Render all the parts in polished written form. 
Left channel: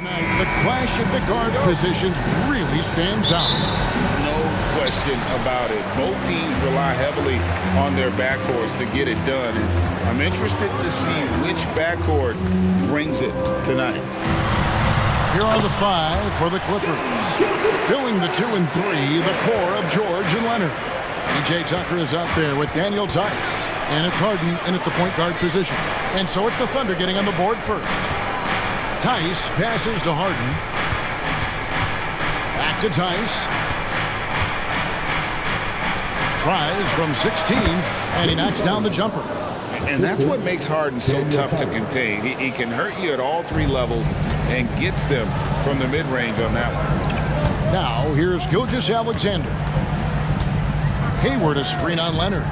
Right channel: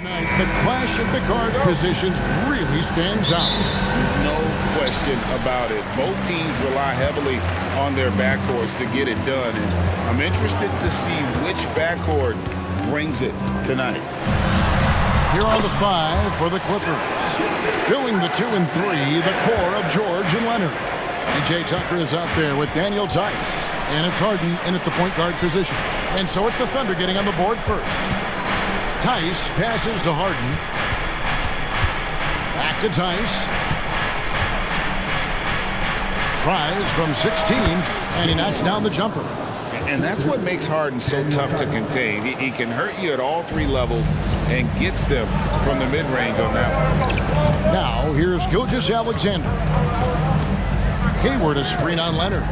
Tonight, the clash of the guard positions really stands out. No question about it. Both teams rely heavily on their backcourts to get it done, and I'm interested to see which backcourt brings it tonight. Here are the five for the Clippers. Filling the 2 and 3, the core of George and Leonard. PJ Tucker is out there with Daniel Tice. And it's Harden in at the point guard position. And so it's the Thunder getting on the board first. Tice passes to Harden. Back to Tice. Tries from 16, and he knocks down the jumper. And that's what makes Harden so tough to contain. He can hurt you at all three levels and gets them from the mid-range on that one. Now, here's Gilgeous-Alexander. Hayward a screen on Leonard.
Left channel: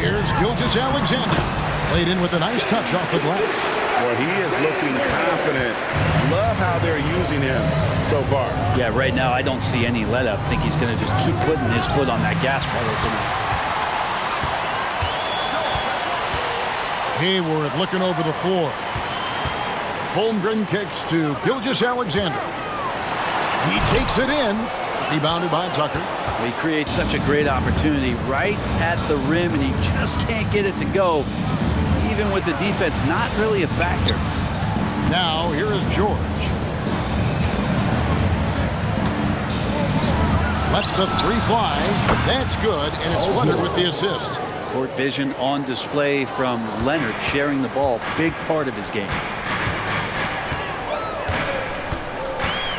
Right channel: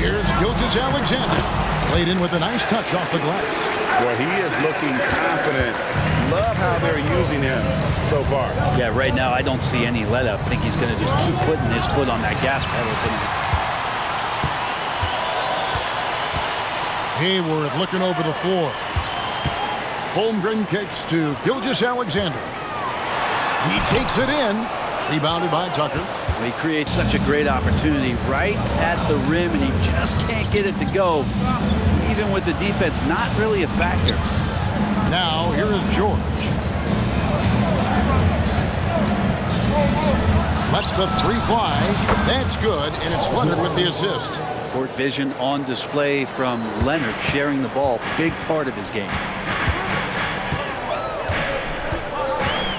Here's Gilgeous-Alexander. Played in with a nice touch off the glass. Well, he is looking confident. Love how they're using him so far. Yeah, right now I don't see any let-up. I think he's going to just keep putting his foot on that gas pedal tonight. Hayward looking over the floor. Holmgren kicks to Gilgeous-Alexander. He takes it in. Rebounded by Tucker. He creates such a great opportunity right at the rim, and he just can't get it to go. Even with the defense, not really a factor. Now, here is George. Lets the three fly. That's good, and it's Leonard with the assist. Court vision on display from Leonard, sharing the ball, big part of his game.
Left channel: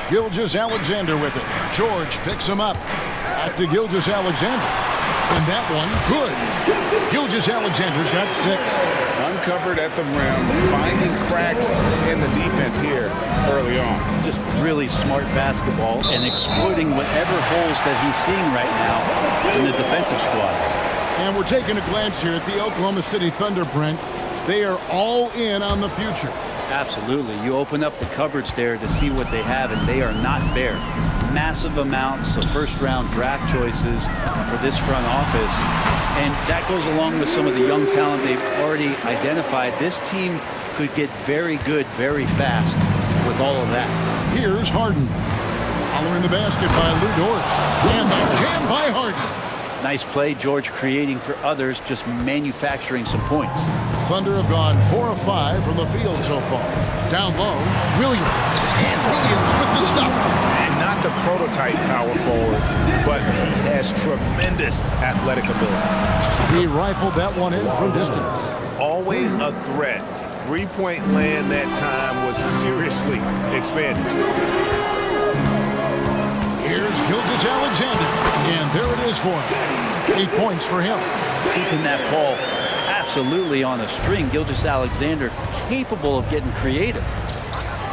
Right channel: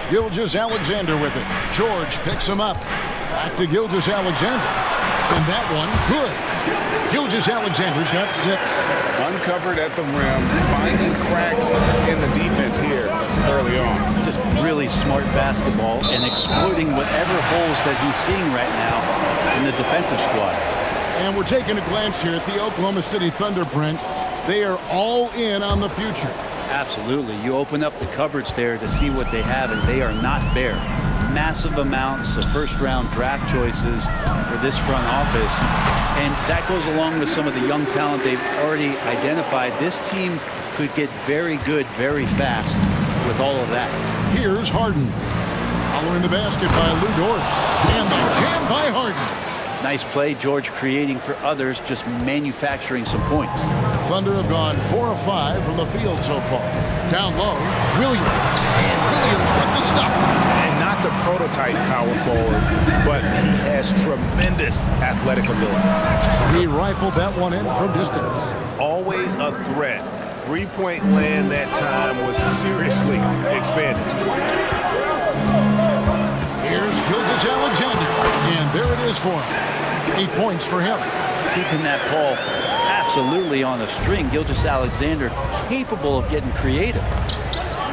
Gilgeous-Alexander with it. George picks him up. Back to Gilgeous-Alexander. And that one, good. Gilgeous-Alexander's got 6. Uncovered at the rim, finding cracks in the defense here early on. Just really smart basketball and exploiting whatever holes that he's seeing right now in the defensive squad. And we're taking a glance here at the Oklahoma City Thunder, Brent. They are all in on the future. Absolutely. You open up the cupboards there to see what they have, and they are not bare. Massive amounts of first-round draft choices for this front office. And that goes along with some of the young talent they've already identified. This team could get very good very fast with all of that. Here's Harden. Following the basket by Lou Dort. And the jam by Harden. Nice play, George, creating for others, just manufacturing some points. Thunder have gone 4 of 5 from the field so far. Down low, Williams. And Williams with the stuff. And not the prototype power forward, but he has tremendous athletic ability. He rifled that one in from distance. Always a threat. Three-point land that time was seriously expanded. Here's Gilgeous-Alexander, and there it is for him. 8 points for him. Keeping that ball absolutely on a string. Gilgeous-Alexander capable of getting creative.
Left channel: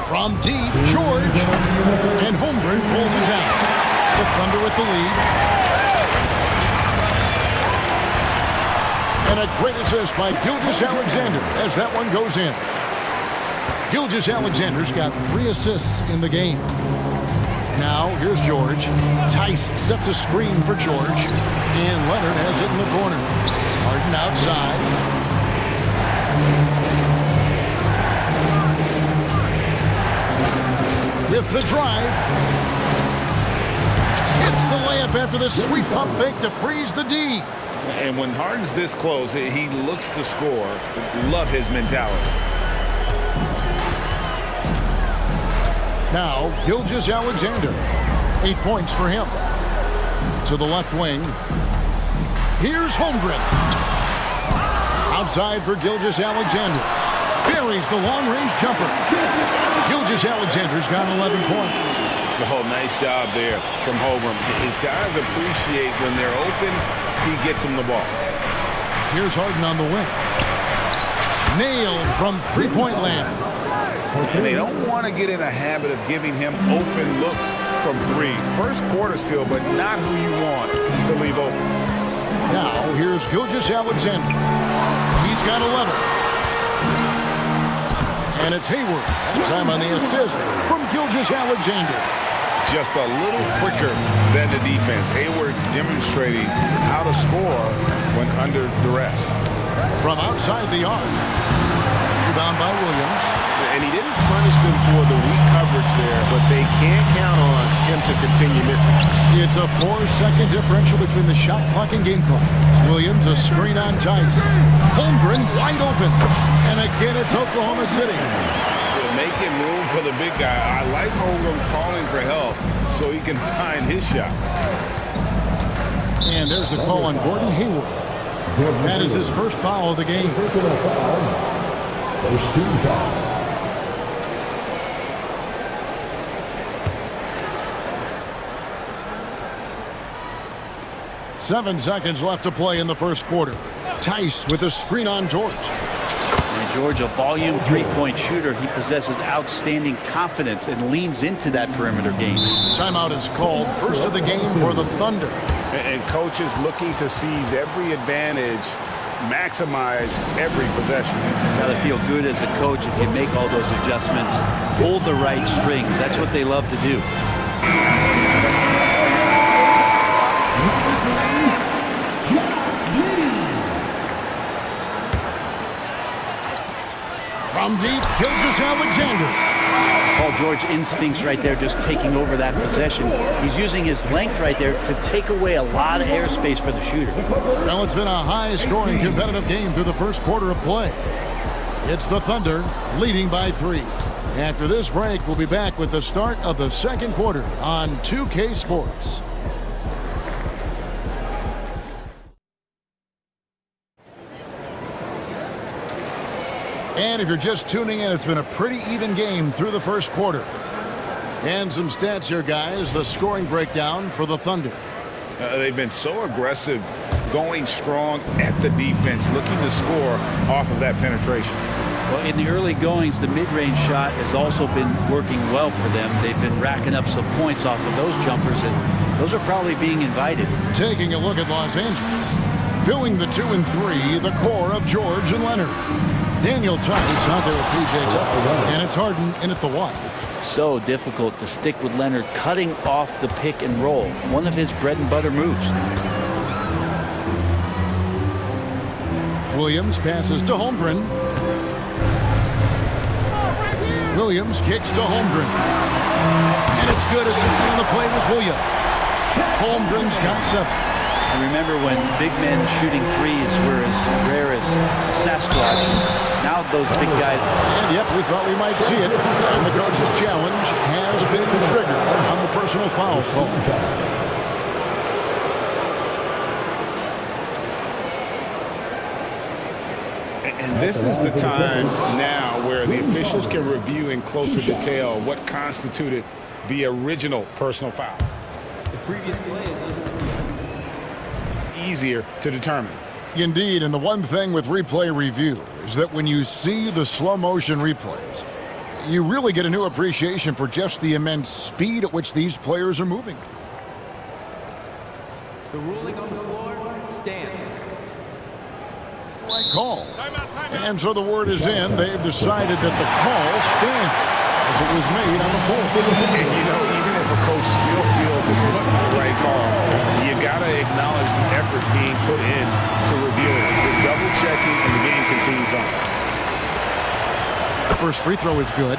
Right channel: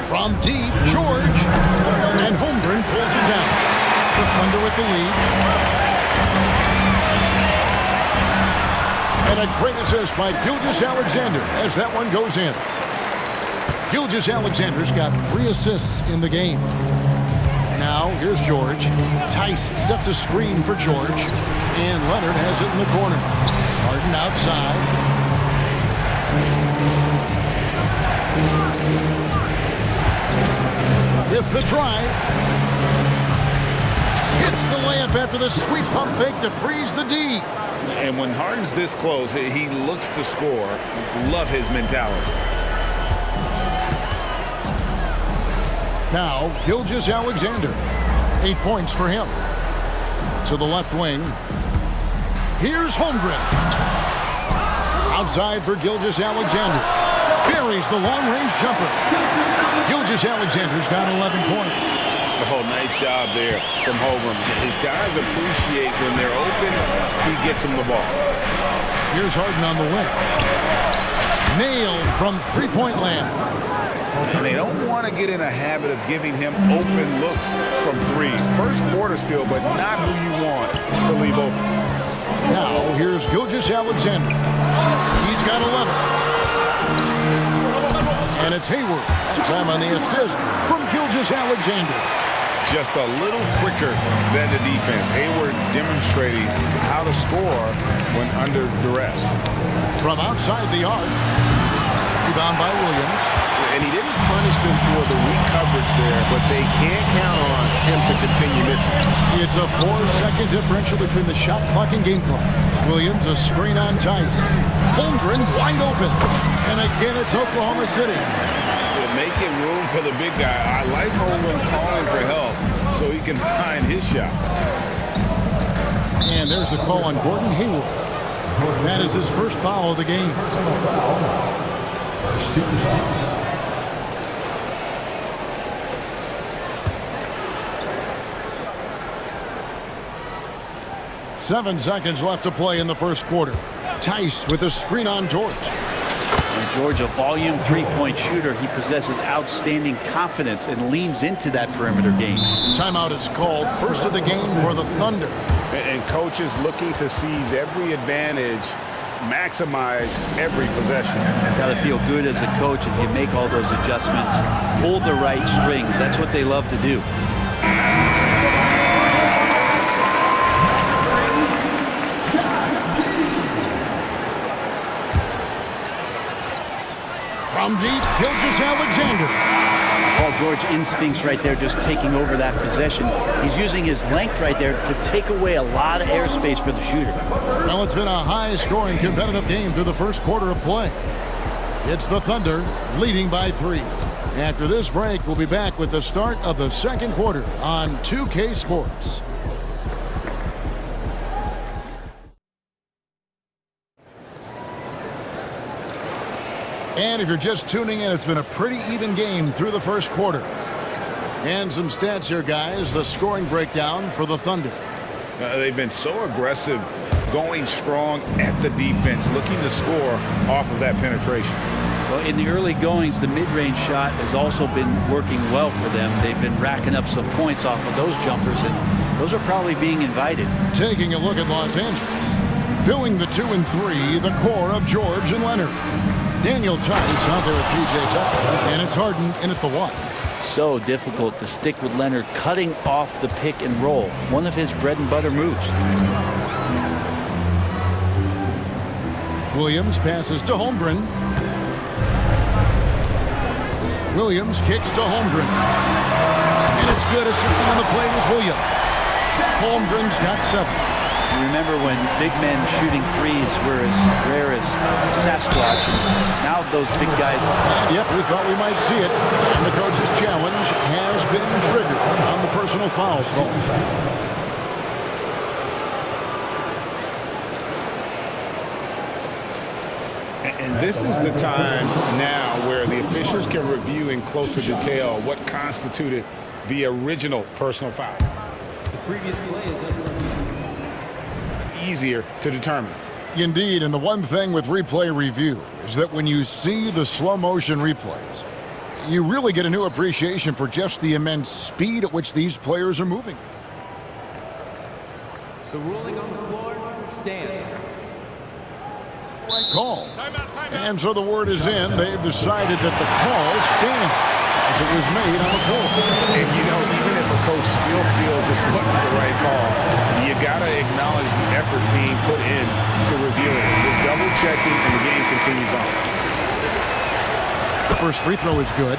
From deep, George, and Holmgren pulls it down. The Thunder with the lead. And a great assist by Gilgeous-Alexander as that one goes in. Gilgeous-Alexander's got 3 assists in the game. Now, here's George. Tice sets a screen for George. And Leonard has it in the corner. Harden outside. With the drive. Hits the layup after the sweet pump fake to freeze the D. And when Harden's this close, he looks to score. Love his mentality. Now, Gilgeous-Alexander. 8 points for him. To the left wing. Here's Holmgren. Outside for Gilgeous-Alexander. Buries the long-range jumper. Gilgeous-Alexander's got 11 points. Oh, nice job there from Holmgren. His guys appreciate when they're open, he gets them the ball. Here's Harden on the wing. Nailed from three-point land. And they don't want to get in a habit of giving him open looks from 3. First quarter still, but not who you want to leave open. Now, here's Gilgeous-Alexander. He's got 11. And it's Hayward. That time on the assist from Gilgeous-Alexander. Just a little quicker than the defense. Hayward demonstrating how to score when under duress. From outside the arc. Rebound by Williams. And he didn't punish them for the weak coverage there, but they can't count on him to continue missing. It's a 4-second differential between the shot clock and game clock. Williams, a screen on Tice. Holmgren wide open. And again, it's Oklahoma City. Making room for the big guy. I like Holmgren calling for help so he can find his shot. And there's the call on Gordon Hayward. That is his first foul of the game. Personal foul. First team foul. Seven seconds left to play in the first quarter. Tice with a screen on George. And George, a volume three-point shooter, he possesses outstanding confidence and leans into that perimeter game. Timeout is called. First of the game for the Thunder. And coaches looking to seize every advantage, maximize every possession. Got to feel good as a coach if you make all those adjustments, pull the right strings. That's what they love to do. From deep, Gilgeous-Alexander. Paul George instincts right there, just taking over that possession. He's using his length right there to take away a lot of airspace for the shooter. Well, it's been a high-scoring competitive game through the first quarter of play. It's the Thunder leading by 3. After this break, we'll be back with the start of the second quarter on 2K Sports. And if you're just tuning in, it's been a pretty even game through the first quarter. And some stats here, guys. The scoring breakdown for the Thunder. They've been so aggressive, going strong at the defense, looking to score off of that penetration. Well, in the early goings, the mid-range shot has also been working well for them. They've been racking up some points off of those jumpers, and those are probably being invited. Taking a look at Los Angeles. Filling the 2 and 3, the core of George and Leonard. Daniel Tice out there with P.J. Tucker, and it's Harden in at the 1. So difficult to stick with Leonard cutting off the pick and roll, one of his bread and butter moves. Williams passes to Holmgren. Williams kicks to Holmgren. And it's good. Assisting on the play was Williams. Holmgren's got 7. Remember when big men shooting threes were as rare as Sasquatch. Now those big guys. And yep, we thought we might see it. And the coach's challenge has been triggered on the personal foul call. And this is the time now where the officials can review in closer detail what constituted the original personal foul. The previous play is under review. Easier to determine. Indeed, and the one thing with replay review is that when you see the slow motion replays, you really get a new appreciation for just the immense speed at which these players are moving. The ruling on the floor stands. Right call. And so the word is in. They've decided that the call stands as it was made on the floor. And you know, even if a coach still feels this wasn't the right call, you got to acknowledge the effort being put in to review it. They're double checking and the game continues on. The first free throw is good.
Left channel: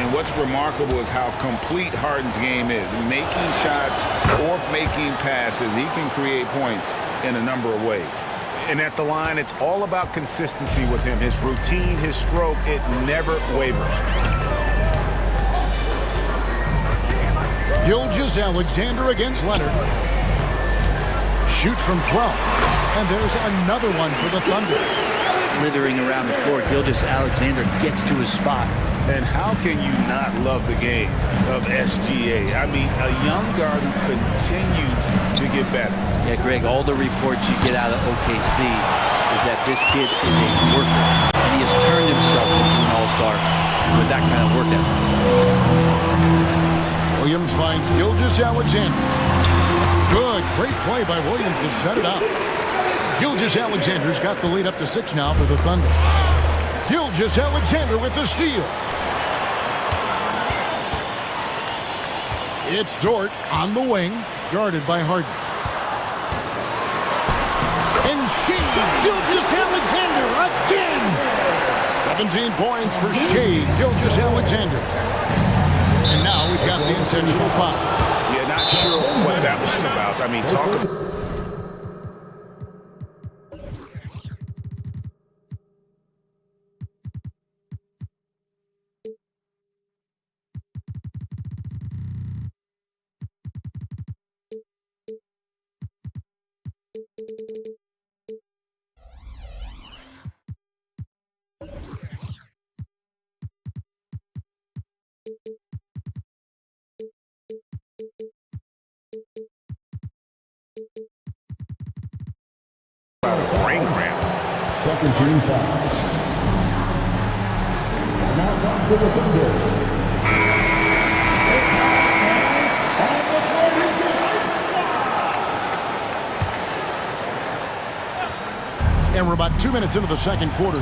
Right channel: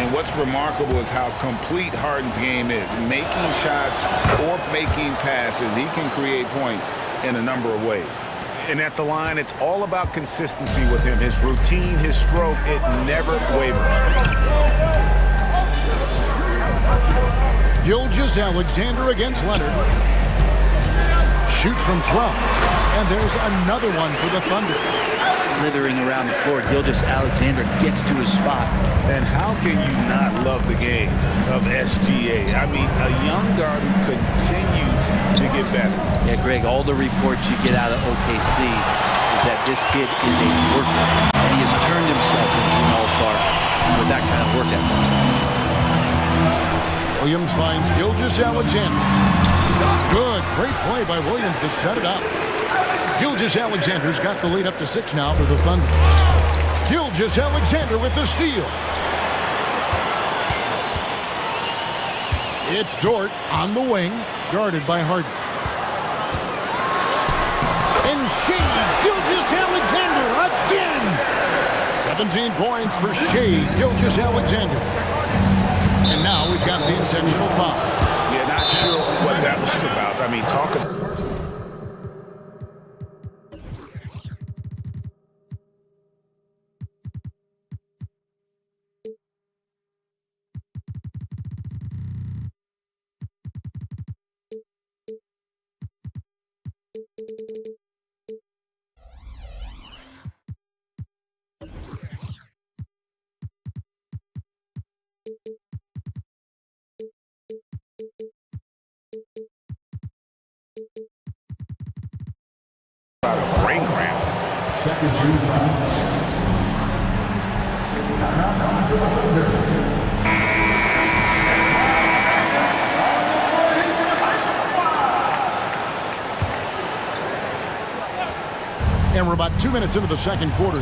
And what's remarkable is how complete Harden's game is. Making shots or making passes, he can create points in a number of ways. And at the line, it's all about consistency with him. His routine, his stroke, it never wavers. Gilgeous-Alexander against Leonard. Shoots from 12. And there's another one for the Thunder. Slithering around the floor, Gilgeous-Alexander gets to his spot. And how can you not love the game of SGA? I mean, a young guard who continues to get better. Yeah, Greg, all the reports you get out of OKC is that this kid is a worker, and he has turned himself into an all-star with that kind of work ethic. Williams finds Gilgeous-Alexander. Good, great play by Williams to set it up. Gilgeous-Alexander's got the lead up to 6 now for the Thunder. Gilgeous-Alexander with the steal. It's Dort on the wing, guarded by Harden. And Gilgeous-Alexander again. 17 points for Shea Gilgeous-Alexander. And now we've got the intentional foul. Yeah, not sure what that was about. I mean, talk about... about a brain cramp. Second team foul. Now time for the Thunder. And we're about 2 minutes into the second quarter.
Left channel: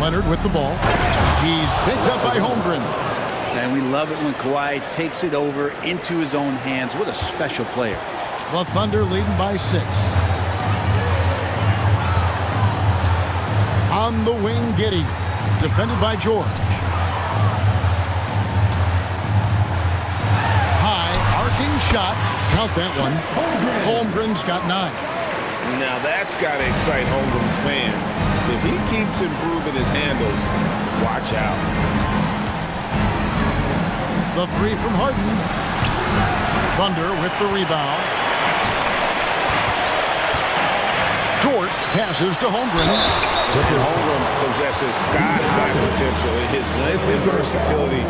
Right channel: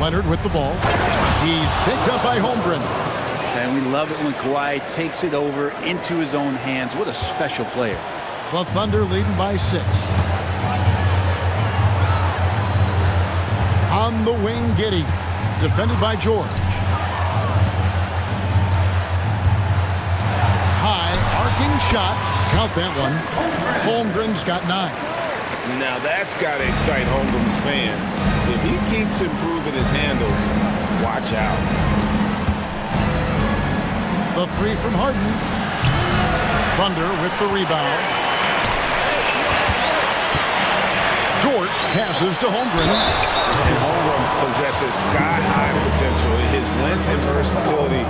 Leonard with the ball. He's picked up by Holmgren. And we love it when Kawhi takes it over into his own hands. What a special player. The Thunder leading by 6. On the wing, Giddey. Defended by George. High, arcing shot. Count that one. Holmgren's got 9. Now that's got to excite Holmgren's fans. If he keeps improving his handles, watch out. The 3 from Harden. Thunder with the rebound. Dort passes to Holmgren. And Holmgren possesses sky-high potential. His length and versatility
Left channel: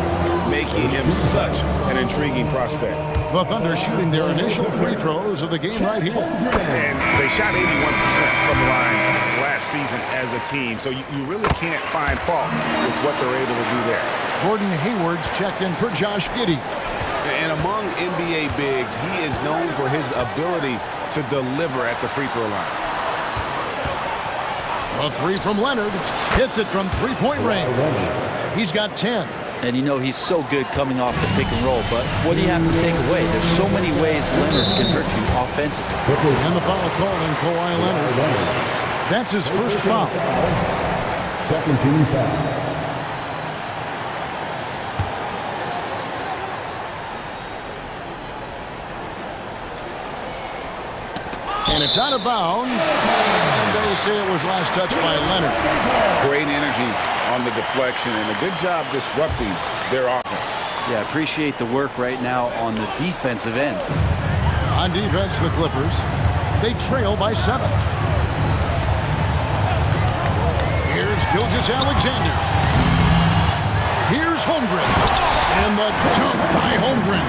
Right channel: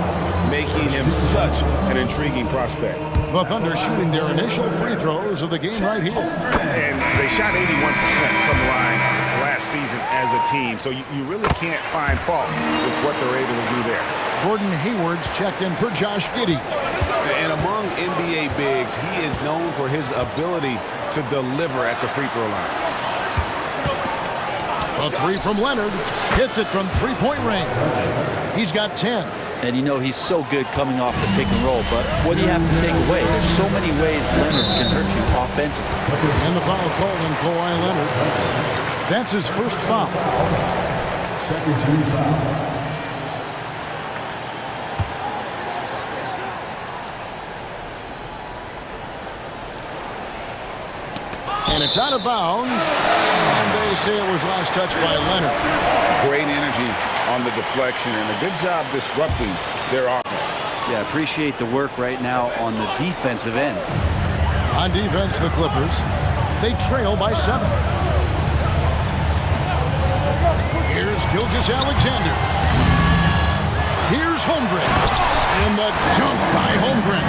making him such an intriguing prospect. The Thunder shooting their initial free throws of the game right here. And they shot 81% from the line last season as a team, so you really can't find fault with what they're able to do there. Gordon Hayward's checked in for Josh Giddey. And among NBA bigs, he is known for his ability to deliver at the free throw line. A 3 from Leonard. Hits it from three-point range. He's got 10. And you know he's so good coming off the pick and roll, but what do you have to take away? There's so many ways Leonard can hurt you offensively. And the foul called on Kawhi Leonard. That's his first foul. Second team foul. And it's out of bounds. And they say it was last touched by Leonard. Great energy on the deflection and a good job disrupting their offense. Yeah, appreciate the work right now on the defensive end. On defense, the Clippers, they trail by 7. Here's Gilgeous-Alexander. Here's Holmgren. And the dunk by Holmgren.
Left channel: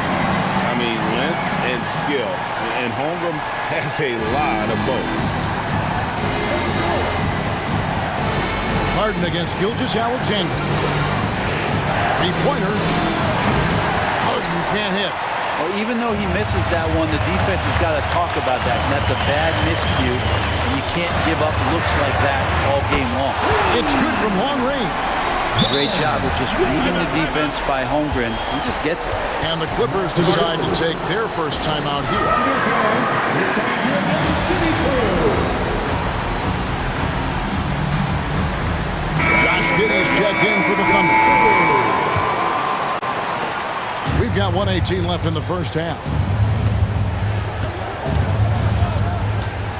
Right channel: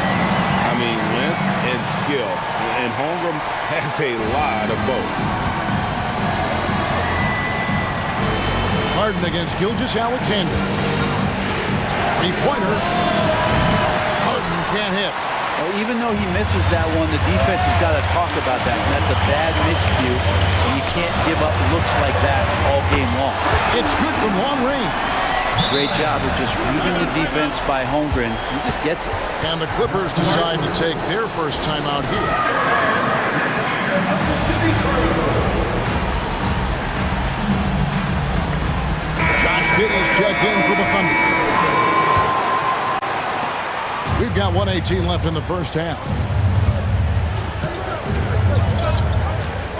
I mean, length and skill. And Holmgren has a lot of both. Harden against Gilgeous-Alexander. Three-pointer. Harden can't hit. Well, even though he misses that one, the defense has got to talk about that. And that's a bad miscue, and you can't give up looks like that all game long. It's good from long range. Great job of just reading the defense by Holmgren. He just gets it. And the Clippers decide to take their first time out here. Josh Giddey's checked in for the Thunder. We've got 1:18 left in the first half.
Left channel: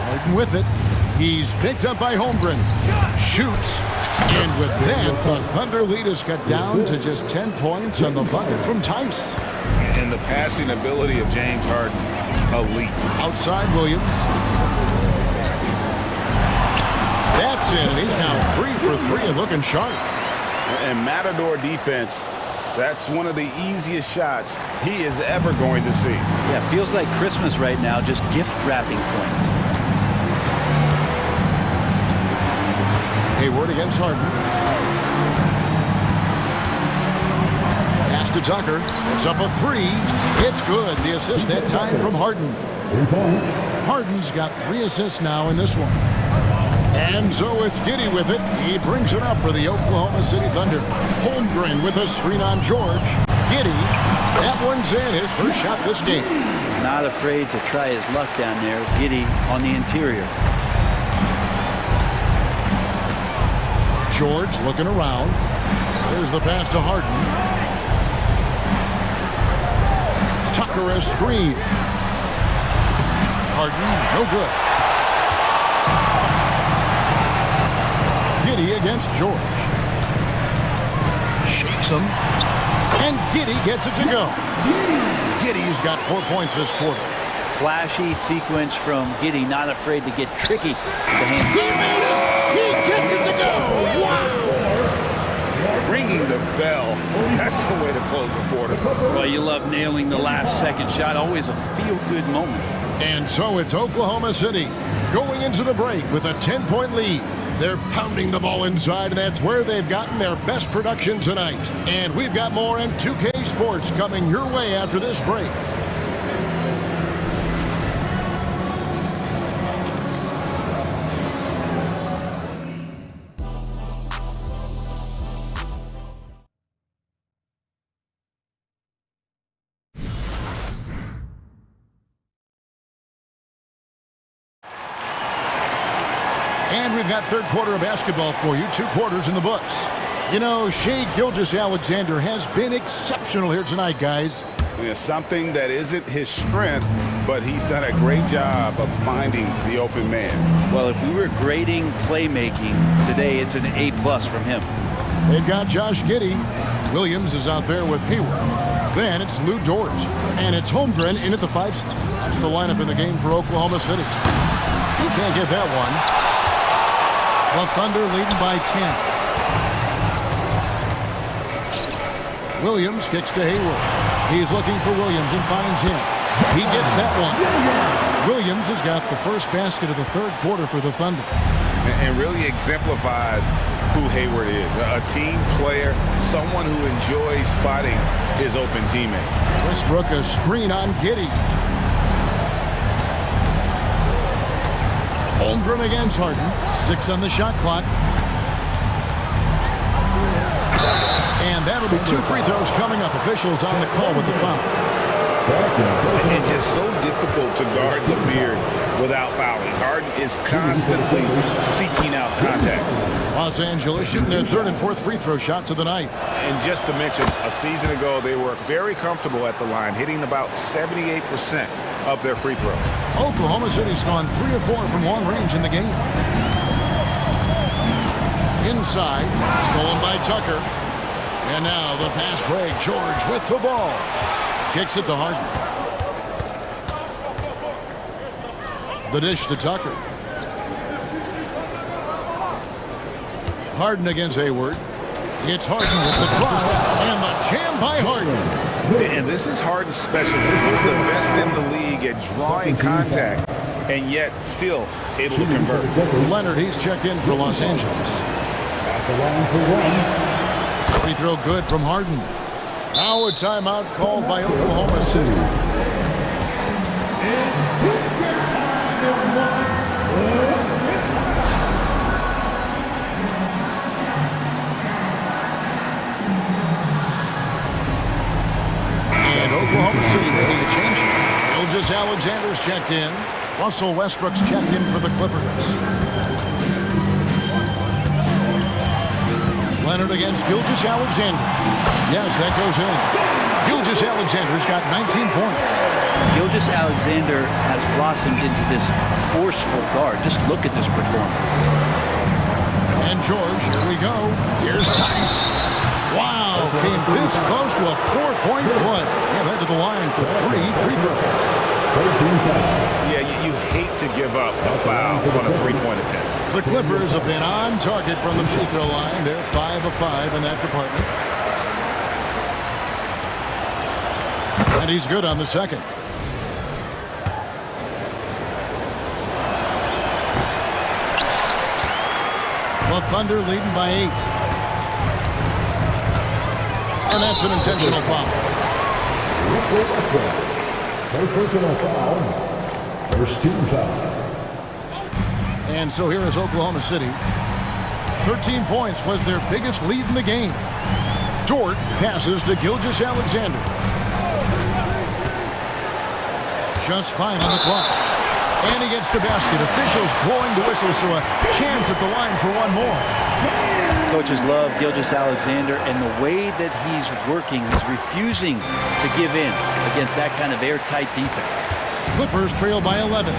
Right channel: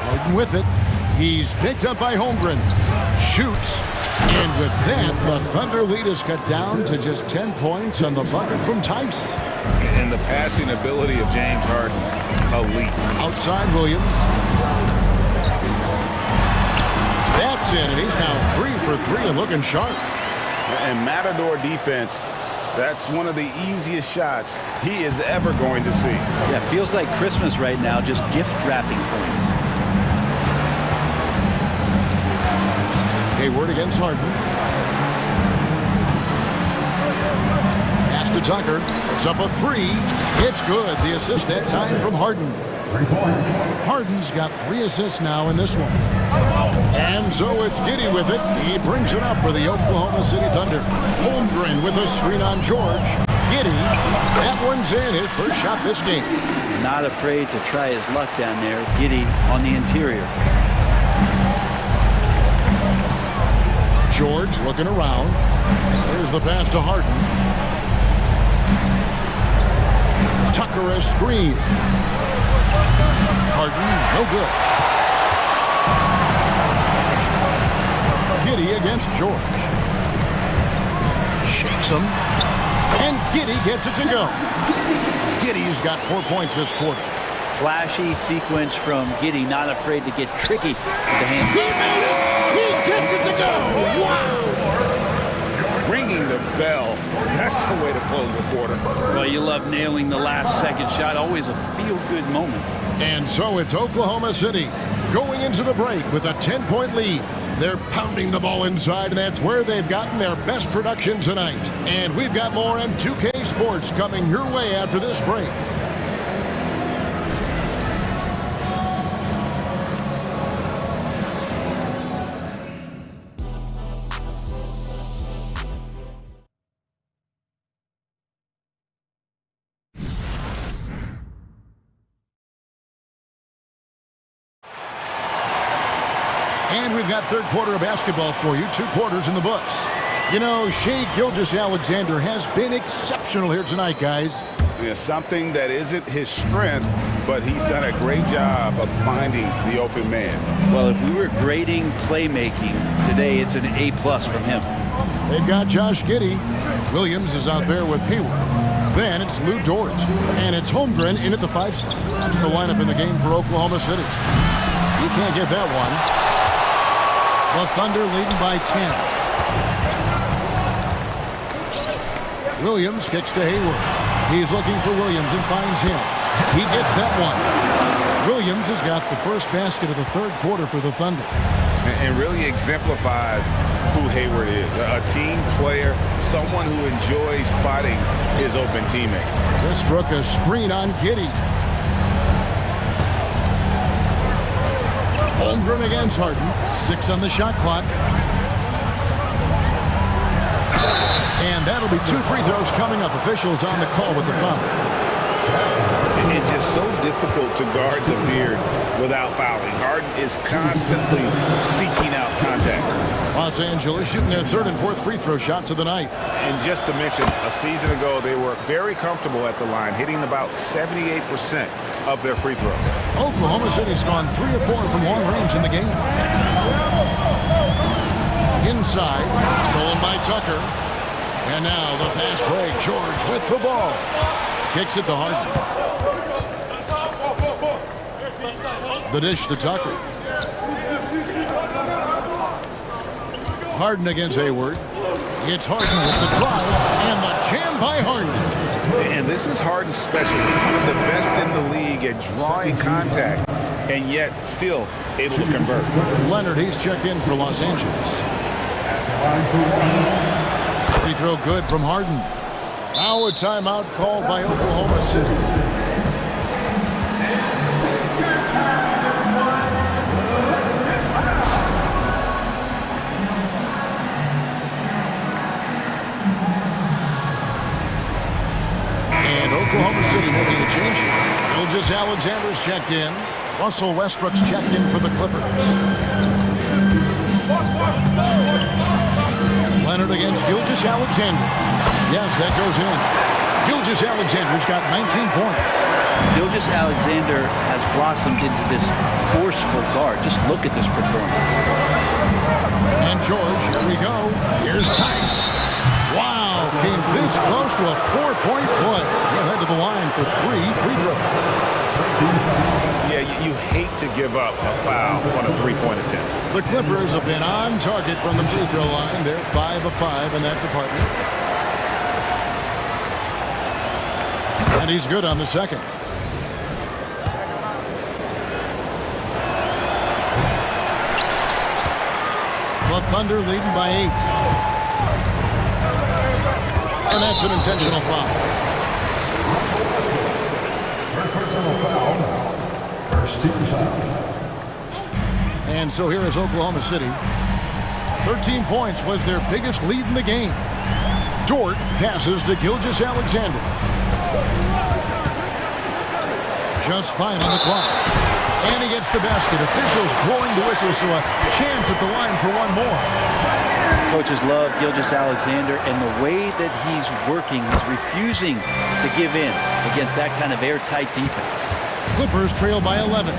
Harden with it. He's picked up by Holmgren. Shoots. And with that, the Thunder lead is cut down to just 10 points on the bucket from Tice. And the passing ability of James Harden, elite. Outside Williams. That's in, and he's now 3 for 3 and looking sharp. And Matador defense, that's one of the easiest shots he is ever going to see. Yeah, feels like Christmas right now, just gift wrapping points. Hayward against Harden. Pass to Tucker. It's up a 3. It's good. The assist that time from Harden. 3 points. Harden's got 3 assists now in this one. And so it's Giddey with it. He brings it up for the Oklahoma City Thunder. Holmgren with a screen on George. Giddey. That one's in. His first shot this game. Not afraid to try his luck down there. Giddey on the interior. George looking around. There's the pass to Harden. Tucker a screen. Harden, no good. Giddey against George. Shakes him. And Giddey gets it to go. Giddey's got 4 points this quarter. Flashy sequence from Giddey, not afraid to get tricky with the hand. He made it! He gets it to go! Wow! Ringing the bell. That's the way to close the quarter. Well, you love nailing the last second shot. Always a feel-good moment. And so it's Oklahoma City going into the break with a 10-point lead. They're pounding the ball inside, and that's where they've gotten their best production tonight. And we've got more M2K Sports coming your way after this break. And we've got third quarter of basketball for you, 2 quarters in the books. You know, Shai Gilgeous-Alexander has been exceptional here tonight, guys. Yeah, something that isn't his strength, but he's done a great job of finding the open man. Well, if we were grading playmaking today, it's an A+ from him. They've got Josh Giddey. Williams is out there with Hayward. Then it's Lou Dort. And it's Holmgren in at the 5 spot. That's the lineup in the game for Oklahoma City. He can't get that one. The Thunder leading by 10. Williams kicks to Hayward. He's looking for Williams and finds him. He gets that one. Williams has got the first basket of the third quarter for the Thunder. And really exemplifies who Hayward is. A team player, someone who enjoys spotting his open teammate. Westbrook a screen on Giddey. Holmgren against Harden. 6 on the shot clock. And that'll be 2 free throws coming up. Officials on the call with the foul. It's just so difficult to guard the beard without fouling. Harden is constantly seeking out contact. Los Angeles shooting their 3rd and 4th free throw shots of the night. And just to mention, a season ago, they were very comfortable at the line, hitting about 78% of their free throws. Oklahoma City's gone 3 of 4 from long range in the game. Inside, stolen by Tucker. And now the fast break. George with the ball. Kicks it to Harden. The dish to Tucker. Harden against Hayward. It's Harden with the drive and the jam by Harden. And this is Harden's specialty. One of the best in the league at drawing contact and yet still able to convert. Leonard, he's checked in for Los Angeles. At the line for 1. Free throw good from Harden. Now a timeout called by Oklahoma City. And Oklahoma City making a change here. Gilgeous-Alexander's checked in. Russell Westbrook's checked in for the Clippers. Leonard against Gilgeous-Alexander. Yes, that goes in. Gilgeous-Alexander's got 19 points. Gilgeous-Alexander has blossomed into this forceful guard. Just look at this performance. And George, here we go. Here's Tice. Wow, came this close to a 4-point play. He'll head to the line for 3 free throws. Yeah, you hate to give up a foul on a 3-point attempt. The Clippers have been on target from the free throw line. They're 5 of 5 in that department. And he's good on the second. The Thunder leading by 8. And that's an intentional foul. First personal foul. First team foul. And so here is Oklahoma City. 13 points was their biggest lead in the game. Dort passes to Gilgeous-Alexander. Just 5 on the clock. And he gets the basket. Officials blowing the whistle, so a chance at the line for one more. Coaches love Gilgeous-Alexander, and the way that he's working, he's refusing to give in against that kind of airtight defense. Clippers trail by 11.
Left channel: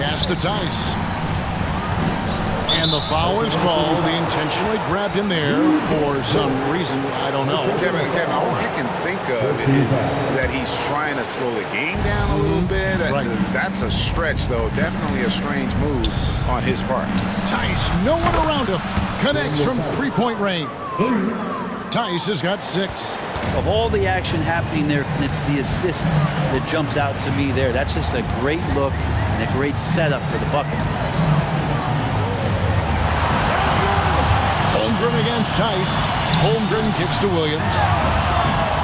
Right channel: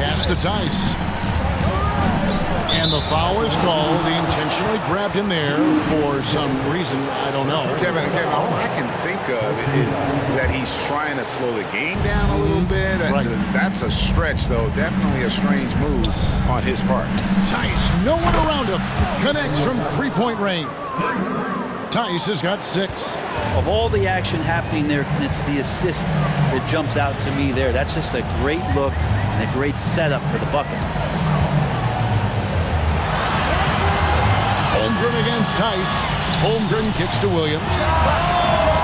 Pass to Tice. And the foul is called. He intentionally grabbed him there for some reason. I don't know. Kevin, all I can think of is that he's trying to slow the game down a little bit. Right. That's a stretch, though. Definitely a strange move on his part. Tice, no one around him. Connects from three-point range. Tice has got 6. Of all the action happening there, it's the assist that jumps out to me there. That's just a great look and a great setup for the bucket. Holmgren against Tice. Holmgren kicks to Williams.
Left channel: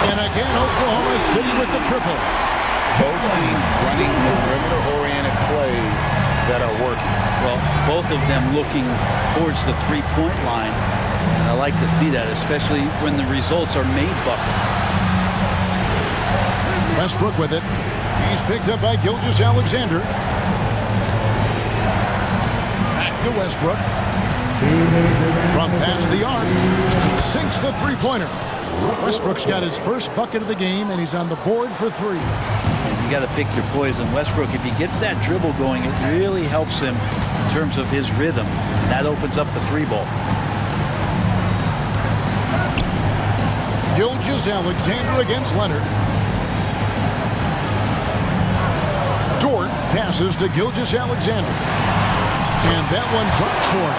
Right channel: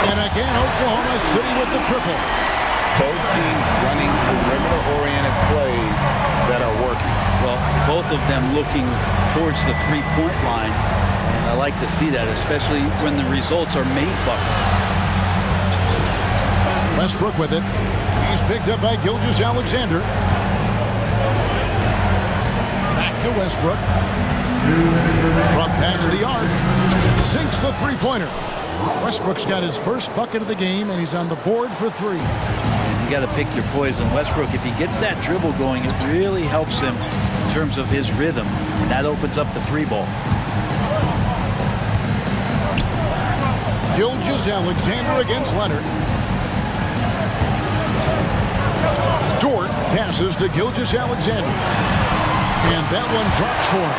And again, Oklahoma City with the triple. Both teams running perimeter-oriented plays that are working. Well, both of them looking towards the three-point line. And I like to see that, especially when the results are made buckets. Westbrook with it. He's picked up by Gilgeous-Alexander. Back to Westbrook. From past the arc, sinks the three-pointer. Westbrook's got his first bucket of the game, and he's on the board for 3. And you got to pick your poison. Westbrook, if he gets that dribble going, it really helps him in terms of his rhythm, and that opens up the 3-ball. Gilgeous-Alexander against Leonard. Dort passes to Gilgeous-Alexander. And that one drops for him.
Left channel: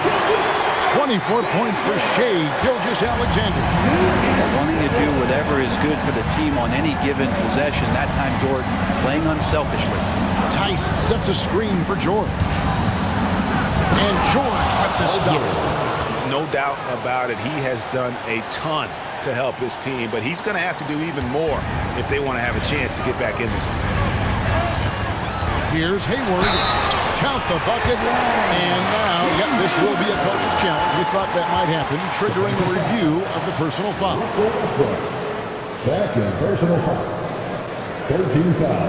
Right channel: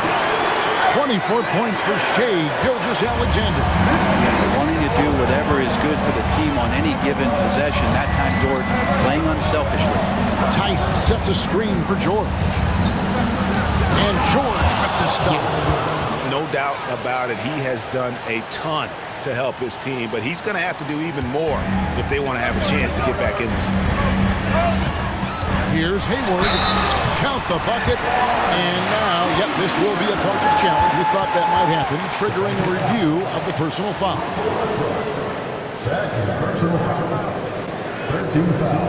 24 points for Shea Gilgeous-Alexander. Wanting to do whatever is good for the team on any given possession. That time Dort playing unselfishly. Tice sets a screen for George. And George with the stuff. No doubt about it, he has done a ton to help his team, but he's going to have to do even more if they want to have a chance to get back in this one. Here's Hayward. Count the bucket. And now, yep, this will be a coach's challenge. We thought that might happen, triggering a review of the personal foul. Second personal foul. 13 foul.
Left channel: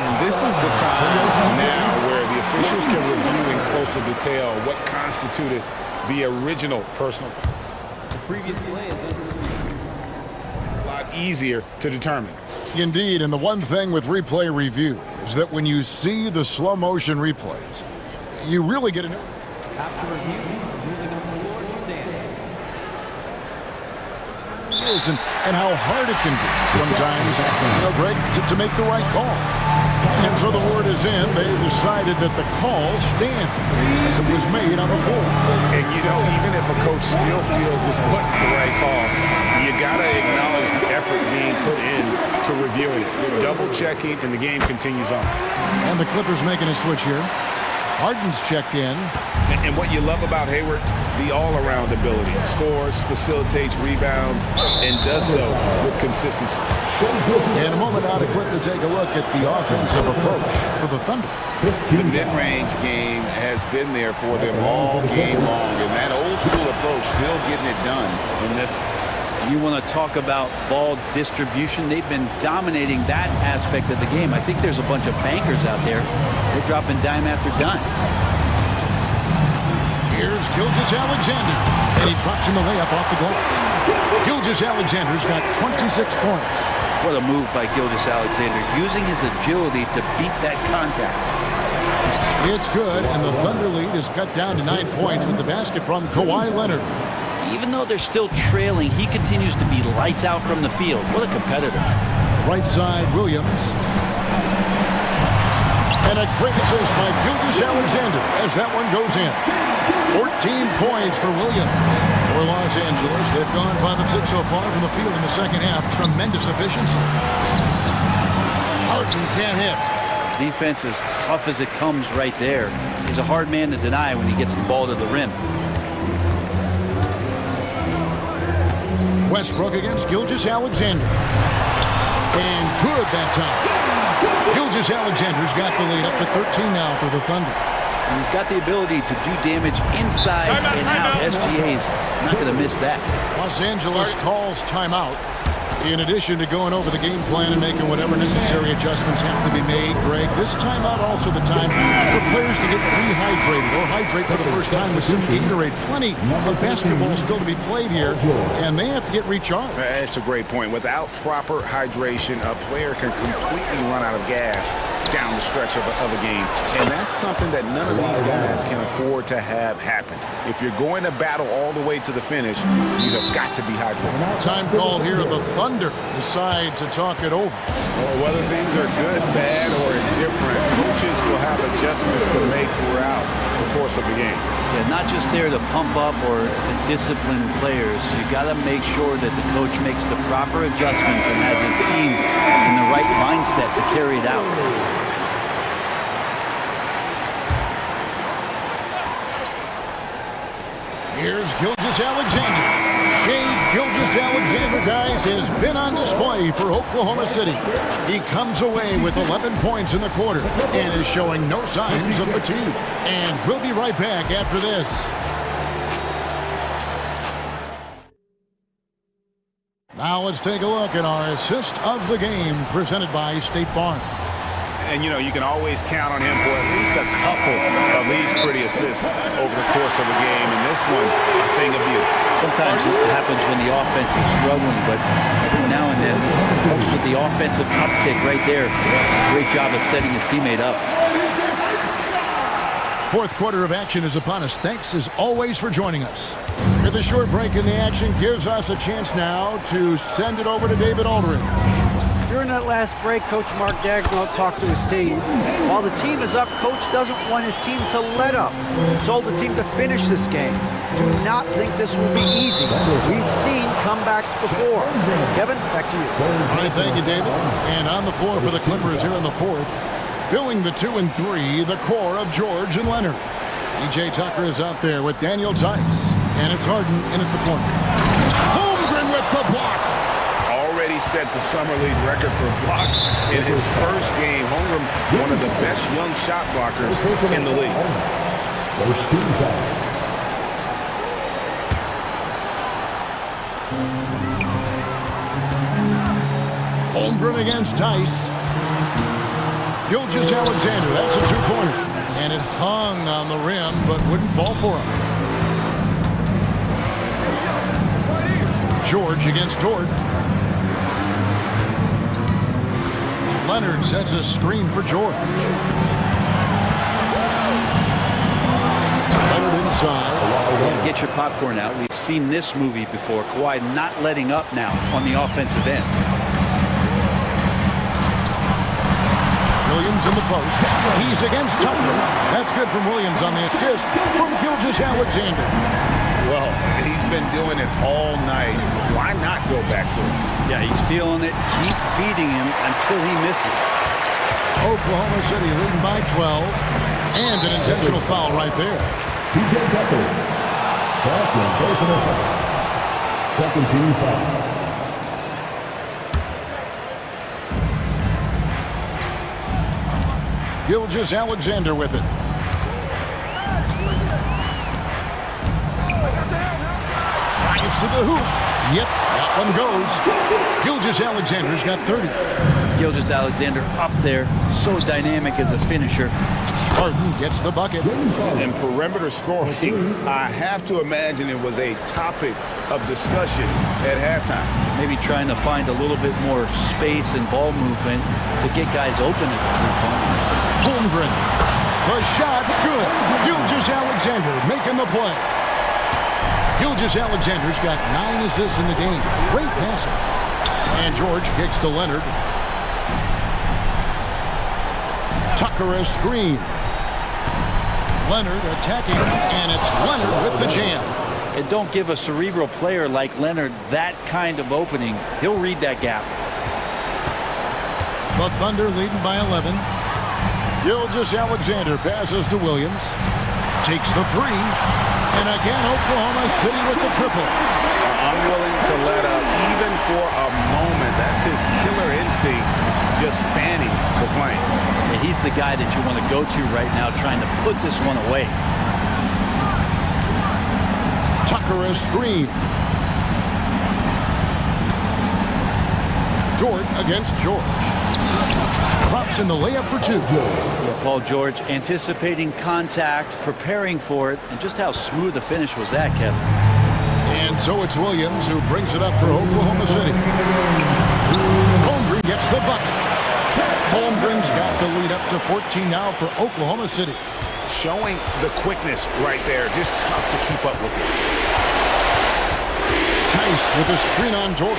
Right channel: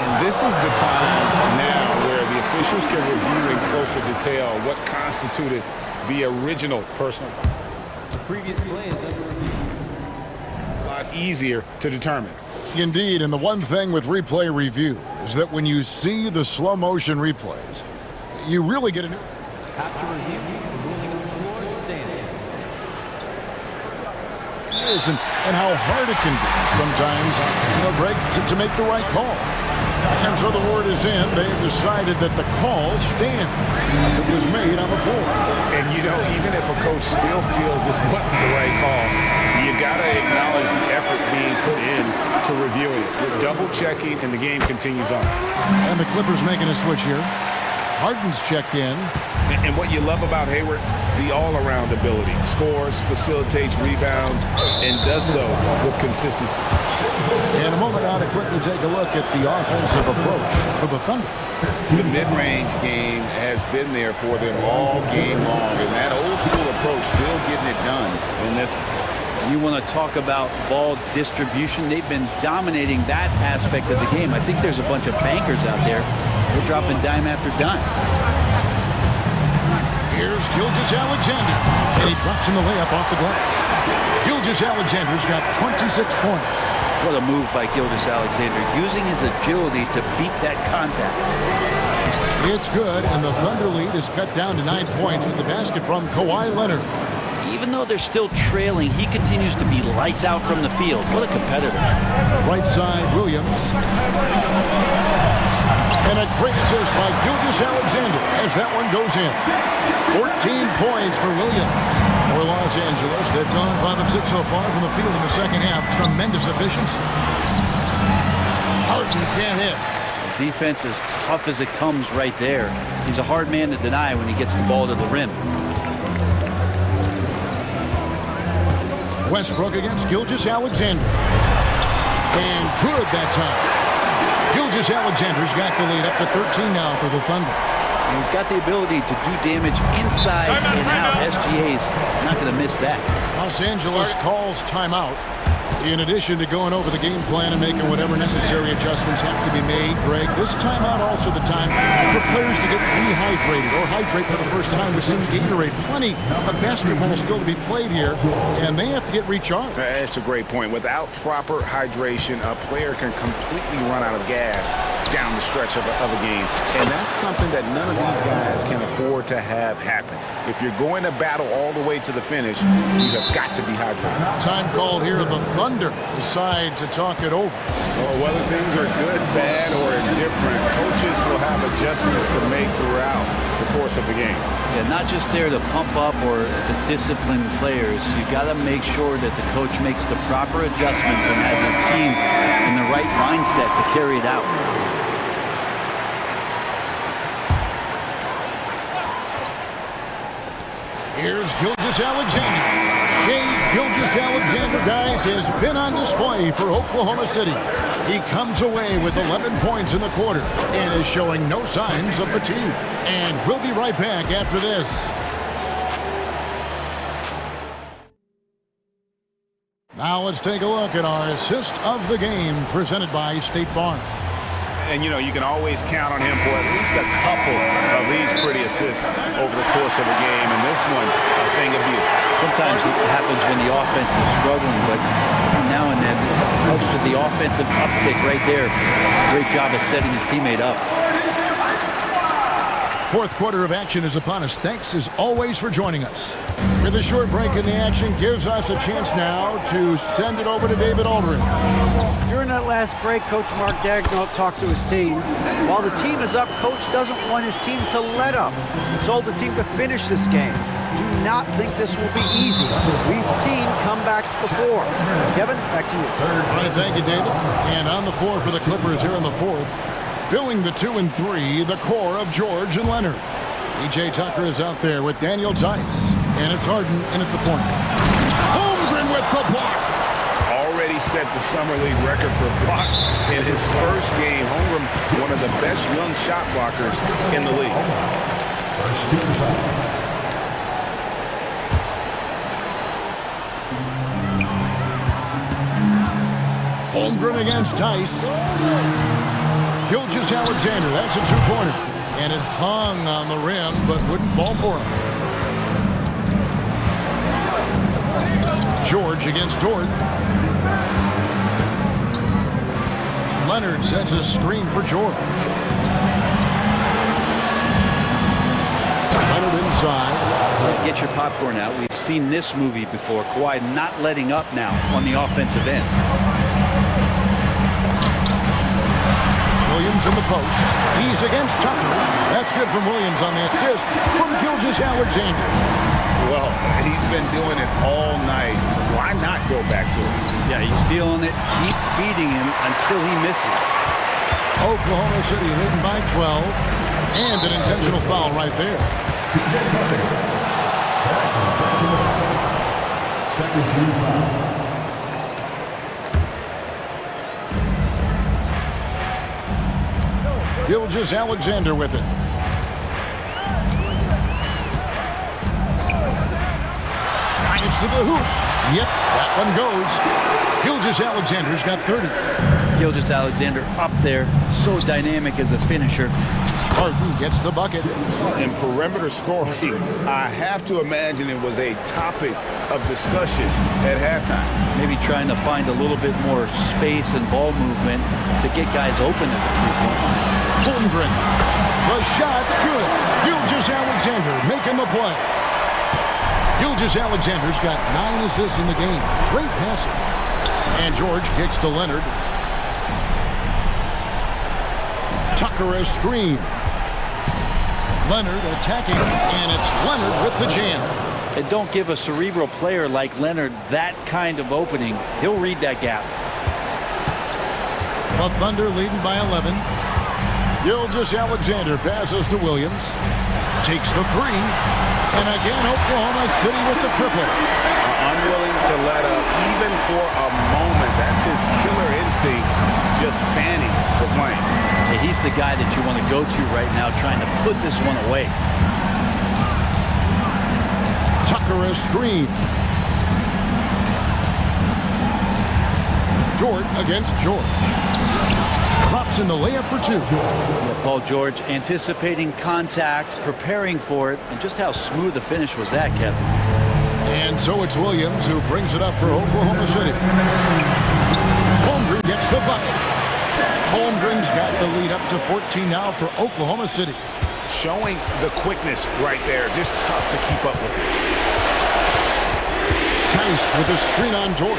And this is the time now where the officials can review in closer detail what constituted the original personal foul. The previous play is under review. A lot easier to determine. Indeed, and the one thing with replay review is that when you see the slow motion replays, you really get a new. After review, the ruling on the floor stands. And how hard it can be sometimes, Greg, to make the right call. And so the word is in. They've decided that the call stands as it was made on the floor. And, even if a coach still feels this wasn't the right call, you got to acknowledge the effort being put in to reviewing it. The double checking, and the game continues on. And the Clippers making a switch here. Harden's checked in. And what you love about Hayward, the all-around ability. Scores, facilitates, rebounds, and does so with consistency. In a moment now to quickly take a look at the offensive approach for the Thunder. The mid-range game has been there for them all game long, and that old-school approach still getting it done in this. You want to talk about ball distribution. They've been dominating that aspect of the game. I think there's a bunch of bankers out there. They're dropping dime after dime. Here's Gilgeous-Alexander, and he drops in the layup off the glass. Gilgeous-Alexander's got 26 points. What a move by Gilgeous-Alexander, using his agility to beat that contact. It's good, and the Thunder lead is cut down to 9 points with the basket from Kawhi Leonard. Even though they're still trailing, he continues to be lights out from the field. What a competitor. Right side, Williams. And a great assist by Gilgeous-Alexander as that one goes in. 14 points for Williams. For Los Angeles, they've gone 5 of 6 so far from the field in the second half. Tremendous efficiency. Harden can't hit. Defense as tough as it comes right there. He's a hard man to deny when he gets the ball to the rim. Westbrook against Gilgeous-Alexander. And good that time. Gilgeous-Alexander's got the lead up to 13 now for the Thunder. And he's got the ability to do damage inside and out. SGA's not going to miss that. Los Angeles calls timeout. In addition to going over the game plan and making whatever necessary adjustments have to be made, Greg, this timeout also the time for players to get rehydrated or hydrate for the first time with some Gatorade. Plenty of basketball still to be played here, and they have to get recharged. That's a great point. Without proper hydration, a player can completely run out of gas down the stretch of a game, and that's something that none of these guys can afford to have happen. If you're going to battle all the way to the finish, you have got to be hydrated. Time called here. The Thunder decide to talk it over. Well, whether things are good, bad, or indifferent, coaches will have adjustments to make throughout the course of the game. Yeah, not just there to pump up or to discipline players. You got to make sure that the coach makes the proper adjustments and has his team in the right mindset to carry it out. Here's Gilgeous-Alexander. Shea Gilgeous-Alexander, guys, has been on display for Oklahoma City. He comes away with 11 points in the quarter and is showing no signs of fatigue. And we'll be right back after this. Now let's take a look at our assist of the game presented by State Farm. And, you know, you can always count on him for at least a couple of these pretty assists over the course of a game. And this one, a thing of beauty. Sometimes it happens when the offense is struggling, but every now and then this helps with the offensive uptick right there. Great job of setting his teammate up. Fourth quarter of action is upon us. Thanks as always for joining us. With a short break in the action gives us a chance now to send it over to David Aldridge. During that last break, Coach Mark Daigneault talked to his team. While the team is up, Coach doesn't want his team to let up. He told the team to finish this game. Do not think this will be easy. We've seen comebacks before. Kevin, back to you. All right, thank you, David. And on the floor for the Clippers here in the fourth, filling the 2 and 3, the core of George and Leonard. PJ Tucker is out there with Daniel Tice. And it's Harden in at the point. Holmgren with the block. Already set the summer league record for blocks in his first game. Holmgren, one of the best young shot blockers in the league. First team foul. Holmgren against Tice. Gilgeous-Alexander, that's a two-pointer. And it hung on the rim, but wouldn't fall for him. George against Dort. Leonard sets a screen for George. Leonard inside. Yeah, get your popcorn out. We've seen this movie before. Kawhi not letting up now on the offensive end. Williams in the post. He's against Tucker. That's good from Williams on the assist from Gilgeous-Alexander. Well, he's been doing it all night. Why not go back to him? Yeah, he's feeling it. Keep feeding him until he misses. Oklahoma City leading by 12. And an intentional foul right there. PJ Tucker. Second personal foul. Second team foul. Gilgeous-Alexander with it. Drives to the hoop. Yep, that one goes. Gilgeous-Alexander's got 30. Gilgeous-Alexander up there, so dynamic as a finisher. Harden gets the bucket. In perimeter scoring, I have to imagine it was a topic of discussion at halftime. Maybe trying to find a little bit more space and ball movement to get guys open at the three-point line. Holmgren. The shot's good. Gilgeous-Alexander making the play. Gilgeous-Alexander's got 9 assists in the game. Great passing. And George kicks to Leonard. Tucker a screen. Leonard attacking, and it's Leonard with the jam. And don't give a cerebral player like Leonard that kind of opening. He'll read that gap. The Thunder leading by 11. Gilgeous-Alexander passes to Williams. Takes the three. And again, Oklahoma City with the triple. Unwilling to let up even for a moment. That's his killer instinct, just fanning the flame. Yeah, he's the guy that you want to go to right now, trying to put this one away. Tucker a screen. Dort against George. Drops in the layup for two. Yeah, Paul George anticipating contact, preparing for it, and just how smooth the finish was that, Kevin. And so it's Williams who brings it up for Oklahoma City. Holmgren gets the bucket. Holmgren's got the lead up to 14 now for Oklahoma City. Showing the quickness right there. Just tough to keep up with it. Tice with a screen on Dort.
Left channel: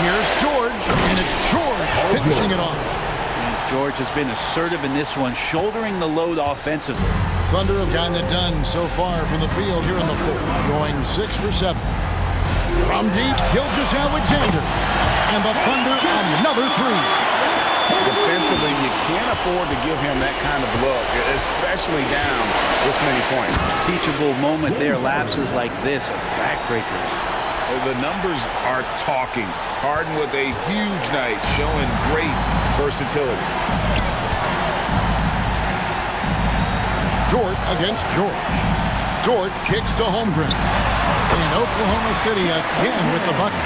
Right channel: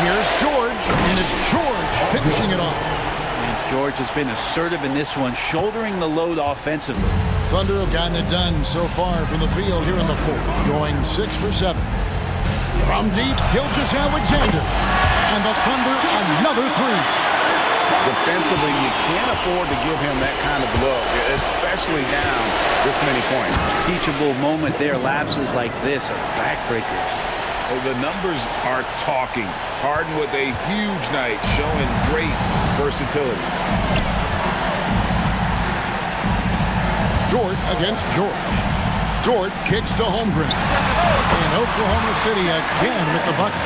Here's George, and it's George finishing it off. And George has been assertive in this one, shouldering the load offensively. Thunder have gotten it done so far from the field here in the fourth, going 6 for 7. From deep, Gilgeous-Alexander. And the Thunder another three. Defensively, you can't afford to give him that kind of look, especially down this many points. Teachable moment there. Lapses like this are backbreakers. The numbers are talking. Harden with a huge night, showing great versatility. Dort against George. Dort kicks to Holmgren. And Oklahoma City again with the bucket.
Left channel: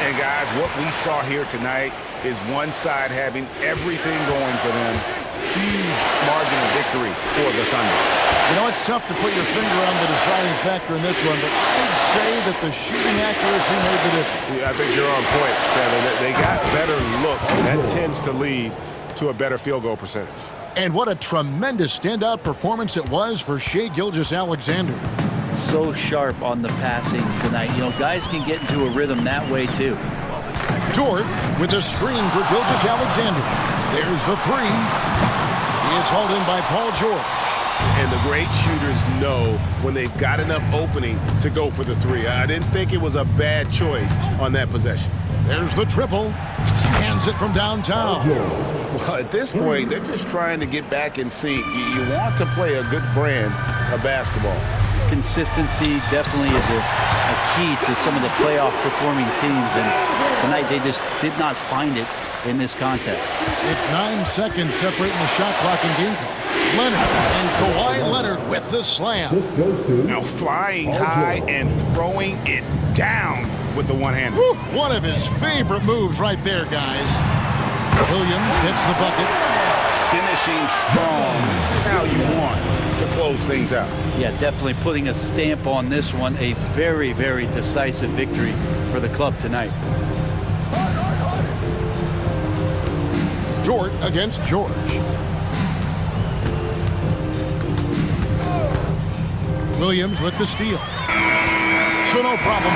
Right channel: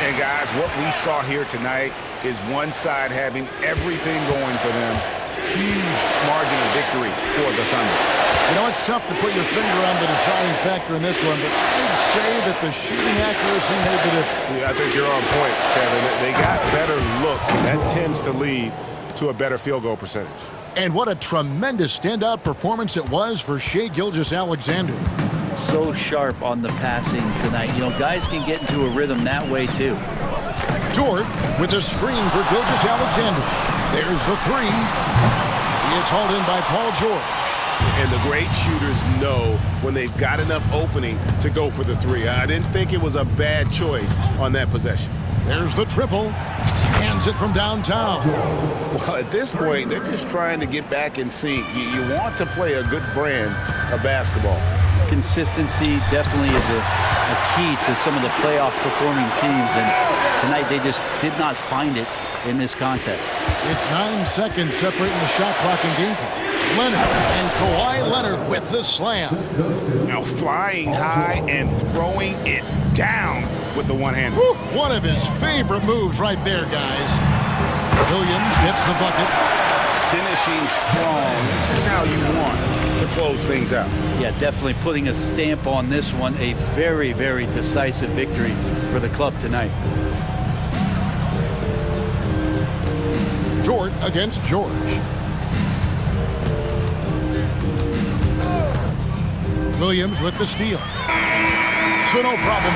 And guys, what we saw here tonight is one side having everything going for them. Huge margin of victory for the Thunder. You know, it's tough to put your finger on the deciding factor in this one, but I'd say that the shooting accuracy made the difference. Yeah, I think you're on point, Kevin. They got better looks, and that tends to lead to a better field goal percentage. And what a tremendous standout performance it was for Shai Gilgeous-Alexander. So sharp on the passing tonight. You know, guys can get into a rhythm that way, too. Dort with a screen for Gilgeous-Alexander. There's the three. It's hauled in by Paul George. And the great shooters know when they've got enough opening to go for the three. I didn't think it was a bad choice on that possession. There's the triple. Hands it from downtown. Well, at this point, they're just trying to get back in sync. You want to play a good brand of basketball. Consistency definitely is a key to some of the playoff performing teams, and tonight they just did not find it in this contest. It's 9 seconds separating the shot clock and game clock. Leonard and Kawhi Leonard with the slam. Now flying high and throwing it down with the one-hander. One of his favorite moves right there, guys. Williams gets the bucket. Finishing strong. This is how you want to close things out. Yeah, definitely putting a stamp on this one. A very, very decisive victory for the club tonight. Dort against George. Williams with the steal. So no problem.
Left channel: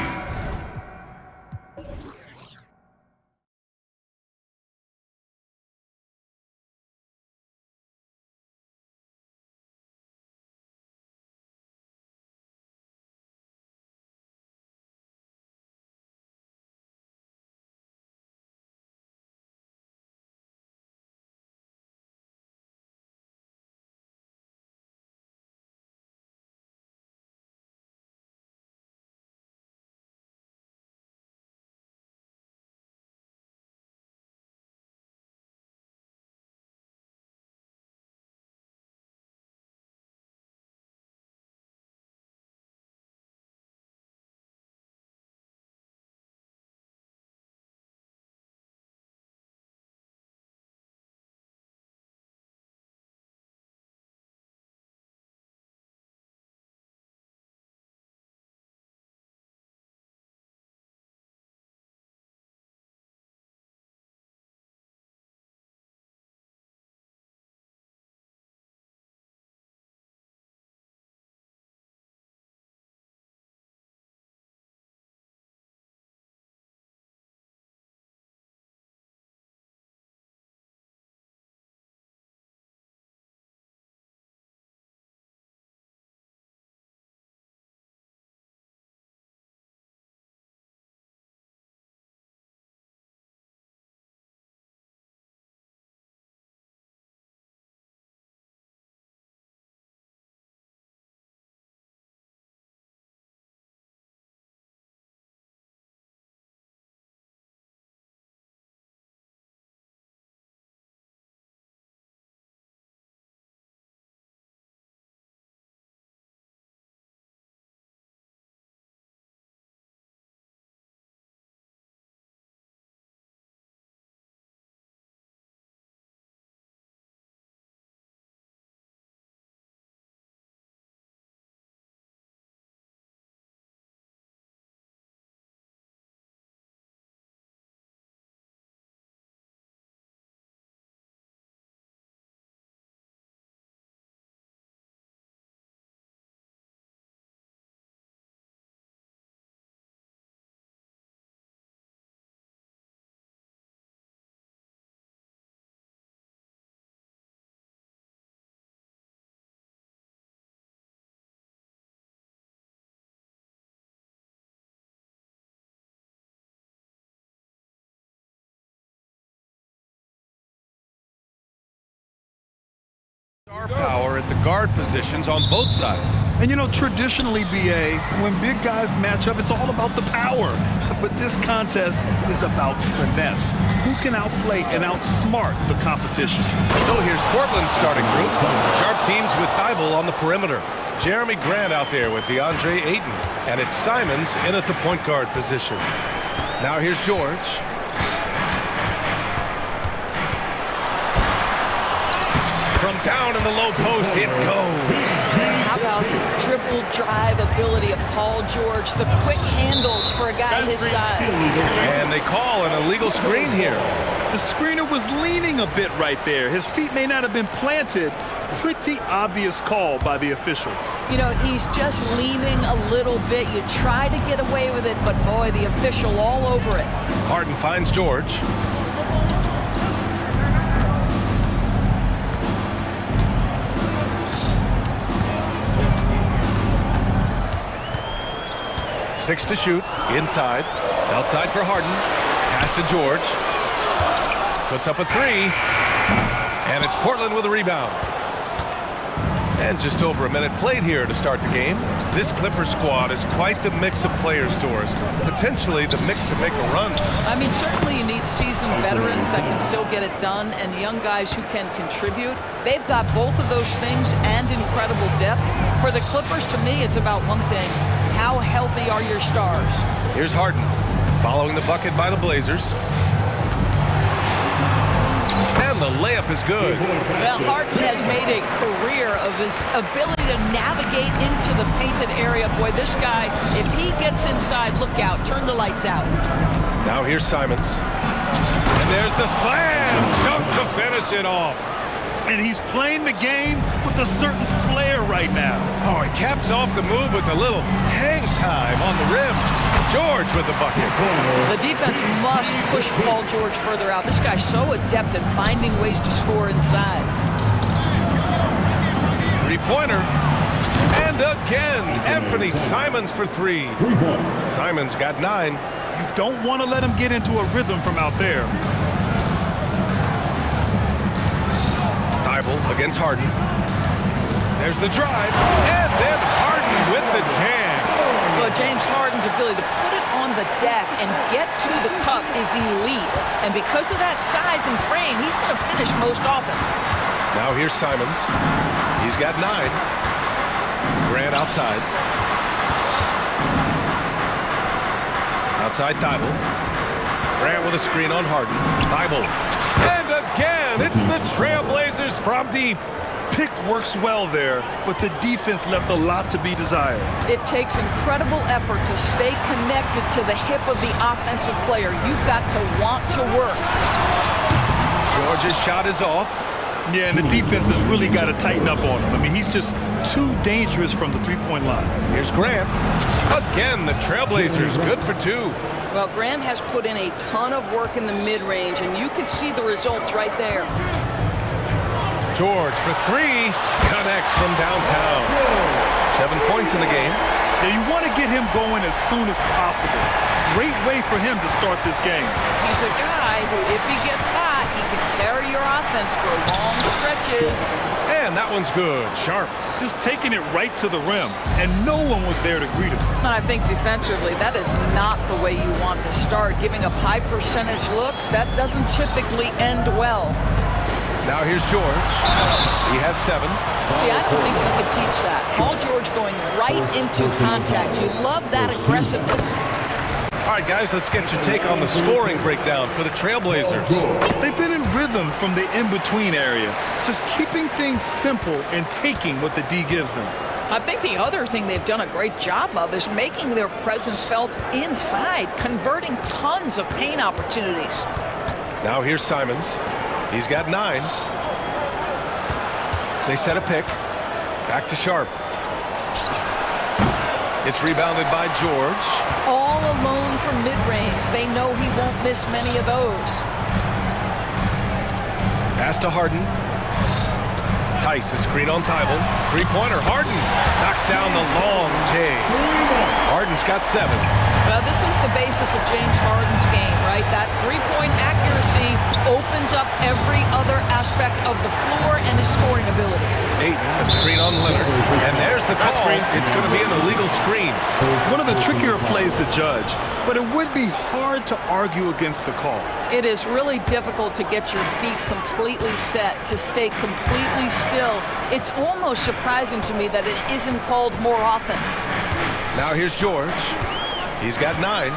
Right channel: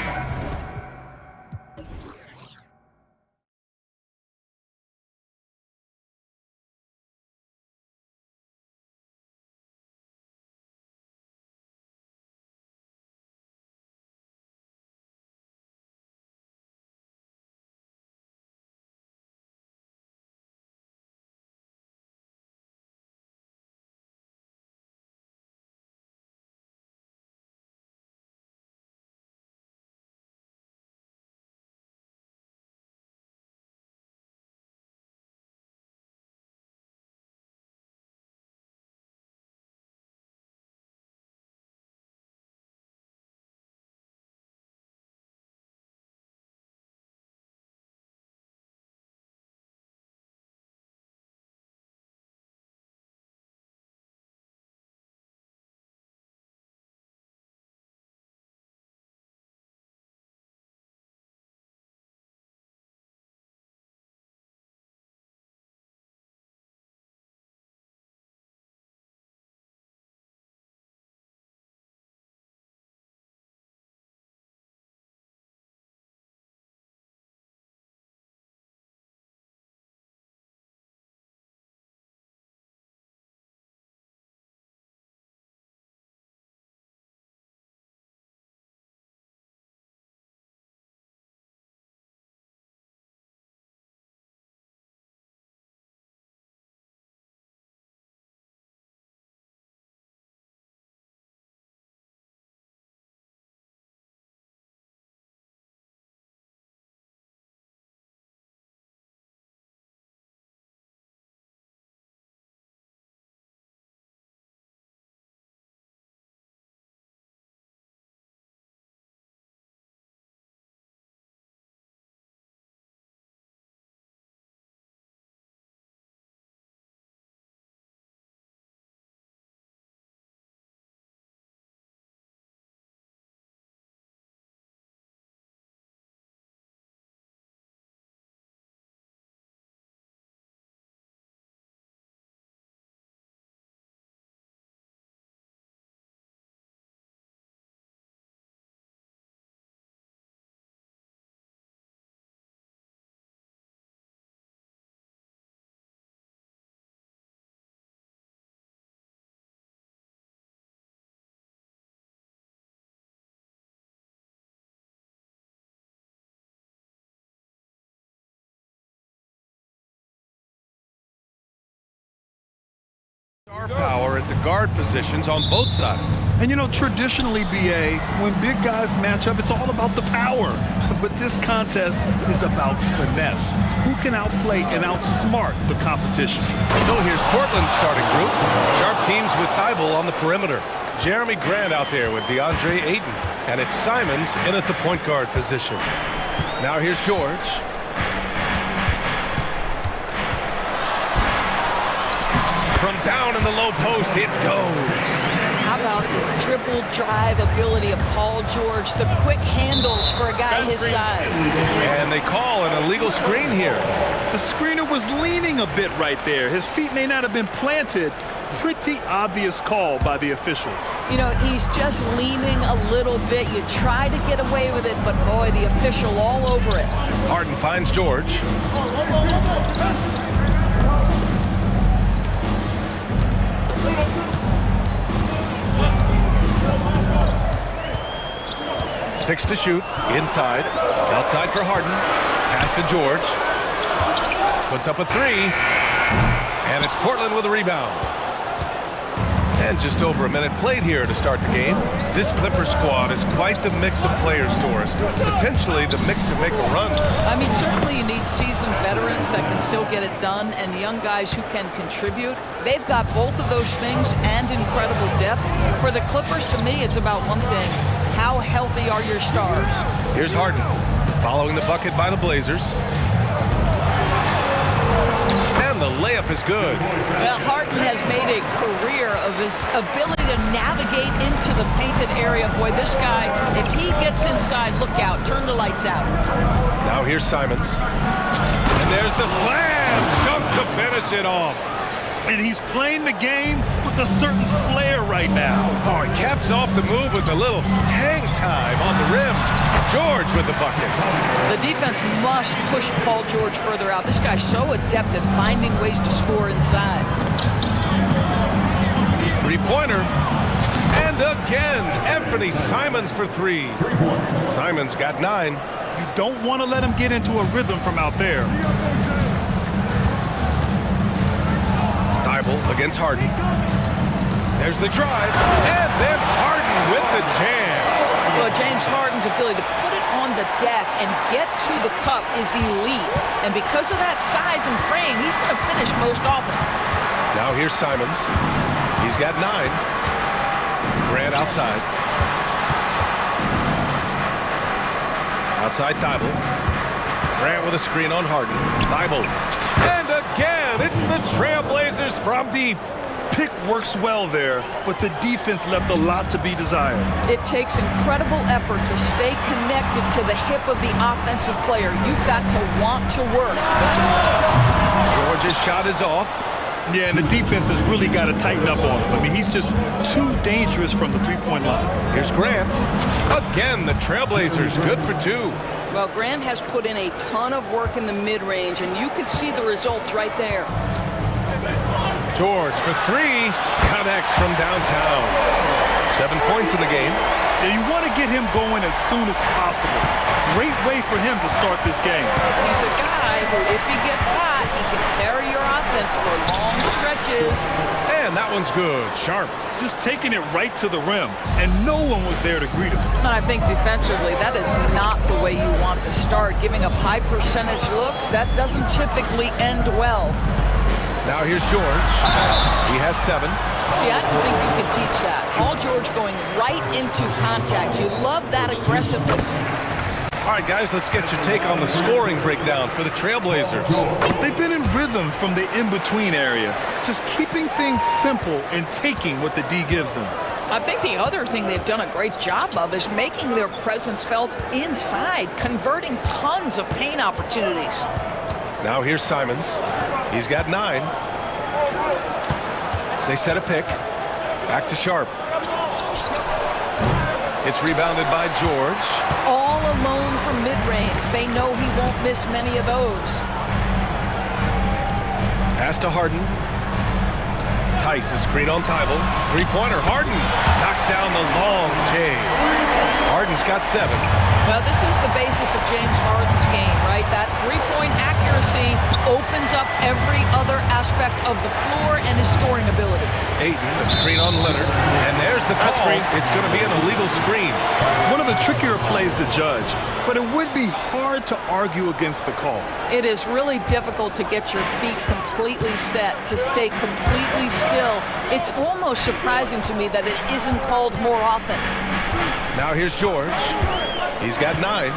Star power at the guard positions on both sides. And you know, traditionally, BA, when big guys match up, it's all about the power. But this contest is about finesse. Who can outplay and outsmart the competition? So here's Portland's starting group. Sharp teams with Thibault on the perimeter. Jeremy Grant out there with DeAndre Ayton. And it's Simons in at the point guard position. Now here's George. From down in the low post, it goes. How about the dribble drive ability of Paul George, the quick handles for a guy his size. And they call an illegal screen here. The screener was leaning a bit right there. His feet may not have been planted. Pretty obvious call by the officials. You know, he's just leaning a little bit. You try to get away with it, but boy, the official all over it. Harden finds George. Six to shoot, inside, outside for Harden, pass to George, puts up a three, and it's Portland with a rebound. And just over a minute played here to start the game. This Clippers squad is quite the mix of players, Doris, potentially the mix to make a run. I mean, certainly you need seasoned veterans that can still get it done and young guys who can contribute. They've got both of those things and incredible depth. For the Clippers, to me, it's about one thing. How healthy are your stars? Here's Harden, following the bucket by the Blazers. And the layup is good. Well, Harden has made a career of his ability to navigate into the painted area. Boy, this guy, if he gets inside, look out, turn the lights out. Now here's Simons. And there's the slam dunk to finish it off. And he's playing the game with a certain flair right now. Oh, he caps off the move with a little hang time on the rim. George with the bucket. The defense must push Paul George further out. This guy's so adept at finding ways to score inside. Three-pointer. And again, Anthony Simons for three. Simons got 9. You don't want to let him get into a rhythm from out there. Thibault against Harden. There's the drive, and then Harden with the jam. Well, James Harden's ability to put it on the deck and get to the cup is elite. And because of that size and frame, he's going to finish most often. Now here's Simons. He's got 9. Grant outside. Outside Thibault. Grant with a screen on Harden. Thibault. And again, it's the Trailblazers from deep. Pick works well there, but the defense left a lot to be desired. It takes incredible effort to stay connected to the hip of the offensive player. You've got to want to work. George's shot is off. Yeah, and the defense has really got to tighten up on him. I mean, he's just too dangerous from the three-point line. Here's Grant. Again, the Trailblazers good for 2. Well, Grant has put in a ton of work in the mid-range, and you can see the results right there. George for 3, connects from downtown. 7 points in the game. Yeah, you want to get him going as soon as possible. Great way for him to start this game. He's a guy who, if he gets hot, he can carry your offense for long stretches. And that one's good, sharp. Just taking it right to the rim, and no one was there to greet him. And I think defensively, that is not the way you want to start. Giving up high percentage looks, that doesn't typically end well. Now here's George. He has 7. See, I don't think you can teach that. Paul George going right into contact. You love that aggressiveness. All right, guys, let's get your take on the scoring breakdown for the Trailblazers. They've been in rhythm from the in-between area, just keeping things simple and taking what the D gives them. I think the other thing they've done a great job of is making their presence felt inside, converting tons of paint opportunities. Now here's Simons. He's got 9. They set a pick. Back to Sharp. It's rebounded by George. All alone from mid-range. They know he won't miss many of those. Pass to Harden. Tice, a screen on Thibault. Three-pointer, Harden knocks down the long J. Harden's got 7. Well, this is the basis of James Harden's game, right? That three-point accuracy opens up every other aspect of the floor and his scoring ability. Ayton, a screen on Leonard, and there's the call. It's going to be an illegal screen. One of the trickier plays to judge, but it would be hard to argue against the call. It is really difficult to get your feet completely set, to stay completely still. It's almost surprising to me that it isn't called more often. Now here's George. He's got 9.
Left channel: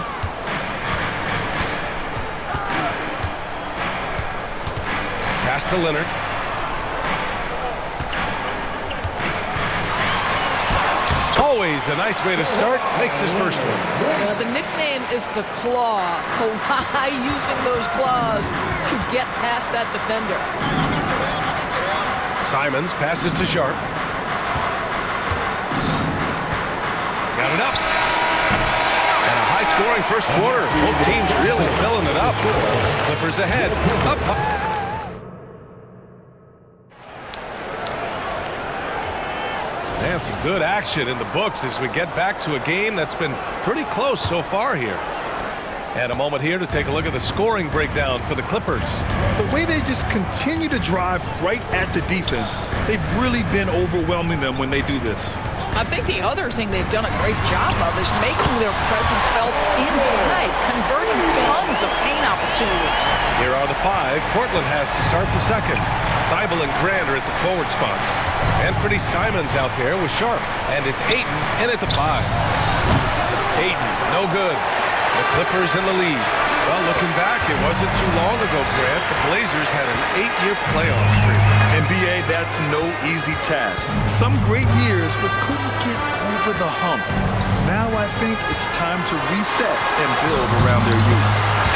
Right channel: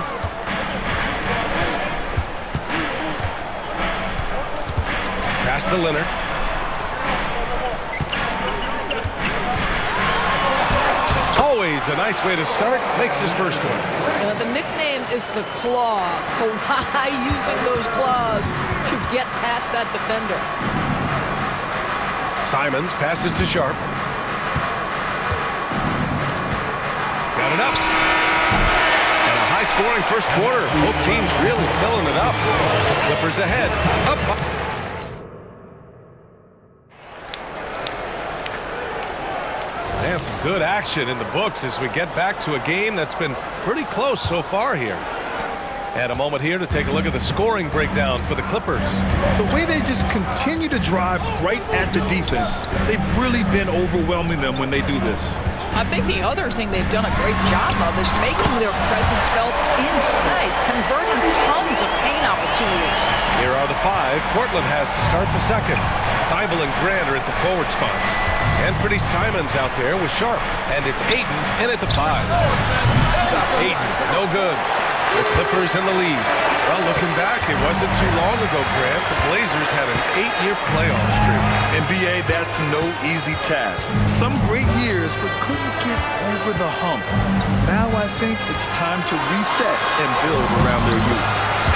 Pass to Leonard. Always a nice way to start. Makes his first one. The nickname is the Claw. Kawhi using those claws to get past that defender. Simons passes to Sharp. Got it up. And a high-scoring first quarter. Both teams really filling it up. Clippers ahead. Up. And some good action in the books as we get back to a game that's been pretty close so far here. And a moment here to take a look at the scoring breakdown for the Clippers. The way they just continue to drive right at the defense, they've really been overwhelming them when they do this. I think the other thing they've done a great job of is making their presence felt inside, converting tons of paint opportunities. Here are the 5 Portland has to start the second. Thibault and Grant are at the forward spots. Anthony Simons out there with Sharp. And it's Ayton in at the 5. Ayton, no good. The Clippers in the lead. Well, looking back, it wasn't too long ago, Grant. The Blazers had an 8-year playoff streak. NBA, that's no easy task. Some great years, but couldn't get over the hump. Now I think it's time to reset and build around their youth.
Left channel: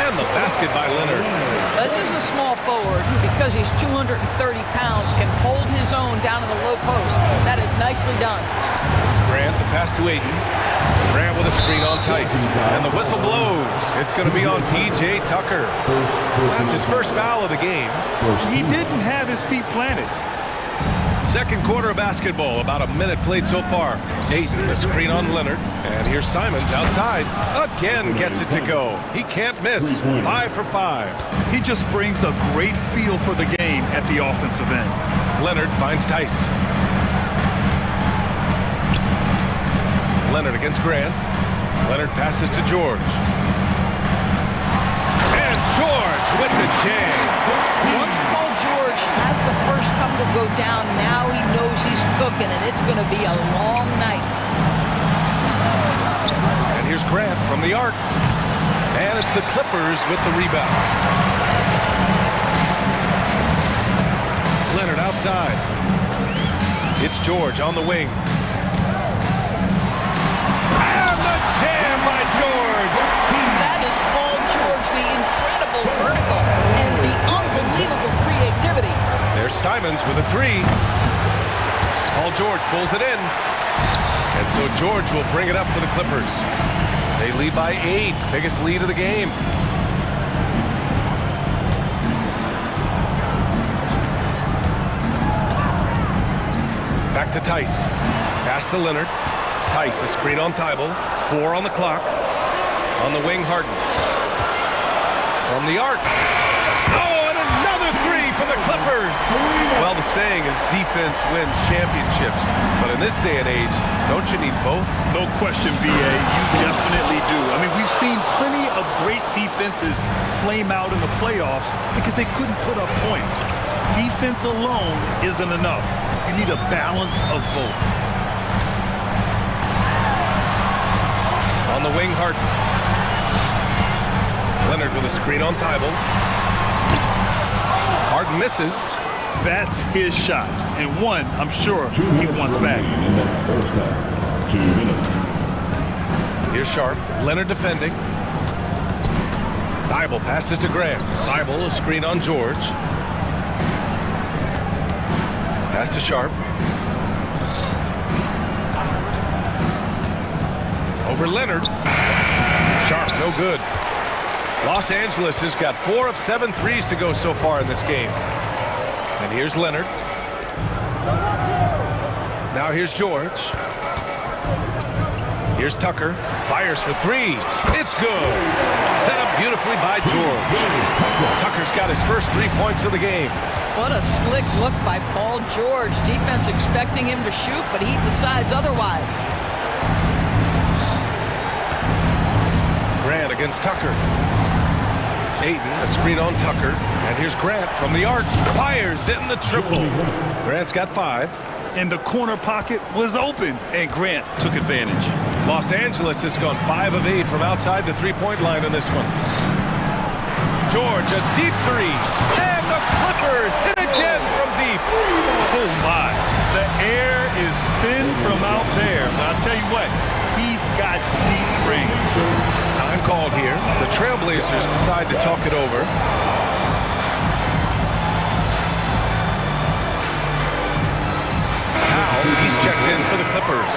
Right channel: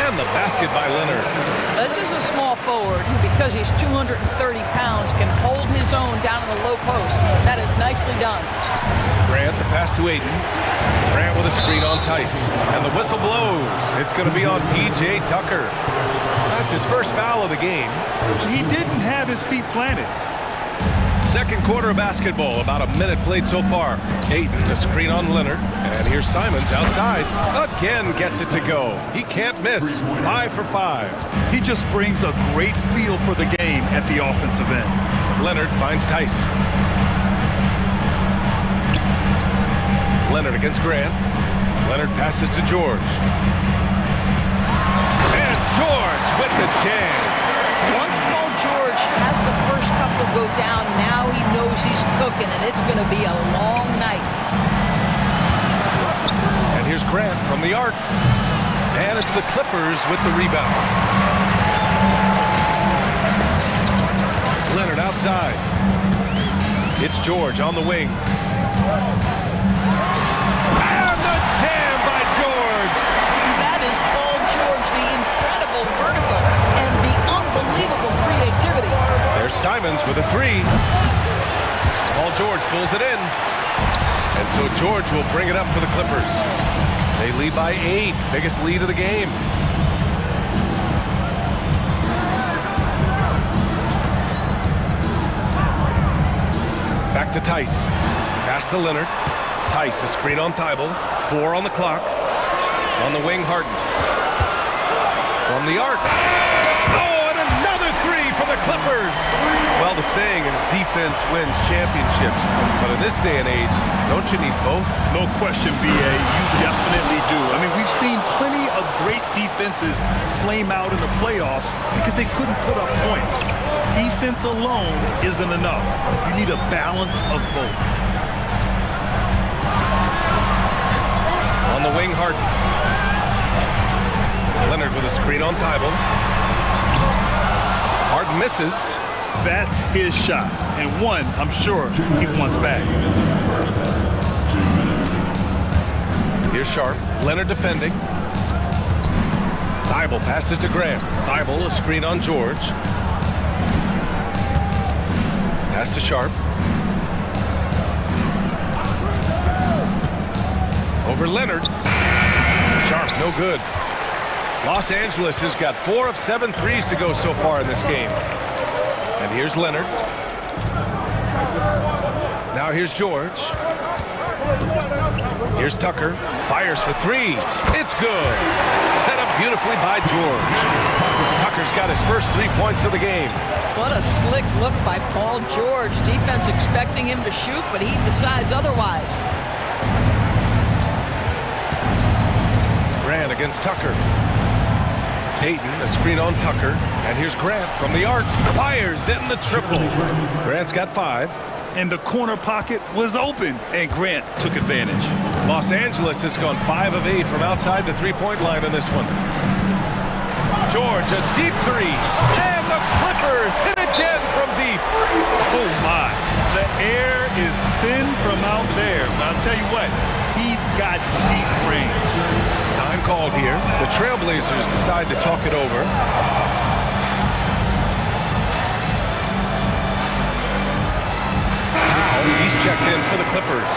And the basket by Leonard. This is a small forward who, because he's 230 pounds, can hold his own down in the low post. That is nicely done. Grant, the pass to Ayton. Grant with a screen on Tice. And the whistle blows. It's going to be on P.J. Tucker. That's his first foul of the game. He didn't have his feet planted. Second quarter of basketball, about a minute played so far. Ayton, a screen on Leonard. And here's Simons outside. Again gets it to go. He can't miss. 5 for 5. He just brings a great feel for the game at the offensive end. Leonard finds Tice. Leonard against Grant. Leonard passes to George. And George with the jam. Once Paul George has the first couple go down, now he knows he's cooking, and it's going to be a long night. And here's Grant from the arc. And it's the Clippers with the rebound. Leonard outside. It's George on the wing. Jam by George. That is Paul George, the incredible vertical and the unbelievable creativity. There's Simons with a 3. Paul George pulls it in. And so George will bring it up for the Clippers. They lead by 8, biggest lead of the game. Back to Tice. Pass to Leonard. Tice, a screen on Thibault. 4 on the clock. On the wing, Harden. From the arc. Oh, and another 3 for the Clippers. Well, the saying is defense wins championships. But in this day and age, don't you need both? No question, B.A. You definitely do. I mean, we've seen plenty of great defenses flame out in the playoffs because they couldn't put up points. Defense alone isn't enough. You need a balance of both. On the wing, Harden. Leonard with a screen on Thibault. Harden misses. That's his shot, and one I'm sure he wants back. 2 minutes. Here's Sharp. Leonard defending. Thibault passes to Grant. Thibault, a screen on George. Pass to Sharp. Over Leonard. Sharp, no good. Los Angeles has got 4 of 7 threes to go so far in this game. And here's Leonard. Now here's George. Here's Tucker. Fires for three. It's good. Set up beautifully by George. Tucker's got his first 3 points of the game. What a slick look by Paul George. Defense expecting him to shoot, but he decides otherwise. Grant against Tucker. Ayton, a screen on Tucker. And here's Grant from the arc. Fires in the triple. Grant's got 5. And the corner pocket was open, and Grant took advantage. Los Angeles has gone 5 of 8 from outside the three-point line in this one. George, a deep three. And the Clippers hit again from deep. Oh, my. The air is thin from out there. But I'll tell you what, he's got deep range. Time called here. The Trailblazers decide to talk it over. He's checked in for the Clippers.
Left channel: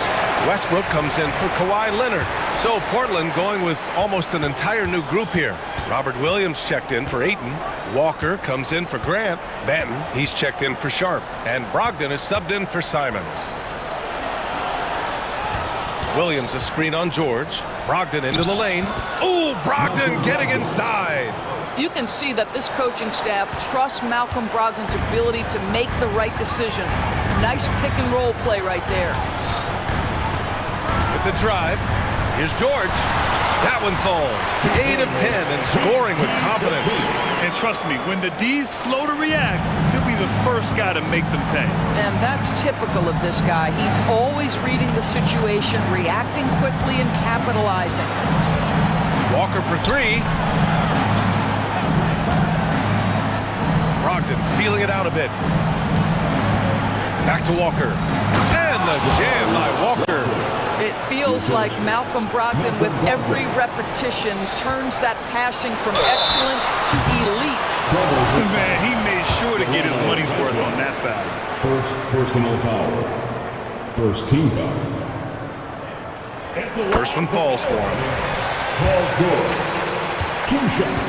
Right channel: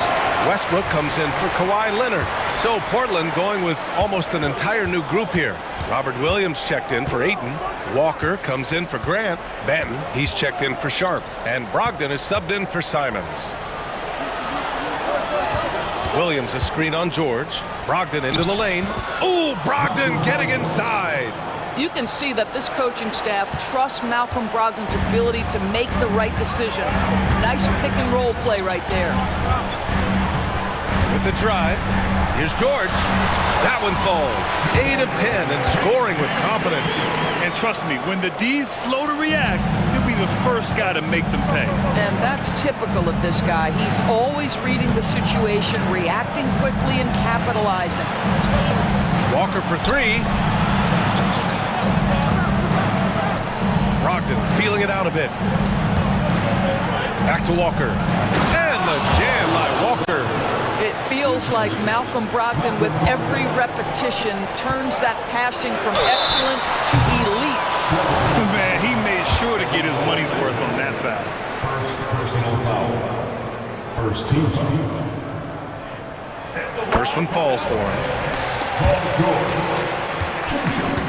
Westbrook comes in for Kawhi Leonard. So Portland going with almost an entire new group here. Robert Williams checked in for Ayton. Walker comes in for Grant. Banton, he's checked in for Sharp. And Brogdon is subbed in for Simons. Williams a screen on George. Brogdon into the lane. Ooh, Brogdon getting inside. You can see that this coaching staff trusts Malcolm Brogdon's ability to make the right decision. Nice pick and roll play right there. With the drive, here's George. That one falls. 8 of 10 and scoring with confidence. And trust me, when the D's slow to react, he'll be the first guy to make them pay. And that's typical of this guy. He's always reading the situation, reacting quickly and capitalizing. Walker for 3. Brogdon feeling it out a bit. Back to Walker. And the jam by Walker. It feels like Malcolm Brogdon, with every repetition, turns that passing from excellent to elite. Man, he made sure to get his money's worth on that foul. First personal foul. First team foul. First one falls for him. Paul George. 2 shots.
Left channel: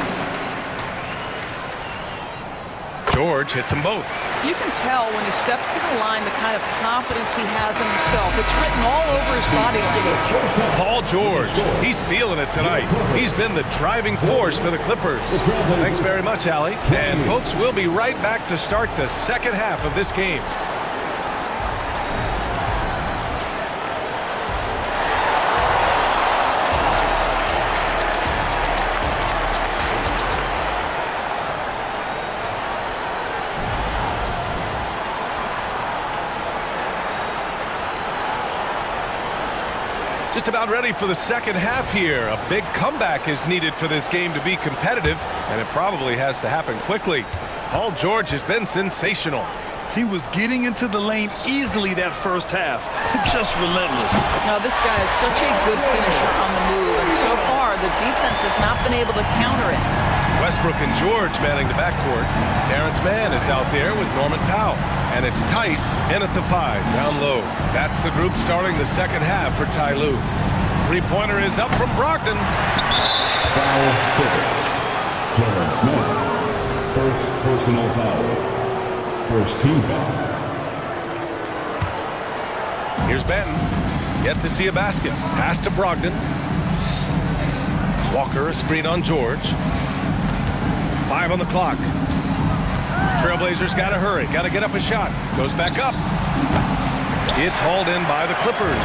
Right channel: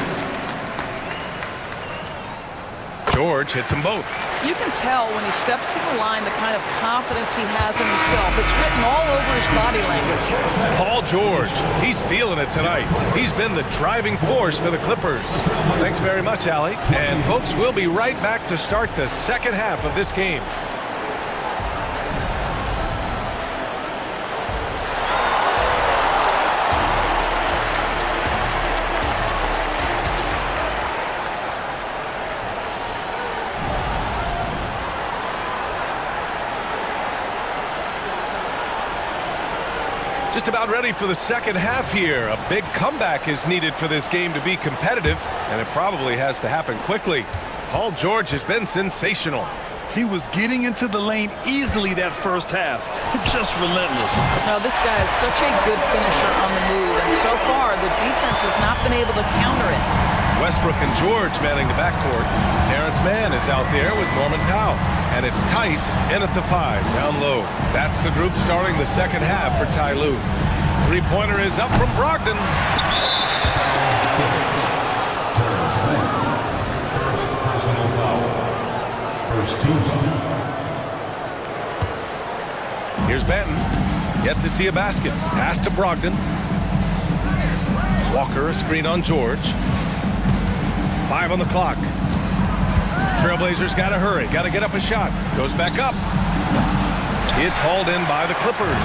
George hits them both. You can tell when he steps to the line the kind of confidence he has in himself. It's written all over his body language. Paul George, he's feeling it tonight. He's been the driving force for the Clippers. Thanks very much, Allie. And folks, we'll be right back to start the second half of this game. Just about ready for the second half here. A big comeback is needed for this game to be competitive, and it probably has to happen quickly. Paul George has been sensational. He was getting into the lane easily that first half. Just relentless. Now, this guy is such a good finisher on the move, and so far the defense has not been able to counter it. Westbrook and George manning the backcourt. Terrence Mann is out there with Norman Powell. And it's Tice in at the 5, down low. That's the group starting the second half for Ty Lue. Three-pointer is up from Brogdon. Foul. Terrence Mann. First personal foul. First team foul. Here's Banton. Yet to see a basket. Pass to Brogdon. Walker, a screen on George. 5 on the clock. Trailblazers got to hurry. Got to get up a shot. Goes back up. It's hauled in by the Clippers.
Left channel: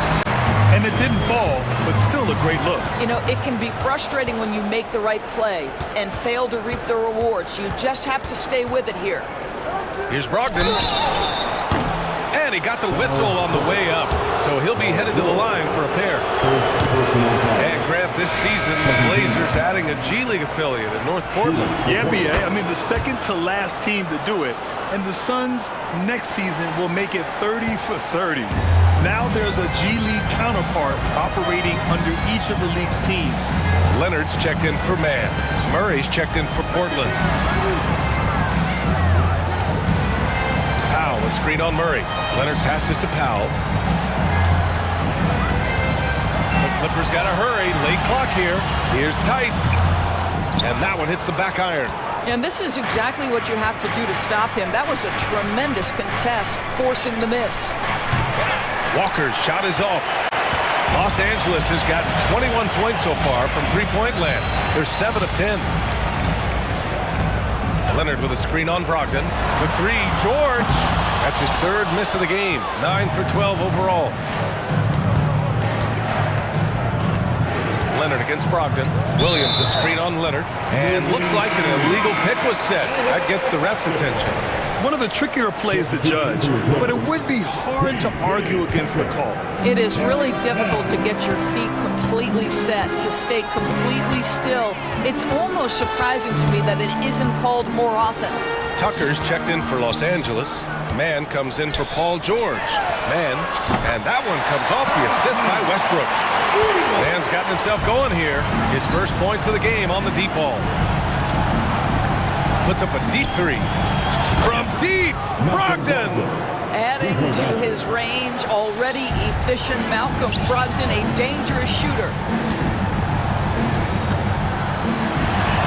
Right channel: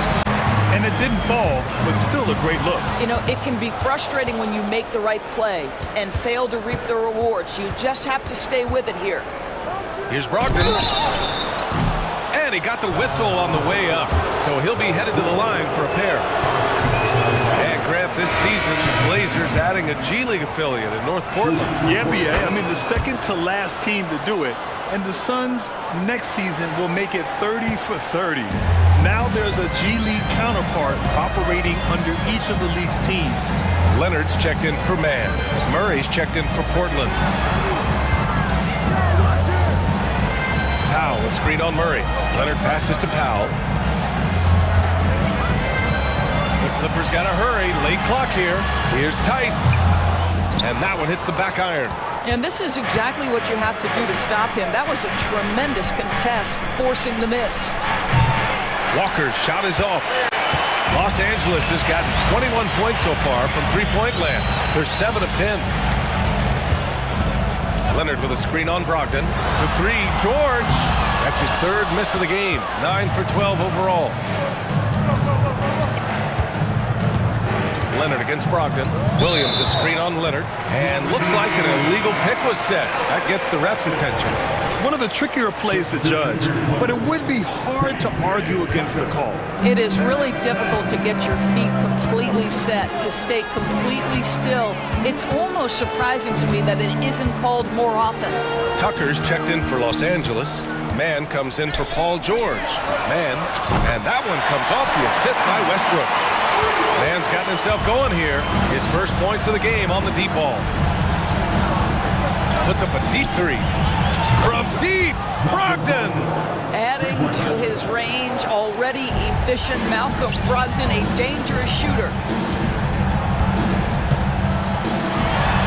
And it didn't fall, but still a great look. You know, it can be frustrating when you make the right play and fail to reap the rewards. You just have to stay with it here. Here's Brogdon. And he got the whistle on the way up. So he'll be headed to the line for a pair. And Grant, this season, the Blazers adding a G League affiliate in North Portland. Yeah, B.A. I mean, the second to last team to do it. And the Suns next season will make it 30 for 30. Now there's a G League counterpart operating under each of the league's teams. Leonard's checked in for Mann. Murray's checked in for Portland. Powell, a screen on Murray. Leonard passes to Powell. The Clippers got to hurry. Late clock here. Here's Tice. And that one hits the back iron. And this is exactly what you have to do to stop him. That was a tremendous contest, forcing the miss. Walker's shot is off. Los Angeles has gotten 21 points so far from three-point land. They're 7 of 10. Leonard with a screen on Brogdon. The three, George. That's his third miss of the game. 9 for 12 overall. Leonard against Brogdon. Williams a screen on Leonard. And looks like an illegal pick was set. That gets the ref's attention. One of the trickier plays to judge, but it would be hard to argue against the call. It is really difficult to get your feet completely set, to stay completely still. It's almost surprising to me that it isn't called more often. Tucker's checked in for Los Angeles. Mann comes in for Paul George. Mann, and that one comes off the assist by Westbrook. Mann's gotten himself going here. His first points of the game on the deep ball. Puts up a deep three. From deep, Brogdon! Adding to his range, already efficient Malcolm Brogdon, a dangerous shooter.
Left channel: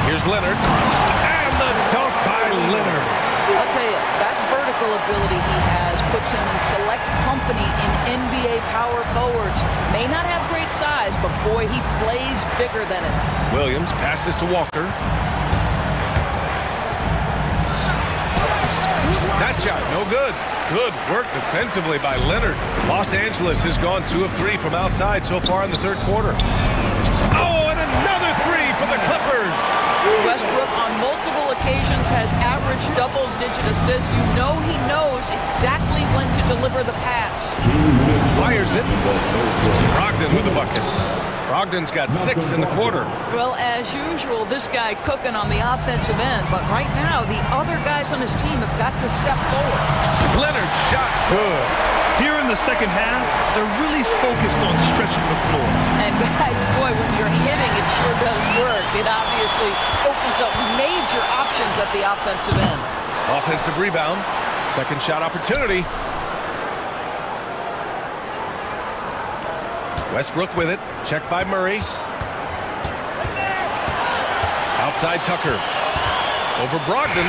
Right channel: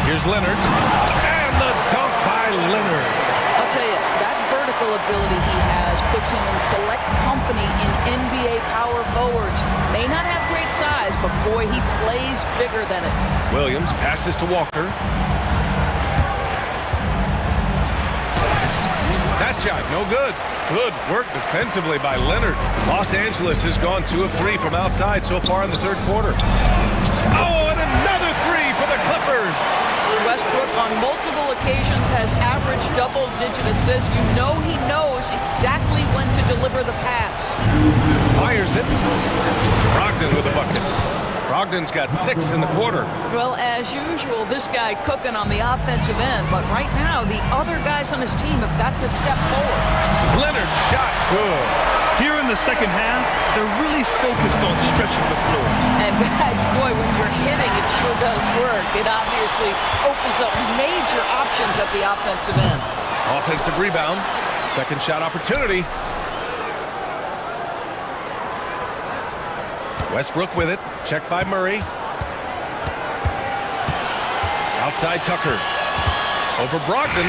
Here's Leonard, and the dunk by Leonard. I'll tell you, that vertical ability he has puts him in select company in NBA power forwards. May not have great size, but boy, he plays bigger than it. Williams passes to Walker. That shot, no good. Good work defensively by Leonard. Los Angeles has gone 2 of 3 from outside so far in the third quarter. Oh, and another three for the Clippers. Westbrook on multiple occasions has averaged double-digit assists. You know he knows exactly when to deliver the pass. Fires it. Brogdon with the bucket. Brogdon's got 6 in the quarter. Well, as usual, this guy cooking on the offensive end, but right now, the other guys on his team have got to step forward. Leonard's shot's good. Here in the second half, they're really focused on stretching the floor. And guys, boy, when you're hitting, it sure does work. It obviously opens up major options at the offensive end. Offensive rebound. Second shot opportunity. Westbrook with it. Checked by Murray. Outside Tucker. Over Brogdon.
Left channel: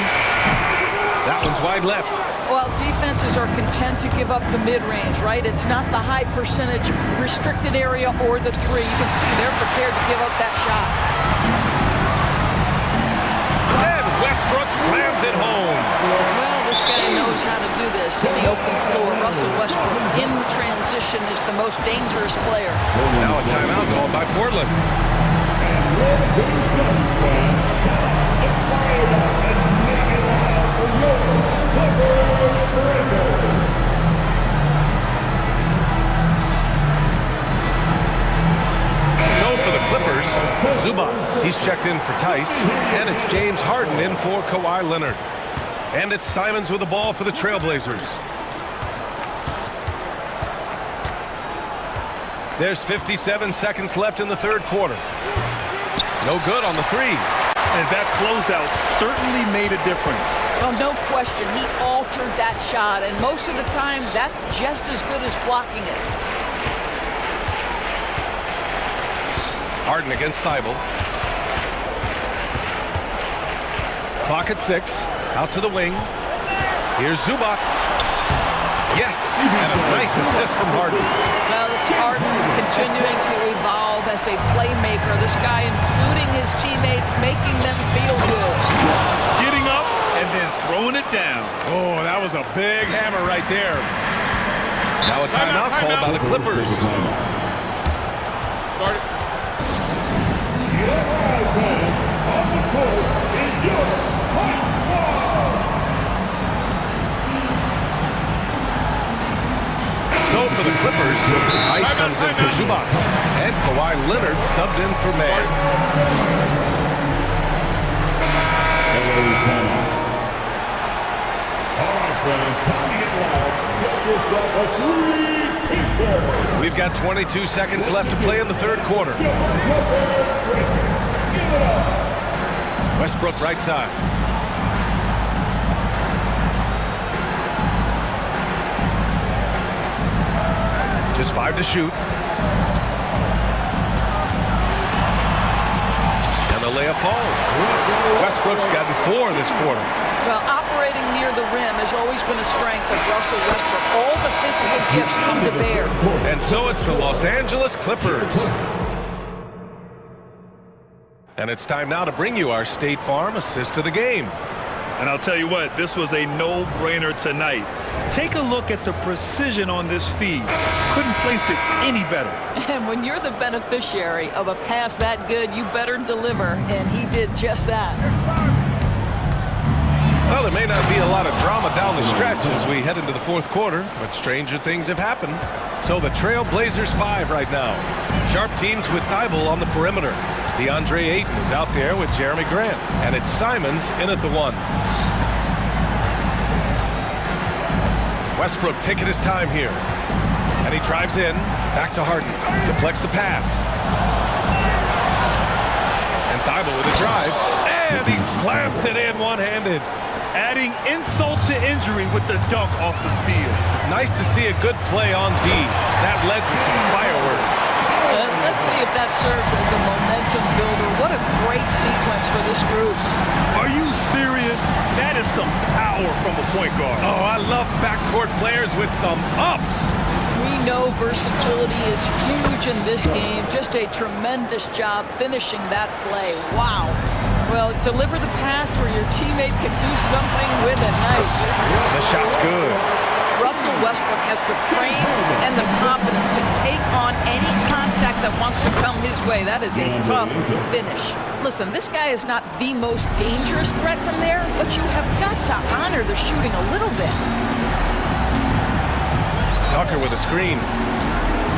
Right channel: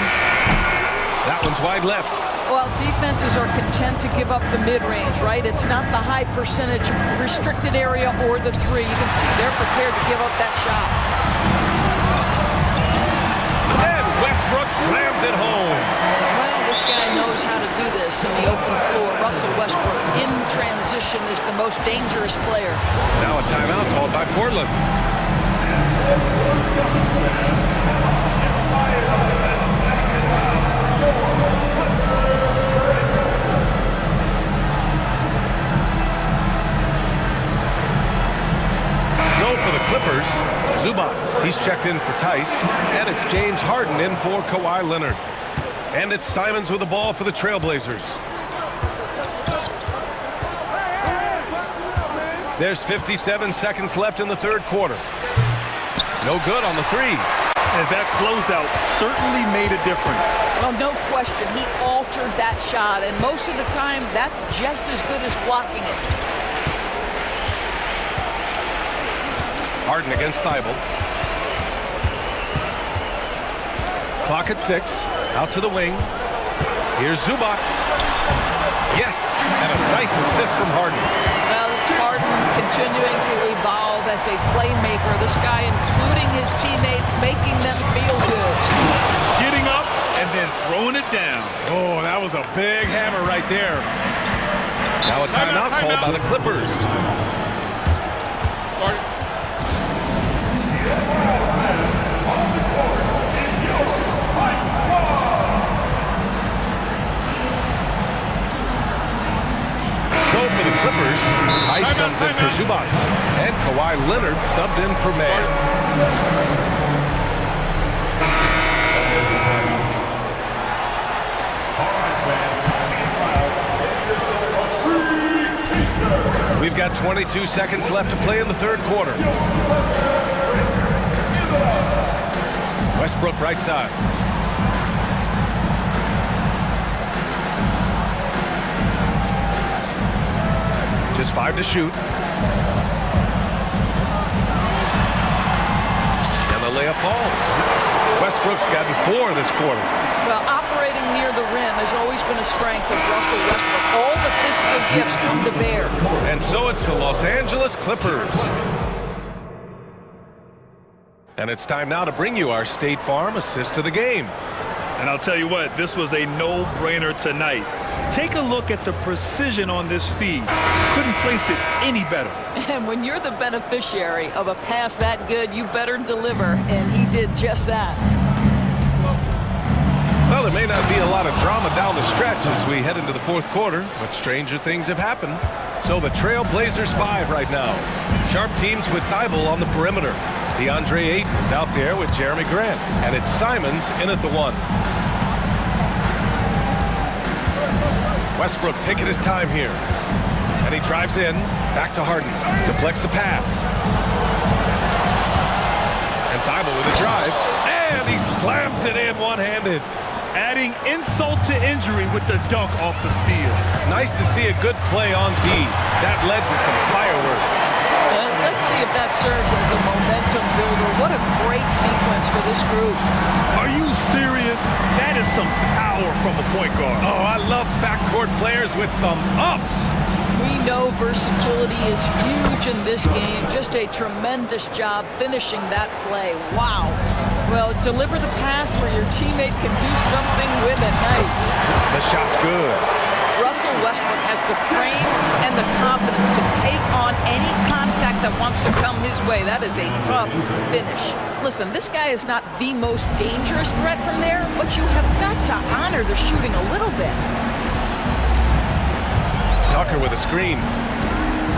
That one's wide left. Well, defenses are content to give up the mid-range, right? It's not the high percentage restricted area or the three. You can see they're prepared to give up that shot. And Westbrook slams it home. Well, this guy knows how to do this in the open floor. Russell Westbrook in transition is the most dangerous player. Now a timeout called by Portland. So for the Clippers, Zubats. He's checked in for Tice. And it's James Harden in for Kawhi Leonard. And it's Simons with the ball for the Trailblazers. There's 57 seconds left in the third quarter. No good on the three. And that closeout certainly made a difference. Well, no question. He altered that shot, and most of the time, that's just as good as blocking it. Harden against Thibault. Clock at 6. Out to the wing. Here's Zubats. Yes, and a nice assist from Harden. Well, it's Harden continuing to evolve as a playmaker. This guy, including his teammates, making them feel good. Getting up and then throwing it down. Oh, that was a big hammer right there. Now a timeout called by the Clippers. So for the Clippers, Tice comes in for Zubats, and Kawhi Leonard subbed in for Mann. We've got 22 seconds left to play in the third quarter. Westbrook right side. Just 5 to shoot. And the layup falls. Westbrook's gotten 4 this quarter. Well, operating near the rim has always been a strength of Russell Westbrook. All the physical gifts come to bear. And so it's the Los Angeles Clippers. And it's time now to bring you our State Farm assist of the game. And I'll tell you what, this was a no-brainer tonight. Take a look at the precision on this feed. Couldn't place it any better. And when you're the beneficiary of a pass that good, you better deliver, and he did just that. Well, there may not be a lot of drama down the stretch as we head into the fourth quarter, but stranger things have happened. So the Trail Blazers 5 right now. Sharp teams with Thibault on the perimeter. DeAndre Ayton is out there with Jeremy Grant, and it's Simons in at the 1. Westbrook taking his time here. And he drives in, back to Harden, deflects the pass. And Thibault with a drive, and he slams it in one-handed. Adding insult to injury with the dunk off the steal. Nice to see a good play on D. That led to some fireworks. Let's see if that serves as a momentum builder. What a great sequence for this group. Are you serious? That is some power from a point guard. Oh, I love backcourt players with some ups. We know versatility is huge in this game. Just a tremendous job finishing that play. Wow. Well, deliver the pass where your teammate can do something with it. Nice. The shot's good. Russell Westbrook has the frame and the confidence to take on any contact that wants to come his way. That is a tough finish. Listen, this guy is not the most dangerous threat from there, but you have got to honor the shooting a little bit. Tucker with a screen.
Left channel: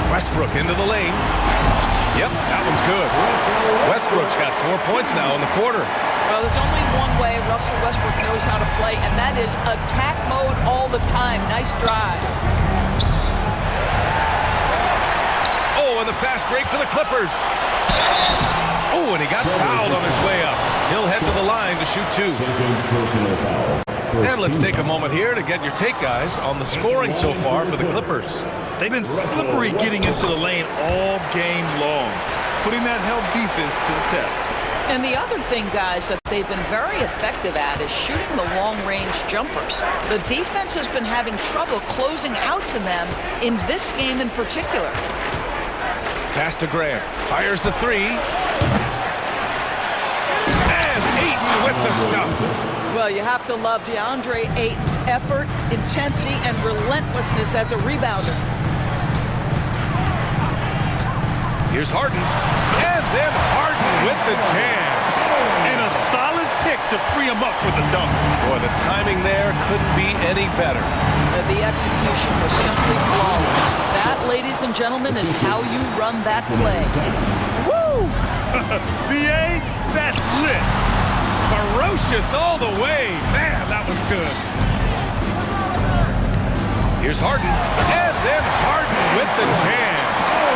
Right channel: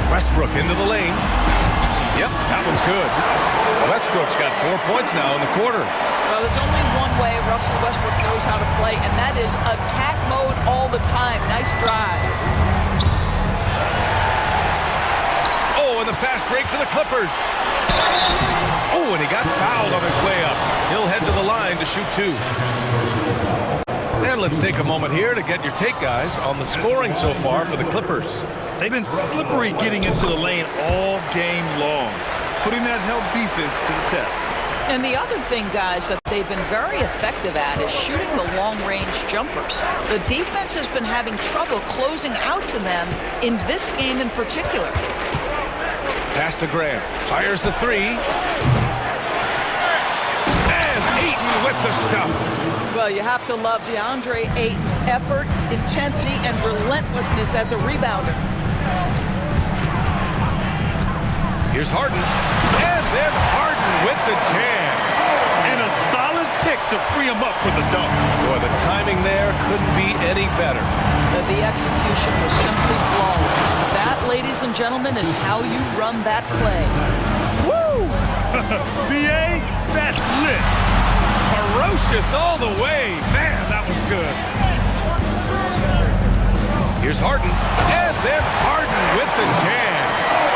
Westbrook into the lane. Yep, that one's good. Westbrook's got 4 points now in the quarter. Well, there's only one way Russell Westbrook knows how to play, and that is attack mode all the time. Nice drive. Oh, and the fast break for the Clippers. Oh, and he got fouled on his way up. He'll head to the line to shoot 2. And let's take a moment here to get your take, guys, on the scoring so far for the Clippers. They've been slippery getting into the lane all game long, putting that help defense to the test. And the other thing, guys, that they've been very effective at is shooting the long-range jumpers. The defense has been having trouble closing out to them in this game in particular. Pass to Grant. Fires the 3. And Ayton with the stuff. Well, you have to love DeAndre Ayton's effort, intensity, and relentlessness as a rebounder. Here's Harden. And then Harden with the jam. And a solid pick to free him up for the dunk. Boy, the timing there couldn't be any better. The execution was simply flawless. That, ladies and gentlemen, is how you run that play. Woo! BA, that's lit. Ferocious all the way. Man, that was good. Here's Harden. And then Harden with the jam.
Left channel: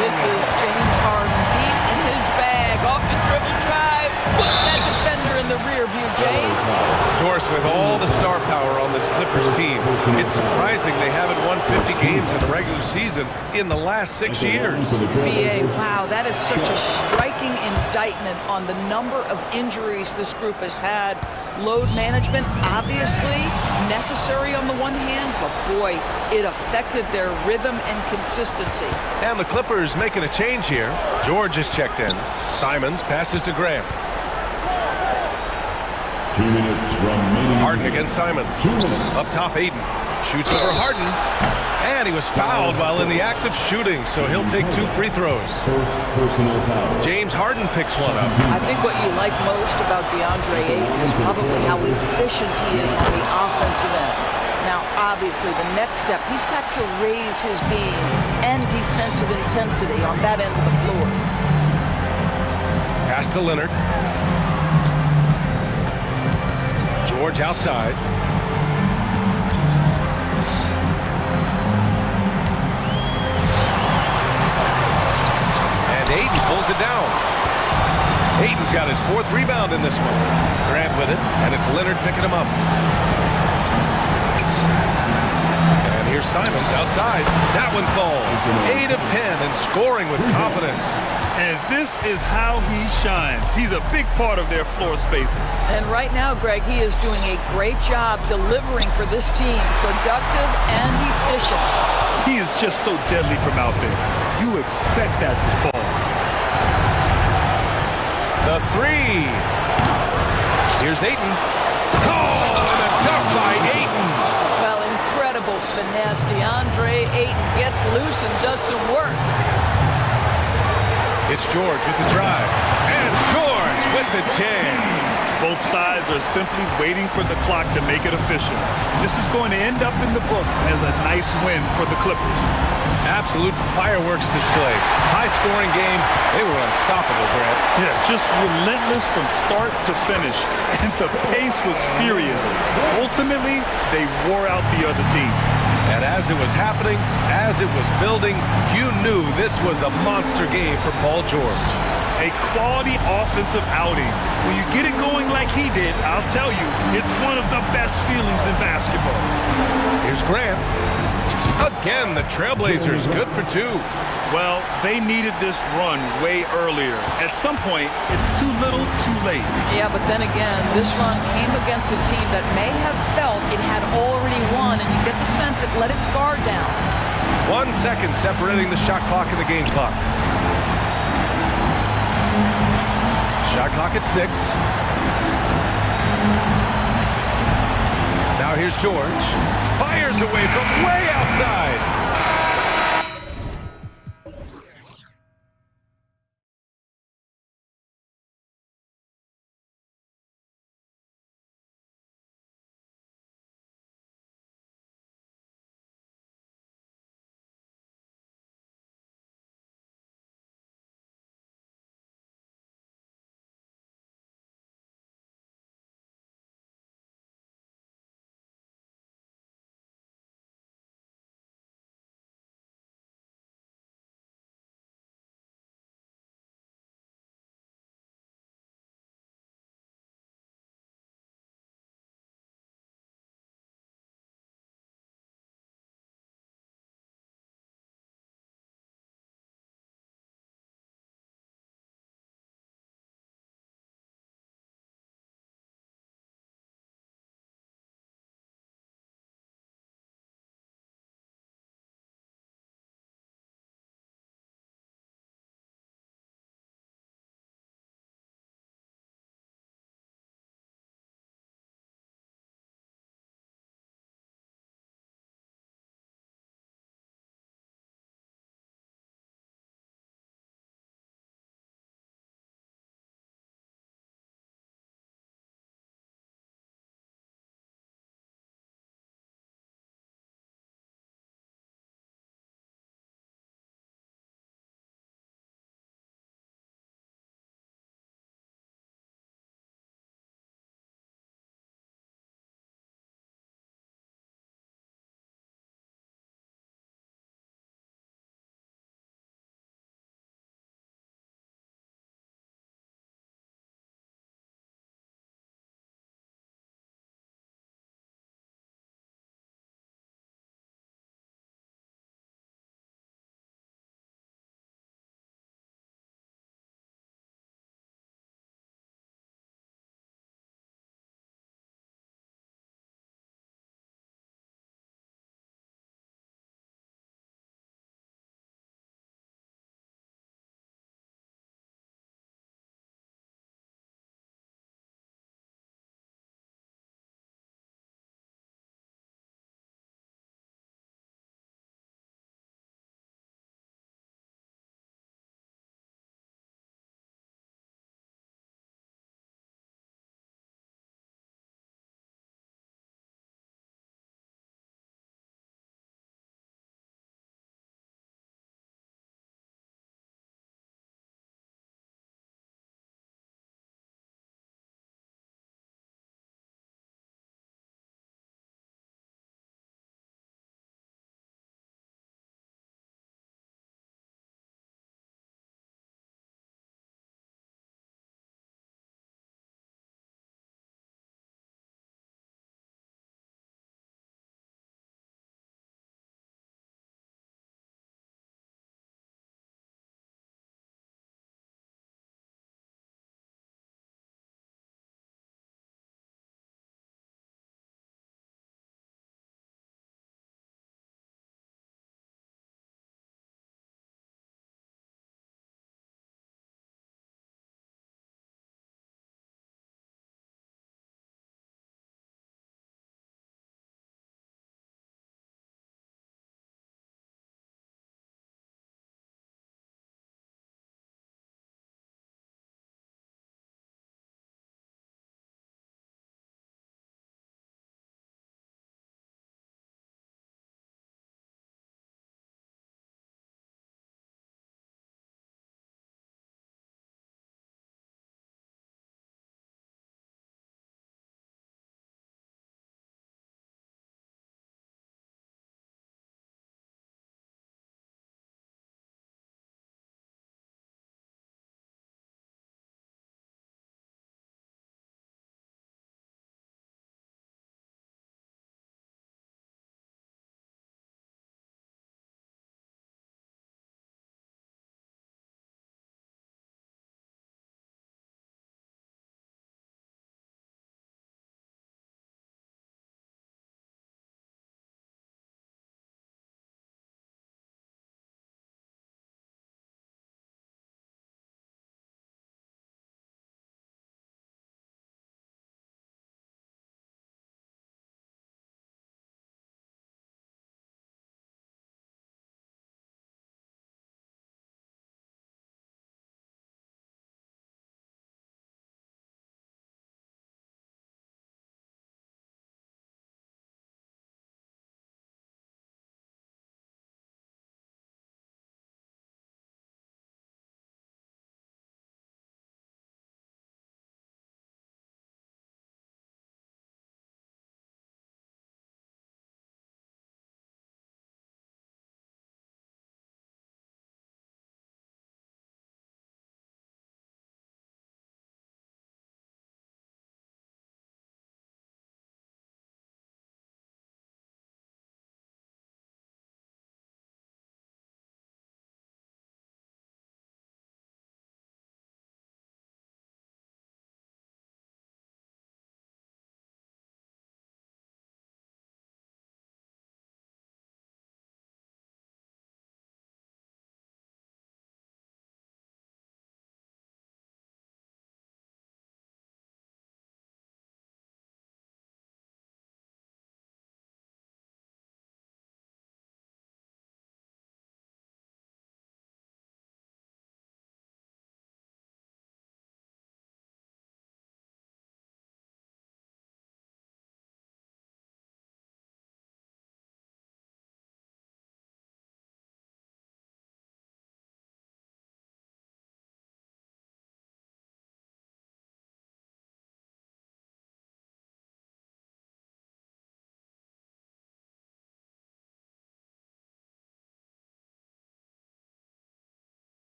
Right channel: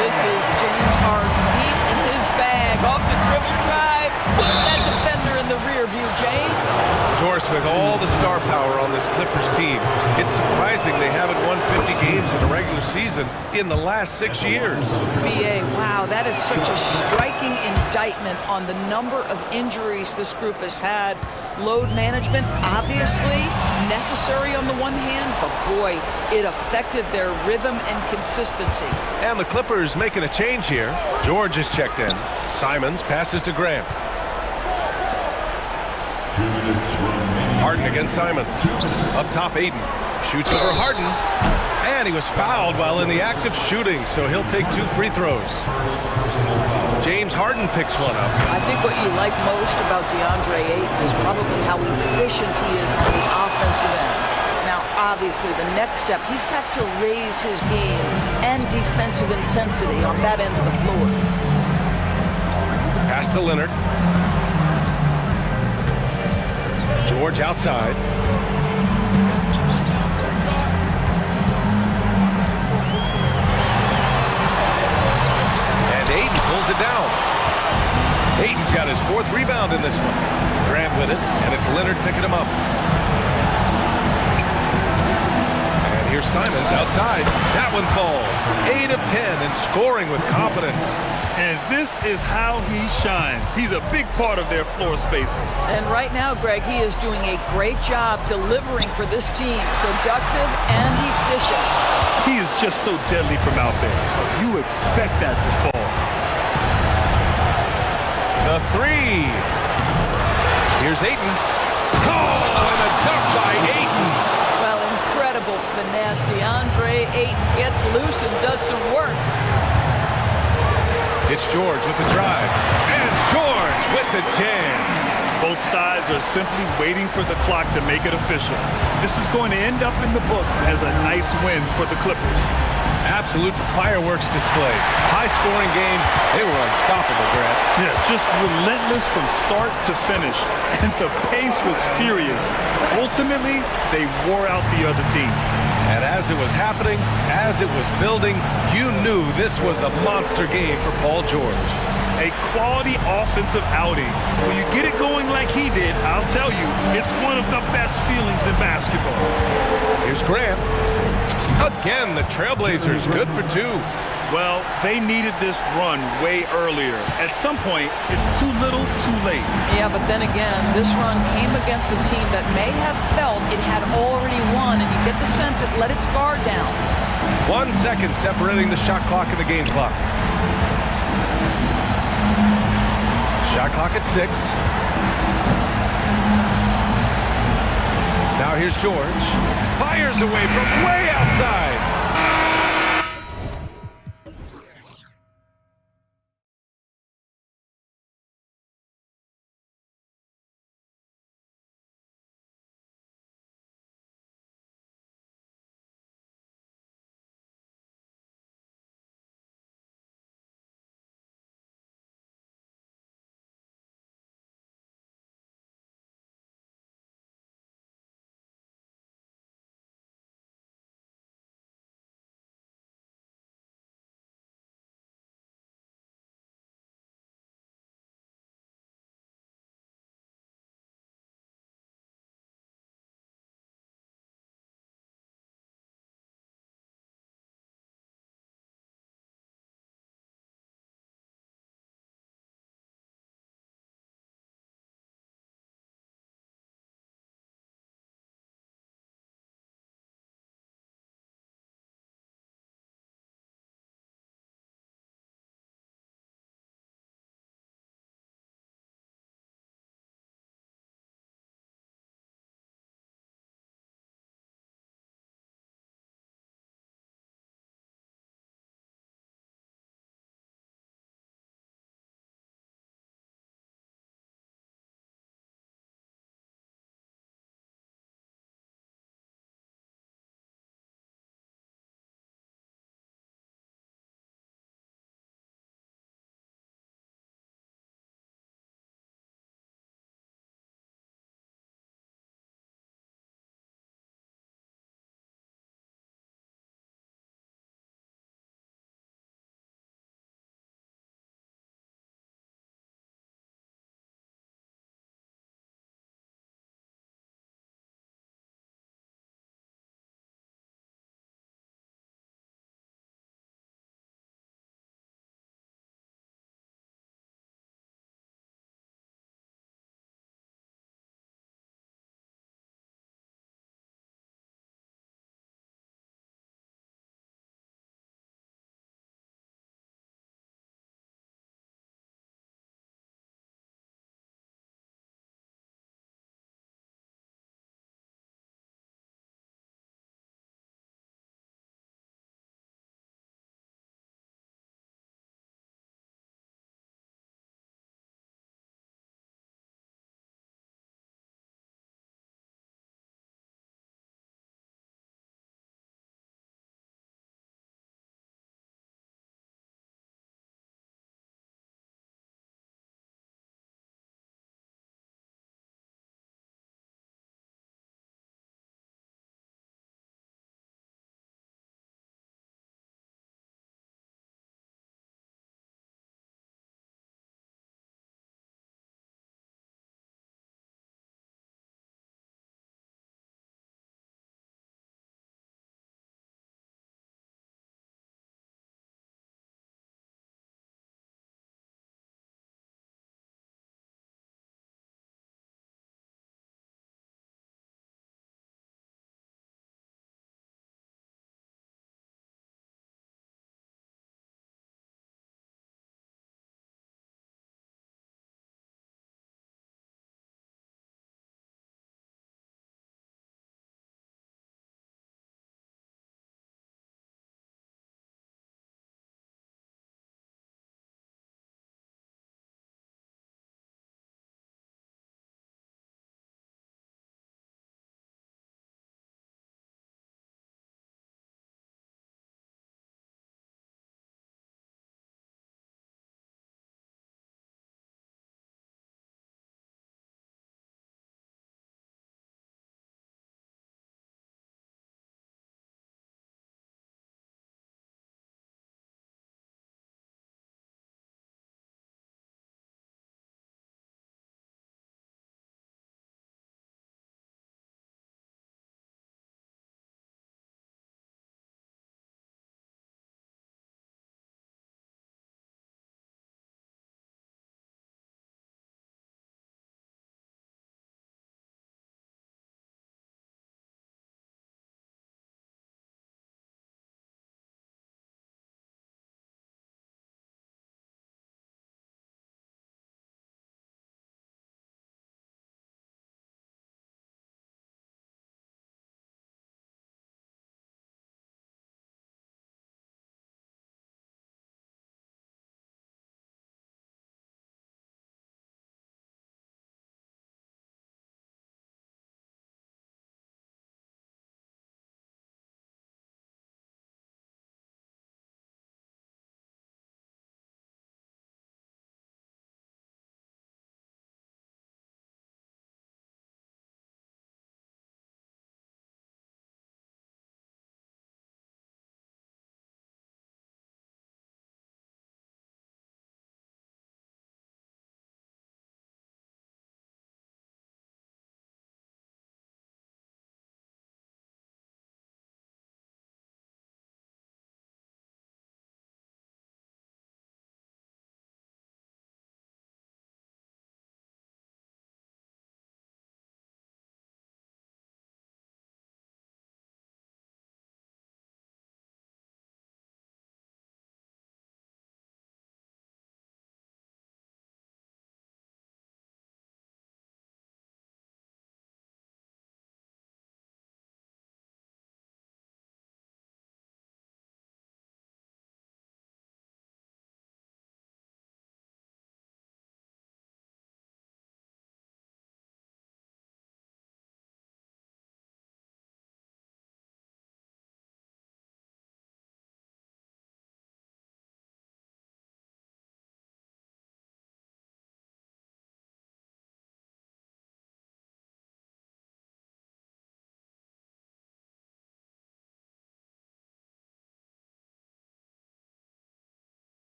This is James Harden deep in his bag. Off the dribble drive. Put that defender in the rear view, James. Doris, with all the star power on this Clippers team, it's surprising they haven't won 50 games in a regular season in the last 6 years. BA, wow, that is such a striking indictment on the number of injuries this group has had. Load management, obviously necessary on the one hand, but boy, it affected their rhythm and consistency. And the Clippers making a change here. George is checked in. Simons passes to Grant. Harden against Simons. Up top, Ayton. Shoots over Harden. And he was fouled while in the act of shooting, so he'll take 2 free throws. James Harden picks one up. I think what you like most about DeAndre Ayton is probably how efficient he is on the offensive end. Now, obviously, the next step, he's got to raise his game and defensive intensity on that end of the floor. Pass to Leonard. George outside. And Ayton pulls it down. Ayton's got his 4th rebound in this one. Grant with it, and it's Leonard picking him up. And here's Simons outside. That one falls. 8 of 10 and scoring with confidence. And this is how he shines. He's a big part of their floor spacing. And right now, Greg, he is doing a great job delivering for this team, productive and efficient. He is just so deadly from out there. You expect that to fall. The three. Here's Ayton. Oh, and a dunk by Ayton. Well, incredible finesse. DeAndre Ayton gets loose and does some work. It's George with the drive. And George with the jam. Both sides are simply waiting for the clock to make it official. This is going to end up in the books as a nice win for the Clippers. Absolute fireworks display. High-scoring game. They were unstoppable, Grant. Yeah, just relentless from start to finish. And the pace was furious. Ultimately, they wore out the other team. And as it was happening, as it was building, you knew this was a monster game for Paul George. A quality offensive outing. When you get it going like he did, I'll tell you, it's one of the best feelings in basketball. Here's Grant. Again, the Trailblazers, good for two. Well, they needed this run way earlier. At some point, it's too little, too late. Yeah, but then again, this run came against a team that may have felt it had already won, and you get the sense it let its guard down. 1 second separating the shot clock and the game clock. Shot clock at 6. Now here's George. Fires away from way outside.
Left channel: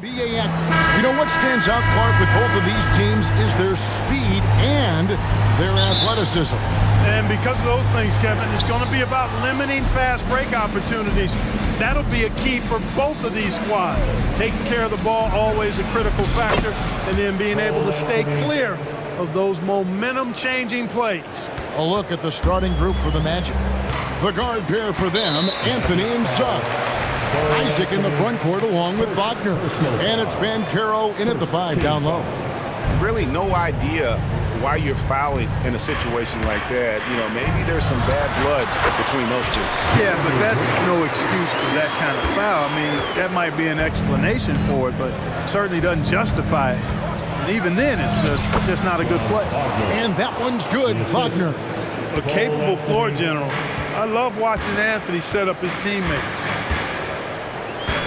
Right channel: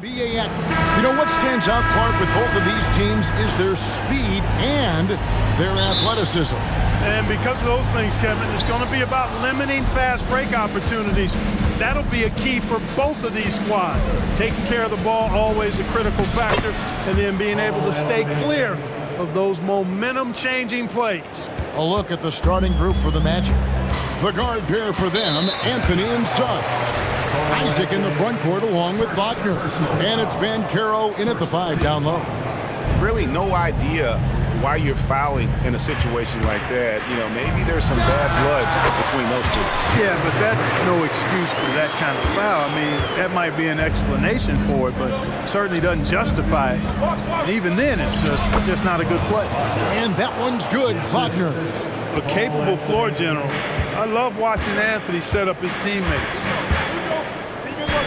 BAX. You know what stands out, Clark, with both of these teams is their speed and their athleticism. And because of those things, Kevin, it's going to be about limiting fast break opportunities. That'll be a key for both of these squads. Taking care of the ball, always a critical factor, and then being able to stay clear of those momentum-changing plays. A look at the starting group for the Magic. The guard pair for them, Anthony and Suggs. Isaac in the front court along with Wagner. And it's Banchero in at the 5 down low. Really no idea why you're fouling in a situation like that. You know, maybe there's some bad blood between those two. Yeah, but that's no excuse for that kind of foul. I mean, that might be an explanation for it, but certainly doesn't justify it. And even then, it's just not a good play. And that one's good, Wagner. A capable floor general. I love watching Anthony set up his teammates.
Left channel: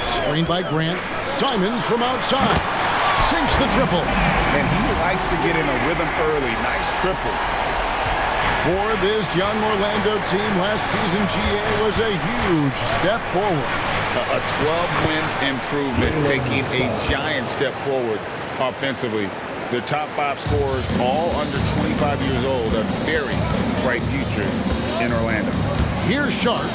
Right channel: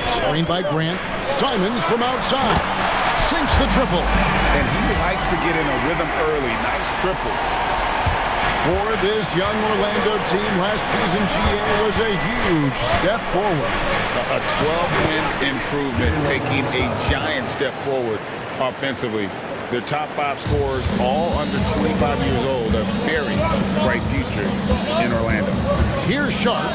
Screen by Grant. Simons from outside. Sinks the triple. And he likes to get in a rhythm early. Nice triple. For this young Orlando team, last season GA was a huge step forward. A 12-win improvement, taking a giant step forward offensively. Their top 5 scorers, all under 25 years old, a very bright future in Orlando. Here's Sharp.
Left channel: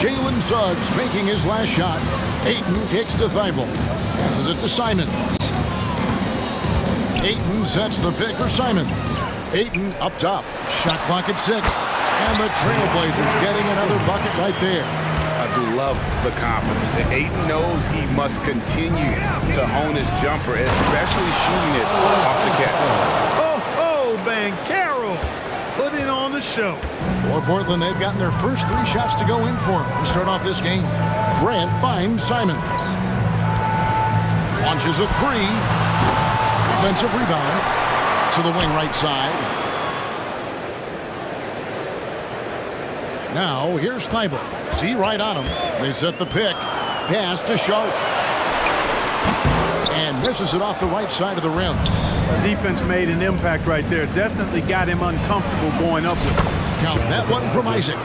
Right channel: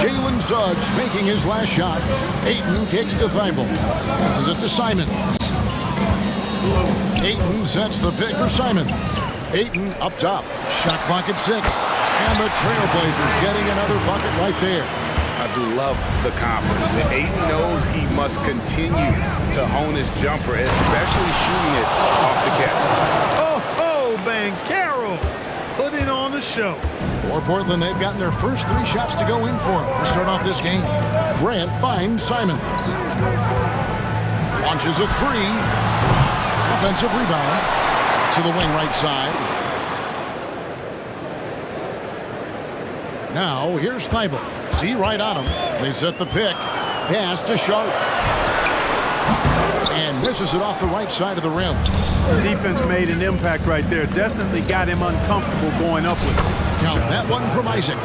Jalen Suggs making his last shot. Ayton kicks to Thibault. Passes it to Simons. Ayton sets the pick for Simons. Ayton up top. Shot clock at 6. And the Trailblazers getting another bucket right there. I do love the confidence. Ayton knows he must continue to hone his jumper, especially shooting it off the catch. Oh, Banchero putting on the show. For Portland, they've gotten their first 3 shots to go in for him to start off this game. Grant finds Simons. Launches a 3. Offensive rebound to the wing right side. Now here's Thibault. D right on him. They set the pick. Pass to Sharp. And misses it off the right side of the rim. Defense made an impact right there. Definitely got him uncomfortable going up with it. Count that one from Isaac.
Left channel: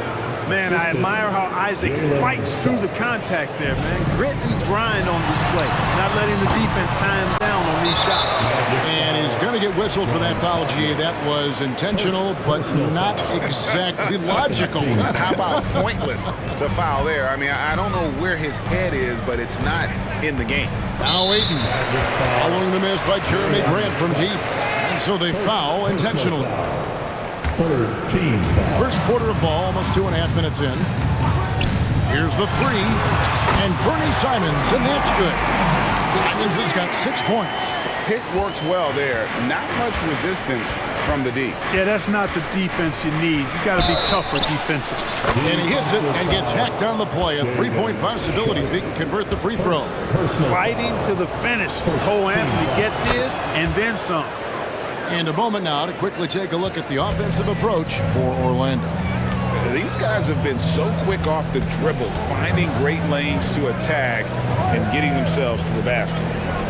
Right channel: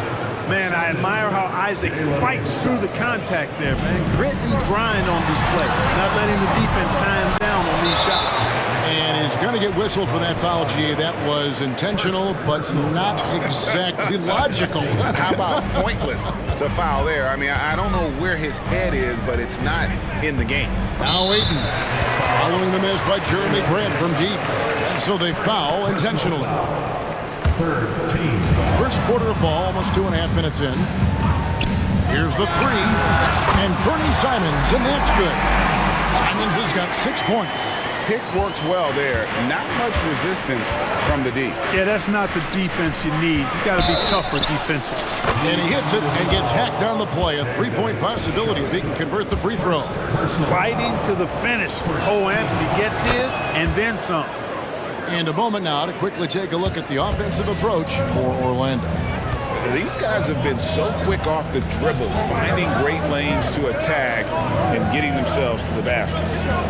Man, I admire how Isaac fights through the contact there, man. Grit and grind on display. Not letting the defense tie him down on these shots. And he's going to get whistled for that foul, G. That was intentional, but not exactly logical. How about pointless to foul there? I mean, I don't know where his head is, but it's not in the game. Now Ayton following the miss by Jeremy Grant from deep. And so they foul intentionally. First quarter of ball, almost 2.5 minutes in. Here's the 3. And Bernie Simons, and that's good. Simons has got 6 points. Pick works well there. Not much resistance from the D. Yeah, that's not the defense you need. You got to be tougher defensively. And he hits it and gets hacked on the play. A 3-point possibility if he can convert the free throw. Fighting to the finish. Cole Anthony gets his and then some. And a moment now to quickly take a look at the offensive approach for Orlando. These guys have been so quick off the dribble, finding great lanes to attack and getting themselves to the basket.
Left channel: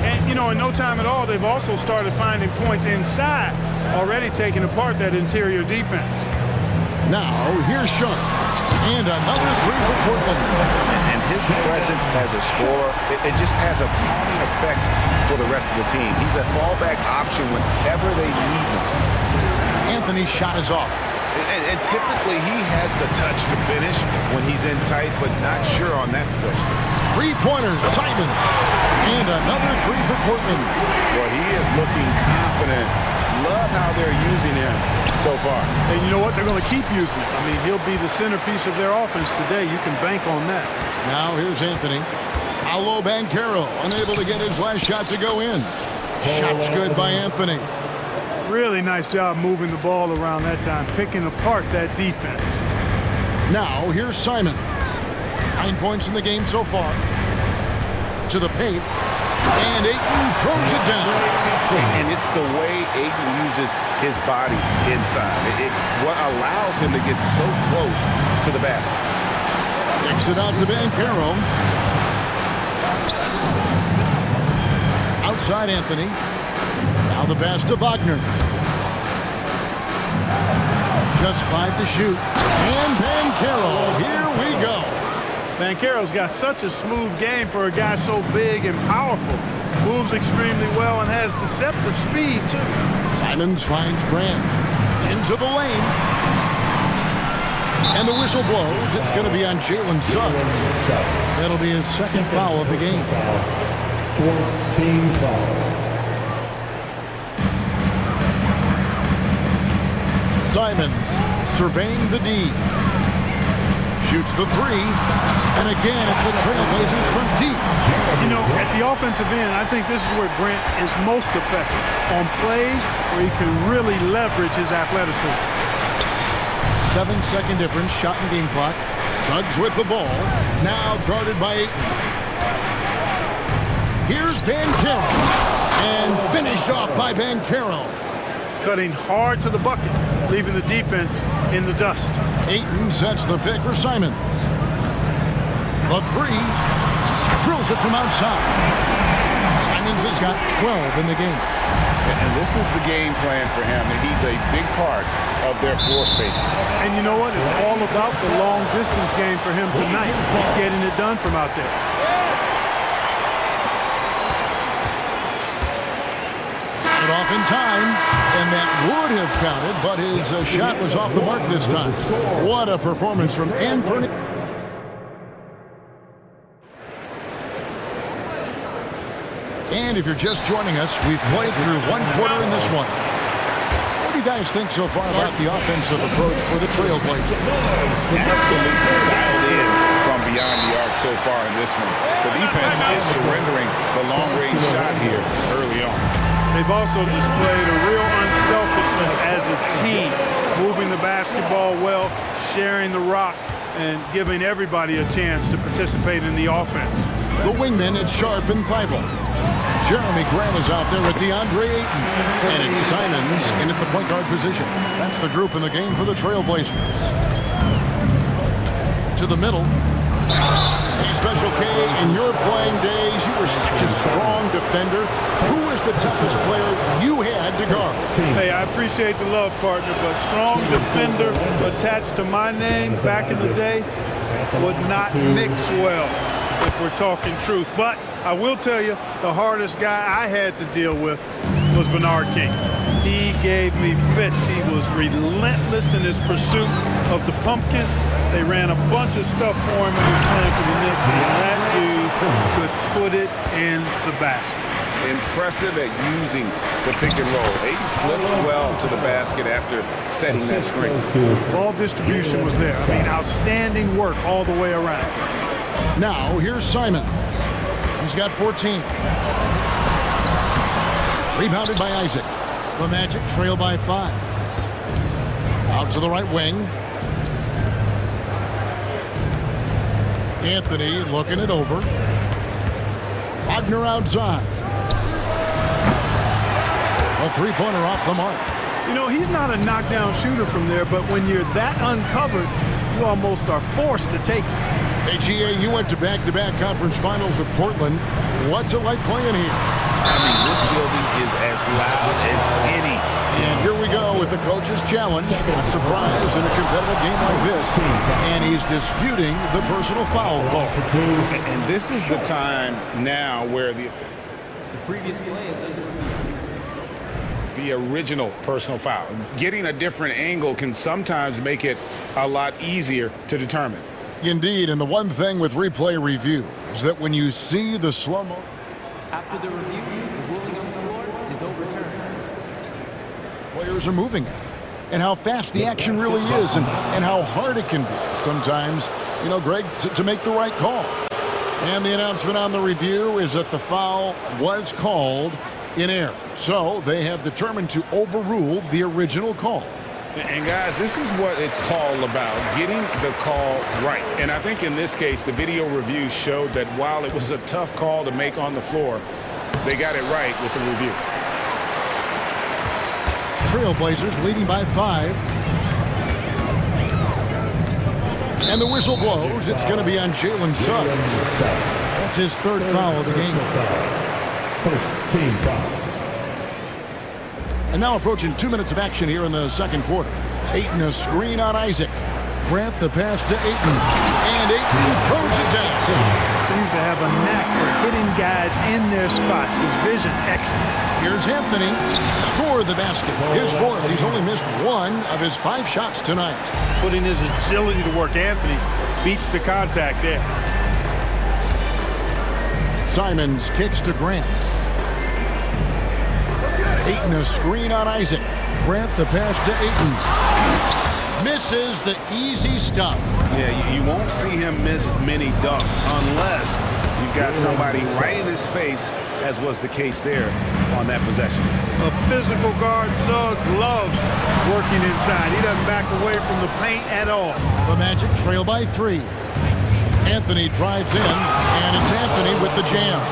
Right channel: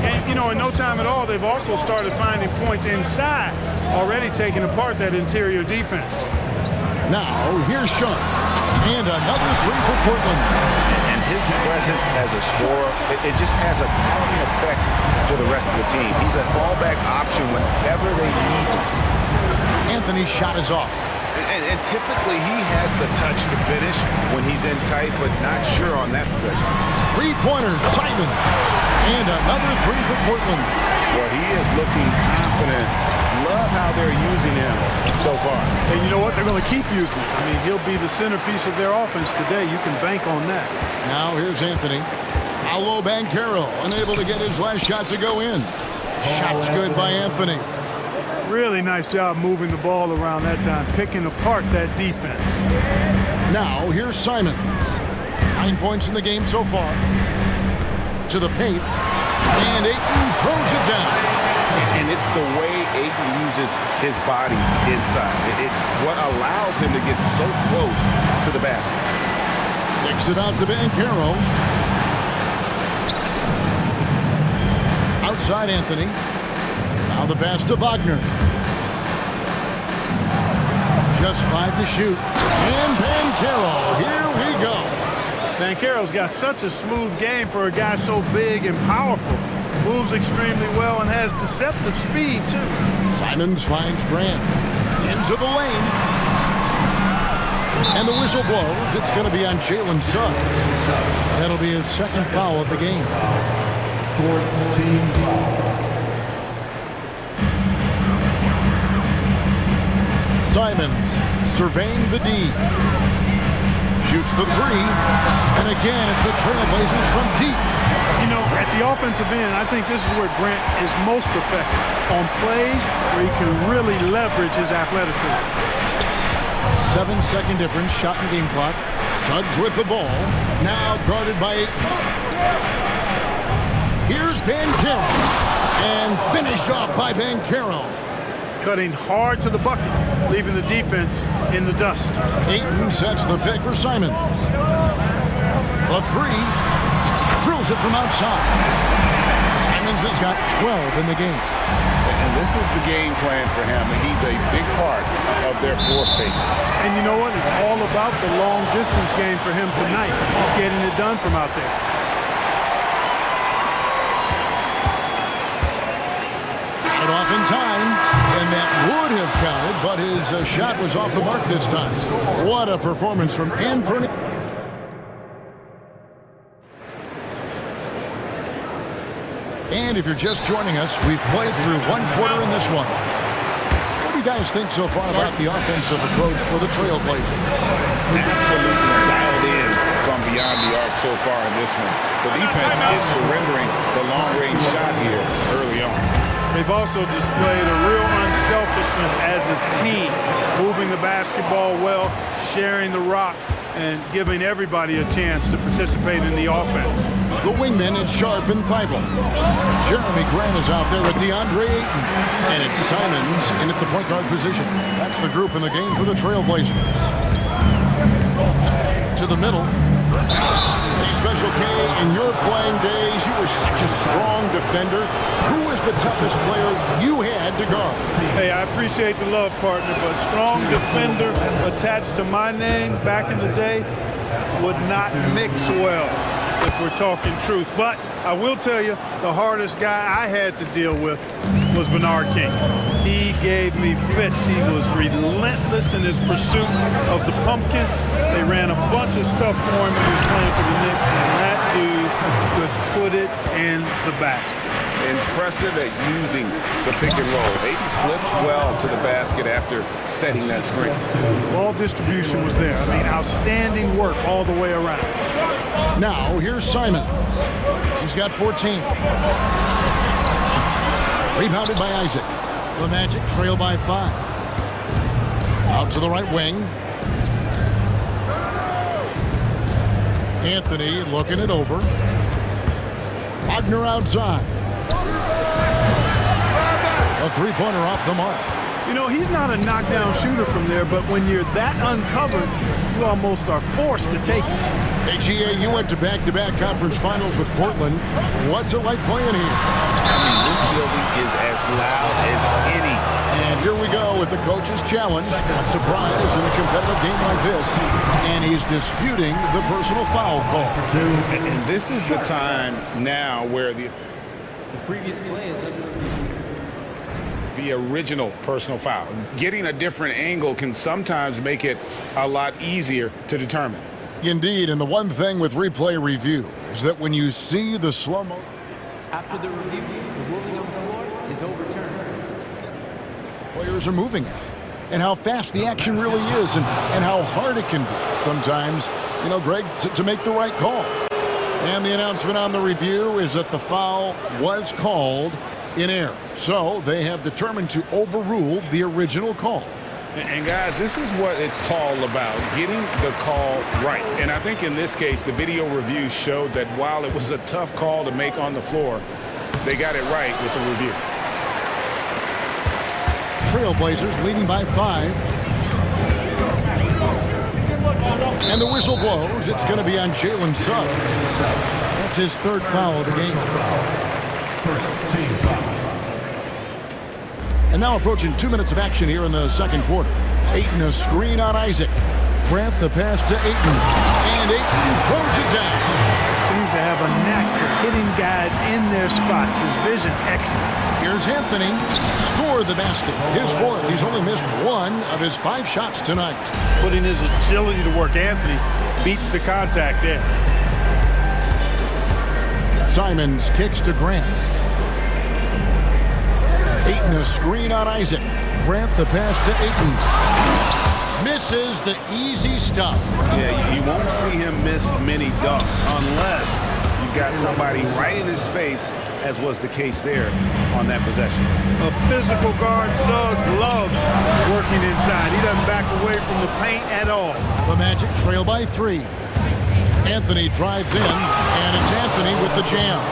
And, you know, in no time at all, they've also started finding points inside, already taking apart that interior defense. Now, here's Sean. And another 3 for Portland. And his presence as a scorer, it just has a calming effect for the rest of the team. He's a fallback option whenever they need him. Anthony's shot is off. And typically he has the touch to finish when he's in tight, but not sure on that possession. 3-pointer, Simon. And another 3 for Portland. Well, he is looking confident. Love how they're using him so far. And you know what? They're going to keep using him. I mean, he'll be the centerpiece of their offense today. You can bank on that. Now here's Anthony. Paolo Banchero unable to get his last shot to go in. Shot's good by Anthony. Really nice job moving the ball around that time, picking apart that defense. Now here's Simons. 9 points in the game so far. To the paint. And Ayton throws it down. And it's the way Ayton uses his body inside. It's what allows him to get so close to the basket. Kicks it out to Banchero. Outside Anthony. Now the pass to Wagner. Just 5 to shoot. And Banchero, here we go. Banchero's got such a smooth game for a guy so big and powerful. Moves extremely well and has deceptive speed, too. Simons finds Grant into the lane. And the whistle blows. It's going to be on Jalen Suggs. That'll be his second foul of the game. 4th team foul. Simons surveying the D. Shoots the three. And again, it's the Trailblazers from deep. You know, at the offensive end, I think this is where Grant is most effective. On plays where he can really leverage his athleticism. 7-second difference, shot and game clock. Suggs with the ball. Now guarded by Ayton. Here's Banchero. And finished off by Banchero. Cutting hard to the bucket, leaving the defense in the dust. Ayton sets the pick for Simons. The three. Drills it from outside. Simons has got 12 in the game. And this is the game plan for him. He's a big part of their floor spacing. And you know what? It's all about the long distance game for him tonight. He's getting it done from out there. Got it off in time, and that would have counted, but his shot was off the mark this time. What a performance from Anthony. And if you're just joining us, we've played through one quarter in this one. What do you guys think so far about the offensive approach for the Trailblazers? Absolutely dialed in from beyond the arc so far in this one. The defense is surrendering the long-range shot here early on. They've also displayed a real unselfishness as a team, moving the basketball well, sharing the rock, and giving everybody a chance to participate in the offense. The wingmen at Sharp and Thibault. Jeremy Grant is out there with DeAndre Ayton. And it's Simons in at the point guard position. That's the group in the game for the Trailblazers. To the middle. Hey, Special K, in your playing days, you were such a strong defender. Who was the toughest player you had to guard? Hey, I appreciate the love, partner, but strong defender attached to my name back in the day would not mix well, if we're talking truth. But I will tell you, the hardest guy I had to deal with was Bernard King. He gave me fits. He was relentless in his pursuit of the pumpkin. They ran a bunch of stuff for him when he was playing for the Knicks, and that dude could put it in the basket. Impressive at using the pick and roll. Ayton slips well to the basket after setting that screen. Ball distribution was there. I mean, outstanding work all the way around. Now, here's Simons. He's got 14. Rebounded by Isaac. The Magic trail by 5. Out to the right wing. Anthony looking it over. Wagner outside. A three-pointer off the mark. You know, he's not a knockdown shooter from there, but when you're that uncovered, you almost are forced to take it. Hey, GA, you went to back-to-back conference finals with Portland. What's it like playing here? I mean, this building is as loud as any. And here we go with the coach's challenge. Not surprised in a competitive game like this. And he's disputing the personal foul call. And this is the time now where the previous play is under review. The original personal foul. Getting a different angle can sometimes make it a lot easier to determine. Indeed, and the one thing with replay review is that when you see the slow-mo... After the review, the ruling on the floor is overturned. Players are moving it, and how fast the action really is, and how hard it can be sometimes, you know, Greg, to make the right call. And the announcement on the review is that the foul was called in error. So they have determined to overrule the original call. And guys, this is what it's all about, getting the call right. And I think in this case, the video review showed that while it was a tough call to make on the floor, they got it right with the review. Trailblazers leading by 5. And the whistle blows. It's going to be on Jalen Suggs. That's his third foul of the game. First team foul. And now approaching 2 minutes of action here in the second quarter. Ayton a screen on Isaac. Grant the pass to Ayton. And Ayton throws it down. So seems to have a knack for hitting guys in their spots. His vision, excellent. Here's Anthony. Score the basket. His fourth. He's only missed one of his 5 shots tonight. Putting his agility to work, Anthony beats the contact there. Simons kicks to Grant. Ayton a screen on Isaac. Grant the pass to Ayton. Misses the easy stuff. Yeah, you won't see him miss many dunks unless you've got somebody right in his face, as was the case there on that possession. A physical guard, Suggs loves working inside. He doesn't back away from the paint at all. The Magic trail by 3. Anthony drives in, and it's Anthony with the jam.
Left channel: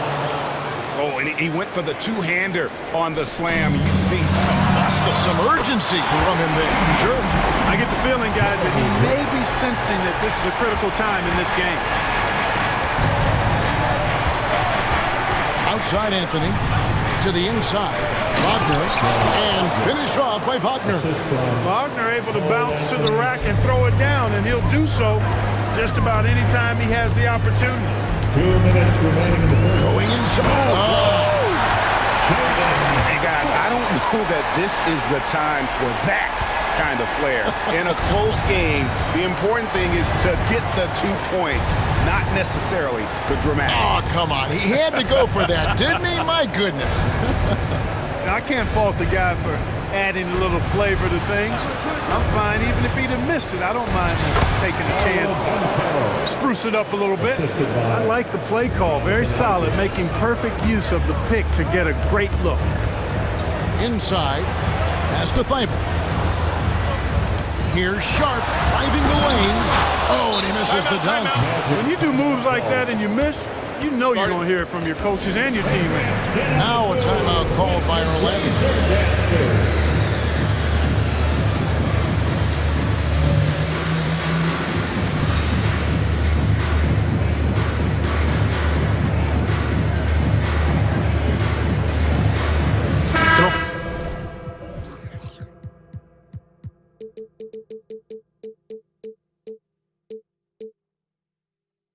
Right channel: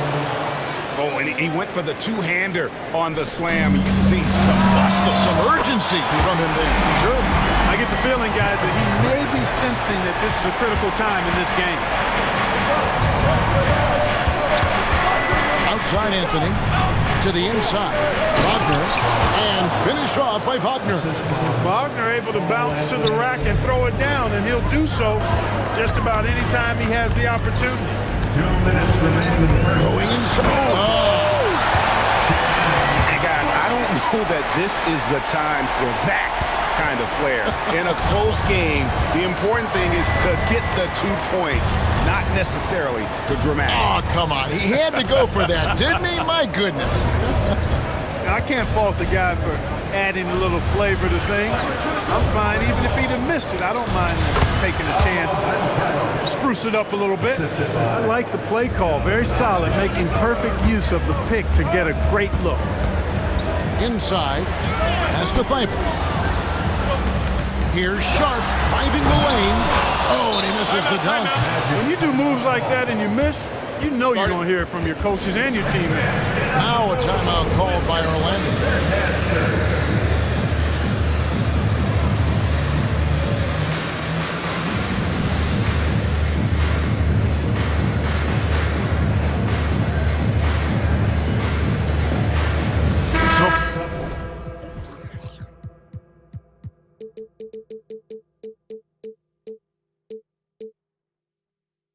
Oh, and he went for the two-hander on the slam, using some muscle. Some urgency from him there. Sure. I get the feeling, guys, that he may be sensing that this is a critical time in this game. Outside Anthony, to the inside. Wagner, and finished off by Wagner. Wagner able to bounce to the rack and throw it down, and he'll do so just about any time he has the opportunity. 2 minutes remaining in the first. Going inside. Oh. Hey, guys, I don't know that this is the time for that kind of flair. In a close game, the important thing is to get the 2 points, not necessarily the dramatics. Oh, come on. He had to go for that, didn't he? My goodness. I can't fault the guy for adding a little flavor to things. I'm fine. Even if he'd have missed it, I don't mind taking a chance to spruce it up a little bit. I like the play call. Very solid, making perfect use of the pick to get a great look. Inside, pass to Thibault. Here's Sharp driving the lane. Oh, and he misses the dunk. When you do moves like that and you miss, you know you're going to hear it from your coaches and your teammates. Now a timeout called by Orlando. So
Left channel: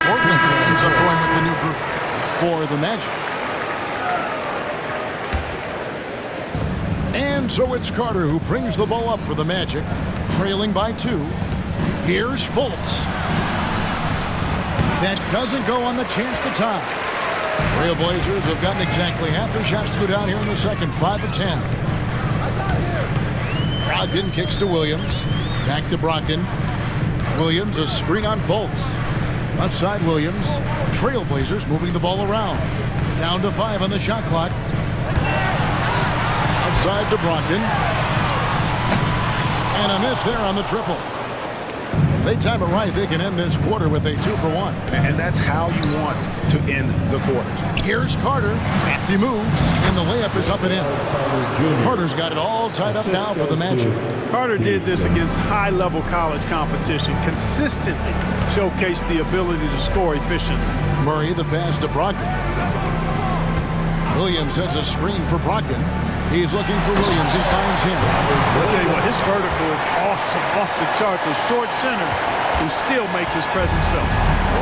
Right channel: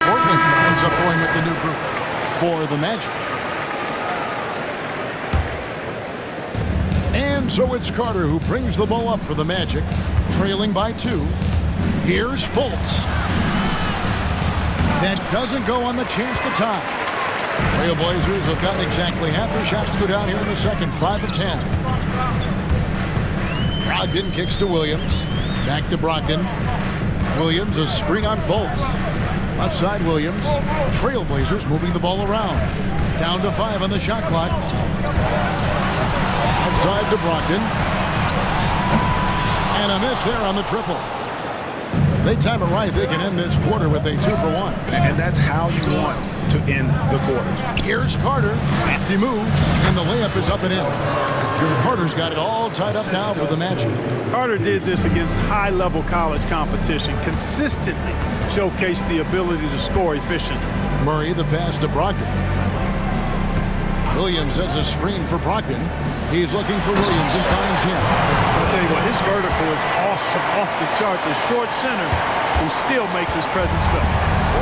Portland ends up going with the new group for the Magic. And so it's Carter who brings the ball up for the Magic, trailing by 2. Here's Fultz. That doesn't go on the chance to tie. Trailblazers have gotten exactly half their shots to go down here in the second, 5 of 10. Brogdon kicks to Williams. Back to Brogdon. Williams, a screen on Fultz. Left side Williams. Trailblazers moving the ball around. Down to 5 on the shot clock. Outside to Brogdon. And a miss there on the triple. If they time it right, they can end this quarter with a 2 for 1. And that's how you want to end the quarters. Here's Carter. Crafty moves, and the layup is up and in. Carter's got it all tied up now for the Magic. Carter did this against high-level college competition, consistently showcased the ability to score efficiently. Murray the pass to Brogdon. Williams has a screen for Brogdon. He's looking for Williams and finds him. I'll tell you what, his vertical is awesome, off the charts. A short center who still makes his presence felt.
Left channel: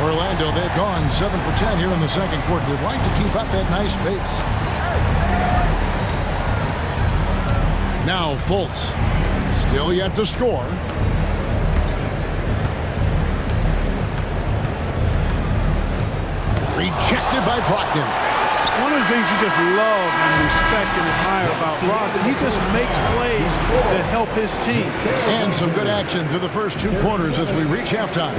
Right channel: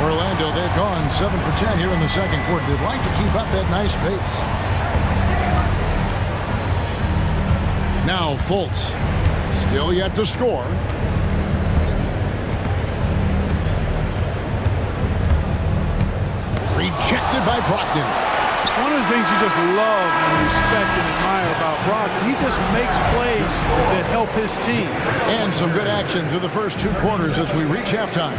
Orlando, they've gone 7 for 10 here in the second quarter. They'd like to keep up that nice pace. Now Fultz, still yet to score. Rejected by Brogdon. One of the things you just love and respect and admire about Brogdon, he just makes plays that help his team. And some good action through the first 2 quarters as we reach halftime.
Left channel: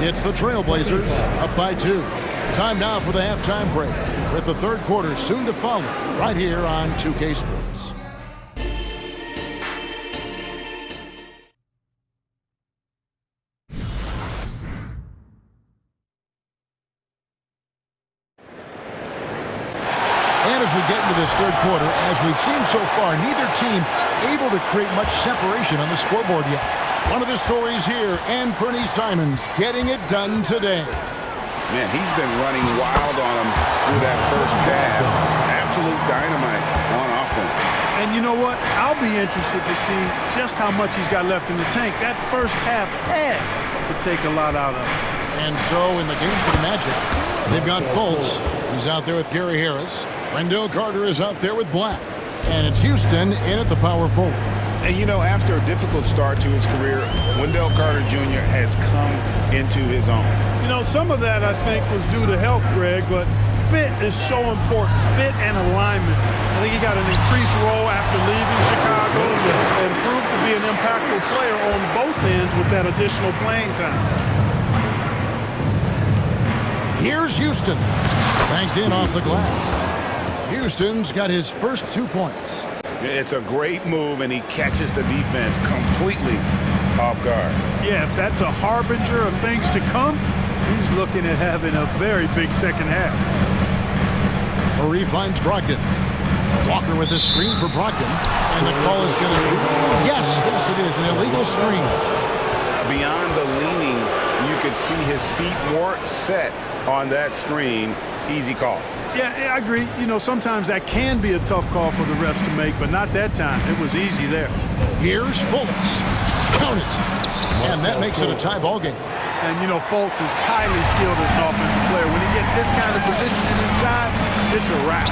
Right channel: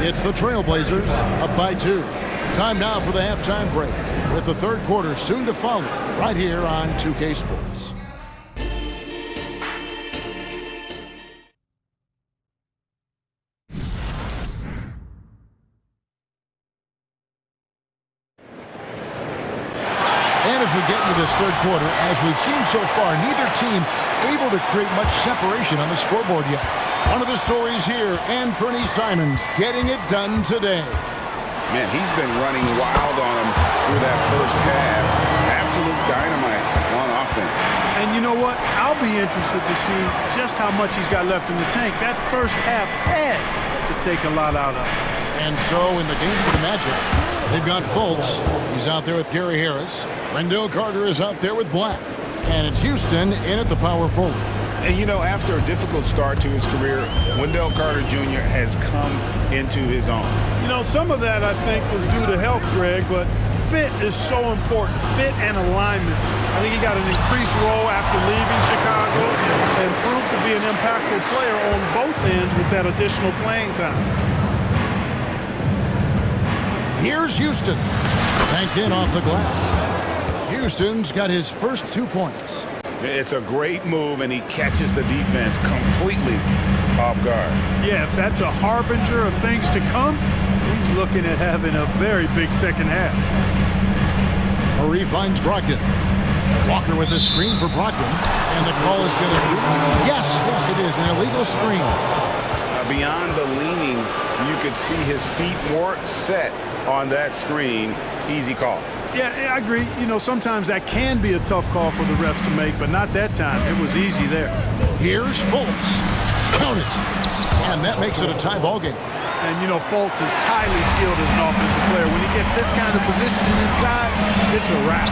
It's the Trailblazers up by 2. Time now for the halftime break, with the third quarter soon to follow right here on 2K Sports. And as we get into this third quarter, as we've seen so far, neither team able to create much separation on the scoreboard yet. One of the stories here, Anthony Simons getting it done today. Man, he's been running wild on him through that first half. Absolute dynamite on offense. And you know what? I'll be interested to see just how much he's got left in the tank. That first half had to take a lot out of him. And so in the game for the Magic, They've got Fultz. He's out there with Gary Harris. Wendell Carter is out there with Black. And it's Houston in at the power forward. And, you know, after a difficult start to his career, Wendell Carter Jr. has come into his own. You know, some of that, I think, was due to health, Greg, but fit is so important. Fit and alignment. I think he got an increased role after leaving Chicago and proved to be an impactful player on both ends with that additional playing time. Here's Houston. Banked in off the glass. Houston's got his first 2 points. It's a great move, and he catches the defense completely off guard. Yeah, if that's a harbinger of things to come, he's looking at having a very big second half. Murray finds Brogdon. Walker with a screen for Brogdon. And the call is going to be... Yes, it is. An illegal screen. Beyond the leaning, you could see his feet more set on that screen. Easy call. Yeah, I agree. You know, sometimes that can be a tough call for the refs to make, but not that time. It was easy there. Here's Fultz. Count it. And that makes it a tie ball game. And, you know, Fultz is highly skilled as an offensive player. When he gets this kind of positioning inside, it's a wrap.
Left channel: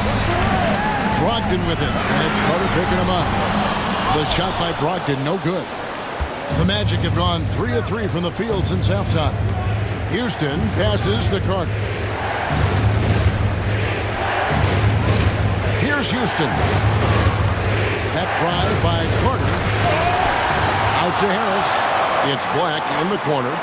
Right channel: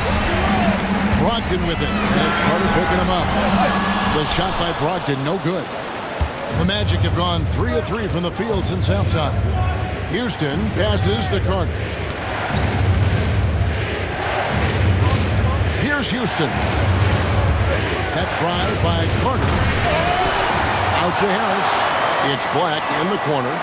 Brogdon with it, and it's Carter picking him up. The shot by Brogdon, no good. The Magic have gone 3 of 3 from the field since halftime. Houston passes to Carter. Here's Houston. That drive by Carter. Out to Harris. It's Black in the corner.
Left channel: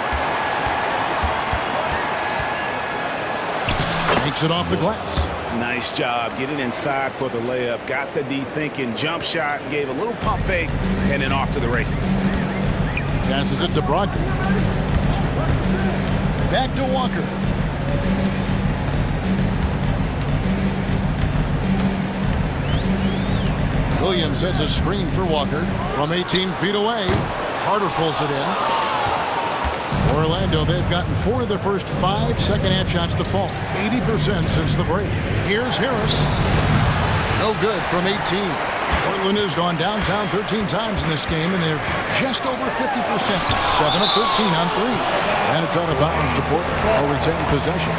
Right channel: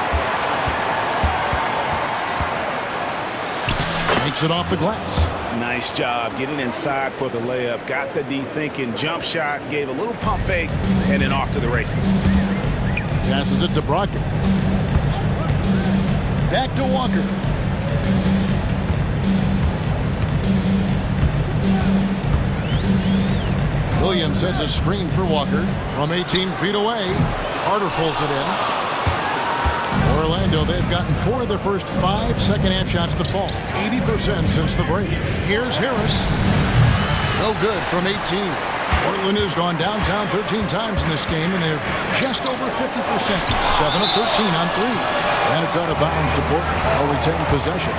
Makes it off the glass. Nice job getting inside for the layup. Got the D thinking. Jump shot. Gave a little pump fake. And then off to the races. Passes it to Brogdon. Back to Walker. Williams sets a screen for Walker from 18 feet away. Carter pulls it in. Orlando, they've gotten 4 of their first 5 second-half shots to fall. 80% since the break. Here's Harris. No good from 18. Portland has gone downtown 13 times in this game, and they're just over 50%. 7 of 13 on threes. And it's out of bounds to Portland. They'll retain possession.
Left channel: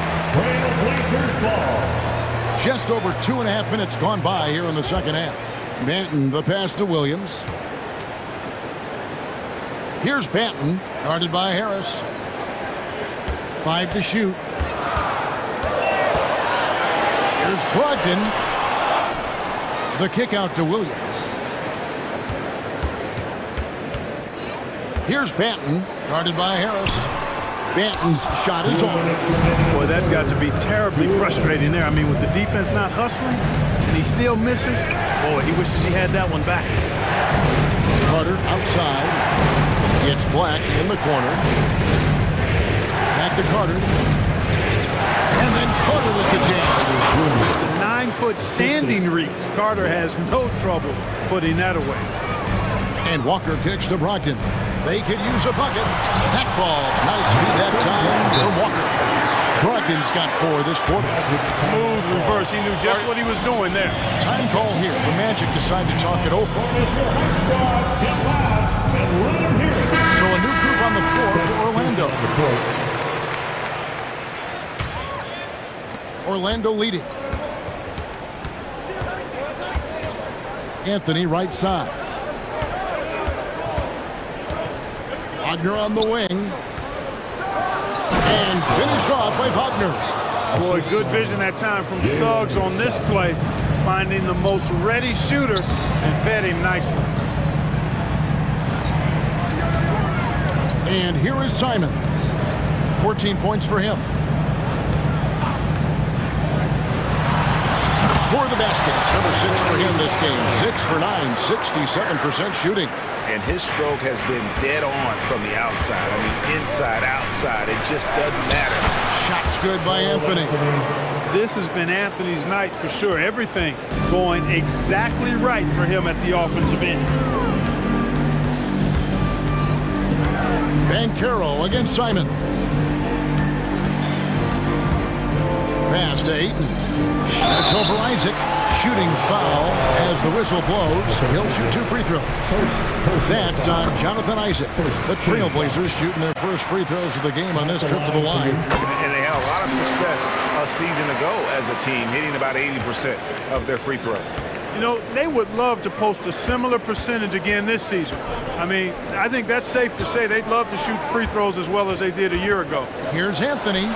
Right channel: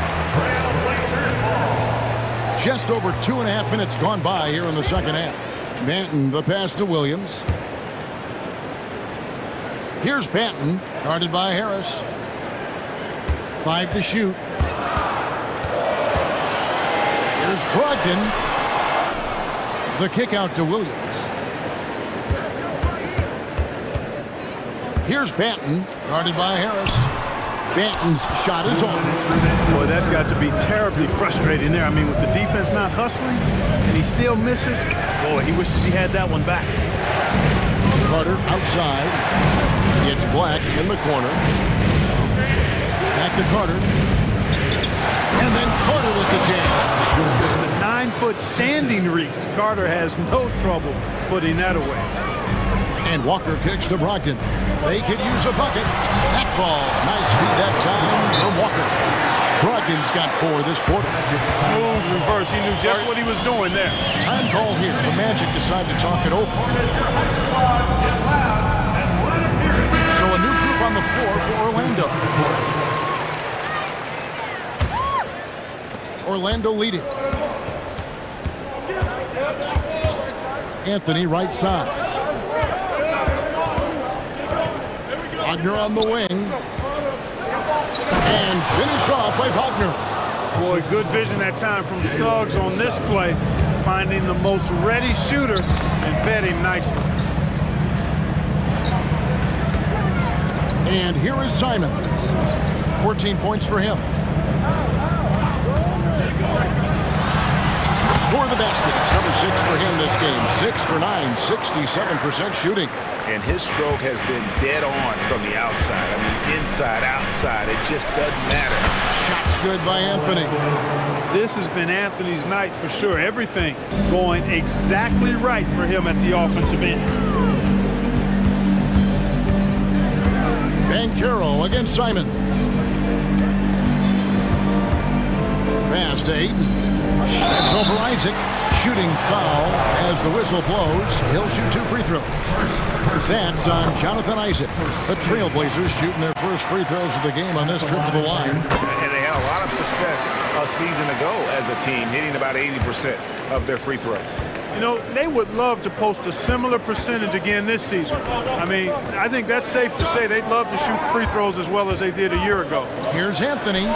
Just over 2.5 minutes gone by here in the second half. Banton, the pass to Williams. Here's Banton, guarded by Harris. 5 to shoot. Here's Brogdon. The kick out to Williams. Here's Banton, guarded by Harris. Banton's shot is on. Boy, that's got to be terribly frustrating there. I mean, with the defense not hustling and he still misses, boy, he wishes he had that one back. Carter outside. It's Black in the corner. Back to Carter. And then Carter with the jam. The 9-foot standing reach. Carter has no trouble putting that away. And Walker kicks to Brogdon. They could use a bucket. That falls. Nice feed that time from Walker. Brogdon's got 4 this quarter. Smooth reverse. He knew just what he was doing there. Time call here. The Magic decide to talk it over. So a new group on the floor for Orlando. Orlando leading. Anthony right side. Wagner on the wing. And finish off by Wagner. Boy, good vision that time from Suggs on this play. Finding the most ready shooter and fed him nicely. And here is Simons. 14 points for him. Score the basket. It's number 6 for him this game. 6 for 9, 67% shooting. And his stroke has been dead on from the outside. I mean, inside, outside. It just doesn't matter. Shots good by Anthony. This has been Anthony's night for sure. Everything going exactly right for him at the offensive end. Banchero against Simons. Pass to Ayton. That's over Isaac. Shooting foul as the whistle blows. He'll shoot 2 free throws. That's on Jonathan Isaac. The Trailblazers shooting their first free throws of the game on this trip to the line. And they had a lot of success a season ago as a team, hitting about 80% of their free throws. You know, they would love to post a similar percentage again this season. I mean, I think that's safe to say they'd love to shoot free throws as well as they did a year ago. Here's Anthony.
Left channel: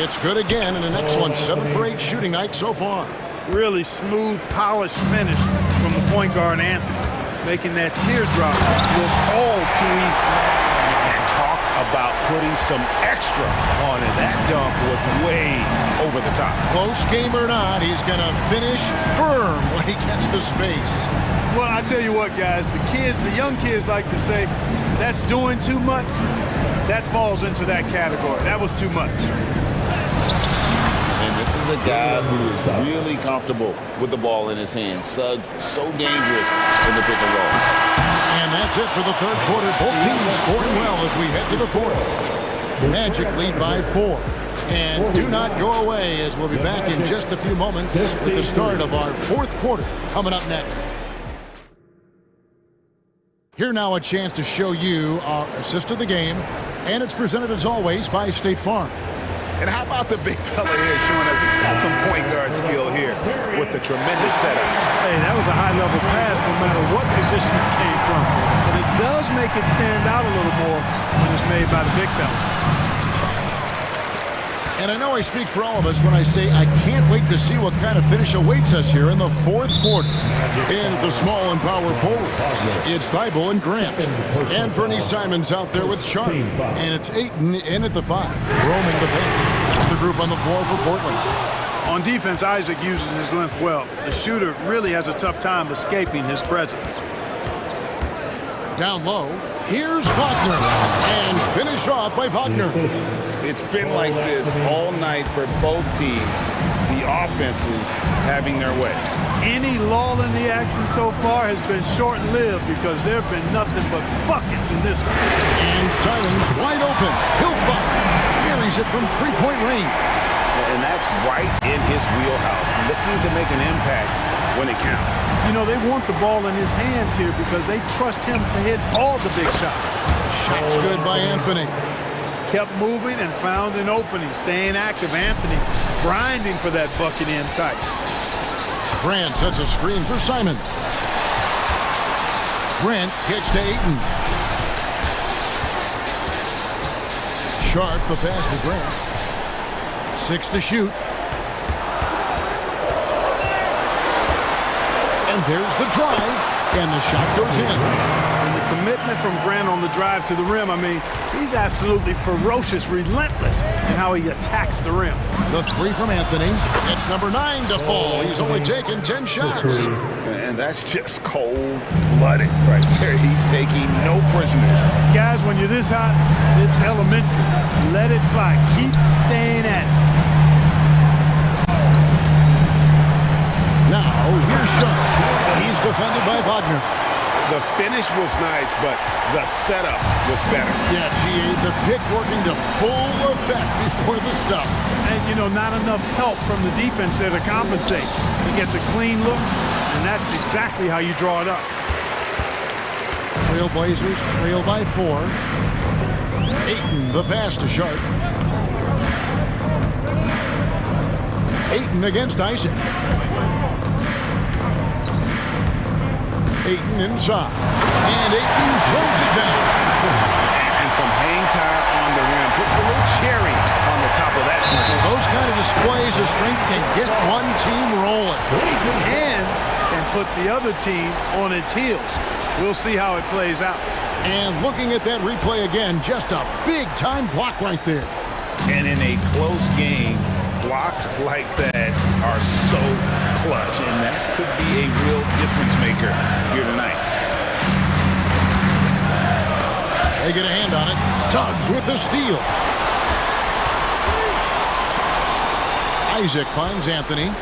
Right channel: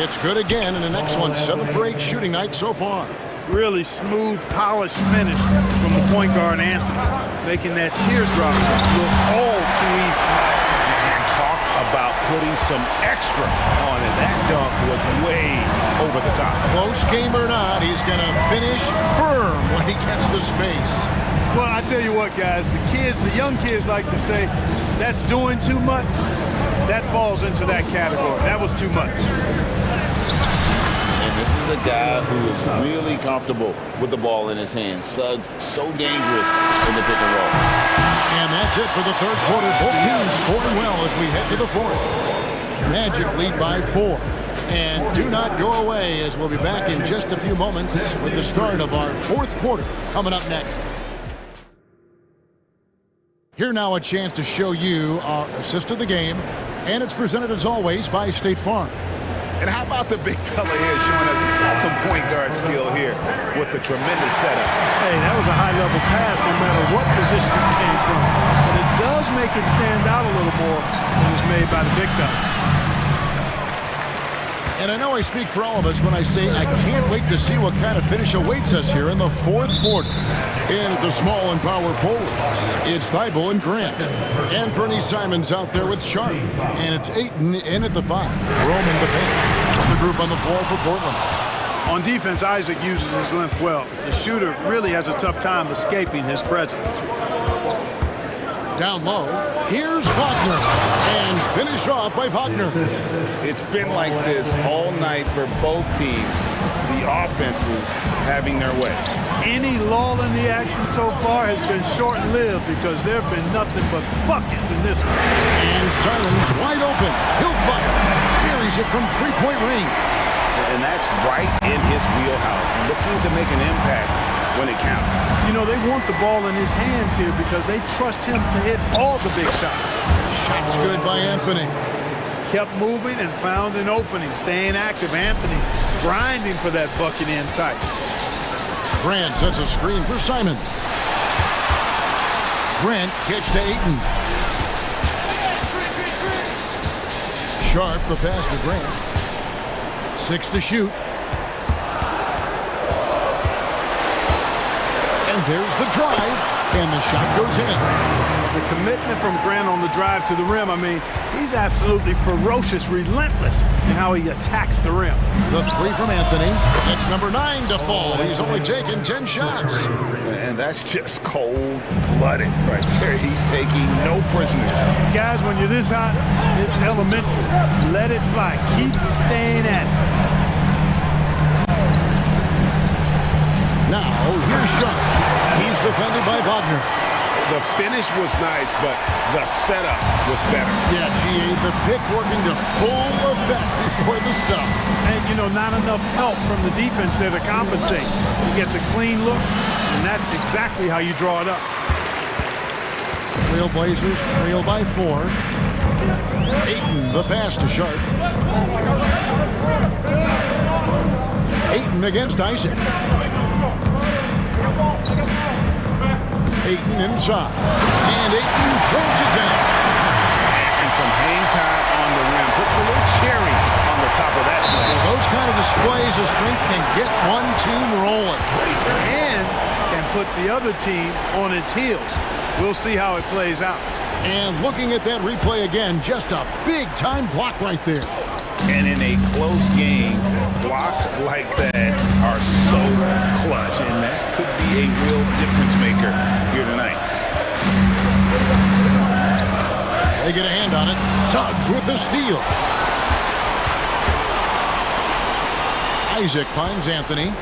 It's good again, and an excellent 7 for 8 shooting night so far. Really smooth, polished finish from the point guard, Anthony, making that teardrop look all too easy. And talk about putting some extra on it. That dunk was way over the top. Close game or not, he's going to finish firm when he gets the space. Well, I tell you what, guys, the young kids like to say, that's doing too much. That falls into that category. That was too much. And this is a guy who is really comfortable with the ball in his hands. Suggs, so dangerous in the pick and roll. And that's it for the third quarter. Both teams scoring well as we head to the fourth. Magic lead by 4. And do not go away, as we'll be back in just a few moments with the start of our fourth quarter coming up next. Here now a chance to show you our assist of the game. And it's presented as always by State Farm. And how about the big fella here showing us he's got some point guard skill here with the tremendous setup. Hey, that was a high-level pass no matter what position it came from. But it does make it stand out a little more when it's made by the big fella. And I know I speak for all of us when I say I can't wait to see what kind of finish awaits us here in the fourth quarter. In the small and power forwards, it's Thibault and Grant. And Fernie Simons out there with Sharp. And it's Ayton in at the 5, roaming the paint. That's the group on the floor for Portland. On defense, Isaac uses his length well. The shooter really has a tough time escaping his presence. Down low, here's Wagner. And finished off by Wagner. It's been like this all night for both teams. The offenses having their way. Any lull in the action so far has been short-lived because there have been nothing but buckets in this one. And Simons wide open. He'll fire. Buries it from 3-point range. And that's right in his wheelhouse, looking to make an impact when it counts. You know, they want the ball in his hands here because they trust him to hit all the big shots. Shots good by Anthony. Kept moving and found an opening. Staying active, Anthony grinding for that bucket in tight. Grant sets a screen for Simon. Grant kicks to Ayton. Sharp the pass to Grant. 6 to shoot. And there's the drive. And the shot goes in. And the commitment from Grant on the drive to the rim, I mean, he's absolutely ferocious, relentless in how he attacks the rim. The 3 from Anthony. It's number 9 to fall. He's only taken 10 shots. And that's just cold-blooded right there. He's taking no prisoners. Guys, when you're this hot, it's elementary. Let it fly. Keep staying at it. Now, here's Sharp. He's defended by Wagner. The finish was nice, but the setup was better. Yeah, GA, the pick working to full effect before the stuff. And, you know, not enough help from the defense there to compensate. He gets a clean look, and that's exactly how you draw it up. Trailblazers trail by 4. Ayton, the pass to Sharp. Ayton against Isaac. Ayton inside. And Ayton throws it down. And some hang time on the rim. Puts a little cherry on the top of that slam. Well, those kind of displays of strength can get one team rolling. And can put the other team on its heels. We'll see how it plays out. And looking at that replay again, just a big-time block right there. And in a close game, blocks like that are so clutch, and that could be a real difference maker here tonight. They get a hand on it. Suggs with the steal. Isaac finds Anthony.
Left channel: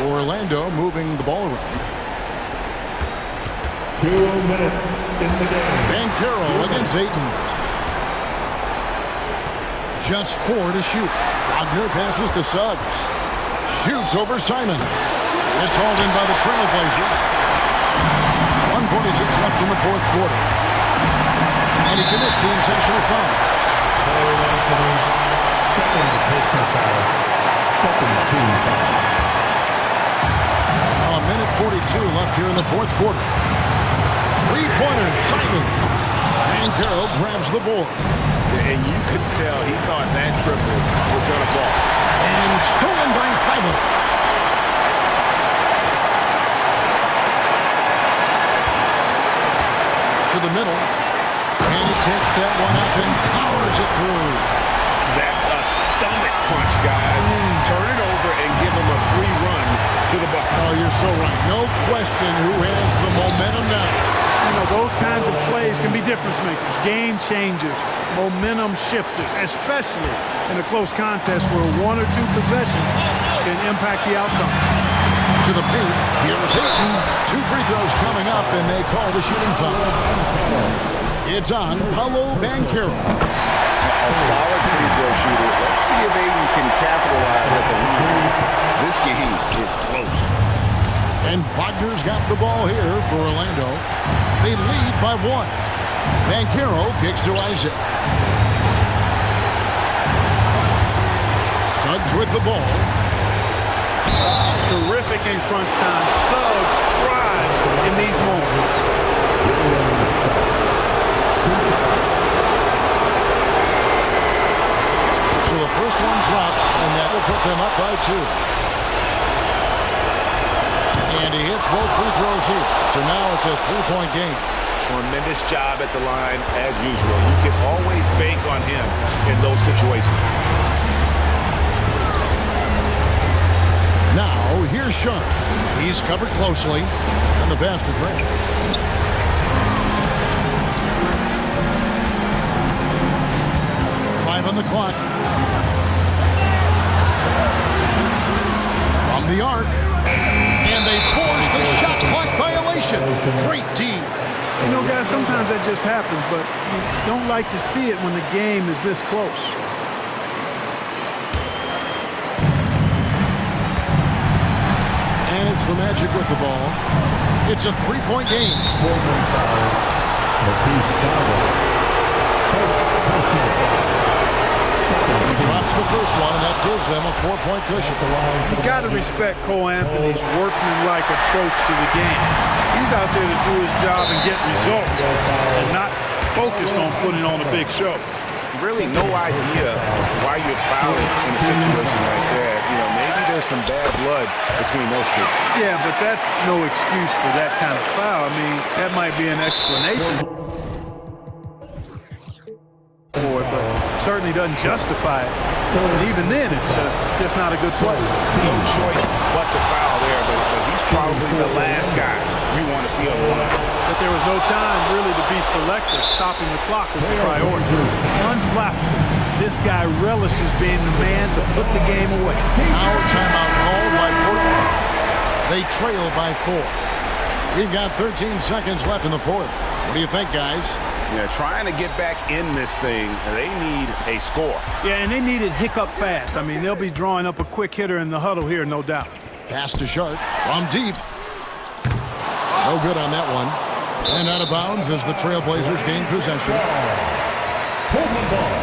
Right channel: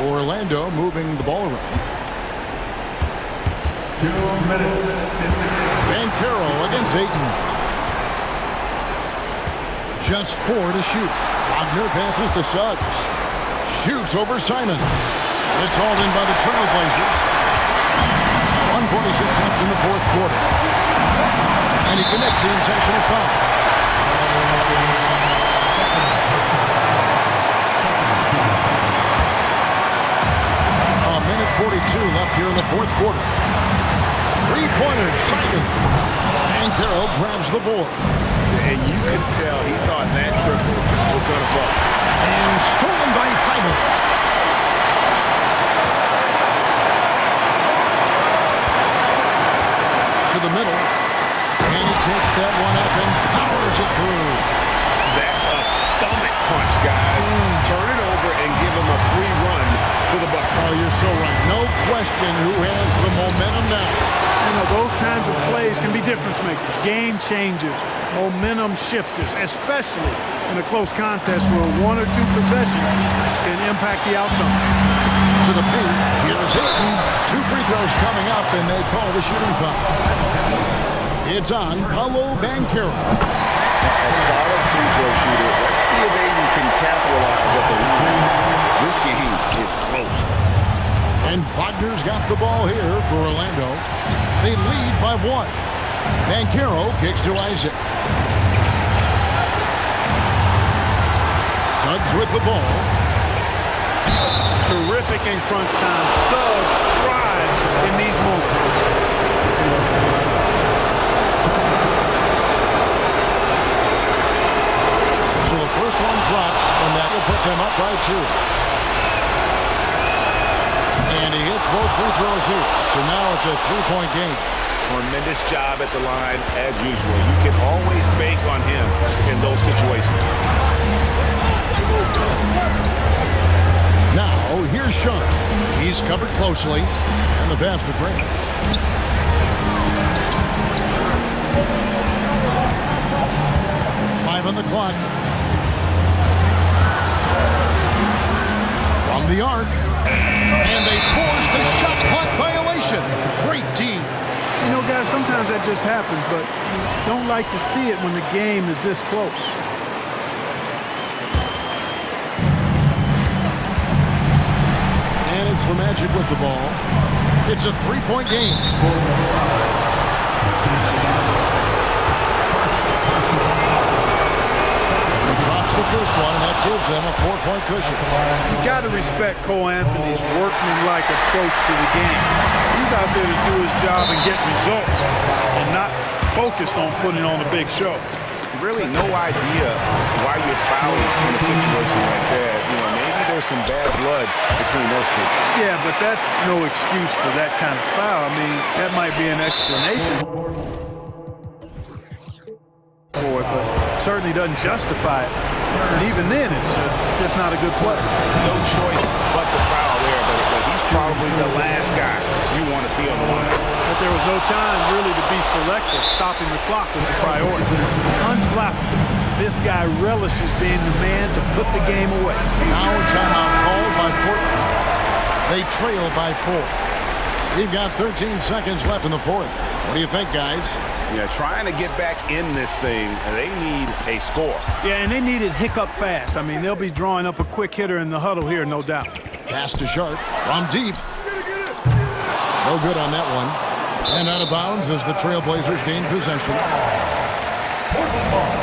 Orlando moving the ball around. 2 minutes in the game. Banchero against Ayton. Just 4 to shoot. Wagner passes to Suggs. shoots over Simon. It's hauled in by the Trailblazers. 1:46 left in the fourth quarter. And he commits the intentional foul. A minute 42 left here in the fourth quarter. Three-pointer, Simon. Bankero grabs the board. And you could tell he thought that triple was going to fall. And stolen by Thibault. To the middle. And he takes that one up and powers it through. That's a stomach punch, guys. Turn it over and give him a free run to the bucket. Oh, you're so right. No question who has the momentum now. You know, those kinds of plays can be difference makers, game changers, momentum shifters, especially in a close contest where one or two possessions can impact the outcome. To the paint, here's Hayden. 2 free throws coming up, and they call the shooting foul. It's on Paolo Bankero. A solid free throw shooter. Let's see if Aiden can capitalize at the line. This game is close. And Wagner's got the ball here for Orlando. They lead by 1. Bankero kicks to Isaac. Suggs with the ball. Terrific in crunch time. Suggs thrives in these moments. So the first one drops, and that will put them up by 2. And he hits both free throws here. So now it's a 3-point game. Tremendous job at the line, as usual. You can always bank on him in those situations. Now, here's Sean. He's covered closely, and the pass to Grant. Five on the clock. From the arc. And they force the shot clock violation. Great D. You know, guys, sometimes that just happens, but you don't like to see it when the game is this close. And it's the Magic with the ball. It's a 3-point game. He drops the first one, and that gives them a 4-point cushion. You got to respect Cole Anthony's workmanlike approach to the game. He's out there to do his job and get results, and not focused on putting on a big show. Really no idea why you're fouling in a situation like that. You know, maybe there's some bad blood between those two. Yeah, but that's no excuse for that kind of foul. I mean, that might be an explanation for it, but certainly doesn't justify it. And even then, it's just not a good play. No choice but to foul there, but he's probably the last guy you want to see on the line. But there was no time really to be selective. Stopping the clock was the priority. Unflappable. This guy relishes being the man to put the game away. Now a timeout called by Portland. They trail by 4. We've got 13 seconds left in the fourth. What do you think, guys? Yeah, trying to get back in this thing, they need a score. Yeah, and they need it hiccup fast. I mean, they'll be drawing up a quick hitter in the huddle here, no doubt. Pass to Sharp from deep. No good on that one. And out of bounds as the Trailblazers gain possession. Portland ball.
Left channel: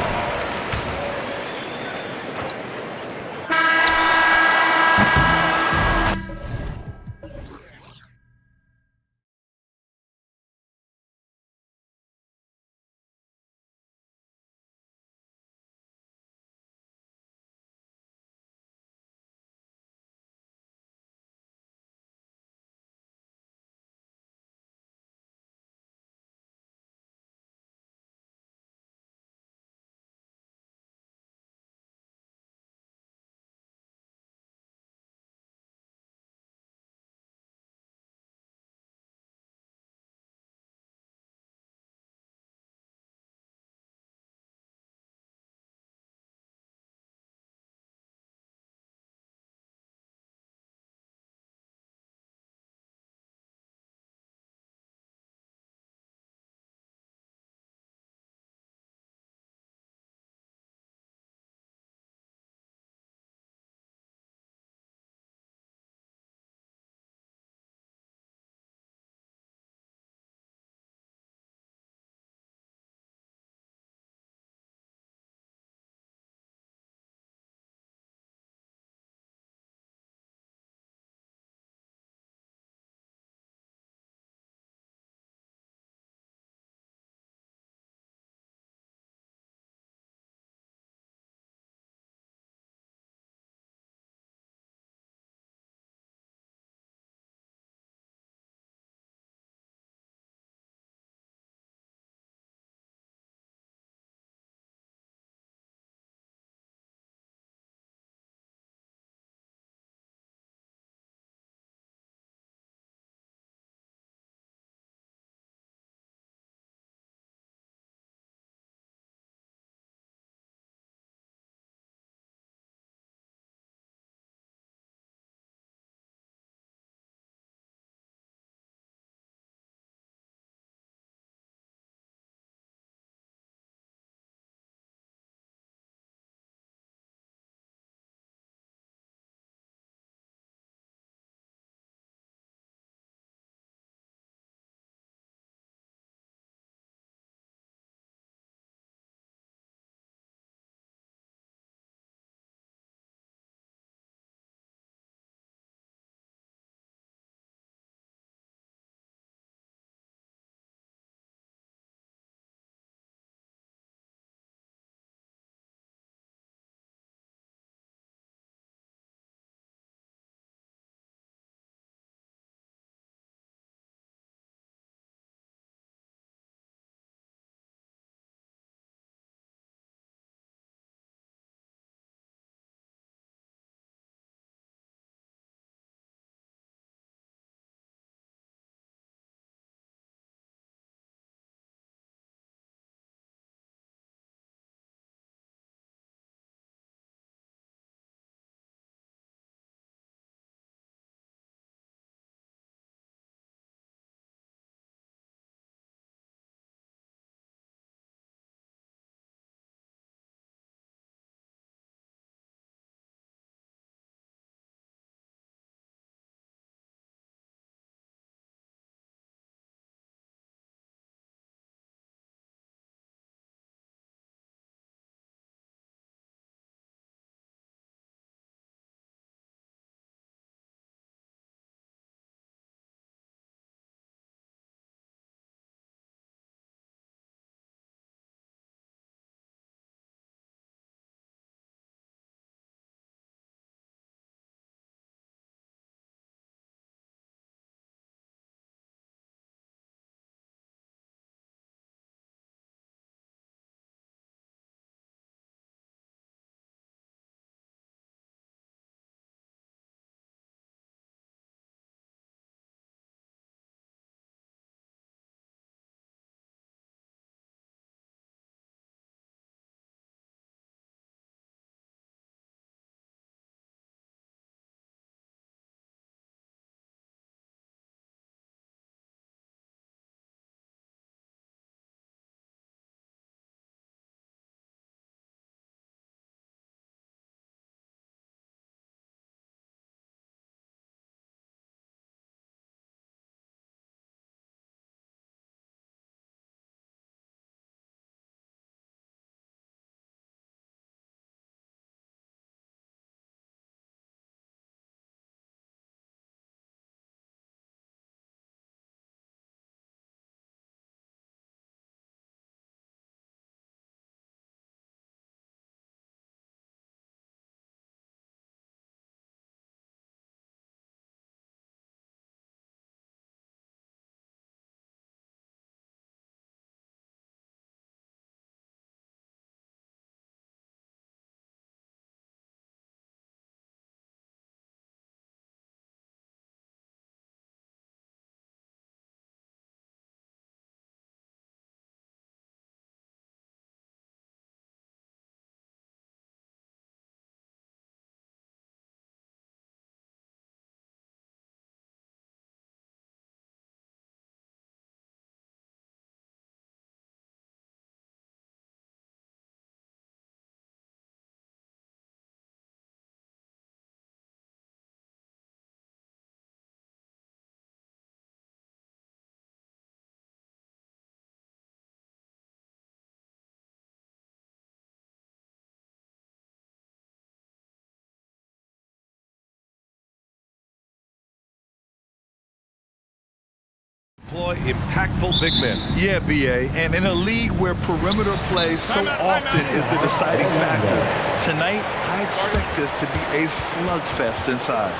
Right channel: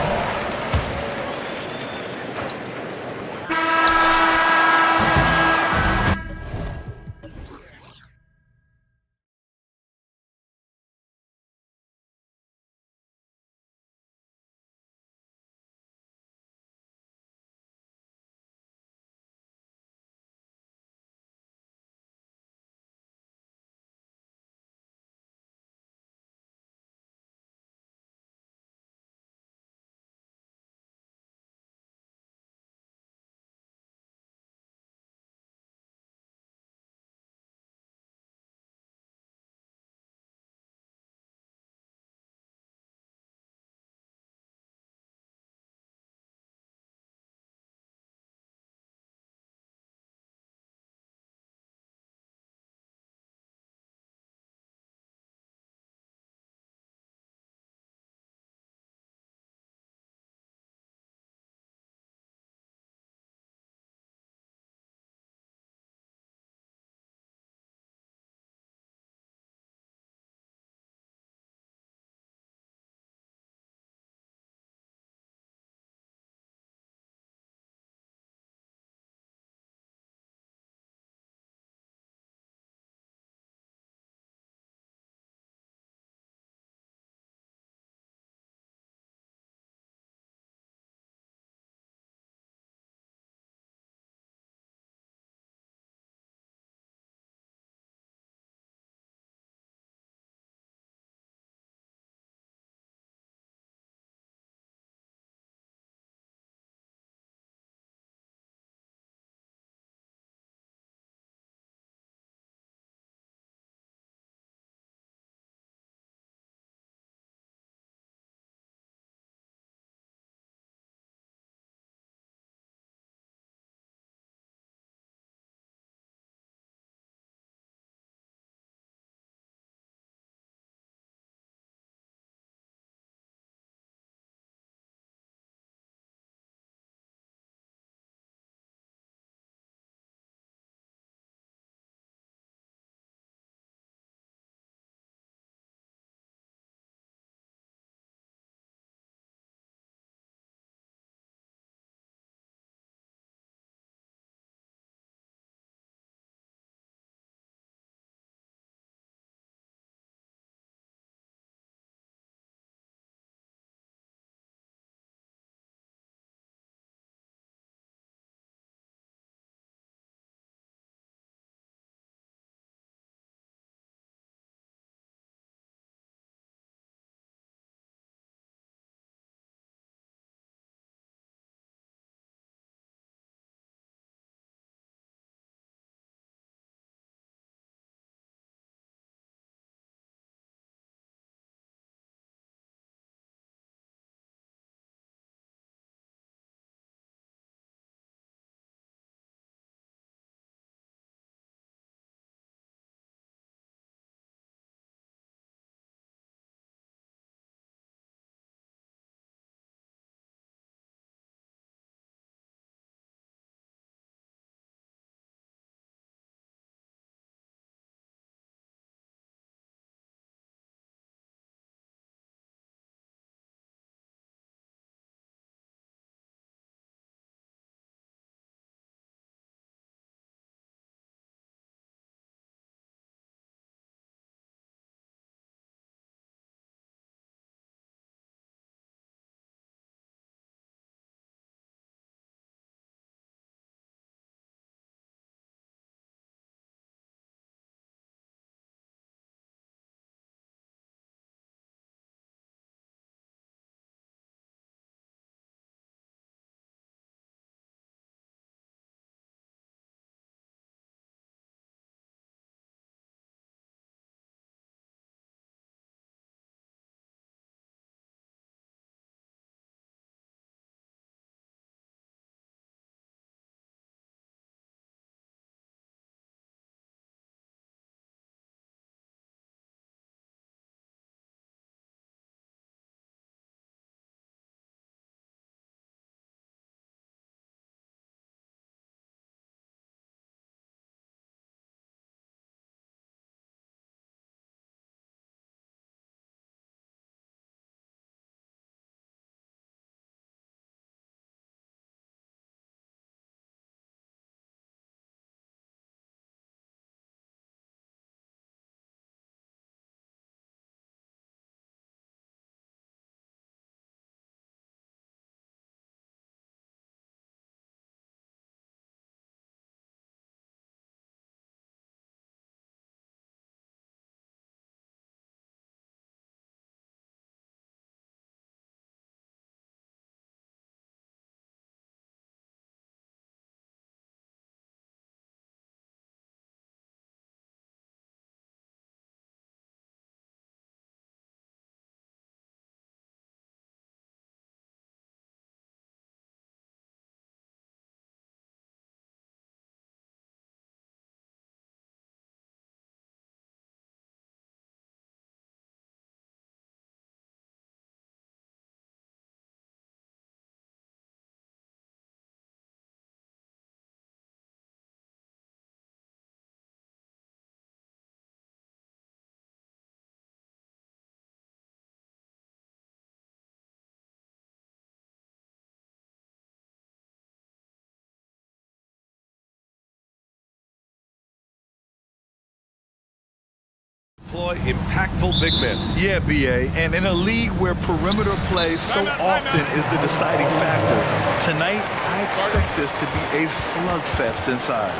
deploy impactful big men. Yeah, BA, and in a league where perimeter play so often is the deciding factor, tonight I expect this to be a slugfest inside.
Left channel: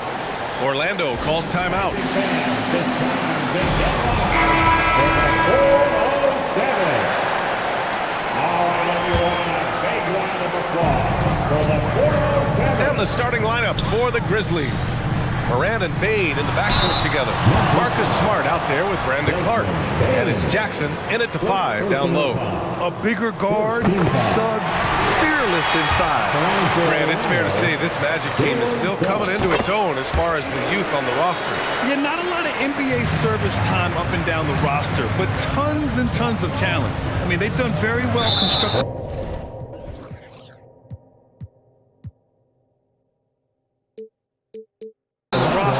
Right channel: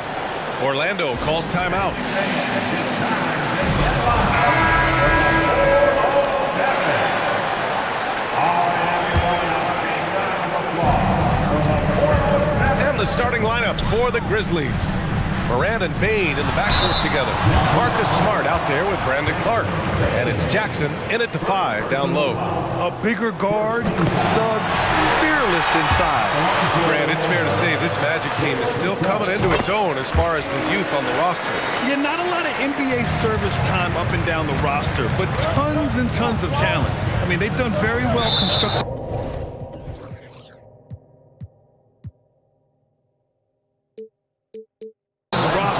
Orlando calls timeout. And the starting lineup for the Grizzlies. Morant and Bane in the backcourt together. Marcus Smart out there with Brandon Clark. And it's Jackson in it to 5 down low. A bigger guard, Suggs fearless inside. Grant, it's fair to say this Magic team is still coming into its own as far as the youth on the roster. Yeah, not a lot of NBA service time up and down the roster, but tons and tons of talent. I mean, they've done very well constructing.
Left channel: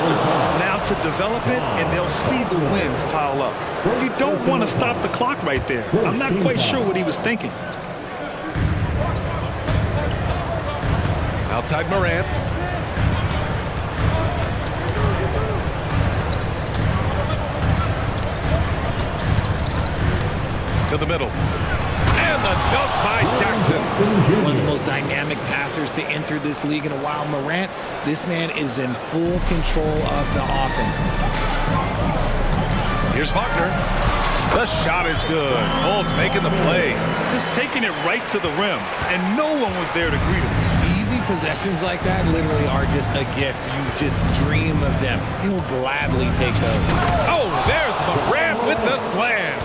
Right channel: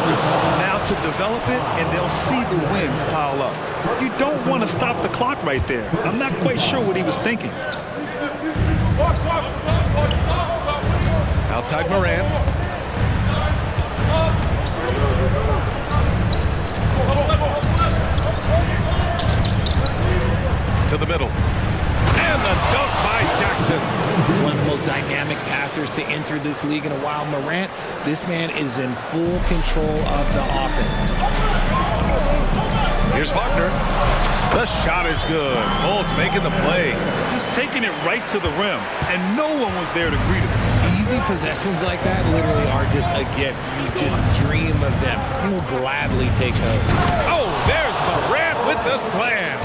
Now to develop it, and they'll see the wins pile up. You don't want to stop the clock right there. I'm not quite sure what he was thinking. Outside Morant. To the middle. And the dunk by Jackson. One of the most dynamic passers to enter this league in a while. Morant, this man is in full control of the offense. Here's Wagner. The shot is good. Fultz making the play. Just taking it right to the rim, and no one was there to greet him. Easy possessions like that literally are just a gift. You just dream of them. He'll gladly take those. Oh, there's Morant with the slam.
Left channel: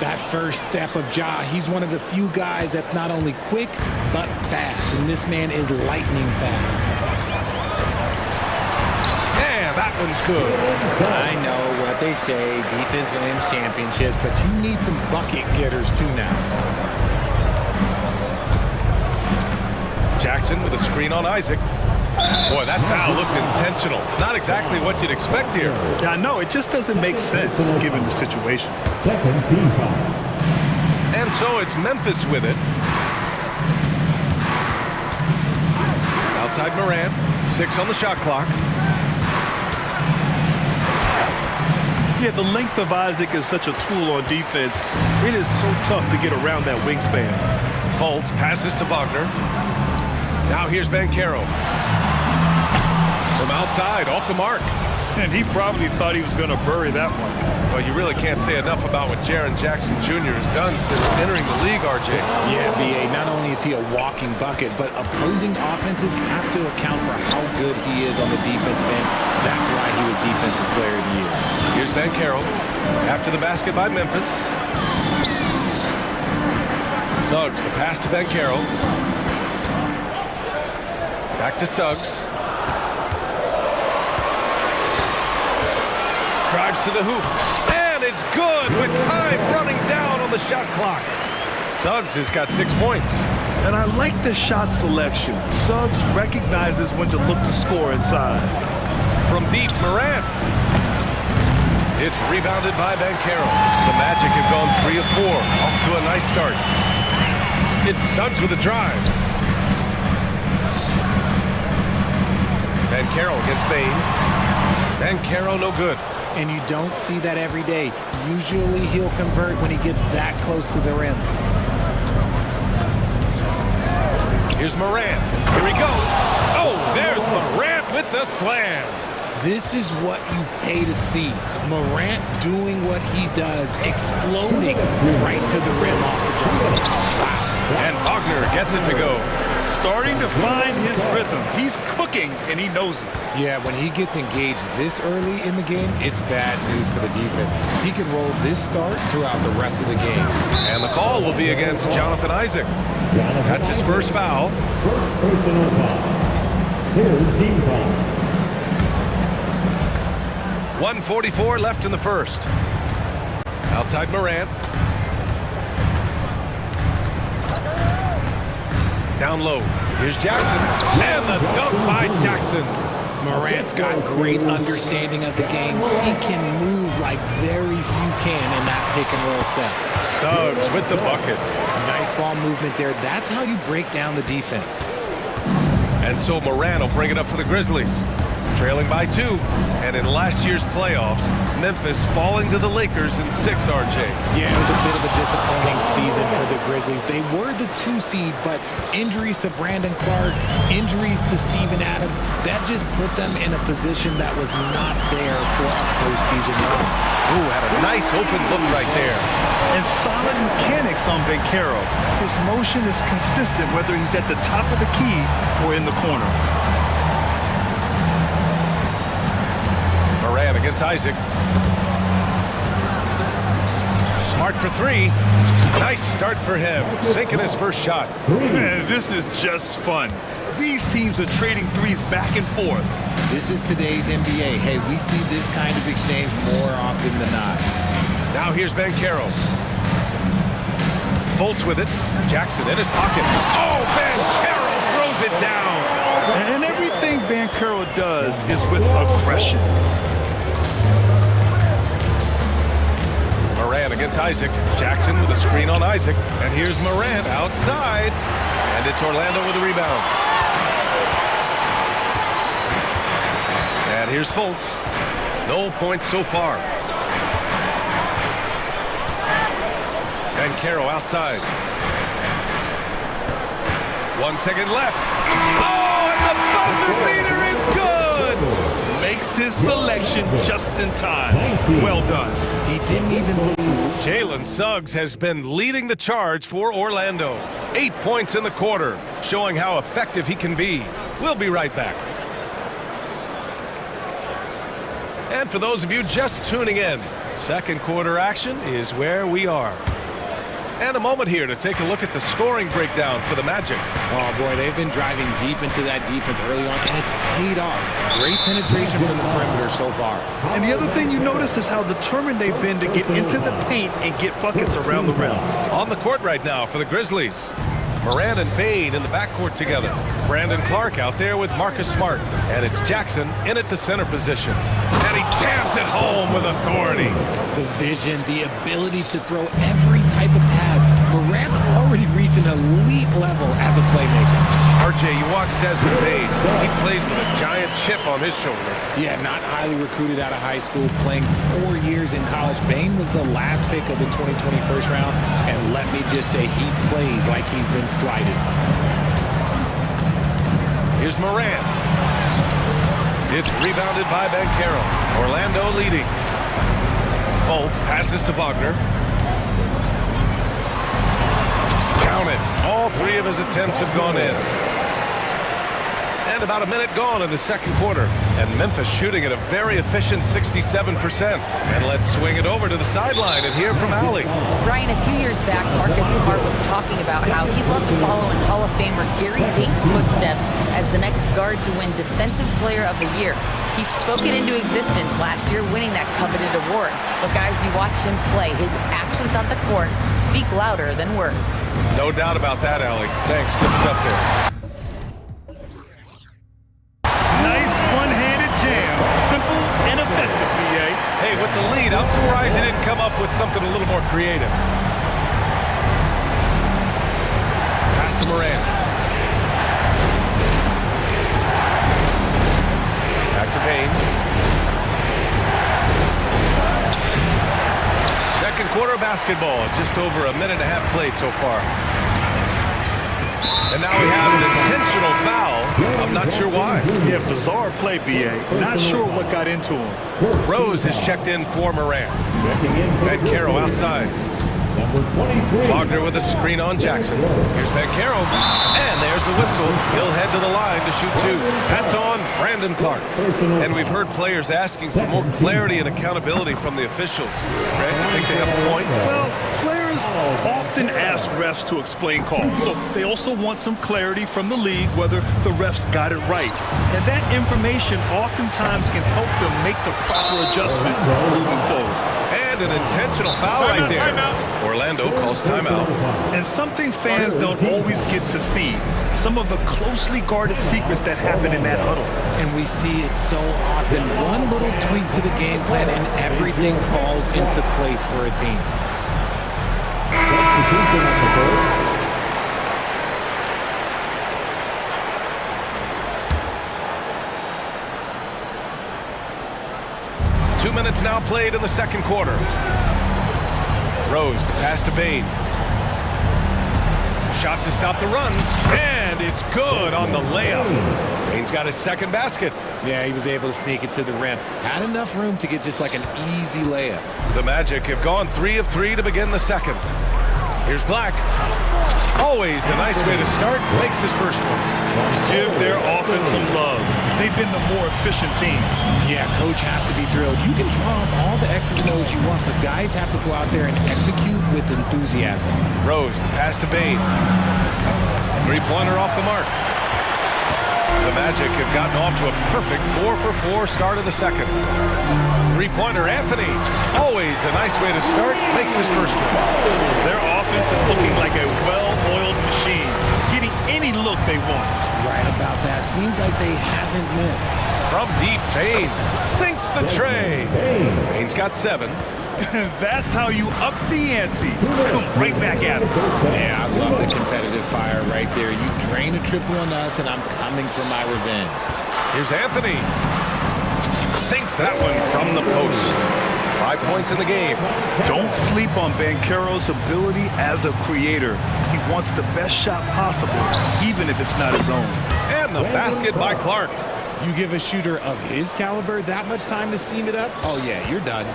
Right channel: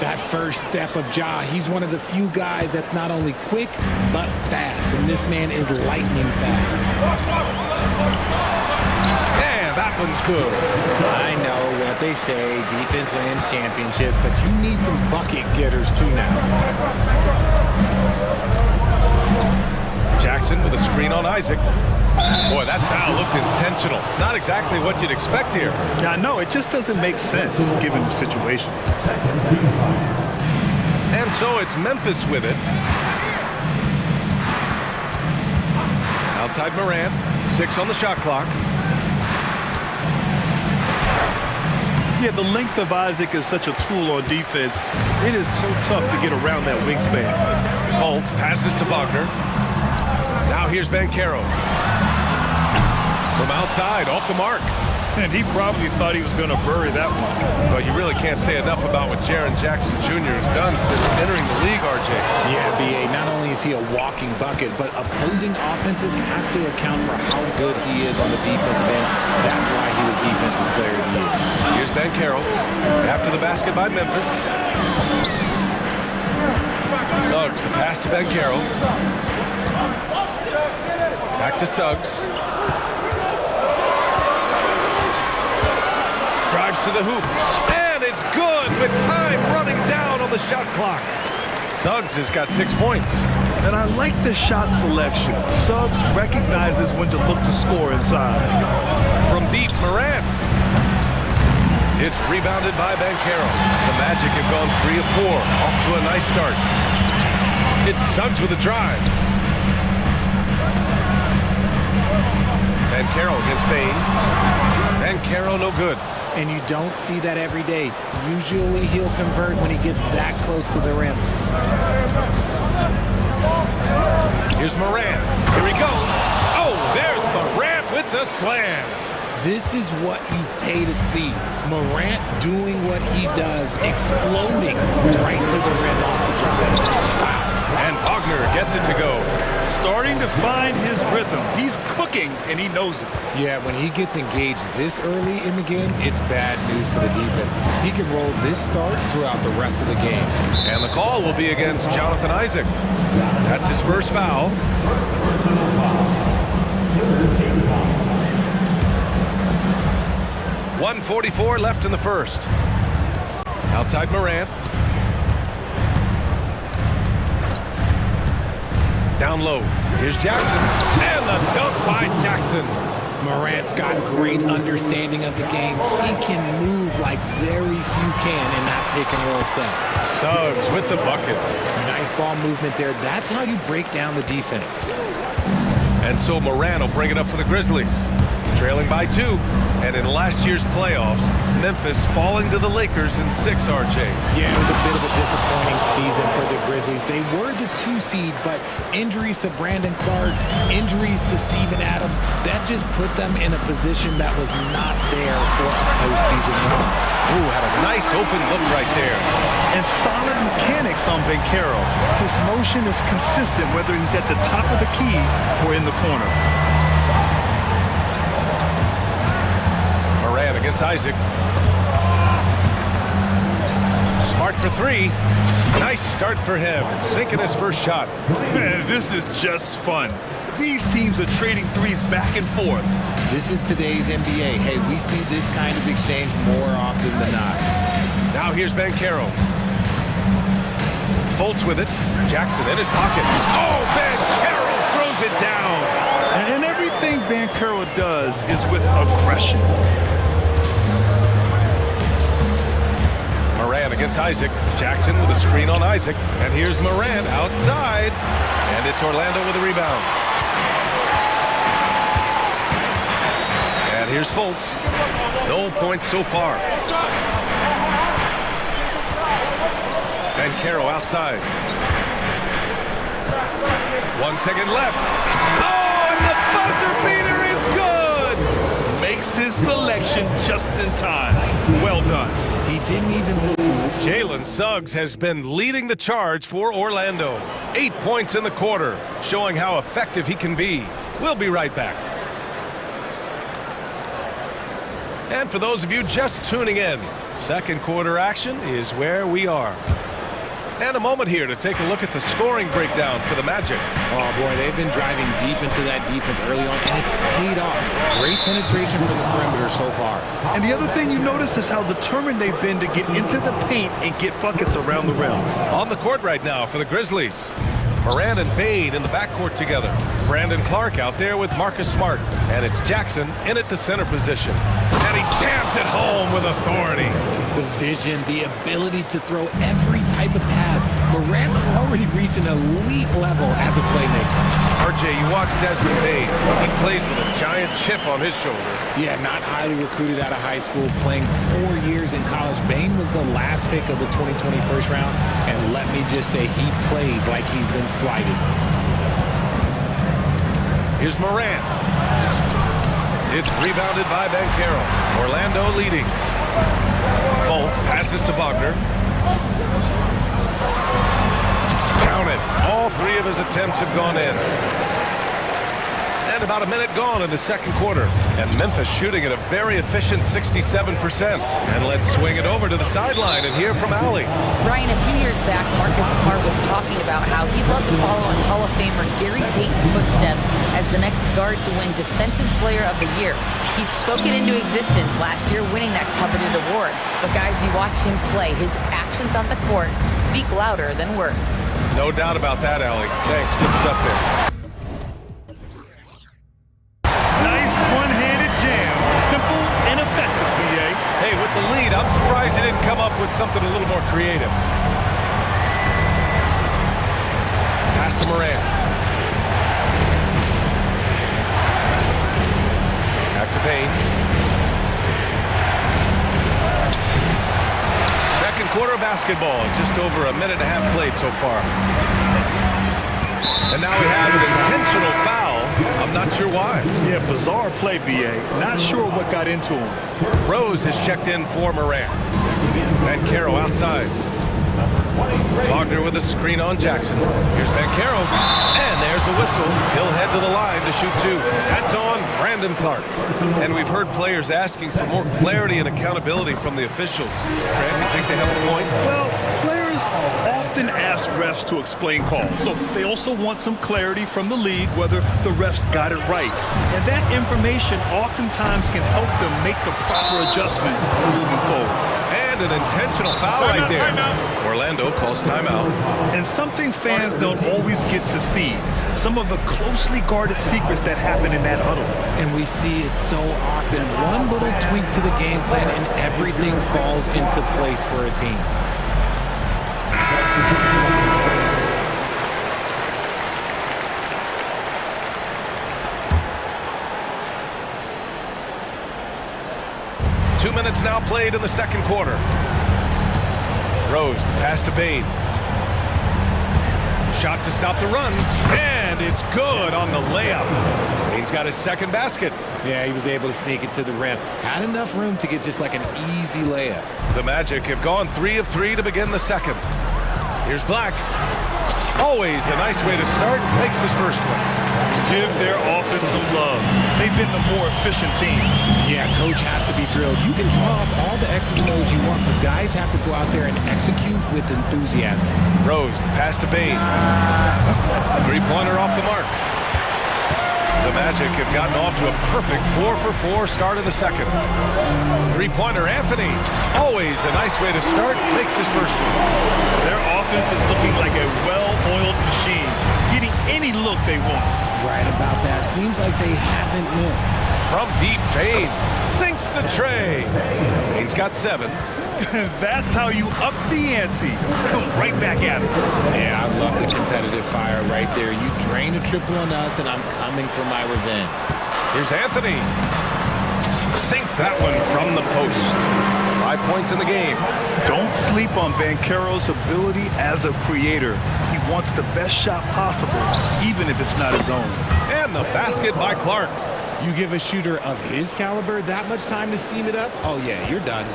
That first step of Ja, he's one of the few guys that's not only quick, but fast. And this man is lightning fast. Yeah, that one's good. I know what they say, defense wins championships, but you need some bucket getters too now. Jackson with a screen on Isaac. Boy, that foul looked intentional. Not exactly what you'd expect here. Yeah, I know. It just doesn't make sense given the situation. Second team foul. And so it's Memphis with it. Outside Morant. 6 on the shot clock. Yeah, the length of Isaac is such a tool on defense. It is so tough to get around that wingspan. Fultz passes to Wagner. Now here's Banchero. From outside, off the mark. And he probably thought he was going to bury that one. But you really can't say enough about what Jaren Jackson Jr. has done since entering the league, RJ. Yeah, BA, not only is he a walking bucket, but opposing offenses have to account for how good he is on the defensive end. That's why he was Defensive Player of the Year. Here's Banchero. After the basket by Memphis. Suggs, the pass to Banchero. Back to Suggs. Drives to the hoop. And it's good with time running down on the shot clock. Suggs has got 6 points. And I like the shot selection. Suggs recognizes when to look to score inside. From deep, Morant. It's rebounded by Banchero. The Magic have gone 3 of 4. Off to a nice start. It's Suggs with a drive. Banchero against Bane. Banchero no good. And you don't see that every day. Usually he'll convert when he gets that close to the rim. Here's Morant. Here he goes. Oh, there's Morant with the slam. This is what you pay to see. Morant doing what he does, exploding right to the rim off the drive. Wow. And Wagner gets it to go. Starting to find his rhythm. He's cooking, and he knows it. Yeah, when he gets engaged this early in the game, it's bad news for the defense. He can roll this start throughout the rest of the game. And the call will be against Jonathan Isaac. That's his first foul. Personal foul. Third team foul. 1:44 left in the first. Outside Morant. Down low. Here's Jackson. And the dunk by Jackson. Morant's got great understanding of the game. He can move like very few can in that pick and roll set. Suggs with the bucket. Nice ball movement there. That's how you break down the defense. And so Morant will bring it up for the Grizzlies. Trailing by 2. And in last year's playoffs, Memphis falling to the Lakers in 6, RJ. Yeah, it was a bit of a disappointing season for the Grizzlies. They were the 2 seed, but injuries to Brandon Clark, injuries to Steven Adams, that just put them in a position that was not there for a postseason run. Ooh, had a nice open look right there. And solid mechanics on Banchero. His motion is consistent whether he's at the top of the key or in the corner. Moran against Isaac. Smart for 3. Nice start for him, sinking his first shot. Man, this is just fun. These teams are trading threes back and forth. This is today's NBA. Hey, we see this kind of exchange more often than not. Now here's Banchero. Fultz with it. Jackson in his pocket. Oh, Banchero throws it down. And everything Banchero does is with aggression. Moran against Isaac. Jackson with a screen on Isaac. And here's Moran outside. And it's Orlando with a rebound. And here's Fultz. No points so far. Banchero outside. 1 second left. Oh, and the buzzer beater is good! Makes his selection just in time. Well done. He didn't even look. Jalen Suggs has been leading the charge for Orlando. 8 points in the quarter, showing how effective he can be. We'll be right back. And for those of you just tuning in, second quarter action is where we are. And a moment here to take a look at the scoring breakdown for the Magic. Oh, boy, they've been driving deep into that defense early on, and it's paid off. Great penetration from the perimeter so far. And the other thing you notice is how determined they've been to get into the paint and get buckets around the rim. On the court right now for the Grizzlies. Moran and Bane in the backcourt together. Brandon Clark out there with Marcus Smart. And it's Jackson in at the center position. And he jams it home with authority. The vision, the ability to throw every type of pass. Moran's already reached an elite level as a playmaker. RJ, you watch Desmond Bane. He plays with a giant chip on his shoulder. Yeah, not highly recruited out of high school, playing 4 years in college. Bane was the last pick of the 2020 first round, and let me just say he plays like he's been slighted. Here's Moran. It's rebounded by Banchero. Orlando leading. Fultz passes to Wagner. Count it. All 3 of his attempts have gone in. And about a minute gone in the second quarter. And Memphis shooting at a very efficient 67%. And let's swing it over to the sideline and hear from Allie. Brian, a few years back, Marcus Smart was talking about how he'd love to follow in Hall of Famer Gary Payton's footsteps as the next guard to win Defensive Player of the Year. He spoke it into existence last year, winning that coveted award. But guys, you watch him play, his actions on the court speak louder than words. No doubt about that, Allie. Thanks. Good stuff there. Nice one-handed jam. Simple and effective, BA. Hey, with the lead, I'm surprised he didn't come up with something a little more creative. Pass to Moran. Back to Payne. Second quarter of basketball. Just over a minute and a half played so far. And now we have an intentional foul. I'm not sure why. Yeah, bizarre play, BA. Not sure what got into him. Rose has checked in for Moran. Banchero outside. Wagner with a screen on Jackson. Here's Banchero. And there's a whistle. He'll head to the line to shoot 2. That's on Brandon Clark. And we've heard players asking for more clarity and accountability from the officials. Brad, you think they have a point? Well, players often ask refs to explain calls. So they also want some clarity from the league whether the refs got it right. And that information oftentimes can help them make the proper adjustments moving forward. And an intentional foul right there. Timeout. Orlando calls timeout. And something fans don't always get to see. Some of the closely guarded secrets that happen in that huddle. And we see it so often. One little tweak to the game plan and everything falls into place for a team. 2 minutes now played in the second quarter. Rose, the pass to Bain. Shot to stop the run, and it's good on the layup. Bain's got his second basket. Yeah, he was able to sneak it to the rim. Had enough room to get just like an easy layup. The Magic have gone 3 of 3 to begin the second. Here's Black. Always a nice way to start. Makes his first one. Give their offense some love. They've been the more efficient team. Yeah, coach has to be thrilled. You can draw up all the X's and O's you want, but guys have to go out there and execute with enthusiasm. Rose, the pass to Bain. Three-pointer off the mark. The Magic have gotten off to a perfect 4-for-4 start in the second. Three-pointer, Anthony. Always a nice way to start. Makes his first one. Their offense is looking like a well-oiled machine, getting any look they want. Right about that. Seems like they haven't missed. From deep, Bain sinks the tray. Bain's got 7. That's how you up the ante. Come right back at him. Yeah, I love the competitive fire right there. You drain a triple on us, and I'm coming for my revenge. Here's Anthony. Sinks that one from the post. 5 points in the game. Don't sleep on Banchero's ability as a creator. He wants the best shot possible, even if it's not his own. And the basket by Clark. You give a shooter of his caliber that much time to seam it up? Oh, yeah, you're done.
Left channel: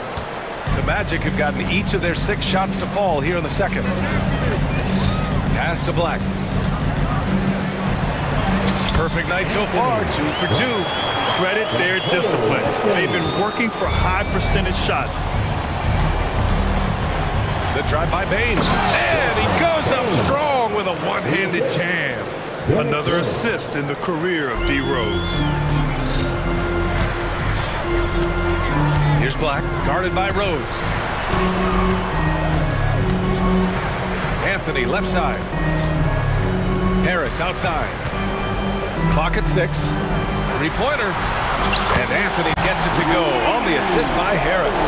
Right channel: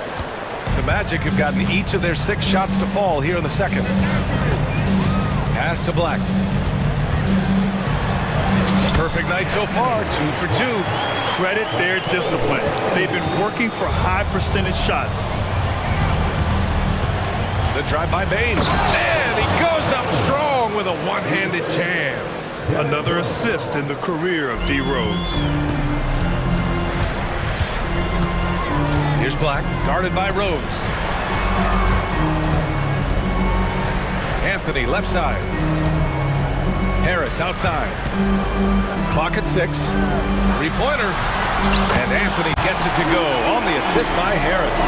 The Magic have gotten each of their 6 shots to fall here in the second. Pass to Black. Perfect night so far, 2 for 2. Credit their discipline. They've been working for high percentage shots. The drive by Bain. And he goes up strong with a one-handed jam. Another assist in the career of D. Rose. Here's Black, guarded by Rose. Anthony, left side. Harris, outside. Clock at 6. Three-pointer. And Anthony gets it to go on the assist by Harris.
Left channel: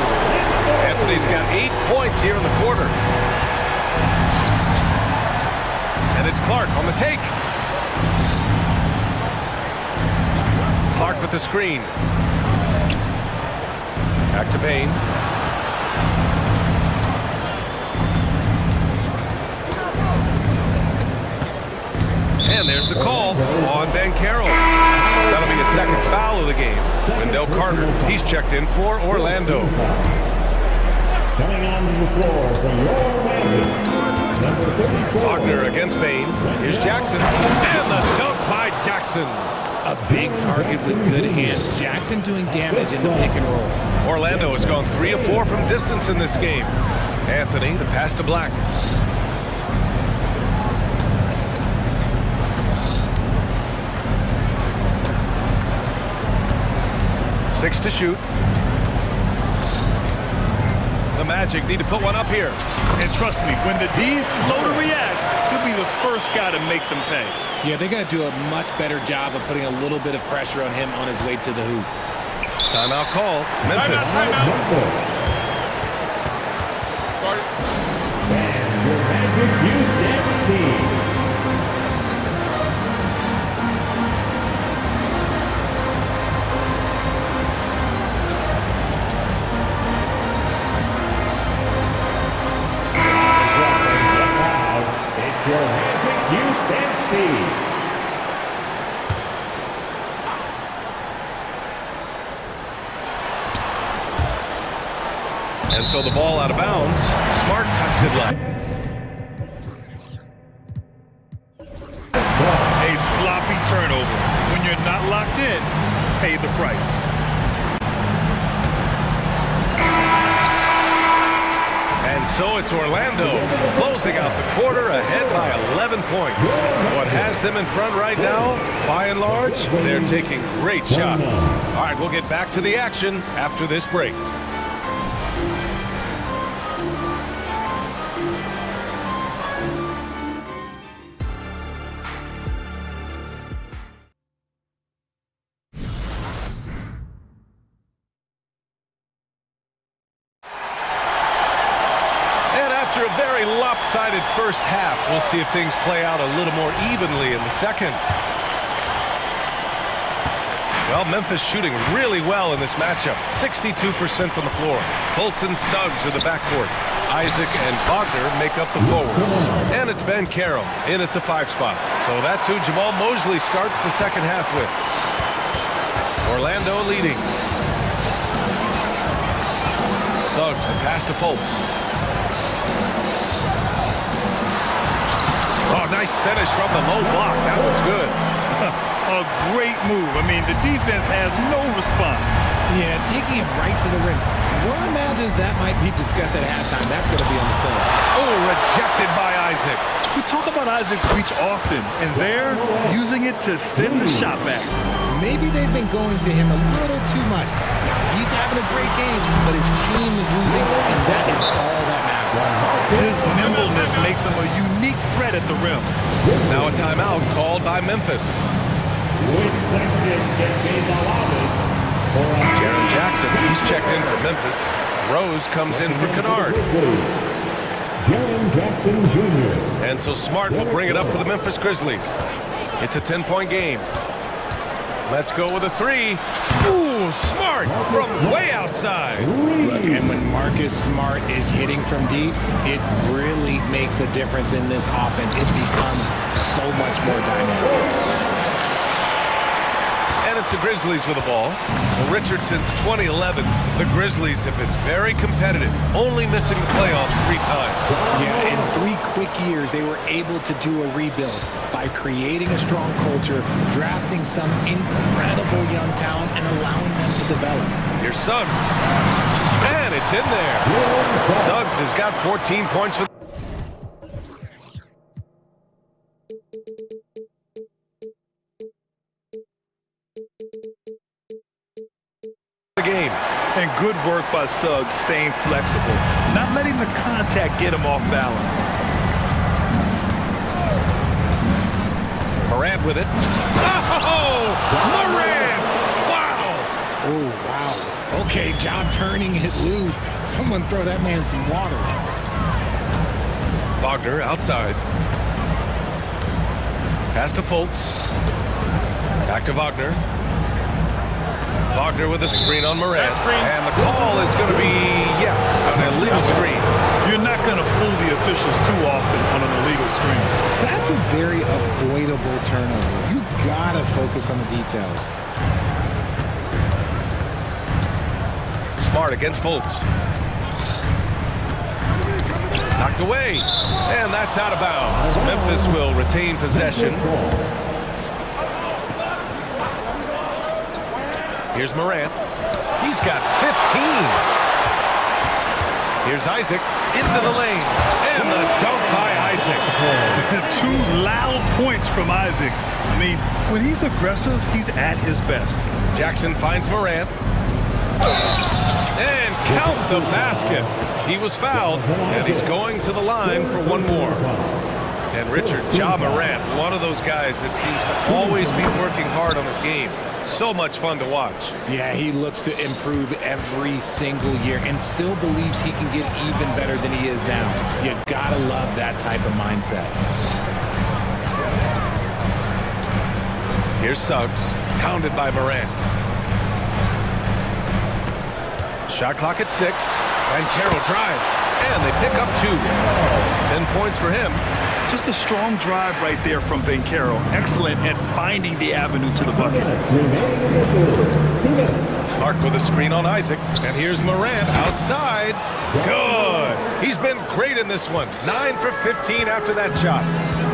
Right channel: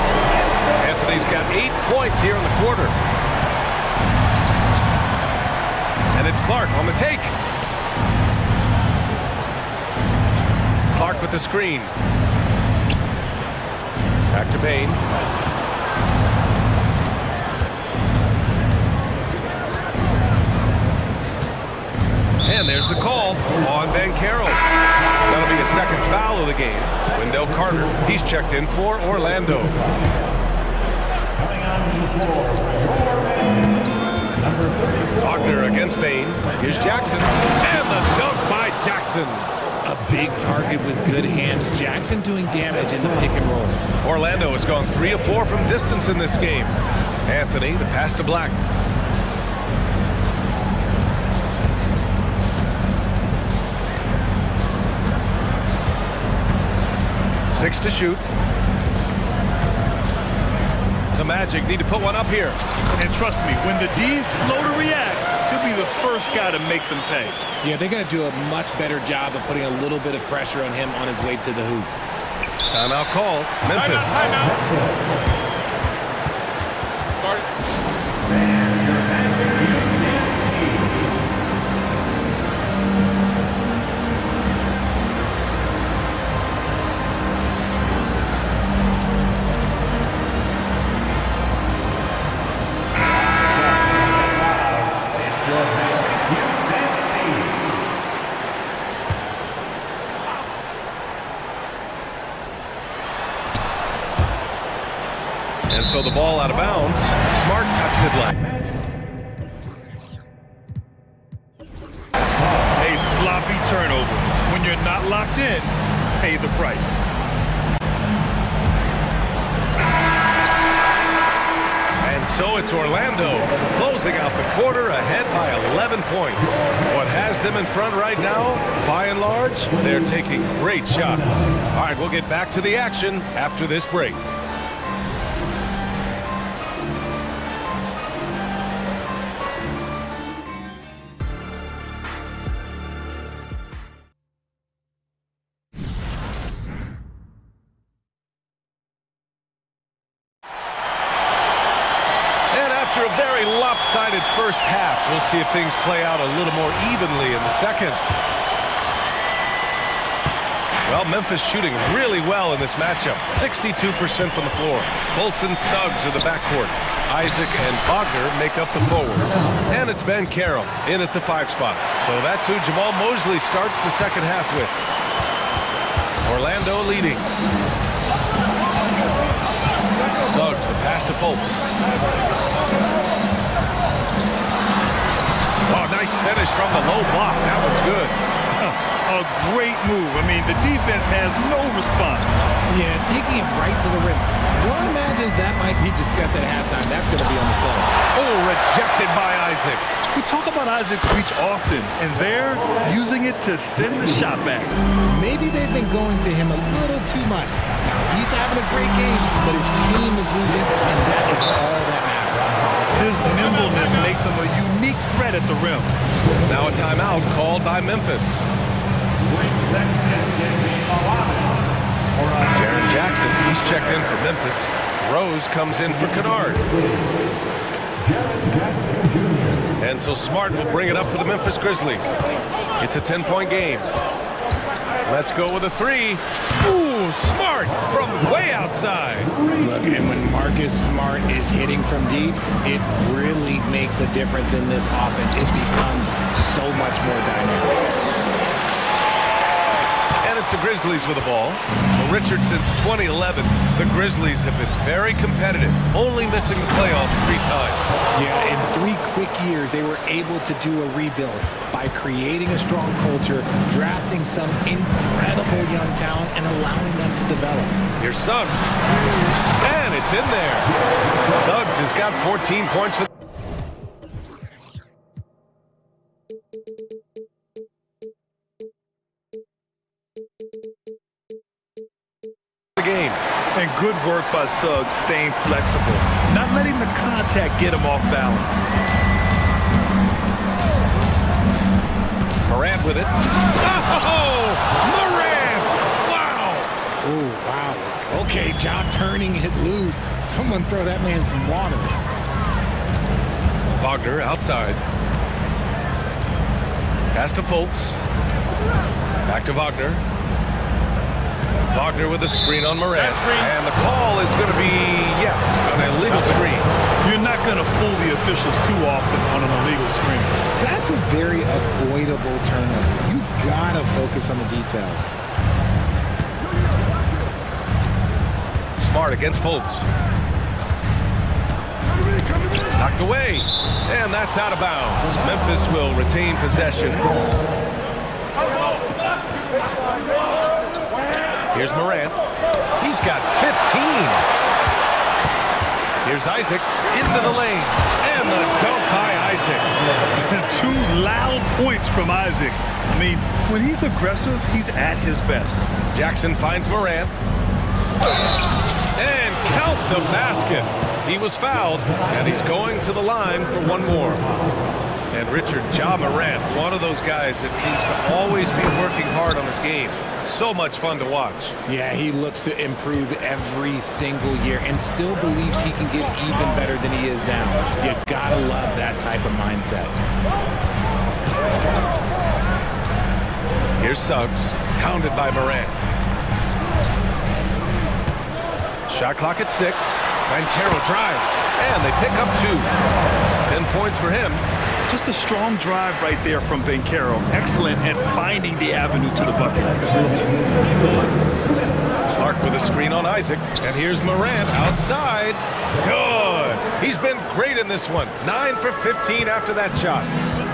Anthony's got 8 points here in the quarter. And it's Clark on the take. Clark with the screen. Back to Bain. And there's the call on Banchero. That'll be a second foul of the game. Wendell Carter, he's checked in for Orlando. Coming on the floor from your man, number 34. Wagner against Bain. Here's Jackson. And the dunk by Jackson. A big target with good hands. Jackson doing damage in the pick and roll. Orlando has gone 3 of 4 from distance in this game. Anthony, the pass to Black. Six to shoot. The Magic need to put one up here. And trust me, when the D's slow to react, he'll be the first guy to make them pay. Yeah, they got to do a much better job of putting a little bit of pressure on him on his way to the hoop. Timeout call. Memphis. Timeout. Guard. And your Magic Youth team. It's your Magic Youth Dance Team. And so the ball out of bounds. Smart tucks it left. A sloppy turnover. When you're not locked in, pay the price. And so it's Orlando closing out the quarter ahead by 11 points. What has them in front right now, by and large, they're taking great shots. All right, we'll get back to the action after this break. After a very lopsided first half, we'll see if things play out a little more evenly in the second. Well, Memphis shooting really well in this matchup. 62% from the floor. Fultz and Suggs are the backcourt. Isaac and Wagner make up the forwards. And it's Ben Carroll in at the 5 spot. So that's who Jamal Mosley starts the second half with. Orlando leading. Suggs, the pass to Fultz. Oh, nice finish from the low block. That one's good. A great move. I mean, the defense has no response. Yeah, taking it right to the rim. One imagines that might be discussed at halftime. That's going to be on the film. Oh, rejected by Isaac. We talk about Isaac's reach often, and they're using it to send the shot back. Maybe they've been going to him a little too much. Now, he's having a great game, but his team is losing, and that is all that matters. His nimbleness makes him a unique threat at the rim. Now a timeout called by Memphis. Jaren Jackson, he's checked in for Memphis. Rose comes in for Kennard. And so Smart will bring it up for the Memphis Grizzlies. It's a 10-point game. Let's go with a 3. Ooh, Smart from way outside. Look, and when Marcus Smart is hitting from deep, it really makes a difference in this offense. It becomes so much more dynamic. And it's the Grizzlies with the ball. Well, Richard, since 2011, the Grizzlies have been very competitive, only missing the playoffs 3 times. Yeah, in 3 quick years, they were able to do a rebuild by creating a strong culture, drafting some incredible young talent, and allowing them to develop. Here's Suggs. And it's in there. Suggs has got 14 points for the game. And good work by Suggs staying flexible, not letting the contact get him off balance. Morant with it. Oh, Morant! Wow! Oh, wow. Okay, John turning it loose. Someone throw that man some water. Wagner outside. Pass to Fultz. Back to Wagner. Wagner with a screen on Morant. And the call is going to be, yes, an illegal screen. You're not going to fool the officials too often on an illegal screen. That's a very avoidable turnover. You got to focus on the details. Smart against Fultz. Knocked away. And that's out of bounds. Memphis will retain possession. Here's Morant. He's got 15. Here's Isaac into the lane. And the dunk by Isaac. 2 loud points from Isaac. I mean, when he's aggressive, he's at his best. Jackson finds Morant. And count the basket. He was fouled, and he's going to the line for 1 more. And Richard, Ja Morant, one of those guys that seems to always be working hard on his game. So much fun to watch. Yeah, he looks to improve every single year and still believes he can get even better than he is now. You gotta love that type of mindset. Here's Suggs, pounded by Morant. Shot clock at 6. Van Carroll drives, and they pick up 2. 10 points for him. Just a strong drive right there from Ben Carroll. Excellent at finding the avenue to the bucket. Clark with a screen on Isaac. And here's Morant outside. Good. He's been great in this one. 9 for 15 after that shot.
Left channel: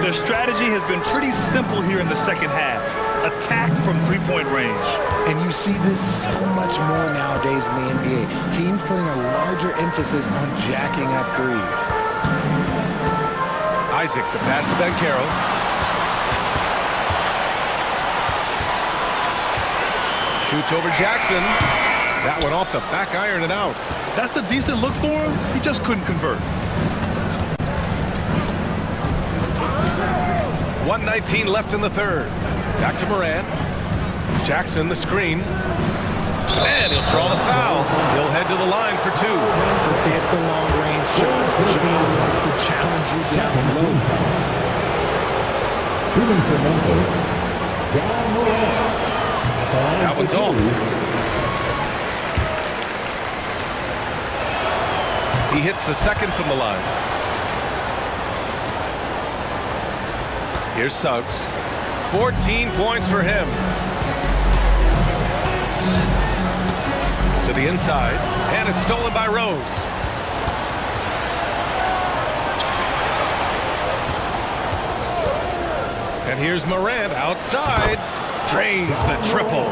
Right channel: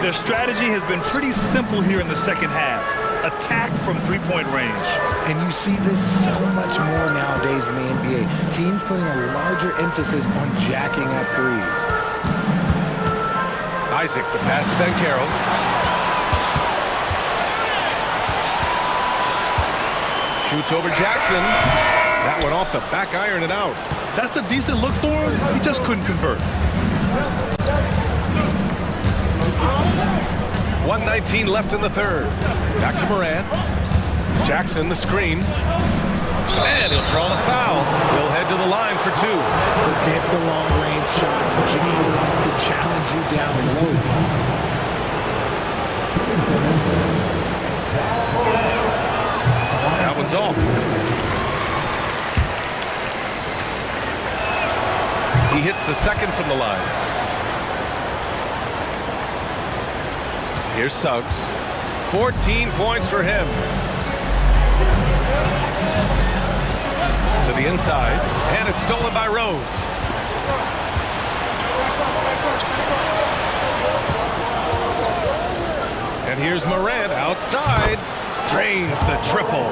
Their strategy has been pretty simple here in the second half. Attack from 3-point range. And you see this so much more nowadays in the NBA. Teams putting a larger emphasis on jacking up threes. Isaac, the pass to Ben Carroll. Shoots over Jackson. That one off the back iron and out. That's a decent look for him. He just couldn't convert. 1:19 left in the third. Back to Morant. Jackson, the screen. And he'll draw the foul. He'll head to the line for 2. Forget the long-range shots. John wants to challenge you down low. That one's off. He hits the second from the line. Here's Suggs. 14 points for him. To the inside, and it's stolen by Rose. And here's Morant outside. Drains the triple.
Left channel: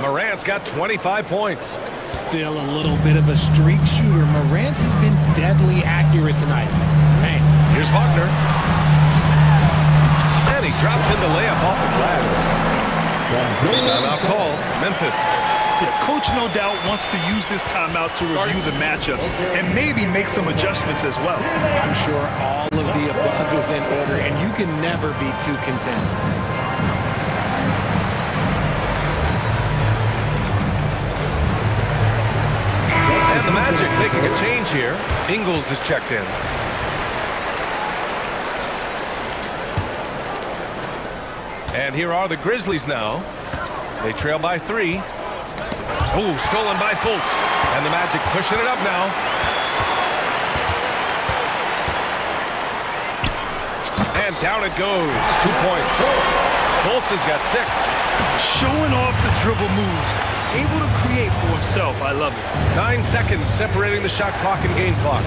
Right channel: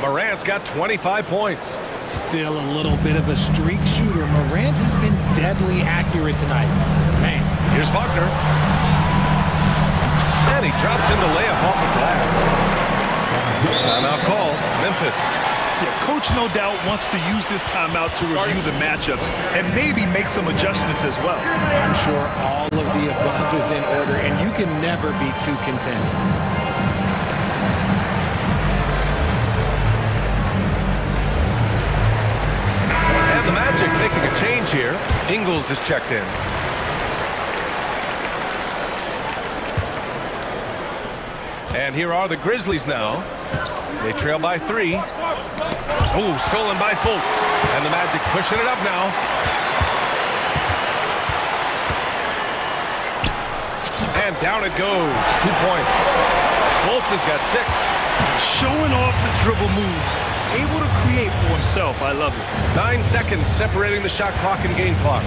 Morant's got 25 points. Still a little bit of a streak shooter. Morant has been deadly accurate tonight. Man. Here's Wagner. And he drops in the layup off the glass. Timeout call, Memphis. Yeah, coach no doubt wants to use this timeout to review the matchups and maybe make some adjustments as well. I'm sure all of the above is in order, and you can never be too content. And the Magic making a change here. Ingles is checked in. And here are the Grizzlies now. They trail by 3. Oh, stolen by Fultz. And the Magic pushing it up now. And down it goes. 2 points. Fultz has got 6. Showing off the dribble moves. Able to create for himself. I love it. 9 seconds separating the shot clock and game clock.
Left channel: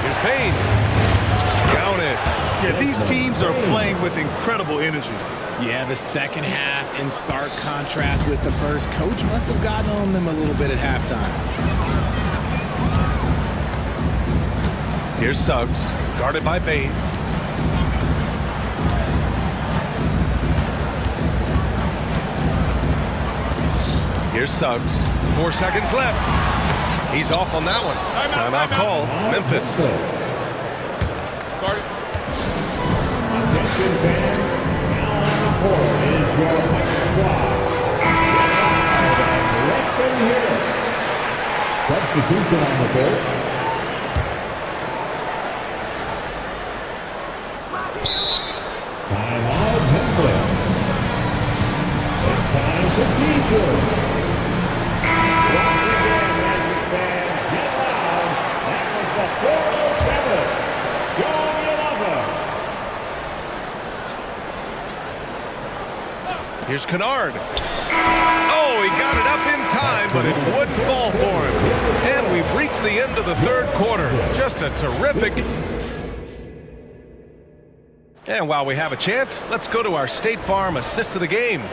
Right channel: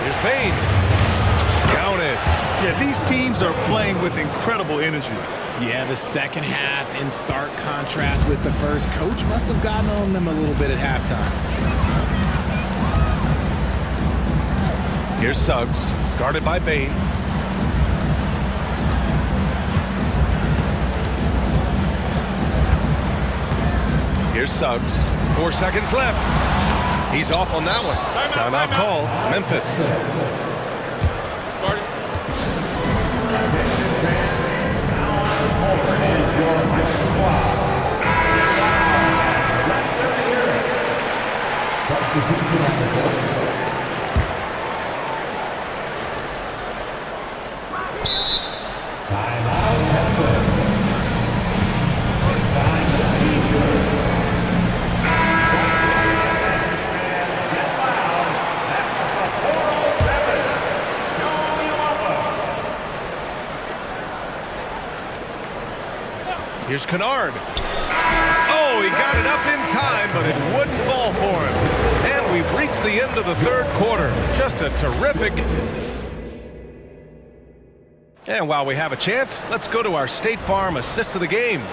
Here's Bane. Down it. Yeah, these teams are playing with incredible energy. Yeah, the second half in stark contrast with the first. Coach must have gotten on them a little bit at halftime. Here's Suggs, guarded by Bane. Here's Suggs. 4 seconds left. He's off on that one. Timeout call, Memphis. Guarded. Attention fans. Now on the court is your high squad. Let them hear it. Substitution on the court. Time out, Memphis. It's time for T-shirt. Magic fans, get loud. That was the 407. Joe Yalova. Here's Kennard. Oh, he got it up in time, but it wouldn't fall for him. And we've reached the end of the third quarter. Just a terrific... And while we have a chance, let's go to our State Farm assist of the game.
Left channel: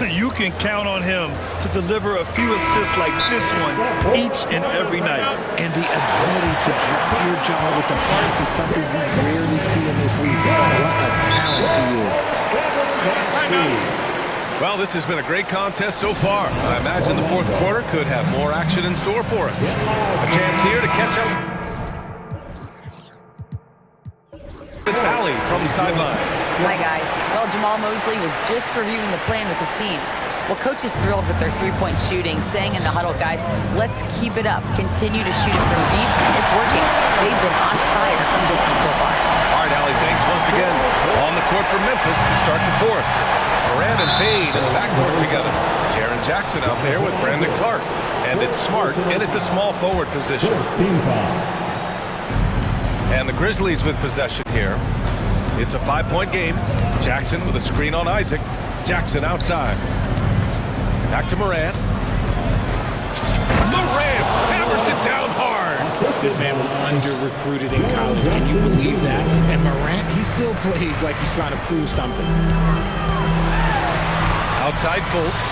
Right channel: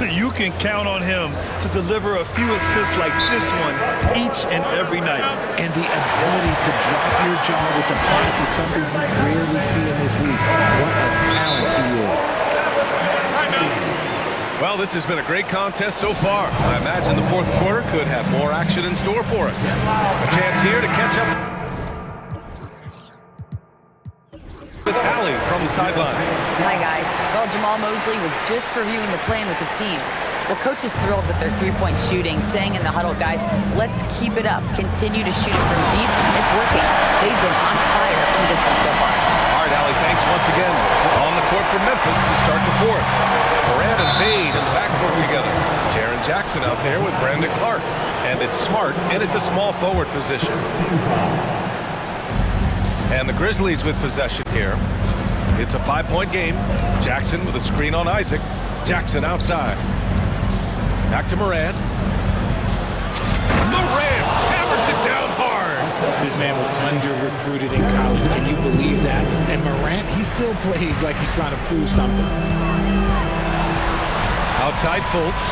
You can count on him to deliver a few assists like this one each and every night. And the ability to drop your jaw with the pass is something you rarely see in this league. What a talent he is. Well, this has been a great contest so far. I imagine the fourth quarter could have more action in store for us. A chance here to catch up with Allie from the sideline. Hi, guys. Well, Jamal Mosley was just reviewing the plan with his team. Well, coach is thrilled with their three-point shooting, saying in the huddle, guys, let's keep it up. Continue to shoot it from deep. It's working. They've been on fire from distance so far. All right, Allie, thanks once again. On the court for Memphis to start the fourth. Morant and Bane in the backcourt together. Jaren Jackson out there with Brandon Clark. And it's Smart in at the small forward position. And the Grizzlies with possession here. It's a 5-point game. Jackson with a screen on Isaac. Jackson outside. Back to Morant. Morant hammers it down hard. This man was under-recruited in college. Can you believe that? And Morant, he still plays like he's trying to prove something. Outside Fultz.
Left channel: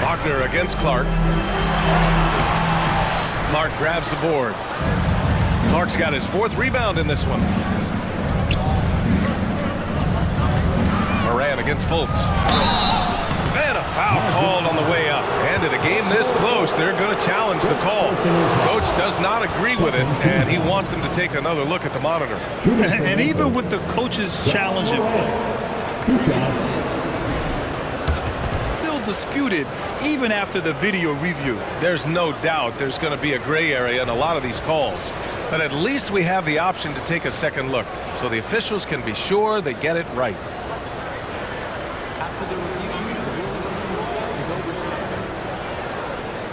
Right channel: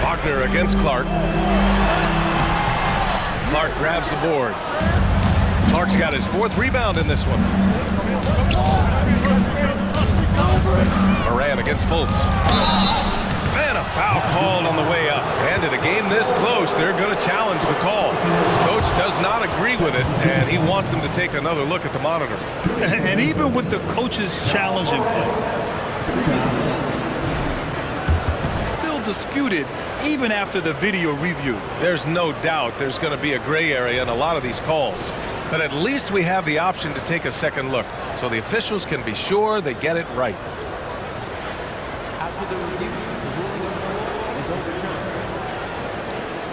Wagner against Clark. Clark grabs the board. Clark's got his fourth rebound in this one. Morant against Fultz. And a foul called on the way up. And in a game this close, they're going to challenge the call. Coach does not agree with it, and he wants them to take another look at the monitor. And even with the coach's challenge in play, still disputed even after the video review. There's no doubt there's going to be a gray area in a lot of these calls. But at least we have the option to take a second look, so the officials can be sure they get it right. After the review, the ruling on the floor is overturned.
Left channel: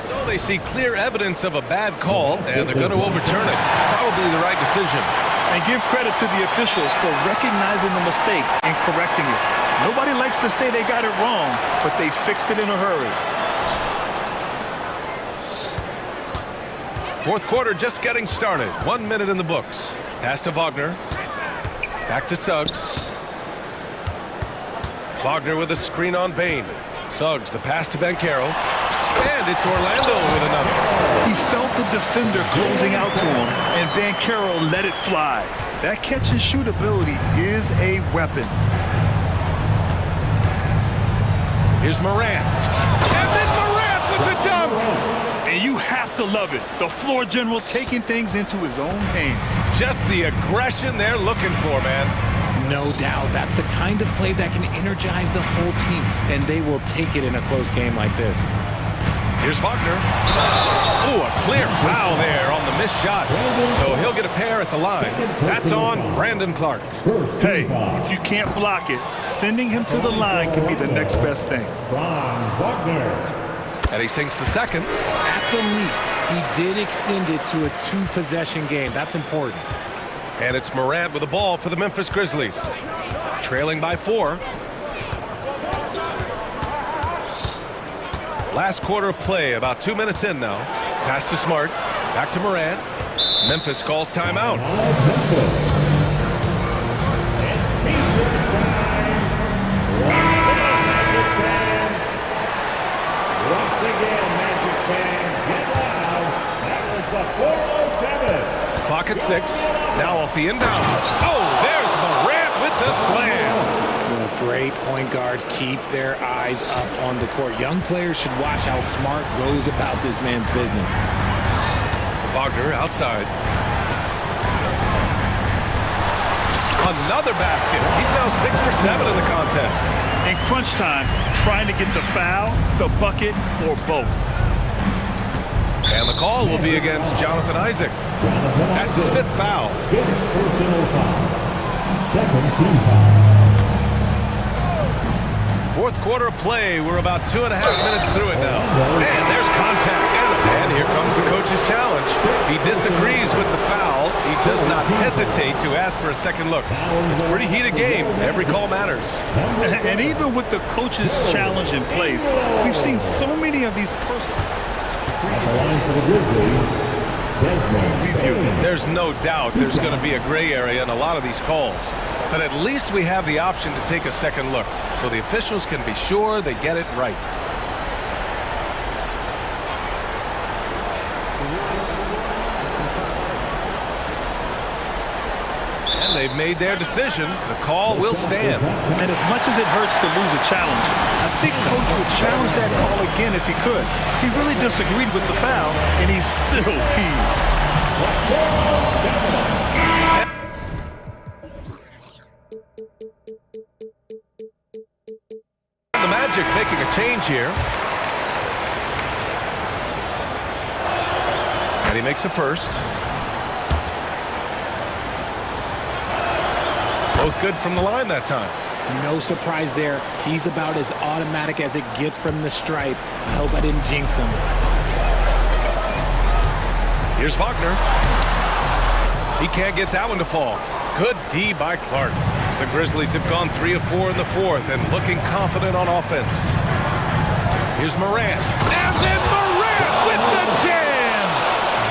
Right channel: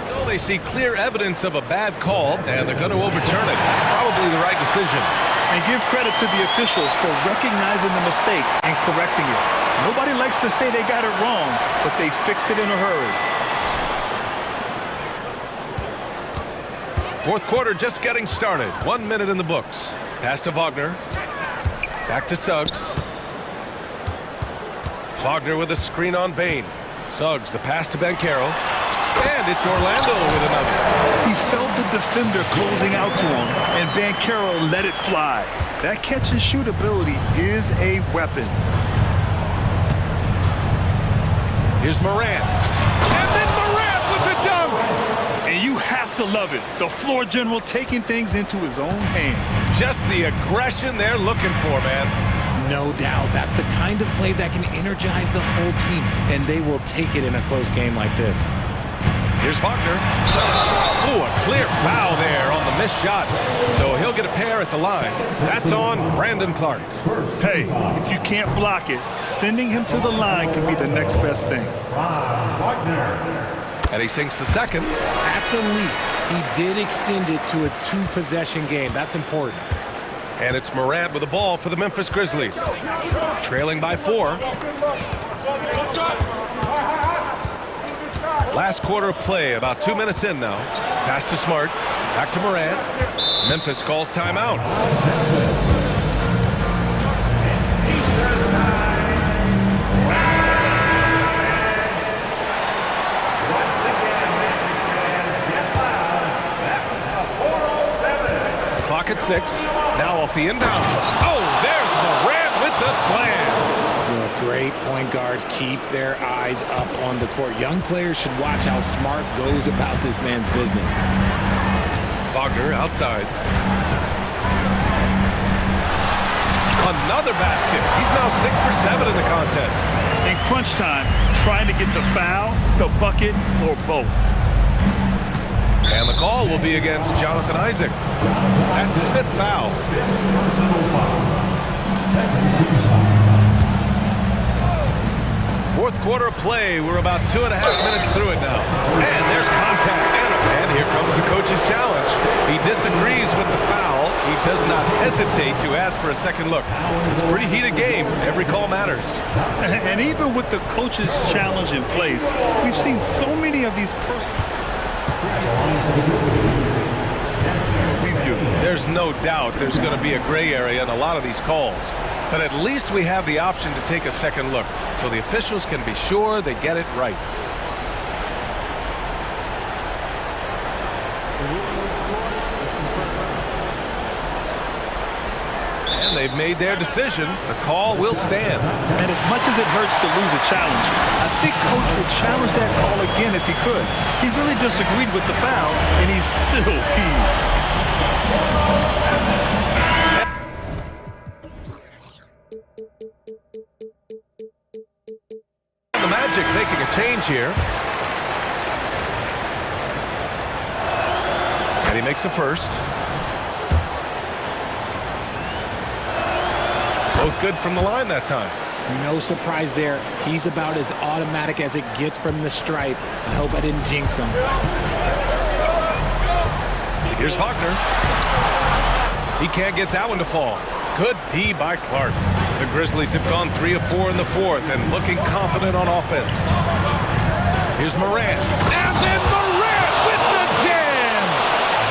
So they see clear evidence of a bad call, and they're going to overturn it. Probably the right decision. And give credit to the officials for recognizing the mistake and correcting it. Nobody likes to say they got it wrong, but they fixed it in a hurry. Fourth quarter just getting started. 1 minute in the books. Pass to Wagner. Back to Suggs. Wagner with a screen on Bain. Suggs, the pass to Banchero. And it's Orlando with another. He felt the defender closing out to him, and Banchero let it fly. That catch-and-shoot ability is a weapon. Here's Morant. And then Morant with the dunk! And you have to love it. The floor general taking things into his own hands. Just the aggression they're looking for, man. No doubt. That's the kind of play that can energize the whole team, and they will take it in a close game like this. Here's Wagner. Ooh, a clear foul there on the missed shot. So he'll get a pair at the line. That's on Brandon Clark. Hey, if you can't block it, sending him to the line can be the next best thing. And he sinks the second. At the least, he did extend it to a two-possession game. That's important. And it's Morant with the ball for the Memphis Grizzlies. Trailing by 4. Last quarter of play, about 2 minutes in now. Pass to Smart. Back to Morant. Memphis calls timeout. Clock at 6. Now off the inbound. Oh, there's Morant with the slam. Great point guards keep their eyes up on the court. Young players should watch how Smart goes about this man's business. Wagner outside. Another basket. He's now 6 for 7 in the contest. In crunch time, trying to get the foul, the bucket, or both. And the call will be against Jonathan Isaac. That's his 5th foul. Fourth quarter of play. We're about 2.5 minutes through it now. And there's contact. And here comes the coach's challenge. He disagrees with the foul. He does not hesitate to ask for a second look. It's a pretty heated game. Every call matters. And even with the coach's challenge in place, we've seen so many of these personal review. There's no doubt there's going to be a gray area in a lot of these calls. But at least we have the option to take a second look, so the officials can be sure they get it right. The ruling on the floor is confirmed. And they've made their decision. The call will stand. And as much as it hurts to lose a challenge, I think Coach would challenge that call again if he could. He really disagreed with the foul, and he's still peeved. The Magic making a change here. And he makes a first. Both good from the line that time. No surprise there. He's about as automatic as it gets from the stripe. I hope I didn't jinx him. Here's Wagner. He can't get that one to fall. Good D by Clark. The Grizzlies have gone 3 of 4 in the fourth and looking confident on offense. Here's Morant. And then Morant with the jam!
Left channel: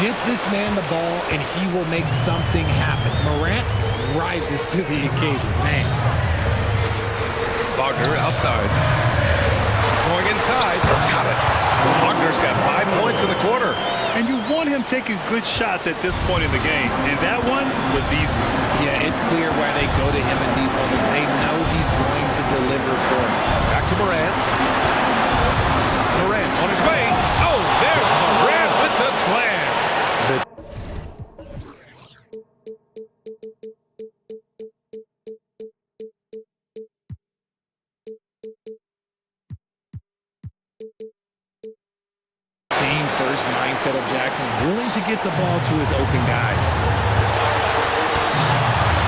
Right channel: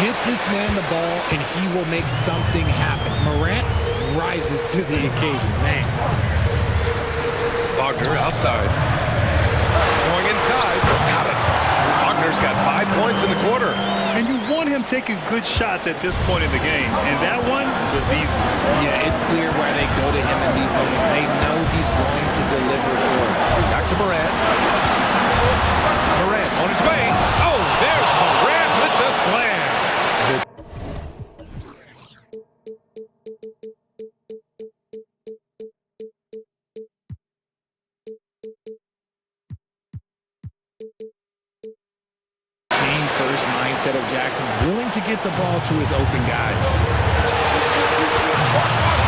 Get this man the ball and he will make something happen. Morant rises to the occasion, man. Wagner outside. Going inside. Got it. Wagner's got 5 points in the quarter. And you want him taking good shots at this point in the game. And that one was easy. Yeah, it's clear why they go to him in these moments. They know he's going to deliver for him. Back to Morant. Morant on his way. Oh, there's Morant with the slam. first mindset of Jackson, willing to get the ball to his open guys.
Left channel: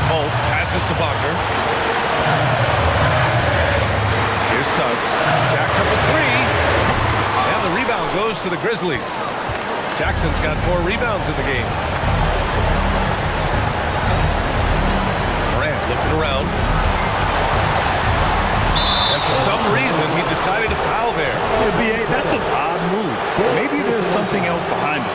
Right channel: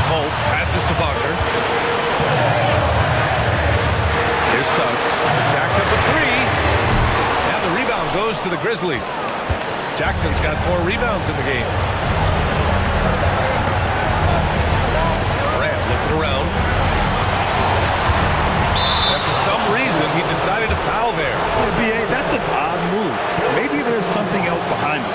Fultz passes to Wagner. Here's Suggs. Jacks up with 3. And the rebound goes to the Grizzlies. Jackson's got 4 rebounds in the game. Morant looking around. And for some reason, he decided to foul there. Yeah, B.A., that's an odd move. Maybe there's something else behind it.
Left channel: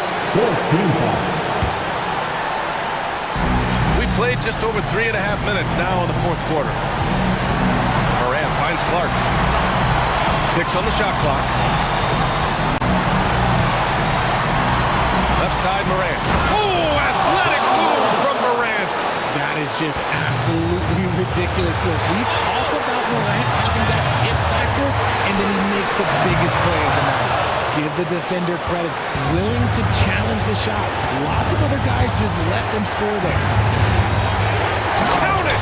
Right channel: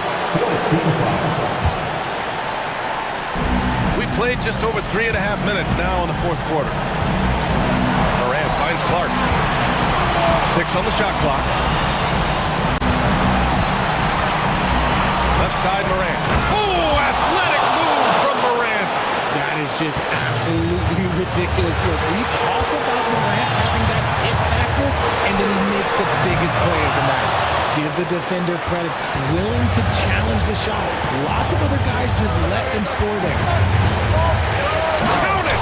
We played just over 3.5 minutes now in the fourth quarter. Morant finds Clark. 6 on the shot clock. Left side, Morant. Oh, athletic move from Morant. That is just absolutely ridiculous. Look, we talk about Morant having that it factor, and then he makes the biggest play of the night. Give the defender credit, willing to challenge the shot. Lots of other guys just let them score there. Count it!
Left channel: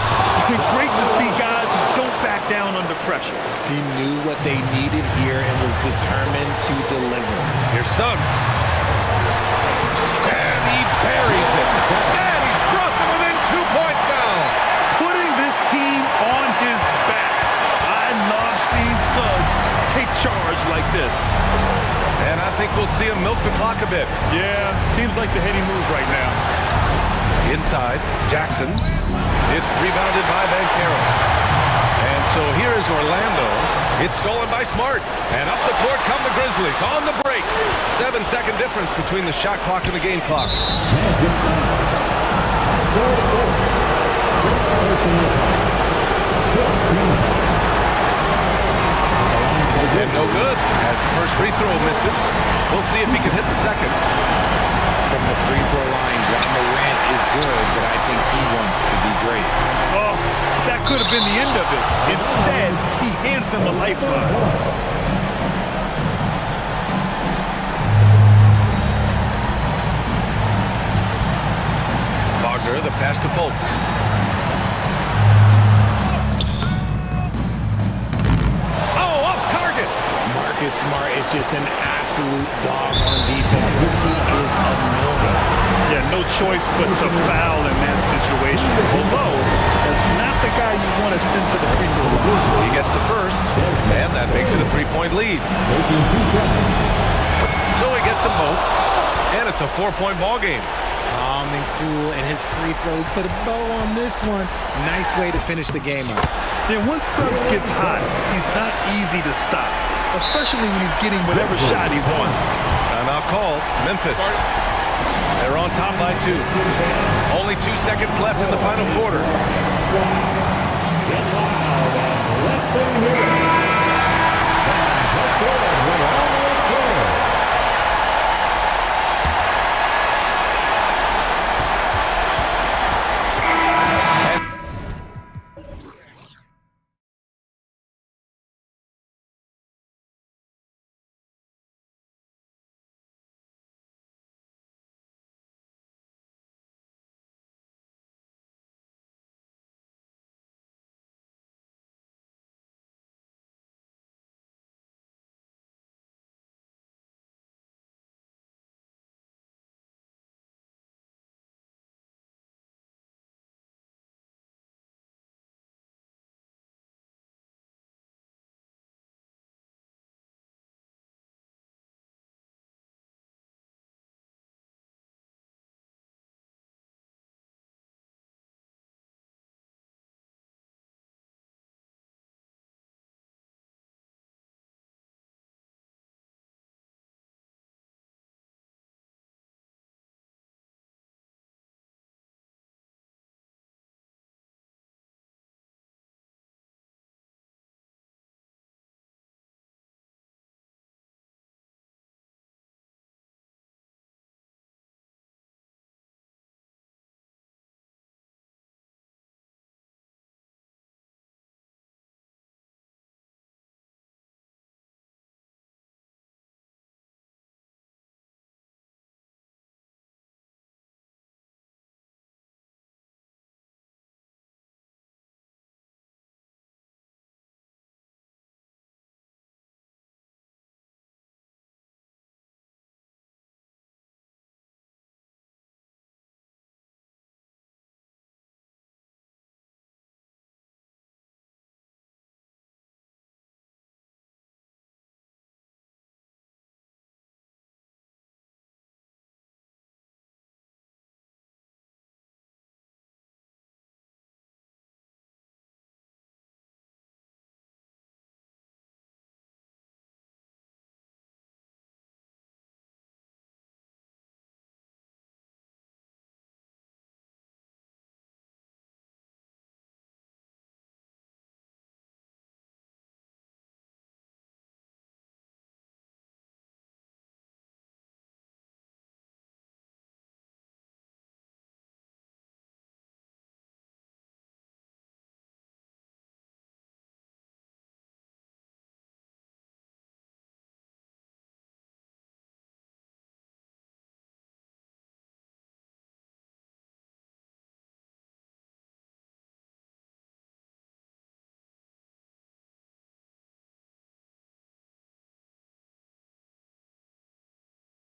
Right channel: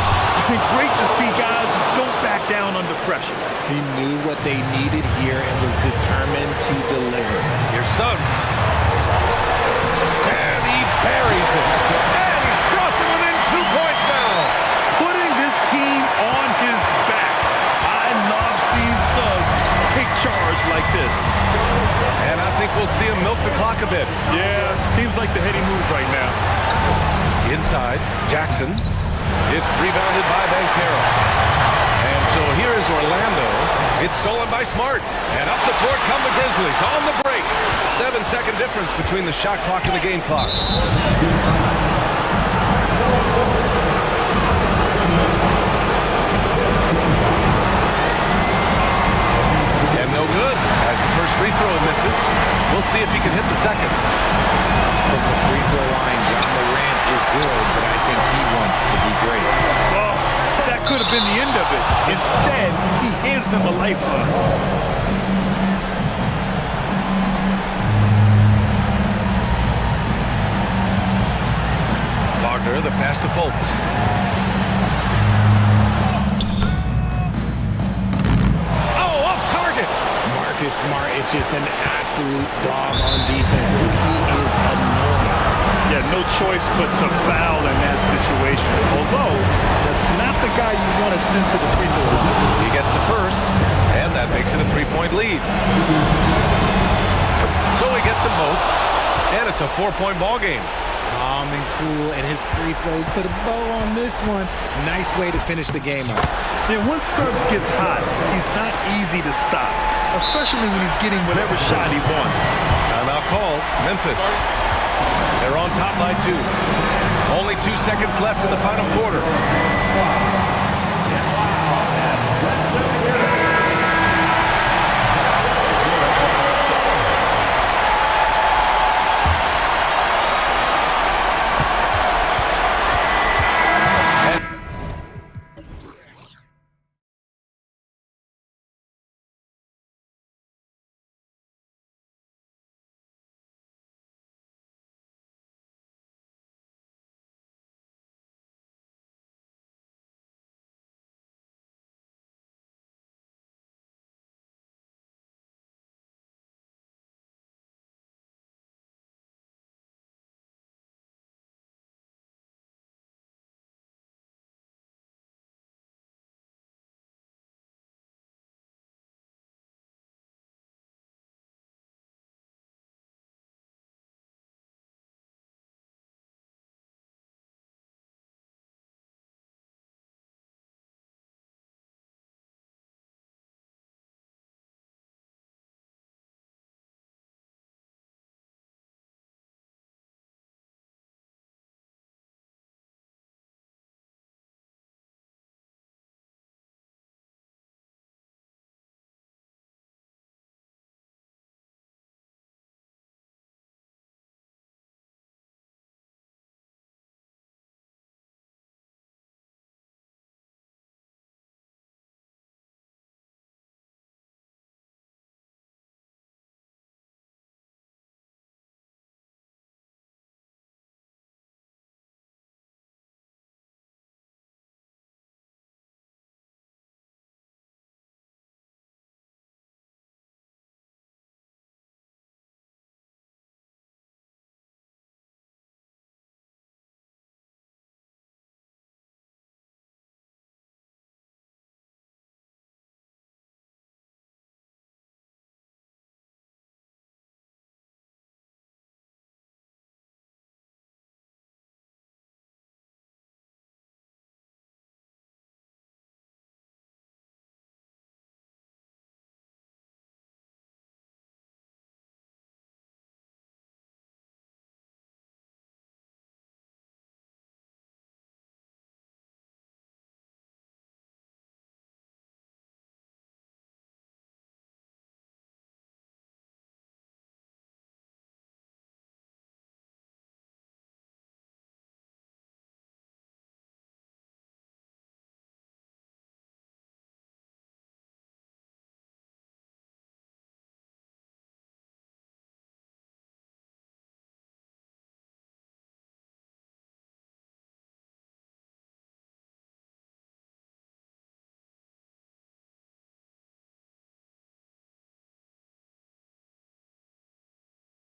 Great to see guys who don't back down under pressure. He knew what they needed here and was determined to deliver. Here's Suggs. And he buries it. And he's brought them within 2 points now. Putting this team on his back. I love seeing Suggs take charge like this. And I think we'll see him milk the clock a bit. Yeah, seems like the heady move right now. Inside, Jackson. It's rebounded by Banchero. And so here is Orlando. It's stolen by Smart. And up the court come the Grizzlies on the break. 7-second difference between the shot clock and the game clock. And no good as the first free throw misses. We'll see if he can hit the second. From the free throw line, John Morant is good, but I think he wants to be great. Oh, that could have been the end of it. Instead, he hands them a lifeline. Wagner, the pass to Fultz. Oh, off target. Marcus Smart is just an absolute dog on defense. Look, he is annoying. Yeah, no choice but to foul in that situation. Although, that's not the guy you want to send to the free throw line. He gets the first, and that makes it a 3-point lead. So he gets them both, and it's a 4-point ball game. Calm and cool, and his free throws put a bow on this one. Nice way to finish the game up. Yeah, once Suggs gets hot, he's not easy to stop, especially when he's getting whatever shot he wants. Timeout called. Memphis. They're on top by 2. Only 2 seconds left in the final quarter.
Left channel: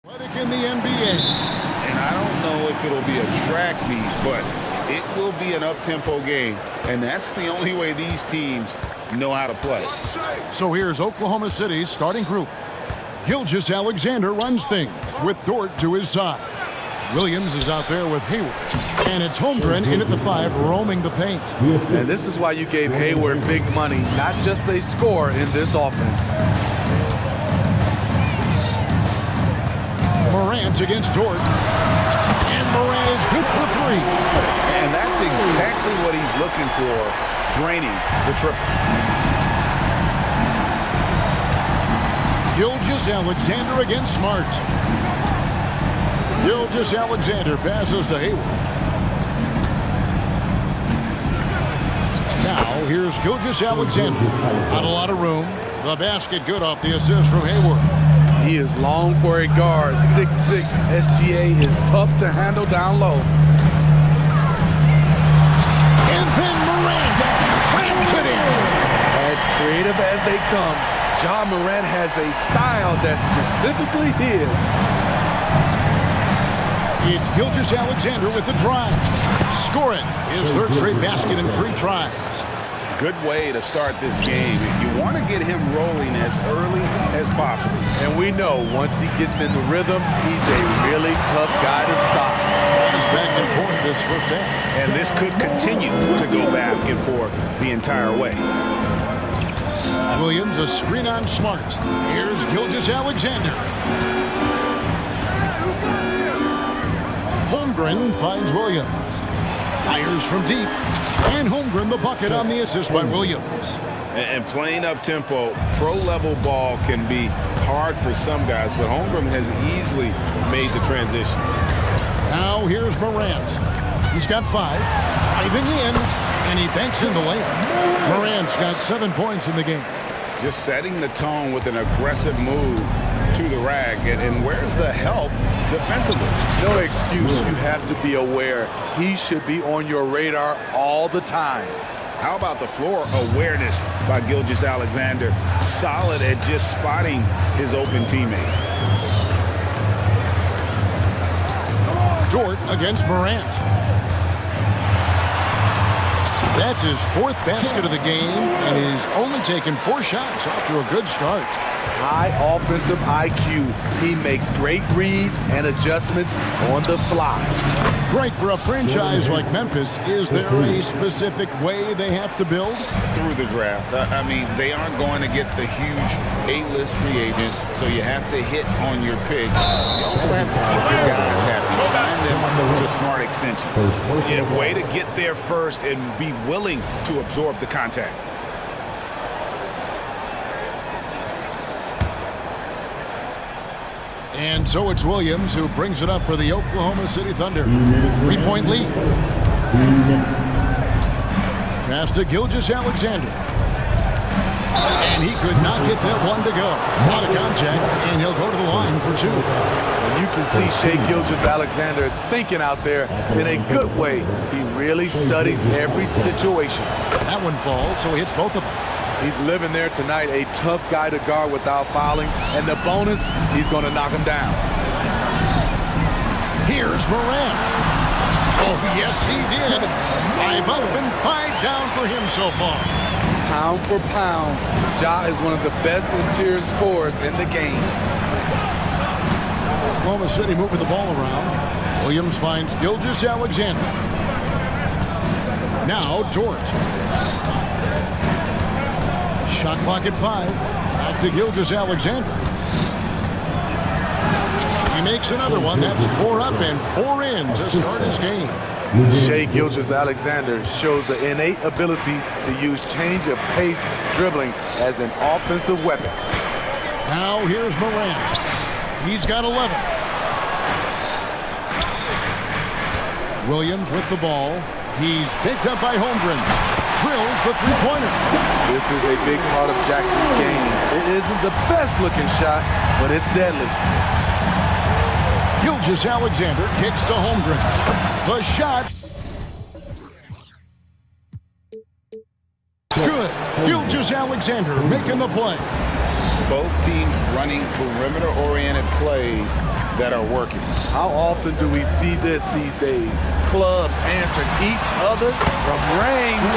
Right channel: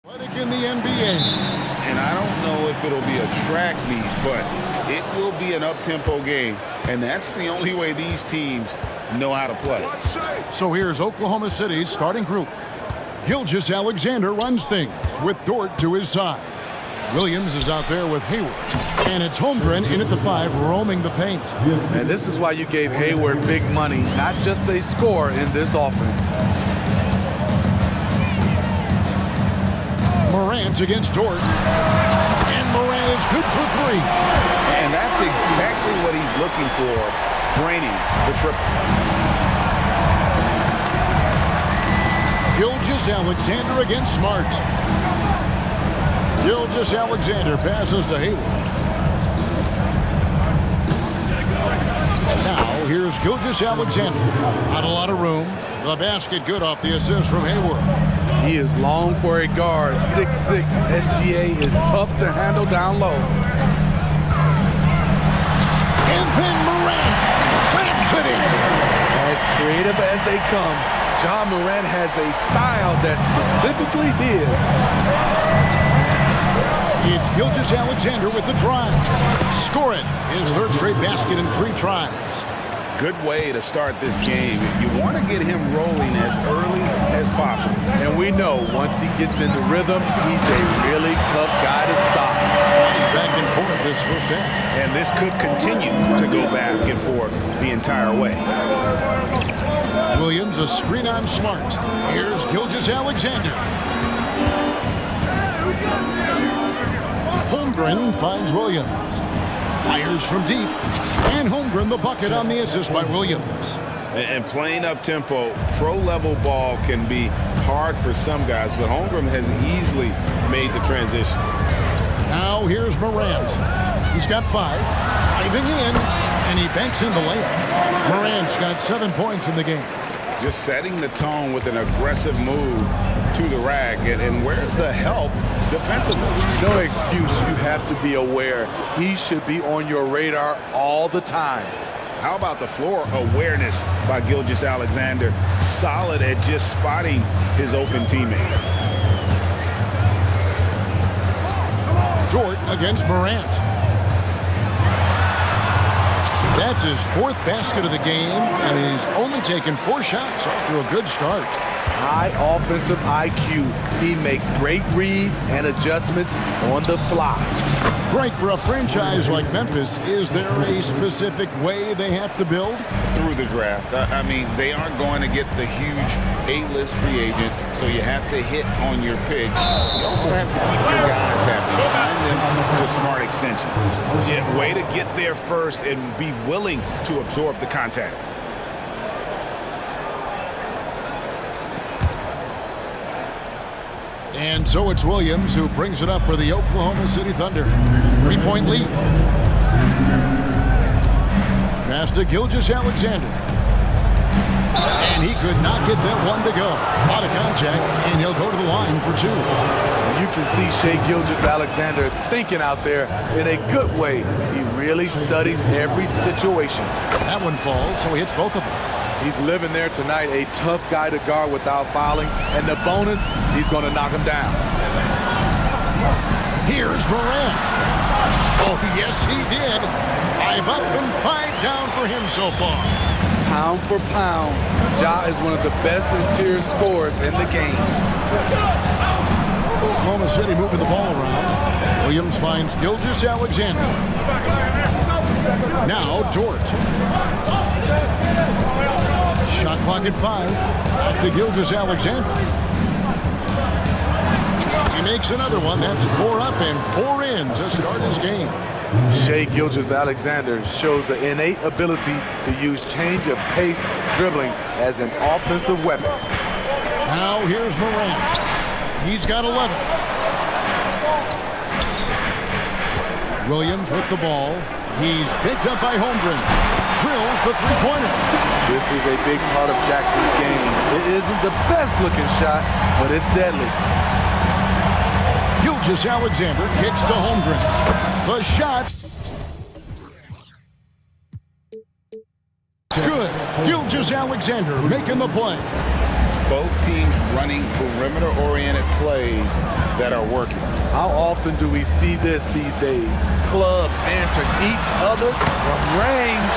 In the NBA. And I don't know if it'll be a track meet, but it will be an up-tempo game. And that's the only way these teams know how to play. So here's Oklahoma City's starting group. Gilgeous-Alexander runs things with Dort to his side. Williams is out there with Hayward. And it's Holmgren in at the 5, roaming the paint. And this is why you gave Hayward big money, not just a score in this offense. Morant against Dort. And Morant is good for 3. And that's exactly what he's looking for, draining the triple. Gilgeous-Alexander against Smart. Gilgeous-Alexander passes to Hayward. Now here's Gilgeous-Alexander. Not a lot of room. The basket good off the assist from Hayward. He is long for a guard. 6'6". SGA is tough to handle down low. And then Morant slams it in. As creative as they come, Ja Morant has a style that's specifically his. It's Gilgeous-Alexander with the drive. Score it. His 3rd straight basket in 3 tries. Good way to start this game. You want to get him rolling as early as possible. And we know once he gets in the rhythm, he's a really tough guy to stop. He's back and forth this first half. And this could continue to go back and forth the entire way. Williams a screen on Smart. Here's Gilgeous-Alexander. Holmgren finds Williams. Fires from deep. And Holmgren the bucket on the assist by Williams. And playing up-tempo, pro-level ball can be hard for some guys, but Holmgren has easily made the transition. Now here's Morant. He's got 5. Driving in, and he banks in the layup. Morant's got 7 points in the game. Just setting the tone with an aggressive move to the rack. And where's the help defensively? No excuse. You have to be aware. He should be on your radar all the time. How about the floor awareness by Gilgeous-Alexander? Solid at just spotting his open teammate. Dort against Morant. That's his 4th basket of the game, and he's only taken 4 shots. Off to a good start. High offensive IQ. He makes great reads and adjustments on the fly. Great for a franchise like Memphis. Is there a specific way they have to build? Through the draft. I mean, they aren't going to get the huge A-list free agents, so you have to hit on your picks. You also have to keep your guys happy. Sign them to smart extensions. Yeah, way to get there first and be willing to absorb the contact. And so it's Williams who brings it up for the Oklahoma City Thunder. 3-point lead. Pass to Gilgeous-Alexander. And he could not get that one to go. Out of contact, and he'll go to the line for 2. And you can see Shai Gilgeous-Alexander thinking out there in a good way. He really studies every situation. That one falls, so he hits both of them. He's living there tonight, a tough guy to guard without fouling. And the bonus, he's going to knock him down. Here's Morant. Oh, yes, he did. 5 up and 5 down for him so far. Pound for pound, Ja is one of the best interior scorers in the game. Oklahoma City moving the ball around. Williams finds Gilgeous-Alexander. Now Dort. Shot clock at 5. Back to Gilgeous-Alexander. He makes another one. That's 4 up and 4 in to start his game. Shai Gilgeous-Alexander shows the innate ability to use change of pace dribbling as an offensive weapon. Now here's Morant. He's got 11. Williams with the ball. He's picked up by Holmgren. Drills the 3-pointer. This is a big part of Jackson's game. It isn't the best looking shot, but it's deadly. Gilgeous-Alexander kicks to Holmgren. The shot. Good. Gilgeous-Alexander making the play. Both teams running perimeter-oriented plays that are working. How often do we see this these days? Clubs answering each other from range.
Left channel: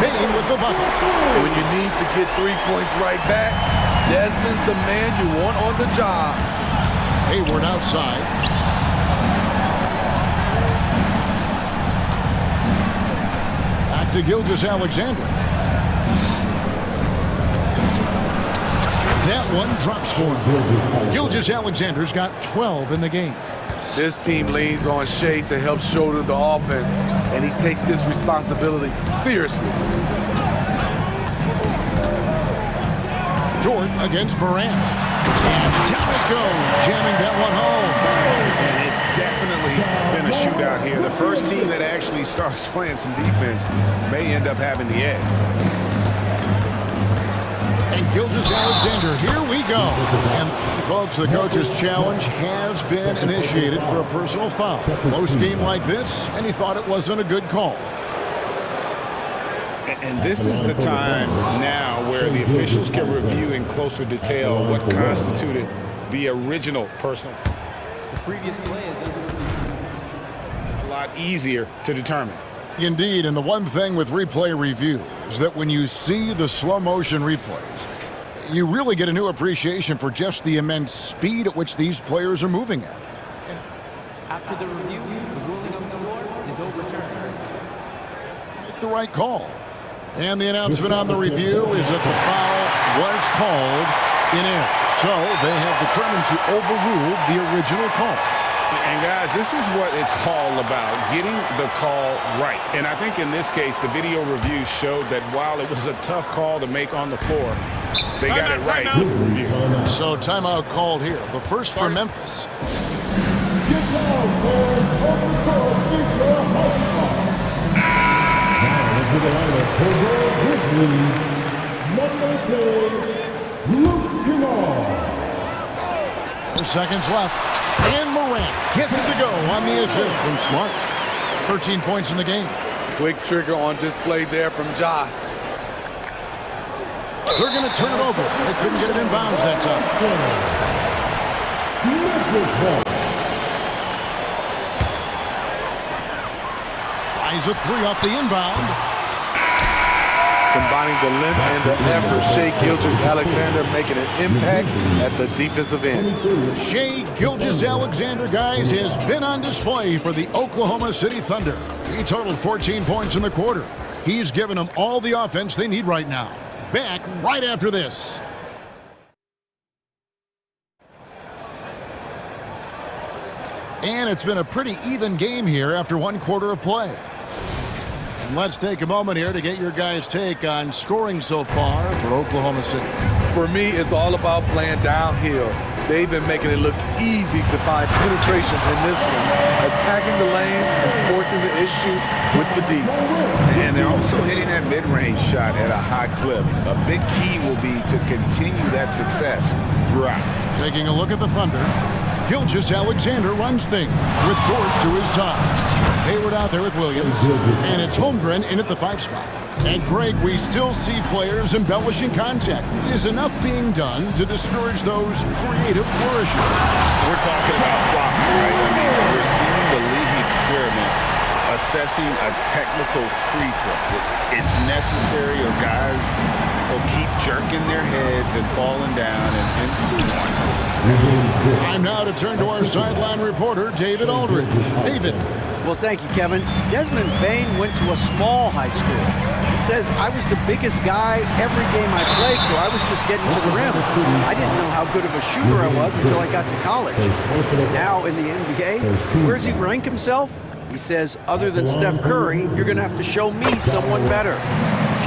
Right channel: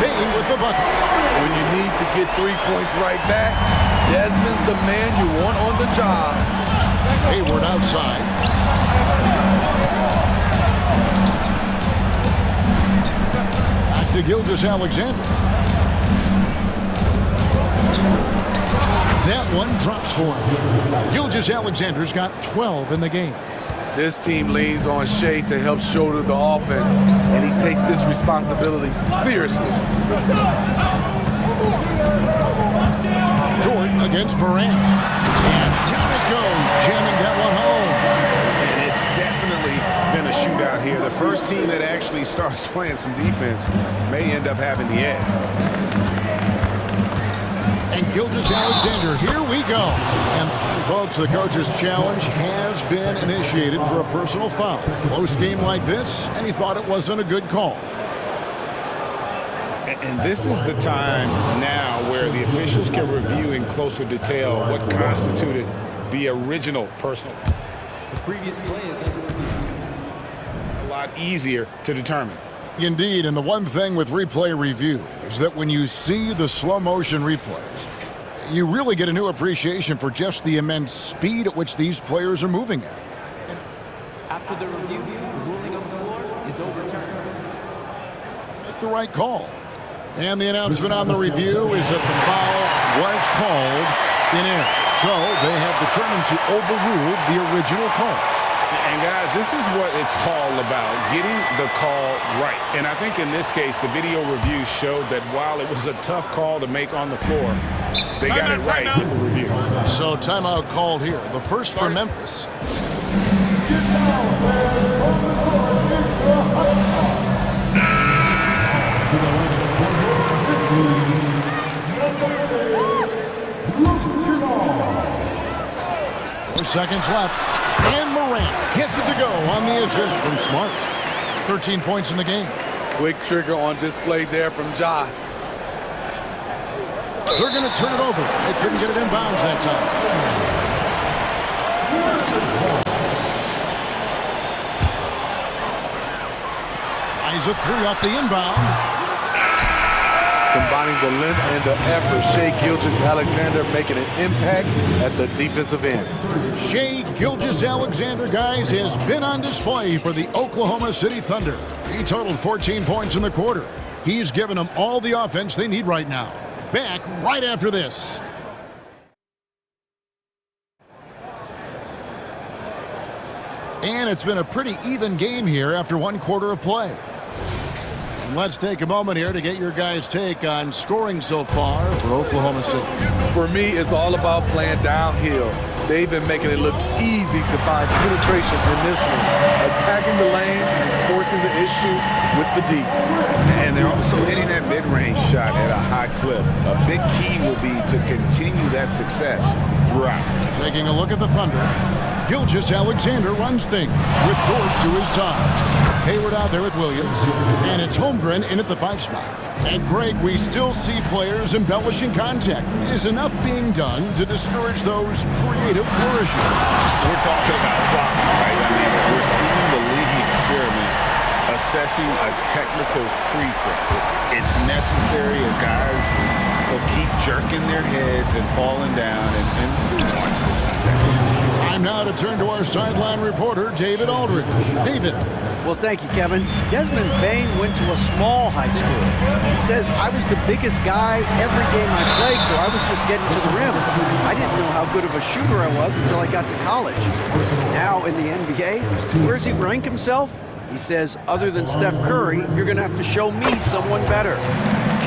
Bain with the bucket. When you need to get 3 points right back, Desmond's the man you want on the job. Hayward outside. Back to Gilgeous-Alexander. That one drops for him. Gilgeous-Alexander's got 12 in the game. This team leans on Shea to help shoulder the offense, and he takes this responsibility seriously. Dort against Morant. And down it goes, jamming that one home. And it's definitely been a shootout here. The first team that actually starts playing some defense may end up having the edge. And Gilgeous-Alexander, here we go. And folks, the coach's challenge has been initiated for a personal foul. Close game like this, and he thought it wasn't a good call. And this is the time now where the officials can review in closer detail what constituted the original personal foul. The previous play is under review. A lot easier to determine. Indeed, and the one thing with replay review is that when you see the slow motion replays, you really get a new appreciation for just the immense speed at which these players are moving at. And after the review, the ruling on the floor is overturned. Make the right call. And the announcement on the review is that the foul was called in error. So they have determined to overrule the original call. And guys, this is what it's all about, getting the call right. And I think in this case, the video review showed that while it was a tough call to make on the floor, they got it right with the review. So timeout called here. The first for Memphis. Four seconds left. And Morant gets it to go on the assist from Smart. 13 points in the game. Quick trigger on display there from Ja. They're going to turn it over. They couldn't get it in bounds that time. Tries a three off the inbound. Combining the length and the effort, Shea Gilgeous-Alexander making an impact at the defensive end. Shea Gilgeous-Alexander, guys, has been on display for the Oklahoma City Thunder. He totaled 14 points in the quarter. He's given them all the offense they need right now. Back right after this. And it's been a pretty even game here after one quarter of play. And let's take a moment here to get your guys' take on scoring so far for Oklahoma City. For me, it's all about playing downhill. They've been making it look easy to find penetration in this one, attacking the lanes and forcing the issue with the D. And they're also hitting that mid-range shot at a high clip. A big key will be to continue that success throughout. Taking a look at the Thunder, Gilgeous-Alexander runs things with Dort to his side. Hayward out there with Williams, and it's Holmgren in at the 5 spot. And Greg, we still see players embellishing contact. Is enough being done to discourage those creative flourishes? We're talking about flopping, right? I mean, we're seeing the league experiment assessing a technical free throw. It's necessary, or guys will keep jerking their heads and falling down, and who wants to see that? Time now to turn to our sideline reporter, David Aldridge. David. Well, thank you, Kevin. Desmond Bain went to a small high school. He says, I was the biggest guy every game I played, so I was just getting to the rim. I didn't know how good of a shooter I was until I got to college. Now in the NBA, where does he rank himself? He says, other than Steph Curry, you're going to have to show me someone better.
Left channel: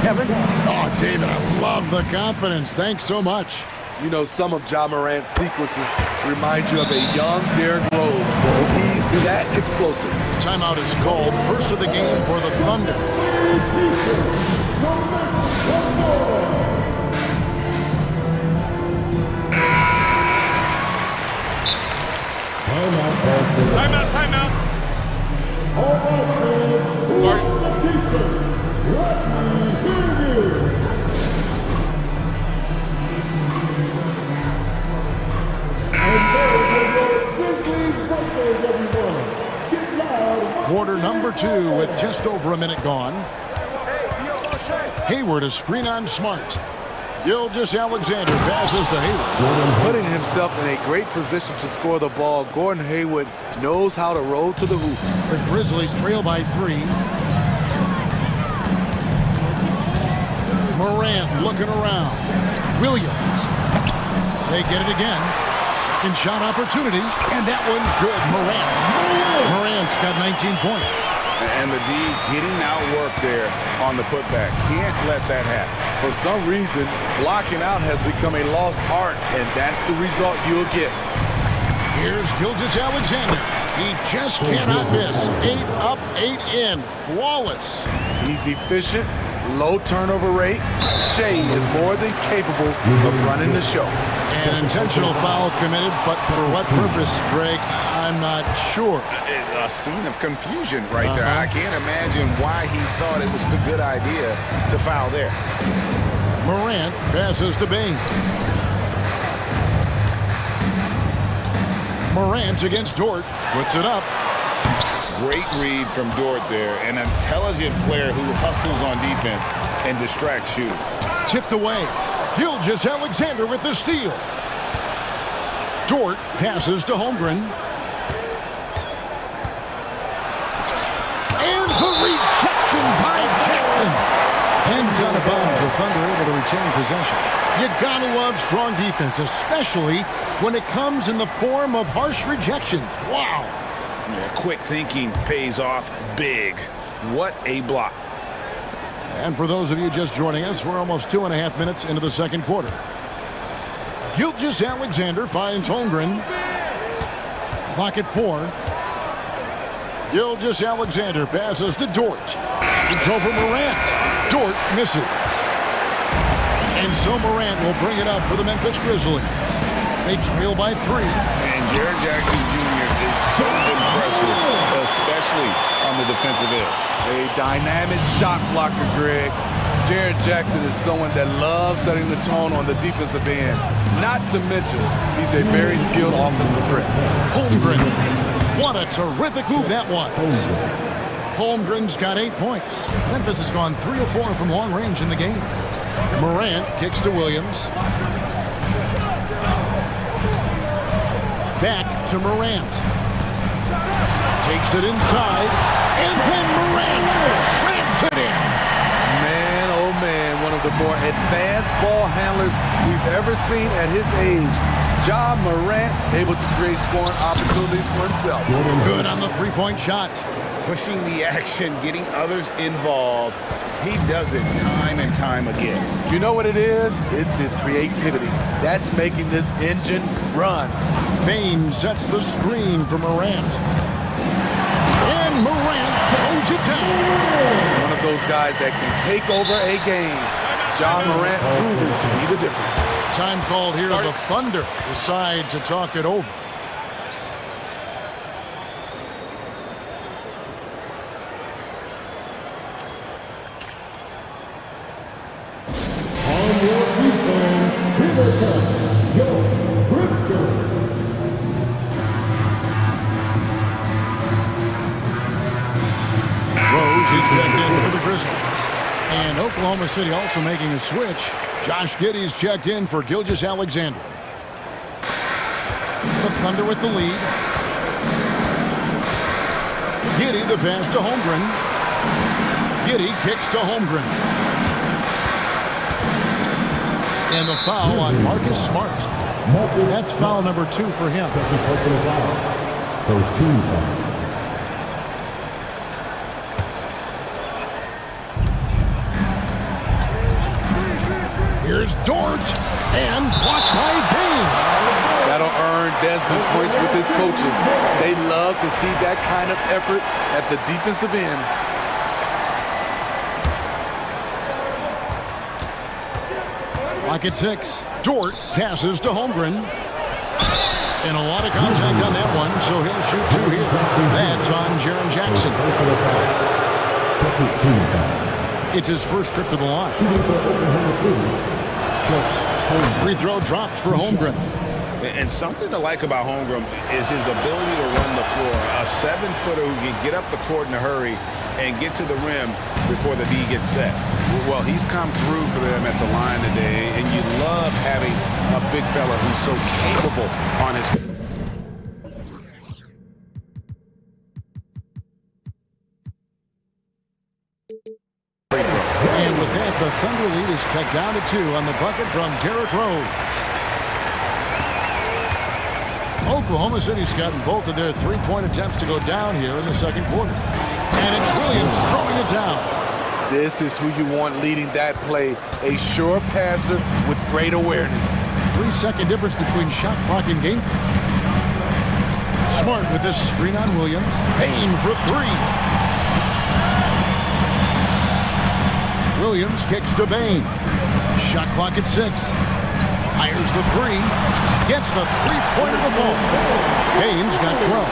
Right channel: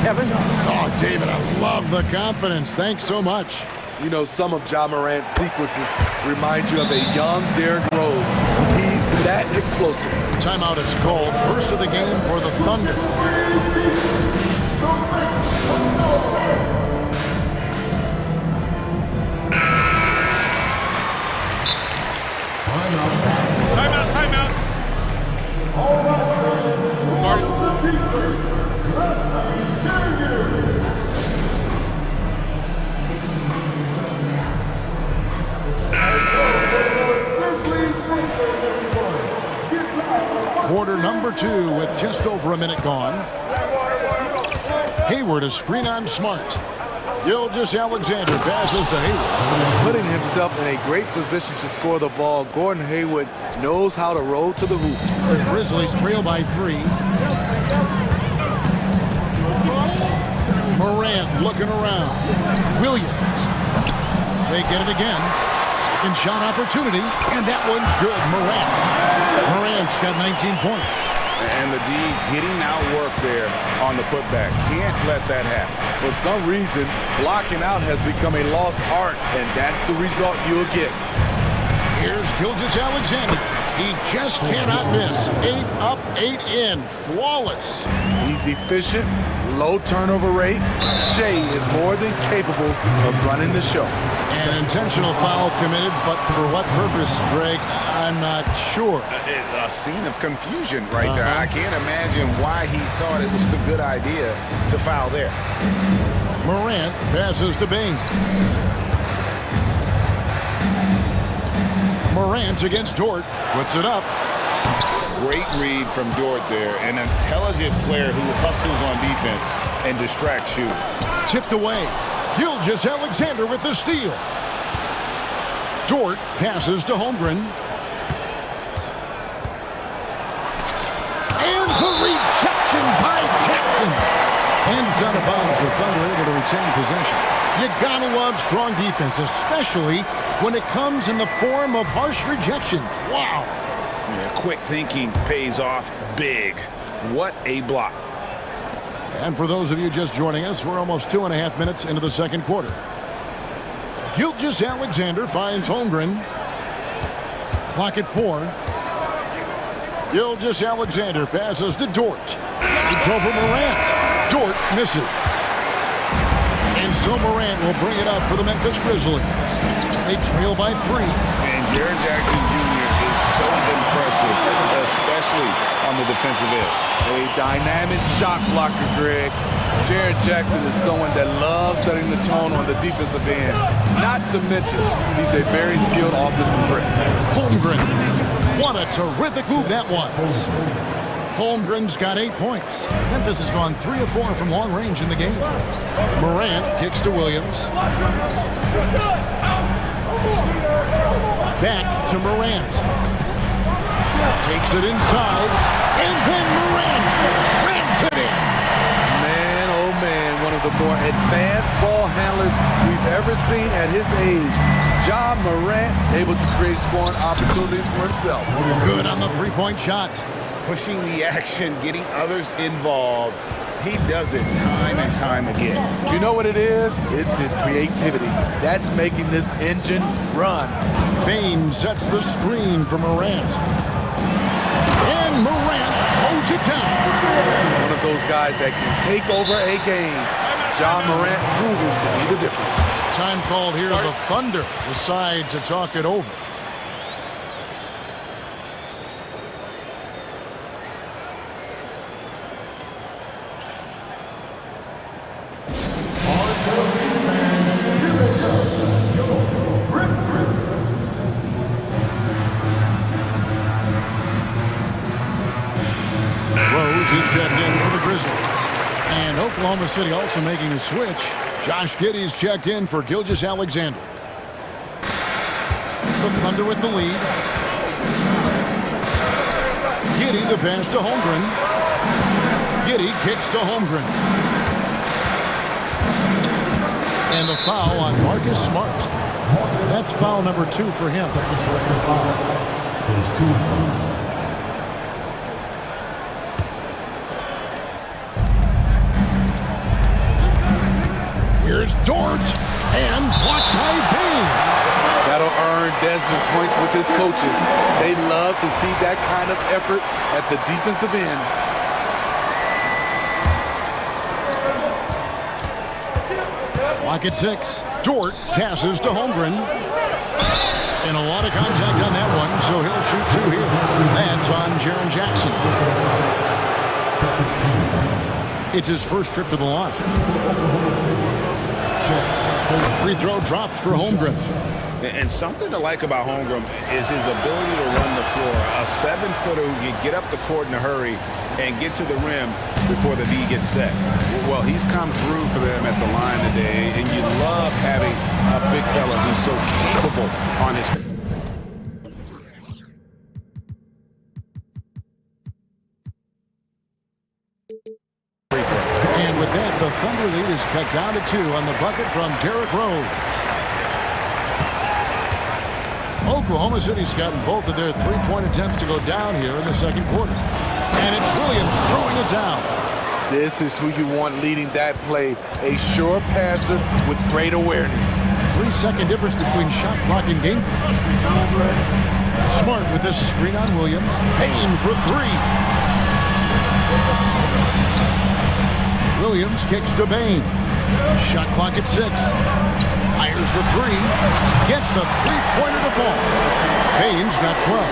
Kevin? Oh, David, I love the confidence. Thanks so much. You know, some of Ja Morant's sequences remind you of a young Derrick Rose. He's that explosive. Timeout is called. First of the game for the Thunder. Timeout. quarter number 2 with just over a minute gone. Hayward a screen on Smart. Gilgeous-Alexander passes to Hayward. Putting himself in a great position to score the ball, Gordon Hayward knows how to roll to the hoop. The Grizzlies trail by 3. Morant looking around. Williams. They get it again. Second shot opportunity, and that one's good. Morant's got 19 points. And the D getting outworked there on the putback. Can't let that happen. For some reason, blocking out has become a lost art, and that's the result you'll get. Here's Gilgeous-Alexander. He just cannot miss. 8 up, 8 in. Flawless. He's efficient, low turnover rate. Shea is more than capable of running the show. An intentional foul committed, but for what purpose, Greg? I'm not sure. A scene of confusion right there. I can't imagine why he thought it was a good idea to foul there. Morant passes to Bain. Morant against Dort. Puts it up. Great read from Dort there. An intelligent player who hustles on defense and distracts shooters. Tipped away. Gilgeous-Alexander with the steal. Dort passes to Holmgren. And the rejection by Jackson. And it's out of bounds. The Thunder able to retain possession. You gotta love strong defense, especially when it comes in the form of harsh rejections. Wow. Yeah, quick thinking pays off big. What a block. And for those of you just joining us, we're almost 2.5 minutes into the second quarter. Gilgeous-Alexander finds Holmgren. Clock at 4. Gilgeous-Alexander passes to Dort. It's over Morant. Dort misses. And so Morant will bring it up for the Memphis Grizzlies. They trail by 3. And Jaren Jackson Jr. is so impressive, especially on the defensive end. A dynamic shot blocker, Greg. Jaren Jackson is someone that loves setting the tone on the defensive end. Not to mention, he's a very skilled offensive threat. Holmgren. What a terrific move that was. Holmgren's got 8 points. Memphis has gone 3 of 4 from long range in the game. Morant kicks to Williams. Back to Morant. Takes it inside. And then Morant slams it in. Man, oh man, one of the more advanced ball handlers we've ever seen at his age. Ja Morant able to create scoring opportunities for himself. Good on the three-point shot. Pushing the action, getting others involved. He does it time and time again. You know what it is? It's his creativity. That's making this engine run. Bain sets the screen for Morant. And Morant throws it down. One of those guys that can take over a game. Ja Morant proving to be the difference. Time called here. The Thunder decide to talk it over. He's checked in for the Grizzlies. And Oklahoma City also making a switch. Josh Giddey's checked in for Gilgeous-Alexander. The Thunder with the lead. Giddey the pass to Holmgren. Giddey kicks to Holmgren. And the foul on Marcus Smart. That's foul number 2 for him. First team foul. Here's Dort, and blocked by Bain. That'll earn Desmond points with his coaches. They love to see that kind of effort at the defensive end. Clock at 6. Dort passes to Holmgren. And a lot of contact on that one, so he'll shoot 2 here. That's on Jaren Jackson. It's his first trip to the line. Free throw drops for Holmgren. And something to like about Holmgren is his ability to run the floor. A 7-footer who can get up the court in a hurry and get to the rim before the D gets set. Well, he's come through for them at the line today, and you love having a big fella who's so capable on his feet. And with that, the Thunder lead is cut down to 2 on the bucket from Derrick Rose. Oklahoma City's gotten both of their three-point attempts to go down here in the second quarter. And it's Williams throwing it down. This is who you want leading that play, a sure passer with great awareness. 3-second difference between shot clock and game. Smart with this screen on Williams. Payne for 3. Williams kicks to Bain. Shot clock at 6. Fires the 3. Gets the three-pointer to fall. Bain's got 12.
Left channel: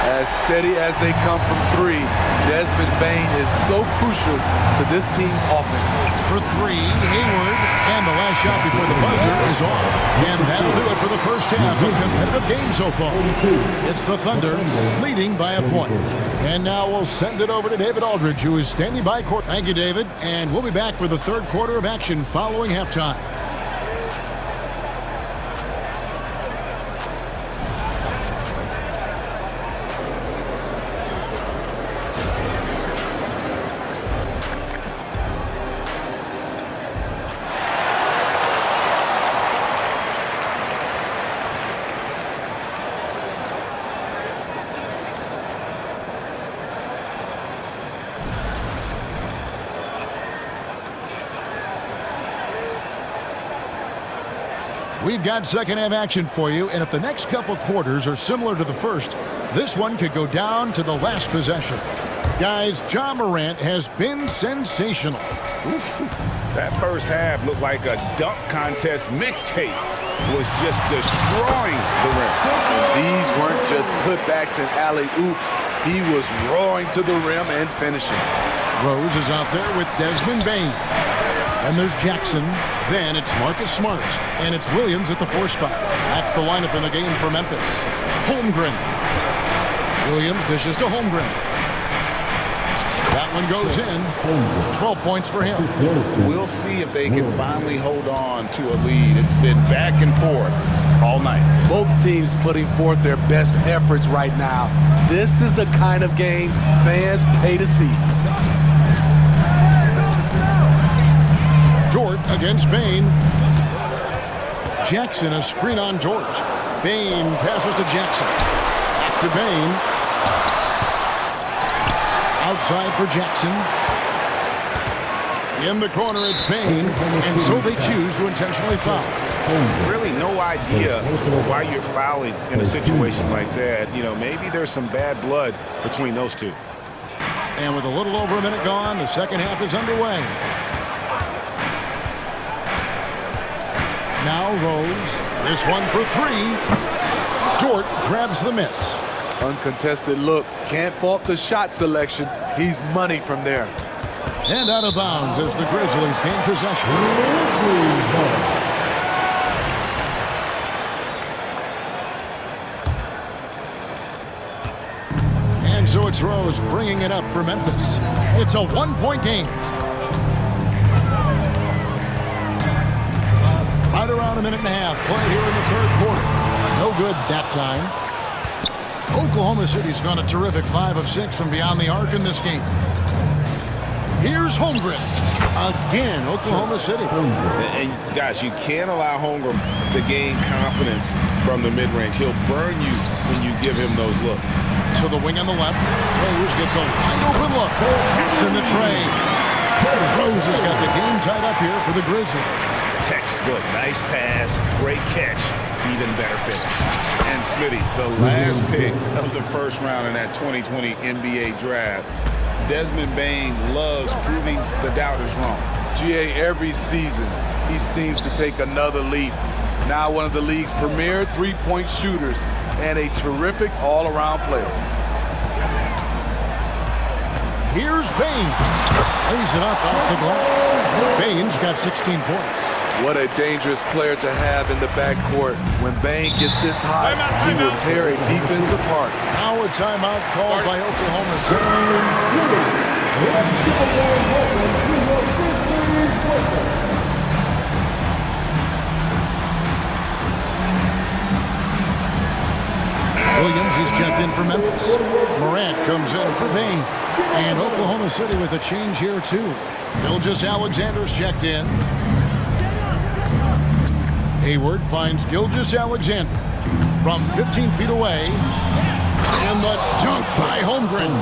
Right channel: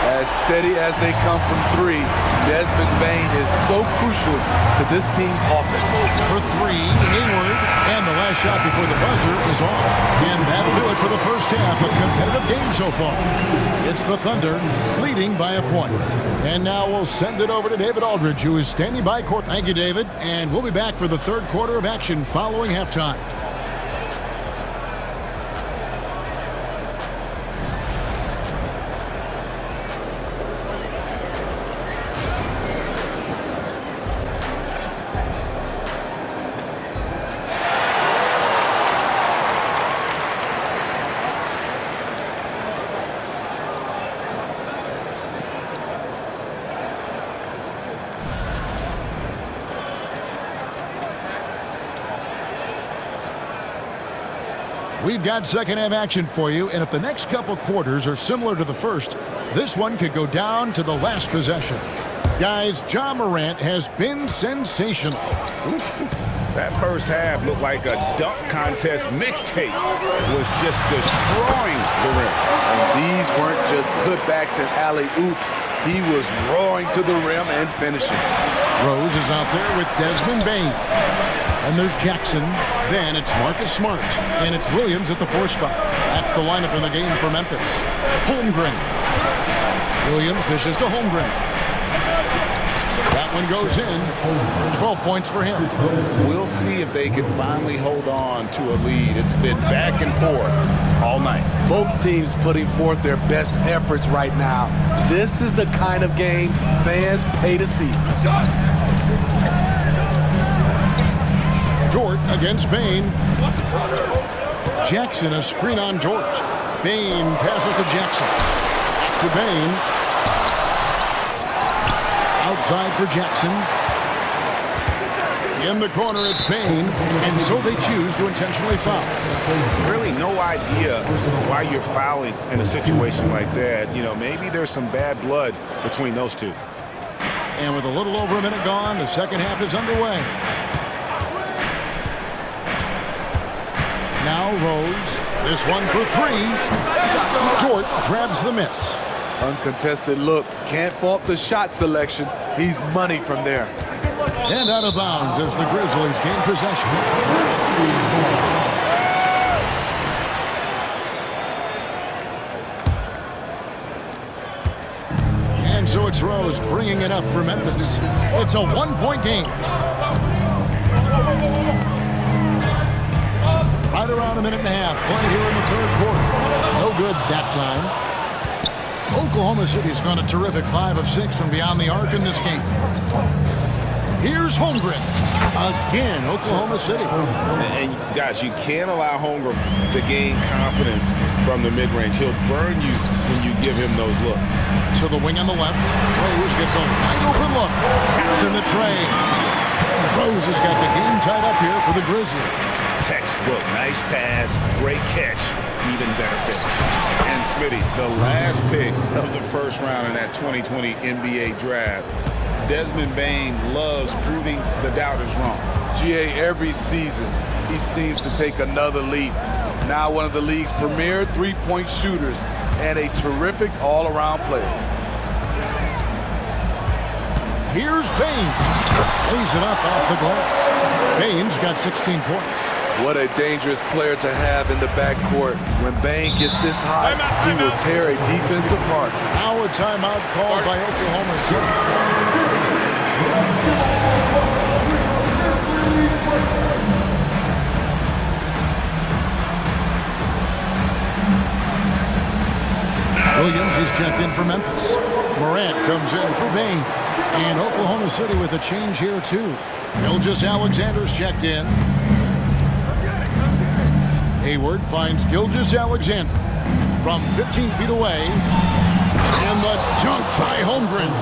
As steady as they come from 3, Desmond Bain is so crucial to this team's offense. For 3, Hayward. And the last shot before the buzzer is off. And that'll do it for the first half. A competitive game so far. It's the Thunder leading by a point. And now we'll send it over to David Aldridge, who is standing by court. Thank you, David. And we'll be back for the third quarter of action following halftime. We've got second half action for you, and if the next couple quarters are similar to the first, this one could go down to the last possession. Guys, Ja Morant has been sensational. That first half looked like a dunk contest mixtape. Was just destroying the rim. And these weren't just putbacks and alley-oops. He was roaring to the rim and finishing. Rose is out there with Desmond Bain. Then there's Jackson. Then it's Marcus Smart. And it's Williams at the 4 spot. That's the lineup in the game for Memphis. Holmgren. Williams dishes to Holmgren. That one goes in. 12 points for him. We'll see if they can finally hold on to a lead. It's been back and forth all night. Both teams putting forth their best efforts right now. This is the kind of game fans pay to see. Dort against Bain. Jackson, a screen on George. Bain passes to Jackson. Back to Bain. Outside for Jackson. In the corner, it's Bain, and so they choose to intentionally foul. Really no idea why you're fouling in a situation like that. You know, maybe there's some bad blood between those two. And with a little over a minute gone, the second half is underway. Now Rose. This one for 3. Dort grabs the miss. Uncontested look. Can't fault the shot selection. He's money from there. And out of bounds as the Grizzlies gain possession. And so it's Rose bringing it up for Memphis. It's a 1-point game. Right around a minute and a half played here in the third quarter. No good that time. Oklahoma City's gone a terrific 5 of 6 from beyond the arc in this game. Here's Holmgren. Again, Oklahoma City. And guys, you can't allow Holmgren to gain confidence from the mid-range. He'll burn you when you give him those looks. To the wing on the left. Rose gets a wide open look. Catch in the tray. Rose has got the game tied up here for the Grizzlies. Textbook, nice pass, great catch, even better finish. And Smitty, the last pick of the first round in that 2020 NBA draft, Desmond Bain loves proving the doubters wrong. GA, every season, he seems to take another leap. Now one of the league's premier three-point shooters and a terrific all-around player. Here's Bain. Lays it up off the glass. Bain's got 16 points. What a dangerous player to have in the backcourt. When Bane gets this hot, he will tear a defense apart. Now a timeout called by Oklahoma City. Williams is checked in for Memphis. Morant comes in for Bane. And Oklahoma City with a change here too. Gilgeous-Alexander's checked in. Hayward finds Gilgeous-Alexander from 15 feet away. And the dunk by Holmgren.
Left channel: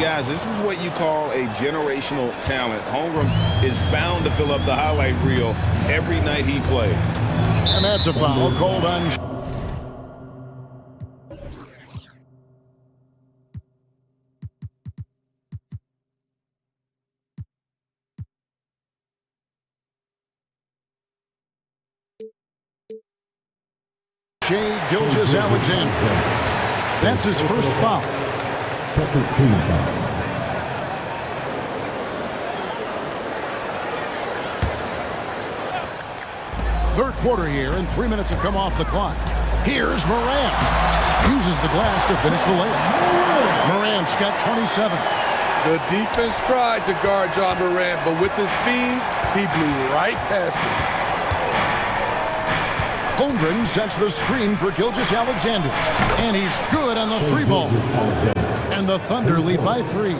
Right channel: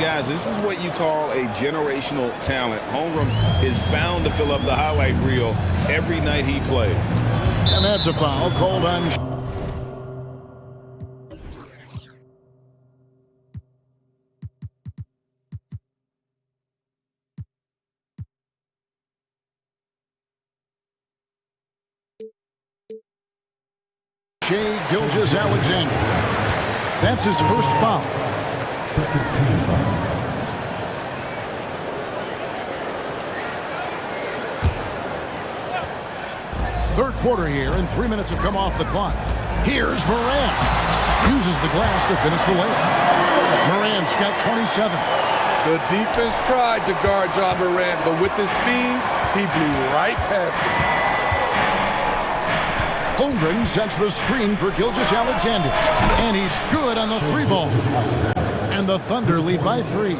Guys, this is what you call a generational talent. Holmgren is bound to fill up the highlight reel every night he plays. And that's a foul called on Gilgeous-Alexander. That's his first foul. Second team foul. Third quarter here, and 3 minutes have come off the clock. Here's Morant. Uses the glass to finish the layup. Morant's got 27. The defense tried to guard John Morant, but with his speed, he blew right past him. Holmgren sets the screen for Gilgeous-Alexander. And he's good on the three ball. And the Thunder lead by 3.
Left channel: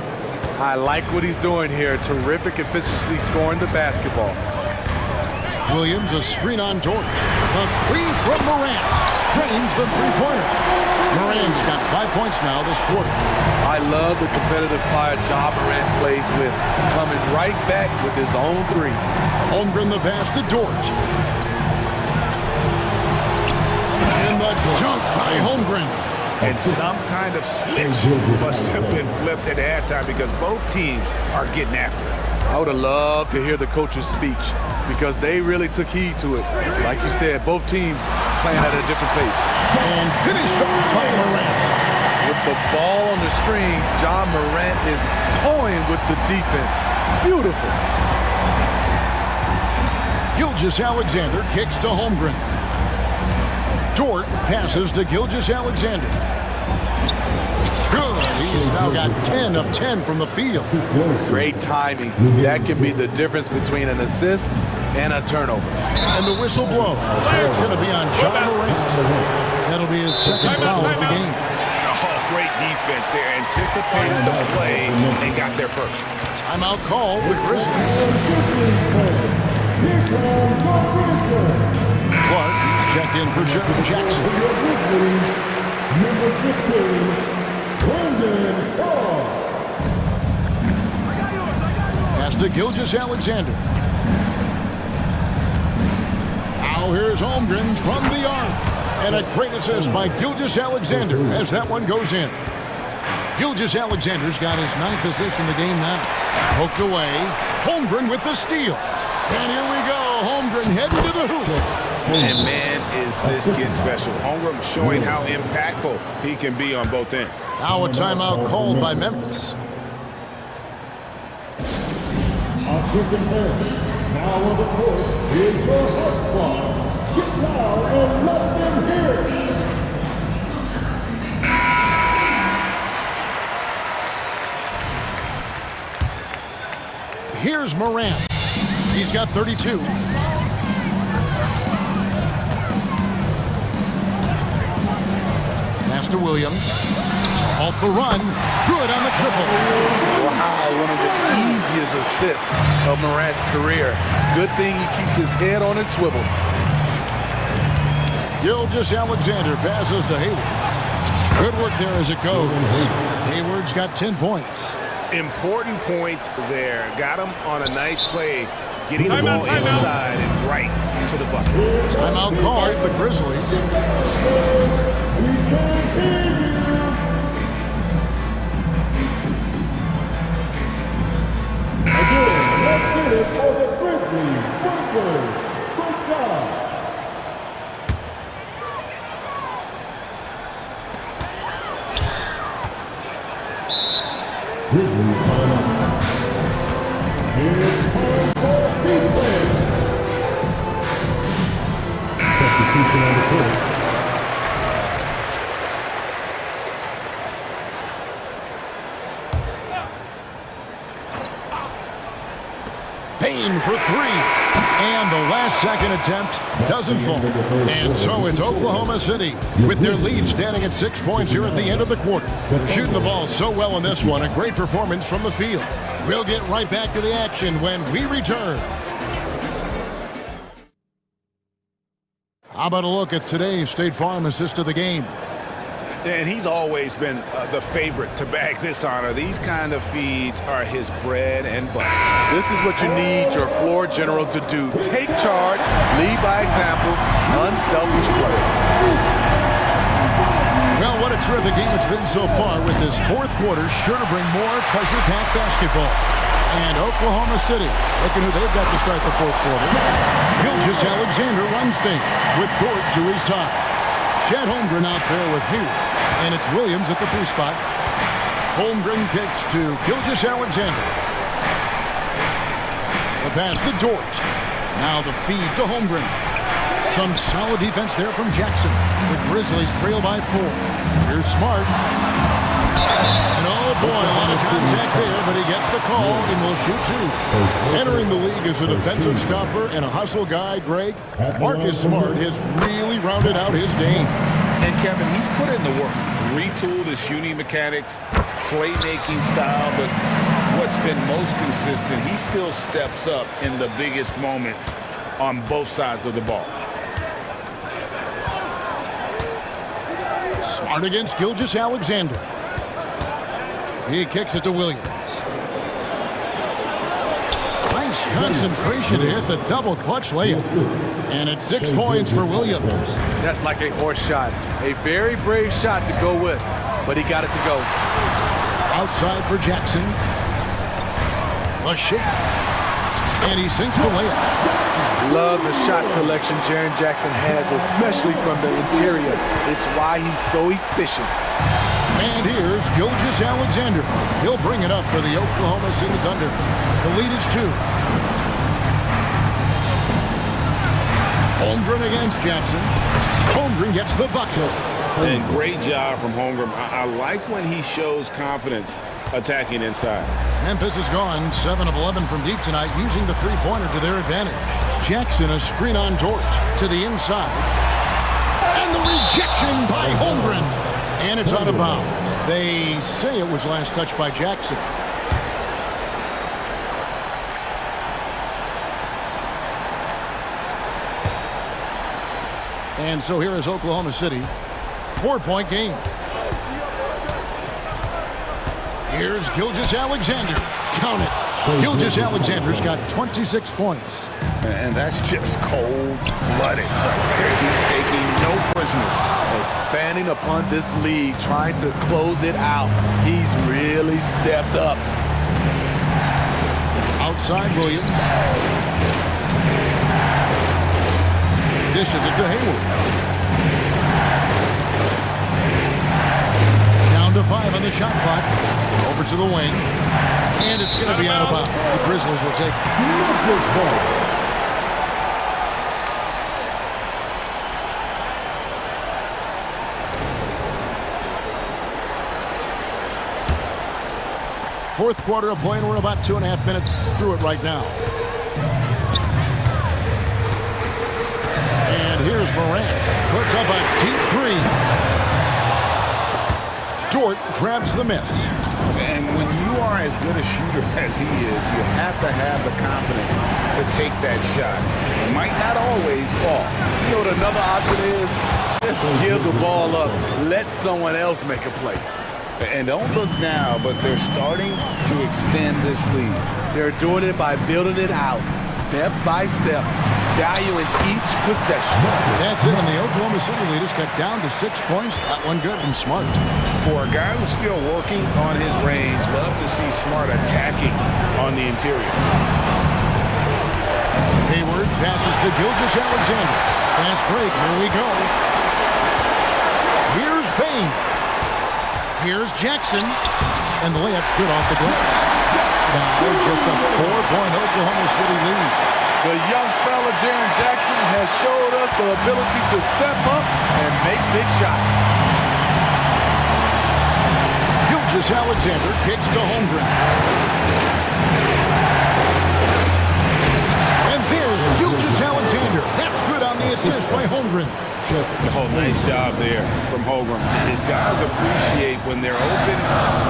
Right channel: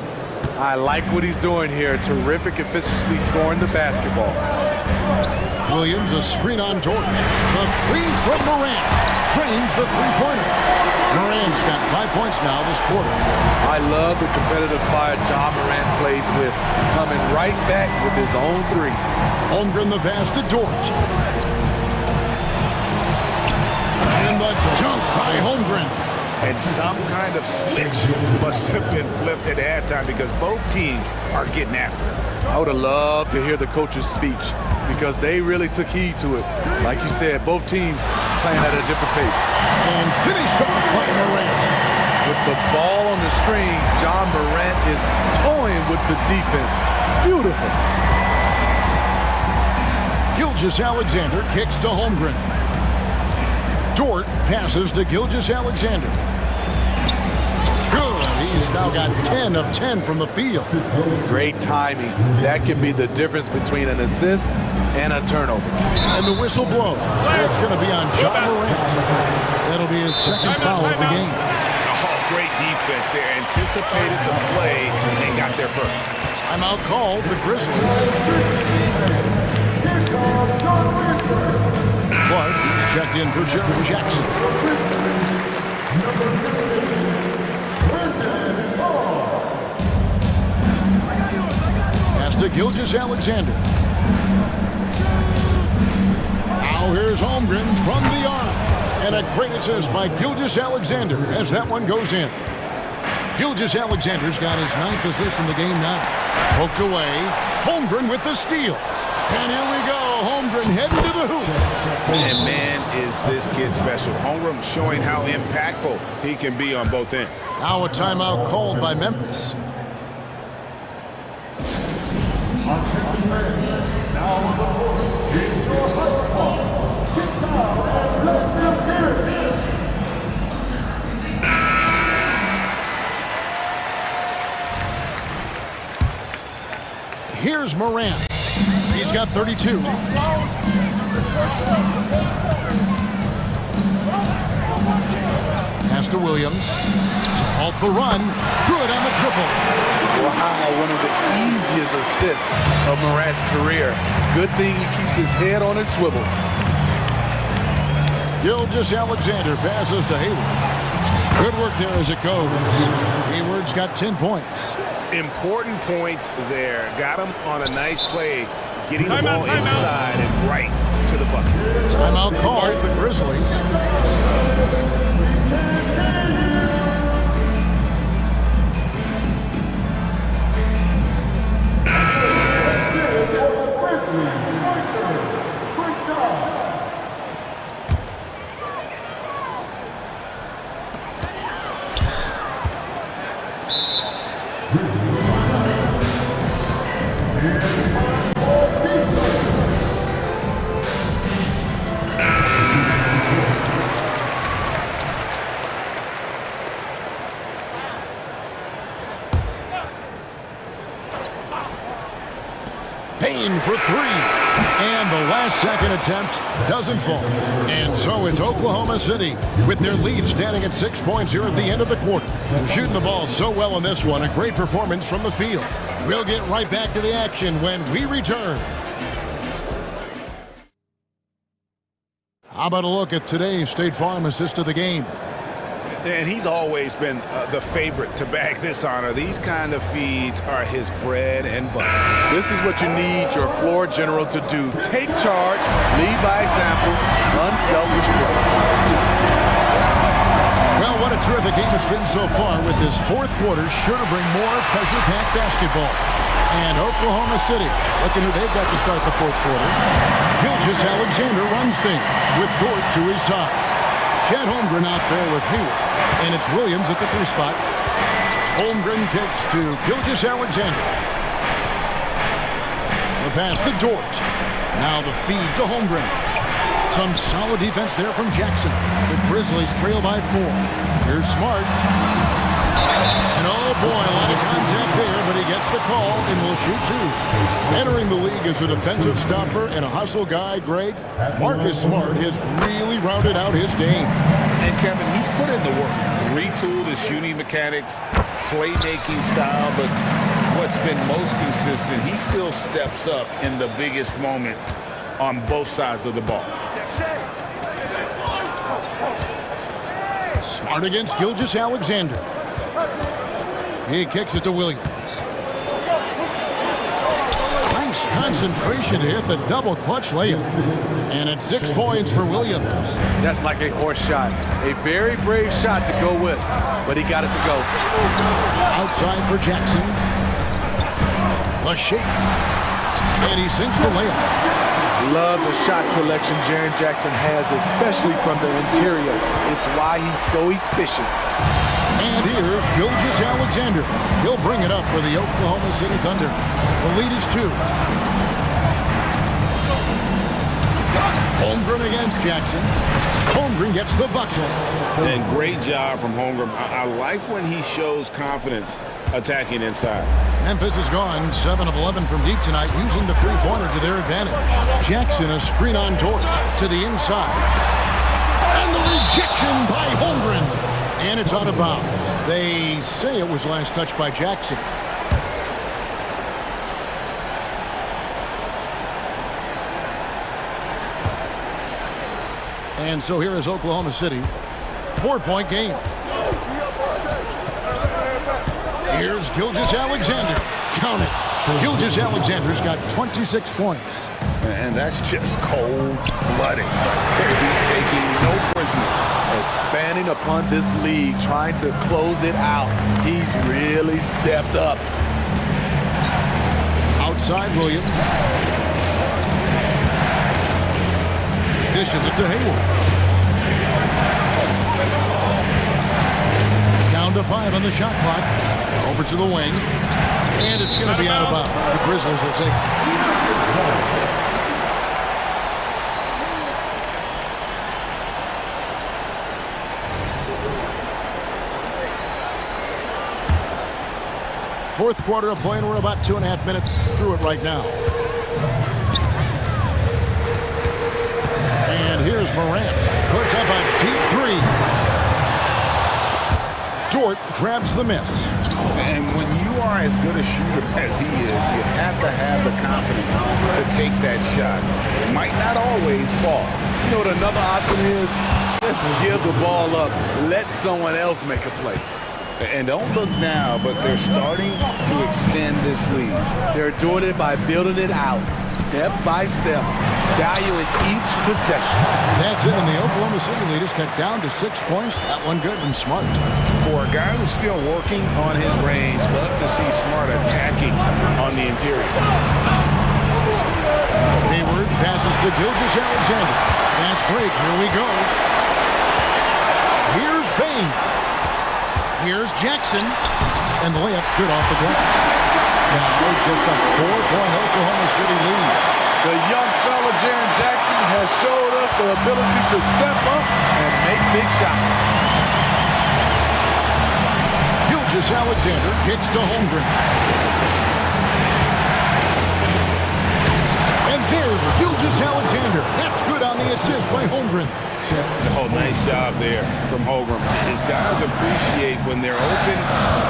I like what he's doing here. Terrific efficiency scoring the basketball. Williams, a screen on George. The three from Morant. Trains the three-pointer. Morant's got 5 points now this quarter. I love the competitive fire John Morant plays with. Coming right back with his own three. Holmgren the pass to George. And the dunk by Holmgren. And some kind of switch must have been flipped at halftime because both teams are getting after it. I would have loved to hear the coach's speech because they really took heed to it. Like you said, both teams playing at a different pace. And finished off by Morant. With the ball on the string, John Morant is toying with the defense. Beautiful. Gilgeous-Alexander kicks to Holmgren. Dort passes to Gilgeous-Alexander. Good. He's now got 10 of 10 from the field. Great timing. That can be the difference between an assist and a turnover. And the whistle blows. It's going to be on John Morant. That'll be his second foul of the game. Oh, great defense there. Anticipated the play and got there first. Timeout called the Grizzlies. Clark, he's checked in for Jeremy Jackson. Number 15, Brendan Clark. Pass to Gilgeous-Alexander. Now here's Holmgren from the arc. And a great assist by Gilgeous-Alexander as that one goes in. Gilgeous-Alexander's got his 9th assist in the game now. Poked away. Holmgren with the steal. And here we go. Holmgren heading to the hoop. And man, is this kid special. Holmgren showing how impactful he can be on both ends. Now a timeout called by Memphis. Now on the court is your hot spot. Get down and let them hear it. Here's Morant. He's got 32. Pass to Williams. To halt the run. Good on the triple. Wow, one of the easiest assists of Morant's career. Good thing he keeps his head on his swivel. Gilgeous-Alexander passes to Hayward. Good work there as it goes. Hayward's got 10 points. Important points there. Got him on a nice play, getting the ball inside and right to the bucket. Timeout called the Grizzlies. Let's get it for the Grizzlies. Workers. Great job. Grizzlies time out. Here's time for defense. for three. And the last-second attempt doesn't fall. And so it's Oklahoma City with their lead standing at 6 points here at the end of the quarter. They're shooting the ball so well in this one. A great performance from the field. We'll get right back to the action when we return. How about a look at today's State Farm assist of the game? And he's always been the favorite to bag this honor. These kind of feeds are his bread and butter. This is what you need your floor general to do. Take charge, lead by example, unselfish play. Well, what a terrific game it's been so far, with this fourth quarter sure to bring more pressure-packed basketball. And Oklahoma City, looking who they've got to start the fourth quarter. Gilgeous Alexander runs things with Dort to his side. Chad Holmgren out there with Hayward. And it's Williams at the 3 spot. Holmgren kicks to Gilgeous Alexander. The pass to Dort. Now the feed to Holmgren. Some solid defense there from Jackson. The Grizzlies trail by 4. Here's Smart. And oh boy, a lot of contact there, but he gets the call and will shoot 2. Entering the league as a defensive stopper and a hustle guy, Greg, Marcus Smart has really rounded out his game. And Kevin, he's put in the work. Retooled his shooting mechanics, playmaking style, but what's been most consistent, he still steps up in the biggest moments on both sides of the ball. Smart against Gilgeous Alexander. He kicks it to Williams. Nice concentration to hit the double clutch layup. And it's 6 points for Williams. That's like a horse shot. A very brave shot to go with, but he got it to go. Outside for Jackson. A shake. And he sinks the layup. Love the shot selection Jaren Jackson has, especially from the interior. It's why he's so efficient. And here's Gilgeous Alexander. He'll bring it up for the Oklahoma City Thunder. The lead is 2. Holmgren against Jackson. Holmgren gets the bucket. And great job from Holmgren. I like when he shows confidence attacking inside. Memphis has gone 7 of 11 from deep tonight, using the three-pointer to their advantage. Jackson, a screen on Dort to the inside. And the rejection by Holmgren. And it's out of bounds. They say it was last touched by Jackson. And so here is Oklahoma City. 4-point game. Here's Gilgeous Alexander. Count it. Gilgeous Alexander's got 26 points. And that's just cold-blooded right there. He's taking no prisoners. Expanding upon this lead, trying to close it out. He's really stepped up. Outside Williams. Dishes it to Hayward. Down to 5 on the shot clock. Over to the wing. And it's going to be out of bounds. The Grizzlies will take it. Fourth quarter of play, and we're about 2.5 minutes through it right now. And here's Morant. Puts up a deep 3. Dort grabs the miss. And when you are as good a shooter as he is, you have to have the confidence to take that shot. It might not always fall. You know what another option is? Just give the ball up. Let someone else make a play. And don't look now, but they're starting to extend this lead. They're doing it by building it out, step by step, valuing each possession. That's it, and the Oklahoma City lead has cut down to 6 points. That one good from Smart. For a guy who's still working on his range, love to see Smart attacking on the interior. Hayward passes to Gilgeous Alexander. Fast break, here we go. Here's Bain. Here's Jackson, and the layup's good off the glass. Now just a 4-point Oklahoma City lead. The young fella, Jaren Jackson, has showed us the ability to step up and make big shots. Gilgeous Alexander kicks to Holmgren. And there's Gilgeous-Alexander. That's good on the assist by Holmgren. Oh, nice job there from Holmgren. His guys appreciate when they're open,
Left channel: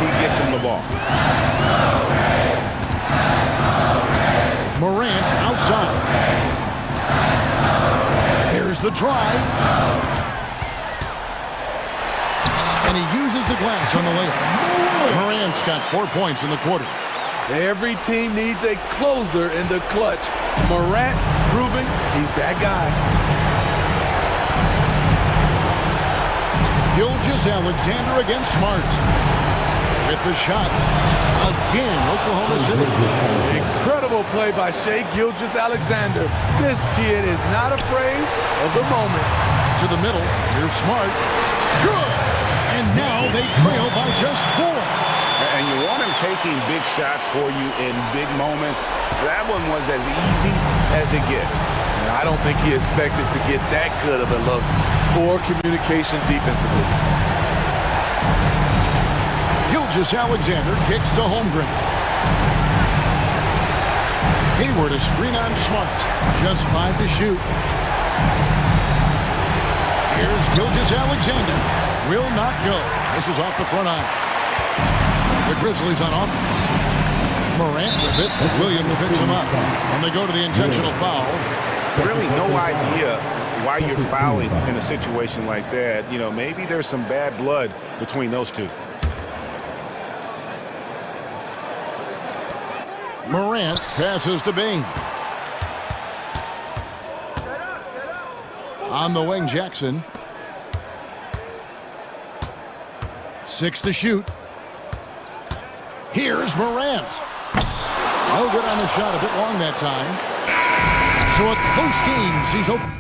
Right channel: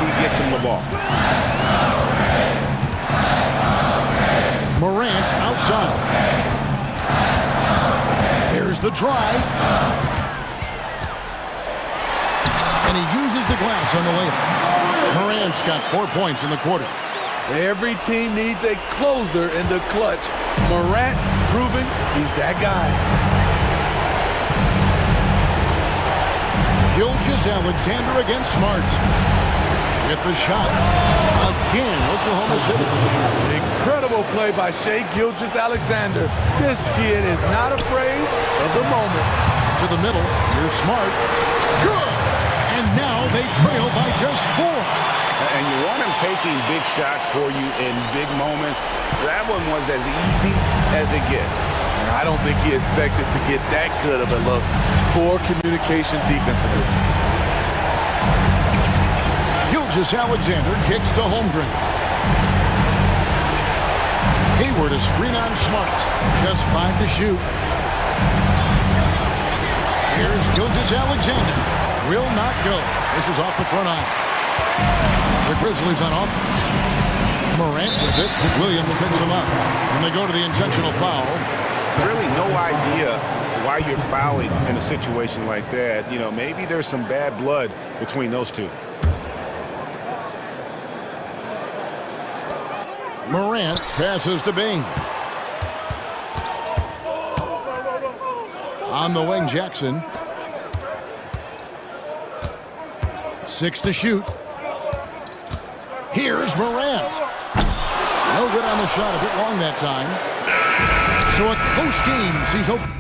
he gets them the ball. Morant outside. There's the drive. And he uses the glass on the layup. Morant's got 4 points in the quarter. Every team needs a closer in the clutch. Morant proving he's that guy. Gilgeous-Alexander against Smart. With the shot. Again, Oklahoma City. Incredible play by Shai Gilgeous-Alexander. This kid is not afraid of the moment. To the middle. Here's Smart. Good! And now they trail by just 4. And you want him taking big shots for you in big moments. That one was as easy as it gets. And I don't think he expected to get that good of a look. Poor communication defensively. Gilgeous-Alexander kicks to Holmgren. Hayward a screen on Smart. Just 5 to shoot. Here's Gilgeous-Alexander. Will not go. This is off the front eye. The Grizzlies on offense. Morant with it. Williams picks him up. And they go to the intentional foul. Really no idea why you're fouling in a situation like that. You know, maybe there's some bad blood between those two. Morant passes to Bain. On the wing, Jackson. 6 to shoot. Here's Morant. No good on the shot, a bit long that time. So a close game sees Oklahoma.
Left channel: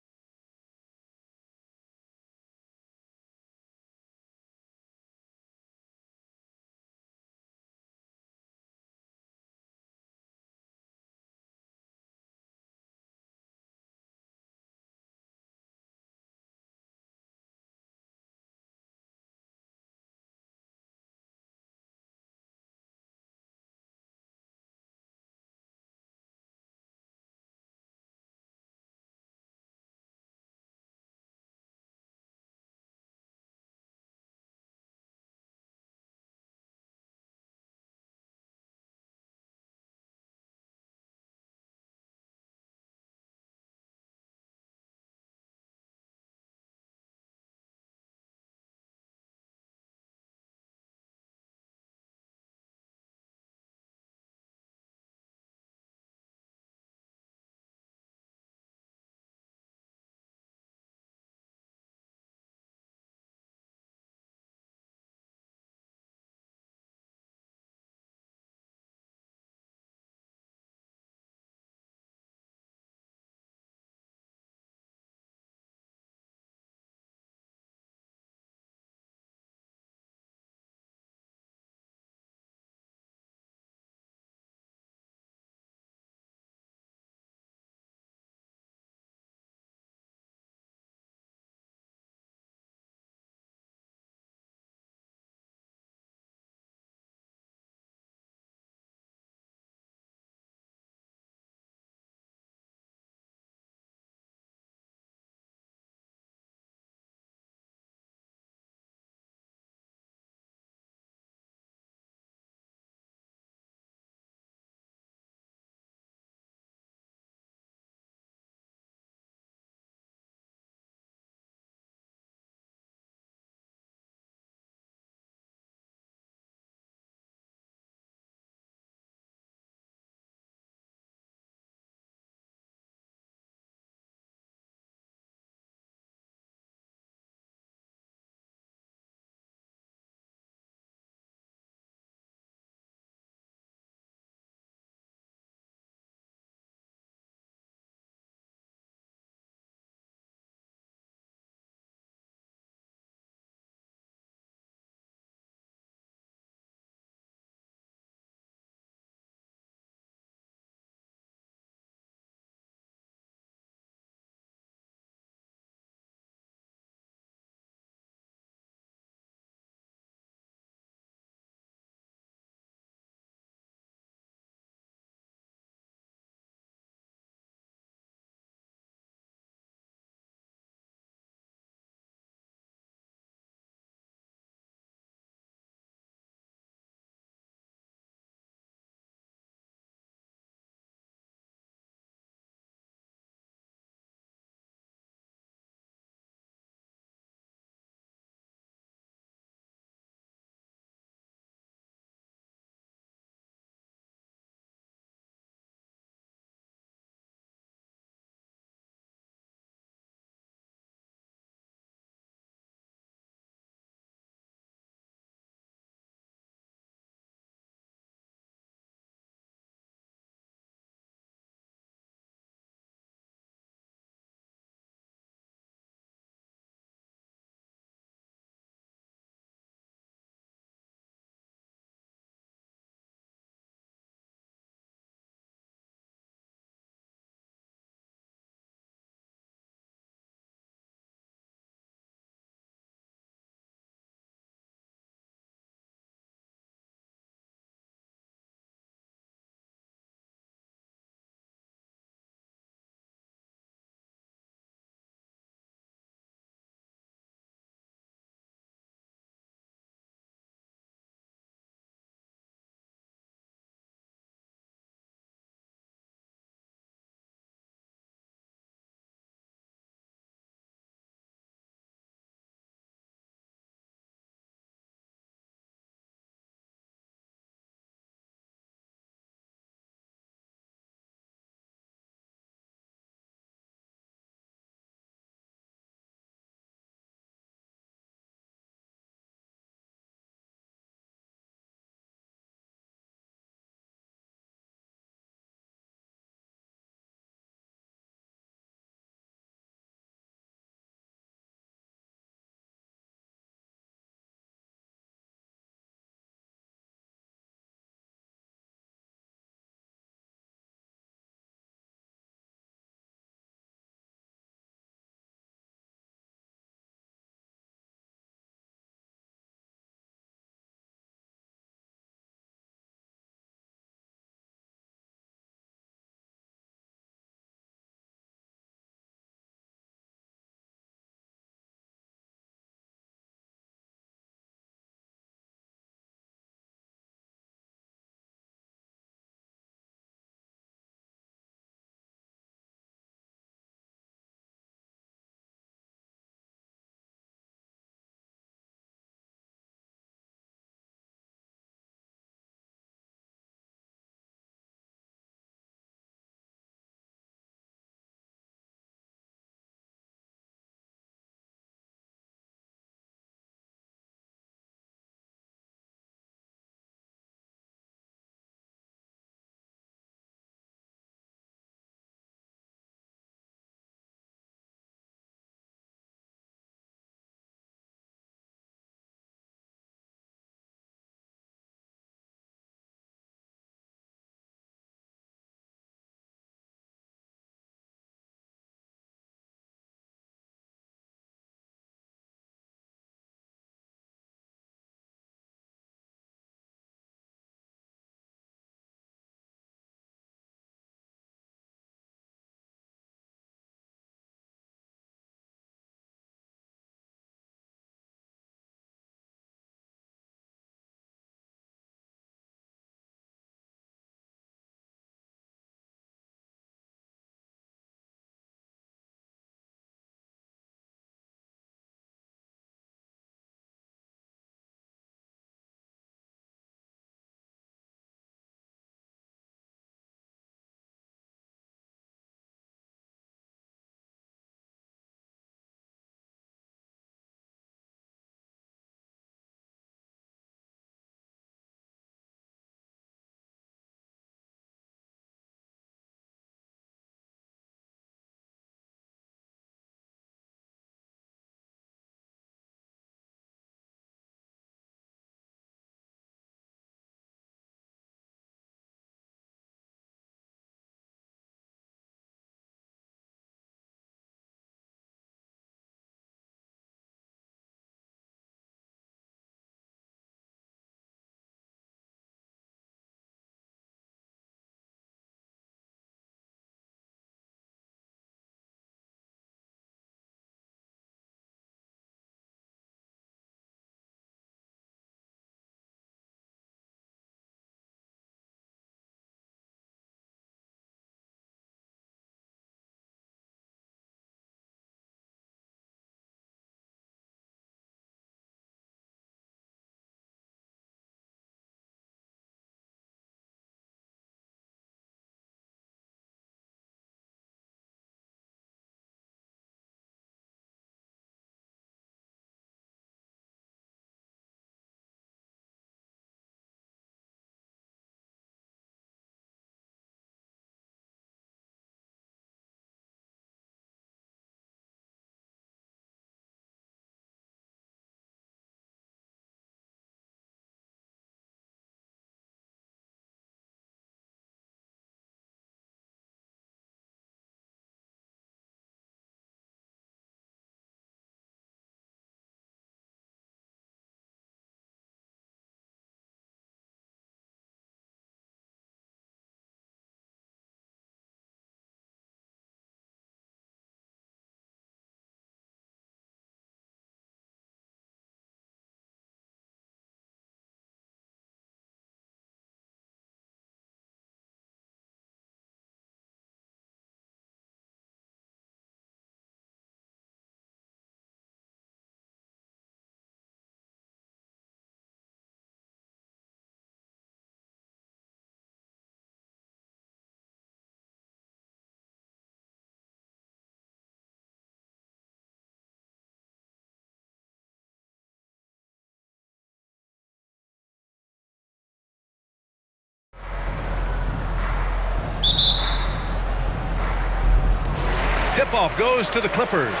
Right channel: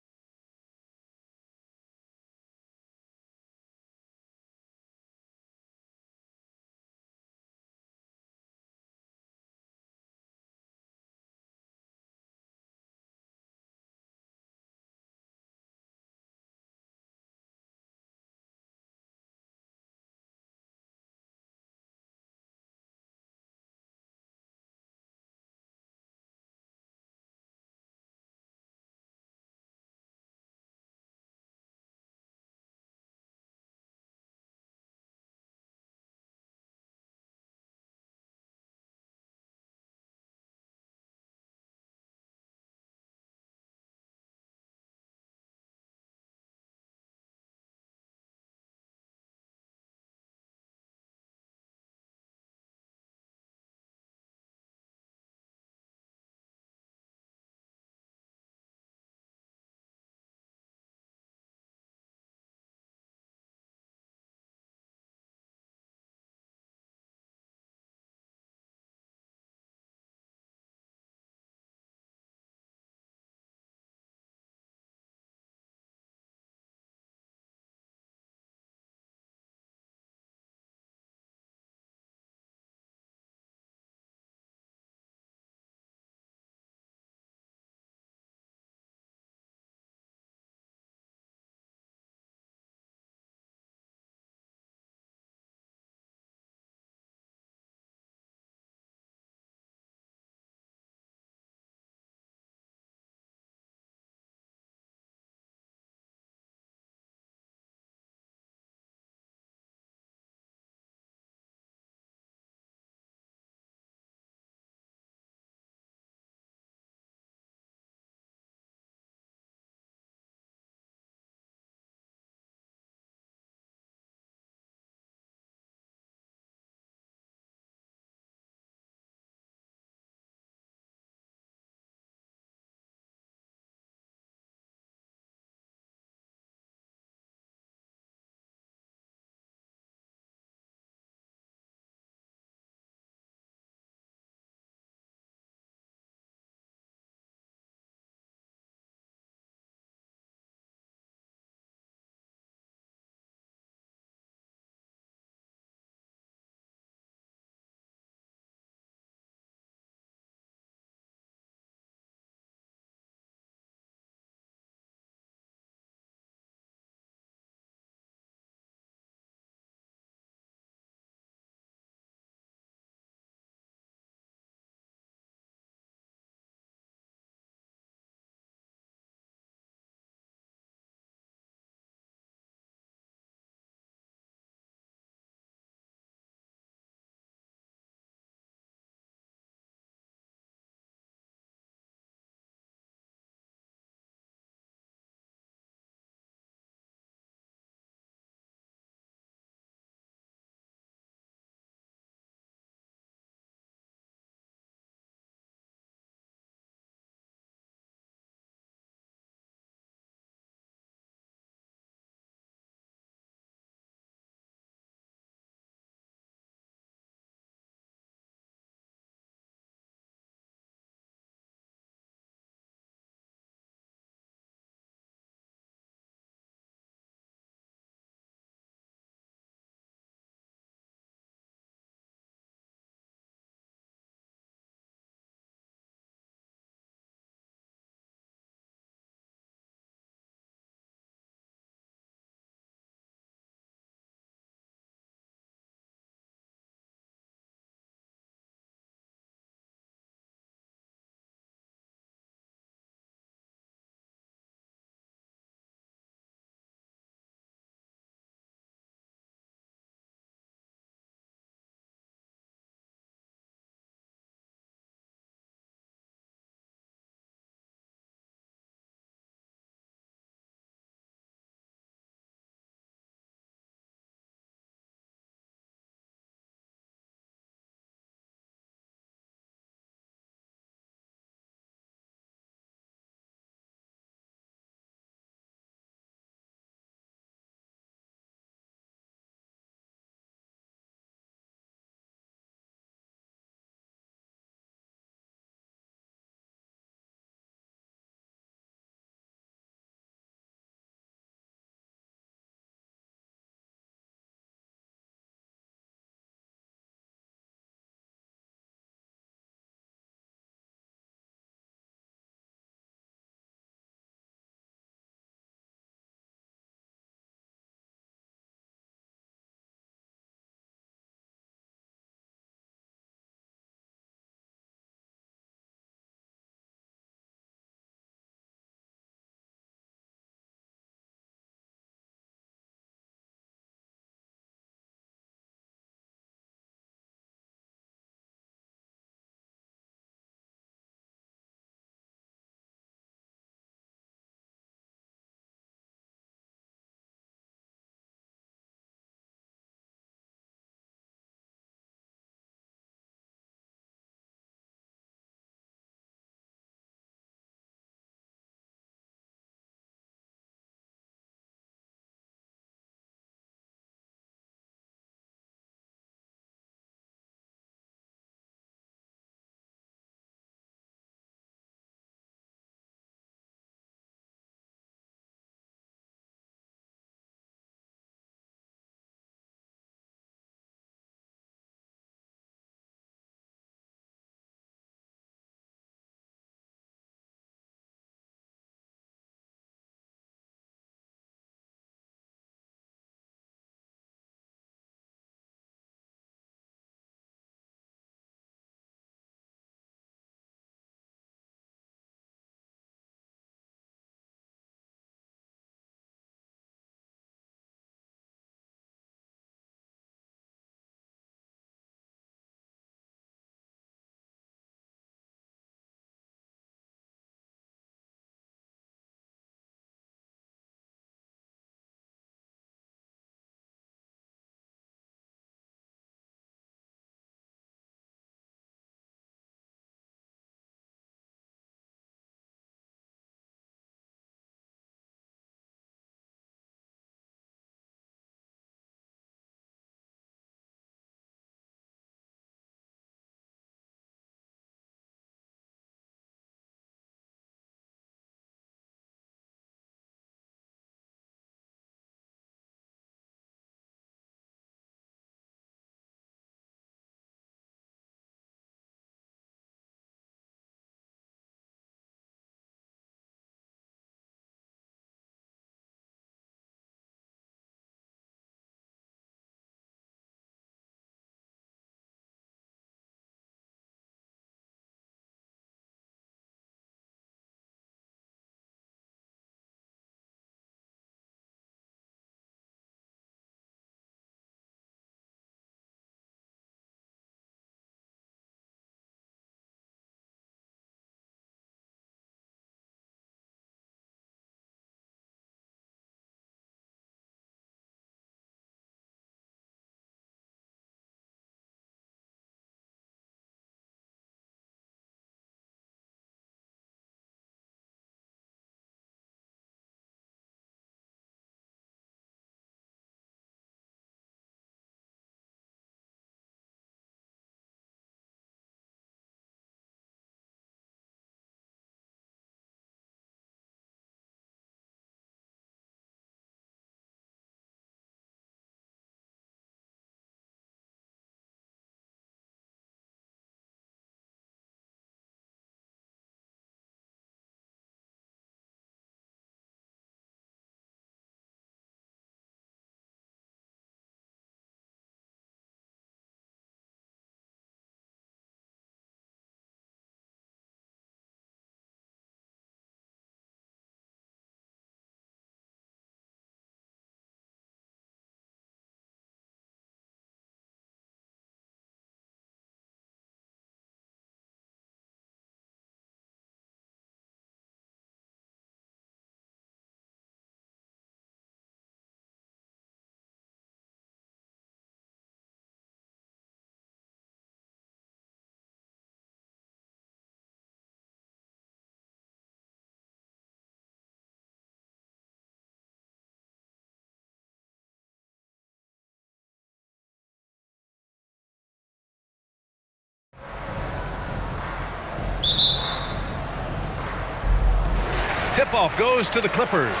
tip-off goes to the Clippers.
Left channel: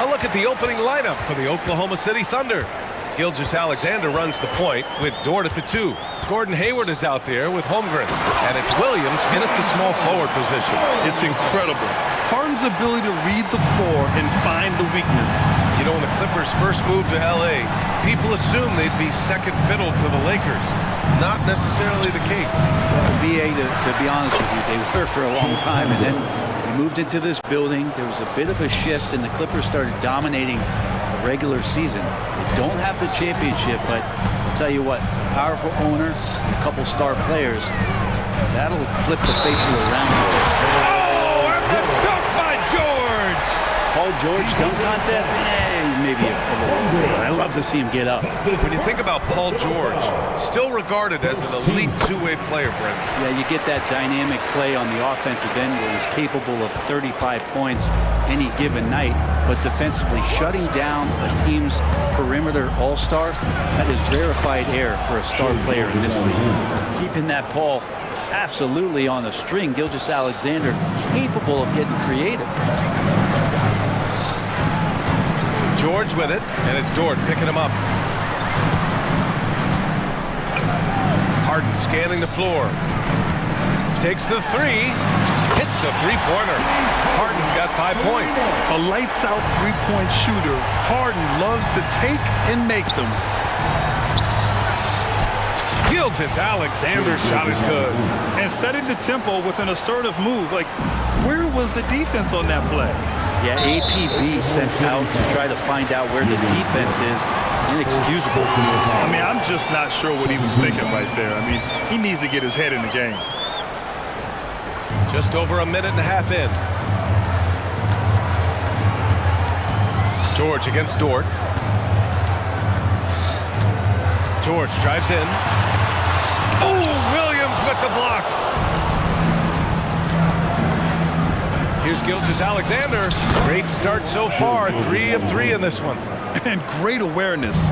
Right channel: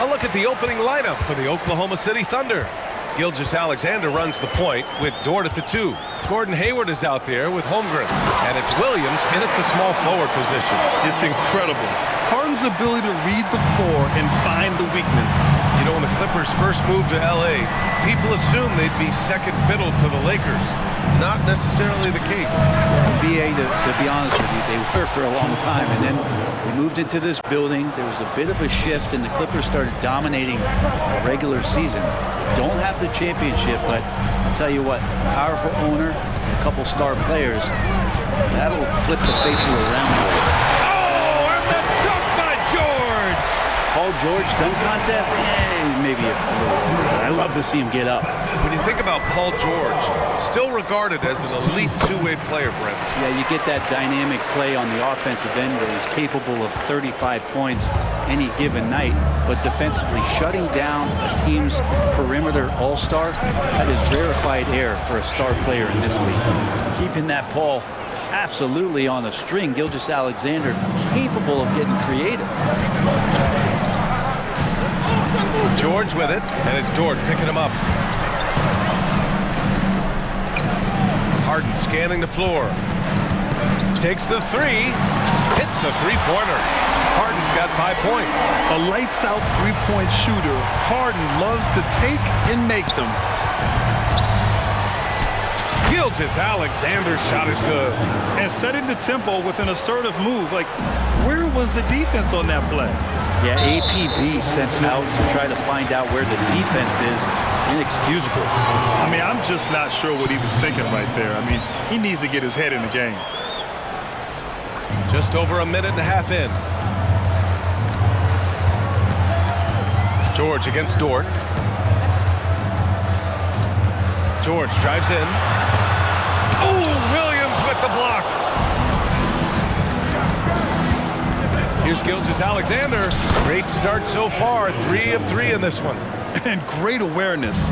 A look at the opening lineup for the Oklahoma City Thunder. Gilgeous-Alexander runs the point with Dort at the 2. Gordon Hayward is out there with Holmgren. And it's Williams in at the small forward position. It's incredible. Harden's ability to read the floor and find the weakness. You know, when the Clippers first moved to L.A., people assumed they'd be second fiddle to the Lakers. Not necessarily the case. Well, BA, to be honest with you, they were for a long time, and then they moved into this building. There was a bit of a shift, and the Clippers started dominating the regular season. They don't have the championship, but I'll tell you what, a powerful owner and a couple star players, that'll flip the faithful around for you. Oh, and the dunk by George! Paul George dunk contest? Maybe a little over, but I love to see him get up. When you think about Paul George, still regarded as an elite two-way player, Brent. Yeah, you get that dynamic play on the offensive end where he's capable of 35 points any given night, but defensively shutting down a team's perimeter all-star, that is rarefied air for a star player in this league. Keeping that Paul absolutely on a string, Gilgeous-Alexander capable of getting creative. George with it, and it's Dort picking him up. Harden scanning the floor. Takes the 3, hits the three-pointer. Harden's got 5 points. A lights-out three-point shooter. Harden loves to take and make them. Gilgeous-Alexander's shot is good. And setting the tempo with an assertive move. Like, where was the defense on that play? Yeah, APB sent out to try to find out where the defense is. Inexcusable. I mean, I'm just not sure what he was thinking right there. I mean, he needs to get his head in the game. Just over a minute and a half in. George against Dort. George drives in. Oh, Williams with the block. Here's Gilgeous-Alexander. Great start so far. 3 of 3 in this one. And great awareness.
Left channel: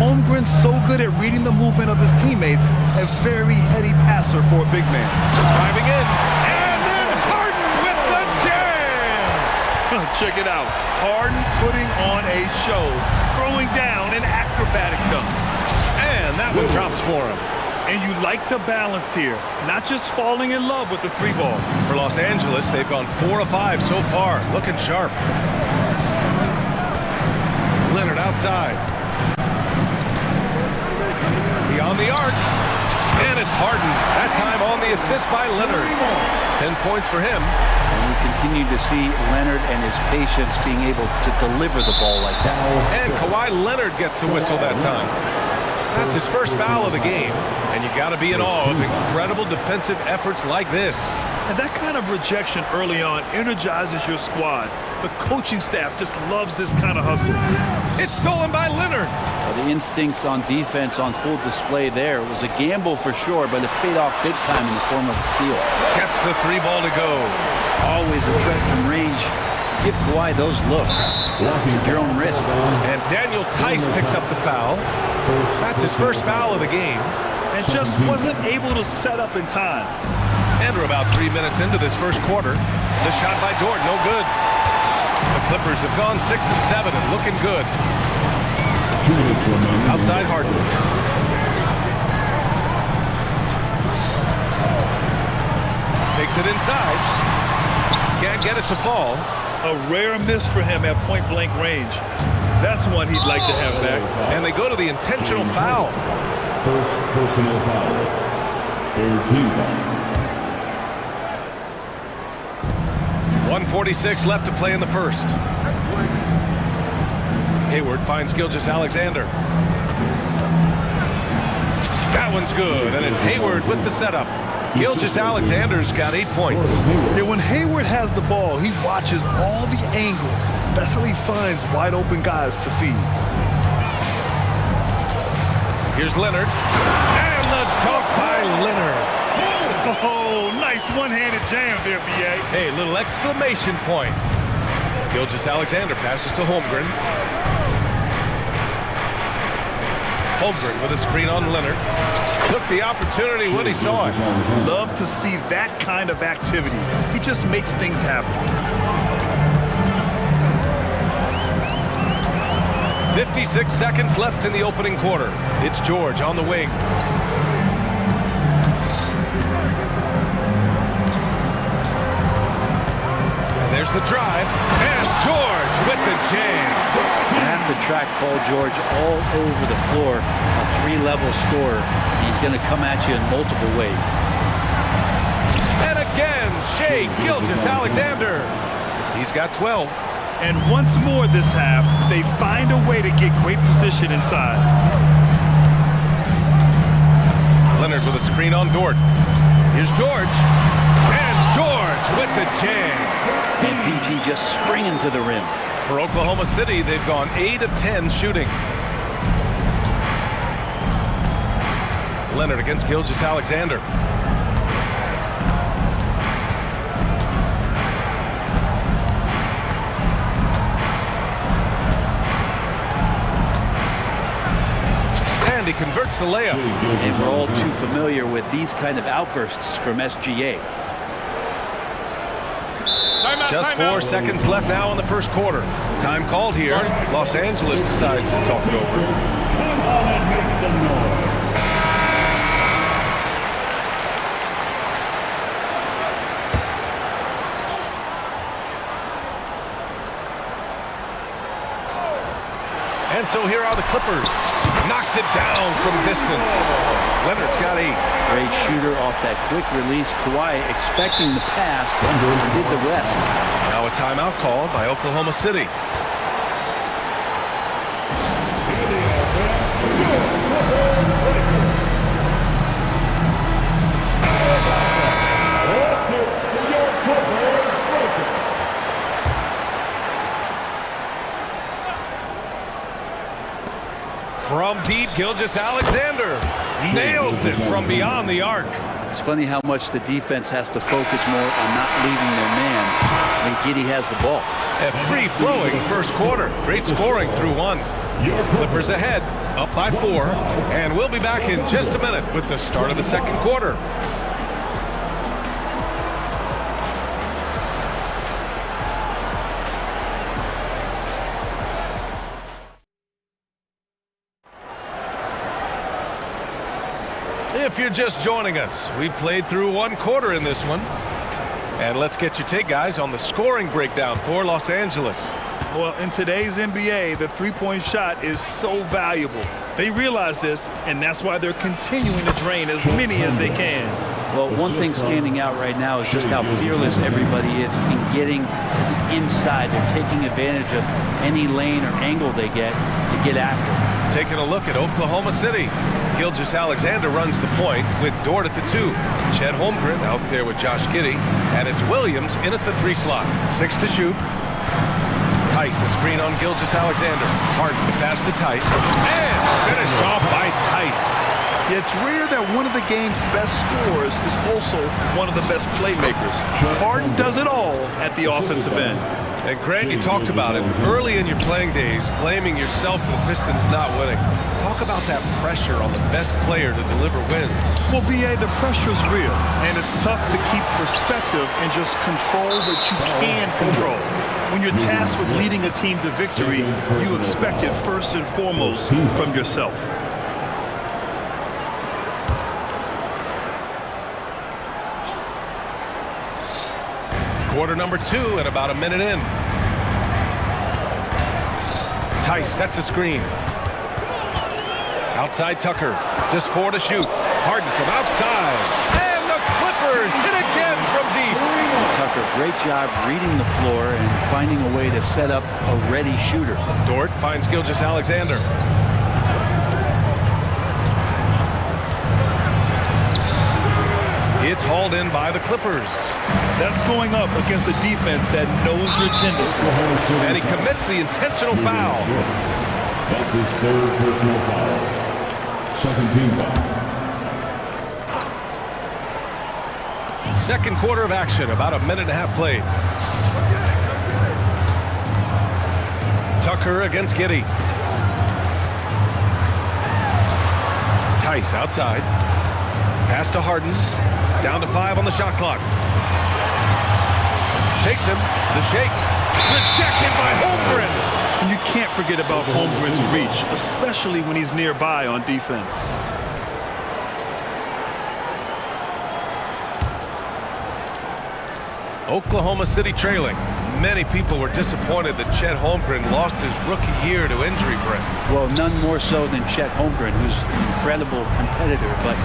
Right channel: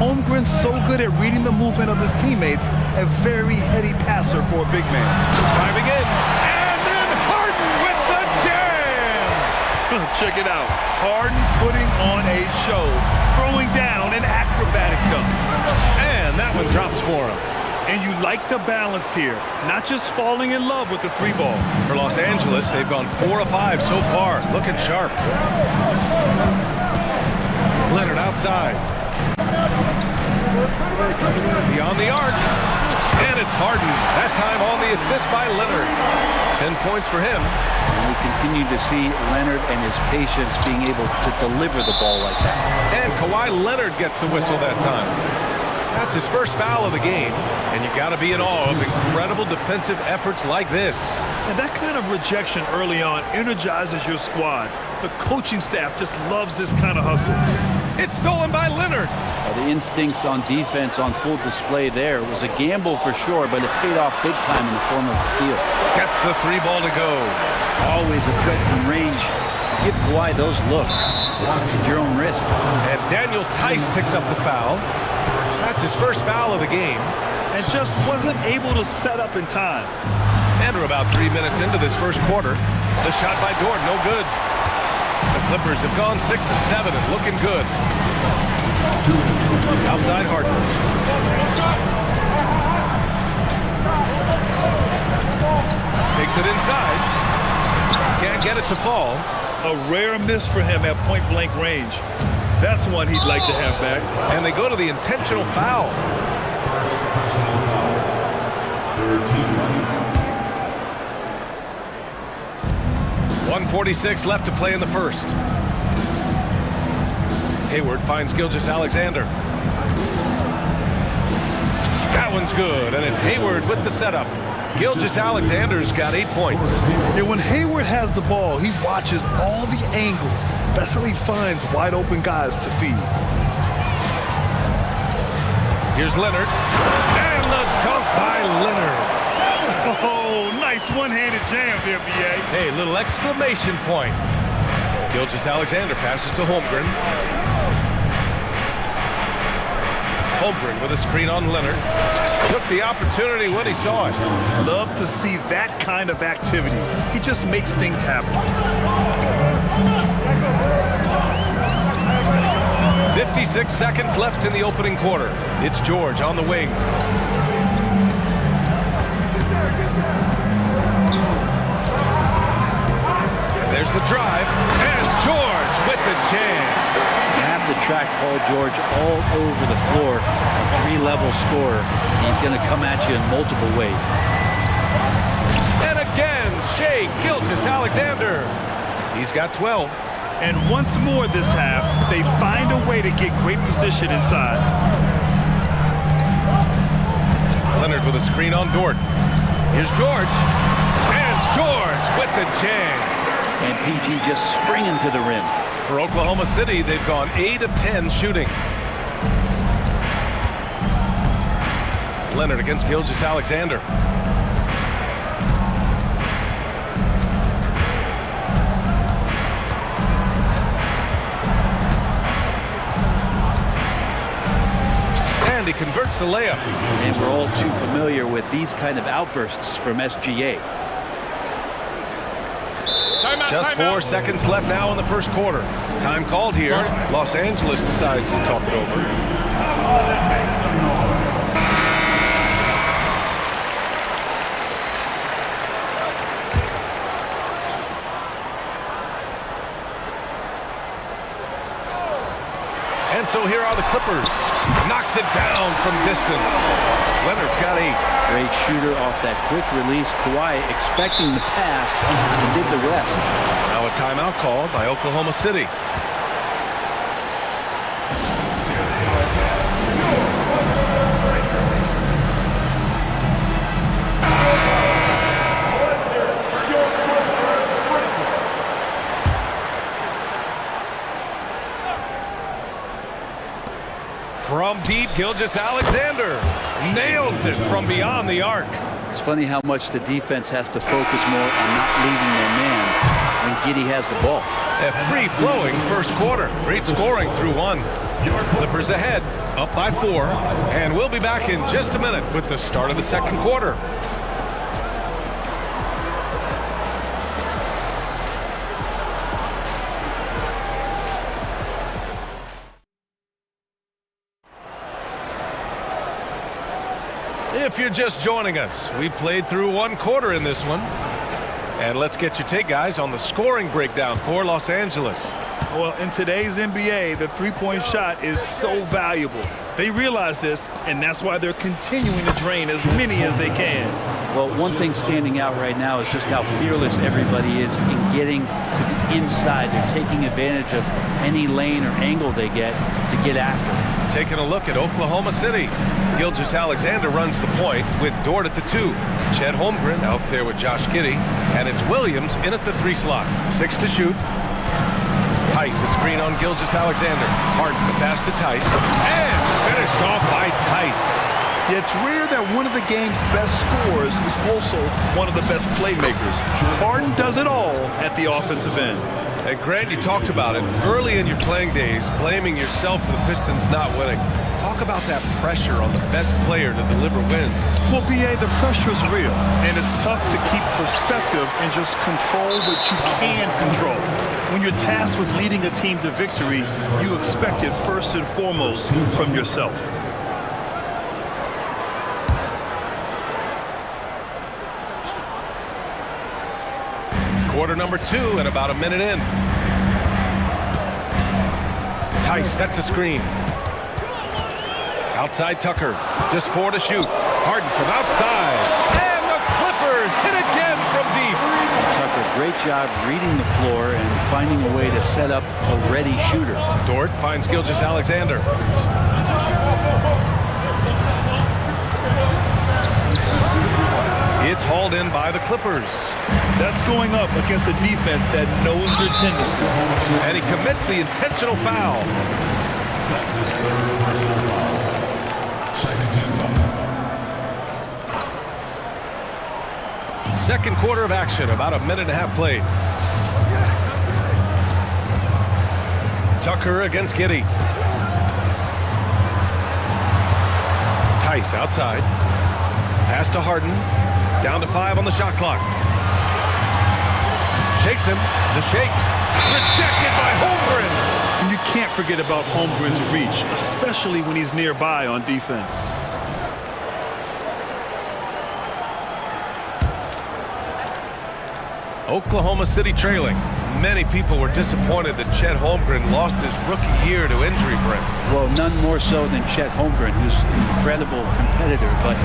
Holmgren's so good at reading the movement of his teammates. A very heady passer for a big man. Driving in. And then Harden with the jam. Check it out. Harden putting on a show. Throwing down an acrobatic dunk. And that one drops for him. And you like the balance here, not just falling in love with the 3-ball. For Los Angeles, they've gone 4 of 5 so far, looking sharp. Leonard outside. Beyond the arc. And it's Harden, that time on the assist by Leonard. 10 points for him. And we continue to see Leonard and his patience being able to deliver the ball like that. And Kawhi Leonard gets a whistle that time. That's his first foul of the game, and you got to be in awe of incredible defensive efforts like this. And that kind of rejection early on energizes your squad. The coaching staff just loves this kind of hustle. It's stolen by Leonard. Well, the instincts on defense on full display there. It was a gamble for sure, but it paid off big time in the form of a steal. Gets the 3-ball to go. Always a threat from range. Give Kawhi those looks. It's at your own risk. And Daniel Tice picks up the foul. That's his first foul of the game. And just wasn't able to set up in time. And we're about 3 minutes into this first quarter. The shot by Dort, no good. The Clippers have gone 6 of 7 and looking good. Outside Harden. Takes it inside. Can't get it to fall. A rare miss for him at point-blank range. That's one he'd like to have back. And they go to the intentional foul. First personal foul. 13 foul. 1:46 left to play in the first. Hayward finds Gilgeous-Alexander. That one's good, and it's Hayward with the setup. Gilgeous-Alexander's got 8 points. Yeah, when Hayward has the ball, he watches all the angles. That's how he finds wide open guys to feed. Here's Leonard. And the dunk by Leonard. Oh, nice one-handed jam there, B.A. Hey, little exclamation point. Gilgeous-Alexander passes to Holmgren. Holmgren with a screen on Leonard. Took the opportunity when he saw it. Love to see that kind of activity. He just makes things happen. 56 seconds left in the opening quarter. It's George on the wing. And there's the drive. And George with the jam. You have to track Paul George all over the floor, a three-level scorer. He's going to come at you in multiple ways. And again, Shai Gilgeous-Alexander. He's got 12. And once more this half, they find a way to get great position inside. Leonard with a screen on Dort. Here's George. And George with the jam. And PG just springing to the rim. For Oklahoma City, they've gone 8 of 10 shooting. Leonard against Gilgeous-Alexander. And he converts the layup. And we're all too familiar with these kind of outbursts from SGA. Just 4 seconds left now in the first quarter. Time called here. Los Angeles decides to talk it over. Come on and make some noise. And so here are the Clippers. Knocks it down from distance. Leonard's got 8. Great shooter off that quick release. Kawhi expecting the pass and did the rest. Now a timeout called by Oklahoma City. From deep, Gilgeous-Alexander nails it from beyond the arc. It's funny how much the defense has to focus more on not leaving their man when Giddey has the ball. A free-flowing first quarter. Great scoring through 1. Clippers ahead, up by 4. And we'll be back in just a minute with the start of the second quarter. If you're just joining us, we played through 1 quarter in this one. And let's get your take, guys, on the scoring breakdown for Los Angeles. Well, in today's NBA, the three-point shot is so valuable. They realize this, and that's why they're continuing to drain as many as they can. Well, one thing standing out right now is just how fearless everybody is in getting to the inside. They're taking advantage of any lane or angle they get to get after. Taking a look at Oklahoma City. Gilgeous-Alexander runs the point with Dort at the 2. Chet Holmgren out there with Josh Giddey. And it's Williams in at the 3 slot. 6 to shoot. Tice, a screen on Gilgeous-Alexander. Harden, the pass to Tice. And finished off by Tice. Yeah, it's rare that one of the game's best scorers is also one of the best playmakers. Harden does it all at the offensive end. And Grant, you talked about it early in your playing days, blaming yourself for the Pistons not winning. Talk about that pressure on the best player to deliver wins. Well, B.A., the pressure is real, and it's tough to keep perspective and just control what you can control. When you're tasked with leading a team to victory, you expect it first and foremost from yourself. Quarter number 2 and about a minute in. Tice sets a screen. Outside Tucker, just 4 to shoot. Harden from outside, and the Clippers hit again from deep. And Tucker, great job reading the floor and finding a way to set up a ready shooter. Dort finds Gilgeous-Alexander. It's hauled in by the Clippers. That's going up against a defense that knows your tendencies. And he commits the intentional foul. That's his 3rd personal foul. Second team foul. Second quarter of action, about a minute and a half played. Tucker against Giddey. Tice outside. Pass to Harden. Down to 5 on the shot clock. Shakes him. The shake. Rejected by Holmgren. And you can't forget about Holmgren's reach, especially when he's nearby on defense. Oklahoma City trailing. Many people were disappointed that Chet Holmgren lost his rookie year to injury, Brent. Well, none more so than Chet Holmgren, who's an incredible competitor. But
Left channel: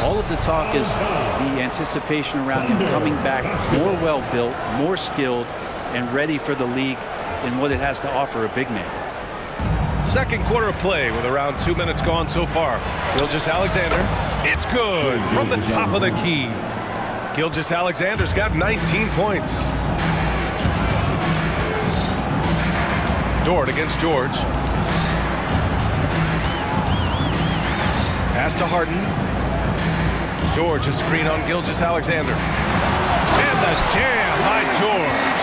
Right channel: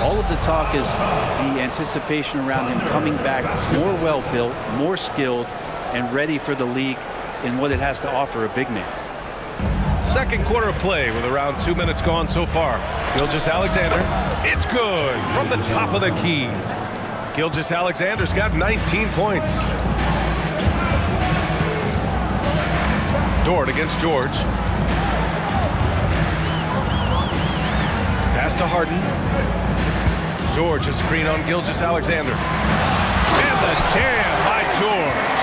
all of the talk is the anticipation around him coming back more well-built, more skilled, and ready for the league in what it has to offer a big man. Second quarter of play with around 2 minutes gone so far. Gilgeous-Alexander. It's good from the top of the key. Gilgeous-Alexander's got 19 points. Dort against George. Pass to Harden. George is screen on Gilgeous-Alexander. And the jam by George.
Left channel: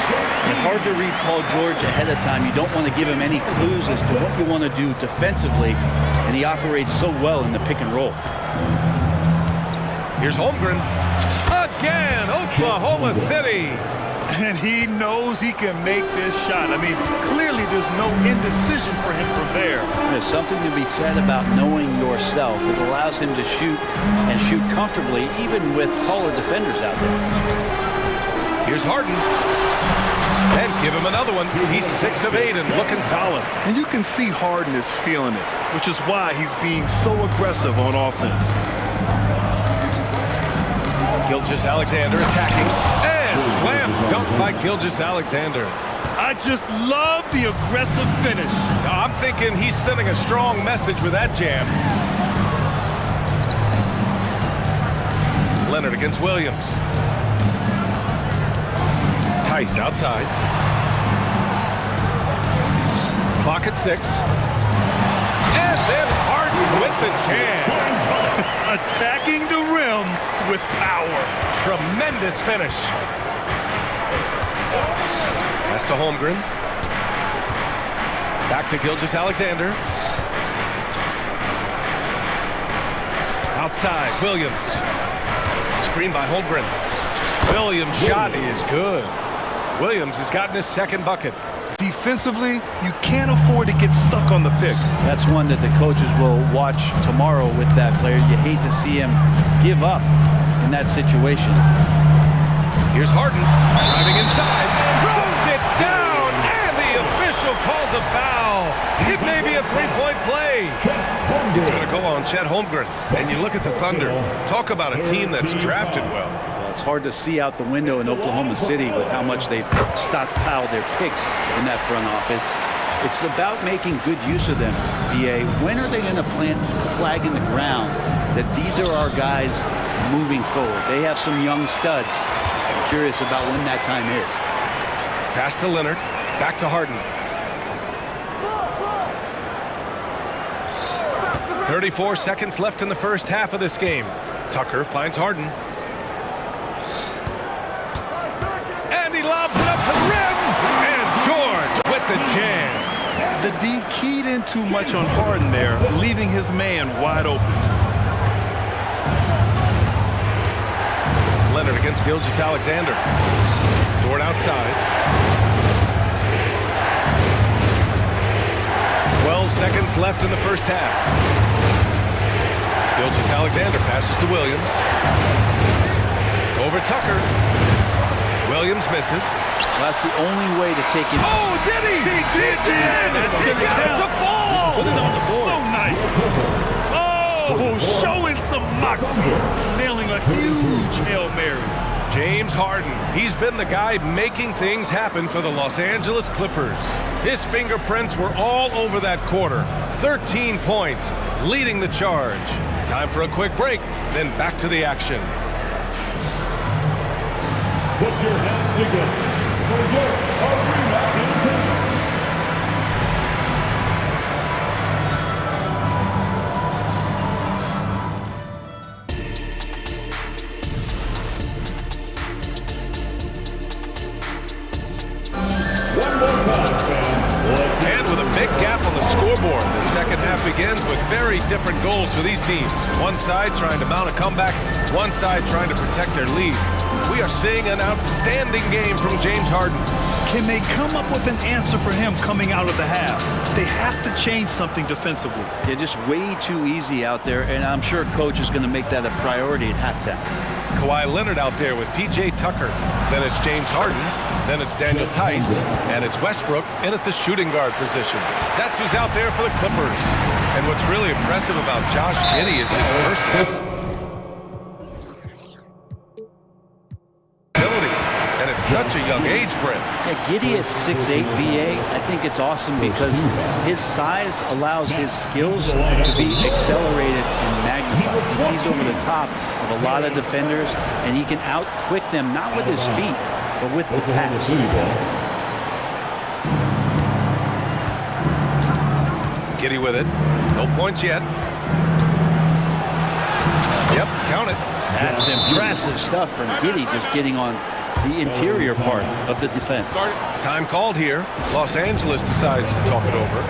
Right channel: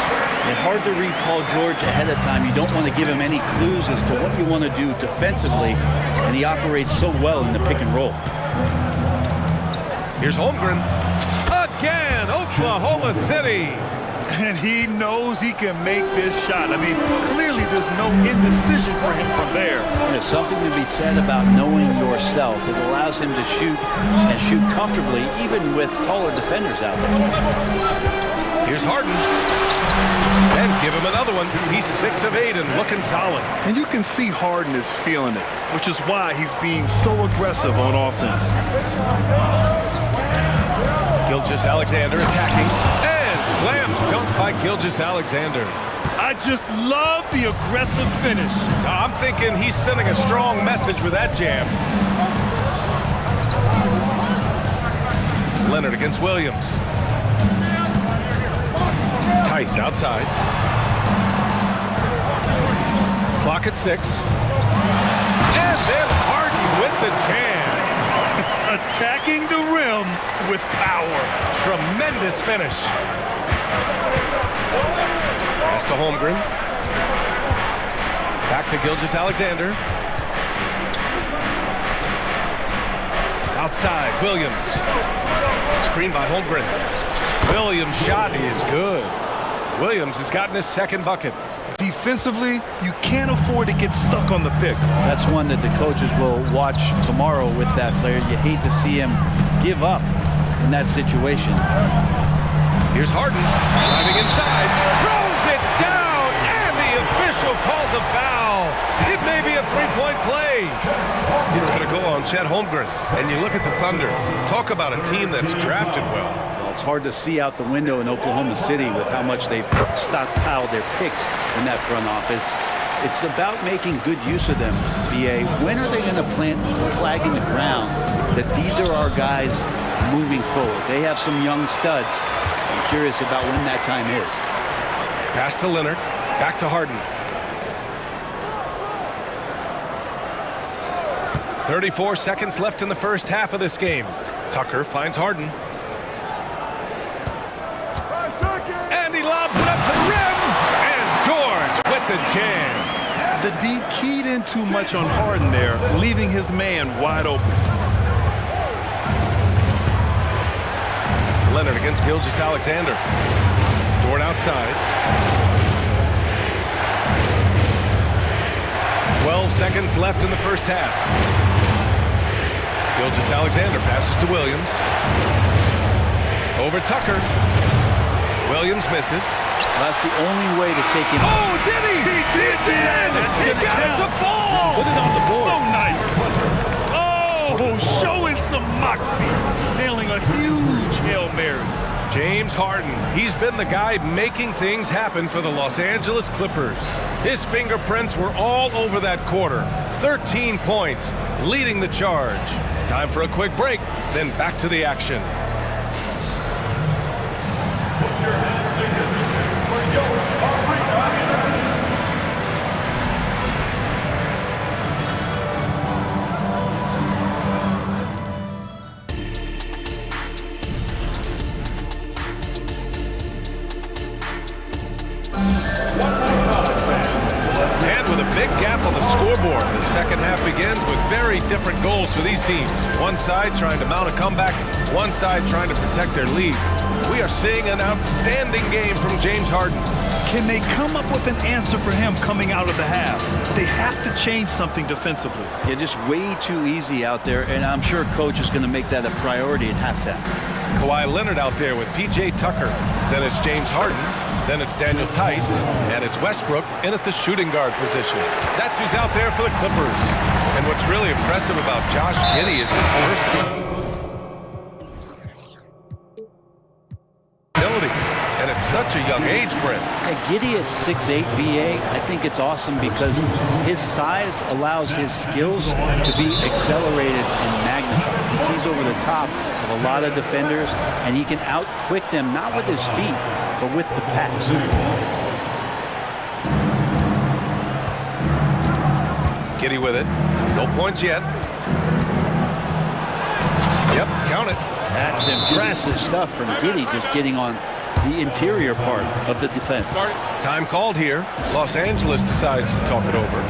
It's hard to read Paul George ahead of time. You don't want to give him any clues as to what you want to do defensively, and he operates so well in the pick and roll. Here's Holmgren. Again, Oklahoma City. And he knows he can make this shot. I mean, clearly there's no indecision for him from there. There's something to be said about knowing yourself. It allows him to shoot and shoot comfortably, even with taller defenders out there. Here's Harden. And give him another one. He's 6 of 8 and looking solid. And you can see Harden is feeling it, which is why he's being so aggressive on offense. Gilgeous-Alexander attacking. And slam dunk by Gilgeous-Alexander. I just love the aggressive finish. I'm thinking he's sending a strong message with that jam. Leonard against Williams. Tice outside. Clock at 6. And then Harden with the jam. Attacking the rim with power. Tremendous finish. Pass to Holmgren. Back to Gilgeous-Alexander. Outside, Williams. Screen by Holmgren. Williams' shot is good. Williams has gotten his second bucket. Defensively, you can't afford to get stuck on the pick. That's one that the coaches will watch tomorrow with that player. You hate to see him give up in that situation. Here's Harden driving inside, throws it down, and the official calls a foul. It may be a three-point play. It's going to go on Chet Holmgren. And you look at the Thunder. Talk about a team that's drafted well. It's hard to see out the window in Oklahoma City with how much they've stockpiled their picks in that front office. It's about making good use of them, BA. When are they going to plant a flag in the ground that these are our guys moving forward? They have some young studs. I'm curious about when that time is. Pass to Leonard. Back to Harden. 34 seconds left in the first half of this game. Tucker finds Harden. And he lobs it up to the rim. And George with the jam. The D keyed in too much on Harden there, leaving his man wide open. Leonard against Gilgeous-Alexander. Dort outside. 12 seconds left in the first half. Gilgeous-Alexander passes to Williams. Over Tucker. Williams misses. Well, that's the only way to take him. Oh, did he? He did! That's he got it to fall! Put it on the board. So nice. Oh, showing some moxie. Nailing a huge Hail Mary. James Harden. He's been the guy making things happen for the Los Angeles Clippers. His fingerprints were all over that quarter. 13 points, leading the charge. Time for a quick break, then back to the action. Put your hands together for your arena entertainment. And with a big gap on the scoreboard, the second half begins with very different goals for these teams. One side trying to mount a comeback, One side trying to protect their lead. We are seeing an outstanding game from James Harden. Can they come up with an answer for him coming out of the half? They have to change something defensively. Yeah, just way too easy out there, and I'm sure coach is going to make that a priority at halftime. Kawhi Leonard out there with P.J. Tucker. Then it's James Harden. Then it's Daniel Tice. And it's Westbrook in at the shooting guard position. That's who's out there for the Clippers. And what's really impressive about Josh Giddey is his versatility. And at such a young age, Brent. Yeah, Giddey at 6'8", BA, I think it's awesome because his size allows his skills to be accelerated and magnified. He sees over the top of a lot of defenders, and he can out-quick them, not with his feet, but with the pass. Giddey with it. No points yet. Yep, count it. That's impressive stuff from Giddey, just getting on the interior part of the defense. Time called here. Los Angeles decides to talk it over.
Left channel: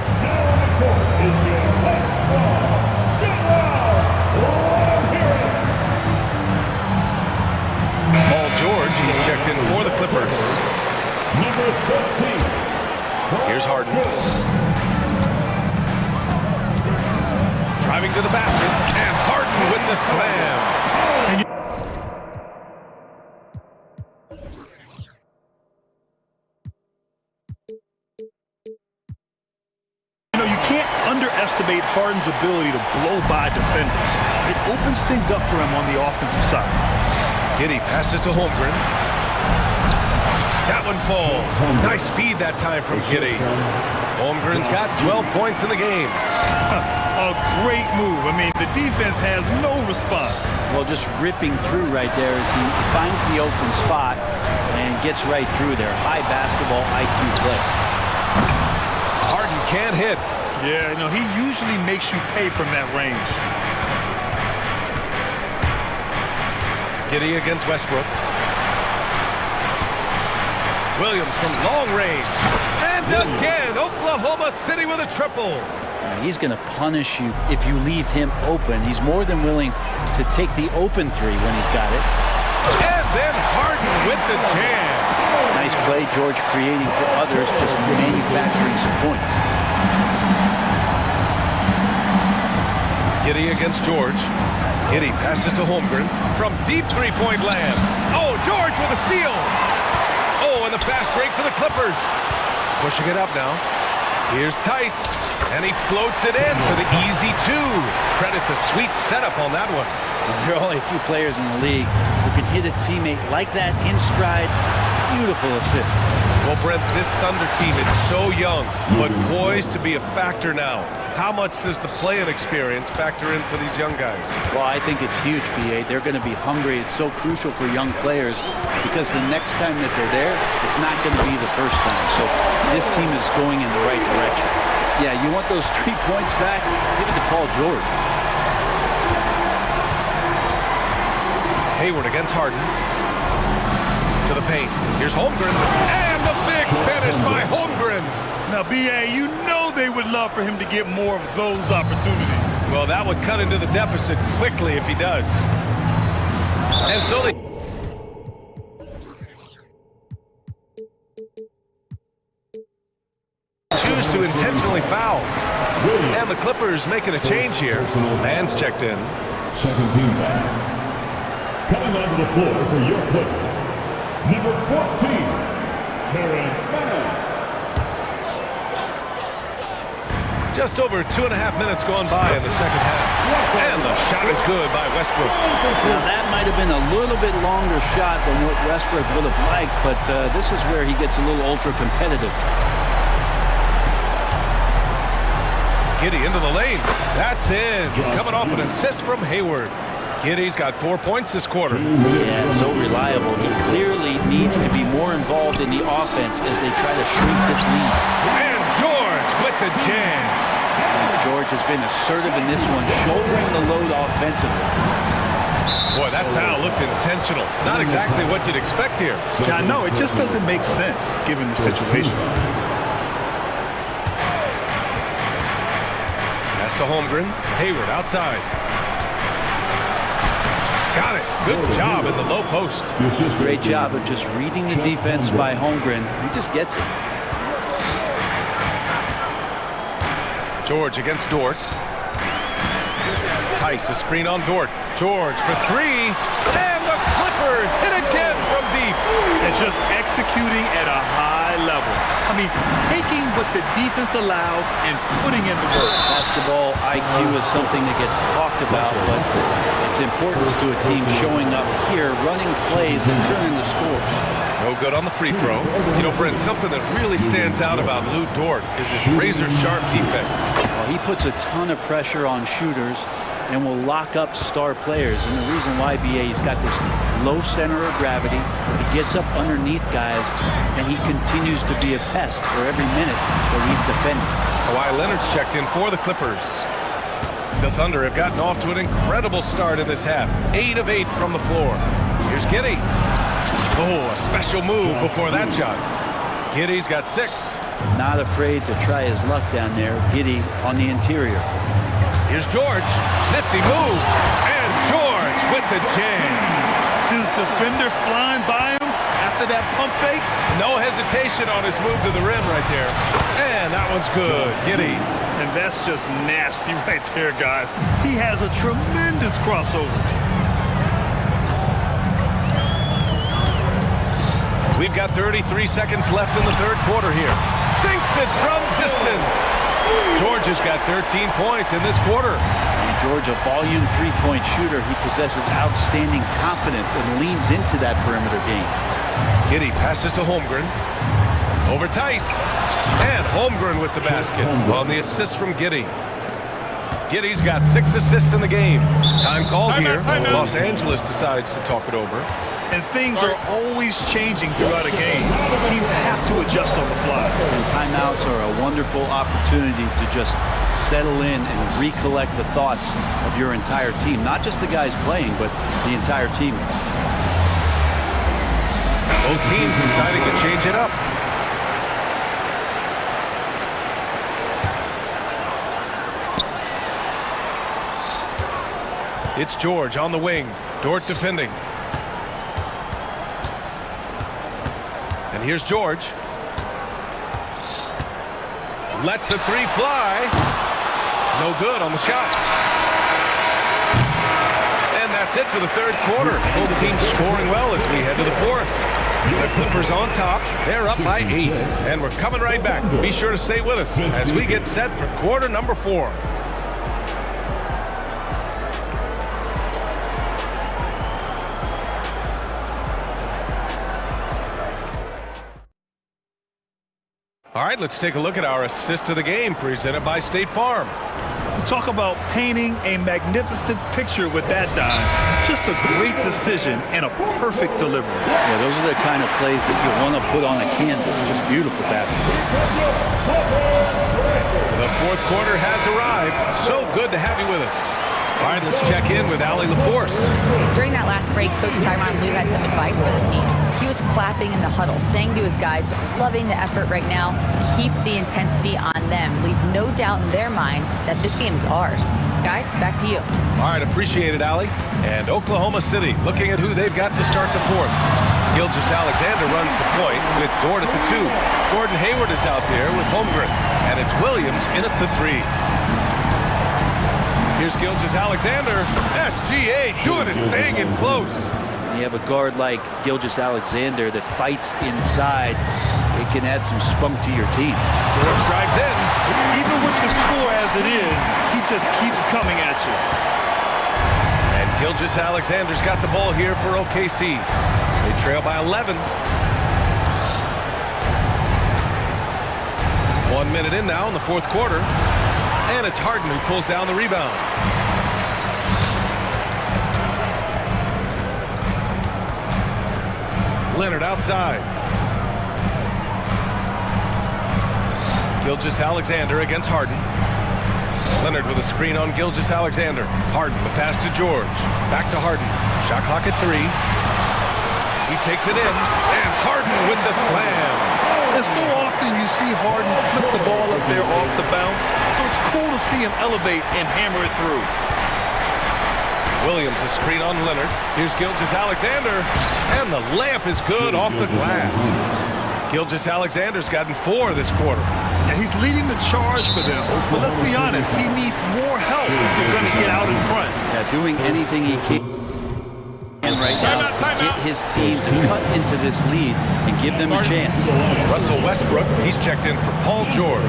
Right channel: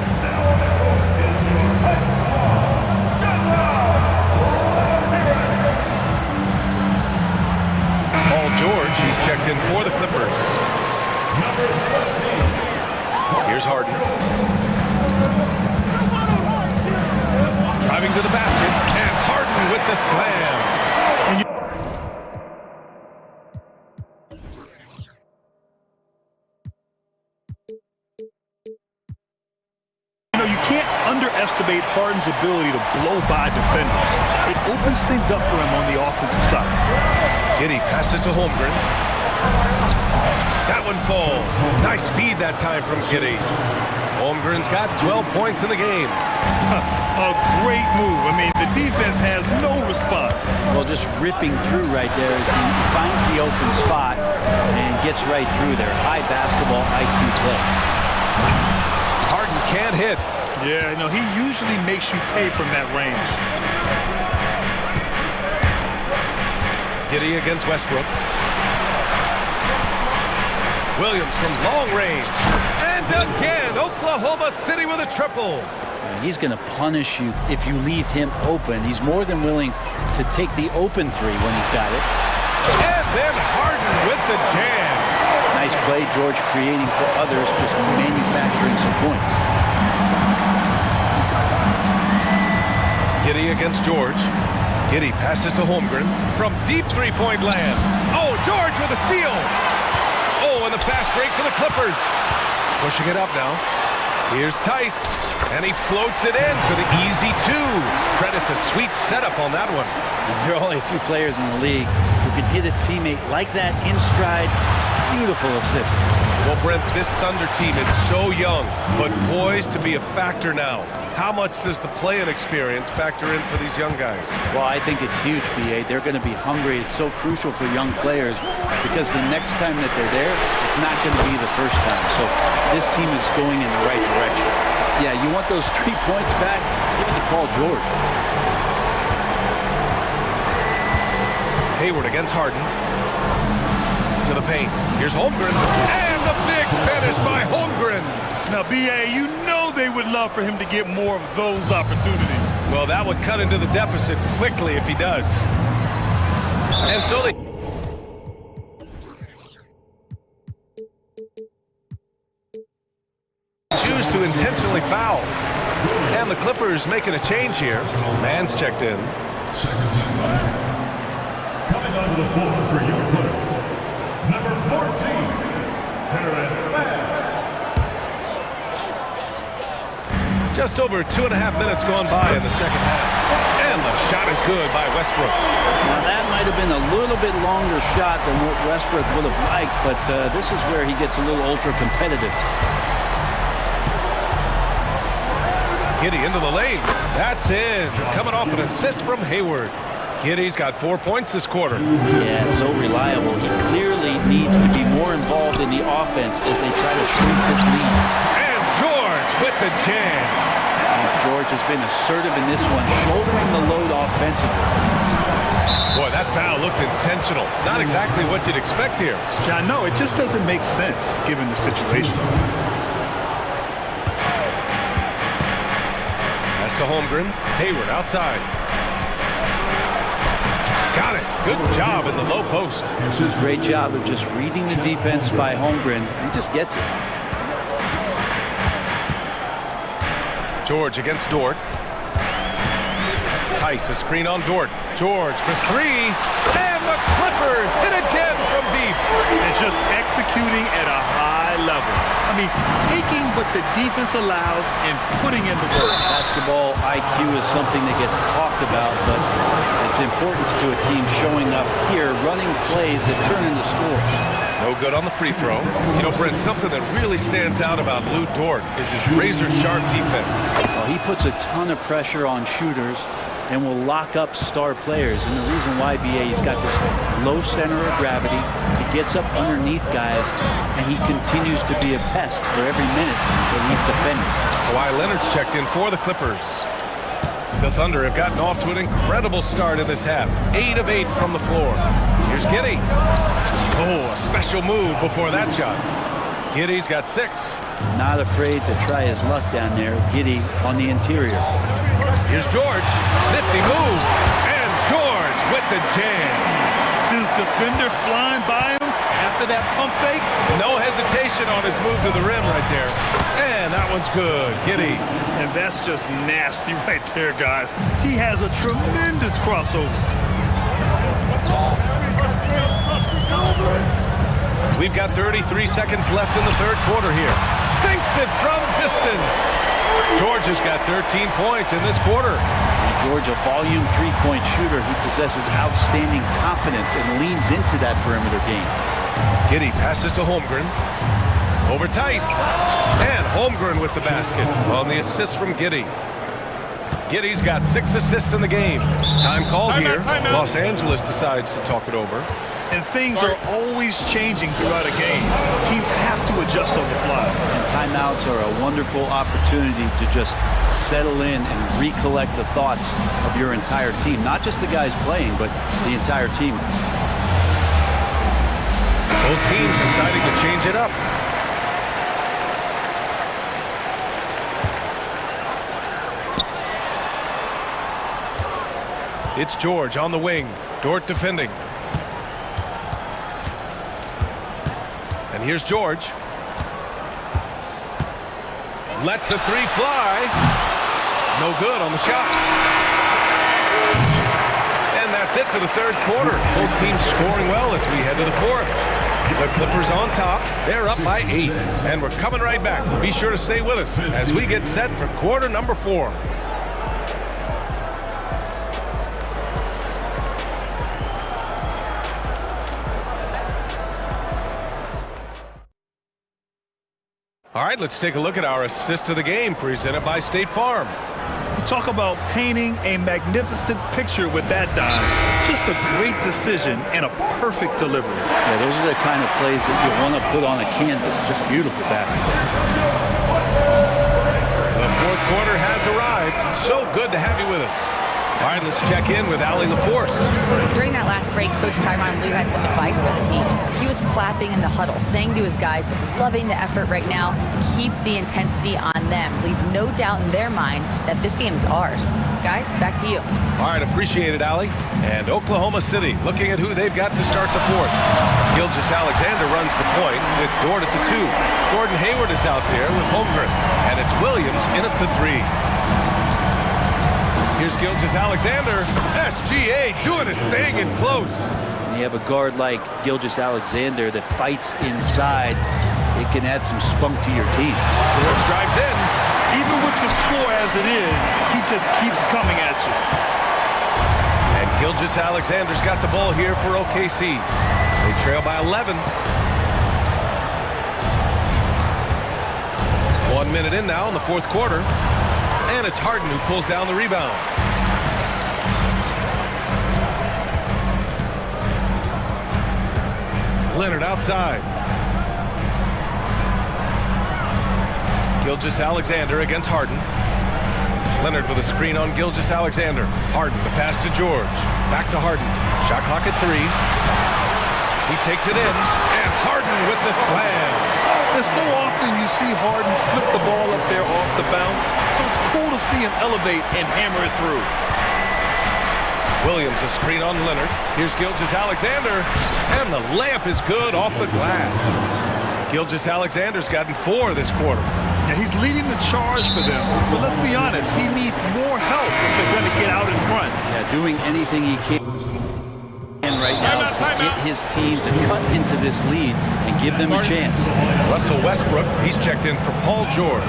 Paul George, he's checked in for the Clippers. Here's Harden. Driving to the basket, and Harden with the slam. You can't underestimate Harden's ability to blow by defenders. It opens things up for him on the offensive side. Giddey passes to Holmgren. That one falls. Nice feed that time from Giddey. Holmgren's got 12 points in the game. A great move. I mean, the defense has no response. Well, just ripping through right there as he finds the open spot and gets right through there. High basketball IQ play. Harden can't hit. Yeah, he usually makes you pay from that range. Giddey against Westbrook. Williams from long range. And again, Oklahoma City with a triple. He's going to punish you if you leave him open. He's more than willing to take the open three when he's got it. And then Harden with the jam. Nice play, George, creating for others, just manufacturing some points. Giddey against George. Giddey passes to Holmgren from deep three-point land. Oh, George with a steal. Oh, and the fast break for the Clippers. Pushing it up now. Here's Tice, and he floats it in for the easy two. Credit the sweet setup on that one. There are only a few players in the league who can hit a teammate like that in stride. Beautiful assist. Well, Brent, this Thunder team is so young, but poised to be a factor now. How much does the play-in experience factor in for these young guys? Well, I think it's huge, B.A. They're going to be hungry. It's so crucial for young players because the next time that they're there, it's not going to be the first time. So this team is going in the right direction. Yeah, you want those 3 points back? Give it to Paul George. Hayward against Harden. To the paint. Here's Holmgren. And the big finish by Holmgren. Now, B.A., you know they would love for him to get more of those opportunities. Well, that would cut into the deficit quickly if he does. And so they choose to intentionally foul. And the Clippers making a change here. Mann's checked in. Second team foul. Coming onto the floor for your Clippers, number 14, Terrence Mann. Just over 2.5 minutes gone by in the second half. And the shot is good by Westbrook. Now that might have been a little bit longer shot than what Westbrook would have liked, but this is where he gets a little ultra-competitive. Giddey into the lane. That's in. Coming off an assist from Hayward. Giddey's got 4 points this quarter. Yeah, so reliable. He clearly needs to be more involved in the offense as they try to shrink this lead. And George with the jam. And George has been assertive in this one, shouldering the load offensively. Boy, that foul looked intentional. Not exactly what you'd expect here. Yeah, I know. It just doesn't make sense given the situation. Pass to Holmgren. Hayward outside. Got it. Good job in the low post. Great job of just reading the defense by Holmgren. He just gets it. George against Dort. Tice, a screen on Dort. George for three. And the Clippers hit again from deep. And just executing at a high level. I mean, taking what the defense allows and putting in the work. Basketball IQ is something that gets talked about, but its importance to a team showing up here, running plays that turn into scores. No good on the free throw. You know, Brent, something that really stands out about Lou Dort is his razor-sharp defense. Well, he puts a ton of pressure on shooters and will lock up star players. And the reason why, BA, he's got this low center of gravity. He gets up underneath guys, and he continues to be a pest for every minute that he's defending. Kawhi Leonard's checked in for the Clippers. The Thunder have gotten off to an incredible start in this half. 8 of 8 from the floor. Here's Giddey. Oh, a special move before that shot. Giddey's got 6. Not afraid to try his luck down there. Giddey on the interior. Here's George. Nifty move. And George with the jam. His defender flying by him after that pump fake. No hesitation on his move to the rim right there. And that one's good. Giddey. And that's just nasty right there, guys. He has a tremendous crossover. We've got 33 seconds left in the third quarter here. Sinks it from distance. George has got 13 points in this quarter. And George, a volume three-point shooter, he possesses outstanding confidence and leans into that perimeter game. Giddey passes to Holmgren. Over Tice. And Holmgren with the basket on the assist from Giddey. Giddey's got 6 assists in the game. Time called here. Los Angeles decides to talk it over. And things are always changing throughout a game. Teams have to adjust on the fly. And timeouts are a wonderful opportunity to just settle in and recollect the thoughts of your entire team. Not just the guys playing, but the entire team. Both teams deciding to change it up. It's George on the wing. Dort defending. And here's George. Lets the three fly. No good on the shot. And that's it for the third quarter. Both teams scoring well as we head to the fourth. The Clippers on top. They're up by 8. And we're coming right back. Be sure to stay with us as we get set for quarter number 4. All right, let's take a look at our assist of the game presented by State Farm. Talk about painting a magnificent picture with that dive. Just a great decision and a perfect delivery. Yeah, those are the kind of plays that you want to put on a canvas. Just beautiful basketball. The fourth quarter has arrived. So good to have you with us. All right, let's check in with Allie LaForce. During that last break, Coach Tyronn Lue had some advice for the team. He was clapping in the huddle, saying to his guys, loving the effort right now, keep the intensity on them. Leave no doubt in their mind that this game is ours. Guys, back to you. All right, appreciate it, Allie. And Oklahoma City looking at who they've got to start the fourth. Gilgeous-Alexander runs the point with Dort at the 2. Gordon Hayward is out there with Holmgren. And it's Williams in at the 3. Here's Gilgeous-Alexander. SGA doing his thing in close. You have a guard like Gilgeous-Alexander that fights inside. It can add some spunk to your team. George drives in. Even with the score as it is, he just keeps coming at you. And Gilgeous-Alexander's got the ball here for OKC. They trail by 11. 1 minute in now in the fourth quarter. And it's Harden who pulls down the rebound. Leonard outside. Gilgeous-Alexander against Harden. Leonard with a screen on Gilgeous-Alexander. Harden, the pass to George. Back to Harden. Shot clock at 3. He takes it in. And Harden with the slam. And so often you see Harden flip the ball up there off the bounce. So it's cool to see him elevate and hammer it through. Williams, a screen on Leonard. Here's Gilgeous-Alexander, and the layup is good off the glass. Gilgeous-Alexander's gotten 4 this quarter. Yeah, he's leading the charge for them, but let's be honest, he needs more help if they're going to get out in front. Yeah, doing anything he can right now to get his team to cut into this lead and give them a chance. Russell Westbrook, he's checked in for Paul George.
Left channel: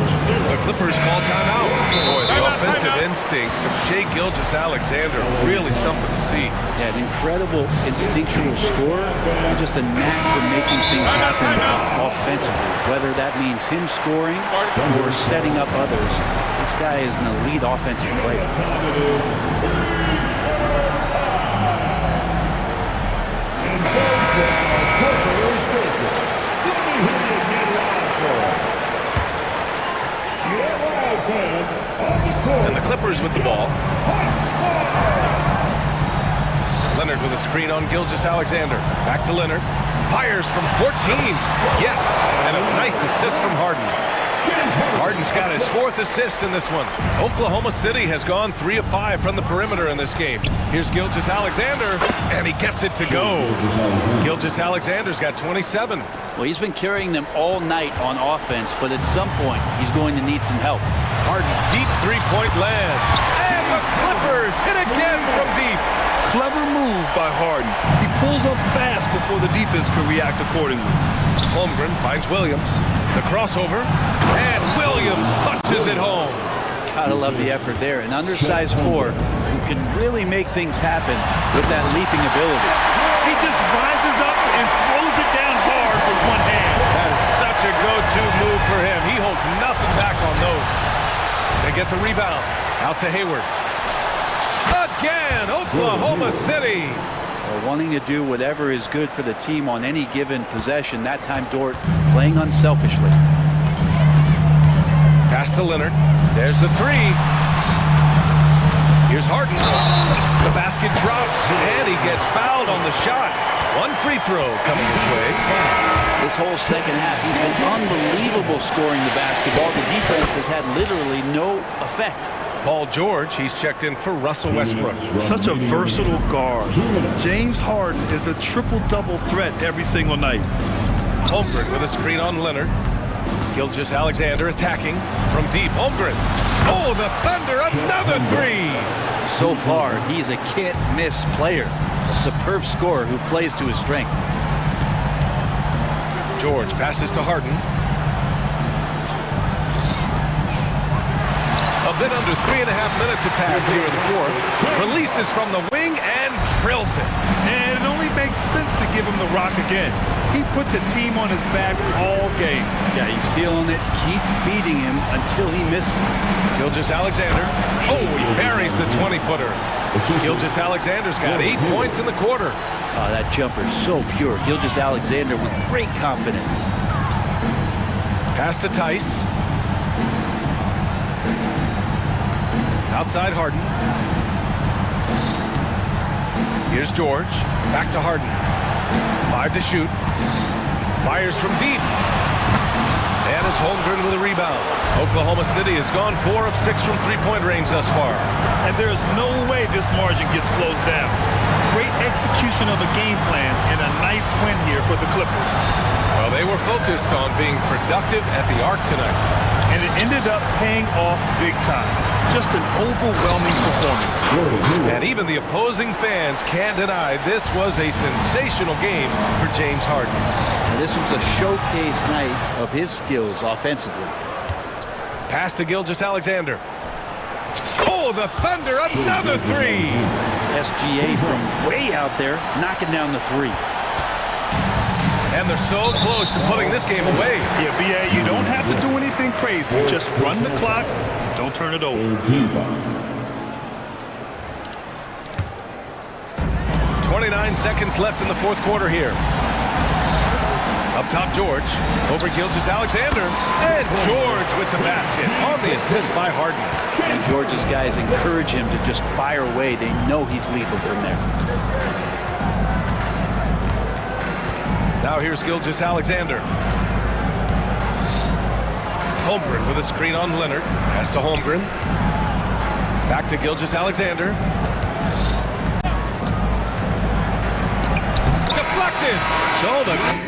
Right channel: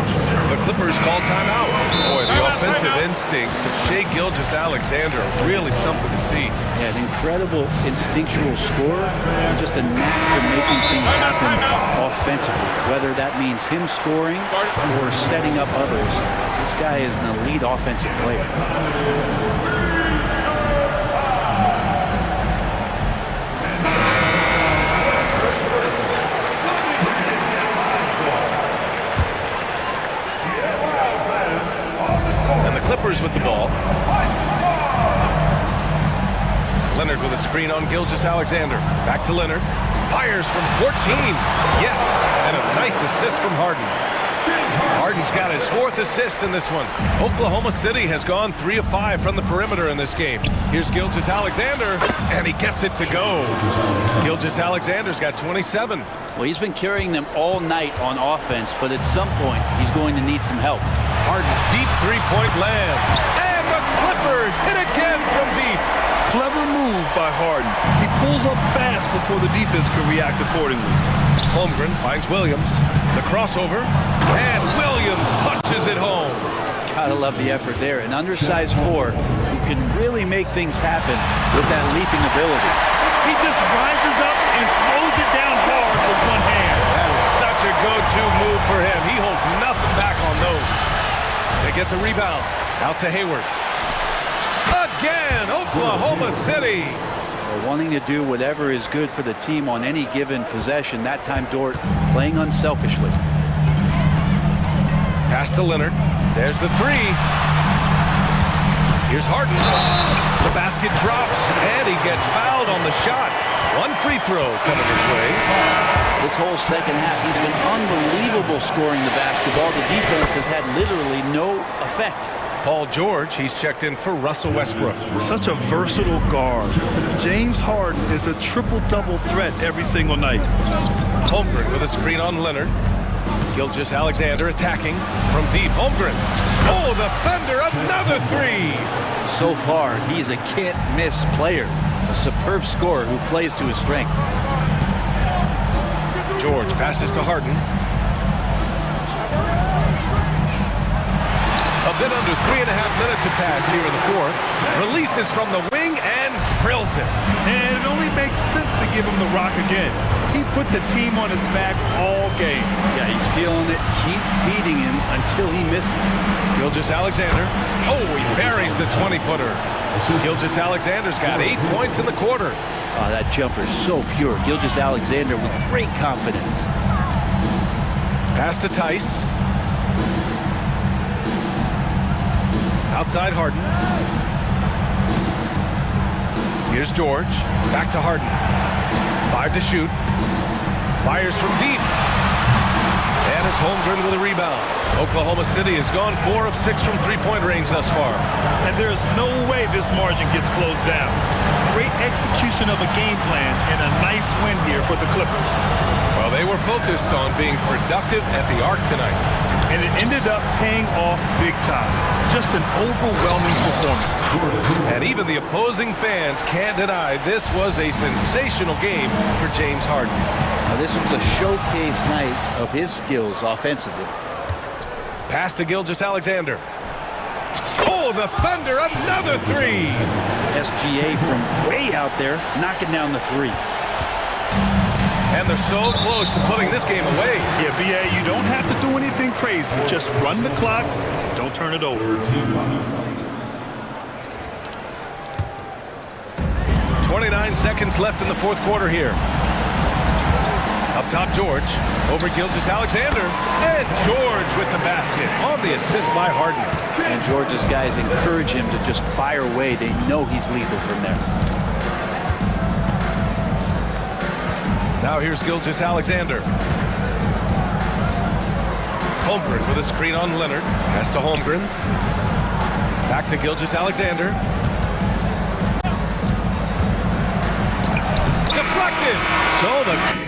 The Clippers call timeout. Boy, the offensive instincts of Shai Gilgeous-Alexander are really something to see. Yeah, an incredible instinctual scorer and just a knack for making things happen offensively, whether that means him scoring or setting up others. This guy is an elite offensive player. And the Clippers with the ball. Leonard with a screen on Gilgeous-Alexander. Back to Leonard. Fires from 14. Yes, and a nice assist from Harden. Harden's got his 4th assist in this one. Oklahoma City has gone 3 of 5 from the perimeter in this game. Here's Gilgeous-Alexander, and he gets it to go. Gilgeous-Alexander's got 27. Well, he's been carrying them all night on offense, but at some point, he's going to need some help. Harden, deep 3-point land. And the Clippers hit again from deep. Clever move by Harden. He pulls up fast before the defense can react accordingly. Holmgren finds Williams. The crossover, and Williams punches it home. Gotta love the effort there. An undersized 4 who can really make things happen with that leaping ability. He just rises up and throws it down hard with one hand. That is such a go-to move for him. He holds nothing back on those. They get the rebound. Out to Hayward. Again, Oklahoma City. Well, wanting to do whatever is good for the team on any given possession. That time, Dort playing unselfishly. Pass to Leonard. There's the 3. Here's Harden. The basket drops, and he gets fouled on the shot. 1 free throw coming his way. This whole second half, he's been unbelievable scoring the basketball. The defense has had literally no effect. Paul George, he's checked in for Russell Westbrook. Such a versatile guard. James Harden is a triple-double threat every single night. Holmgren with a screen on Leonard. Gilgeous-Alexander attacking from deep. Holmgren. Oh, the Thunder, another 3. So far, he's a can't-miss player. A superb scorer who plays to his strength. George passes to Harden. A bit under 3.5 minutes have passed here in the 4th. Releases from the wing and drills it. And it only makes sense to give him the rock again. He put the team on his back all game. Yeah, he's feeling it. Keep feeding him until he misses. Gilgeous-Alexander. Oh, he buries the 20-footer. Gilgeous-Alexander's got 8 points in the quarter. Oh, that jumper's so pure. Gilgeous-Alexander with great confidence. Pass to Tice. Outside Harden. Here's George. Back to Harden. 5 to shoot. Fires from deep. And it's Holmgren with a rebound. Oklahoma City has gone 4 of 6 from 3-point range thus far. And there's no way this margin gets closed down. Great execution of a game plan and a nice win here for the Clippers. Well, they were focused on being productive at the arc tonight. And it ended up paying off big time. Just an overwhelming performance. And even the opposing fans can't deny this was a sensational game for James Harden. Now, this was a showcase night of his skills offensively. Pass to Gilgeous-Alexander. Oh, the Thunder, another 3. SGA from way out there, knocking down the 3. And they're so close to putting this game away. Yeah, B.A., you don't have to do anything crazy. Just run the clock and don't turn it over. 29 seconds left in the 4th quarter here. Up top, George. Over Gilgeous-Alexander. And George with the basket on the assist by Harden. And George's guys encourage him to just fire away. They know he's lethal from there. Now here's Gilgeous-Alexander. Holmgren with a screen on Leonard. Pass to Holmgren. Back to Gilgeous-Alexander. defeated. So the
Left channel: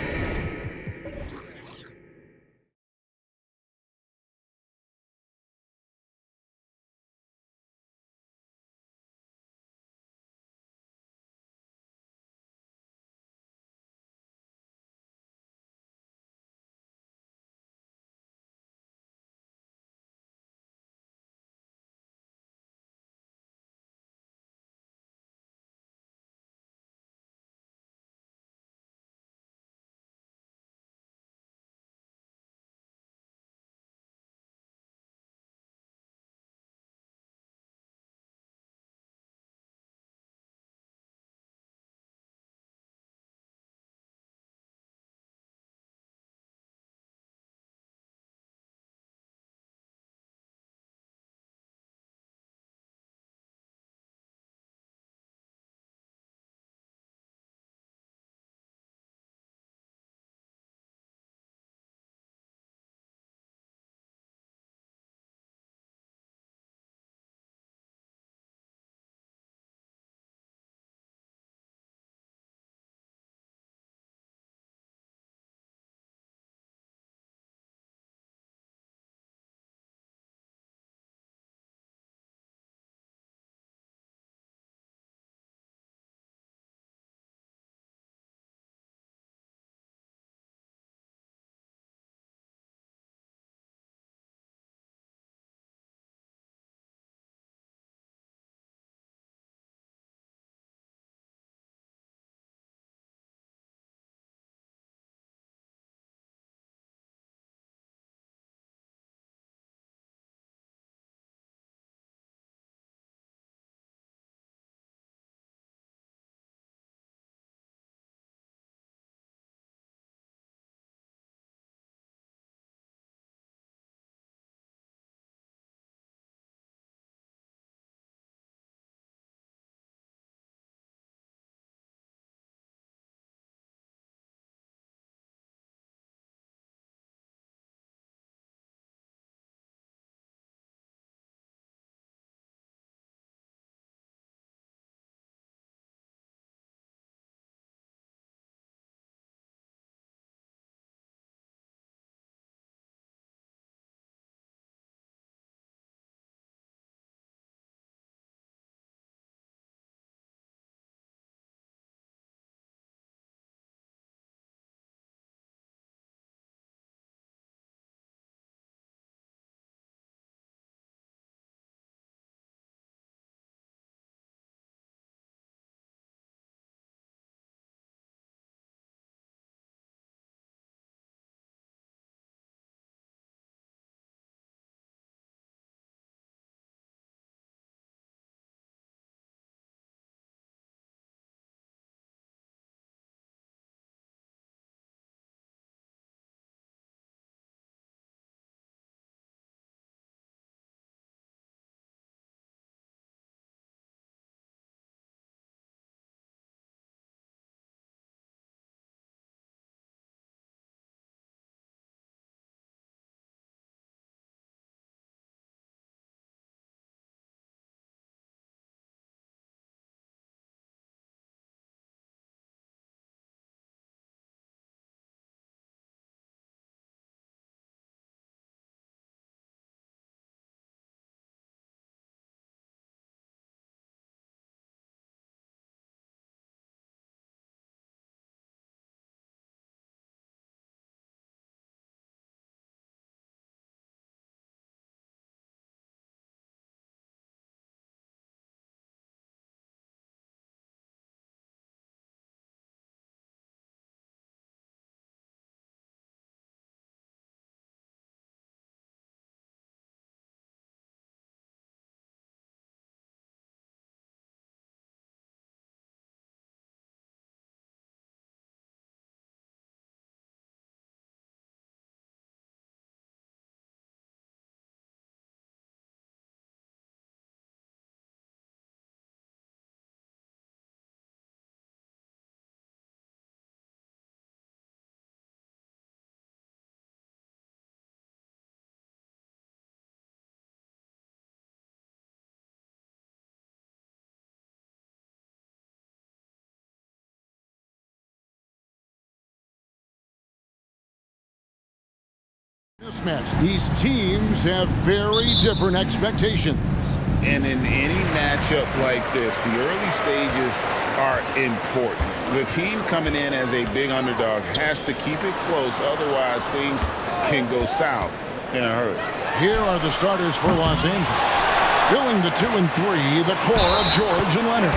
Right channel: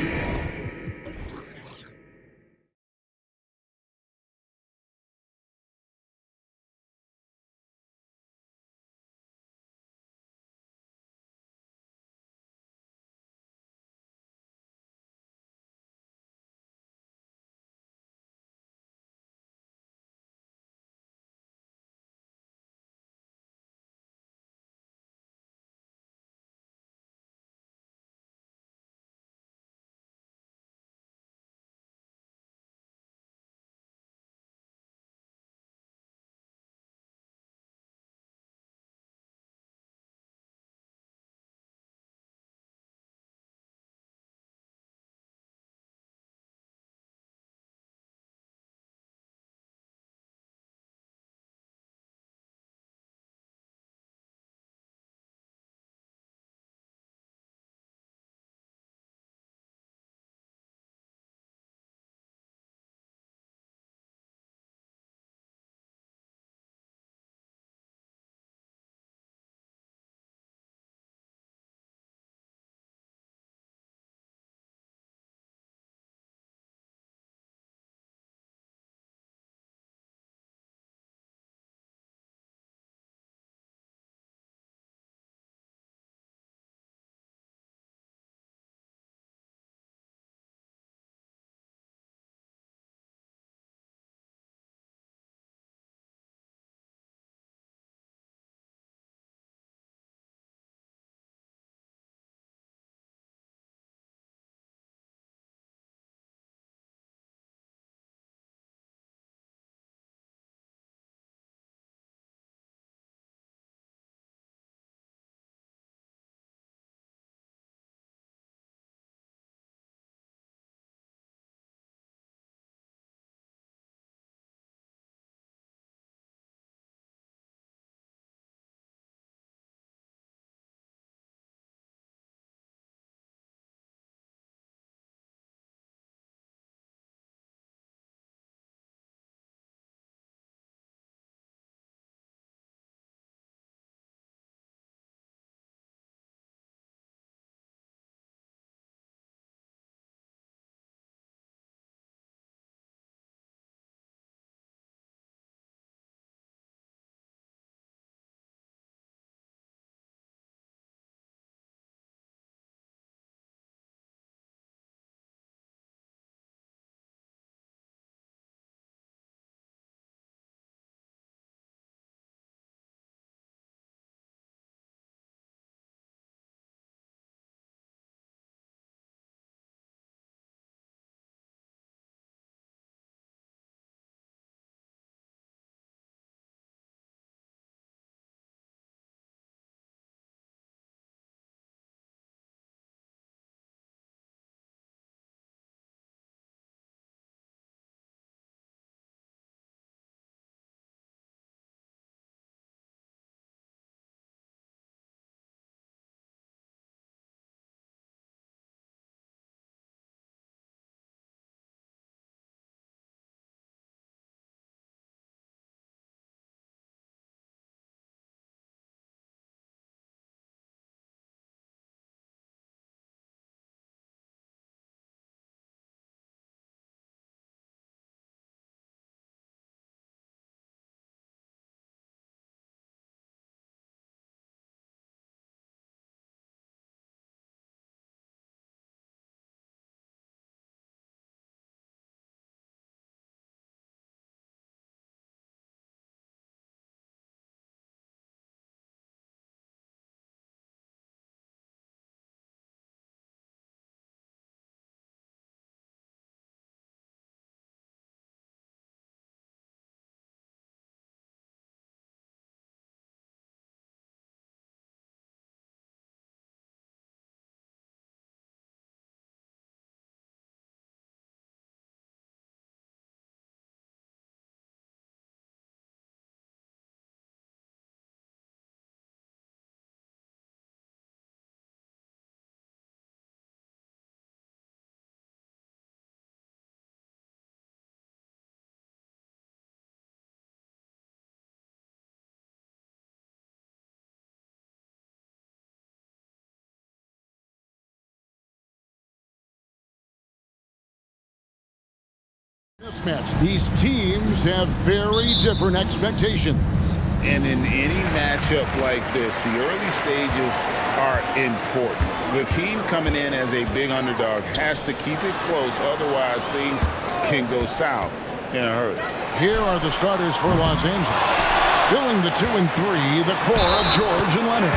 Mismatch. These teams have very different expectations. And in any matchup like this, the early stages are important. The team coming in as a big underdog has to keep it close, otherwise things can go south in a hurry. Here are the starters for Los Angeles. Filling the 2 and 3, the core of George and Leonard.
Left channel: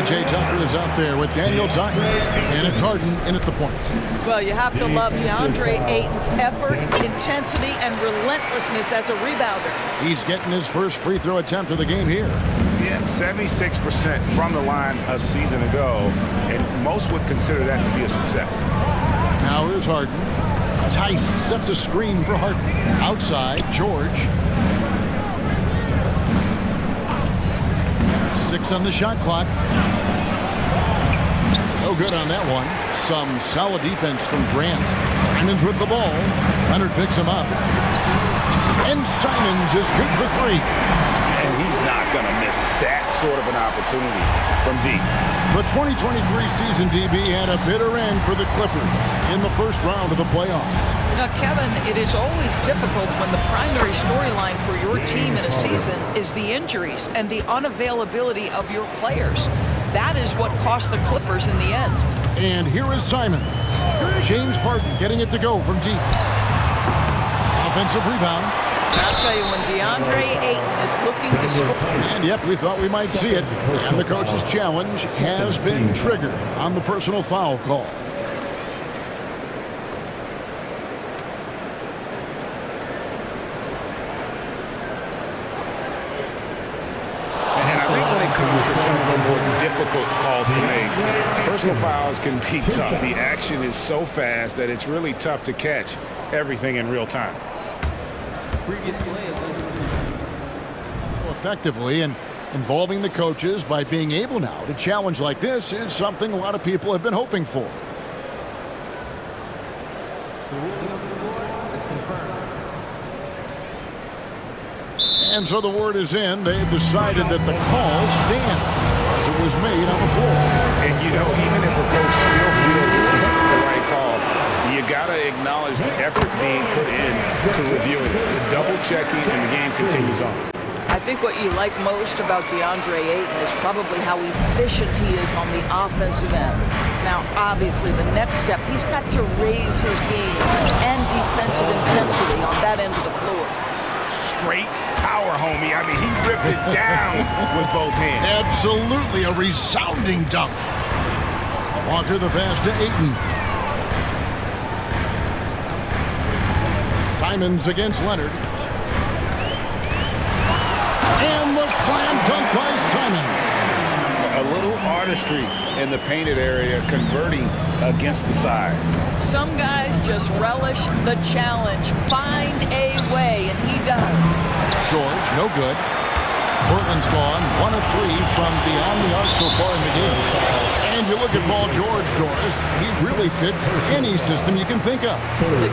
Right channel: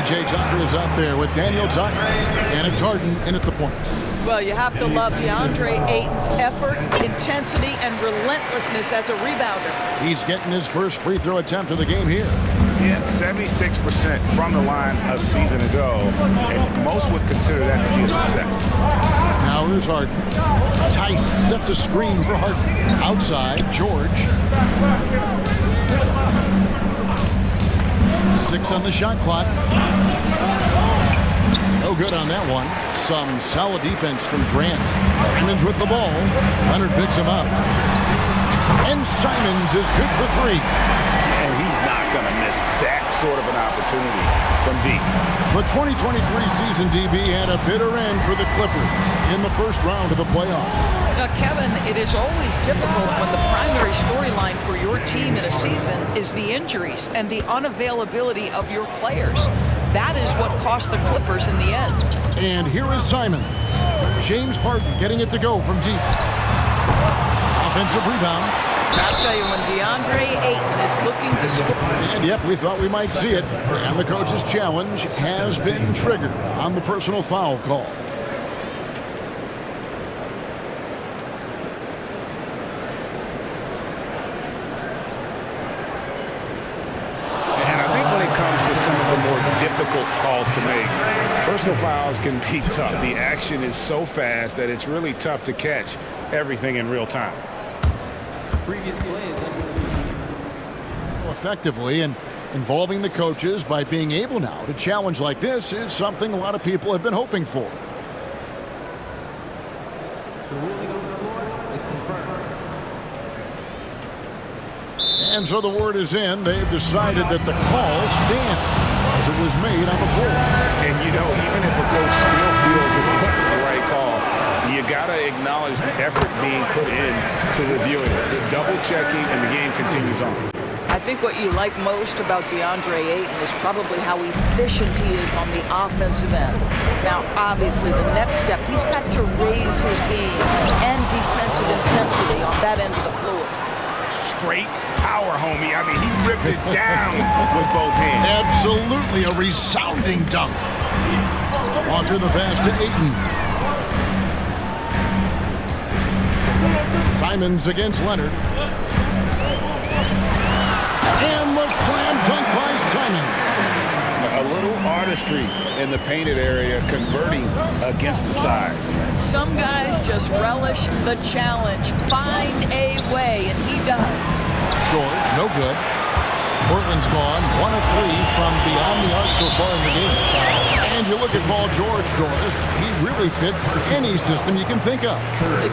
PJ Tucker is out there with Daniel Tice, and it's Harden in at the point. Well, you have to love DeAndre Ayton's effort, intensity, and relentlessness as a rebounder. He's getting his first free throw attempt of the game here. He had 76% from the line a season ago, and most would consider that to be a success. Now here's Harden. Tice sets a screen for Harden. Outside, George. 6 on the shot clock. No good on that one. Some solid defense from Grant. Simons with the ball. Leonard picks him up. And Simons is good for 3. And he's not going to miss that sort of an opportunity from deep. The 2023 season, DB, had a bitter end for the Clippers in the first round of the playoffs. Now, Kevin, it is always difficult when the primary storyline for your team in a season is the injuries and the unavailability of your players. That is what cost the Clippers in the end. And here is Simons. James Harden getting it to go from deep. Offensive rebound. I'll tell you, when DeAndre Ayton is looking to score. And yep, we thought we might see it. And the coach's challenge has been triggered on the personal foul call. And I think when it comes to some of the more difficult calls to make, personal fouls can be tough. The action is so fast that it's really tough to catch everything in real time. Previous play is under review. Effectively, and involving the coaches by being able now to challenge like this is something a lot of people have been hoping for. The ruling on the floor is confirmed. And so the word is in. They've decided that the call stands as it was made on the floor. And, you know, even if a coach still feels this wasn't the right call, you got to acknowledge the effort being put in to reviewing it. The double-checking, and the game continues on. I think what you like most about DeAndre Ayton is probably how efficient he is on the offensive end. Now, obviously, the next step, he's got to raise his game and defensive intensity on that end of the floor. Straight power, homie. I mean, he ripped it down with both hands. Absolutely a resounding dunk. Walker the pass to Ayton. Simons against Leonard. And the slam dunk by Simons. A little artistry in the painted area, converting against the size. Some guys just relish the challenge. Find a way, and he does. George, no good. Portland's gone 1 of 3 from beyond the arc so far in the game. And you look at Paul George, Doris, he really fits any system you can think of.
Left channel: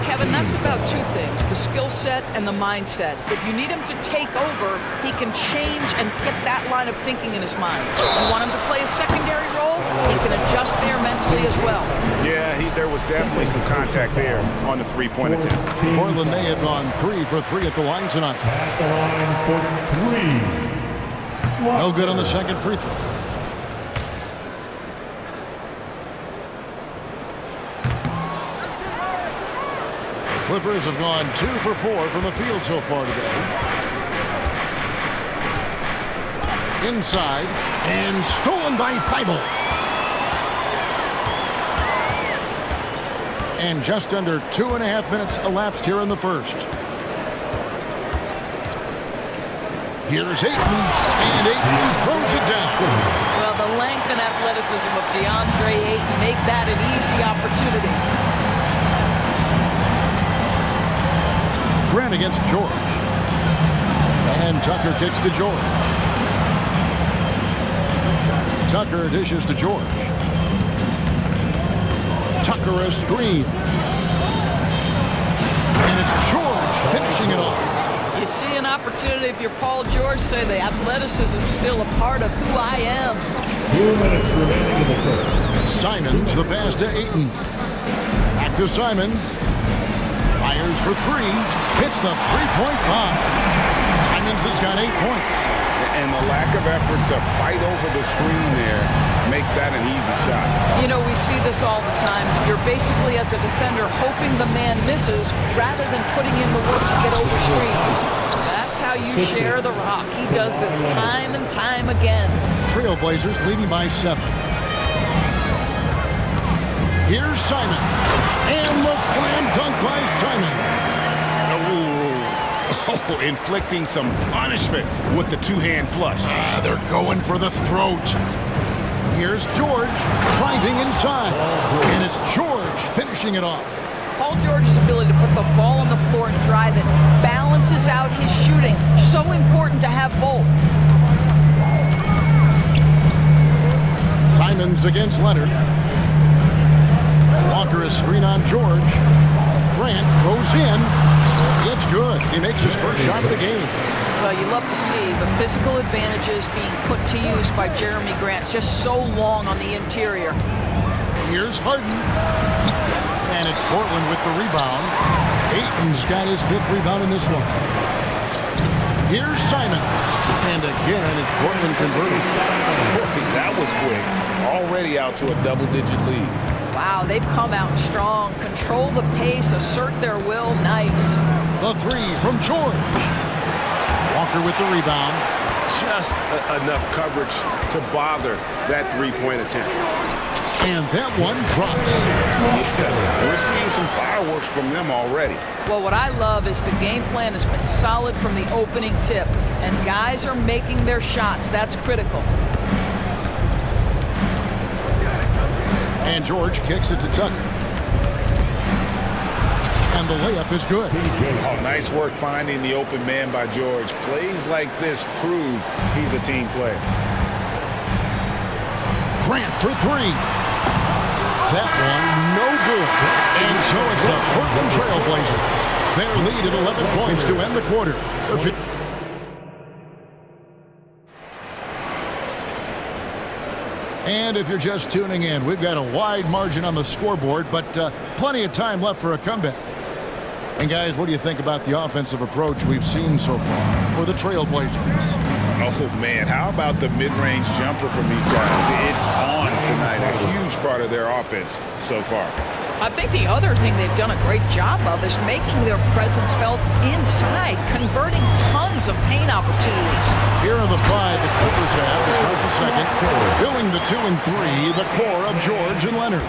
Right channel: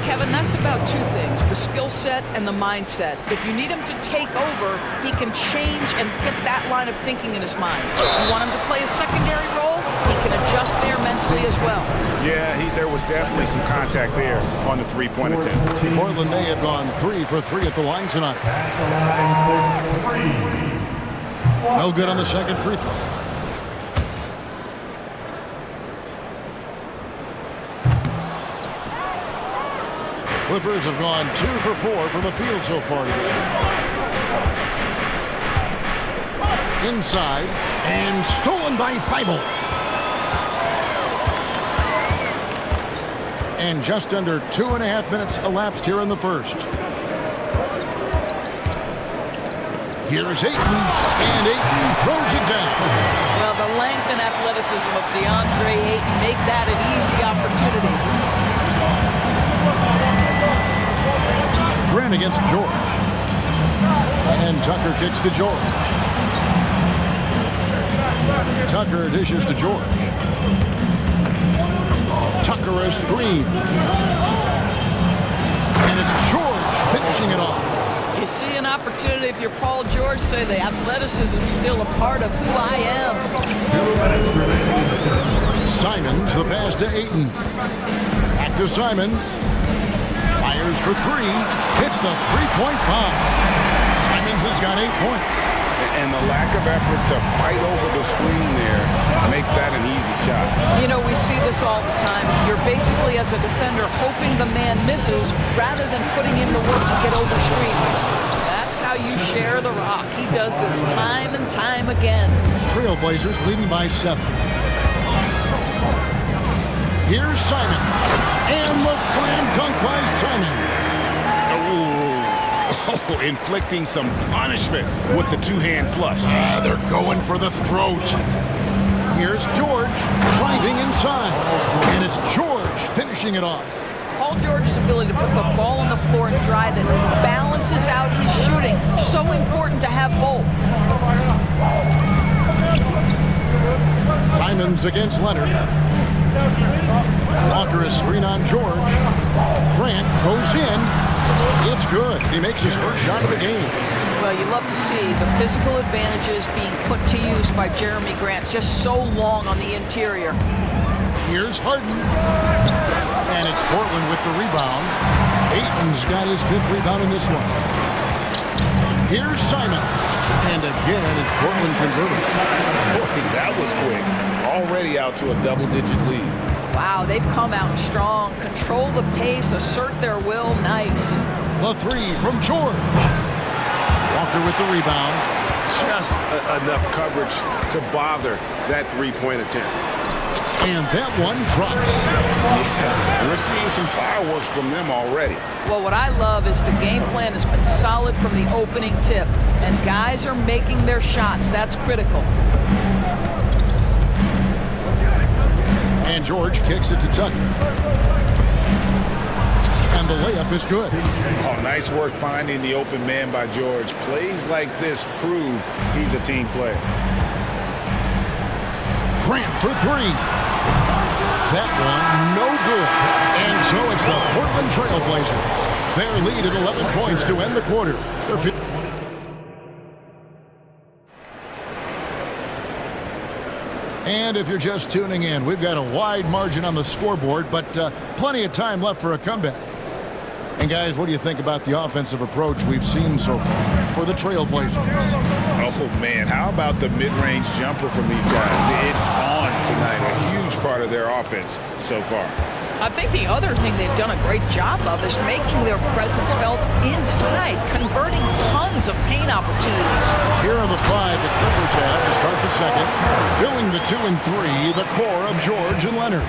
Kevin, that's about 2 things, the skill set and the mindset. If you need him to take over, he can change and get that line of thinking in his mind. You want him to play a secondary role, he can adjust there mentally as well. Yeah, there was definitely some contact there on the three-point attempt. Portland, they have gone 3 for 3 at the line tonight. At the line for 3. No good on the second free throw. Clippers have gone 2 for 4 from the field so far today. Inside, and stolen by Thibault. And just under 2.5 minutes elapsed here in the first. Here's Ayton, and Ayton throws it down. Well, the length and athleticism of DeAndre Ayton make that an easy opportunity. Grant against George. And Tucker kicks to George. Tucker dishes to George. Tucker a screen. And it's George finishing it off. You see an opportunity if you're Paul George, say the athleticism still a part of who I am. 2 minutes remaining in the first. Simons, the pass to Ayton. Back to Simons. Fires for three. Hits the three-point bomb. Simons has got 8 points. And the lack of effort to fight over the screen there makes that an easy shot. You know, we see this all the time. You're basically, as a defender, hoping the man misses rather than putting in the work to get over screens. That's how you share the rock. He does this time and time again. Trailblazers leading by 7. Here's Simon. And the slam dunk by Simon. Oh, inflicting some punishment with the two-hand flush. They're going for the throat. Here's George driving inside. And it's George finishing it off. Paul George's ability to put the ball on the floor and drive it balances out his shooting. So important to have both. Simons against Leonard. Walker is screen on George. Grant goes in. It's good. He makes his first shot of the game. Well, you love to see the physical advantages being put to use by Jeremy Grant. Just so long on the interior. Here's Harden. And it's Portland with the rebound. Ayton's got his 5th rebound in this one. Here's Simons. And again, it's Portland converted. Boy, that was quick. Already out to a double-digit lead. Wow, they've come out strong. Control the pace, assert their will. Nice. The 3 from George. Walker with the rebound. Just enough coverage to bother that three-point attempt. And that one drops. Yeah, we're seeing some fireworks from them already. Well, what I love is the game plan has been solid from the opening tip. And guys are making their shots. That's critical. And George kicks it to Tucker. And the layup is good. Oh, nice work finding the open man by George. Plays like this prove he's a team player. Grant for 3. That one, no good. And so it's the Portland Trailblazers. Their lead at 11 points to end the quarter. And if you're just tuning in, we've got a wide margin on the scoreboard, but plenty of time left for a comeback. And guys, what do you think about the offensive approach we've seen so far for the Trailblazers? Oh, man, how about the mid-range jumper from these guys? It's on tonight, a huge part of their offense so far. I think the other thing they've done a great job of is making their presence felt inside, converting tons of paint opportunities. Here are the 5 the Clippers have to start the second. Filling the 2 and 3, the core of George and Leonard.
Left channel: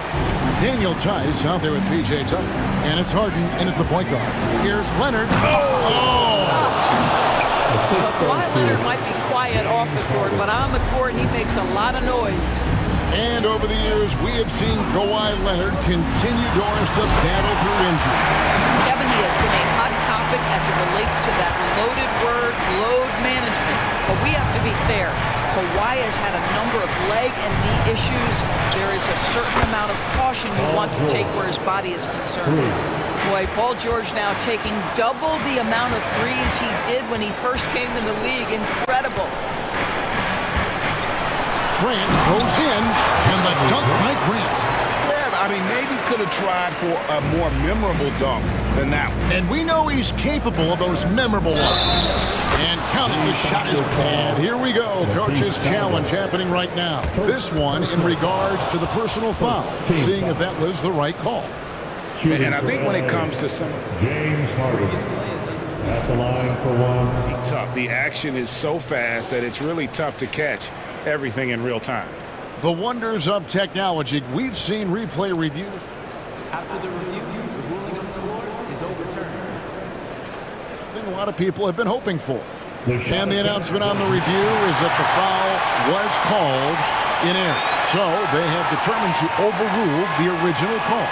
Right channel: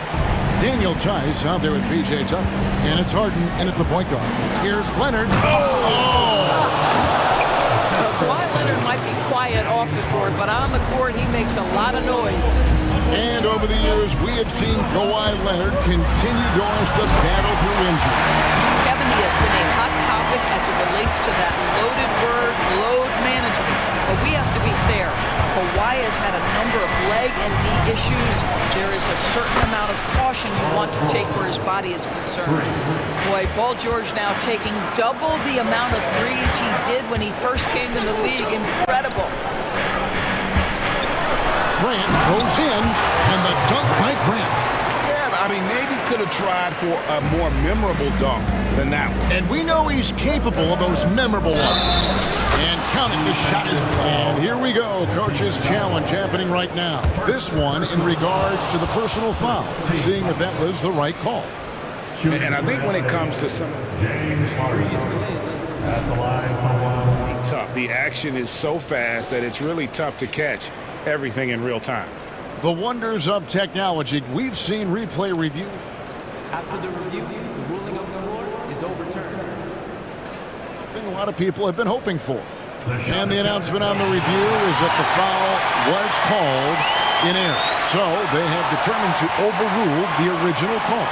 Daniel Tice out there with P.J. Tucker. And it's Harden in at the point guard. Here's Leonard. Well, Kawhi Leonard might be quiet off the court, but on the court he makes a lot of noise. And over the years, we have seen Kawhi Leonard continue Doris to battle through injury. Kevin, he has been a hot topic as it relates to that loaded word, load management. But we have to be fair. Kawhi has had a number of leg and knee issues. There is a certain amount of caution you want to take where his body is concerned. Boy, Paul George now taking double the amount of threes he did when he first came in the league. Incredible. Grant goes in, and the dunk by Grant. Yeah, I mean, maybe could have tried for a more memorable dunk than that one. And we know he's capable of those memorable ones. And count it, the shot is... And here we go, coach's challenge happening right now. This one in regards to the personal foul, seeing if that was the right call. And I think when it comes to some James Harden at the line for 1. Tough. The action is so fast that it's really tough to catch everything in real time. The wonders of technology. We've seen replay reviews. After the review, the ruling on the floor is overturned. I think a lot of people have been hoping for. And the announcement on the review is that the foul was called in error. So they have determined to overrule the original call.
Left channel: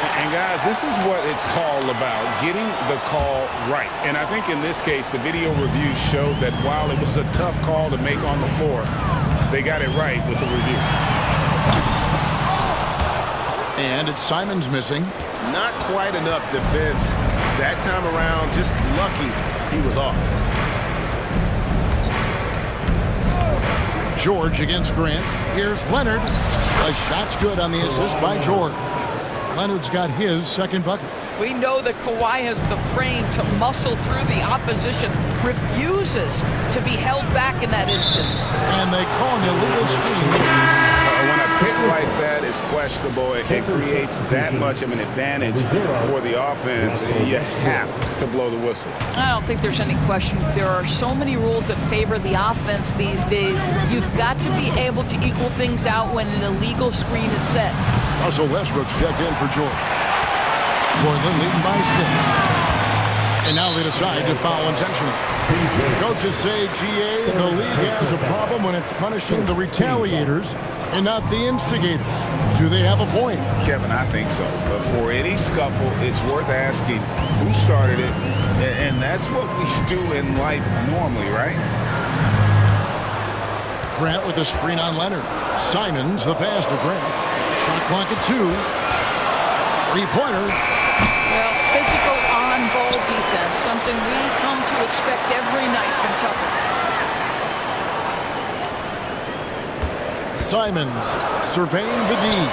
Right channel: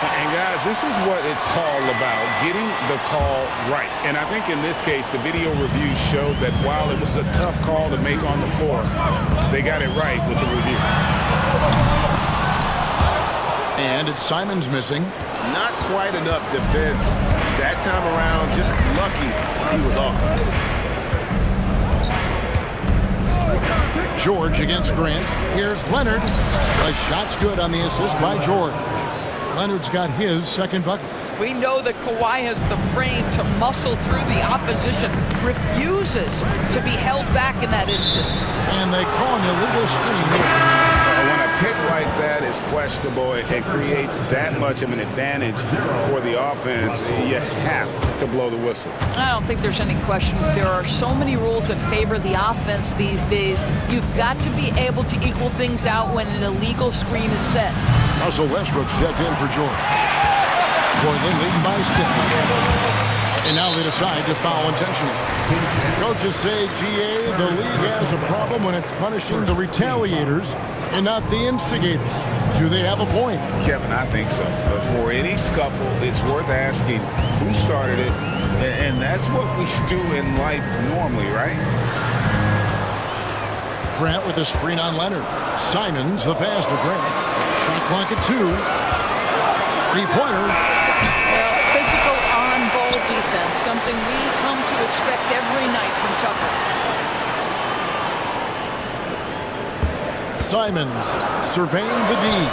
And guys, this is what it's all about, getting the call right. And I think in this case, the video review showed that while it was a tough call to make on the floor, they got it right with the review. And it's Simons missing. Not quite enough defense. That time around, just lucky he was off. George against Grant. Here's Leonard. The shot's good on the assist by George. Leonard's got his second bucket. We know that Kawhi has the frame to muscle through the opposition, refuses to be held back in that instance. And they call an illegal screen. When a pick like that is questionable, it creates that much of an advantage for the offense. You have to blow the whistle. I don't think there's any question. There are so many rules that favor the offense these days. You've got to be able to equal things out when an illegal screen is set. Russell Westbrook's checked in for Jordan. Portland leading by 6. And now they decide to foul intentionally. Coaches say, GA, the league has a problem when it's punishing the retaliators and not the instigators. Do they have a point? Kevin, I think so. But for any scuffle, it's worth asking who started it. And that's what we do in life normally, right? Grant with a screen on Leonard. Simons, the pass to Grant. Shot clock at 2. Three-pointer. Well, physical on-ball defense, something we come to expect every night from Tucker. Simons surveying the D.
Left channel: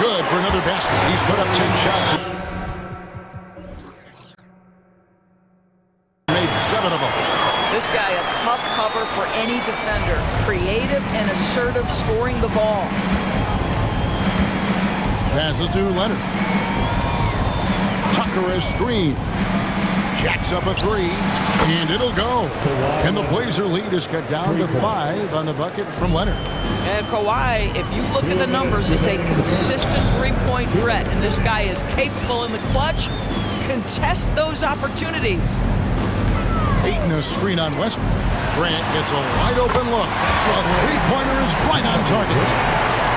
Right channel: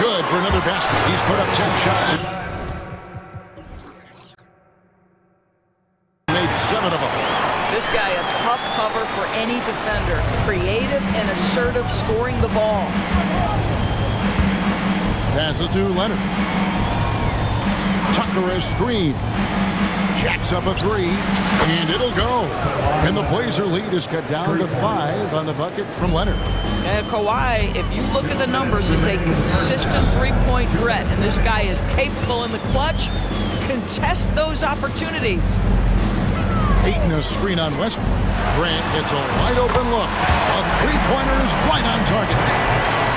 Good for another basket. He's put up 10 shots. Made 7 of them. This guy a tough cover for any defender. Creative and assertive scoring the ball. Passes to Leonard. Tucker a screen. Jacks up a 3, and it'll go. And the Blazer lead is cut down to 5 on the bucket from Leonard. And Kawhi, if you look at the numbers, he's a consistent three-point threat, and this guy is capable in the clutch. Contest those opportunities. Ayton a screen on Westbrook. Grant gets a wide open look. A three-pointer is right on target.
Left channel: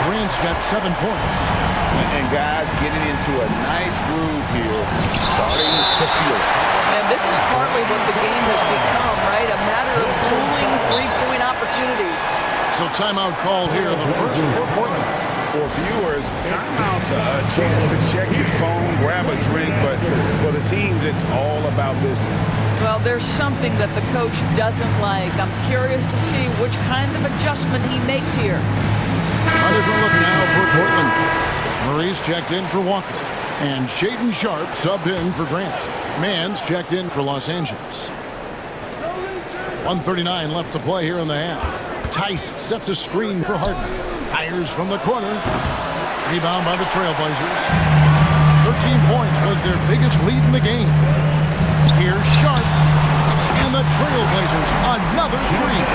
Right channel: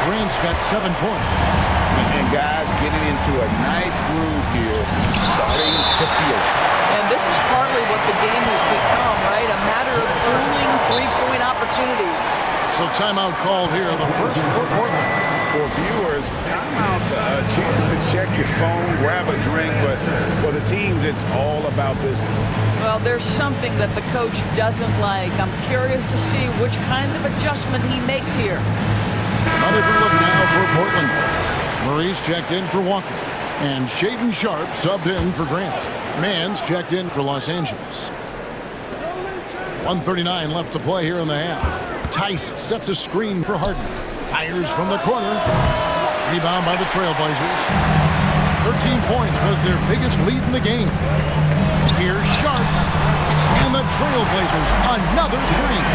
Grant's got 7 points. And guys getting into a nice groove here, starting to feel it. And this is partly what the game has become, right? A matter of dueling three-point opportunities. So timeout called here, the first for Portland. For viewers, timeout's a chance to check your phone, grab a drink, but for the teams, it's all about business. Well, there's something that the coach doesn't like. I'm curious to see which kind of adjustment he makes here. A different look now for Portland. Murray's checked in for Walker. And Shaedon Sharpe subbed in for Grant. Mann's checked in for Los Angeles. 1:39 left to play here in the half. Tice sets a screen for Harden. Fires from the corner. Rebound by the Trailblazers. 13 points was their biggest lead in the game. Here's Sharpe. And the Trailblazers, another 3.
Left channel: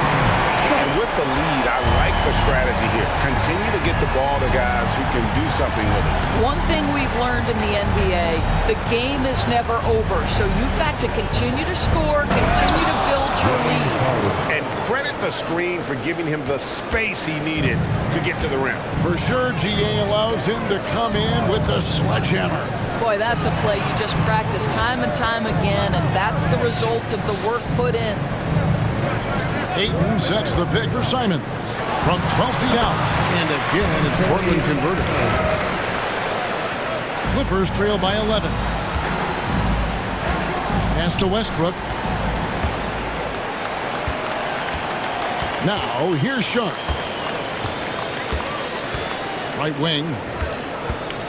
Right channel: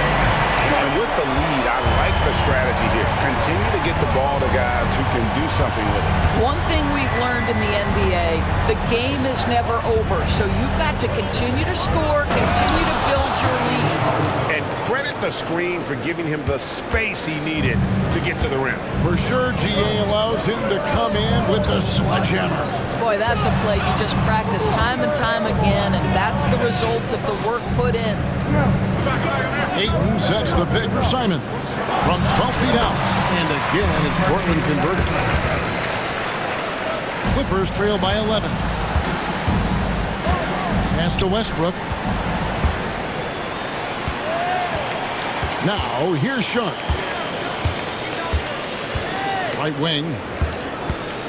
And with the lead, I like the strategy here. Continue to get the ball to guys who can do something with it. One thing we've learned in the NBA, the game is never over. So you've got to continue to score, continue to build your lead. And credit the screen for giving him the space he needed to get to the rim. For sure, GA allows him to come in with the sledgehammer. Boy, that's a play you just practice time and time again, and that's the result of the work put in. Ayton sets the pick for Simons from 12 feet out. And again, it's Portland converted. Clippers trail by 11. Pass to Westbrook. Now, here's Sharpe. Right wing.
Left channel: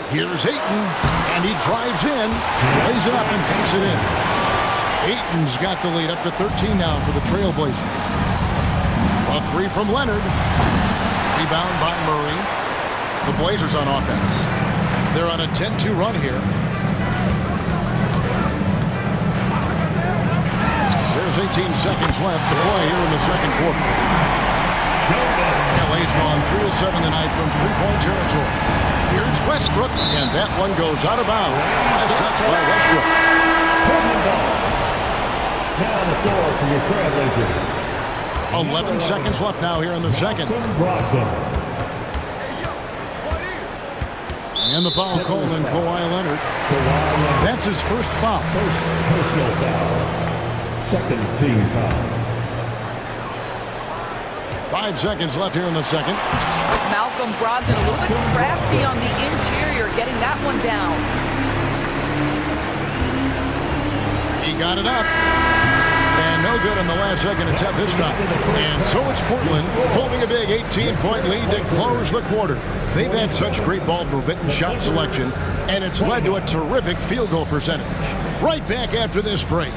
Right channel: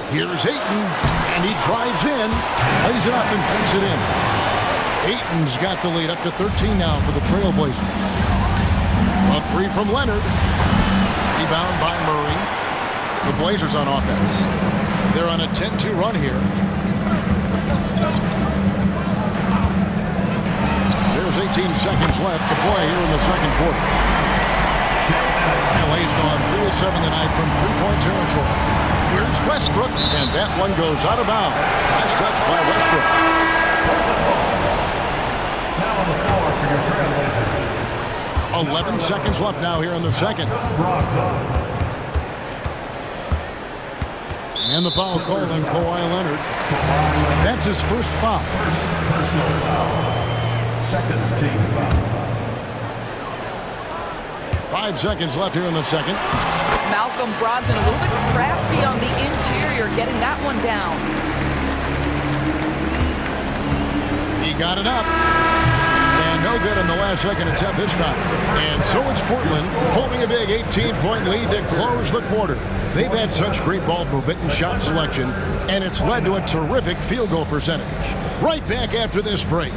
Here's Ayton, and he drives in, lays it up, and banks it in. Ayton's got the lead up to 13 now for the Trailblazers. A 3 from Leonard. Rebound by Murray. The Blazers on offense. They're on a 10-2 run here. There's 18 seconds left to play here in the second quarter. LA's gone 3 of 7 tonight from three-point territory. Here's Westbrook, and that one goes out of bounds. Nice touch by Westbrook. Now on the floor for your Trailblazers. 11 seconds left now here in the second. And the foul called on Kawhi Leonard. That's his first foul. First personal foul. Second team foul. 5 seconds left here in the second. Malcolm Brogdon a little bit crafty on the interior, getting that one down. He got it up. And no good on the last second attempt this time. And so it's Portland holding a big 18-point lead to close the quarter. They've had such great ball movement and shot selection, and it's led to a terrific field goal percentage. Right back after this break.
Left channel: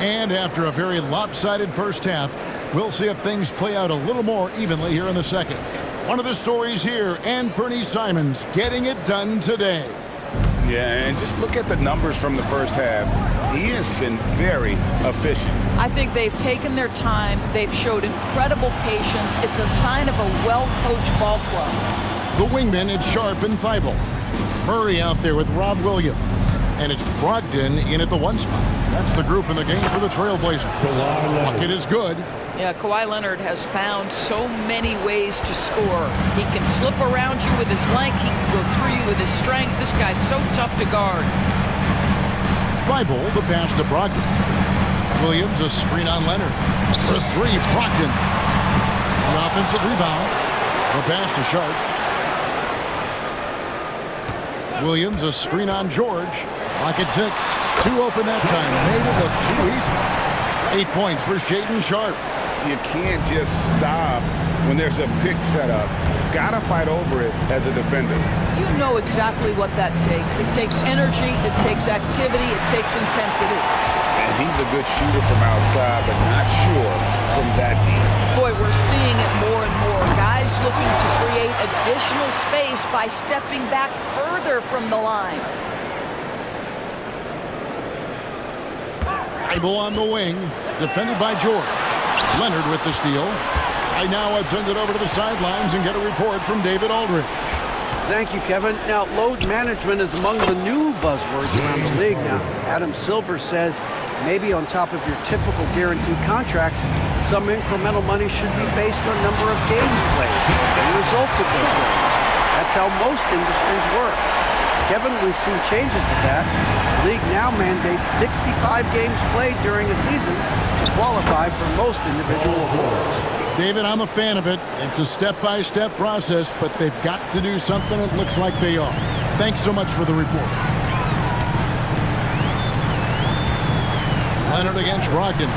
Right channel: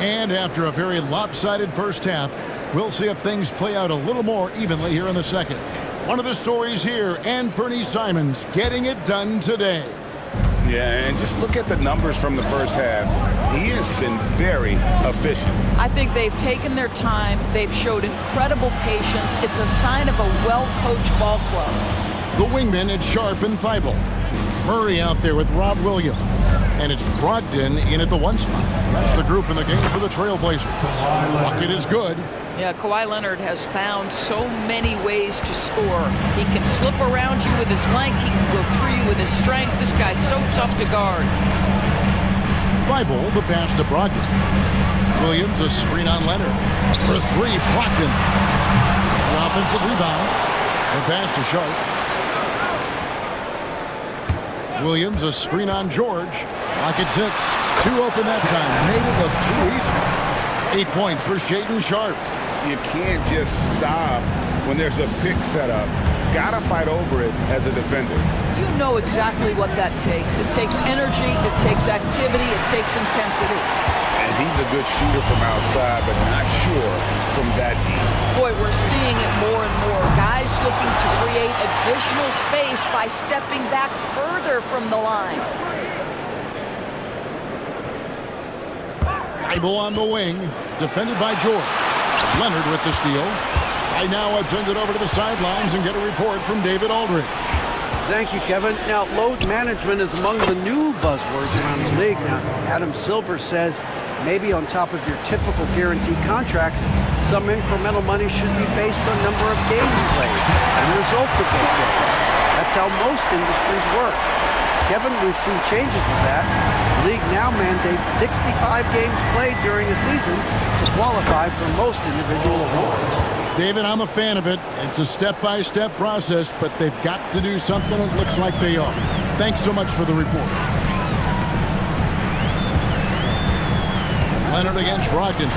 And after a very lopsided first half, we'll see if things play out a little more evenly here in the second. One of the stories here, Anthony Simons getting it done today. Yeah, and just look at the numbers from the first half. He has been very efficient. I think they've taken their time. They've showed incredible patience. It's a sign of a well-coached ball club. The wingmen, it's Sharp and Thibault. Murray out there with Rob Williams. And it's Brogdon in at the one spot. That's the group in the game for the Trailblazers. Bucket is good. Yeah, Kawhi Leonard has found so many ways to score. He can slip around you with his length. He can go through you with his strength. This guy's so tough to guard. Thibault, the pass to Brogdon. Williams, a screen on Leonard. For three, Brogdon. The offensive rebound. The pass to Sharp. Williams, a screen on George. Rocket 6. Two open that time. Made it look too easy. 8 points for Shaedon Sharp. You can't just stop when there's a pick set up. Gotta fight over it as a defender. You know exactly what that takes. It takes energy, it takes activity, it takes intensity. And he's a good shooter from outside, but not sure from that deep. Boy, we're seeing it more and more. Guys looking to create additional space by stepping back further from the line. Thibault on the wing, defended by George. Leonard with the steal. Right now, let's send it over to the sidelines and get a report from David Aldridge. Thank you, Kevin. Now, load management is among the new buzzwords around the league now. Adam Silver says maybe on top of your typical guaranteed contracts, some incremental money should be based on number of games played and results of those games. That's how most industries work. Kevin, we've seen changes with that. The league now mandates 65 games played during a season to qualify for most individual awards. David, I'm a fan of it. It's a step-by-step process, but they've got to do something. It looks like they are. Thanks so much for the report. Leonard against Brogdon.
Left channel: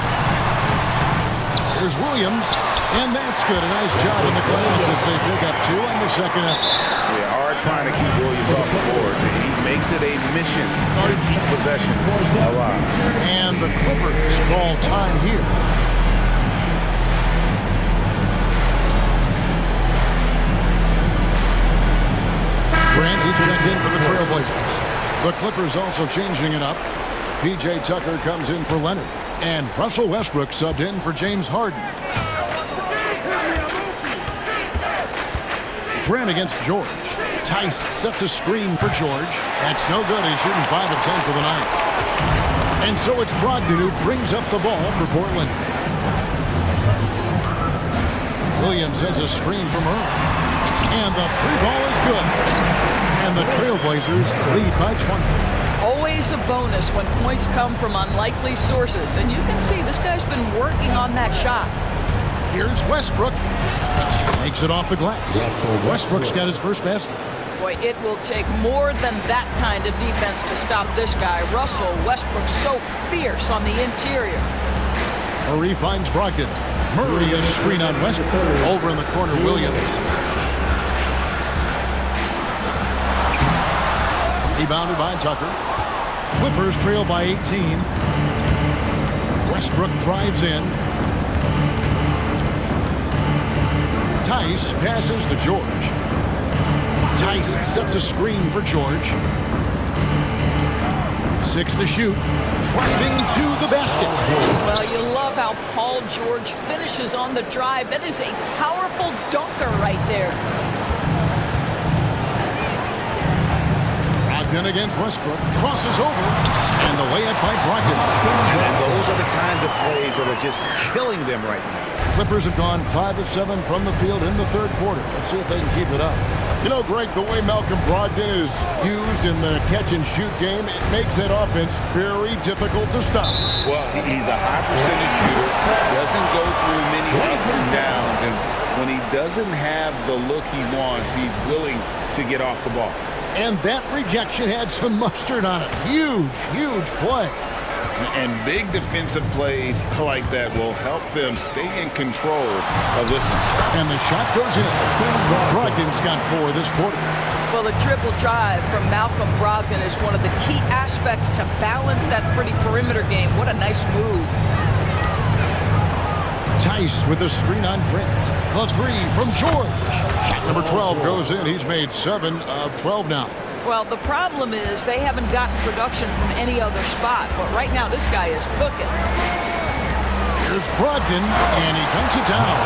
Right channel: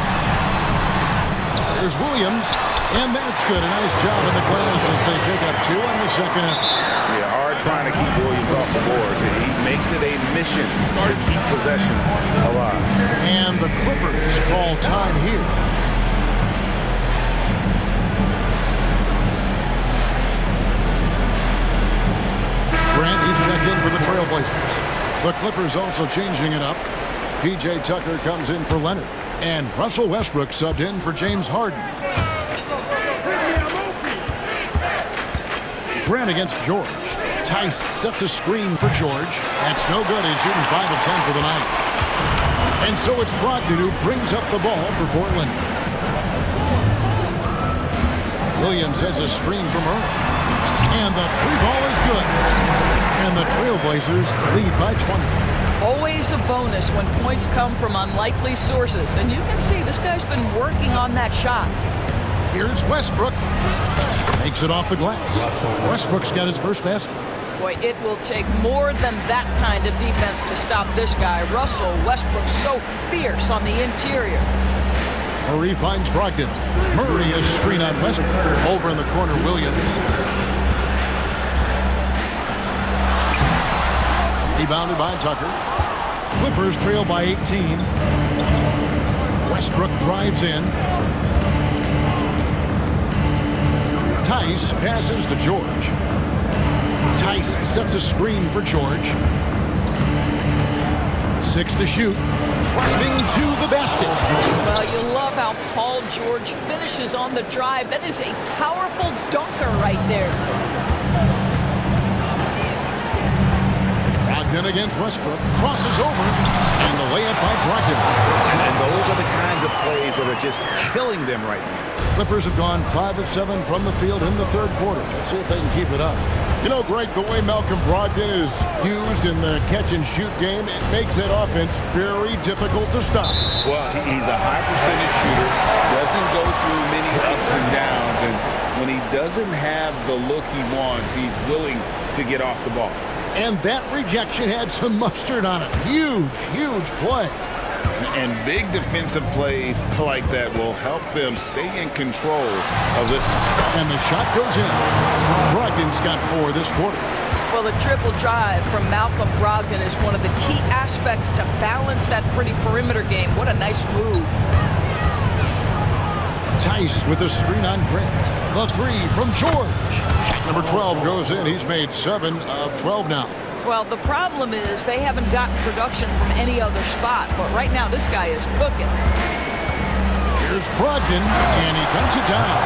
Here's Williams, and that's good. A nice job on the glass as they pick up two on the second effort. Yeah, hard trying to keep Williams off the boards. He makes it a mission to keep possessions alive. And the Clippers call time here. Grant, he's checked in for the Trailblazers. The Clippers also changing it up. P.J. Tucker comes in for Leonard. And Russell Westbrook subbed in for James Harden. Grant against George. Tice sets a screen for George. That's no good. He's shooting 5 of 10 for the night. And so it's Brogdon who brings up the ball for Portland. Williams sends a screen from Murray. And the three ball is good. And the Trailblazers lead by 20. Always a bonus when points come from unlikely sources. And you can see this guy's been working on that shot. Here's Westbrook. Makes it off the glass. Westbrook's got his first basket. Boy, it will take more than that kind of defense to stop this guy. Russell Westbrook so fierce on the interior. Murray finds Brogdon. Murray is screen on Westbrook. Over in the corner, Williams. Rebounded by Tucker. Clippers trail by 18. Westbrook drives in. Tice passes to George. Tice sets a screen for George. 6 to shoot. Driving to the basket. Well, you love how Paul George finishes on the drive. That is a powerful dunker right there. Brogdon against Westbrook. Crosses over. And the layup by Brogdon. And those are the kinds of plays that are just killing them right now. Clippers have gone 5 of 7 from the field in the third quarter. Let's see if they can keep it up. You know, Greg, the way Malcolm Brogdon is used in the catch-and-shoot game, it makes that offense very difficult to stop. Well, he's a high-percentage shooter, doesn't go through many ups and downs, and when he doesn't have the look he wants, he's willing to get off the ball. And that rejection had some mustard on it. Huge, huge play. And big defensive plays like that will help them stay in control of this one. And the shot goes in. Brogdon's got 4 this quarter. Well, the triple drive from Malcolm Brogdon is one of the key aspects to balance that pretty perimeter game. What a nice move. Tice with a screen on Grant. The 3 from George. Shot number 12 goes in. He's made 7 of 12 now. Well, the problem is they haven't gotten production from any other spot, but right now this guy is cooking. Here's Brogdon, and he dunks it down.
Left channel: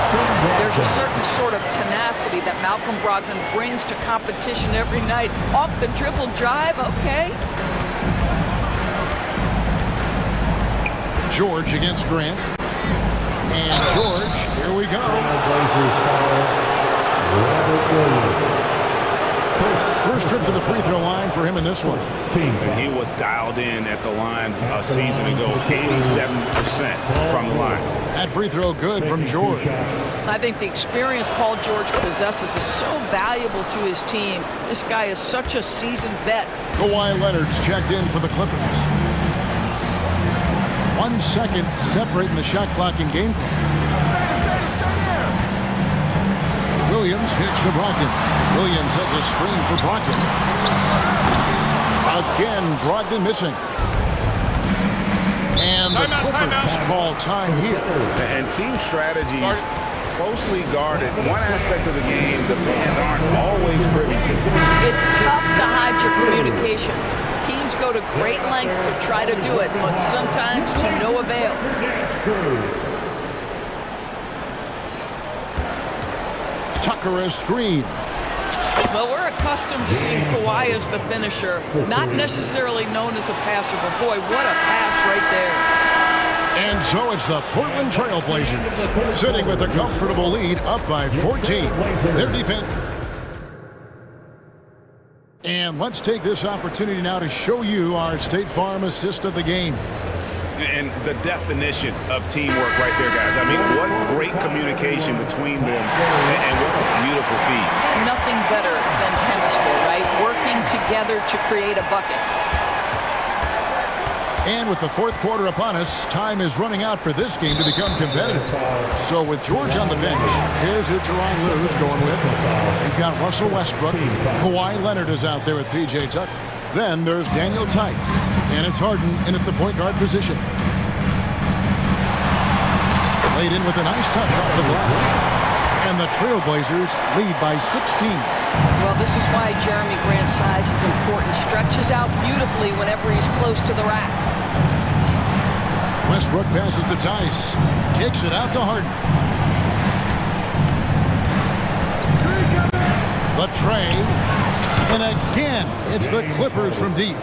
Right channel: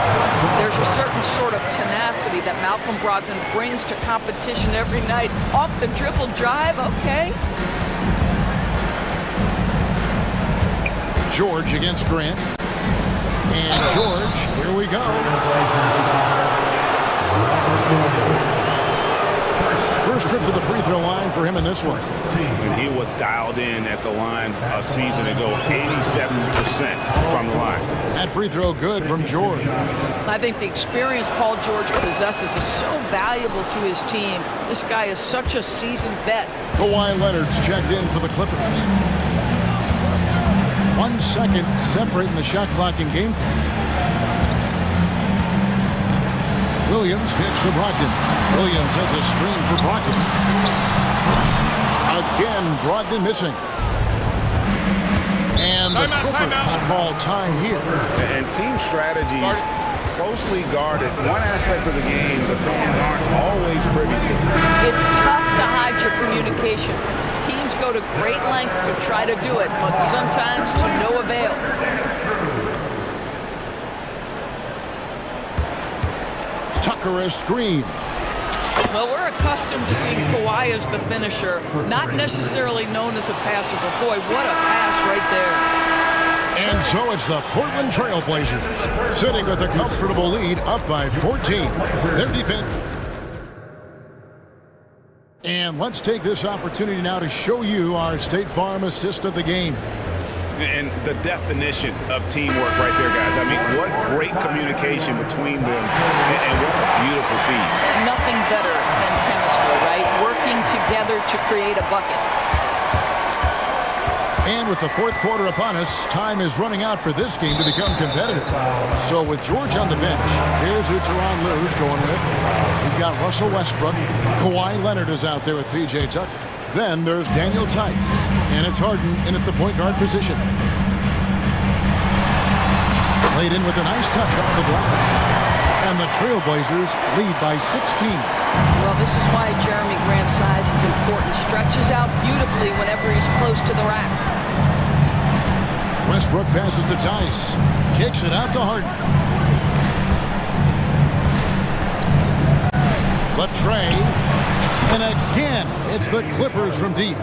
There's a certain sort of tenacity that Malcolm Brogdon brings to competition every night. Off the triple drive, okay. George against Grant. And George, here we go. First trip to the free throw line for him in this one. And he was dialed in at the line a season ago, 87% from the line. That free throw good from George. I think the experience Paul George possesses is so valuable to his team. This guy is such a seasoned vet. Kawhi Leonard's checked in for the Clippers. 1 second separating the shot clock and game clock. Williams kicks to Brogdon. Williams has a screen for Brogdon. Again, Brogdon missing. And the Clippers call time here. And team strategies closely guarded. One aspect of the game the fans aren't always privy to. It's tough to hide your communications. Teams go to great lengths to try to do it, but sometimes to no avail. Tucker a screen. Well, we're accustomed to seeing Kawhi as the finisher, not necessarily known as a passer, but boy, what a pass right there. And so it's the Portland Trail Blazers sitting with a comfortable lead up by 14. Their defense. And let's take this opportunity now to show you our State Farm assist of the game. And the definition of teamwork right there, guys. I mean, what great communication between them, and what a beautiful feed. Nothing better than chemistry, right? Working together to create a bucket. And with the fourth quarter upon us, time is running out for this game to become competitive. So with George on the bench, here's who Tyronn Lue's going with. We've got Russell Westbrook. Kawhi Leonard is out there with P.J. Tucker. Then there's Daniel Tice. And it's Harden in at the point guard position. Laid in with a nice touch off the glass. And the Trailblazers lead by 16. Well, this is why Jeremy Grant's size is important. Stretches out beautifully whenever he's close to the rack. Westbrook passes to Tice. Kicks it out to Harden. The tray. And again, it's the Clippers from deep.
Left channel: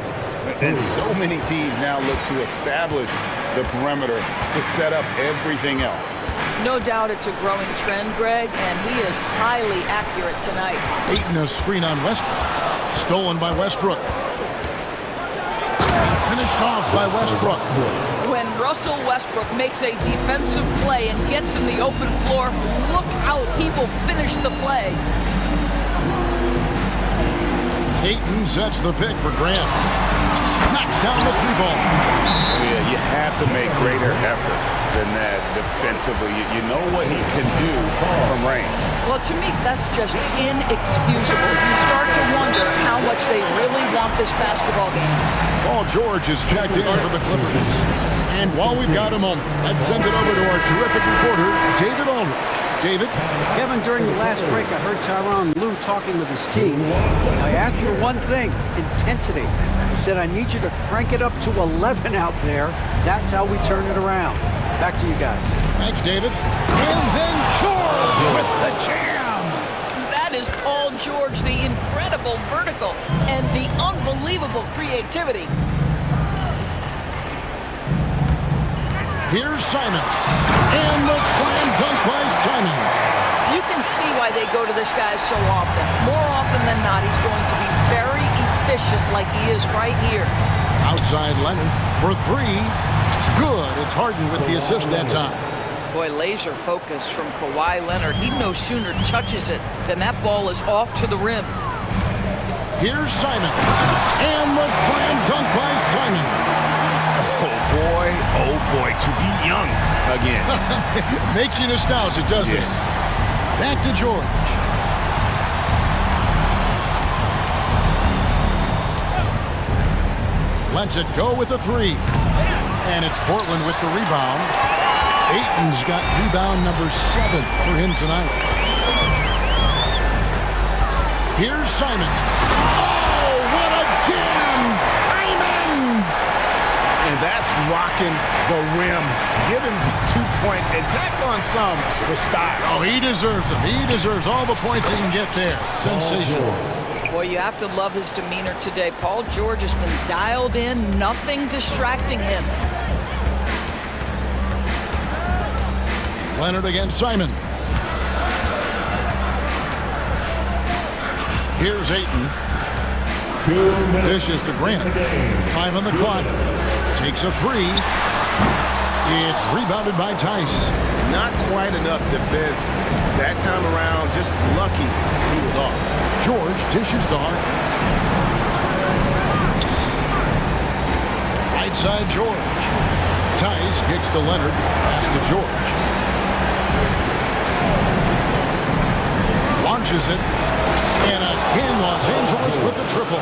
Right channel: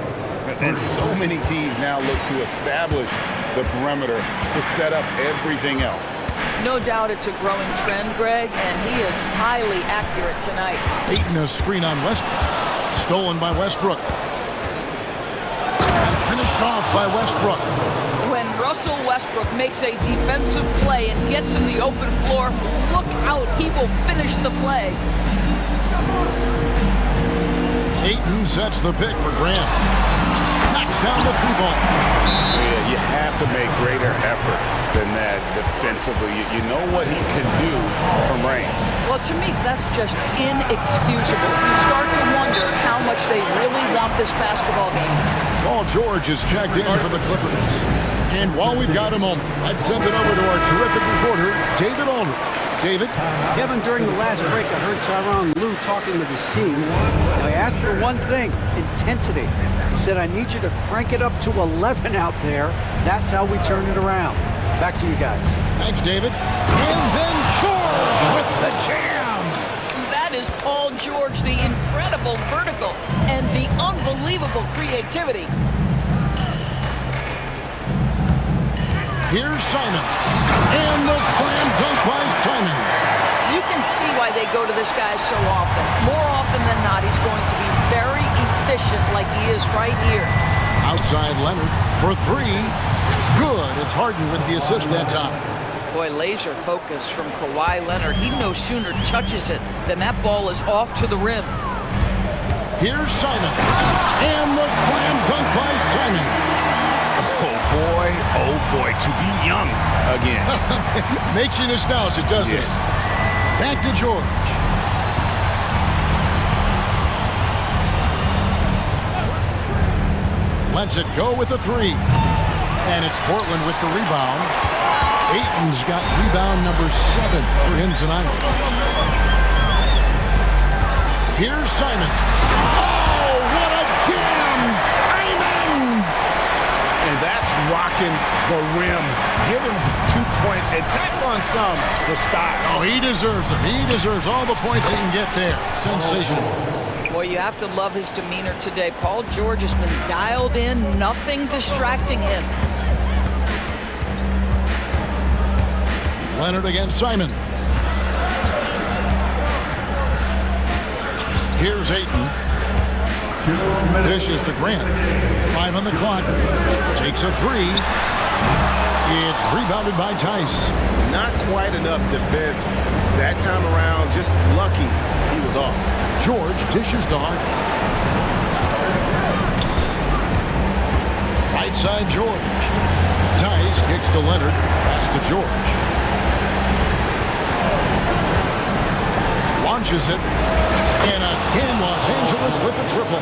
And so many teams now look to establish the perimeter to set up everything else. No doubt it's a growing trend, Greg, and he is highly accurate tonight. Ayton a screen on Westbrook. Stolen by Westbrook. And finished off by Westbrook. When Russell Westbrook makes a defensive play and gets in the open floor, look out, he will finish the play. Ayton sets the pick for Grant. Knocks down the 3-ball. Yeah, you have to make greater effort than that defensively. You know what he can do from range. Well, to me, that's just inexcusable. You start to wonder how much they really want this basketball game. Paul George is checked in for the Clippers. And while we've got a moment, let's send it over to our terrific reporter, David Aldridge. David? Kevin, during the last break, I heard Tyronn Lue talking with his team. Now, he asked for one thing, intensity. He said, I need you to crank it up to 11 out there. That's how we turn it around. Back to you guys. Thanks, David. And then George with the jam. That is Paul George, the incredible vertical and the unbelievable creativity. Here's Simon. And the slam dunk by Simon. You can see why they go to this guy so often. More often than not, he's going to be very efficient like he is right here. Outside Leonard for three. Good. It's Harden with the assist that time. Boy, laser focus from Kawhi Leonard. He no sooner touches it than that ball is off to the rim. Here's Simon. And the slam dunk by Simon. Oh boy, to be young again. Makes you nostalgic, doesn't it? Back to George. Lets it go with a three. And it's Portland with the rebound. Ayton's got rebound number 7 for him tonight. Here's Simon. Oh, what a jam! Simon! And that's rocking the rim. Give him 2 points and tack on some for style. Oh, he deserves them. He deserves all the points he can get there. Sensational. Boy, you have to love his demeanor today. Paul George has been dialed in, nothing distracting him. Leonard against Simon. Here's Ayton. Dishes to Grant. 5 on the clock. Takes a three. It's rebounded by Tice. Not quite enough defense. That time around, just lucky he was off. George dishes to Harden. Right side George. Tice kicks to Leonard. Pass to George. Launches it. And again, Los Angeles with the triple.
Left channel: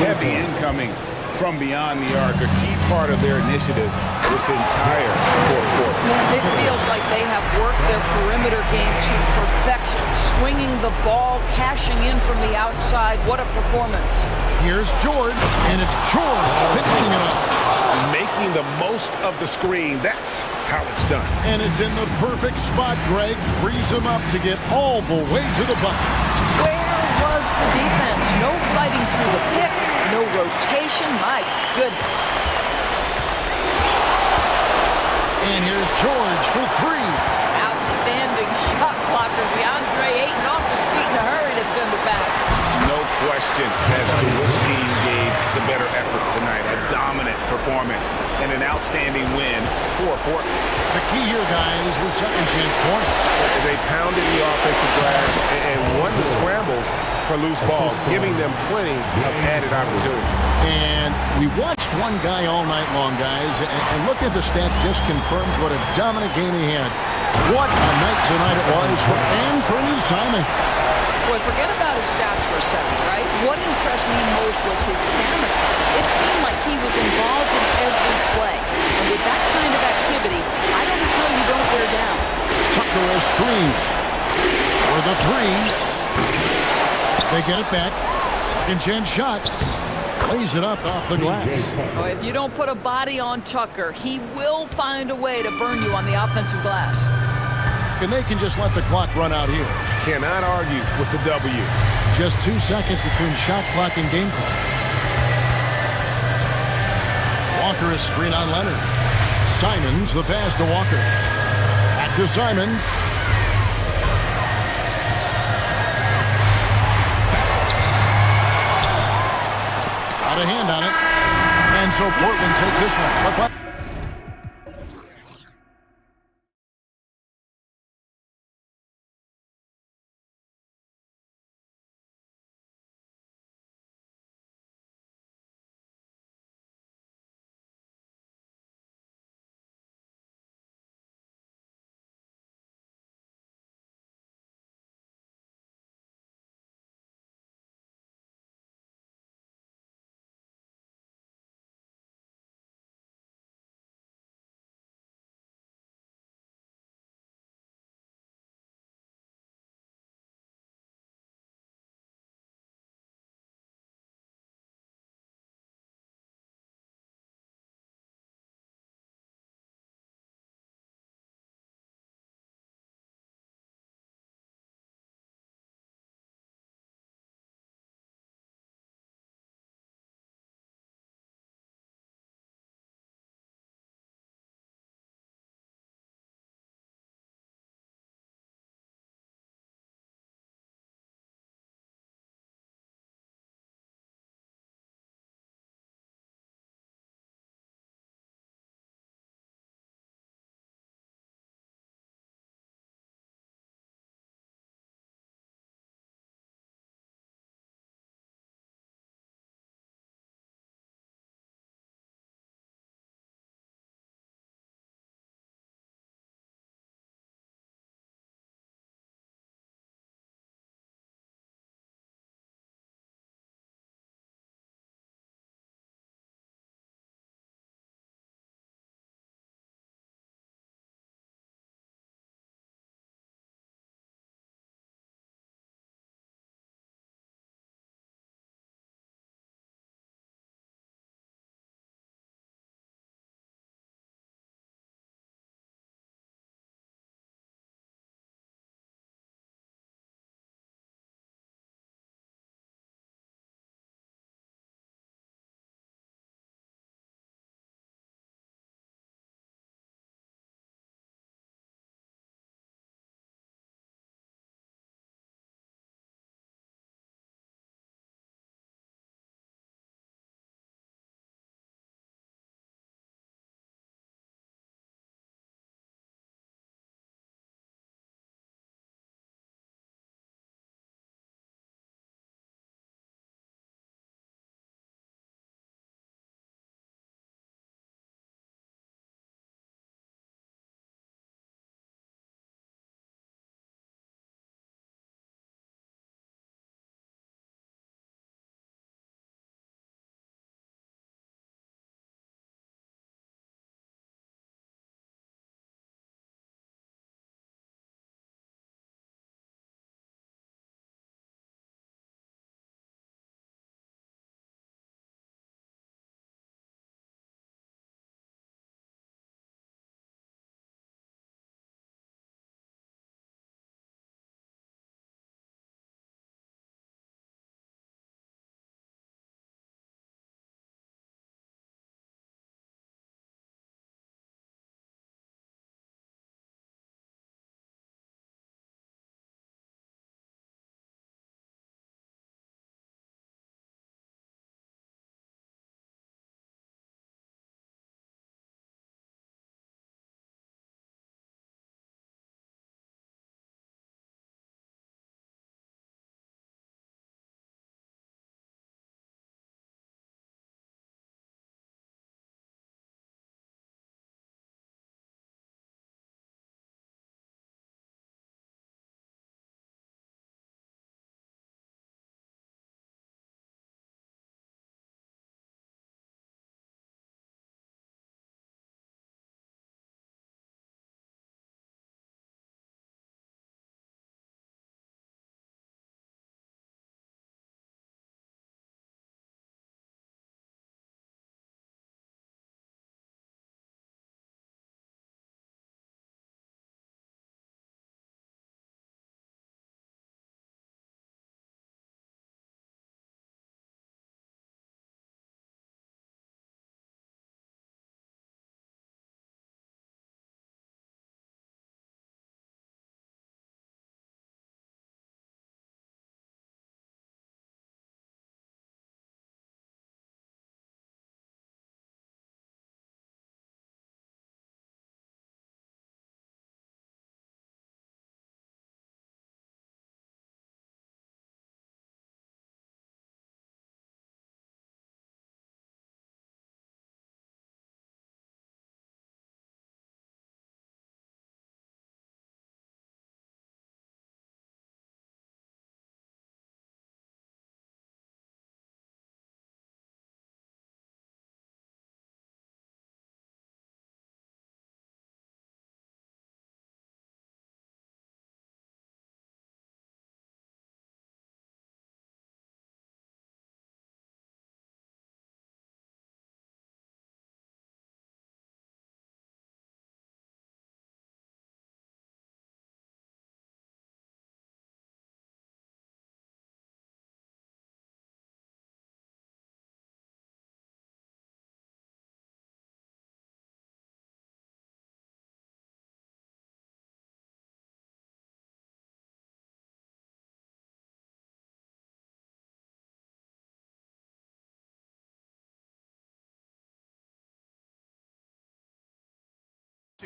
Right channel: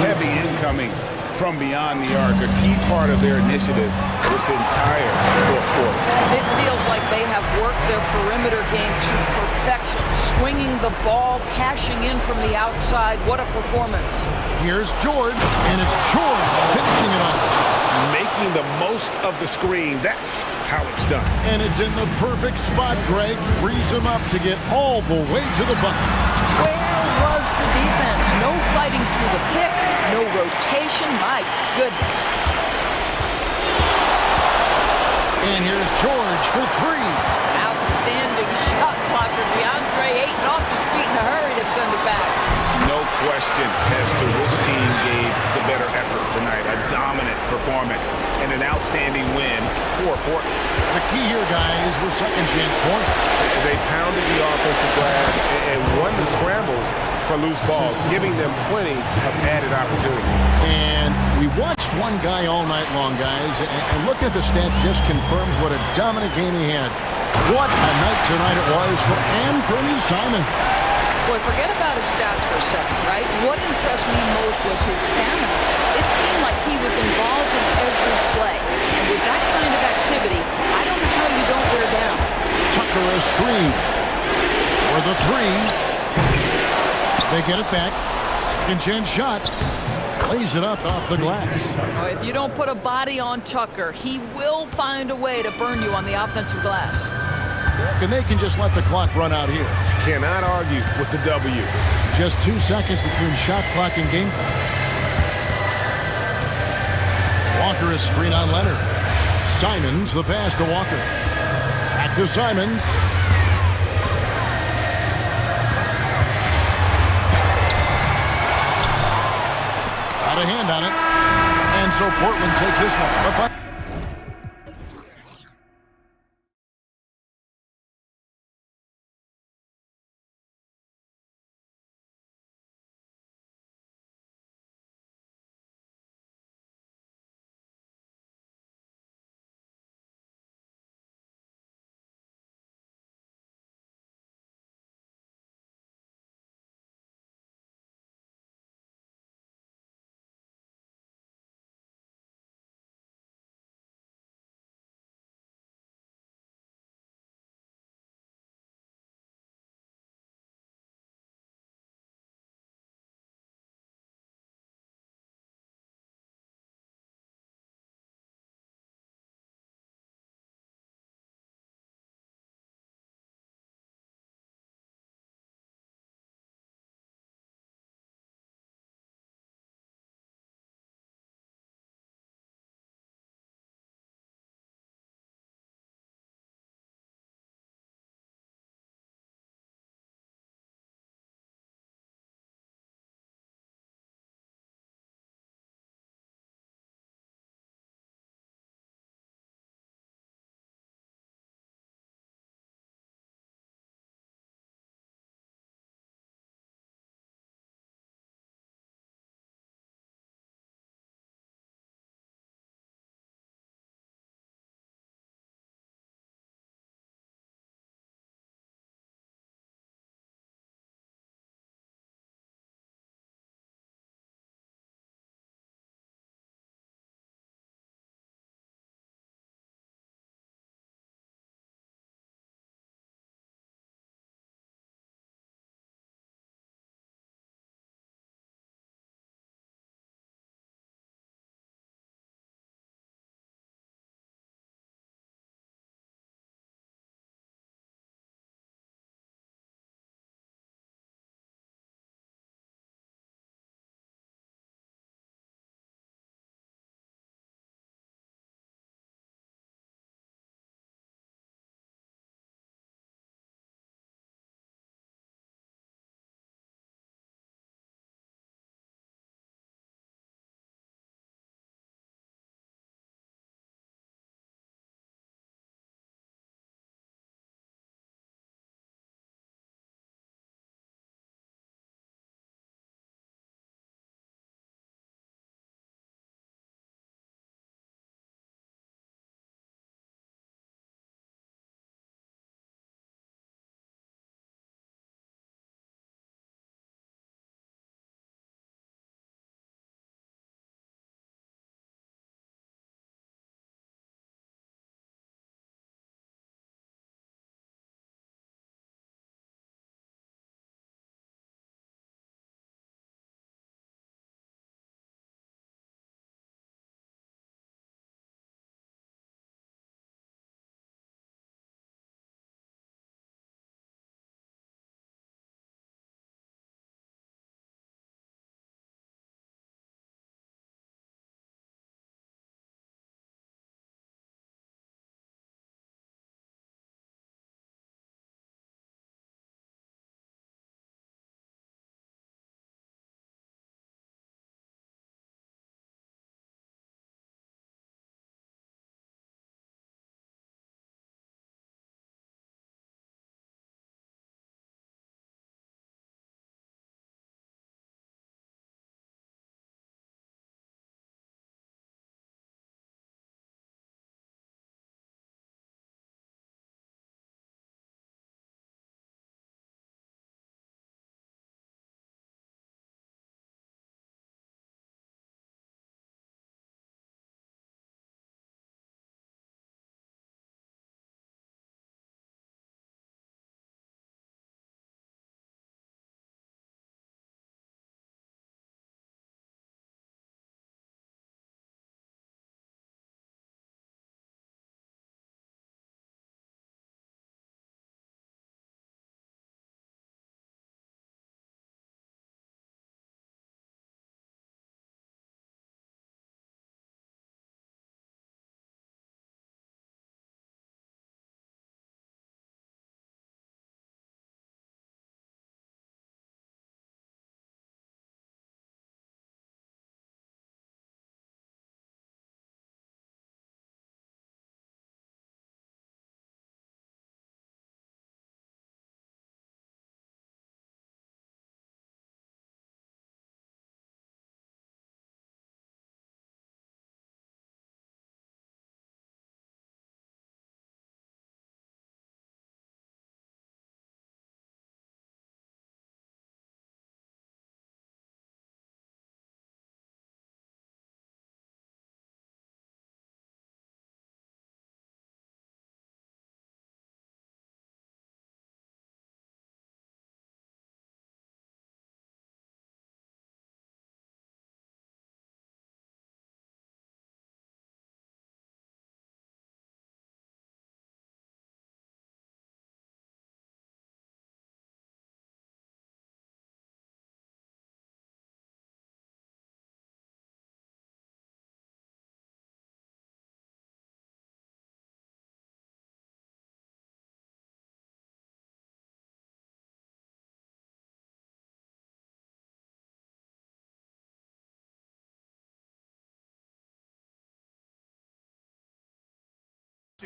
Heavy incoming from beyond the arc, a key part of their initiative this entire fourth quarter. It feels like they have worked their perimeter game to perfection, swinging the ball, cashing in from the outside. What a performance. Here's George, and it's George finishing it off. Making the most of the screen. That's how it's done. And it's in the perfect spot, Greg. Frees him up to get all the way to the bucket. Where was the defense? No fighting through the pick, no rotation. My goodness. And here's George for three. Outstanding shot blocker. DeAndre Ayton off his feet in a hurry to send it back. No question as to which team gave the better effort tonight. A dominant performance and an outstanding win for Portland. The key here, guys, was second chance points. They pounded the offensive glass and won the scrambles for loose balls, giving them plenty of added opportunity. And we watched one guy all night long, guys, and looking at the stats just confirms what a dominant game he had. What a night tonight it was for Anthony Simon. Boy, forget about his stats for a second, right? What impressed me most was his stamina. It seemed like he was involved in every play. And with that kind of activity, I don't know how you don't wear down. Tucker a screen for the three. They get it back. Second chance shot. Lays it up off the glass. Oh, if you don't put a body on Tucker, he will find a way to burn you on the offensive glass. And they can just let the clock run out here. Cannot argue with the W. Just 2 seconds between shot clock and game clock. Walker is screen on Leonard. Simons the pass to Walker. Back to Simons. Got a hand on it. And so Portland takes this one. But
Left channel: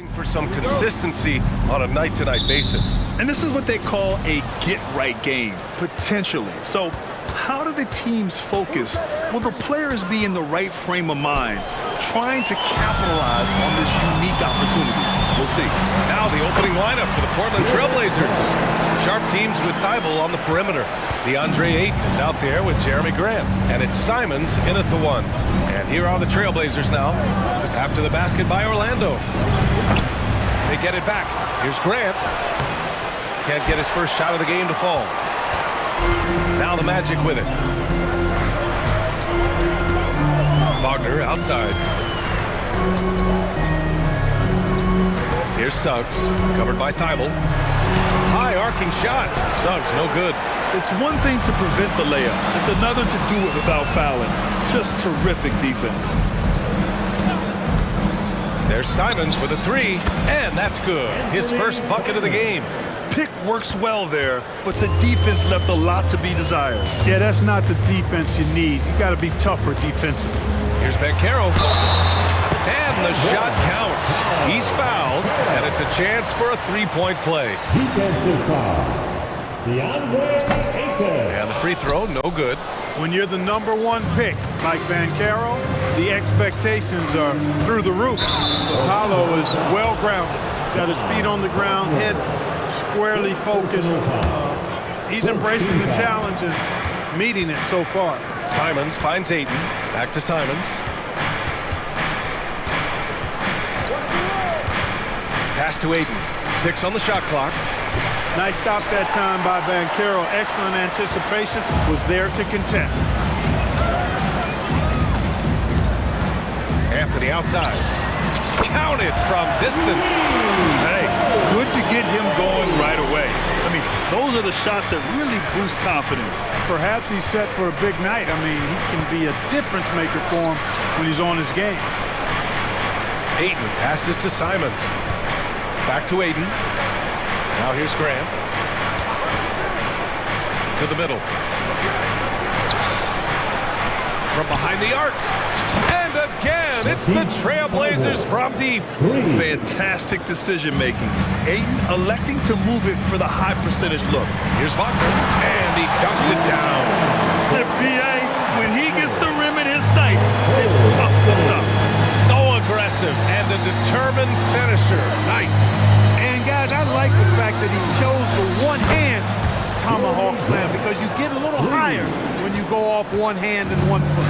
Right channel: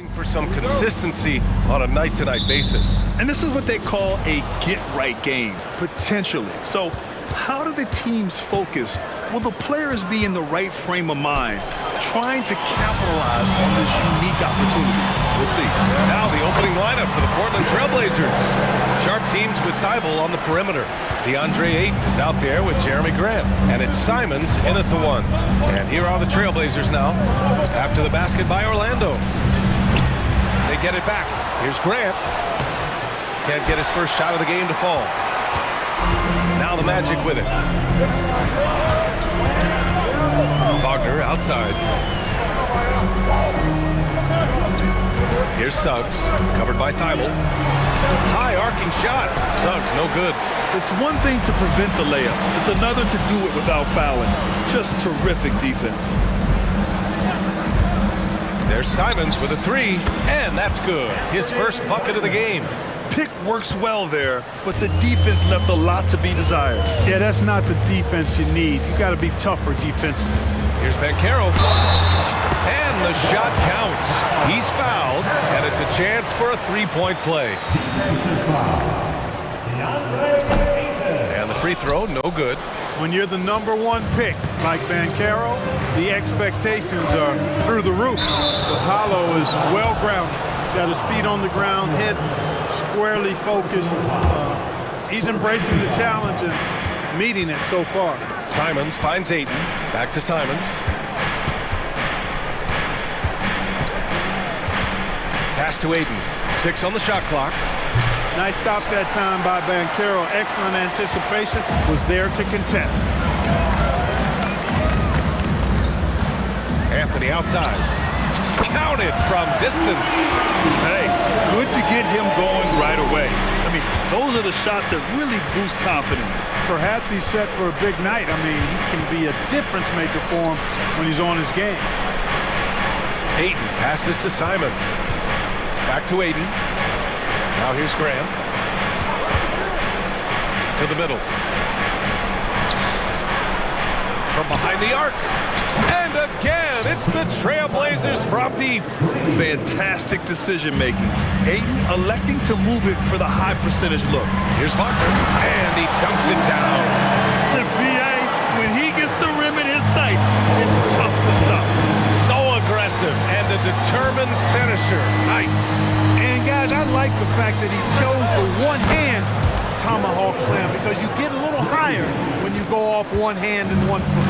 For some consistency on a night-to-night basis. And this is what they call a get-right game, potentially. So how do the teams focus? Will the players be in the right frame of mind, trying to capitalize on this unique opportunity? We'll see. Now the opening lineup for the Portland Trailblazers. Sharp teams with Thibault on the perimeter. DeAndre Ayton is out there with Jeremy Grant. And it's Simons in at the 1. And here are the Trailblazers now after the basket by Orlando. They get it back. Here's Grant. Can't get his first shot of the game to fall. Now the Magic with it. Wagner outside. Here's Suggs, covered by Thibault. High arcing shot. Suggs, no good. It's one thing to prevent the layup. It's another to do it without fouling. Just terrific defense. There's Simons with a 3, and that's good. His first bucket of the game. Pick works well there, but the defense left a lot to be desired. Yeah, that's not the defense you need. You got to be tougher defensively. Here's Banchero. And the shot counts. He's fouled, and it's a chance for a 3-point play. Defensive foul. DeAndre Ayton. And the free throw, no good. When you're the #1 pick, like Banchero, the expectations are through the roof. But Paolo is well-grounded. Got his feet on the ground, head squarely focused. He's embracing the challenge and meeting it so far. Simons finds Ayton. Back to Simons. Pass to Ayton. 6 on the shot clock. Nice stop that time by Banchero. Excellent anticipation. Was there to contest. Anthony outside. Counted from distance. Hey, good to get him going right away. I mean, those are the shots that really boost confidence. Perhaps he's set for a big night. I mean, he can be a difference maker for him when he's on his game. Ayton passes to Simons. Back to Ayton. Now here's Grant. To the middle. From behind the arc. And again, it's the Trailblazers from deep. Fantastic decision-making. Ayton electing to move it for the high percentage look. Here's Wagner. And he dunks it down. B.A., when he gets the rim in his sights, it's tough to stop. So aggressive and a determined finisher. Nice. And guys, I like the fact that he chose the one-hand tomahawk slam because you get a little higher when you go off one hand and 1 foot.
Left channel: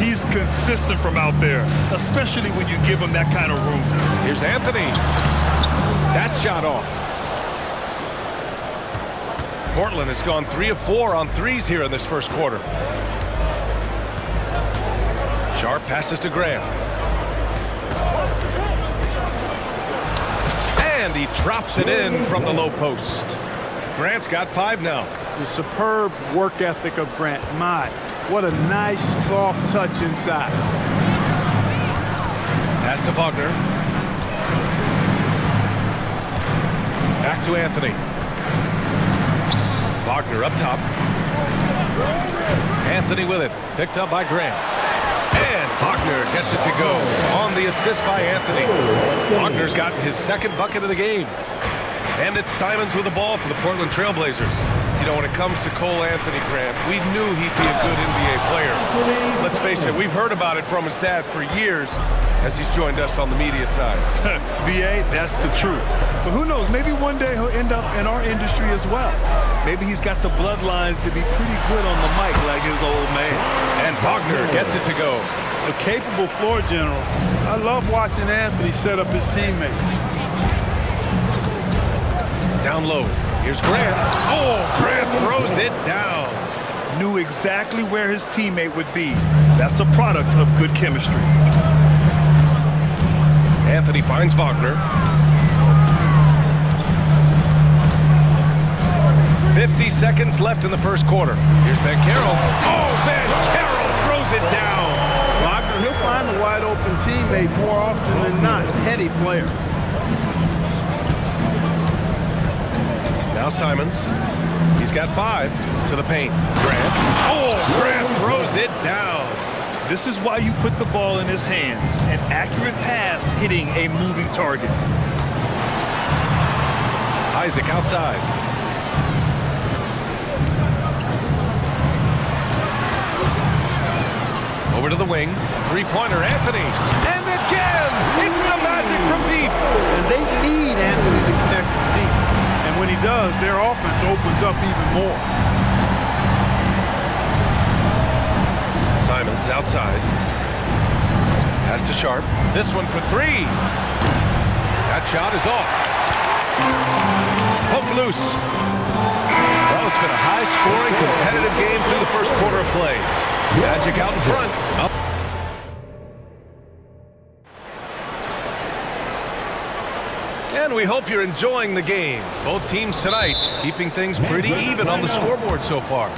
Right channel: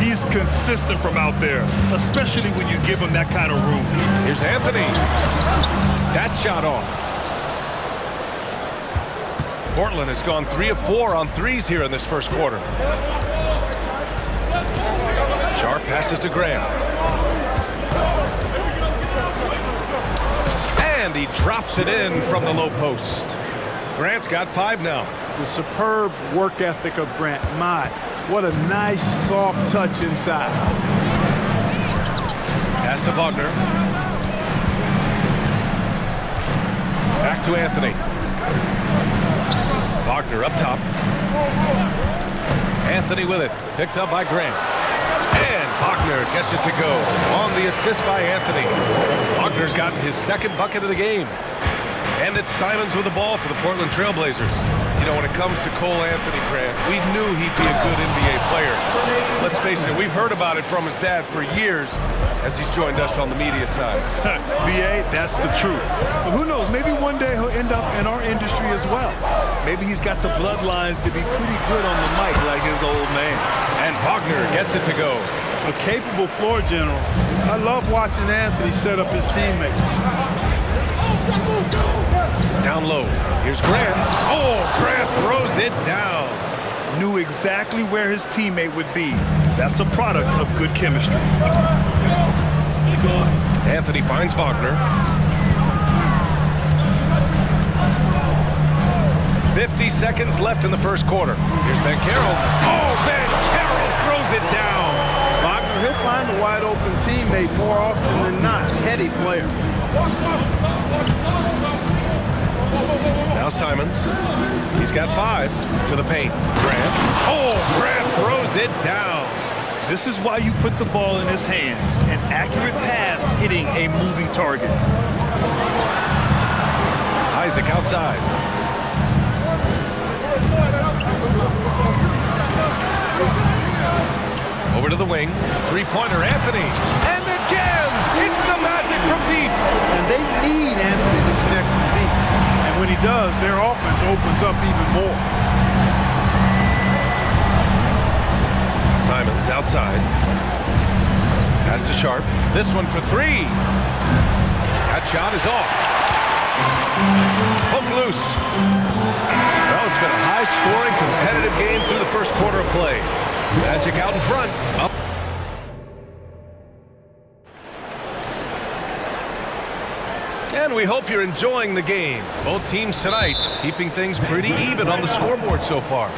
He's consistent from out there, especially when you give him that kind of room. Here's Anthony. That shot off. Portland has gone 3 of 4 on threes here in this first quarter. Sharp passes to Graham. And he drops it in from the low post. Grant's got 5 now. The superb work ethic of Grant. My, what a nice soft touch inside. Pass to Wagner. Back to Anthony. Wagner up top. Anthony with it. Picked up by Grant. And Wagner gets it to go on the assist by Anthony. Wagner's gotten his 2nd bucket of the game. And it's Simons with the ball for the Portland Trailblazers. You know, when it comes to Cole Anthony, Grant, we knew he'd be a good NBA player. Let's face it, we've heard about it from his dad for years as he's joined us on the media side. B.A., that's the truth. But who knows, maybe one day he'll end up in our industry as well. Maybe he's got the bloodlines to be pretty good on the mic like his old man. And Wagner gets it to go. A capable floor general. I love watching Anthony set up his teammates. Down low. Here's Grant. Oh, Grant throws it down. Knew exactly where his teammate would be. That's a product of good chemistry. Anthony finds Wagner. 50 seconds left in the first quarter. Here's Banchero. Oh, Banchero throws it down. Wagner, he'll find the wide open teammate more often than not. Heady player. Now Simons. He's got 5 to the paint. Grant. Oh, Grant throws it down. This is why you put the ball in his hands. An accurate pass hitting a moving target. Isaac outside. Over to the wing. Three-pointer, Anthony. And again, it's the magic from deep. And they need Anthony to connect from deep. And when he does, their offense opens up even more. Simons outside. Pass to Sharp. This one for three. That shot is off. Poke loose. Well, it's been a high-scoring, competitive game through the first quarter of play. Magic out in front. Up. And we hope you're enjoying the game. Both teams tonight keeping things pretty even on the scoreboard so far.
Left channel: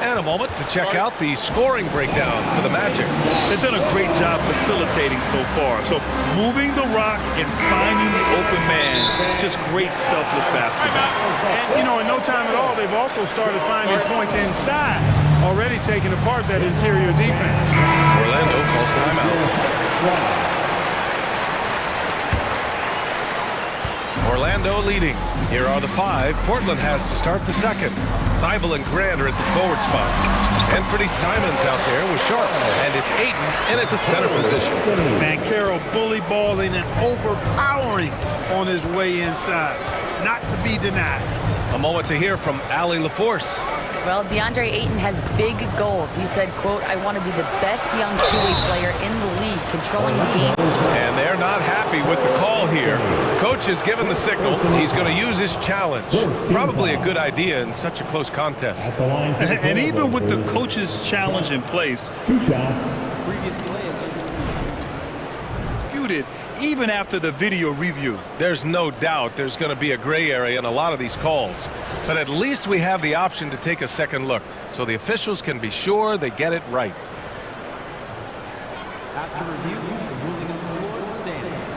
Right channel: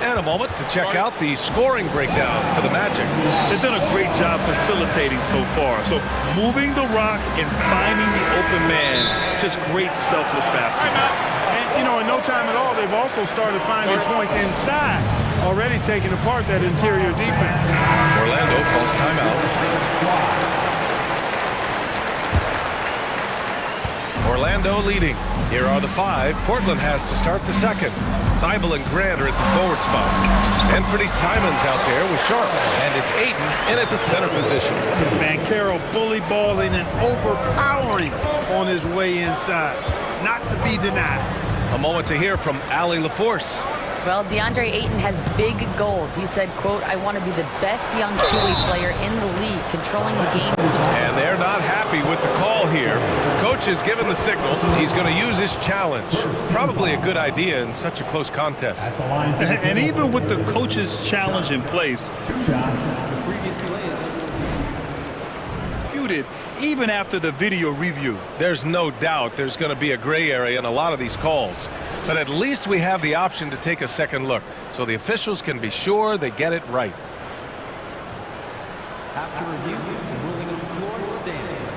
And a moment to check out the scoring breakdown for the Magic. They've done a great job facilitating so far. So moving the rock and finding the open man, just great selfless basketball. And, you know, in no time at all, they've also started finding points inside, already taking apart that interior defense. Orlando calls timeout. Orlando leading. Here are the five. Portland has to start the second. Thibault and Grant are at the forward spots. Anthony Simons out there with Sharp. And it's Ayton in at the center position. Banchero bully balling and overpowering on his way inside. Not to be denied. A moment to hear from Allie LaForce. Well, DeAndre Ayton has big goals. He said, quote, I want to be the best young two-way player in the league, controlling the game. And they're not happy with the call here. Coach has given the signal. He's going to use his challenge. Probably a good idea in such a close contest. And even with the coach's challenge in place, 2 shots. The previous play is under review. disputed even after the video review. There's no doubt there's going to be a gray area in a lot of these calls. But at least we have the option to take a second look, so the officials can be sure they get it right. After review, the ruling on the floor stands.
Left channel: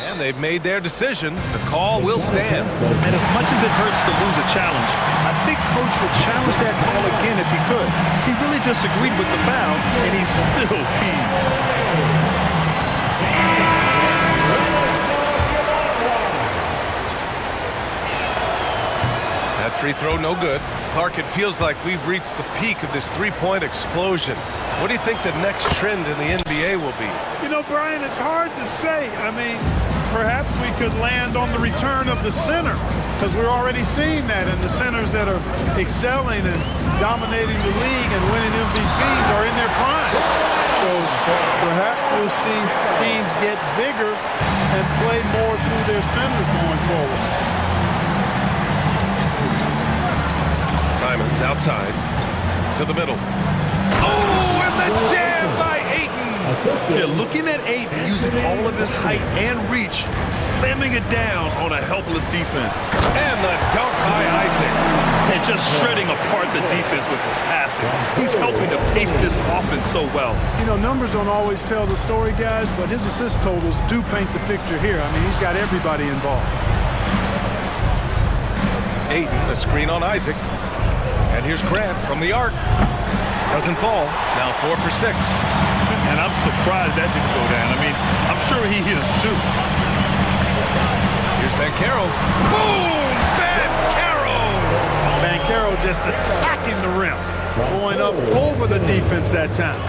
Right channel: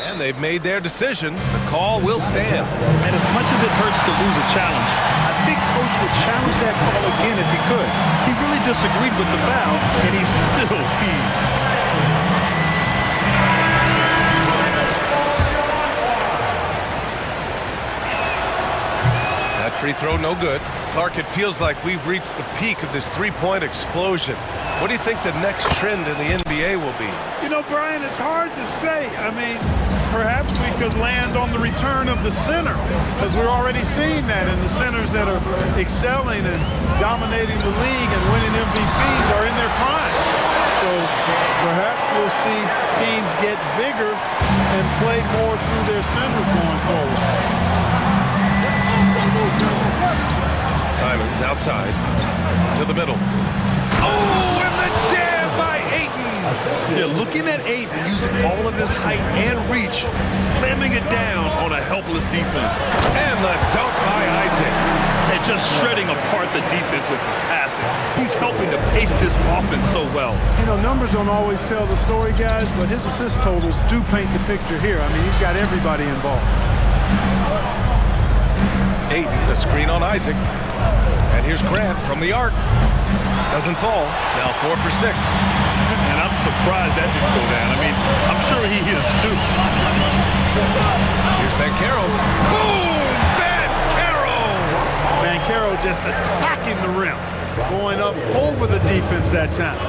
And they've made their decision. The call will stand. And as much as it hurts to lose a challenge, I think Coach would challenge that call again if he could. He really disagreed with the foul, and he's still peeved. That free throw, no good. Clark, it feels like we've reached the peak of this three-point explosion. What do you think the next trend in the NBA will be? You know, Brian, it's hard to say. I mean, perhaps we could land on the return of the center, because we're already seeing that, and the centers that are excelling and dominating the league and winning MVPs are in their prime. So perhaps we'll see teams get bigger and play more through their centers going forward. Simons outside to the middle. Oh, and the jam by Ayton. Yeah, looking at Ayton using all of his height and reach, slamming it down on a helpless defense. And the dunk by Isaac. And just shredding apart the defense with his passing. He's helping to pace this offense so well. You know, numbers don't always tell the story, guys, but his assist totals do paint the picture here. I mean, he's got everybody involved. Ayton, a screen on Isaac. And here's Grant from the arc. Doesn't fall. Now 4 for 6. And I'm surprised that didn't go down. I mean, I'm sure he is too. Here's Banchero. Boom! Banchero! Banchero just attacking the rim. Going up over the defense that time.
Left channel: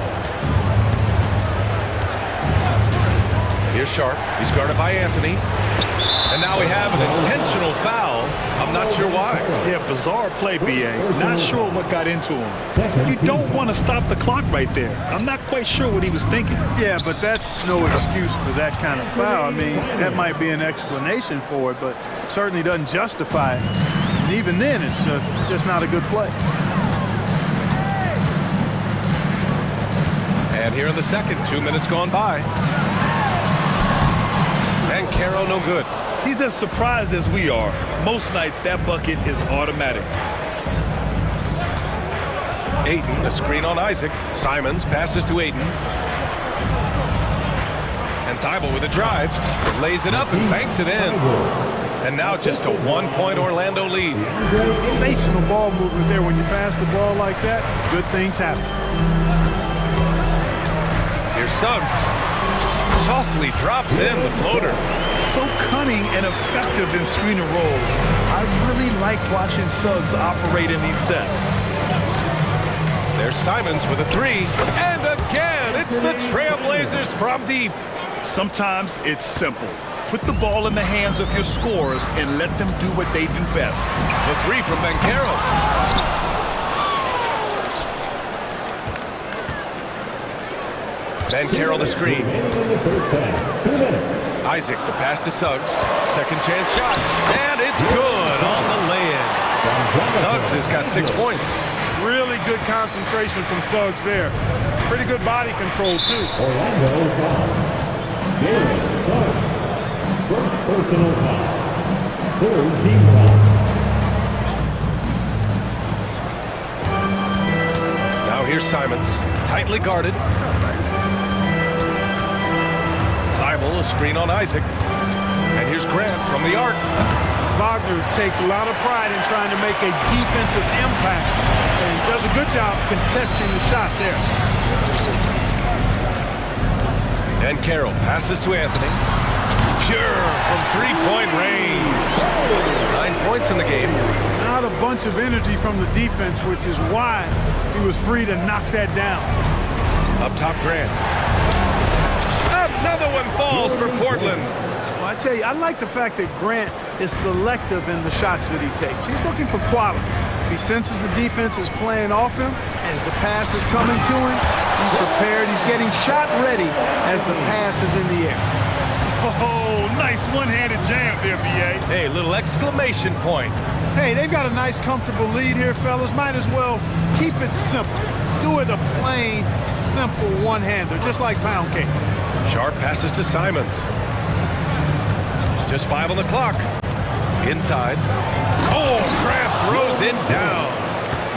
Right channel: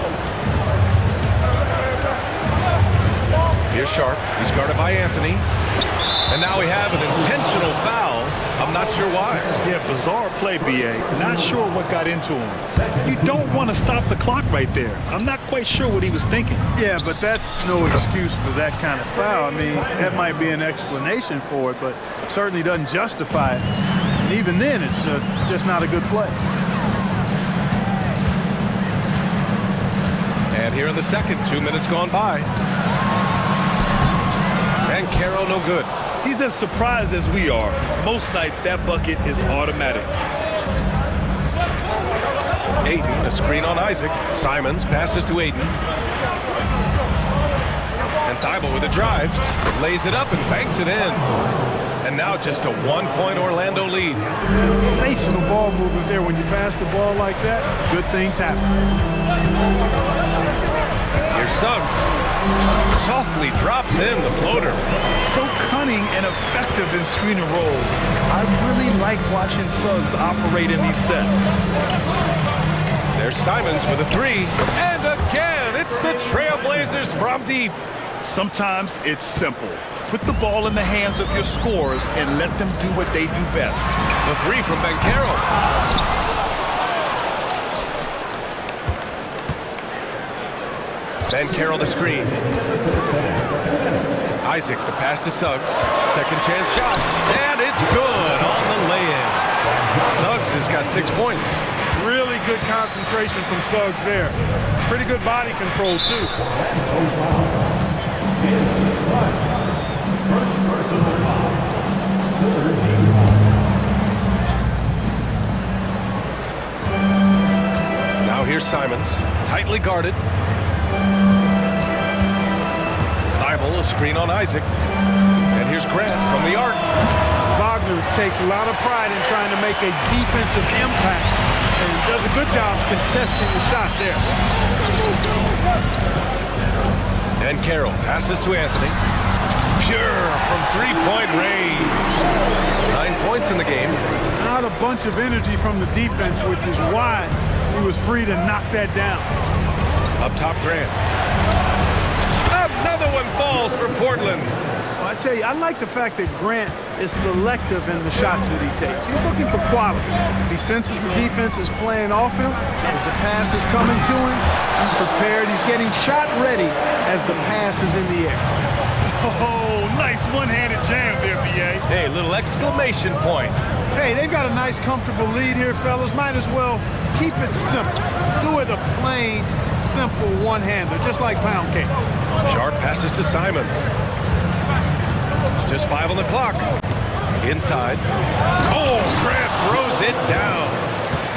Here's Sharp. He's guarded by Anthony. And now we have an intentional foul. I'm not sure why. Yeah, bizarre play, B.A. Not sure what got into him. You don't want to stop the clock right there. I'm not quite sure what he was thinking. Yeah, but that's no excuse for that kind of foul. I mean, that might be an explanation for it, but certainly doesn't justify it. And even then, it's just not a good play. And here in the second, 2 minutes gone by. And Caro no good. He's as surprised as we are. Most nights, that bucket is automatic. Ayton, a screen on Isaac. Simons passes to Ayton. And Thibault with a drive. Lays it up and banks it in. And now just a 1-point Orlando lead. Sensational ball movement there. When you pass the ball like that, good things happen. Here's Suggs. Softly drops in the floater. So cunning and effective in screener rolls. I really like watching Suggs operate in these sets. There's Simons with a three. And again, it's the Trailblazers from deep. Sometimes it's simple. Put the ball in the hands of your scorers and let them do what they do best. The three from Banchero. Banchero the screen. Isaac, the pass to Suggs. Second chance shot. And it's good on the lay-in. Suggs has got 6 points. Really good concentration from Suggs there. Pretty good body control, too. Orlando foul. Suggs. First personal foul. Third team foul. Now here's Simons. Tightly guarded. Thibault, a screen on Isaac. And here's Grant from the arc. Wagner takes a lot of pride in trying to make a defensive impact and does a good job contesting the shot there. And Carroll passes to Anthony. Pure from three-point range. 9 points in the game. Not a bunch of energy from the defense, which is why he was free to knock that down. Up top, Grant. Another one falls for Portland. Well, I tell you, I like the fact that Grant is selective in the shots that he takes. He's looking for quality. If he senses the defense is playing off him, as the pass is coming to him, he's prepared. He's getting shot ready as the pass is in the air. Oh, nice one-handed jam there, B.A. Hey, little exclamation point. Hey, they've got a nice, comfortable lead here, fellas. Might as well keep it simple. Do it a plain, simple one-hander, just like pound cake. Sharp passes to Simons. Just 5 on the clock. Inside. Oh, Grant throws it down.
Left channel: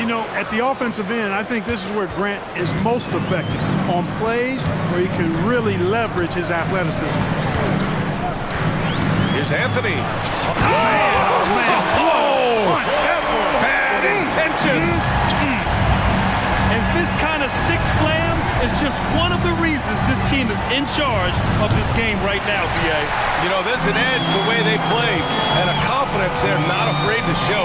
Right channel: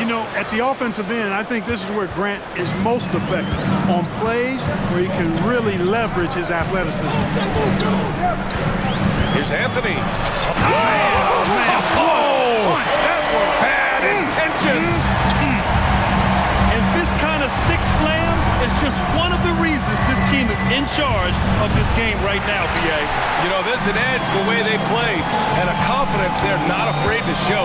You know, at the offensive end, I think this is where Grant is most effective, on plays where he can really leverage his athleticism. Here's Anthony. Oh, man. Whoa. Punch, that was. Bad intentions. And this kind of six slam is just one of the reasons this team is in charge of this game right now, B.A. You know, there's an edge the way they play and a confidence they're not afraid to show.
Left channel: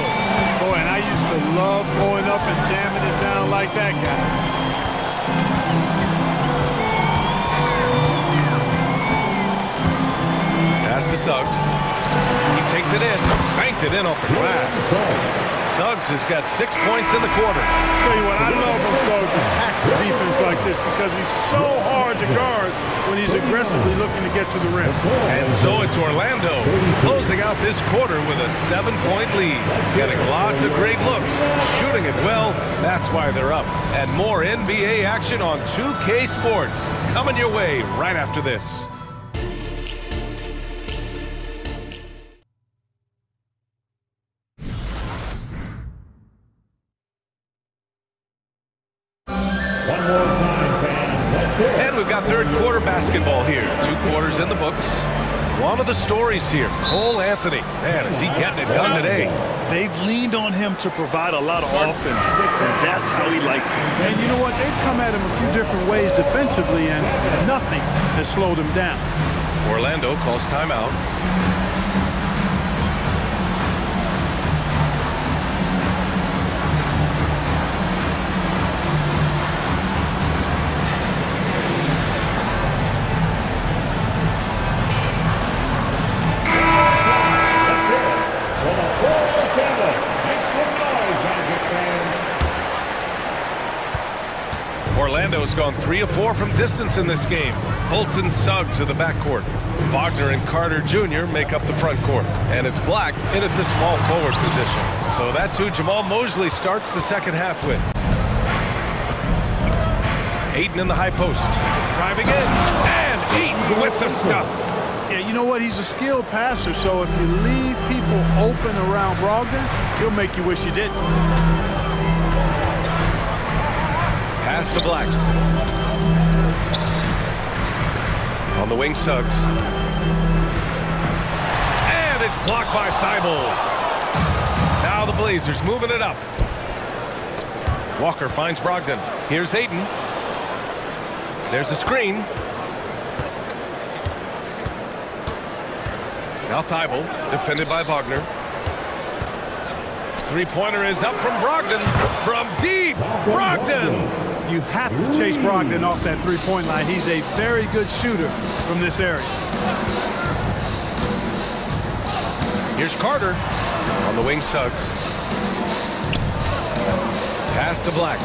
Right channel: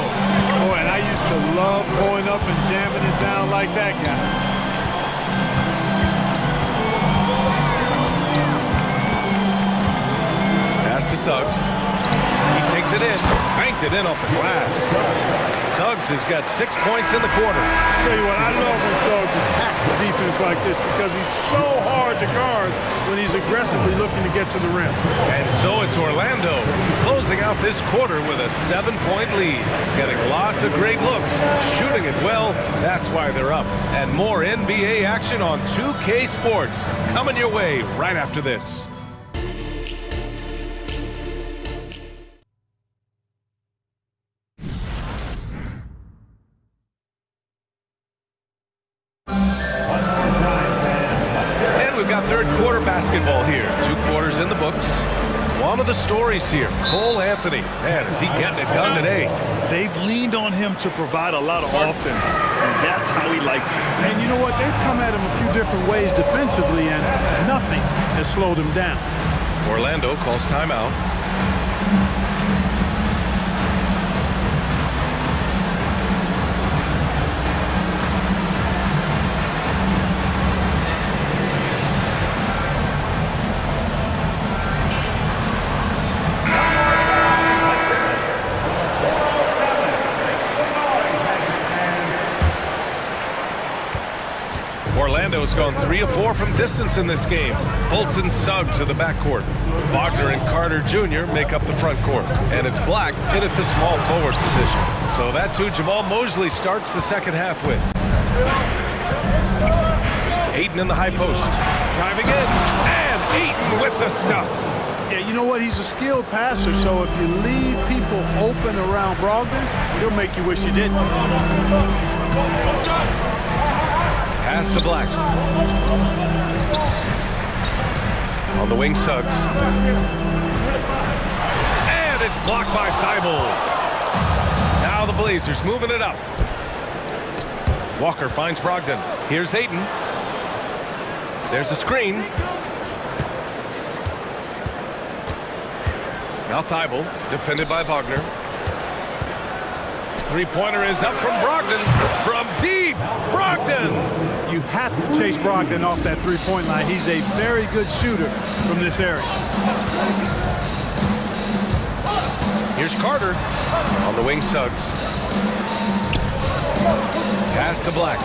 Boy, and I used to love going up and jamming it down like that, guys. Pass to Suggs. He takes it in. Banked it in off the glass. Suggs has got 6 points in the quarter. Tell you what, I love when Suggs attacks the defense like this because he's so hard to guard when he's aggressively looking to get to the rim. And so it's Orlando closing out this quarter with a 7-point lead. Getting lots of great looks, shooting it well. That's why they're up. And more NBA action on 2K Sports coming your way right after this. We've got third quarter basketball here. 2 quarters in the books. One of the stories here, Cole Anthony. Man, is he getting it done today. They've leaned on him to provide a lot of offense, and that's how he likes it. And you know what? They've come at him a few different ways defensively, and nothing has slowed him down. Orlando calls timeout. Orlando's gone 3 of 4 from distance in this game. Fulton Suggs to the backcourt. Wagner and Carter Jr. make up the front court. And it's Black in at the small forward position. So that's who Jamal Mosley starts the second half with. Ayton in the high post. Driving in. And Ayton with the stuff. Yeah, you know what? He's a skilled passer, so if you leave people open around Brogdon, he'll make you wish you didn't. Pass to Black. On the wing, Suggs. And And it's blocked by Thibault. Now the Blazers moving it up. Walker finds Brogdon. Here's Ayton. There's a screen. Now Thibault, defended by Wagner. Three-pointer is up from Brogdon. From deep, Brogdon! You have to chase Brogdon off that three-point line. He's a very good shooter from this area. Here's Carter. On the wing, Suggs. Pass to Black.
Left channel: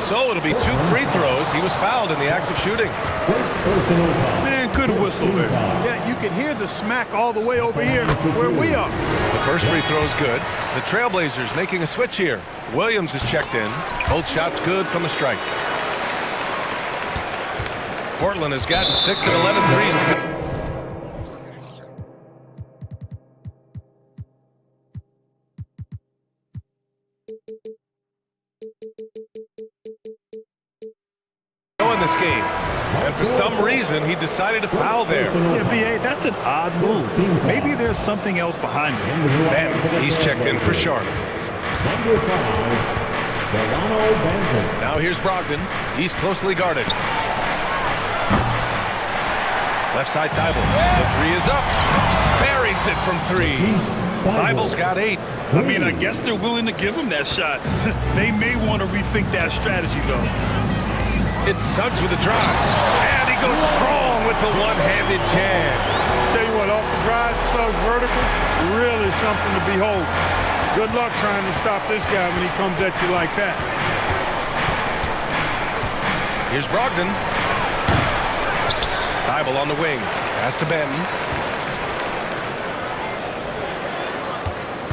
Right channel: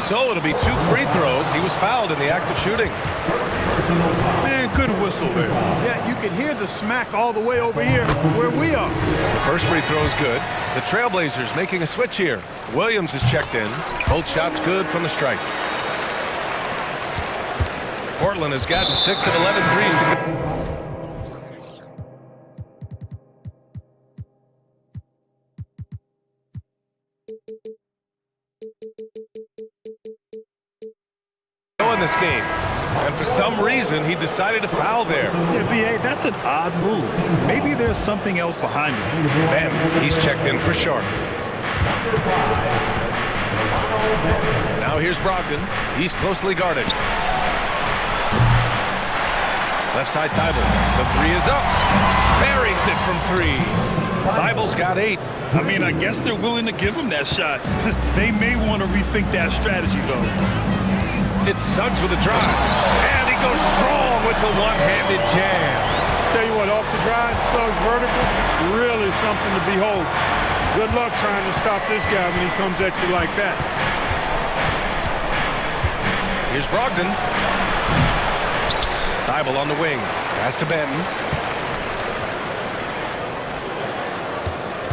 So it'll be 2 free throws. He was fouled in the act of shooting. Man, good whistle there. Yeah, you can hear the smack all the way over here where we are. The first free throw is good. The Trailblazers making a switch here. Williams is checked in. Both shots good from the strike. Portland has gotten 6 of 11 threes to go. In this game, and for some reason he decided to foul there. Yeah, B.A., that's an odd move. Maybe there's something else behind it. Ben, he's checked in for Sharp. Now here's Brogdon. He's closely guarded. Left side Thibault. The three is up. Buries it from 3. Thibault's got 8. I mean, I guess they're willing to give him that shot. They may want to rethink that strategy, though. It's Suggs with a drive. And he goes strong with the one-handed jam. Tell you what, off the drive, Suggs vertical, really something to behold. Good luck trying to stop this guy when he comes at you like that. Here's Brogdon. Thibault on the wing. Pass to Benton.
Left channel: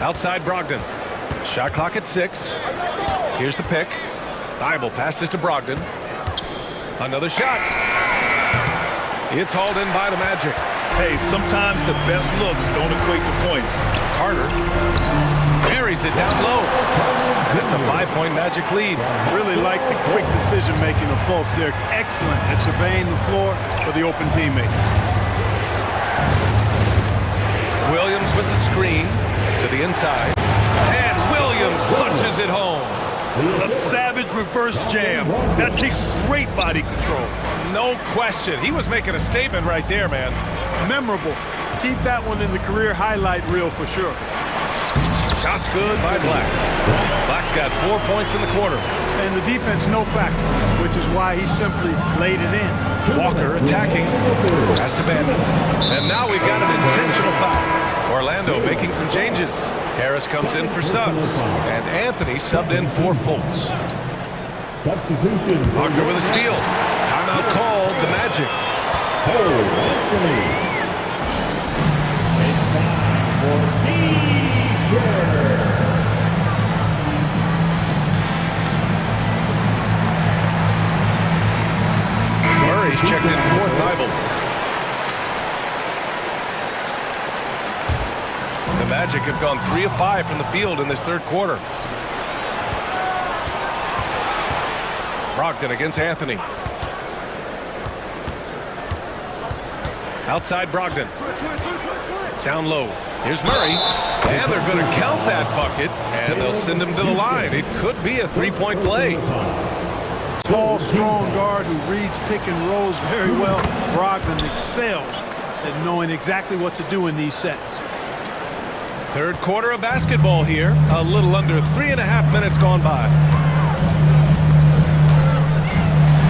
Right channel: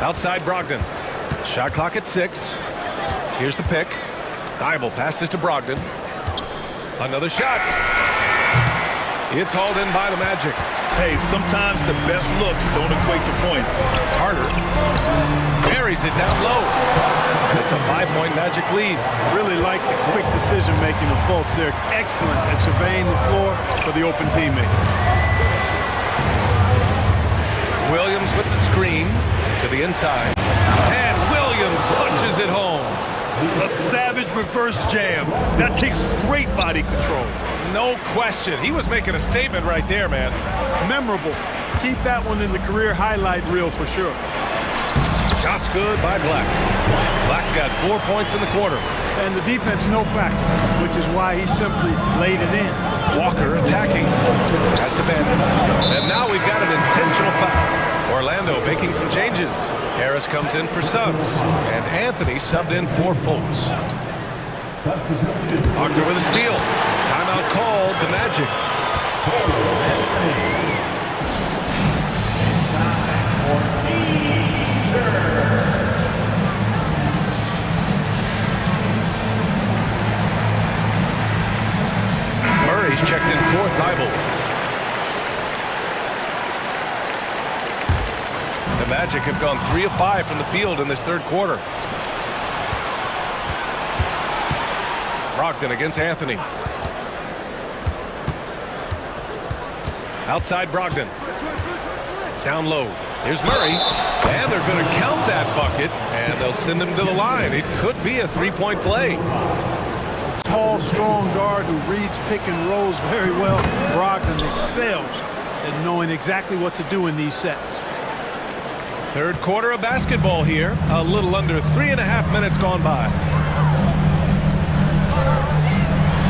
Outside Brogdon. Shot clock at 6. Here's the pick. Thibault passes to Brogdon. Another shot. It's hauled in by the Magic. Hey, sometimes the best looks don't equate to points. Carter buries it down low. And it's a 5-point Magic lead. Really like the quick decision-making of Fultz. They're excellent at surveying the floor for the open teammate. Williams with the screen to the inside. And Williams punches it home. A savage reverse jam. That takes great body control. No question. He was making a statement right there, man. Memorable. Keep that one in the career highlight reel for sure. Shots good by Black. Black's got 4 points in the quarter. And the defense no factor, which is why he simply laid it in. Walker attacking. Has to bend. And now we've got an intentional foul. Orlando making some changes. Harris comes in for Suggs. And Anthony subbed in for Fultz. Wagner with a steal. Timeout called the Magic. Anthony. It's time for Murray's checked in for Thibault. The Magic have gone 3 of 5 from the field in this third quarter. Brogdon against Anthony. Outside Brogdon. Down low. Here's Murray. And they're going to count that bucket. And they'll send him to the line. It could be a 3-point play. Tall, strong guard who reads pick and rolls very well. Brogdon excels at knowing exactly what to do in these sets. Third quarter of basketball here. A little under 3.5 minutes gone by.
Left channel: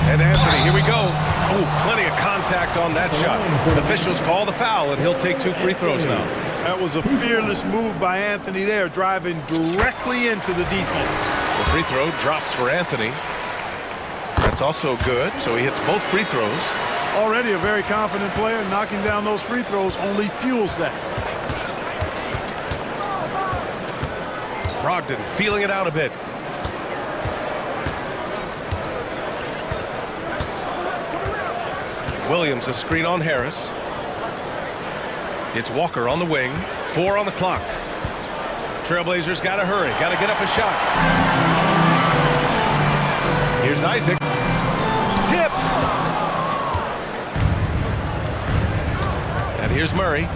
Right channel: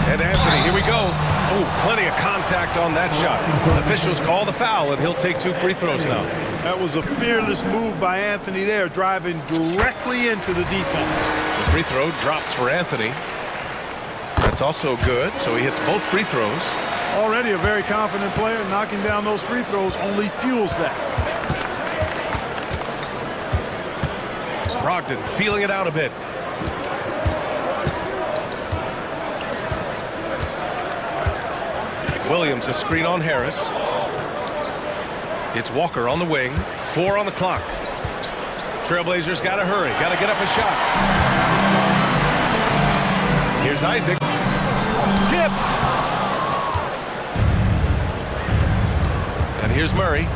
And Anthony, here we go. Oh, plenty of contact on that shot. The officials call the foul, and he'll take 2 free throws now. That was a fearless move by Anthony there, driving directly into the defense. The free throw drops for Anthony. That's also good, so he hits both free throws. Already a very confident player. Knocking down those free throws only fuels that. Brogdon feeling it out a bit. Williams a screen on Harris. It's Walker on the wing. 4 on the clock. Trailblazers got to hurry. Got to get up a shot. Here's Isaac. Tipped. And here's Murray.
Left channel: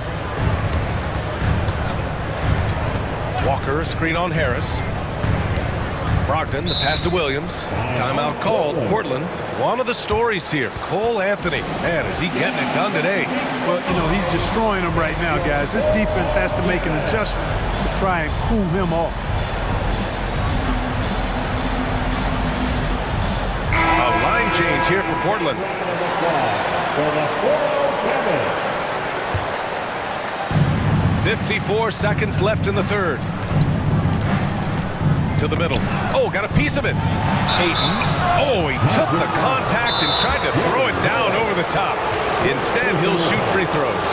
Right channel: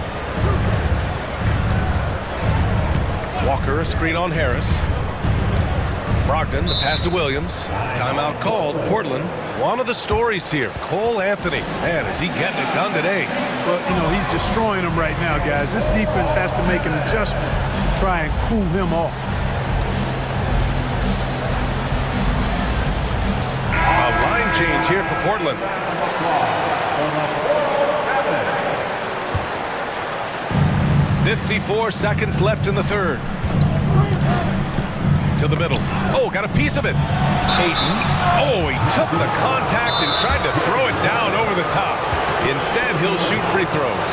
Walker, a screen on Harris. Brogdon, the pass to Williams. Timeout called. Portland. One of the stories here, Cole Anthony. Man, is he getting it done today? Well, you know, he's destroying them right now, guys. This defense has to make an adjustment to try and cool him off. A line change here for Portland. 54 seconds left in the third. To the middle. Oh, got a piece of it. Ayton. Oh, he took the contact and tried to throw it down over the top. Instead, he'll shoot free throws.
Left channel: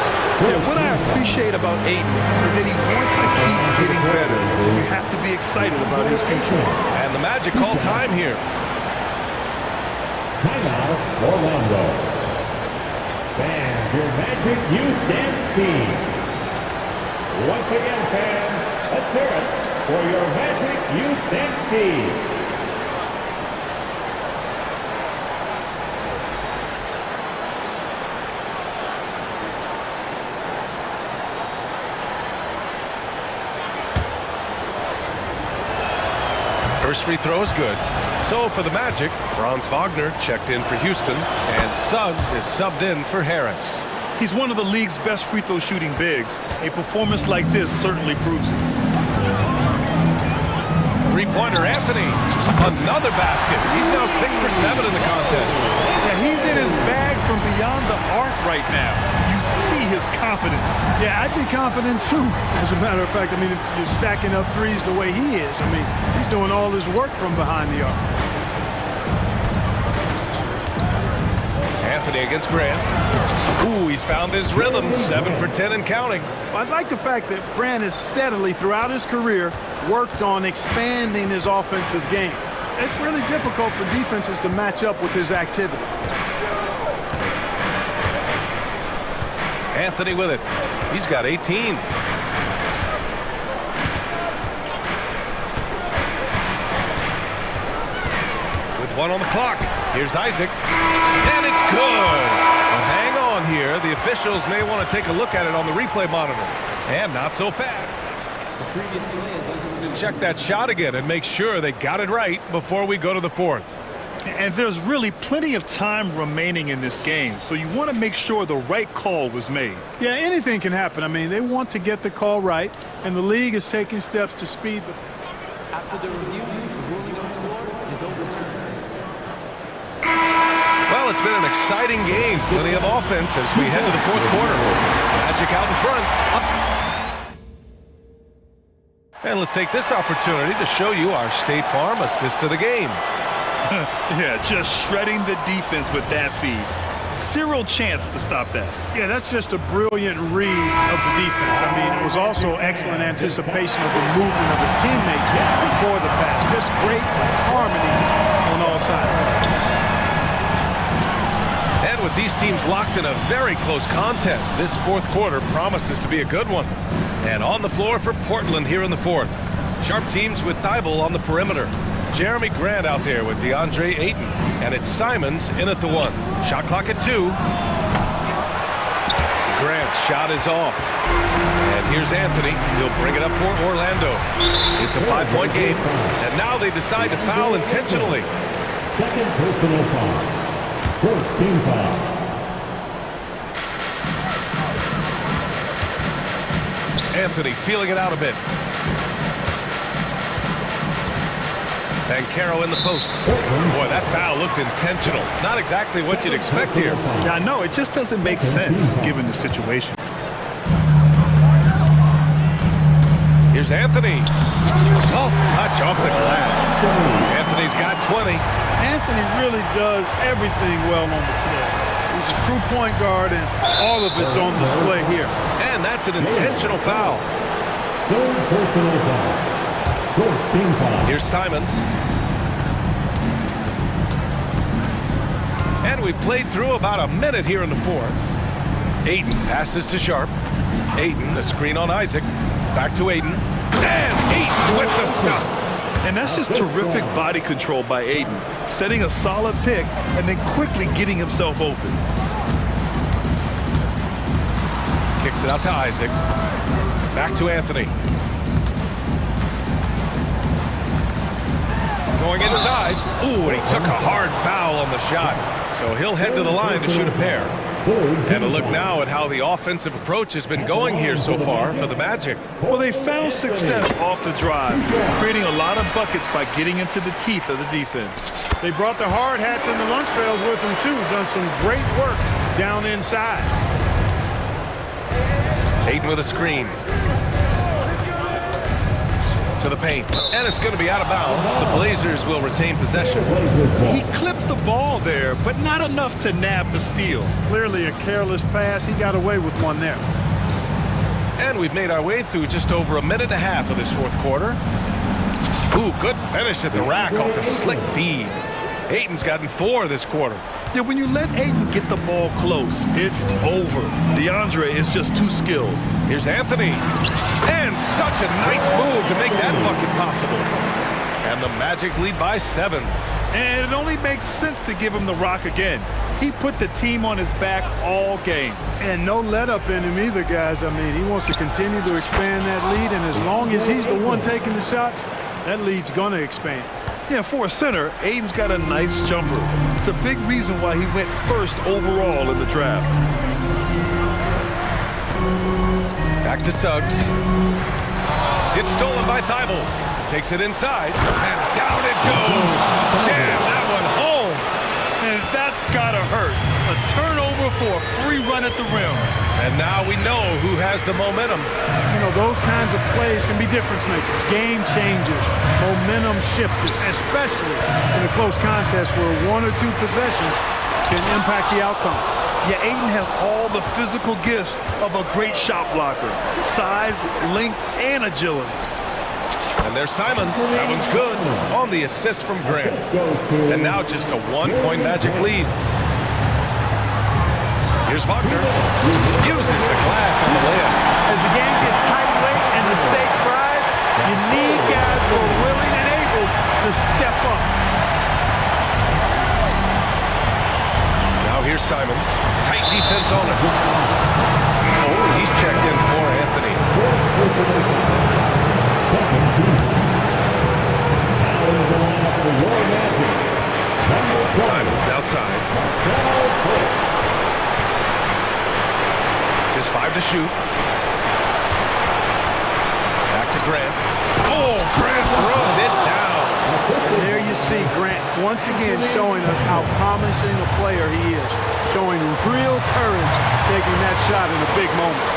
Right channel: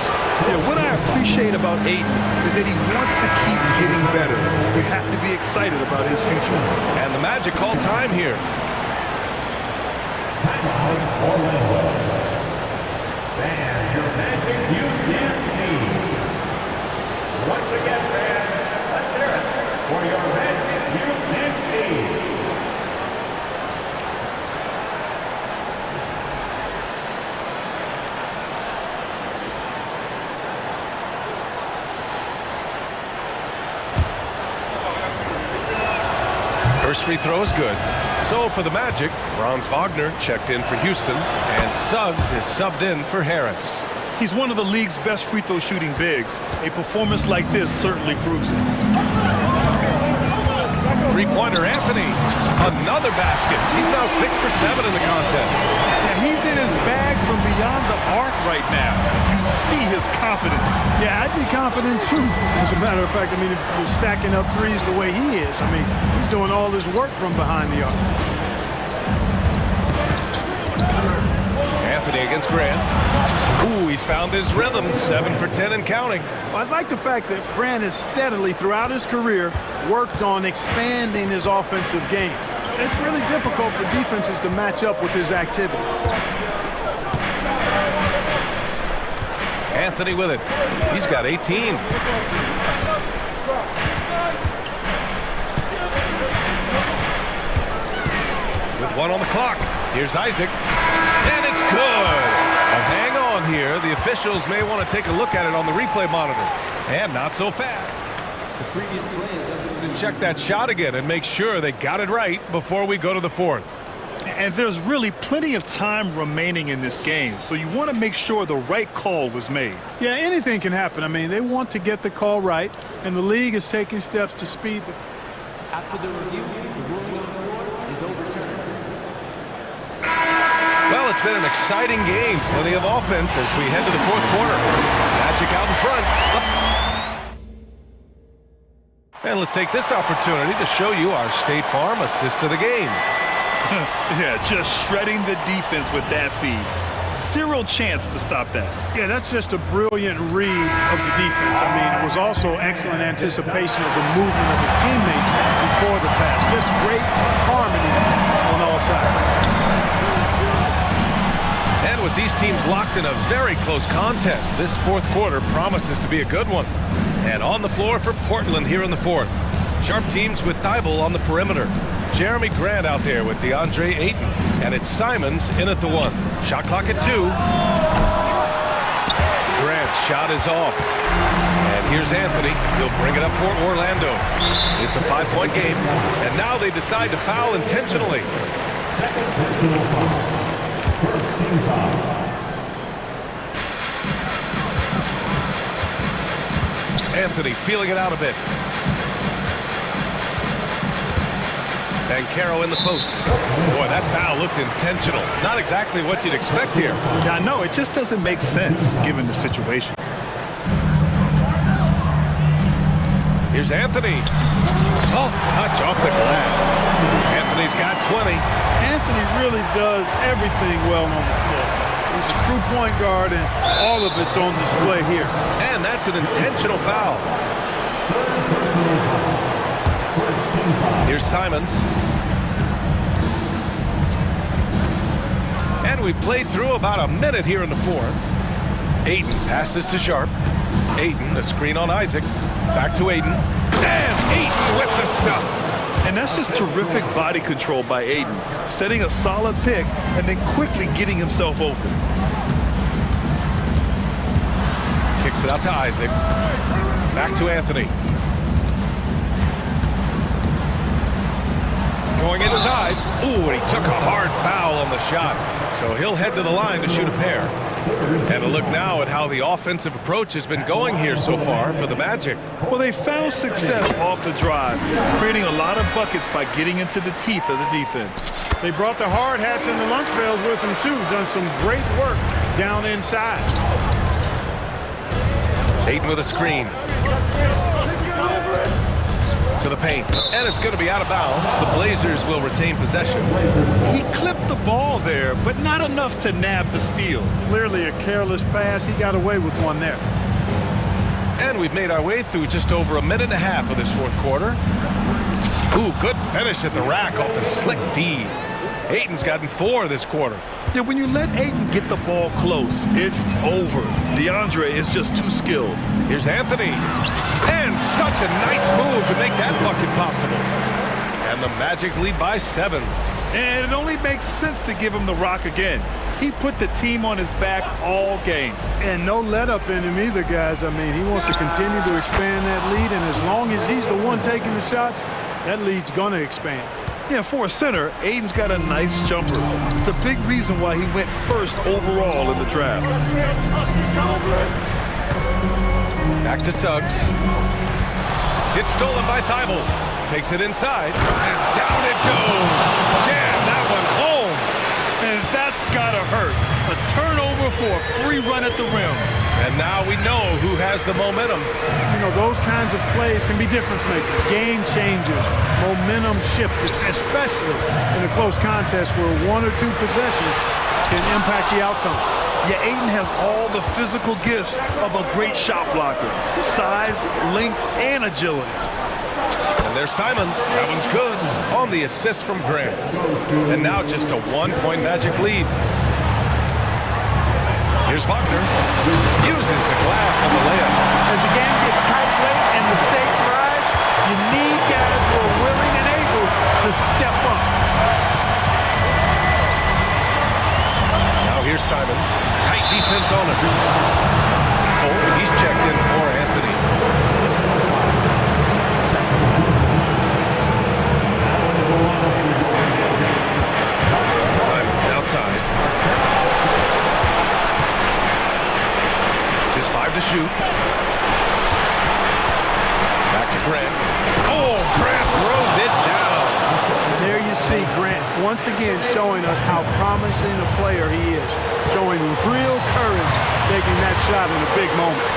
Yeah, what I appreciate about Ayton is that he wants to keep getting better. You have to be excited about his future. And the Magic call time here. Timeout, Orlando. Fans, your Magic Youth Dance Team. Once again, fans, let's hear it for your Magic Youth Dance Team. First free throw is good. So for the Magic, Franz Wagner checked in for Houston, and Suggs is subbed in for Harris. He's one of the league's best free throw shooting bigs. A performance like this certainly proves it. Three-pointer Anthony. Another basket. He's now 6 for 7 in the contest. Yeah, he's in his bag from beyond the arc right now. You see his confidence. Yeah, I'd be confident too. As a matter of fact, I mean, if you're stacking up threes the way he is, I mean, he's doing all his work from behind the arc. Anthony against Grant. Ooh, he's found his rhythm. 7 for 10 and counting. Well, I like the fact that Grant has steadily, throughout his career, worked on expanding his offensive game. It's really difficult for defenses to match up with his activity. Anthony with it. He's got 18. With 1 on the clock. Here's Isaac. And it's good. But hang on here. The officials may want to take a look at it on the replay monitor. And not so fast. The previous play is under the review. Check that shot again and make sure they got it right before we go to the fourth. And there's really plenty of time remaining in this game, so you want to make sure the right call was made. Yeah, anything can happen. I mean, they want to get the call right, and the league is taking steps to speed the... After the review, the ruling on the floor is overturned. Well, it's been an exciting game. Plenty of offense as we head to the fourth quarter. Magic out in front. And let's take this opportunity to show you our State Farm assist of the game. Yeah, just shredding the defense with that feed. Zero chance to stop that. Yeah, that's just a brilliant read of the defense. I mean, it was also excellent anticipation of the movement of his teammates before the pass. Just great harmony on all sides. And with these teams locked in a very close contest, this fourth quarter promises to be a good one. And on the floor for Portland here in the fourth. Sharp teams with Thibault on the perimeter. Jeremy Grant out there with DeAndre Ayton. And it's Simons in at the 1. Shot clock at 2. Grant's shot is off. And here's Anthony. He'll bring it up for Orlando. It's a 5-point game. And now they decide to foul intentionally. Second personal foul. First team foul. Anthony feeling it out a bit. Banchero in the post. Boy, that foul looked intentional. Not exactly what you'd expect here. Yeah, I know. It just doesn't make sense given the situation. Here's Anthony. Soft touch off the glass. Anthony's got 20. Anthony really does everything well on the floor. He's a true point guard, and all of it's on display here. And that's an intentional foul. Third personal foul. First team foul. Here's Simons. And we've played through about a minute here in the fourth. Ayton passes to Sharp. Ayton, a screen on Isaac. Back to Ayton. And Ayton with the stuff. And that's just terrific body control by Ayton, setting a solid pick and then quickly getting himself open. Kicks it out to Isaac. Back to Anthony. Going inside. Ooh, and he took a hard foul on the shot. So he'll head to the line to shoot a pair. And a look now at how the offensive approach has been going here so far for the Magic. Well, they found success off the drive, creating a lot of buckets by getting into the teeth of the defense. They brought the hard hats and the lunch pails with them, too. Done some great work down inside. Ayton with a screen. To the paint, and it's going to be out of bounds. The Blazers will retain possession. He clipped the ball there, but not enough to nab the steal. Clearly a careless pass. He got away with one there. And we've made our way through just over a minute and a half of this fourth quarter. Ooh, good finish at the rack off the slick feed. Ayton's gotten 4 this quarter. Yeah, when you let Ayton get the ball close, it's over. DeAndre is just too skilled. Here's Anthony. And such a nice move to make that bucket possible. And the Magic lead by 7. And it only makes sense to give him the rock again. He put the team on his back all game. And no let up in him either, guys. I mean, he wants to continue to expand that lead, and as long as he's the one taking the shots, that lead's going to expand. Yeah, for a center, Ayton's got a nice jumper. It's a big reason why he went first overall in the draft. Back to Suggs. It's stolen by Thibault. Takes it inside, and down it goes. Jam that one home. And that's gotta hurt. A turnover for a free run at the rim. And now we know who has the momentum. You know, those kinds of plays can be difference makers, game changers, momentum shifters, especially in a close contest where 1 or 2 possessions can impact the outcome. Yeah, Ayton has all the physical gifts of a great shot blocker. Size, length, and agility. And there's Simons. That one's good on the assist from Grant. And now just a 1-point Magic lead. Here's Wagner. Uses the glass on the layup. As the game gets tight late and the stakes rise, you need guys who are willing and able to step up. Now here's Simons. Tight defense on him. Fultz, he's checked in for Anthony. Simons outside. Just 5 to shoot. Back to Grant. Oh, Grant throws it down. And there you see Grant once again showing us how promising a player he is. Showing real courage taking that shot in a big moment.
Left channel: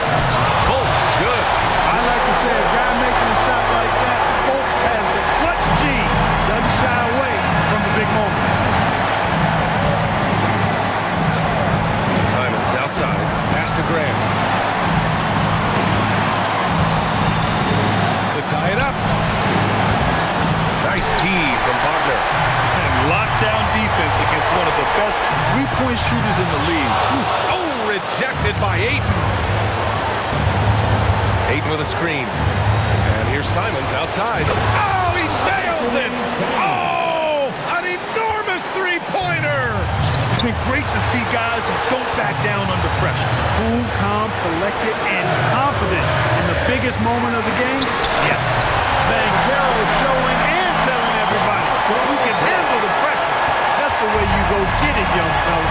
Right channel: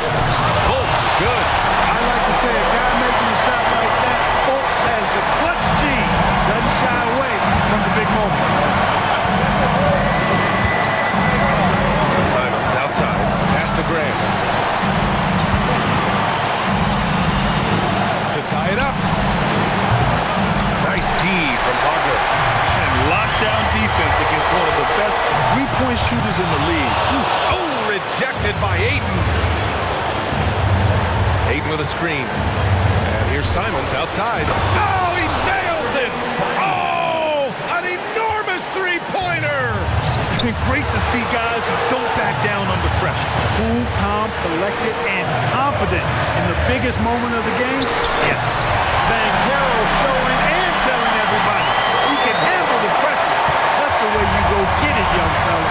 Fultz is good. I like to say a guy making a shot like that, Fultz has the clutch gene. Doesn't shy away from the big moment. Simons outside. Pass to Grant. To tie it up. Nice D from Wagner. And lockdown defense against one of the best three-point shooters in the league. Oh, rejected by Ayton. Ayton with a screen. And here's Simons outside. Oh, he nails it! Oh, an enormous three-pointer! Great to see guys who don't back down under pressure. Cool, calm, collected, and confident in the biggest moment of the game? Yes. Banchero showing and telling everybody he can handle the pressure. That's the way you go get it, young fella.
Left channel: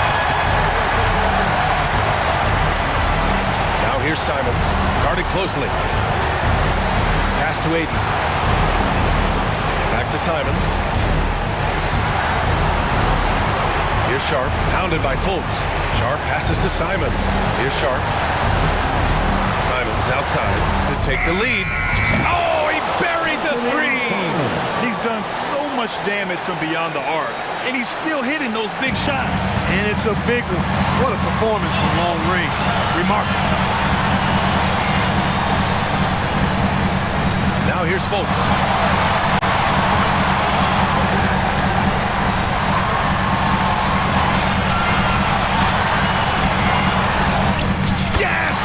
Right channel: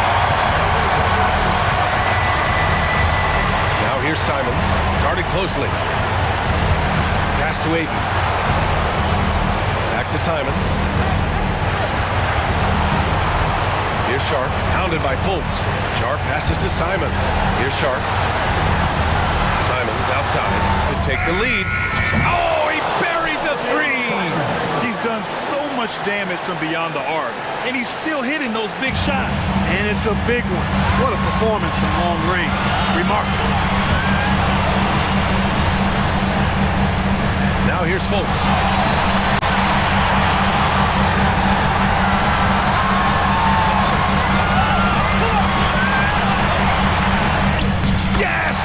Now here's Simons, guarded closely. Pass to Ayton. Back to Simons. Here's Sharp, hounded by Fultz. Sharp passes to Simons. Here's Sharp. Simons outside to take the lead. Oh, he buried the three! He's done so much damage from beyond the arc, and he's still hitting those big shots. And it's a big one. What a performance from long range. Remarkable. Now here's Fultz. Yes!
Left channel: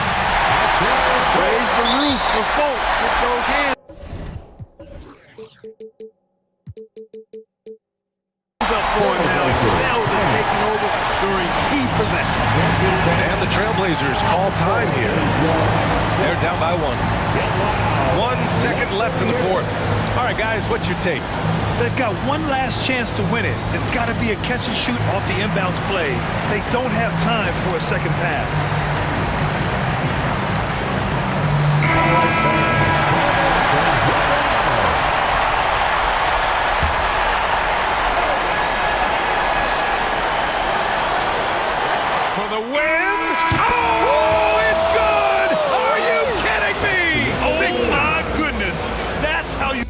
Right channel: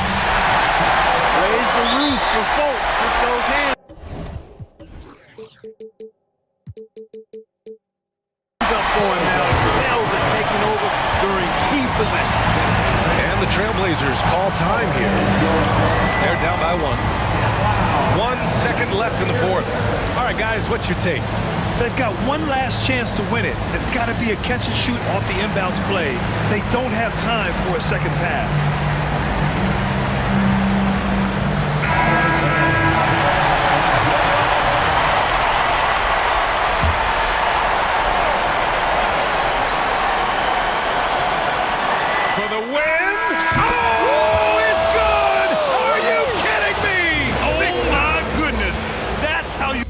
Raise the roof for Fultz. Get those hands up for him now. Excels at taking over during key possessions. And the Trailblazers call time here. They're down by 1. 1 second left in the fourth. All right, guys, what's your take? They've got one last chance to win it. It's got to be a catch and shoot off the inbounds play. They don't have time for a second pass. For the win! Oh, it's good! Are you kidding me? Oh, my goodness. That's how you...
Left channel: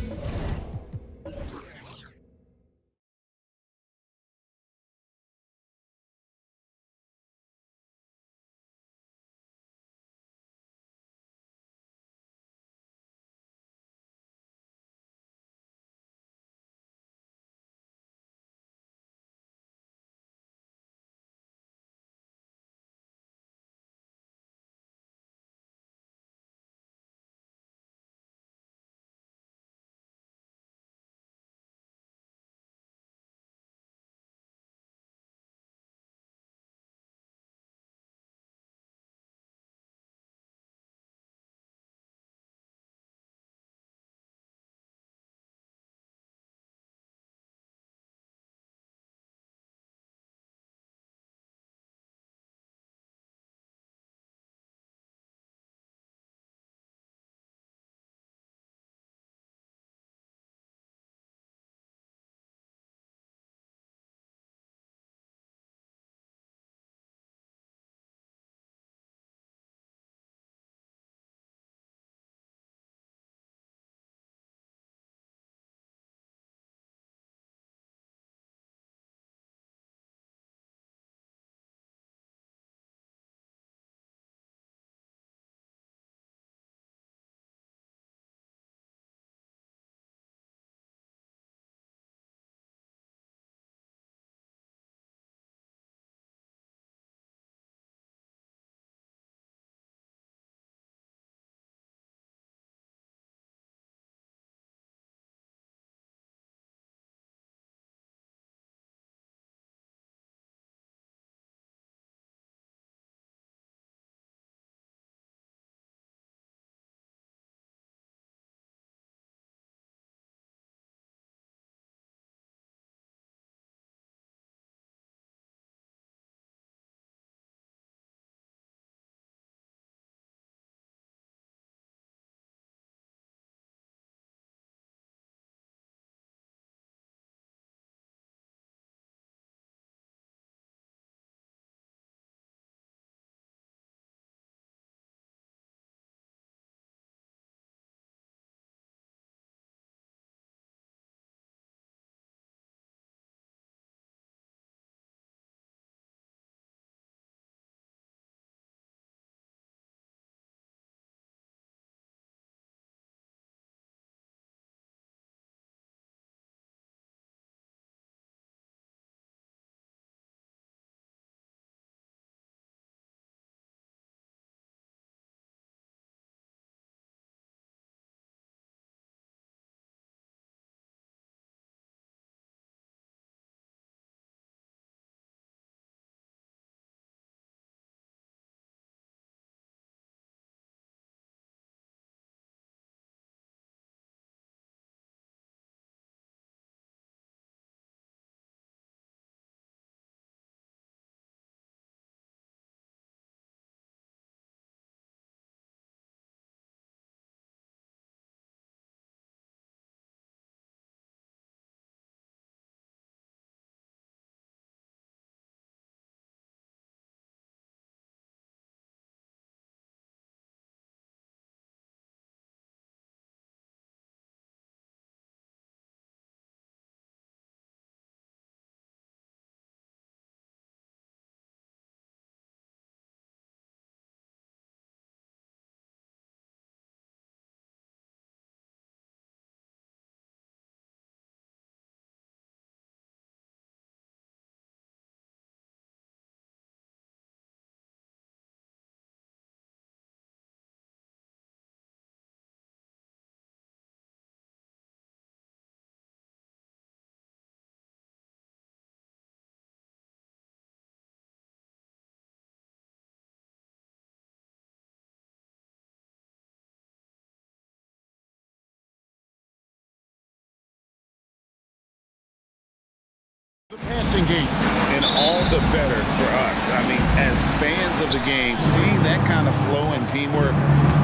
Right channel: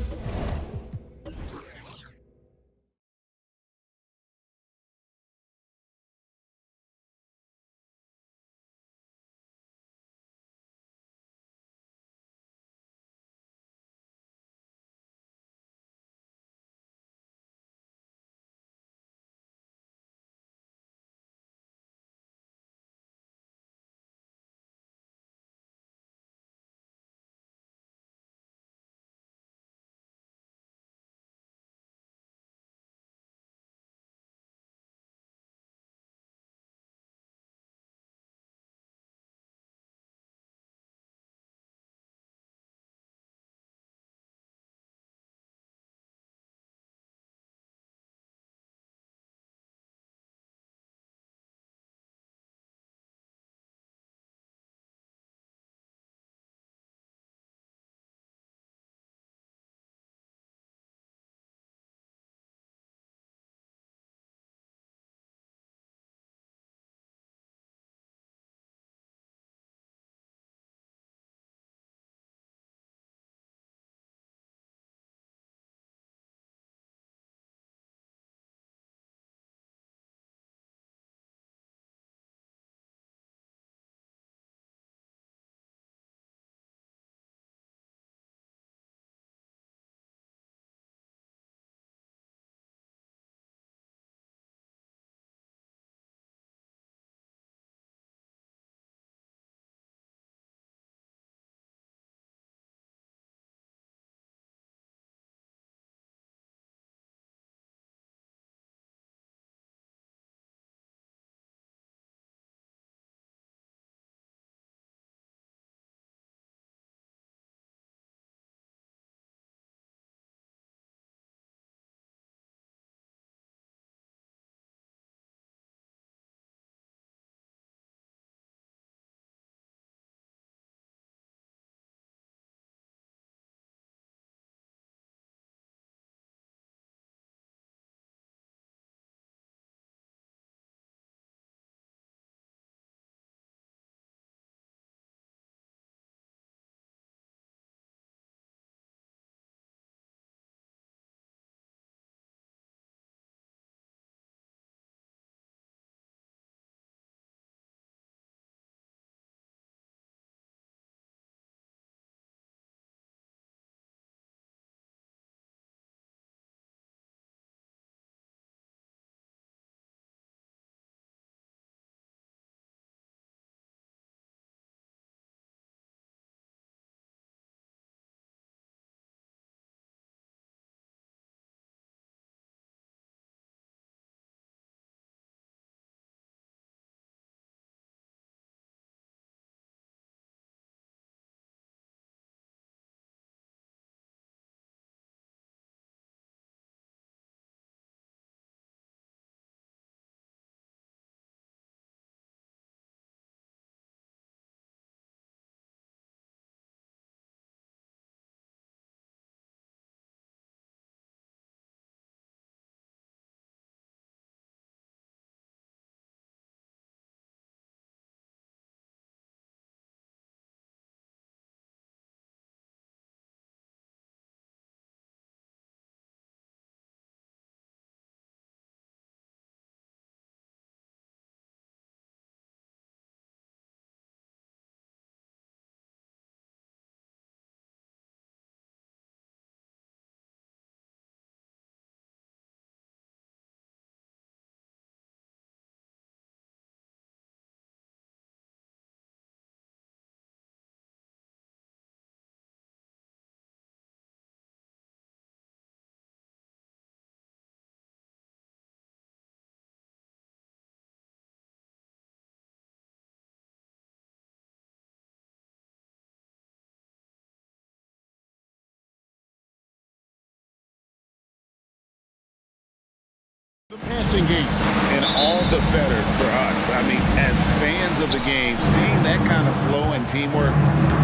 The passing game. And all the better for us. I mean, as fans of the game, seeing that kind of flow and teamwork,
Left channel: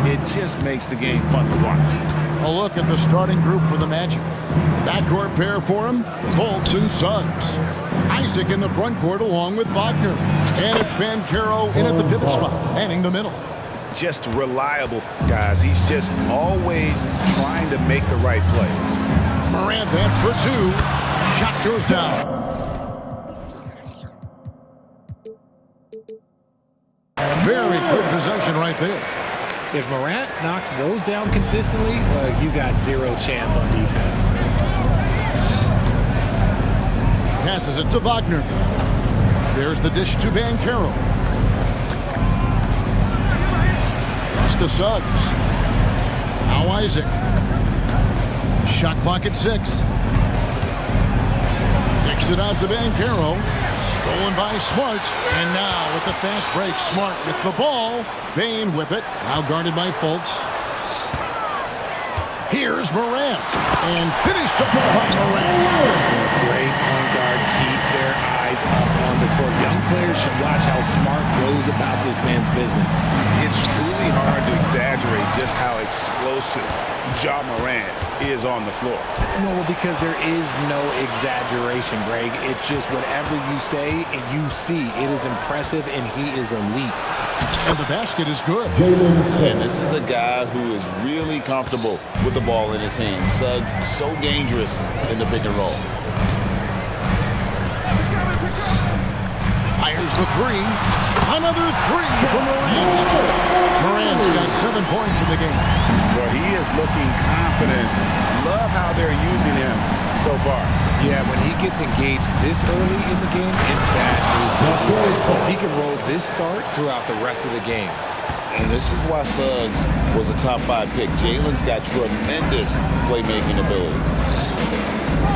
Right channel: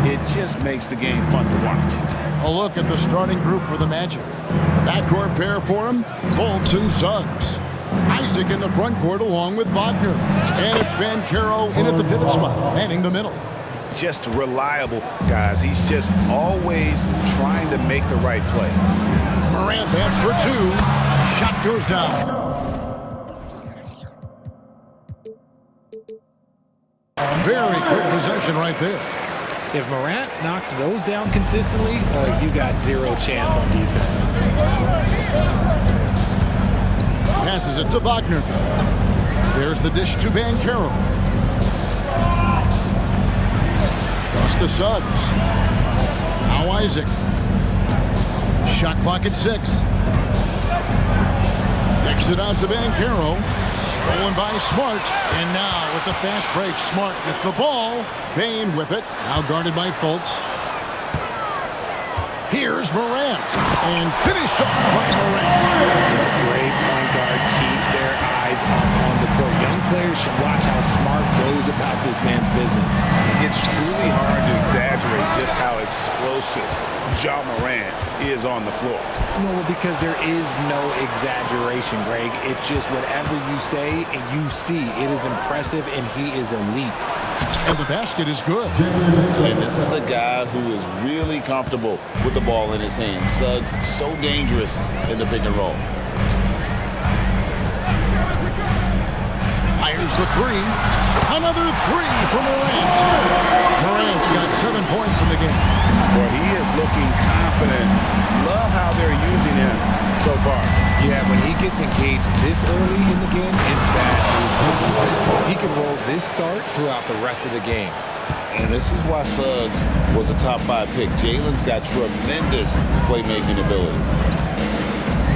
it just makes the game fun to watch. A look at the starting group for the Magic. The backcourt pair for him, Fultz and Suggs. Isaac in the front court along with Wagner. And it's Banchero in at the pivot spot, manning the middle. Just reliable, guys. He's just always trying to make the right play. Morant, that's for two. Shot goes down. Very quick possession right there. If Morant knocks those down consistently, you got zero chance on defense. Passes it to Wagner. There's the dish to Banchero. Cross to Suggs. Now Isaac. Shot clock at 6. Kicks it out to Banchero. Stolen by Smart. And now with the fast break, Smart with the ball. Bane with it. Now guarded by Fultz. Here's Morant. And finished off by Morant. Yeah, great point guards keep their eyes up on the court. Young players should watch how Smart goes about this man's business. It's truly hard to exaggerate just how explosive Ja Morant is on the floor. No, because there is no exaggeration, Greg. It's just whatever you say and you see. It is impressive, and he is elite. And the basket is good. And this is a guy who is really comfortable with the ball in his hands. Suggs, so dangerous in the pick and roll. Fires the three. Another three for Morant. Morant's got 7 points in the game. Well, he is looking confident. Love how they're using him so far. Yeah, when he gets engaged this early in the game, it's bad news for the defense. He can roll this start throughout the rest of the game. And this is why Suggs was a top 5 pick. Jalen's got tremendous playmaking ability.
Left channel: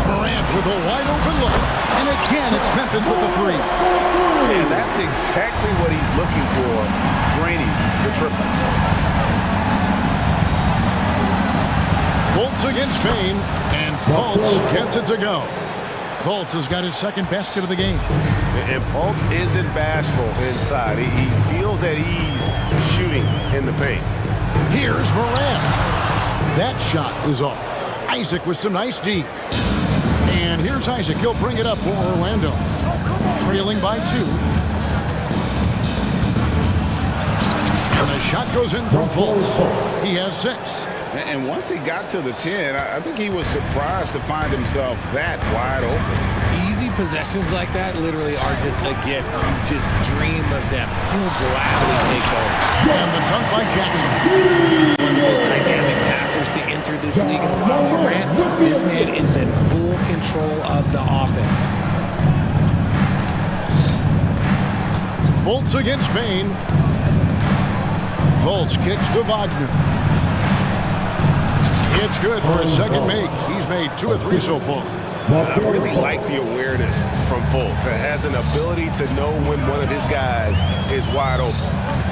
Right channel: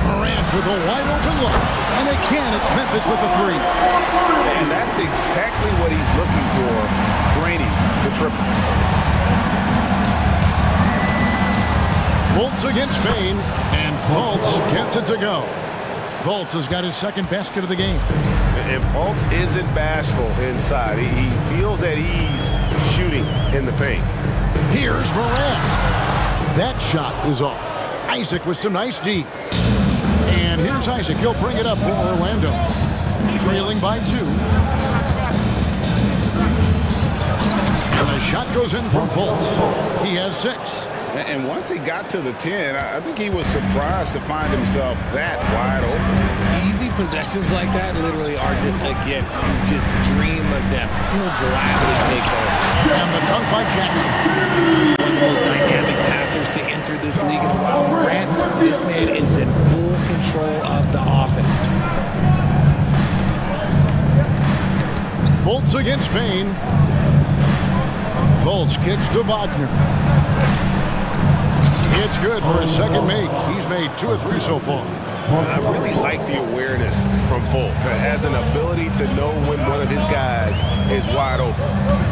Morant with a wide open look. And again, it's Memphis with the three. And that's exactly what he's looking for, draining the triple. Fultz against Bane, and Fultz gets it to go. Fultz has got his second basket of the game. And Fultz isn't bashful inside. He feels at ease shooting in the paint. Here's Morant. That shot is off. Isaac with some nice D. And here's Isaac. He'll bring it up for Orlando. Trailing by 2. And the shot goes in from Fultz. He has 6. And once he got to the 10, I think he was surprised to find himself that wide open. Easy possessions like that literally are just a gift. You just dream of them. He'll gladly take those. And the dunk by Jackson. One of the most dynamic passers to enter this league in a while. Morant, this man is in full control of the offense. Fultz against Bane. Fultz kicks to Wagner. It's good for his second make. He's made 2 of 3 so far. I really like the awareness from Fultz. It has an ability to know when one of his guys is wide open.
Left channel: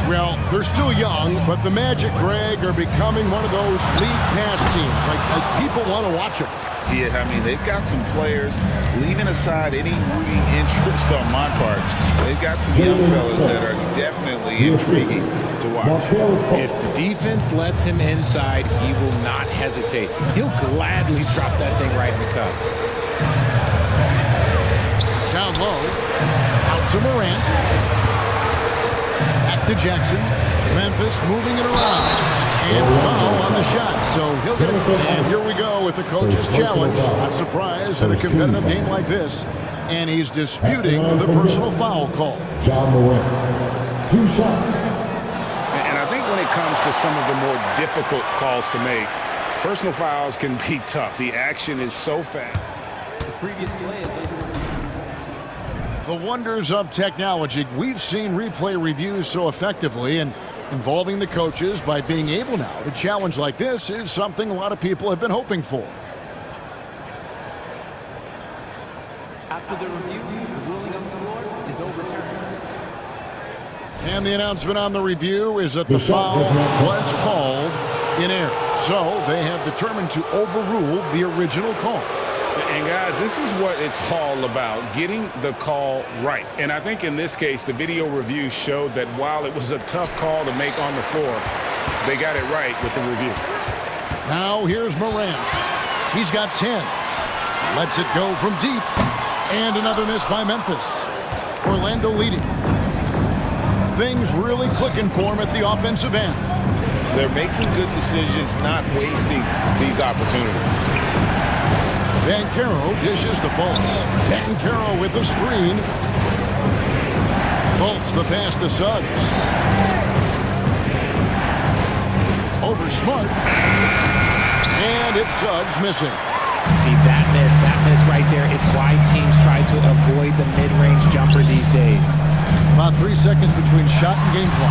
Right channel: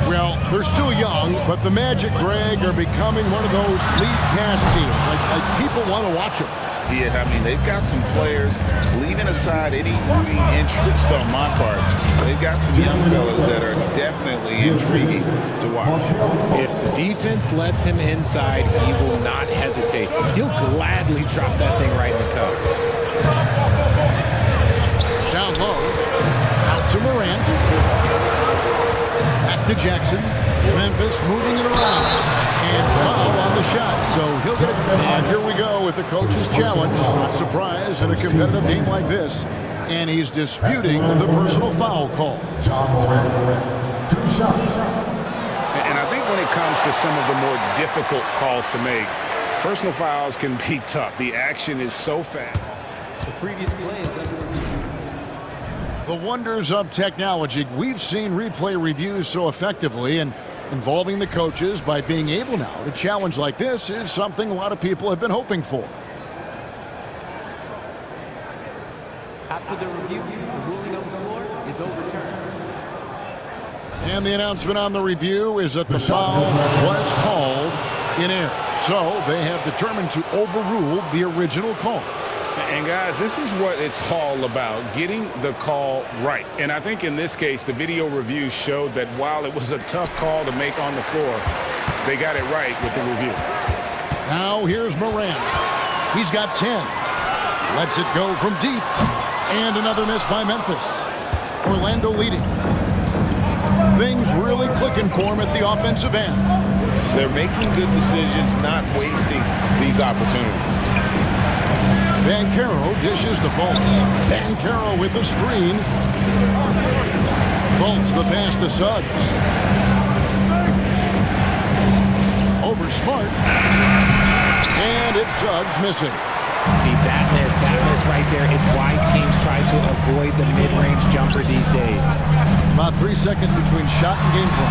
Well, they're still young, but the Magic, Greg, are becoming one of those league pass teams. Like people want to watch them. Yeah, I mean, they've got some players, leaving aside any rooting interest on my part, they've got some young fellas that are definitely intriguing to watch. If the defense lets him inside, he will not hesitate. He'll gladly drop that thing right in the cup. Down low, out to Morant. Back to Jackson. Memphis moving it around. And foul on the shot, so he'll get it. And here we go with the coach's challenge. Not surprised in a competitive game like this. And he's disputing the personal foul call. John Morant, 2 shots. And I think when it comes to some of the more difficult calls to make, personal fouls can be tough. The action is so fast. The previous play is under review. The wonders of technology. We've seen replay reviews so effectively, and involving the coaches by being able now to challenge like this is something a lot of people have been hoping for. After the review, the ruling on the floor is overturned. And the announcement on the review is that the foul was called in error. So they have determined to overrule the original call. And guys, this is what it's all about, getting the call right. And I think in this case, the video review showed that while it was a tough call to make on the floor, they got it right with the review. Now here's Morant. He's got 10. Lets it go from deep. And another miss by Memphis. Orlando leading. Things really clicking for him at the offensive end. They're making good decisions, not wasting these opportunities. Banchero dishes to Fultz. Banchero with the screen. Fultz the pass to Suggs. Over Smart. And it's Suggs missing. See, that miss right there, it's why teams try to avoid the mid-range jumper these days. About 3 seconds between shot and game clock.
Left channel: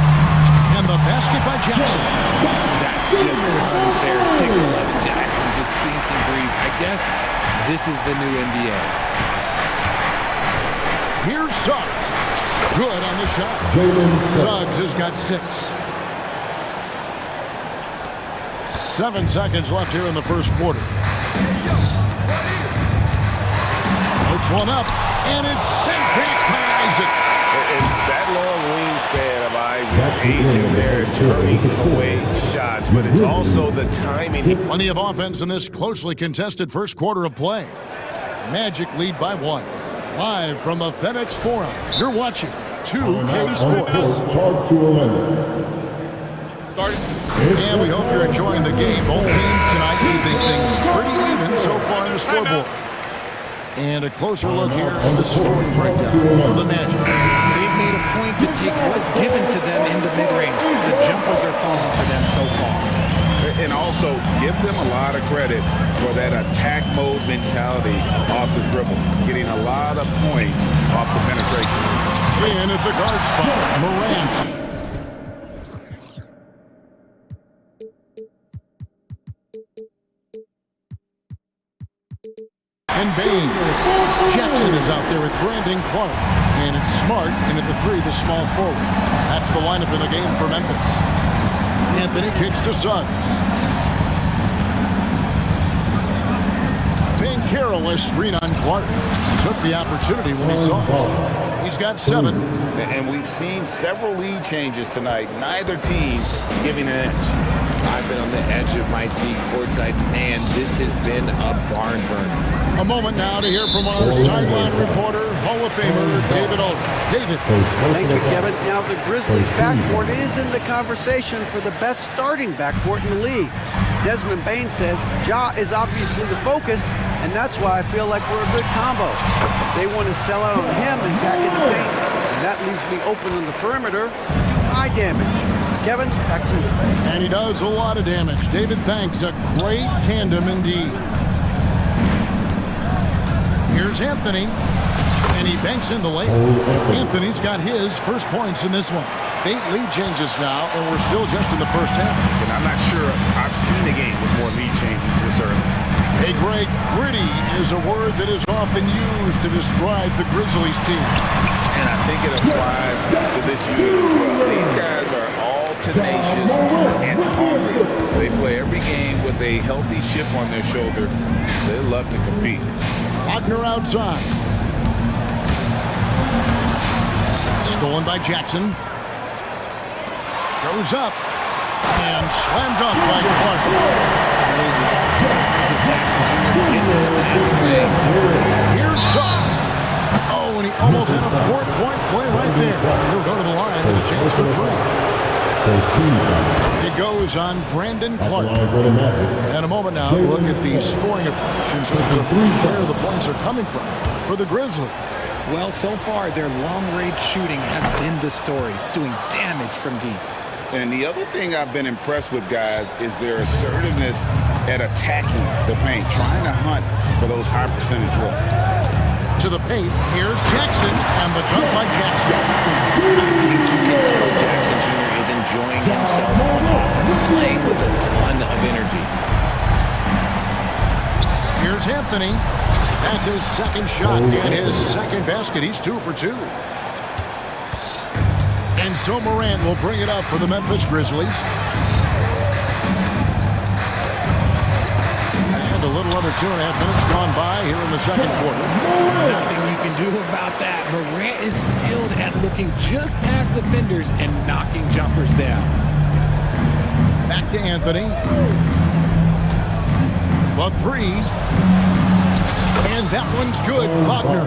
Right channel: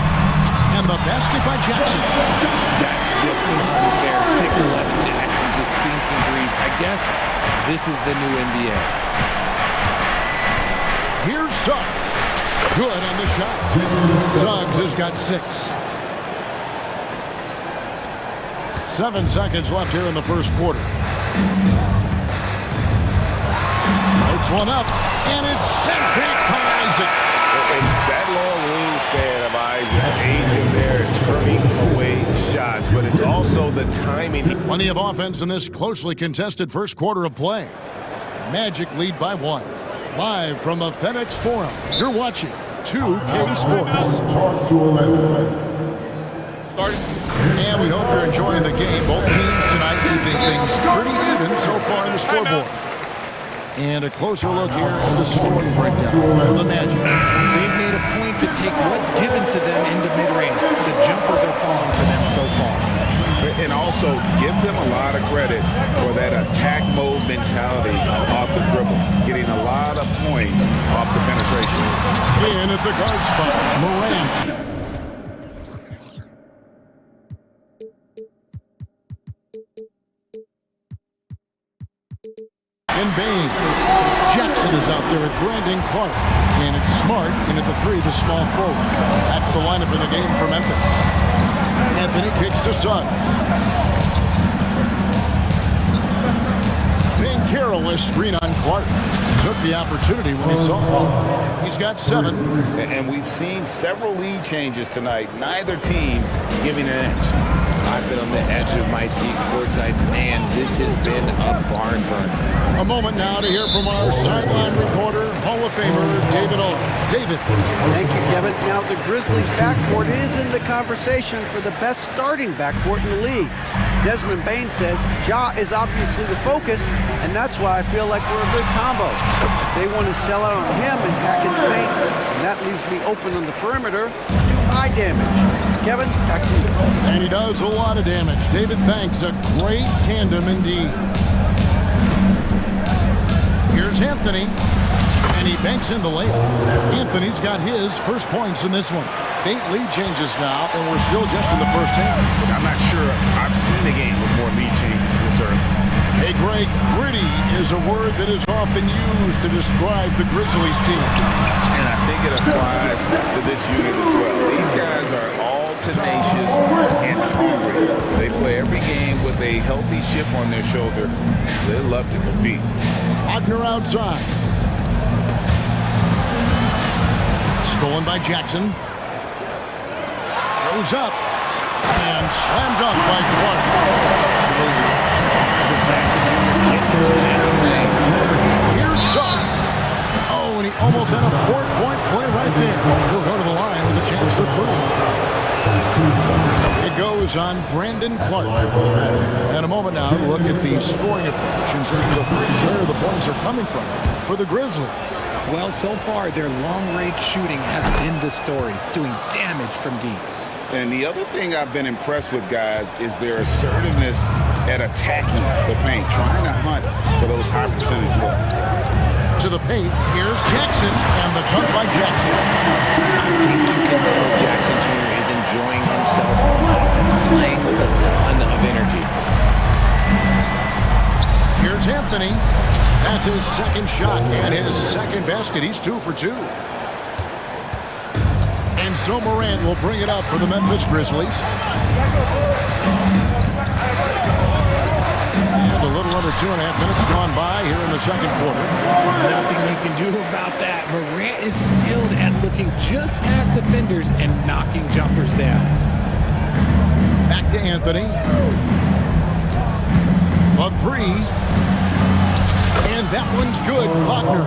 And the basket by Jackson. That's just unfair. 6'11" Jackson just sinking threes. I guess this is the new NBA. Here's Suggs. Good on the shot. Suggs has got 6. 7 seconds left here in the first quarter. Floats one up, and it's sent back by Isaac. And that long wingspan of Isaac aids him there turning away shots, but it's also the timing. Plenty of offense in this closely contested first quarter of play. Magic lead by 1. Live from the FedEx Forum, you're watching 2K Sports. And we hope you're enjoying the game. Both teams tonight keeping things pretty even so far in the scoreboard. And a closer look here at the scoring breakdown for the Magic. They've made a point to take what's given to them in the mid-range. The jumpers are falling for them so far. And also give them a lot of credit for that attack mode mentality off the dribble, getting a lot of points off the penetration. In at the guard spot, Morant. And Bain. Jackson is out there with Brandon Clark. And it's Smart in at the 3, the small forward. That's the lineup in the game for Memphis. Anthony kicks to Suggs. Banchero has screen on Clark. Took the opportunity when he saw it. He's got 7. And we've seen several lead changes tonight. Neither team giving an inch. I've been on the edge of my seat courtside. Man, this has been a barn burner. A moment now to hear from our sideline reporter, Hall of Famer David Older. David. Thank you, Kevin. Now, the Grizzlies' backcourt is in the conversation for the best starting backcourt in the league. Desmond Bain says Ja is obviously the focus, and that's why I feel like we're a good combo. If they want to sell out on him and pack in the paint, and that leaves me open on the perimeter to do my damage. Kevin, back to you. And he does a lot of damage. David, thanks. A great tandem indeed. Here's Anthony, and he banks in the layup. Anthony's got his first points in this one. 8 lead changes now, and we're still just in the first half. And I'm not sure I've seen a game with more lead changes this early. Hey, Greg, gritty is a word that is often used to describe the Grizzlies team. And I think it applies to this unit as well. These guys are all tenacious and hungry. They play every game with a healthy chip on their shoulder. They love to compete. Wagner outside. Stolen by Jackson. Goes up. And slam dunk by Clark. Those arms of Jackson Jr. getting in the passing lane. Here's Suggs. Oh, and he almost had a 4-point play right there. He'll go to the line with a chance for 3. It goes on Brandon Clark. And a moment now, look at the scoring approach in terms of where the points are coming from for the Grizzlies. Well, so far, their long-range shooting has been the story, doing damage from deep. And the other thing I've been impressed with, guys, is their assertiveness at attacking the paint, trying to hunt for those high percentage looks. To the paint, here's Jackson, and the dunk by Jackson. I think you can tell Jackson Jr. is enjoying himself on offense, playing with a ton of energy. Here's Anthony. That's his second shot and his second basket. He's 2 for 2. And so Morant will bring it up for the Memphis Grizzlies. And And a little under 2.5 minutes gone by here in the second quarter. Nothing you can do about that. Morant is skilled at looking just past defenders and knocking jumpers down. Back to Anthony. The three. And that one's good. Wagner.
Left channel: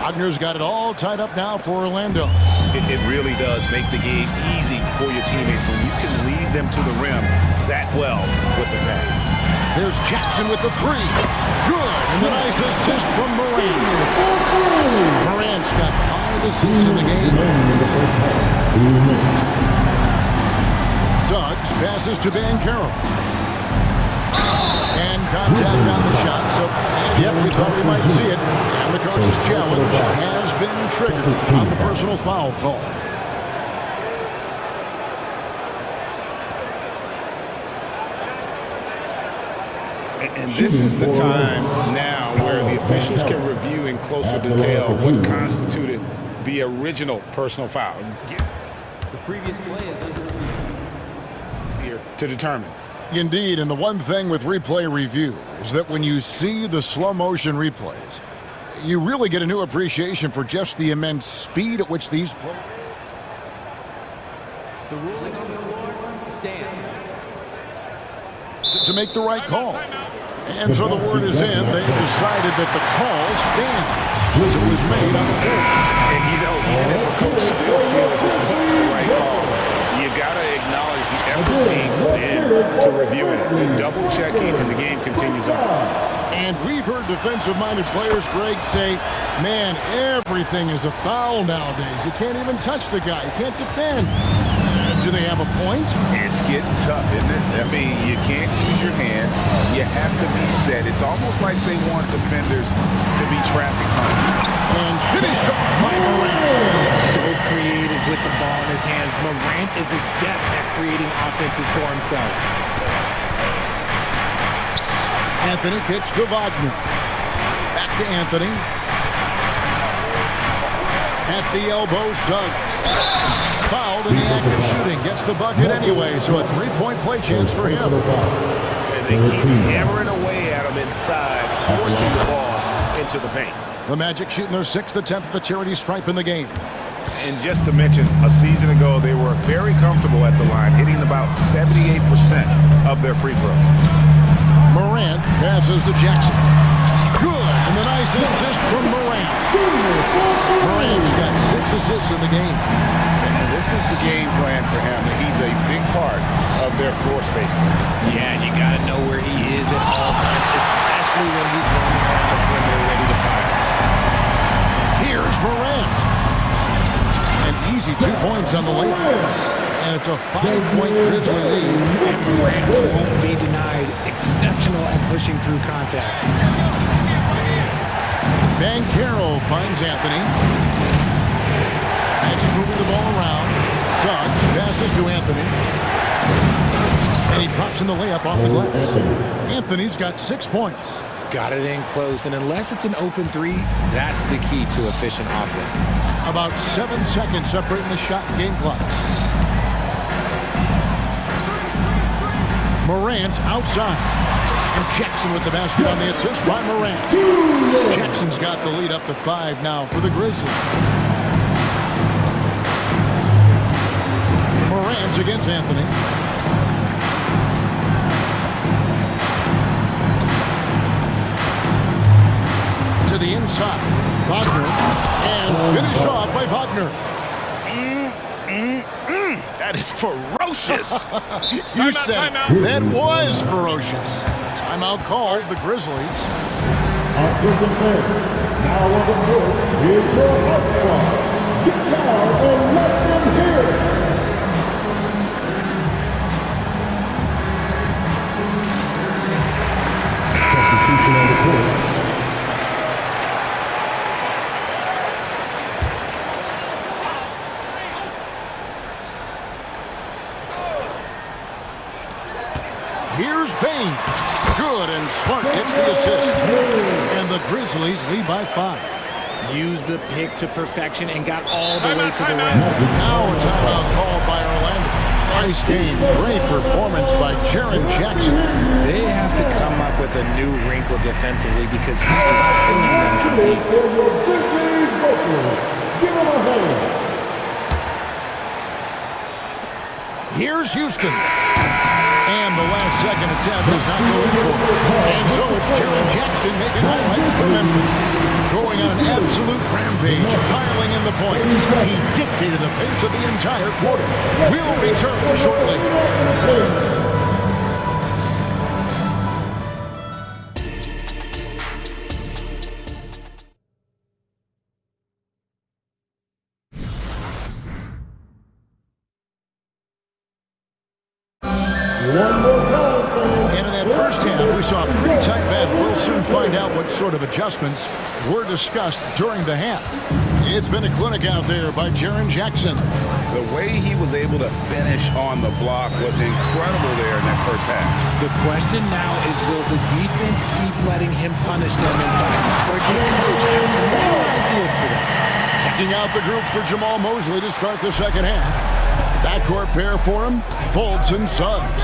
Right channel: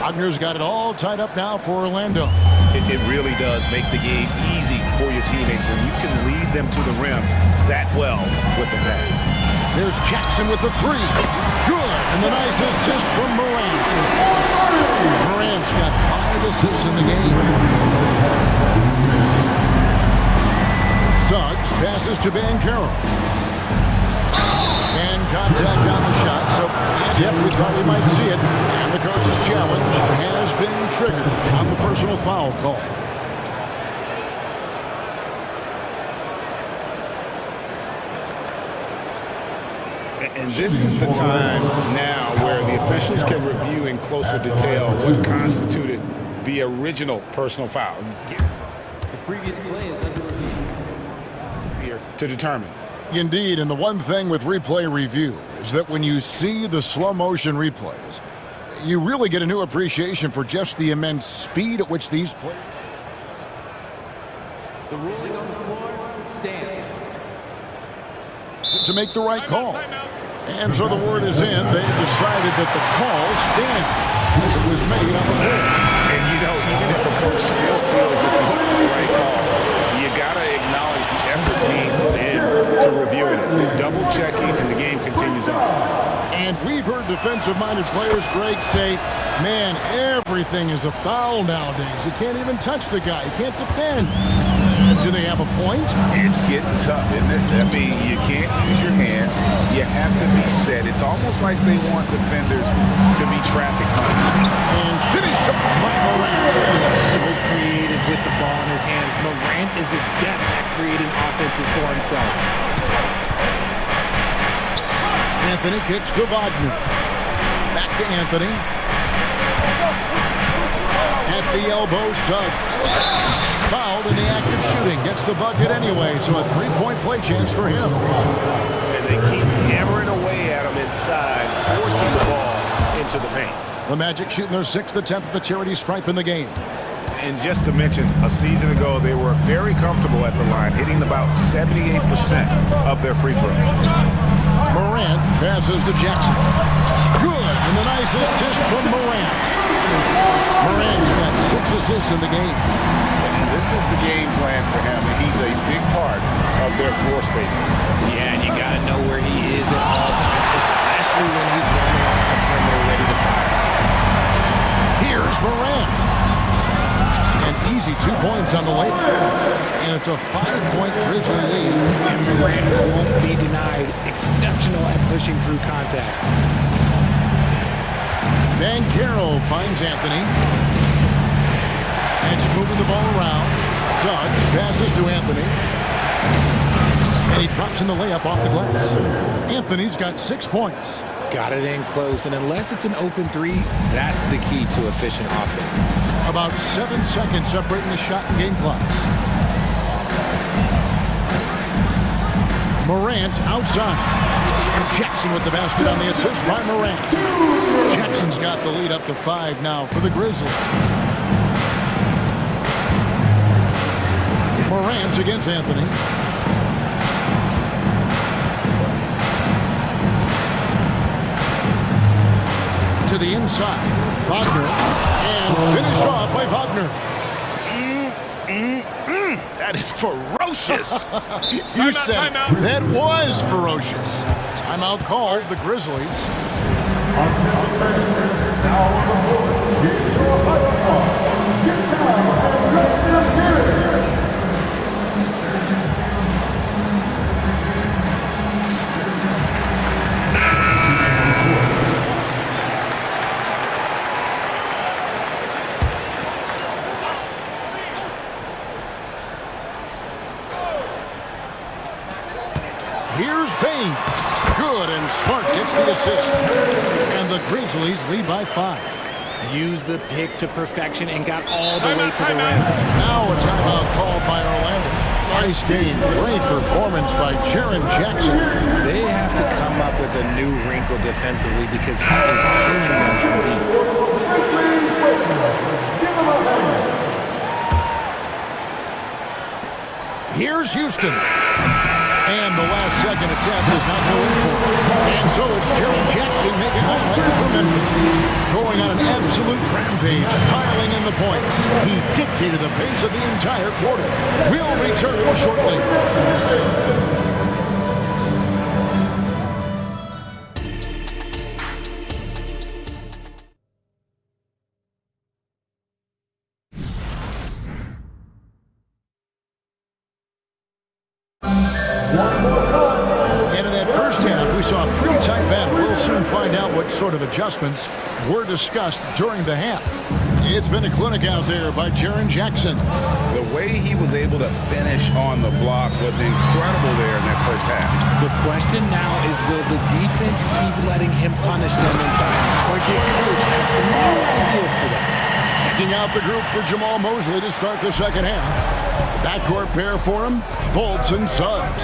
Wagner's got it all tied up now for Orlando. It really does make the game easy for your teammates when you can lead them to the rim that well with a pass. There's Jackson with the three. Good. And the nice assist from Morant. Morant's got 5 assists in the game. Suggs passes to Van Carroll. And contact on the shot. So, and yep, we thought we might see it. And the coach's challenge has been triggered on the personal foul call. And this is the time now where the officials can review in closer detail what constituted the original personal foul. The previous play is under review. Here to determine. Indeed, and the one thing with replay review is that when you see the slow motion replays, you really get a new appreciation for just the immense speed at which these players. The ruling on the floor stands. To make the right call. And so the word is in. They've decided that the call stands as it was made on the floor. And, you know, even if a coach still feels this wasn't the right call, you got to acknowledge the effort being put in to reviewing it. The double checking, and the game continues on. And we've heard defensive-minded players, Greg, say, man, everything is a foul nowadays. You can't even touch the guy. You can't defend. Do they have a point? It's getting tough, isn't it? I mean, you can't use your hands. You have to be set. It's almost like they want defenders to be traffic hunters. And finished off by Morant. So creative with the ball in his hands. Morant is adept at creating offenses for himself. Anthony kicks to Wagner. Back to Anthony. At the elbow, Suggs. Fouled in the act of shooting. Gets the bucket anyway, so a 3-point play chance for him. And they keep hammering away at him inside, forcing the ball into the paint. The Magic shooting their 6th attempt at the charity stripe in the game. And just to mention, a season ago, they were very comfortable at the line, hitting about 78% of their free throws. Morant passes to Jackson. Good, and the nice assist from Morant. Morant's got 6 assists in the game. And this is the game plan for him. He's a big part of their floor spacing. Yeah, and you got to know where he is at all times, especially when he's roaming around the perimeter ready to fire. Here's Morant. An easy 2 points on the layup. And it's a 5-point Grizzly lead. And Morant won't be denied. Exceptional at pushing through contact. Van Carroll finds Anthony. Magic moving the ball around. Suggs passes to Anthony. And he drops in the layup off the glass. Anthony's got 6 points. Got it in close, and unless it's an open three, that's the key to efficient offense. About 7 seconds separating the shot and game clocks. Morant outside. And Jackson with the basket on the assist by Morant. Jackson's got the lead up to 5 now for the Grizzlies. Morant against Anthony. To the inside. Wagner. And finished off by Wagner. That is ferocious. You said it. That was ferocious. Timeout called the Grizzlies. Now on the court, here's your hype boss. Get down and let them hear it. Substitution on the court. Here's Bain. Good, and Smart gets the assist. And the Grizzlies lead by 5. Used the pick to perfection and got all the way to the rim. Now a timeout called by Orlando. Nice game. Great performance by Jaren Jackson. They have to come up with a new wrinkle defensively because he is killing them from deep. Here's Houston. And the last second attempt does not go in for him. And so it's Jaren Jackson making highlights for Memphis. Going on an absolute rampage, piling in the points. He dictated the pace of the entire quarter. We'll return shortly. We saw a pretty tight battle. We'll soon find out what sort of adjustments were discussed during the half. It's been a clinic out there by Jaren Jackson. The way he was able to finish on the block was incredible there in that first half. The question now is, will the defense keep letting him punish them inside? Or did coach have some new ideas for them? Checking out the group for Jamal Mosley to start the second half. Backcourt pair for him, Fultz and Suggs.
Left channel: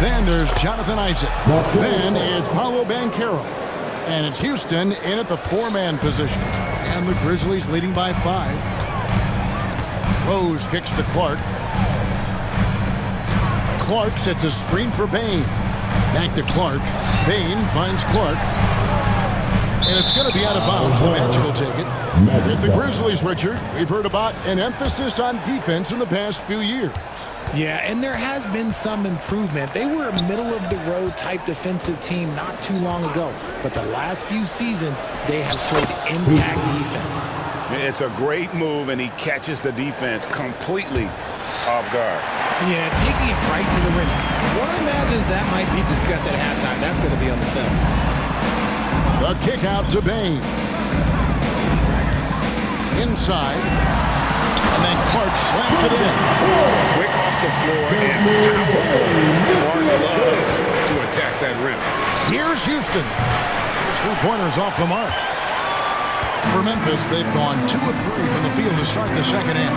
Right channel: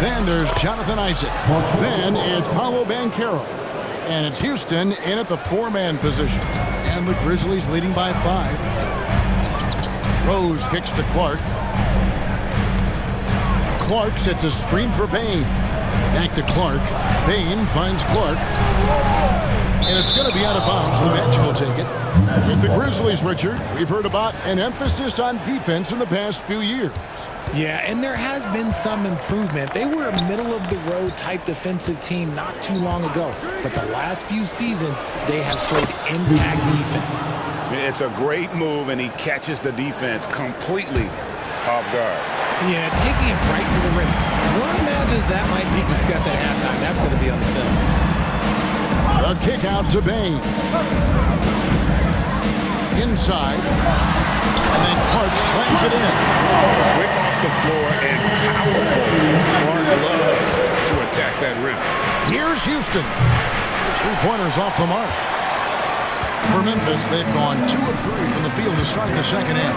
Then there's Jonathan Isaac. Then it's Paolo Banchero. And it's Houston in at the four-man position. And the Grizzlies leading by 5. Rose kicks to Clark. Clark sets a screen for Bane. Back to Clark. Bane finds Clark. And it's going to be out of bounds. The Magic will take it. With the Grizzlies, Richard, we've heard about an emphasis on defense in the past few years. Yeah, and there has been some improvement. They were a middle-of-the-road type defensive team not too long ago. But the last few seasons, they have played impact defense. It's a great move, and he catches the defense completely off guard. Yeah, taking it right to the rim. One imagines that might be discussed at halftime. That's going to be on the film. The kick out to Bane. Inside. And then Clark slams it in. Quick off the floor and powerful. Clark loves to attack that rim. Here's Houston. His three-pointers off the mark. For Memphis, they've gone 2 of 3 from the field to start the second half.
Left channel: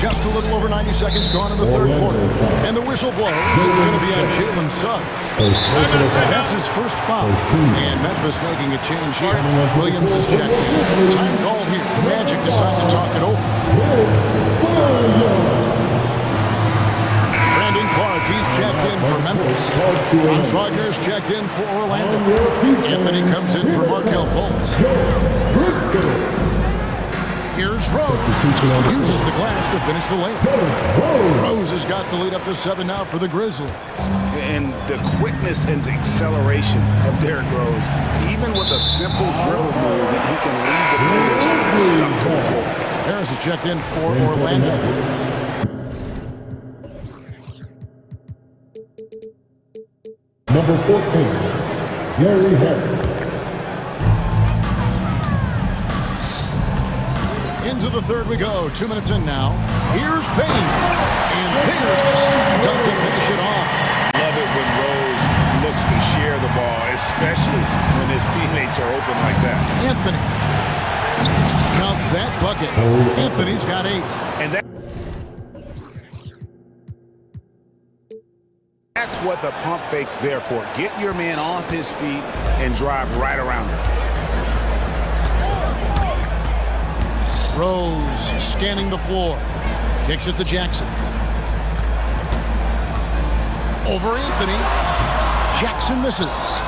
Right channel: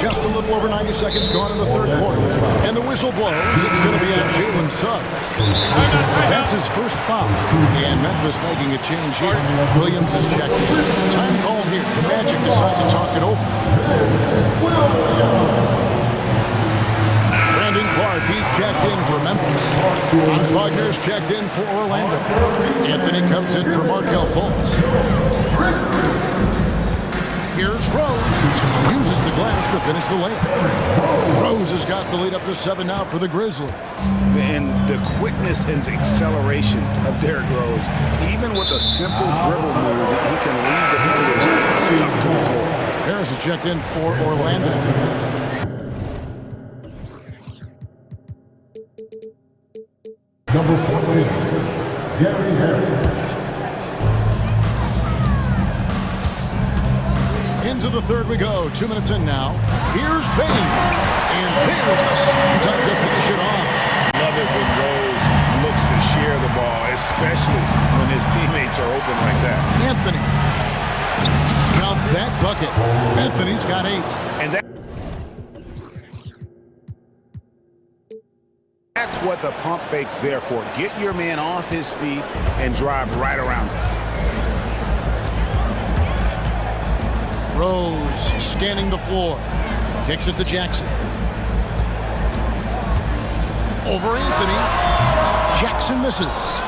Just a little over 90 seconds gone in the third quarter. And the whistle blows. It's going to be at Jalen Suggs. That's his first foul. And Memphis making a change here. Williams is checked in. Time call here. The Magic decide to talk it over. Brandon Clark, he's checked in for Memphis. Franz Wagner's checked in for Orlando. Anthony comes in for Markelle Fultz. Here's Rose. He uses the glass to finish the layup. Rose has got the lead up to 7 now for the Grizzlies. And the quickness and acceleration of Derrick Rose, even with a simple dribble move, he can leave defenders stuck to the floor. Harris is checked in for Orlando. Number 14, Gary Harris. Into the third we go. 2 minutes in now. Here's Bane. And there's the slam dunk to finish it off. Love it when Rose looks to share the ball, especially when his teammates are open like that. Anthony. Count that bucket. Anthony's got 8. And that's what the pump fake's there for. Get your man off his feet and drive right around him. Rose scanning the floor. Kicks it to Jackson. Over Anthony. Jackson misses.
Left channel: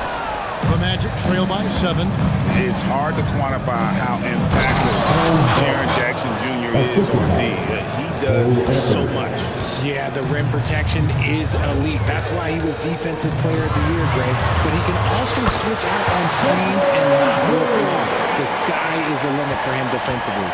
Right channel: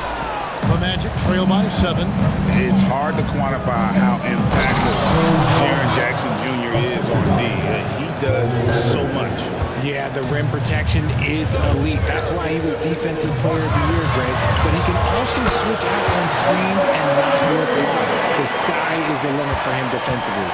The Magic trail by 7. It's hard to quantify how impactful Jaren Jackson Jr. is on D. He does so much. Yeah, the rim protection is elite. That's why he was Defensive Player of the Year, Greg. But he can also switch out on screens and not look lost. The sky is the limit for him defensively.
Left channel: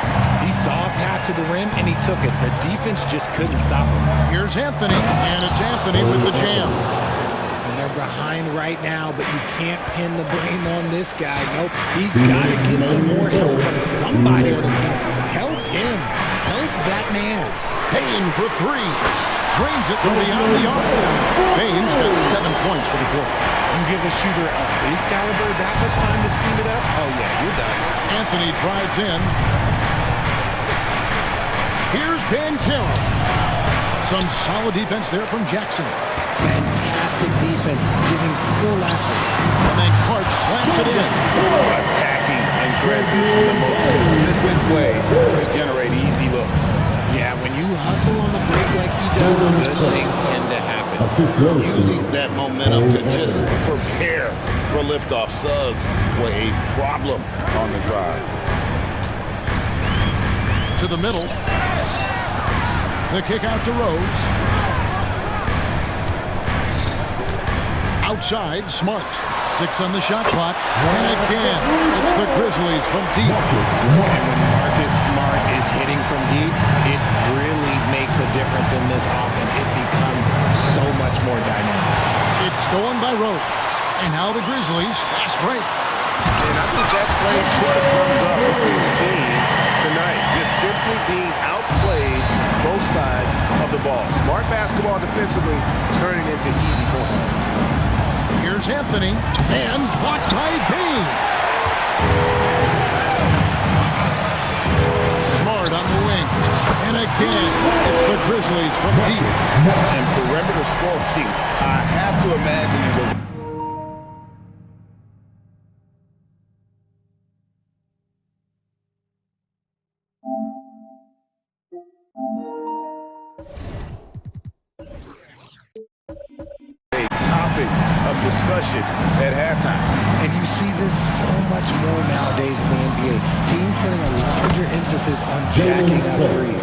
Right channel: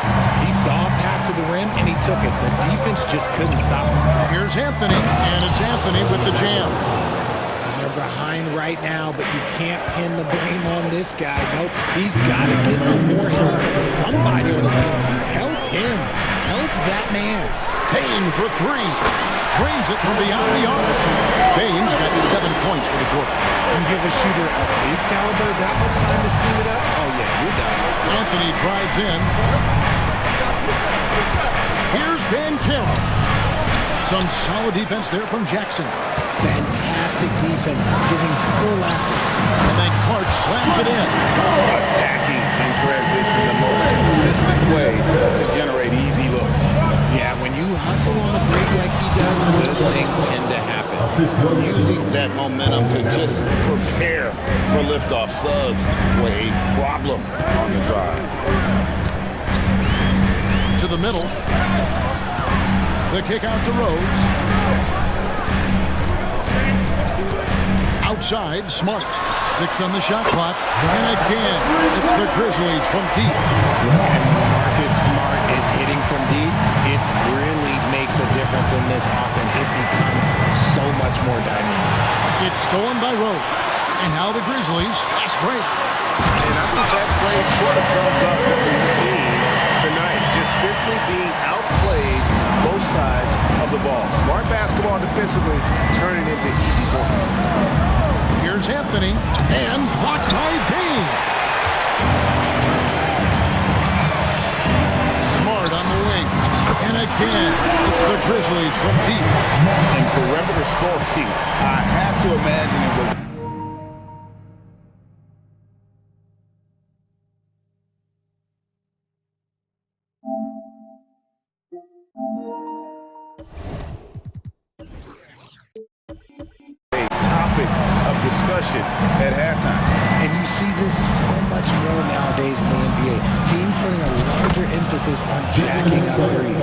He saw a path to the rim, and he took it. The defense just couldn't stop him. Here's Anthony, and it's Anthony with the jam. And they're behind right now, but you can't pin the blame on this guy. Nope, he's got to get some more help from somebody on his team. Help him. Help that man. Bane for 3. Drains it from beyond the arc. Bane's got 7 points for the quarter. You give a shooter of his caliber that much time to seam it up? Oh, yeah, you're done. Anthony drives in. Here's Bancaro. Some solid defense there from Jackson. Fantastic defense, giving full effort. And then Clark slams it in. Attacking in transition, the most consistent way to generate easy looks. Yeah, when you hustle on the break like he does, good things tend to happen. Using that momentum to just prepare for liftoff. Suggs were a problem on the drive. To the middle. The kick out to Rose. Outside, Smart. 6 on the shot clock. And again, it's the Grizzlies from deep. And when Marcus Smart is hitting from deep, it really makes a difference in this offense. It becomes so much more dynamic. It's stolen by Rose. And now the Grizzlies fast break. And I think that play sort of sums up what we've seen tonight. Just simply being outplayed both sides of the ball. Smart basketball defensively turning into easy points. Here's Anthony, and blocked by Bean. Smart on the wing. And again, it's the Grizzlies from deep. And perimeter scoring, I have to imagine it was... of discussion at halftime. And you see this so much more nowadays in the NBA. Teams putting a larger emphasis on jacking up threes.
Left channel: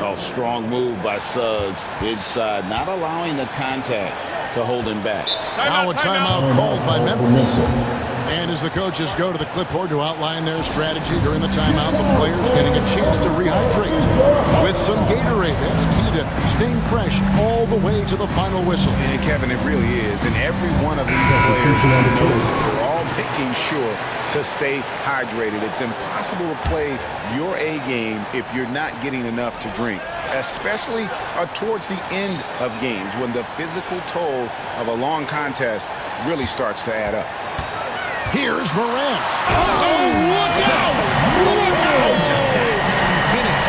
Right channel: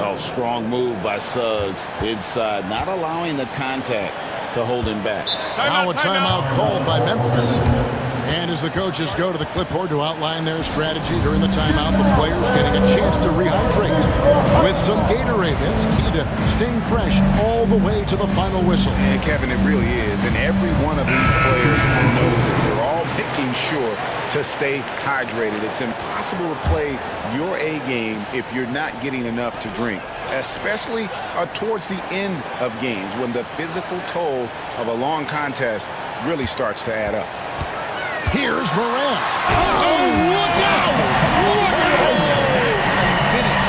Oh, strong move by Suggs inside, not allowing the contact to hold him back. Now a timeout called by Memphis. And as the coaches go to the clipboard to outline their strategy during the timeout, the players getting a chance to rehydrate with some Gatorade. That's key to staying fresh all the way to the final whistle. And Kevin, it really is. And every one of these players knows it. They're all making sure to stay hydrated. It's impossible to play your A game if you're not getting enough to drink, especially towards the end of games when the physical toll of a long contest really starts to add up. Here's Morant. Oh, look out! Look out! That's how you finish.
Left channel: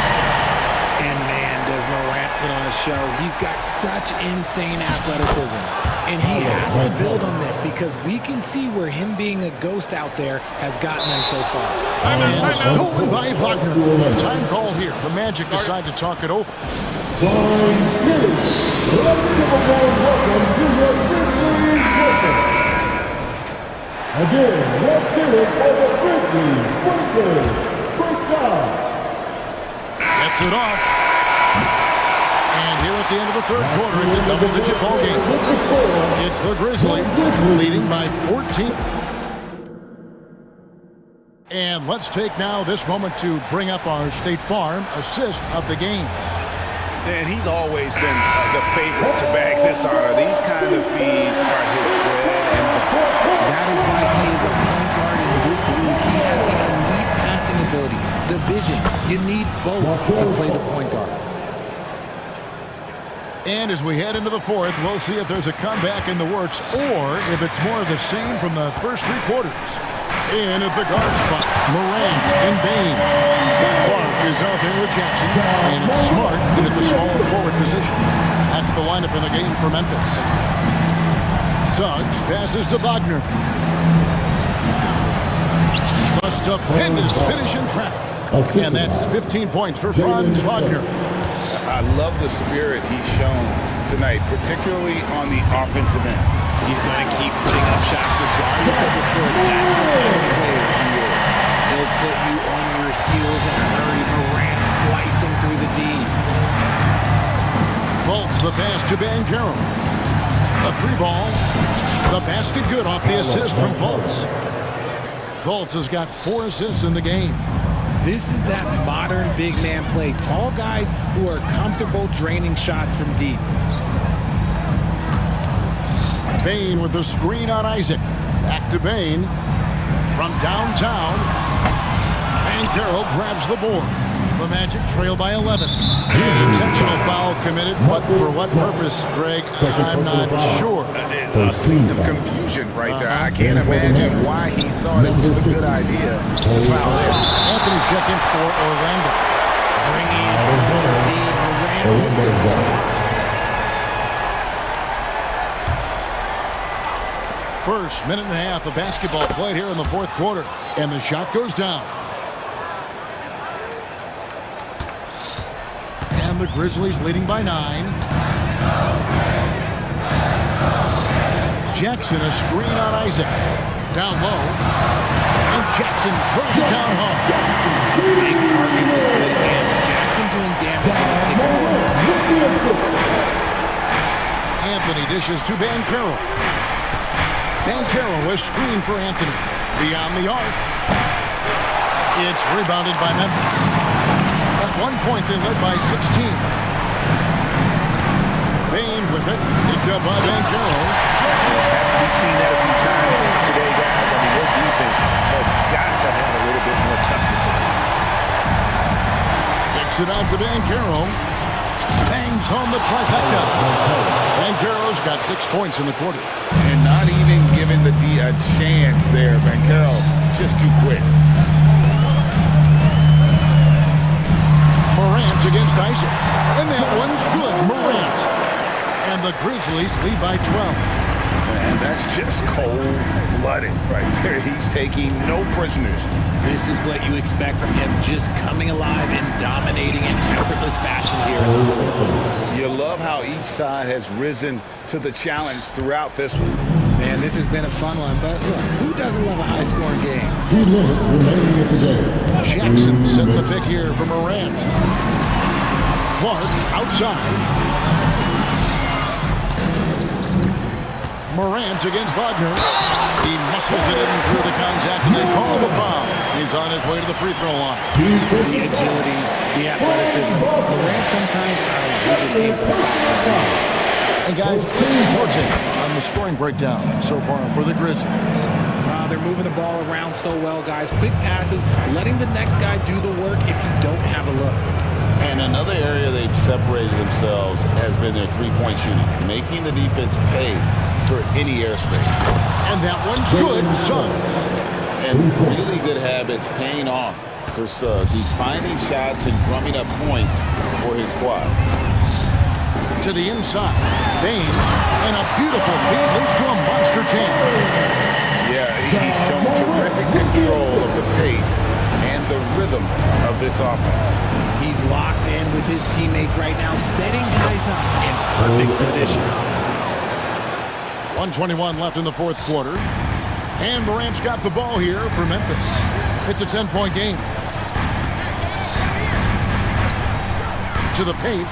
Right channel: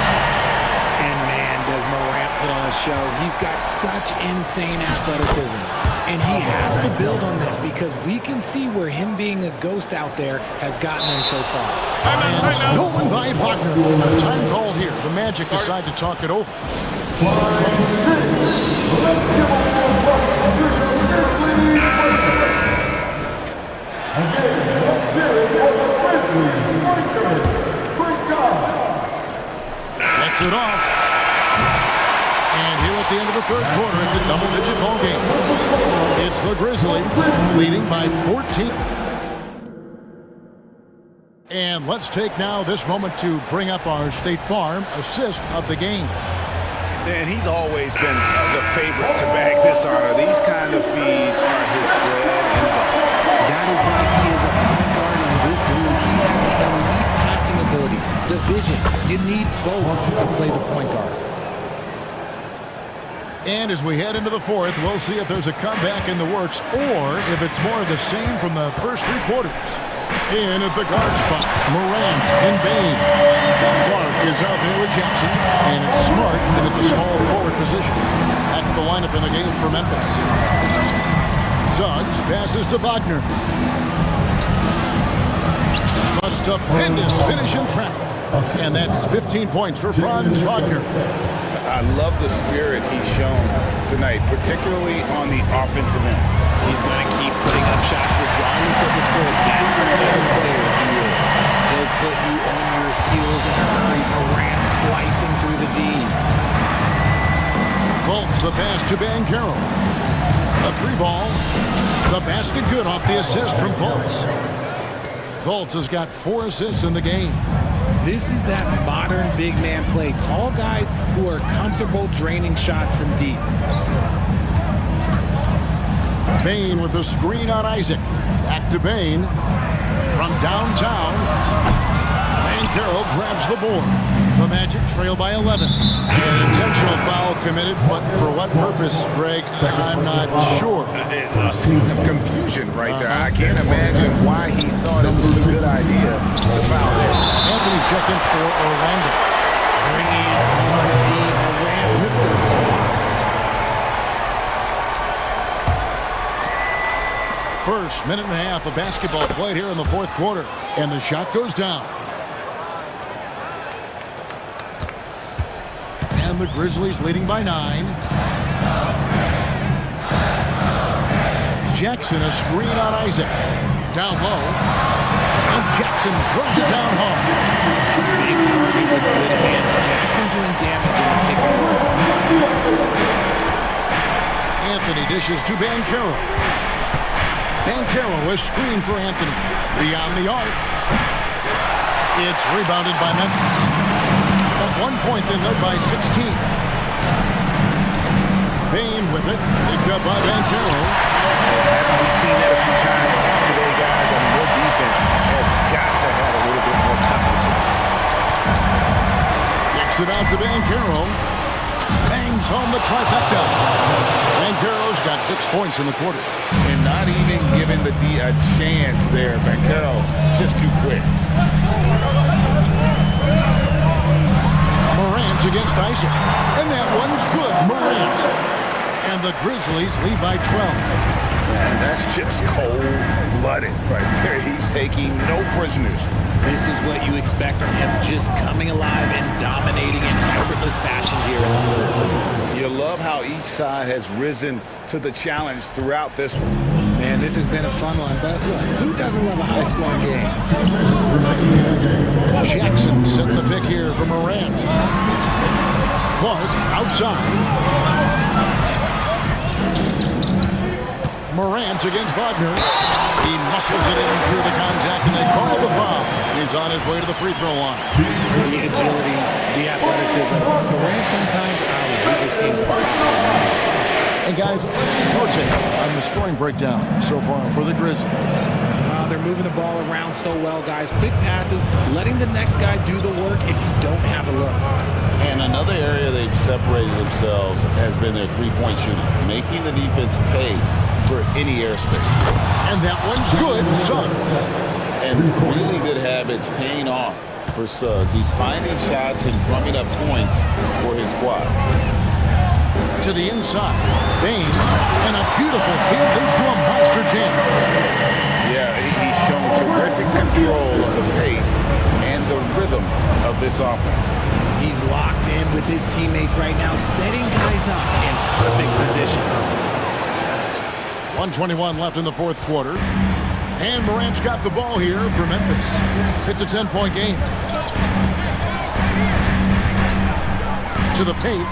And man, does Morant put on a show. He's got such insane athleticism. And he has to build on this because we can see where him being a ghost out there has gotten them so far. And stolen by Wagner. Time call here. The Magic decide to talk it over. 5-6. Let's give a warm welcome to your Grizzlies breakers. Again, let's hear it for the Grizzlies breakers. Break time. Gets it off. And here at the end of the third quarter, it's a double-digit ball game. It's the Grizzlies leading by 14. And let's take now this moment to bring up our State Farm assist of the game. And he's always been the favorite to bag this honor. These kind of feeds are his bread and butter. That is why he is a point guard in this league. He has the elite passing ability, the vision. You need both to play the point guard. And as we head into the fourth, we'll see if there's a comeback in the works or if it's more of the same from the first 3 quarters. In at the guard spots, Morant and Bain. Clark is out there with Jackson, and it's Smart in at the small forward position. That's the lineup in the game for Memphis. Suggs passes to Wagner. A stupendous finish in traffic. And that's 15 points for Franz Wagner. I love the spirit he's shown tonight, particularly on the offensive end. He's going to keep putting up shots regardless of the score. That's the kind of player he is. He'll put you on your heels in a hurry. Morant slicing through the D. Fultz the pass to Bancaro. A 3 ball. The basket good off the assist from Fultz. Fultz has got 4 assists in the game. This is that modern big man play. Tall guys who are comfortable draining shots from deep. Bain with the screen on Isaac. Back to Bain. From downtown. Bancaro grabs the board. The Magic trail by 11. An intentional foul committed, but for what purpose, Greg, I'm not sure. A scene of confusion right there. I can't imagine why he thought it was a good idea to foul there. Anthony's checked in for Orlando. Bringing it on deep. Morant with the swat. First minute and a half of basketball played here in the fourth quarter. And the shot goes down. And the Grizzlies leading by 9. Jackson, a screen on Isaac. Down low. And Jackson throws it down hard. A big target with good hands. Jackson doing damage in the pick and roll. Anthony dishes to Banchero. Banchero is screened for Anthony. Beyond the arc. It's rebounded by Memphis. At one point, they led by 16. Bane with it. Picked up by Banchero. Haven't we seen that a few times today, guys? I mean, your defense has got to have a little bit more toughness in it. Kicks it out to Banchero. Bangs home the trifecta. Banchero's got 6 points in the quarter. And not even giving the D a chance there. Banchero just too quick. Morant against Isaac. And that one's good. Morant. And the Grizzlies lead by 12. Man, that's just cold-blooded right there. He's taking no prisoners. This is what you expect from him, just coming alive and dominating in effortless fashion here in the fourth. You love how each side has risen to the challenge throughout this one. Man, this has been a fun one, but look, who doesn't love a high-scoring game? 2 minutes remaining in the game. Jackson setting the pick here for Morant. Clark outside. Morant against Wagner. He muscles it in through the contact, and they call the foul. He's on his way to the free throw line. The agility, the athleticism. Morant sometimes, he just seems unstoppable. And guys, let's see your take on the scoring breakdown so far for the Grizzlies. They're moving the ball around so well, guys. Quick passes, letting the next guy do the work if you don't have a look. And another area they've separated themselves has been their three-point shooting, making the defense pay for any airspace. And that one's good, Suggs. And really good habits paying off for Suggs. He's finding shots and drumming up points for his squad. To the inside, Bane, and a beautiful feed leads to a monster jam. Yeah, he's shown terrific control of the pace and the rhythm of this offense. He's locked in with his teammates right now, setting guys up in perfect position. 1:21 left in the fourth quarter. And Morant's got the ball here for Memphis. It's a 10-point game. To the paint.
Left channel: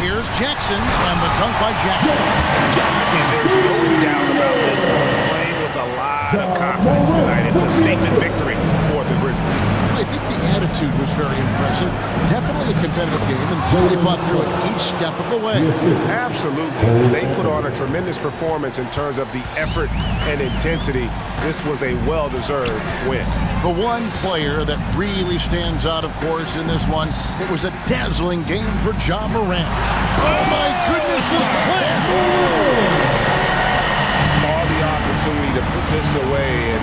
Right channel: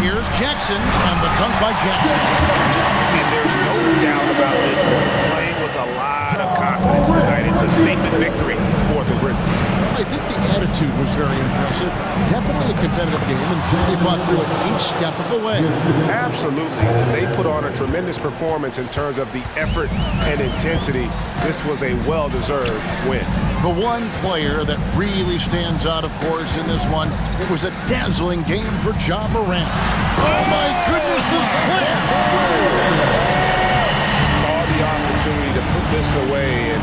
Here's Jackson, and the dunk by Jackson. And there's no doubt about this one. Playing with a lot of confidence tonight. It's a statement victory for the Grizzlies. I think the attitude was very impressive. Definitely a competitive game, and they fought through it each step of the way. Absolutely. They put on a tremendous performance in terms of the effort and intensity. This was a well-deserved win. The one player that really stands out, of course, in this one, it was a dazzling game for Ja Morant. Oh, my goodness, the slam! Saw the opportunity to put this away and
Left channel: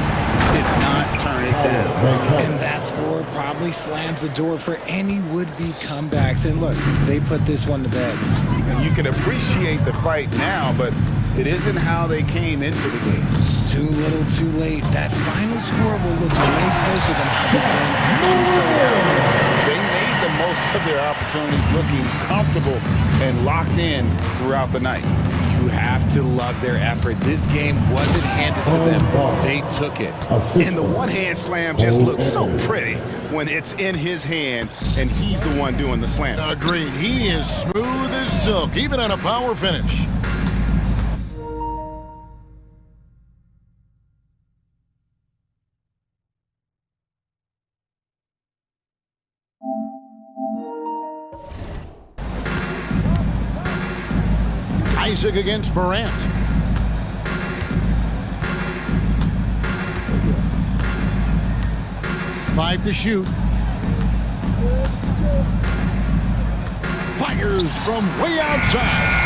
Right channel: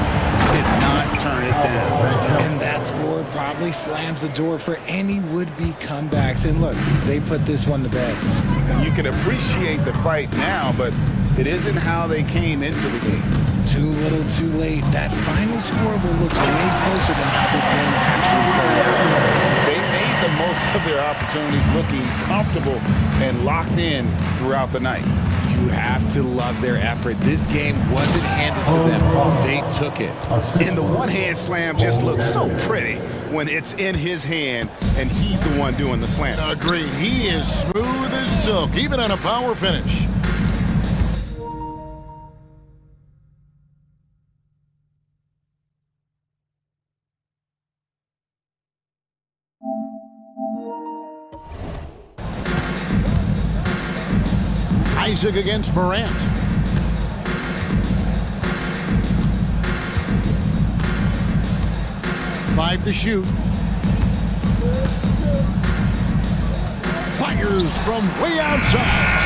did not turn it down. And that score probably slams the door for any would-be comebacks. And look, they put this one to bed. And you can appreciate the fight now, but it isn't how they came into the game. Too little, too late. That final score will look way closer than how this game actually played out. They made the most of their opportunities, looking comfortable and locked in throughout the night. You have to love their effort. This game wasn't handed to them. They took it. And the one-hand slam just looks so pretty when it's in his hand and he's the one doing the slam. Agreed. He is smooth as silk, even on a power finish. Isaac against Morant. Five to shoot. Fires from way outside.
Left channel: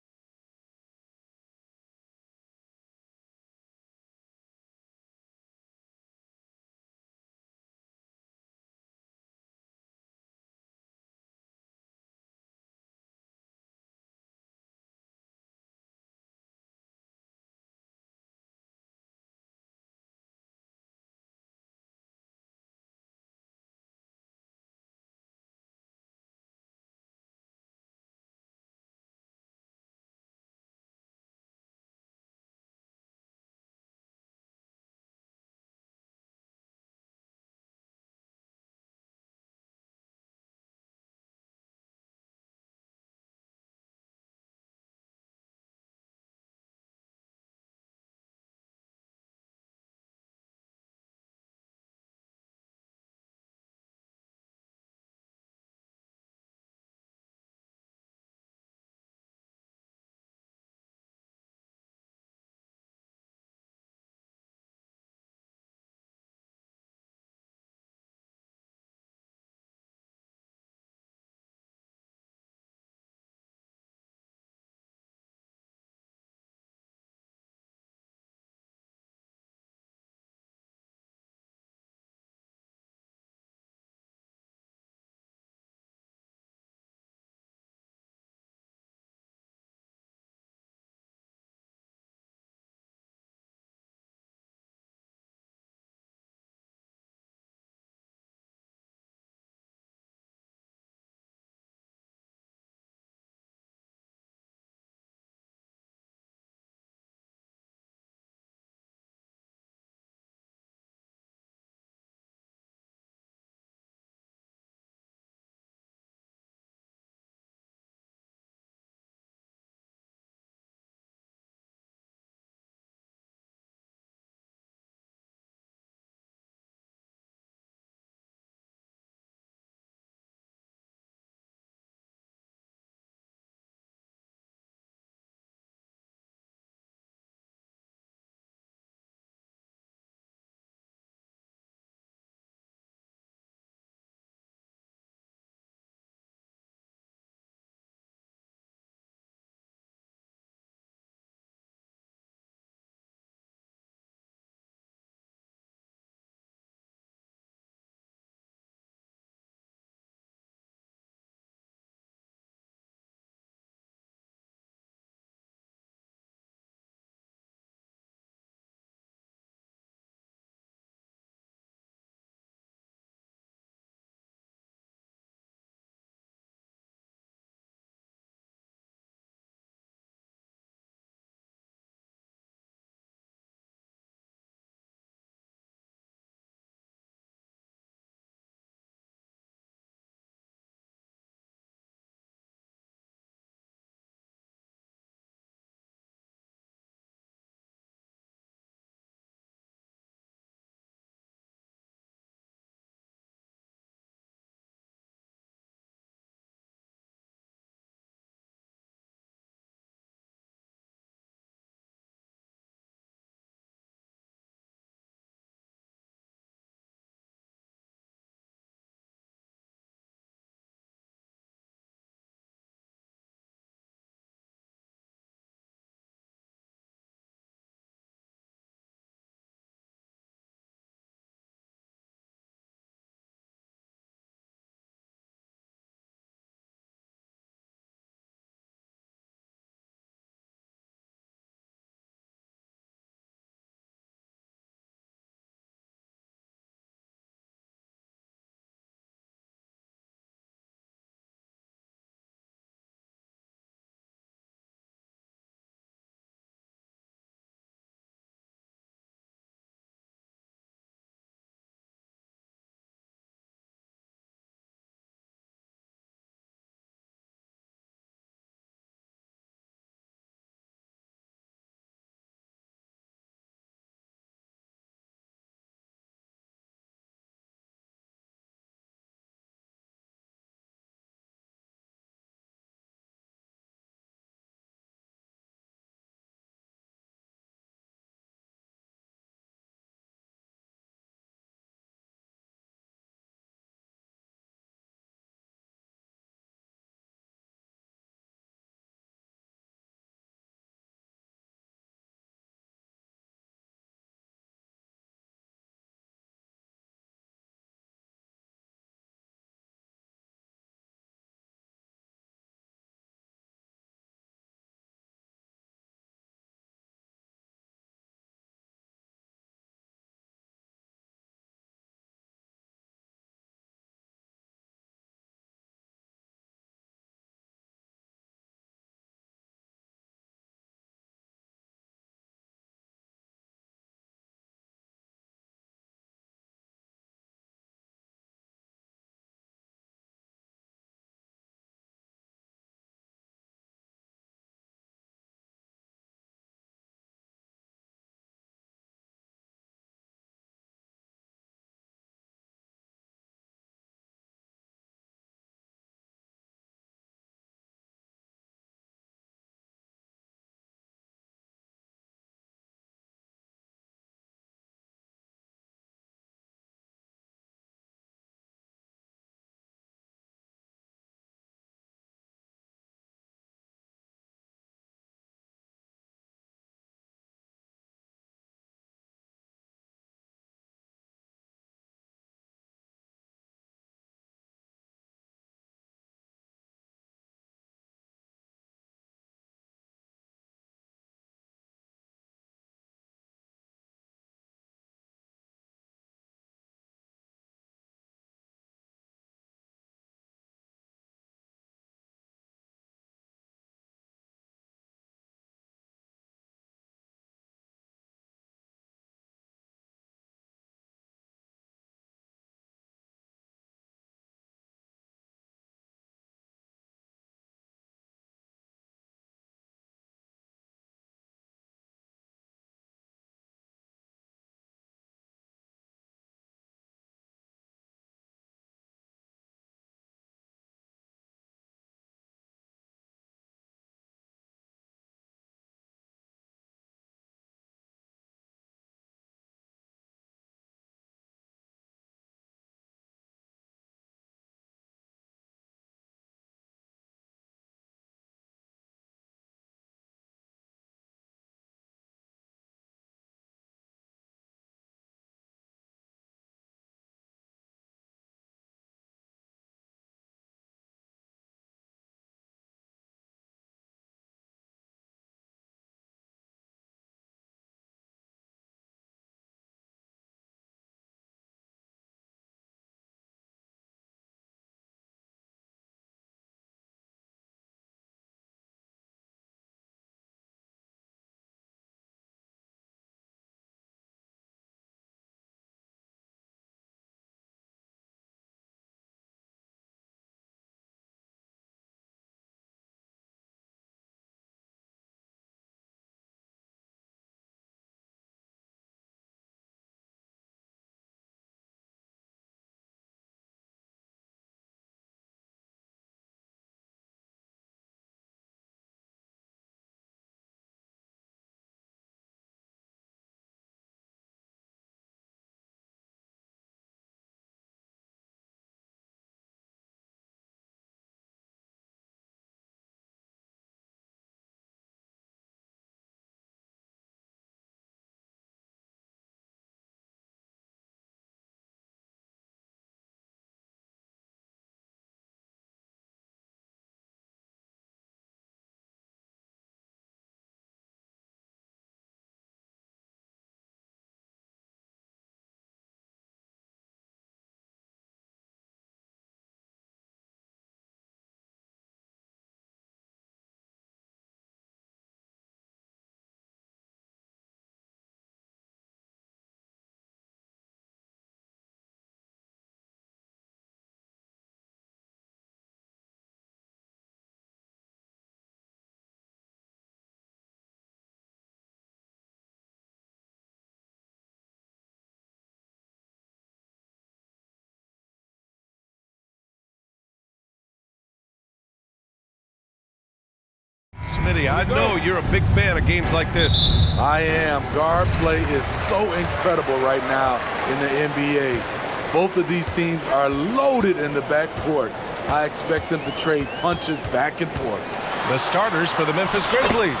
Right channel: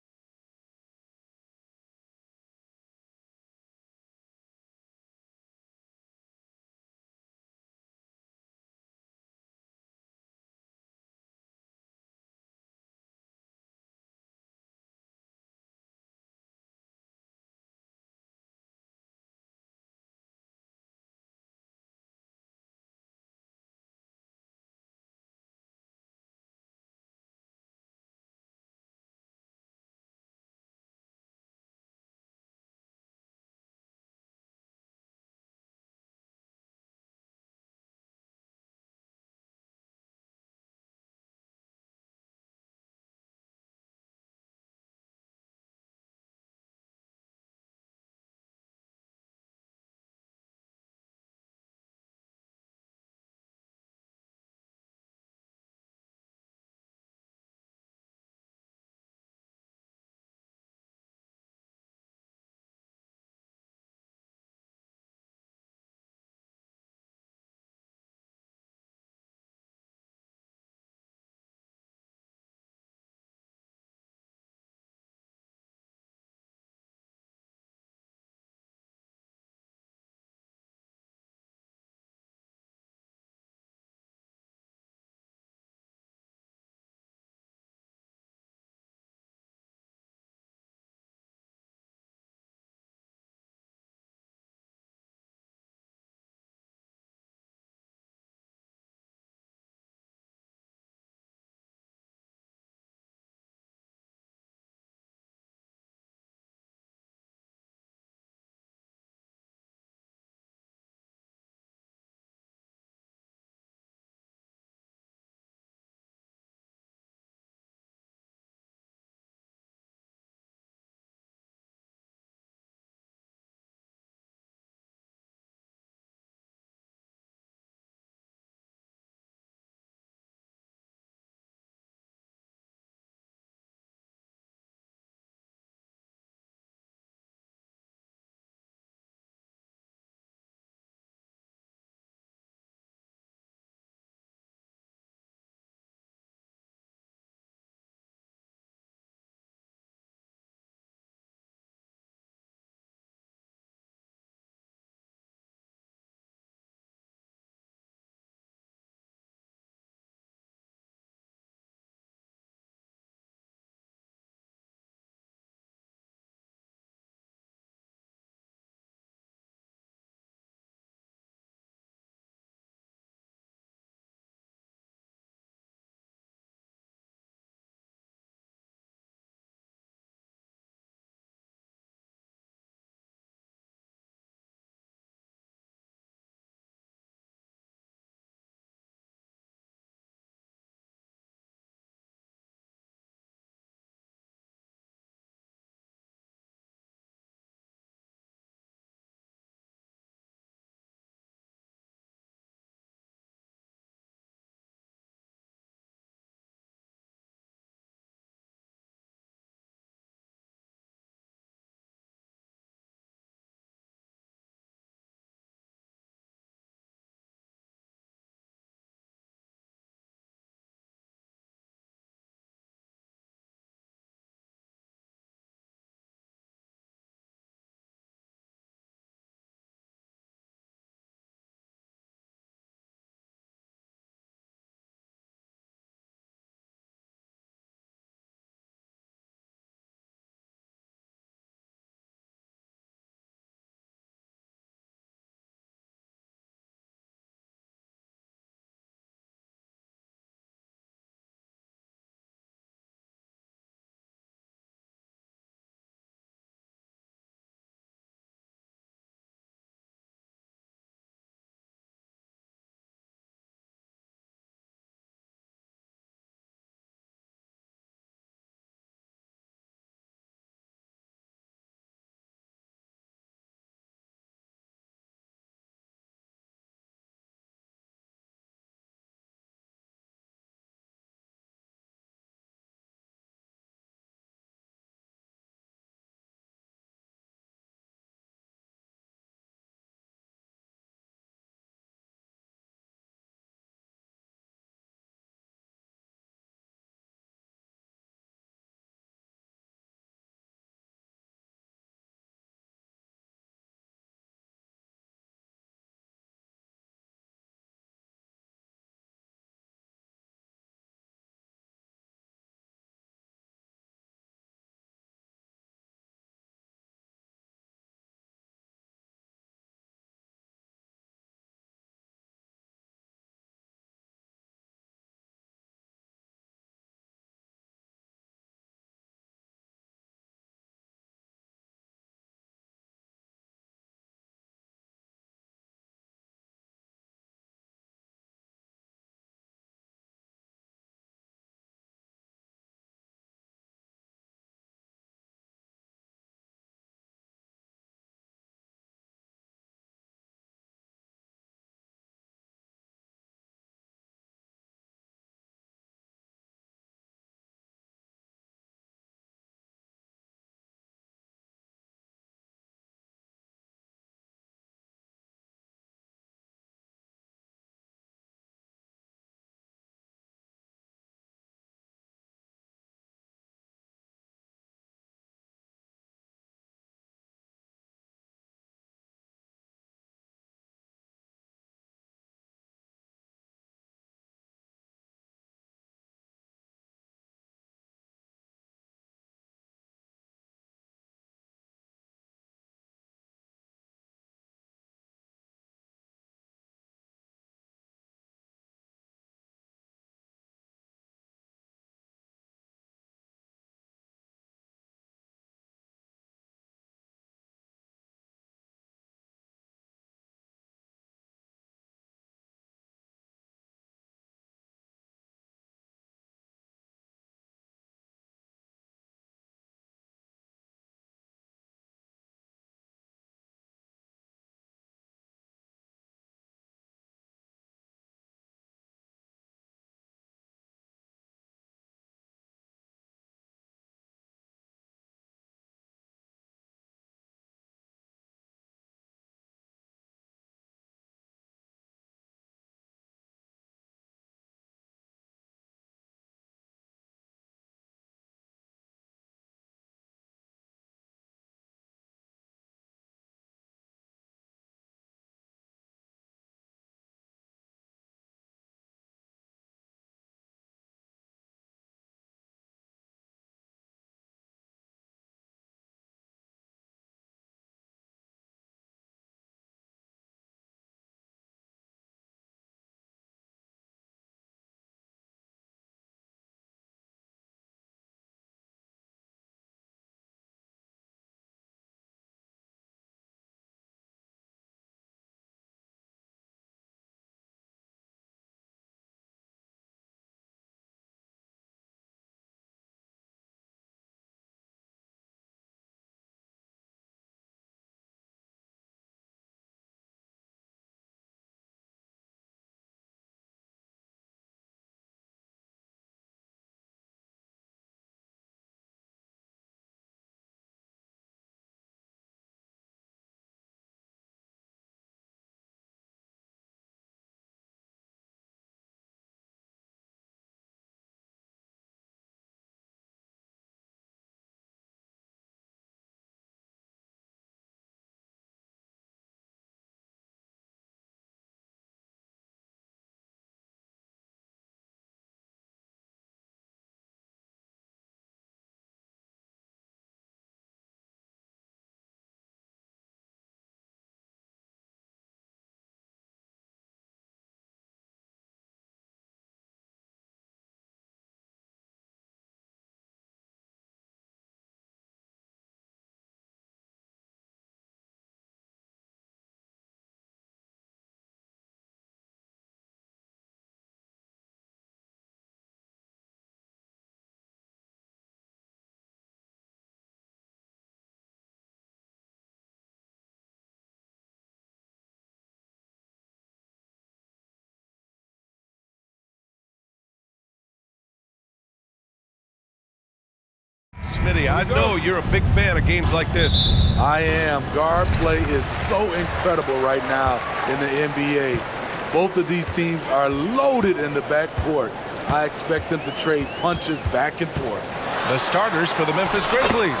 Smitty, I know you're a big fan of games like this. I am. Guard play is so incredible right now in the NBA. Both of these teams are loaded in the backcourt. I expect them to trade punches back and forth. The starters for the Memphis Grizzlies.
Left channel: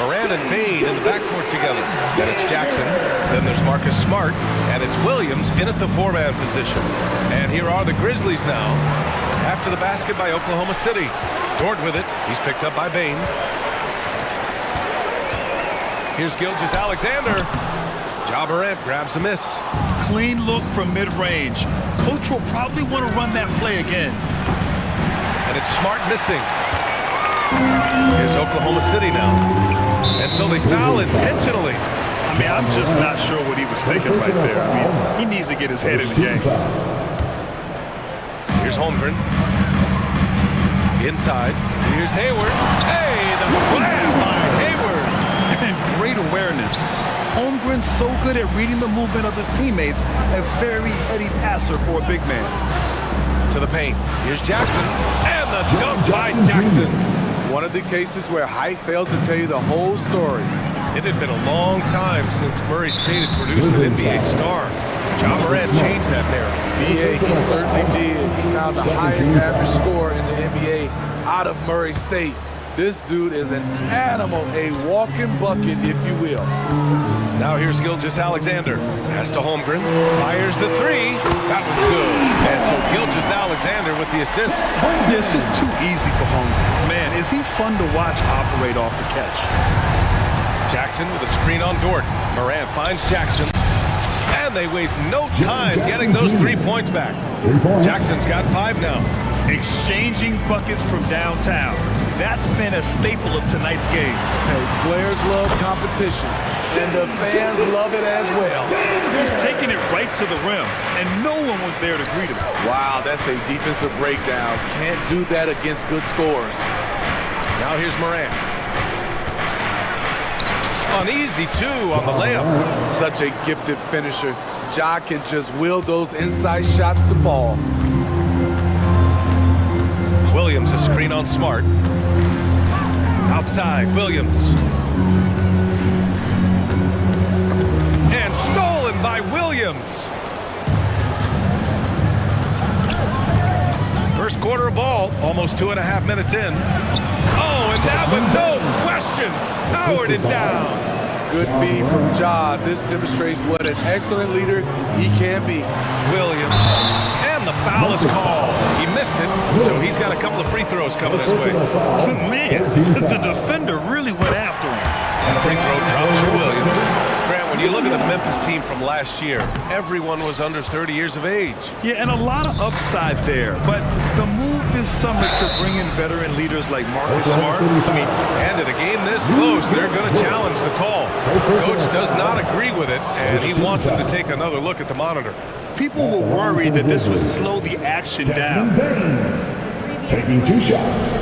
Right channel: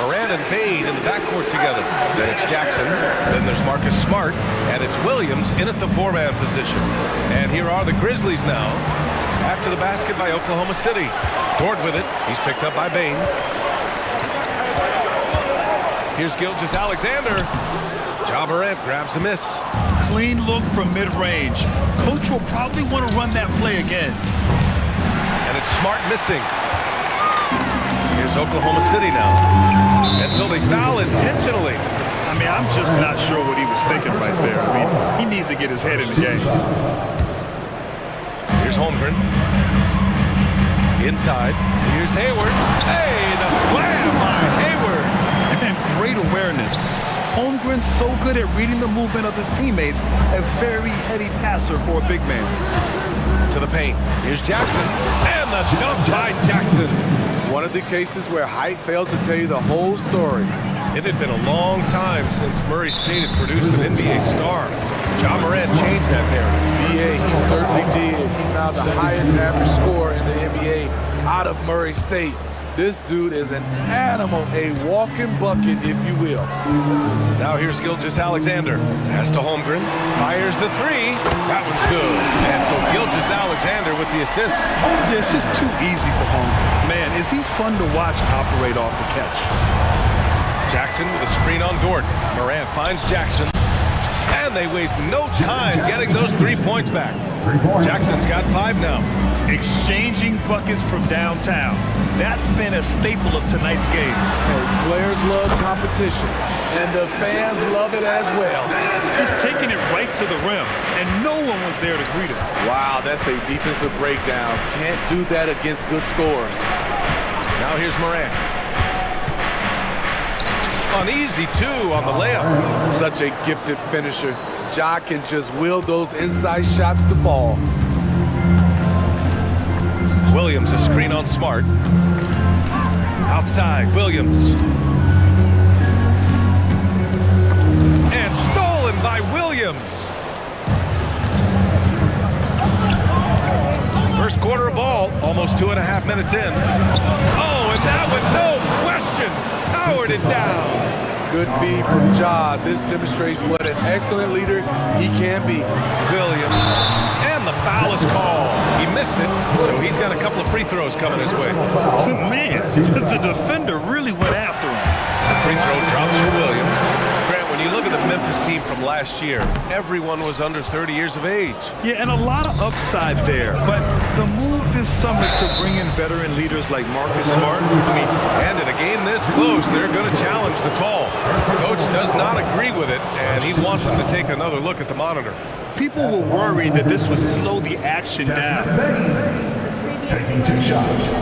Moran and Bain in the backcourt together. Then it's Jackson. Then there's Marcus Smart. And it's Williams in at the four-man position. And here are the Grizzlies now. After the basket by Oklahoma City. Dort with it. He's picked up by Bain. Here's Gilgeous-Alexander. Ja Morant grabs the miss. Clean look from mid-range. Coach will probably want to run that play again. And it's Smart missing. Here's Oklahoma City now. And so they foul intentionally. I mean, I'm just not sure what he was thinking right there. I mean, he needs to get his head in the game. Here's Holmgren. Inside. Here's Hayward. Hey, the slam by Hayward. And great awareness. Holmgren's so good at reading the movement of his teammates. A very heady passer for a big man. To the paint. Here's Jackson. And the dunk by Jackson. One of the cases where height fails to tell you the whole story. It had been a long time since Murray State had produced an NBA star. Ja Morant changed that narrative. BA, he certainly did. He's now the highest average scorer in the NBA out of Murray State. This dude is an animal, a walking bucket, if you will. Now here's Gilgeous-Alexander. Pass to Holmgren. Fires the three. That one's good. And so Gilgeous-Alexander with the assist. Yeah, it's just too easy for Holmgren. Man, is he fun to watch operate off the catch. Jackson with a screen on Dort. Morant finds Jackson. And they waste no time getting those 3 points back. 3 points. Jackson's got 5 now. Exchanging buckets from downtown. That's been a staple of tonight's game. Hey, players love competition, and the fans love it as well. Just taking it right to the rim, and no one was there to greet him. Wow, that's a defensive breakdown. Can't do that against good scorers. Now here's Morant. Uneasy, too, on the layup. Such a gifted finisher. Ja can just will those inside shots to fall. Williams, a screen on Smart. Outside, Williams. And stolen by Williams. First quarter of ball, almost 2.5 minutes in. Oh, and that one, no question, powered it down. Good feed from Ja. This demonstrates what an excellent leader he can be. Williams, and the foul is called. He missed it, so he's got a couple of free throws coming his way. Man, the defender really went after him. The free throw drops for Williams. Grant, when you look at the Memphis team from last year, everyone was under 30 years of age. Yeah, and a lot of upside there. But the move this summer to bring in veteran leaders like Marcus Smart, and in a game this close, they're going to challenge the call. Coach does not agree with it, and he wants them to take another look at the monitor. People were worried that this would slow the action down. Taking 2 shots.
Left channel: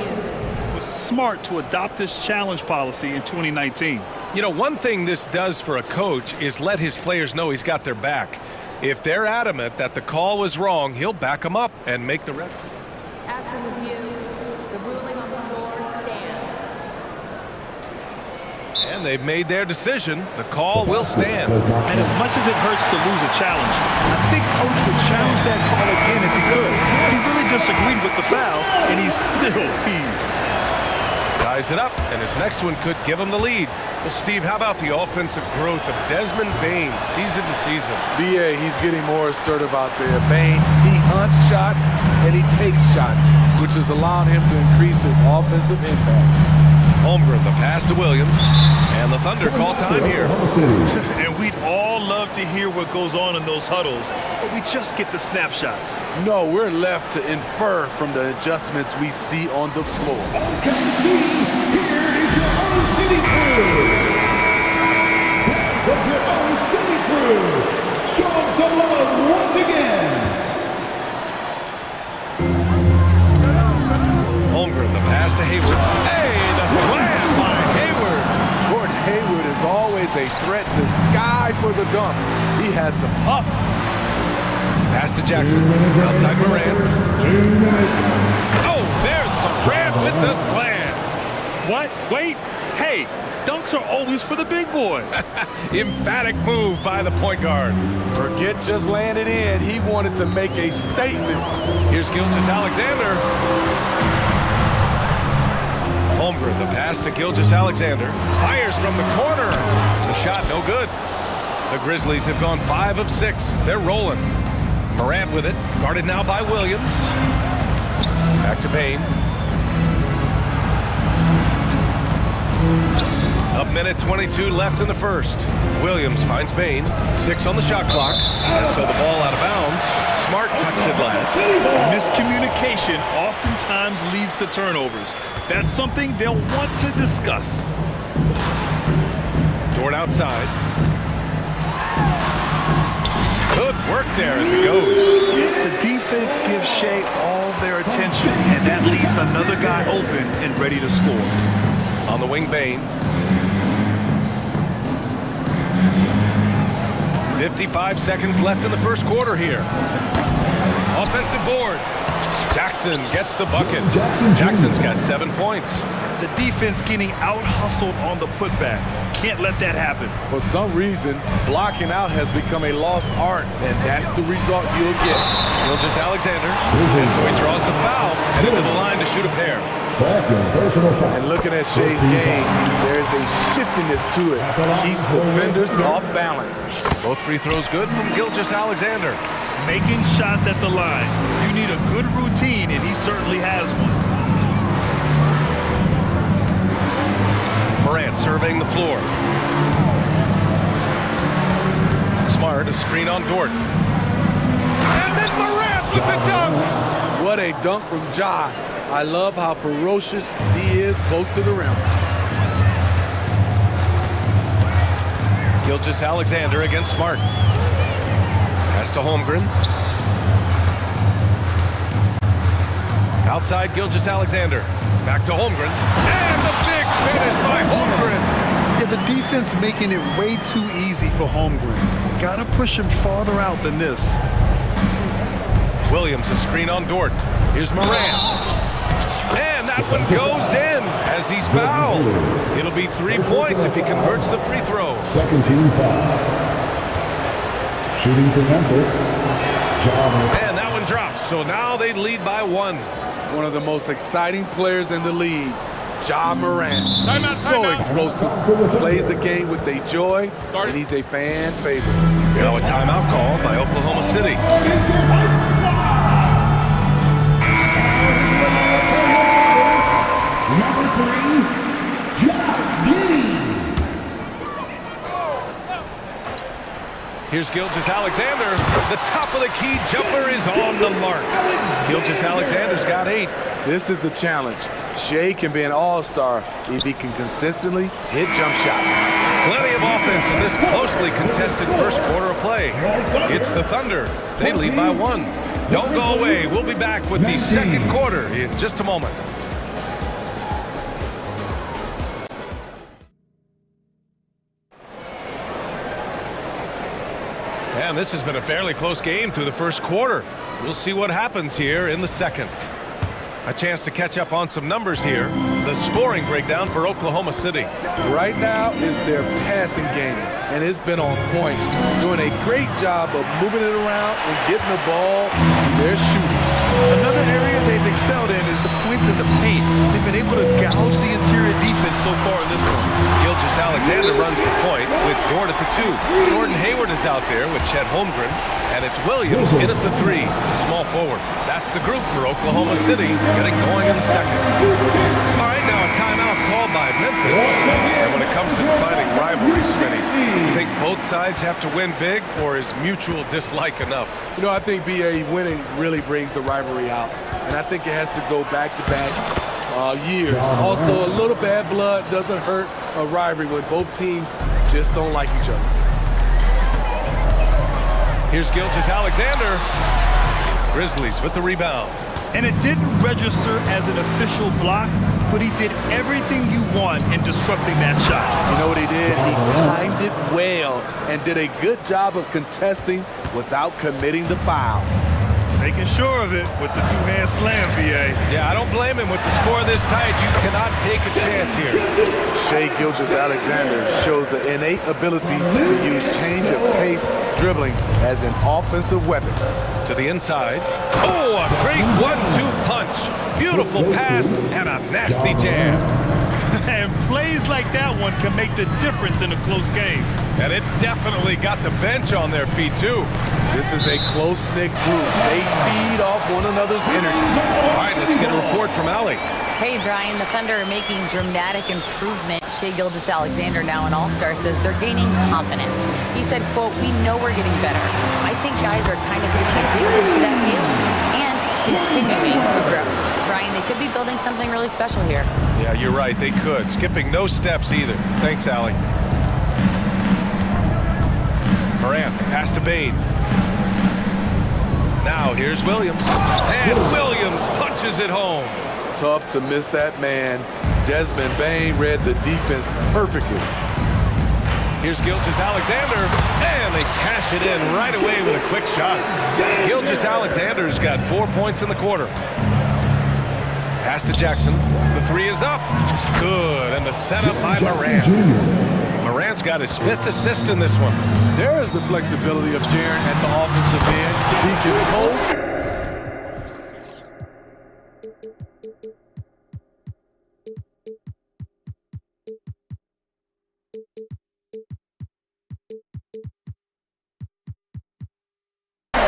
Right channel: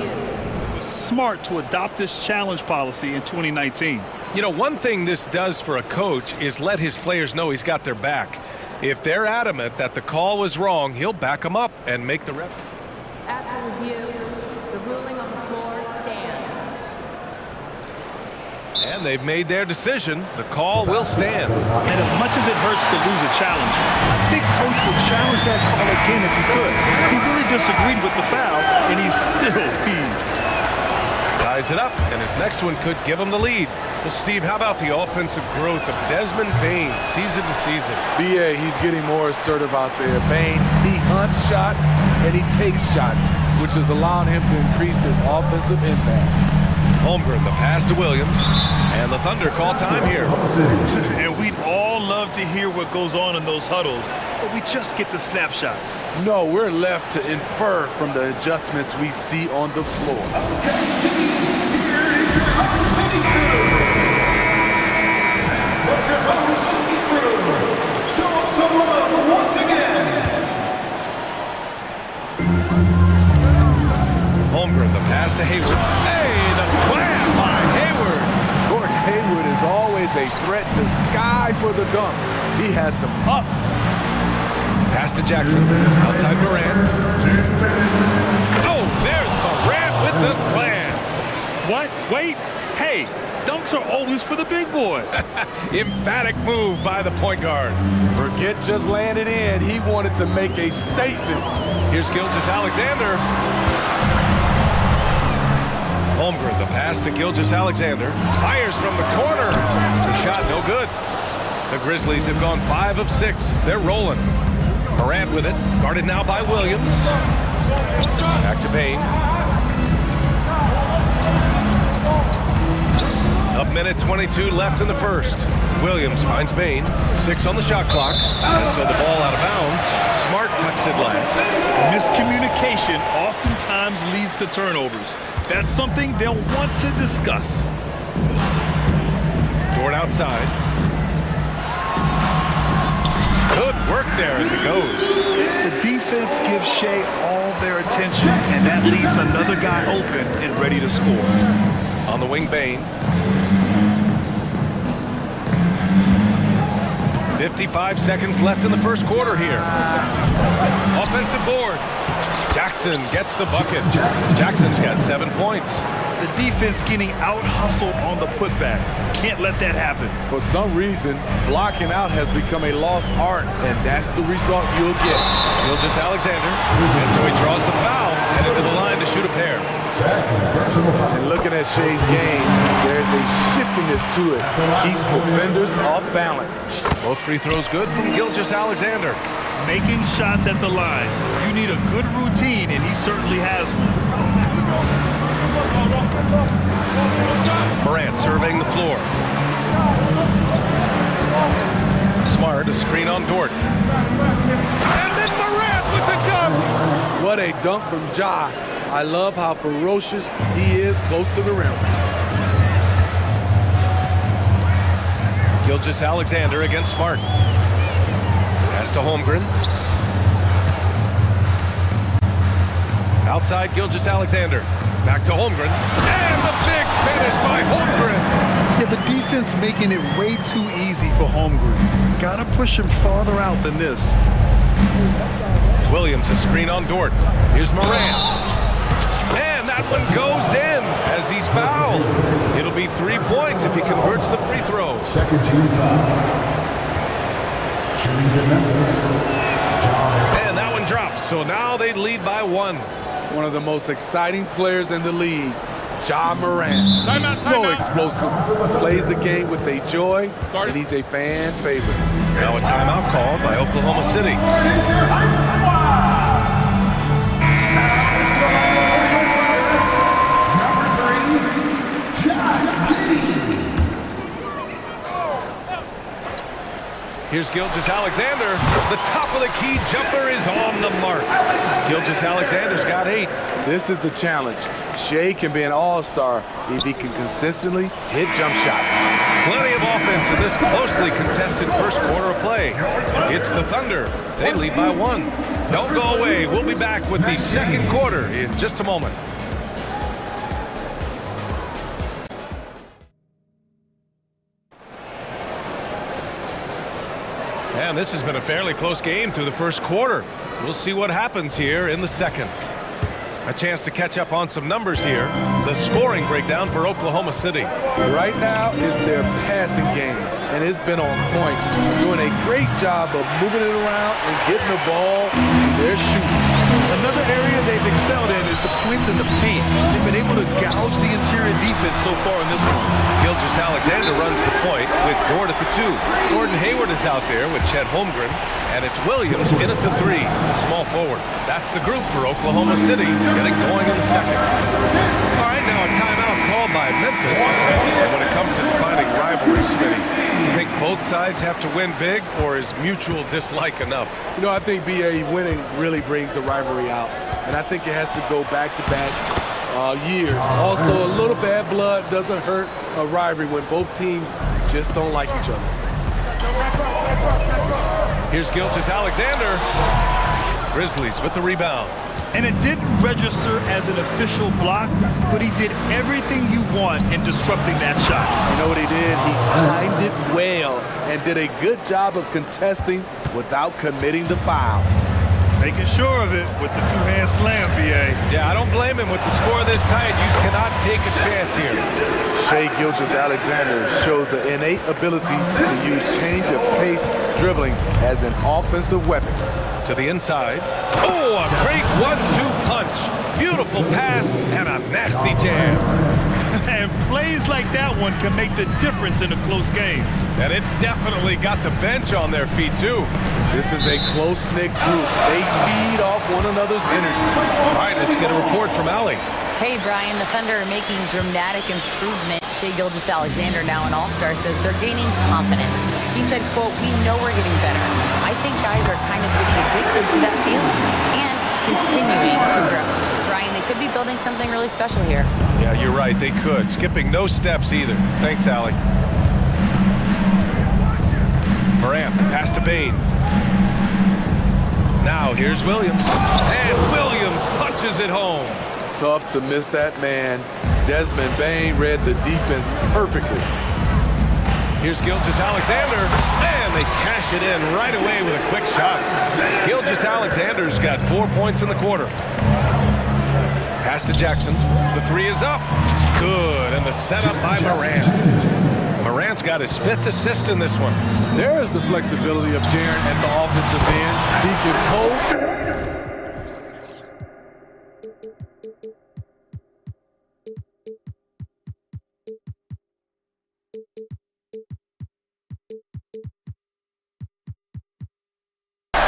It was smart to adopt this challenge policy in 2019. You know, one thing this does for a coach is let his players know he's got their back. If they're adamant that the call was wrong, he'll back them up and make the ref. After review, the ruling on the floor stands. And they've made their decision. The call will stand. And as much as it hurts to lose a challenge, I think Coach would challenge that call again if he could. He really disagreed with the foul, and he's still peeved. Ties it up, and his next one could give him the lead. Well, Steve, how about the offensive growth of Desmond Bane season to season? BA, he's getting more assertive out there. Bane, he hunts shots and he takes shots, which is allowing him to increase his offensive impact. Holmgren, the pass to Williams, and the Thunder call time here. And we'd all love to hear what goes on in those huddles, but we just get the snapshots. No, we're left to infer from the adjustments we see on the floor. But your own city crew, show them some love once again. Holmgren, the pass to Hayward. Hey, the slam by Hayward. Gordon Hayward is always a threat to Sky for the dunk. He has some ups. Pass to Jackson. Outside Morant. 2 minutes. Oh, there's Morant with the slam. What? Wait. Hey, dunks are always for the big boys. Emphatic move by the point guard. Forget just laying it in. He wanted to make a statement. Here's Gilgeous-Alexander. Holmgren, the pass to Gilgeous-Alexander. Fires from the corner. The shot no good. The Grizzlies have gone 5 of 6. They're rolling. Morant with it. Guarded now by Williams. Back to Bain. A minute 22 left in the first. Williams finds Bain. 6 on the shot clock. And so the ball out of bounds. Smart touched it last. Miscommunication oftentimes leads to turnovers. That's something they'll want to discuss. Dort outside. Good work there as it goes. The defense gives Shea all their attention, and that leaves another guy open and ready to score. On the wing, Bain. 55 seconds left in the first quarter here. Offensive board. Jackson gets the bucket. Jackson's got 7 points. The defense getting out-hustled on the putback. Can't let that happen. For some reason, blocking out has become a lost art, and that's the result you'll get. Gilgeous-Alexander, and so he draws the foul, headed to the line to shoot a pair. Second personal foul. And looking at Shea's game, there's a shiftiness to it. Keeps defenders off balance. Both free throws good from Gilgeous-Alexander. Making shots at the line. You need a good routine, and he certainly has one. Morant surveying the floor. Smart, a screen on Dort. And then Morant with the dunk! What a dunk from Ja. I love how ferocious he is close to the rim. Gilgeous-Alexander against Smart. Pass to Holmgren. Outside Gilgeous-Alexander. Back to Holmgren. And the big finish by Holmgren. Yeah, the defense making it way too easy for Holmgren. Gotta push him farther out than this. Williams, a screen on Dort. Here's Morant. And that one goes in as he's fouled. It'll be 3 points if he converts the free throw. Second team foul. Shooting for Memphis. And that one drops, so now they lead by 1. One of the most exciting players in the league, Ja Morant. He's so explosive, plays the game with a joy, and he's a fan favorite. Now a timeout called by Oklahoma City. Number 3, Josh Giddey. Here's Gilgeous-Alexander. The top of the key jumper is on the mark. Gilgeous-Alexander's got 8. This is the challenge. Shea can be an all-star if he can consistently hit jump shots. Plenty of offense in this closely contested first quarter of play. It's the Thunder. They lead by 1. Don't go away. We'll be back with the second quarter in just a moment. And this has been a fairly close game through the first quarter. We'll see what happens here in the second. A chance to catch up on some numbers here. The scoring breakdown for Oklahoma City. Right now is their passing game, and it's been on point. Doing a great job of moving it around and getting the ball to their shooters. Another area they've excelled in is the points in the paint. They've been able to gouge the interior defense so far in this one. Gilgeous-Alexander runs the point with Dort at the 2. Gordon Hayward is out there with Chet Holmgren. And it's Williams in at the 3, the small forward. That's the group for Oklahoma City getting going in the second. All right, now a timeout called by Memphis. And when it comes to defining rivalry, Smitty, you think both sides have to win big, or is mutual dislike enough? You know, I think BA winning really brings the rivalry out. And I think it has to go back-to-back years. Also, a little bad blood doesn't hurt a rivalry when both teams just don't like each other. Here's Gilgeous-Alexander. Grizzlies with the rebound. And it didn't register as an official block, but he did everything you want in disrupting that shot. You know what he did? He timed it well and did a good job of contesting without committing the foul. Making sure of it with the two-hand slam, B.A. Yeah, I don't blame him. With the score this tight, you cannot take a chance here. Shai Gilgeous-Alexander shows the innate ability to use change of pace dribbling as an offensive weapon. To the inside. Oh, a great 1-2 punch. Beautiful pass and a nasty jam. And plays like that one can make the difference in a close game. And it definitely got the bench on their feet, too. This is a close-knit group. They feed off one another's energy. All right, let's get a report from Allie. Hey, Brian, the Thunder are making dramatic improvement. Shai Gilgeous-Alexander, now an all-star, says they're gaining confidence. He said, quote, "We know we're getting better. I think guys are kind of getting addicted to that feeling and continuing to grow." Brian, they could be building something really special here. Yeah, you're right. They could. Skipping no steps either. Thanks, Allie. Morant, the pass to Bane. Now here's Williams. And Williams punches it home. Tough to miss that man. Desmond Bane read the defense perfectly. Here's Gilgeous-Alexander, and they cash it in right away with a quick shot. Gilgeous-Alexander's got 4 points in the quarter. Pass to Jackson. The three is up. Good, and the setup by Morant. Morant's got his 5th assist in this one. There's the flexibility of Jaren at the offensive end. He can post.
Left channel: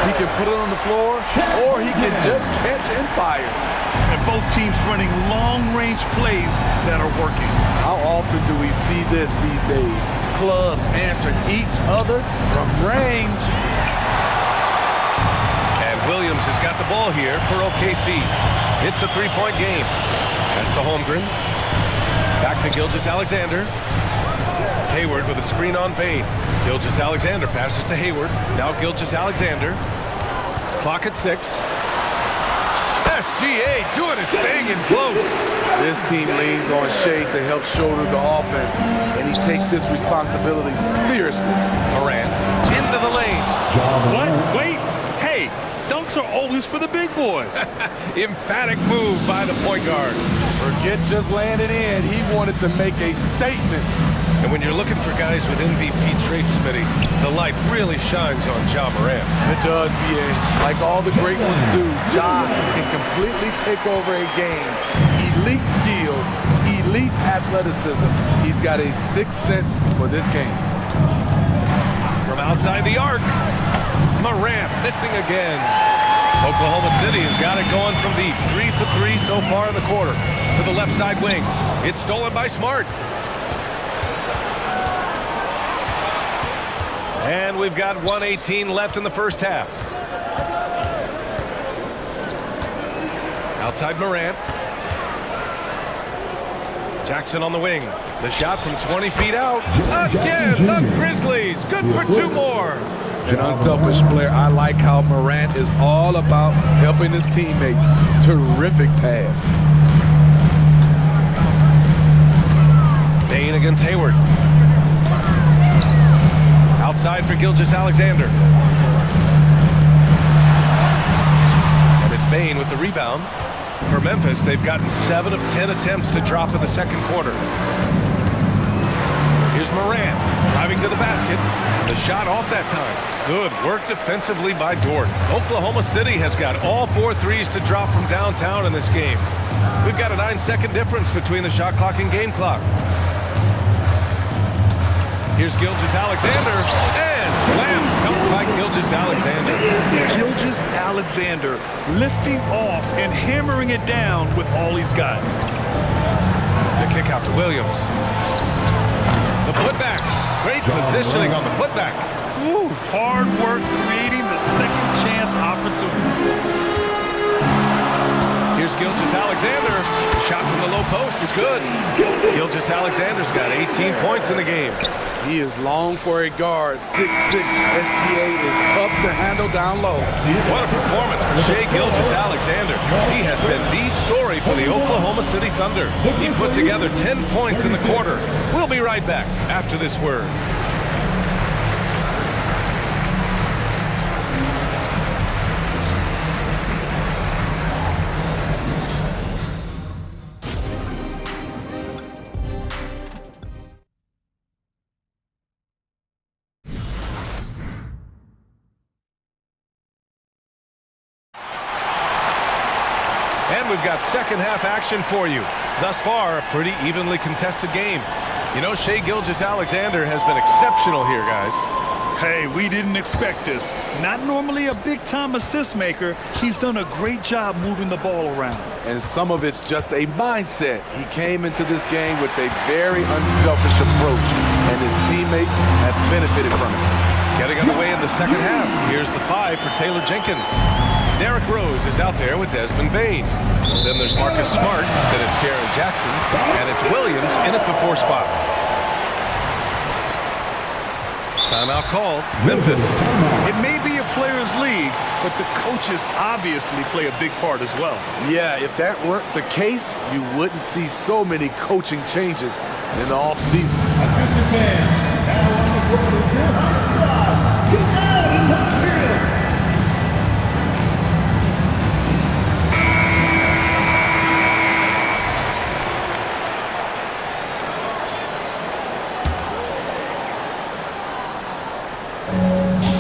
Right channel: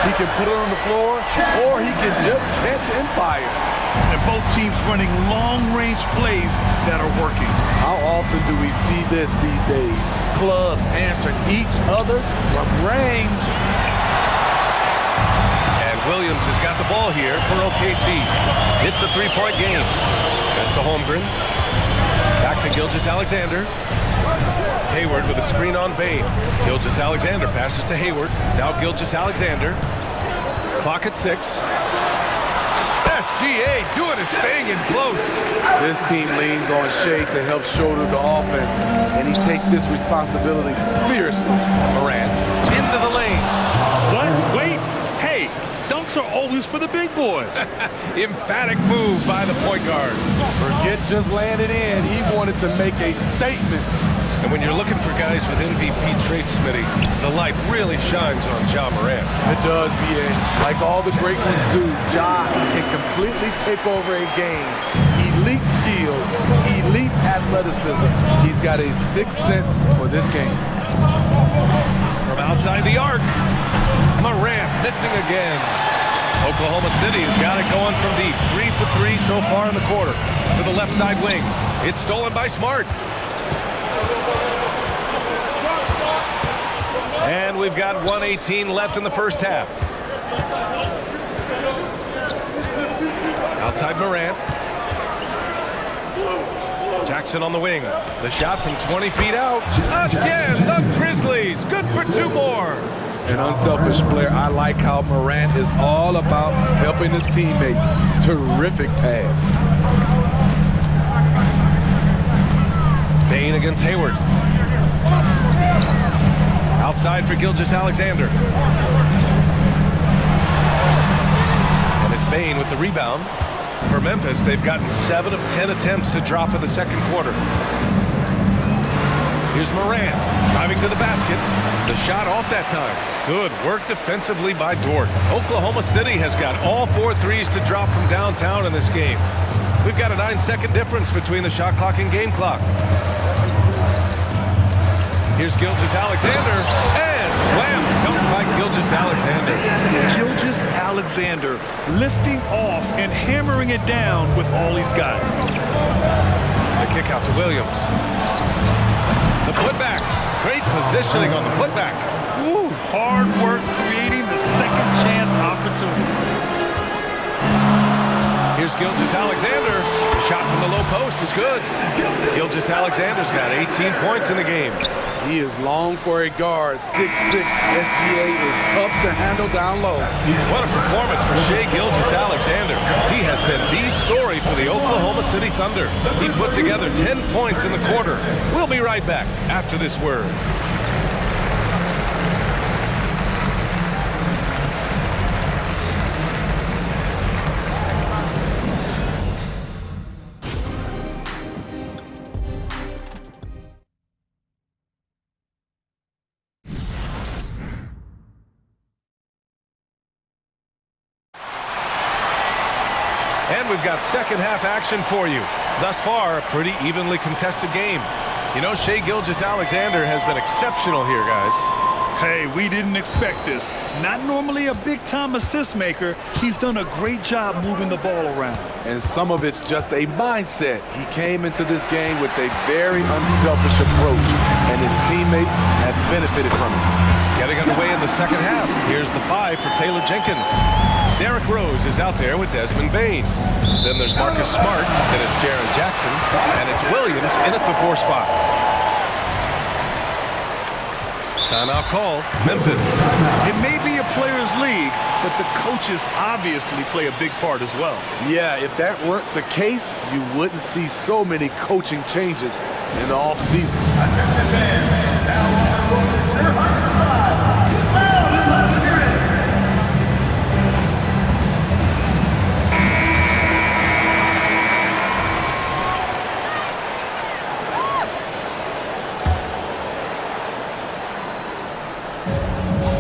He can put it on the floor, or he can just catch and fire. And both teams running long-range plays that are working. How often do we see this these days? Clubs answering each other from range. And Williams has got the ball here for OKC. It's a 3-point game. Pass to Holmgren. Back to Gilgeous-Alexander. Hayward with a screen on Bane. Gilgeous-Alexander passes to Hayward. Now Gilgeous-Alexander. Clock at 6. SGA doing his thing in close. This team leans on Shai to help shoulder the offense, and he takes this responsibility seriously. Morant into the lane. What? Wait. Hey, dunks are always for the big boys. Emphatic move by the point guard. Forget just laying it in. He wanted to make a statement. And when you're looking for guys with MVP traits, Smitty, the light really shines on Ja Morant. It does, B.A. Like all the great ones do, Ja can completely take over a game. Elite skills, elite athleticism. He's got a 6th sense for this game. From outside the arc, Morant missing again. Oklahoma City has got it going from deep. 3 for 3 so far in the quarter. To the left side wing. It's stolen by Smart. And we've got 1:18 left in the first half. Outside Morant. Jackson on the wing. The shot from 20 feet out. Again, the Grizzlies. Good for 2 more. An unselfish player. I like how Morant is all about helping his teammates. Terrific pass. Bane against Hayward. Outside for Gilgeous-Alexander. And it's Bane with the rebound. For Memphis, they've gotten 7 of 10 attempts to drop in the second quarter. Here's Morant driving to the basket. The shot off that time. Good work defensively by Dort. Oklahoma City has got all 4 threes to drop from downtown in this game. We've got a 9-second difference between the shot clock and game clock. Here's Gilgeous-Alexander, and slam dunk by Gilgeous-Alexander. Gilgeous-Alexander lifting off and hammering it down with all he's got. The kick out to Williams. The putback. Great positioning on the putback. Woo, hard work creating the second chance opportunity. Here's Gilgeous-Alexander. The shot from the low post is good. Gilgeous-Alexander's got 18 points in the game. He is long for a guard. 6'6". SGA is tough to handle down low. What a performance for Shai Gilgeous-Alexander. He has been the story for the Oklahoma City Thunder. He put together 10 points in the quarter. We'll be right back after this word. And we've got second half action for you. Thus far, a pretty evenly contested game. You know, Shai Gilgeous-Alexander has been exceptional here, guys. Hey, we didn't expect this. Not normally a big-time assist maker. He's done a great job moving the ball around. And some of it's just a mindset. He came into this game with a very unselfish approach, and his teammates have benefited from it. Getting underway in the second half. Here's the 5 for Taylor Jenkins. Derrick Rose is out there with Desmond Bane. Then there's Marcus Smart, then it's Jaren Jackson, and it's Williams in at the 4 spot. Timeout called, Memphis. It may be a players' league, but the coaches obviously play a big part as well. Yeah, if that weren't the case, you wouldn't see so many coaching changes in the offseason.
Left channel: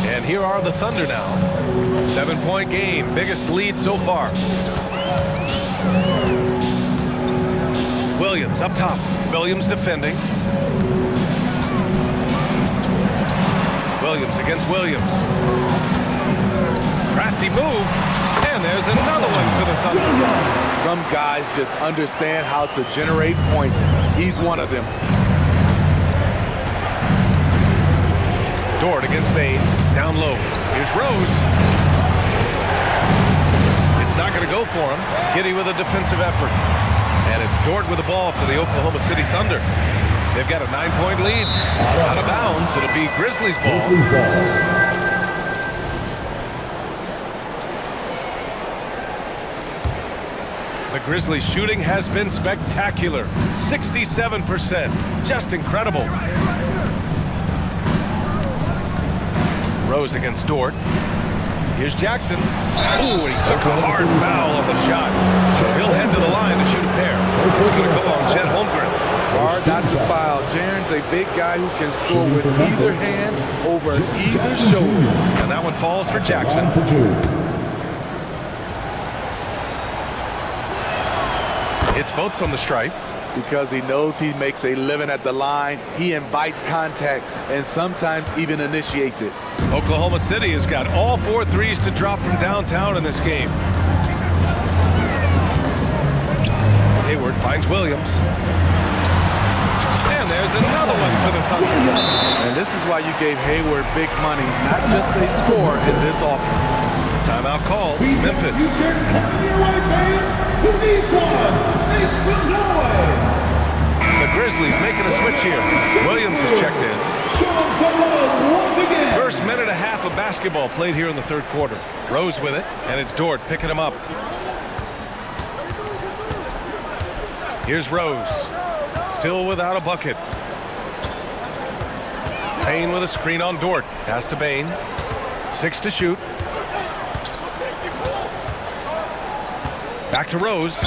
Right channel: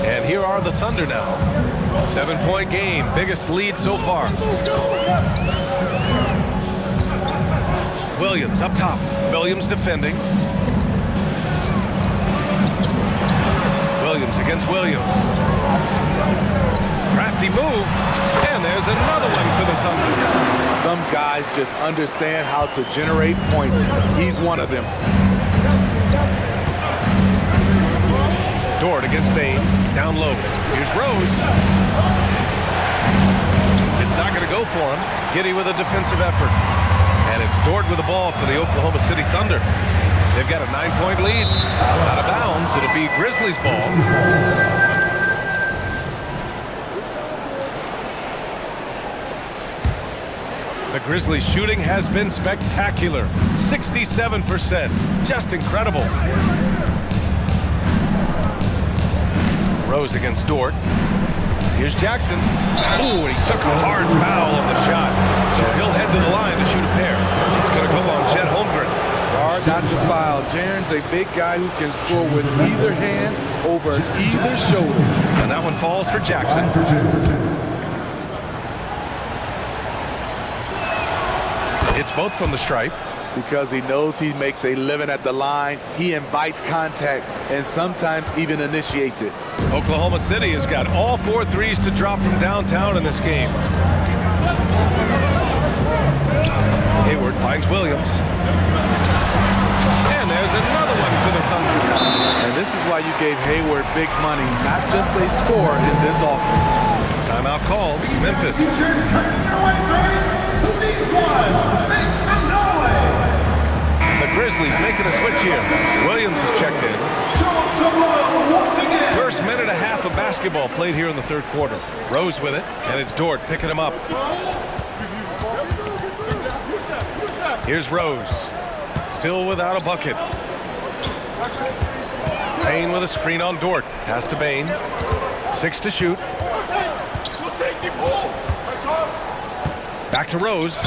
And here are the Thunder now. 7-point game, biggest lead so far. Williams up top. Williams defending. Williams against Williams. Crafty move. And there's another one for the Thunder. Some guys just understand how to generate points. He's one of them. Dort against Bane. Down low. Here's Rose. It's not going to go for him. Giddey with a defensive effort. And it's Dort with the ball for the Oklahoma City Thunder. They've got a 9-point lead. Out of bounds. It'll be Grizzlies ball. The Grizzlies shooting has been spectacular. 67%. Just incredible. Rose against Dort. Here's Jackson. Ooh, and he took a hard foul on the shot. So he'll head to the line to shoot a pair. It's going to go on Chet Holmgren. Hard not to foul. Jaren's a big guy who can score with either hand over either shoulder. And that one falls for Jackson. It's both from the stripe. Because he knows he makes a living at the line, he invites contact and sometimes even initiates it. Oklahoma City has got all 4 threes to drop from downtown in this game. Hayward finds Williams. And there's another one for the Thunder. And this is why you gave Hayward big money, not just a score in this offense. Timeout called, Memphis. The Grizzlies making a switch here. Williams is checked in. First minute and a half of basketball played here in the third quarter. Rose with it, and it's Dort picking him up. Here's Rose. Still without a bucket. Bane with a screen on Dort. Pass to Bane. 6 to shoot. Back to Rose.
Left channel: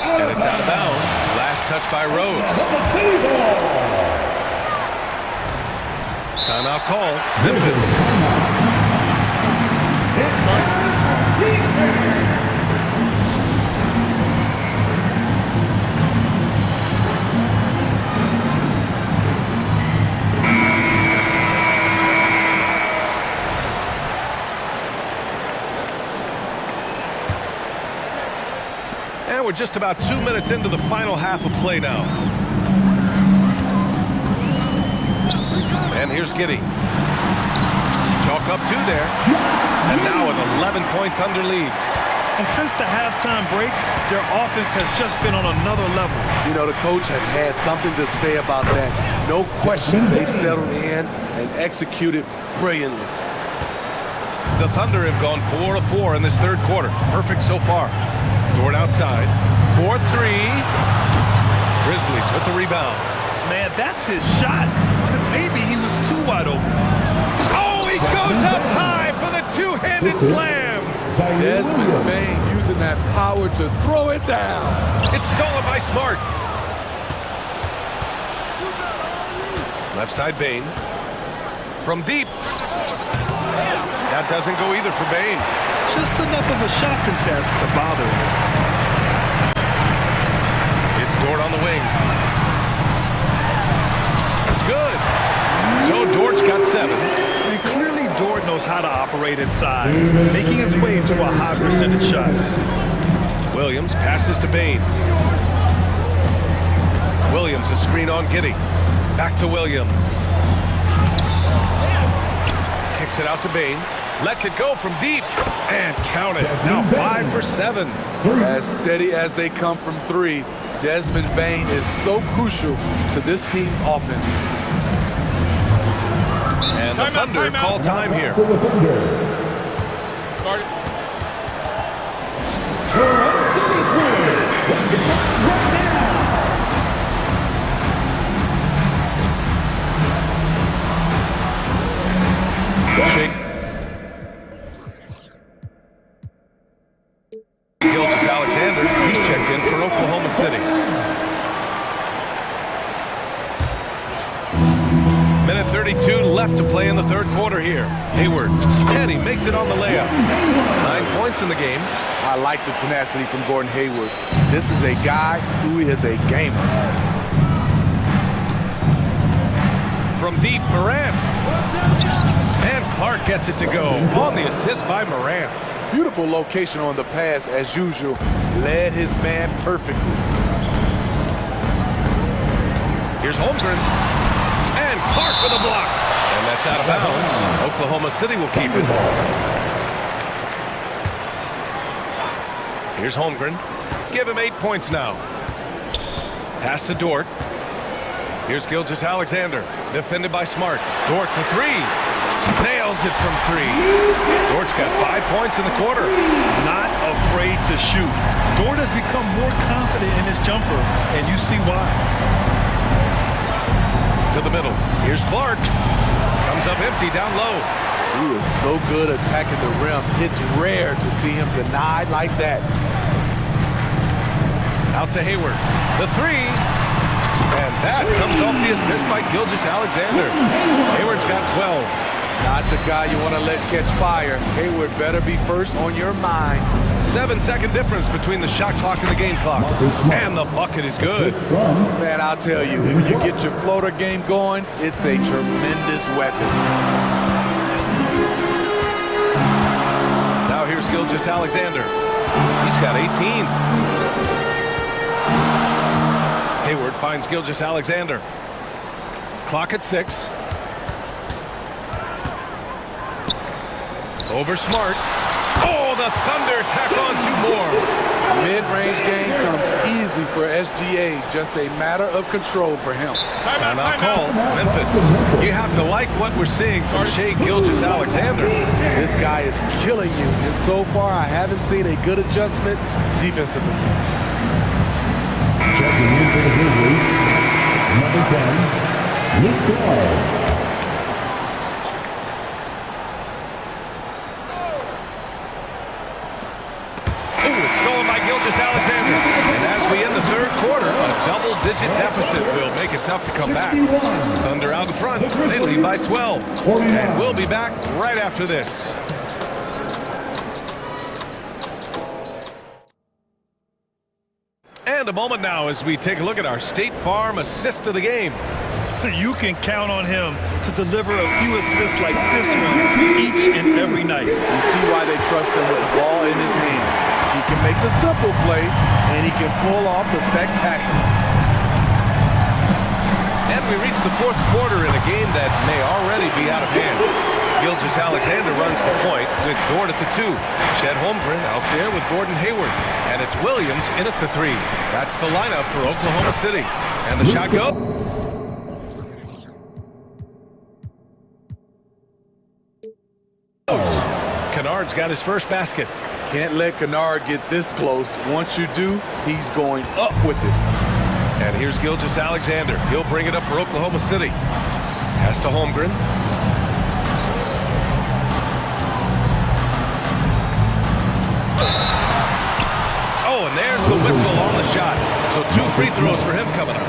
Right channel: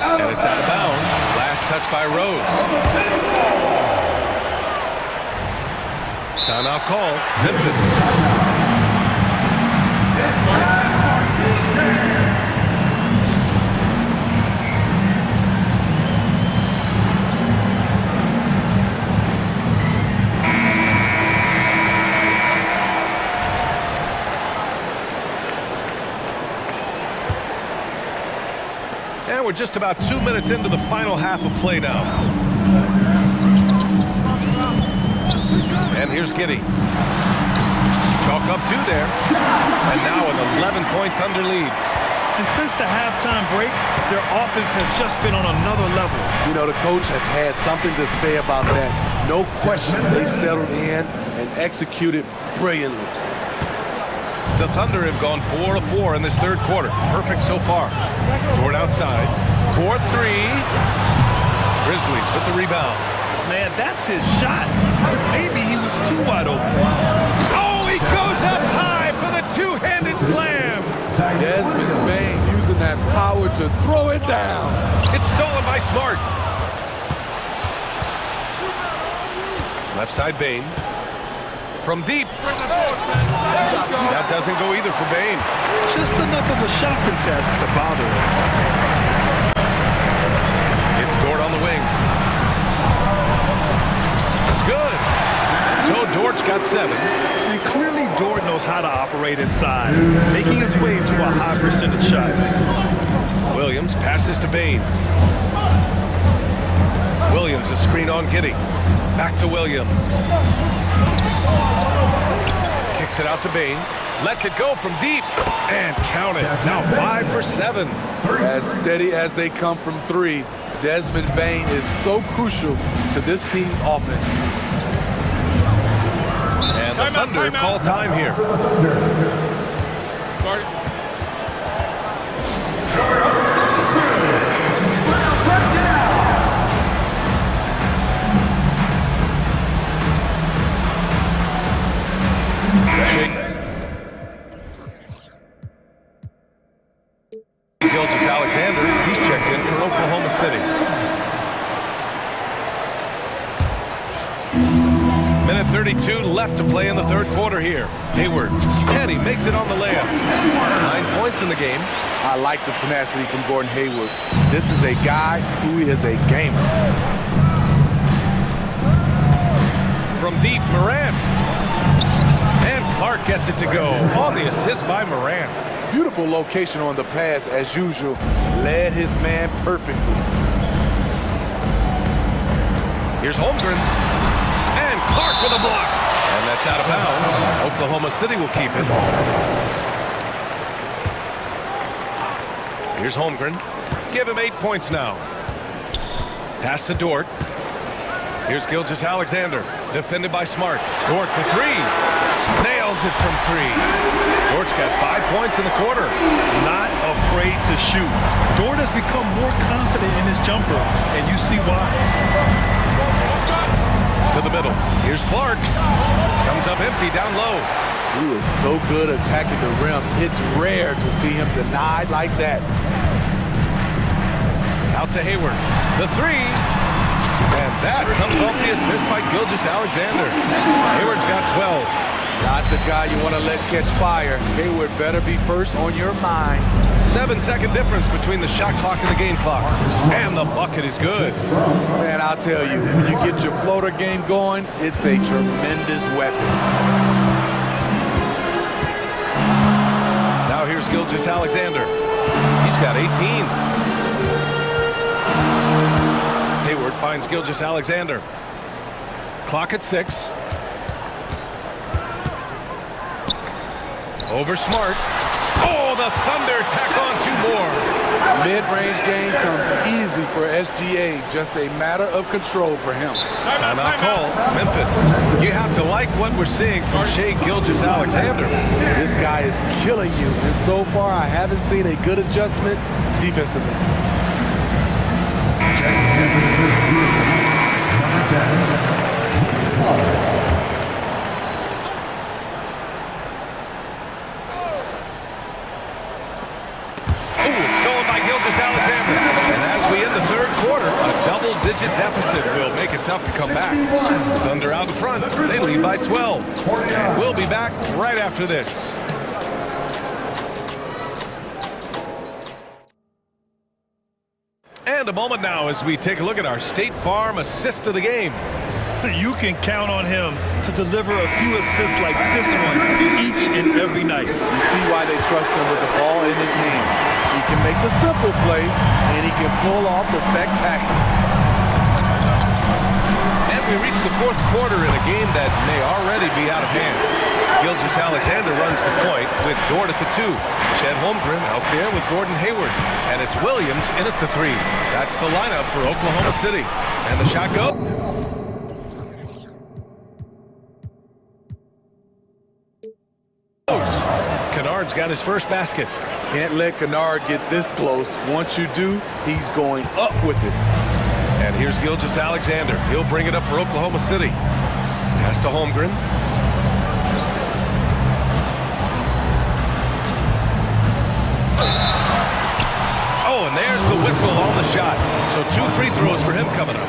And it's out of bounds. Last touch by Rose. Timeout call. Memphis. And we're just about 2 minutes into the final half of play now. And here's Giddey. Chalk up 2 there. And now an 11-point Thunder lead. And since the halftime break, their offense has just been on another level. You know, the coach has had something to say about that. No question, they've settled in and executed brilliantly. The Thunder have gone 4 of 4 in this third quarter. Perfect so far. Dort outside. 4-3. Grizzlies with the rebound. Man, that's his shot. Maybe he was too wide open. Oh, he goes up high for the two-handed slam. Desmond Bane using that power to throw it down. It's stolen by Smart. Left side Bane. From deep. That doesn't go either for Bane. Just enough of a shot contest to bother him. It's Dort on the wing. That's good. So Dort's got 7. And clearly Dort knows how to operate inside, making his way to a high percentage shot. Williams passes to Bain. Williams, a screen on Giddey. Back to Williams. Kicks it out to Bain. Lets it go from deep. And count it. Now 5 for 7. As steady as they come from 3, Desmond Bain is so crucial to this team's offense. And the Thunder call time here. Guard it. Shake. Gilgeous-Alexander, he's checked in for Oklahoma City. Minute 32 left to play in the third quarter here. Hayward, and he makes it on the layup. 9 points in the game. I like the tenacity from Gordon Hayward. This is a guy who is a gamer. From deep, Morant. And Clark gets it to go on the assist by Morant. Beautiful location on the pass as usual. Led his man perfectly. Here's Holmgren. And Clark with a block. And that's out of bounds. Oklahoma City will keep it. Here's Holmgren. Give him 8 points now. Pass to Dort. Here's Gilgeous-Alexander. Defended by Smart. Dort for 3. Nails it from 3. Dort's got 5 points in the quarter. Not afraid to shoot. Dort has become more confident in his jumper, and you see why. To the middle. Here's Clark. Comes up empty down low. He is so good attacking the rim. It's rare to see him denied like that. Out to Hayward. The 3. And that comes off the assist by Gilgeous-Alexander. Hayward's got 12. Not the guy you want to let catch fire. Hayward better be first on your mind. 7-second difference between the shot clock and the game clock. And the bucket is good. Man, I'll tell you, when you get your floater game going, it's a tremendous weapon. Now here's Gilgeous-Alexander. He's got 18. Hayward finds Gilgeous-Alexander. Clock at 6. Over Smart. Oh, the Thunder tack on 2 more. Mid-range game comes easy for SGA. Just a matter of control for him. Timeout call. Memphis. You have to like what we're seeing from Shai Gilgeous-Alexander. This guy is killing you, and so far I haven't seen a good adjustment defensively. Checking in for the Grizzlies, number 10, Luke Kennard. Stolen by Gilgeous-Alexander. And as we end the third quarter, a double-digit deficit will make it tough to come back. Thunder out in front. They lead by 12. And we'll be back right after this. And a moment now as we take a look at our State Farm assist of the game. You can count on him to deliver a few assists like this one each and every night. You see why they trust him with the ball in his hands. He can make the simple play, and he can pull off the spectacular. And we reach the fourth quarter in a game that may already be out of hand. Gilgeous-Alexander runs the point with Dort at the 2. Chet Holmgren out there with Gordon Hayward. And it's Williams in at the 3. That's the lineup for Oklahoma City. And the shot go. Kennard's got his first basket. Can't let Kennard get this close. Once you do, he's going up with it. And here's Gilgeous-Alexander. He'll bring it up for Oklahoma City. Pass to Holmgren. Oh, and there's the whistle on the shot. So 2 free throws for him coming up.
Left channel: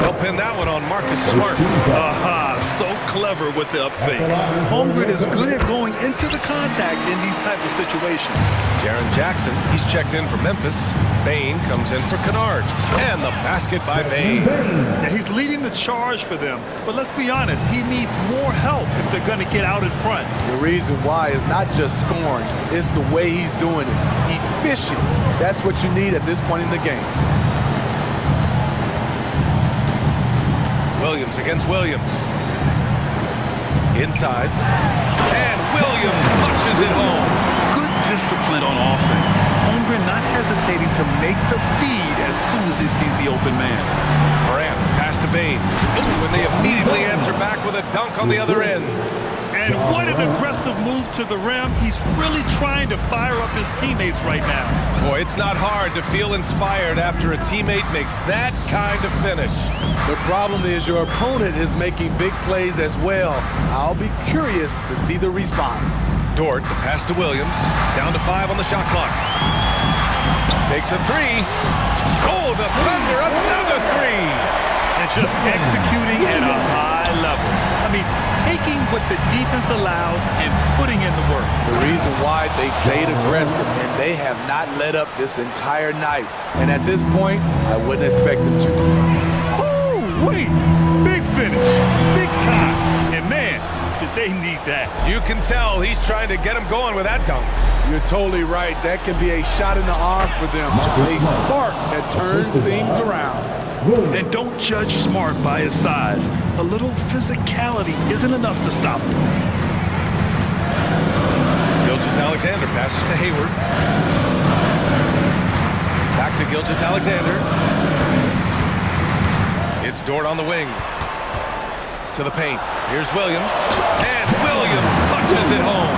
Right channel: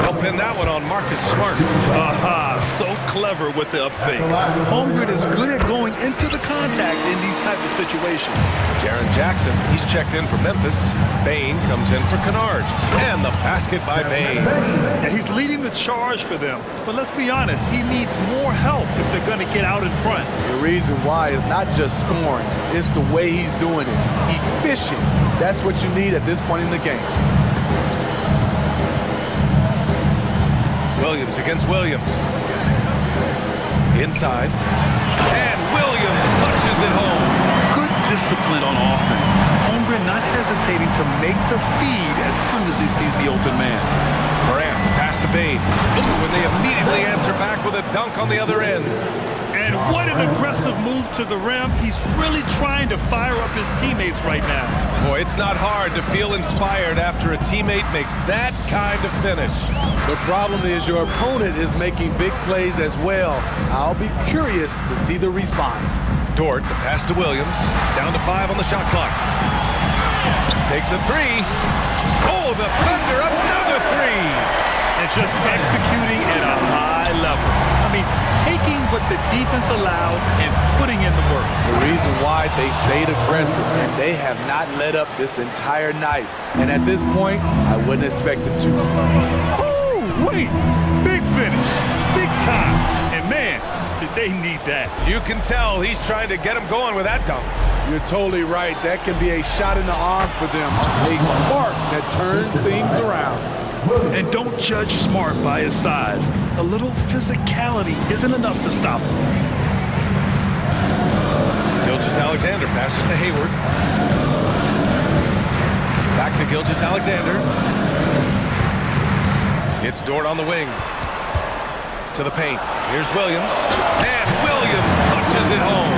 They'll pin that one on Marcus Smart. Aha, so clever with the up fake. Holmgren is good at going into the contact in these type of situations. Jaren Jackson, he's checked in for Memphis. Bain comes in for Kennard. And the basket by Bain. Yeah, he's leading the charge for them. But let's be honest, he needs more help if they're going to get out in front. The reason why is not just scoring, it's the way he's doing it. Efficient. That's what you need at this point in the game. Williams against Williams. Inside. And Williams punches it home. Good discipline on offense. Holmgren not hesitating to make the feed as soon as he sees the open man. Morant, pass to Bain. Ooh, and they immediately answer back with a dunk on the other end. And what an aggressive move to the rim. He's really trying to fire up his teammates right now. Boy, it's not hard to feel inspired after a teammate makes that kind of finish. The problem is your opponent is making big plays as well. I'll be curious to see the response. Dort, the pass to Williams. Down to 5 on the shot clock. Takes a 3. Oh, the Thunder, another 3. And just executing at a high level. I mean, taking what the defense allows and putting in the work. The reason why they've stayed aggressive and they have not let up this entire night. And at this point, I wouldn't expect them to. Oh, wait. Big finish. Big time. And man, did they need that. You can tell he's trying to get him going with that dunk. You're totally right. That can be a shot in the arm for them. A spark that turns things around. And don't judge Smart by his size. A little physicality isn't enough to stop him. Gilgeous-Alexander passes to Hayward. Back to Gilgeous-Alexander. It's Dort on the wing. To the paint. Here's Williams. And Williams punches it home.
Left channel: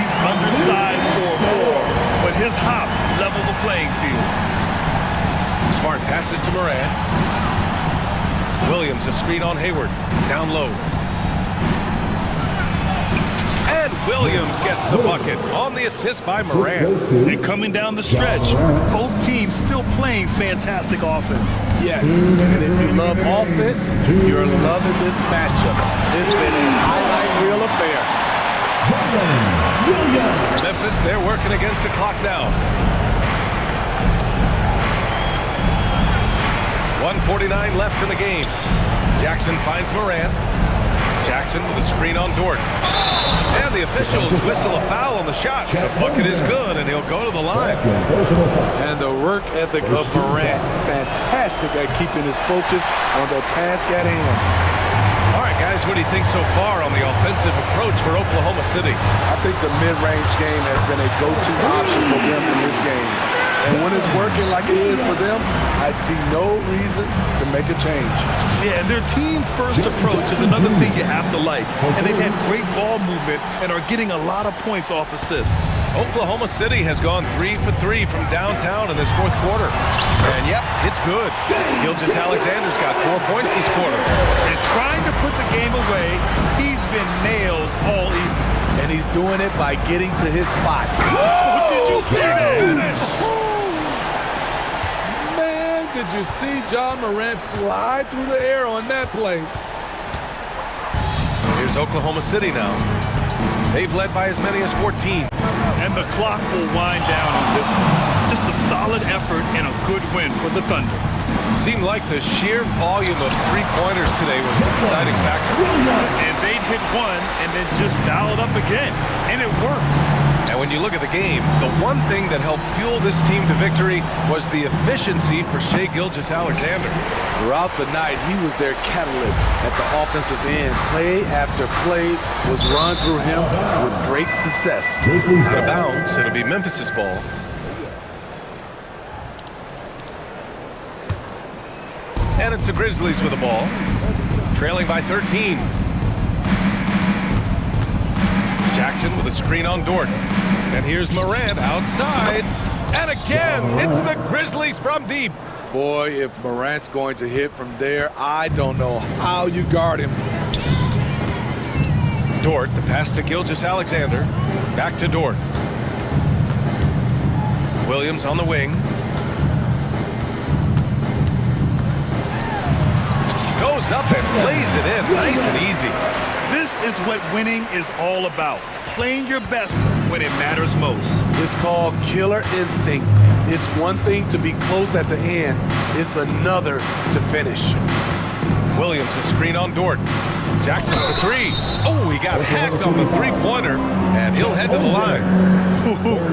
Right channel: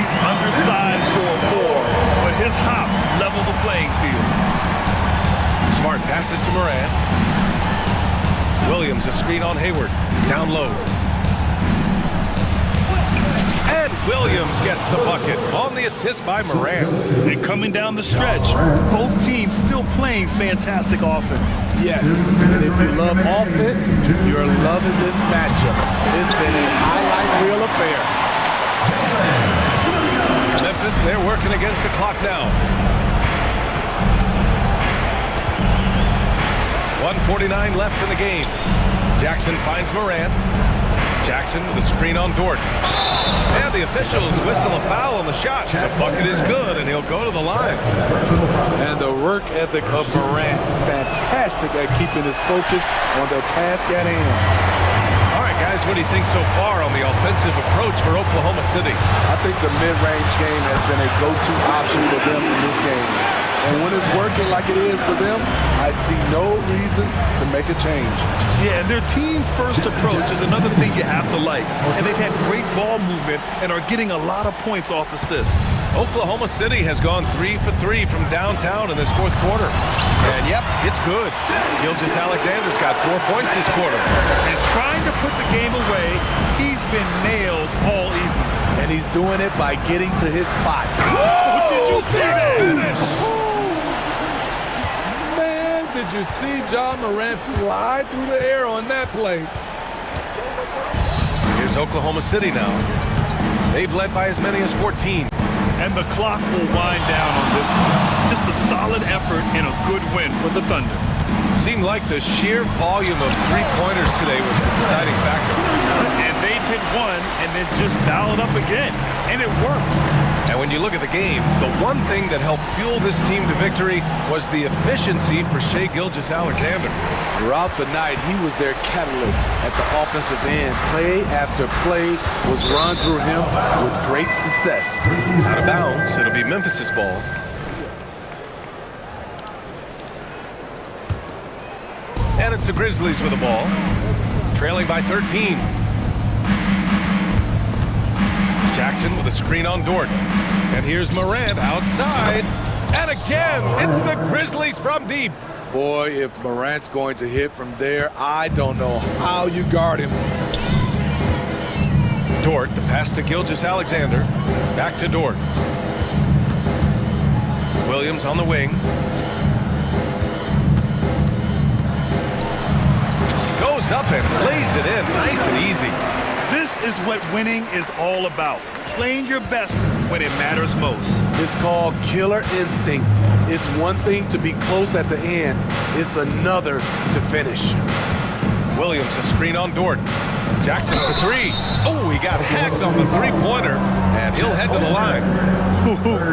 He's undersized for a 4, but his hops level the playing field. Smart passes to Morant. Williams a screen on Hayward. Down low. And Williams gets the bucket on the assist by Morant. And coming down the stretch, both teams still playing fantastic offense. Yes, and if you love offense, you're loving this matchup. It's been a highlight reel affair. Memphis, they're working against the clock now. 1:49 left in the game. Jackson finds Morant. Jackson with a screen on Dort. And the officials whistle a foul on the shot. The bucket is good, and he'll go to the line. And the work ethic of Morant, fantastic at keeping his focus on the task at hand. All right, guys, what do you think so far on the offensive approach for Oklahoma City? I think the mid-range game has been a go-to option for them in this game. And when it's working like it is for them, I see no reason to make a change. Yeah, and their team-first approach is another thing you have to like. And they've had great ball movement and are getting a lot of points off assists. Oklahoma City has gone 3 for 3 from downtown in this fourth quarter. And yep, it's good. Gilgeous-Alexander's got 4 points this quarter. And trying to put the game away, he's been nails all evening. And he's doing it by getting to his spots. Oh, did you see that? Finish! Man, did you see John Morant fly through the air on that play? Here's Oklahoma City now. They've led by as many as 14. And the clock will wind down on this one. Just a solid effort and a good win for the Thunder. Seemed like the sheer volume of three-pointers today was the deciding factor. And they'd hit one and then just dial it up again. And it worked. And when you look at the game, the one thing that helped fuel this team to victory was the efficiency for Shai Gilgeous-Alexander. Throughout the night, he was their catalyst at the offensive end. Play after play was run through him with great success. Out of bounds, it'll be Memphis's ball. And it's the Grizzlies with the ball, trailing by 13. Jackson with a screen on Dort. And here's Morant outside. And again, it's the Grizzlies from deep. Boy, if Morant's going to hit from there, I don't know how you guard him. Dort, the pass to Gilgeous-Alexander. Back to Dort. Williams on the wing. Goes up and lays it in nice and easy. This is what winning is all about. Playing your best when it matters most. It's called killer instinct. It's one thing to be close at the end. It's another to finish. Williams a screen on Dort. Jackson for three. Oh, he got hacked on the three-pointer, and he'll head to the line.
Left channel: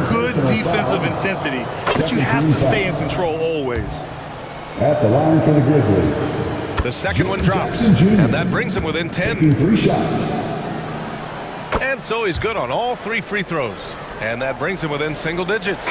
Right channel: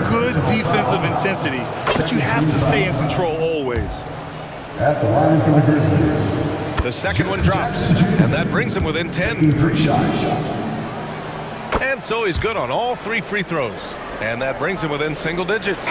Good defensive intensity, but you have to stay in control always. At the line for the Grizzlies. The second one drops, and that brings him within 10. 3 shots. And so he's good on all 3 free throws, and that brings him within single digits.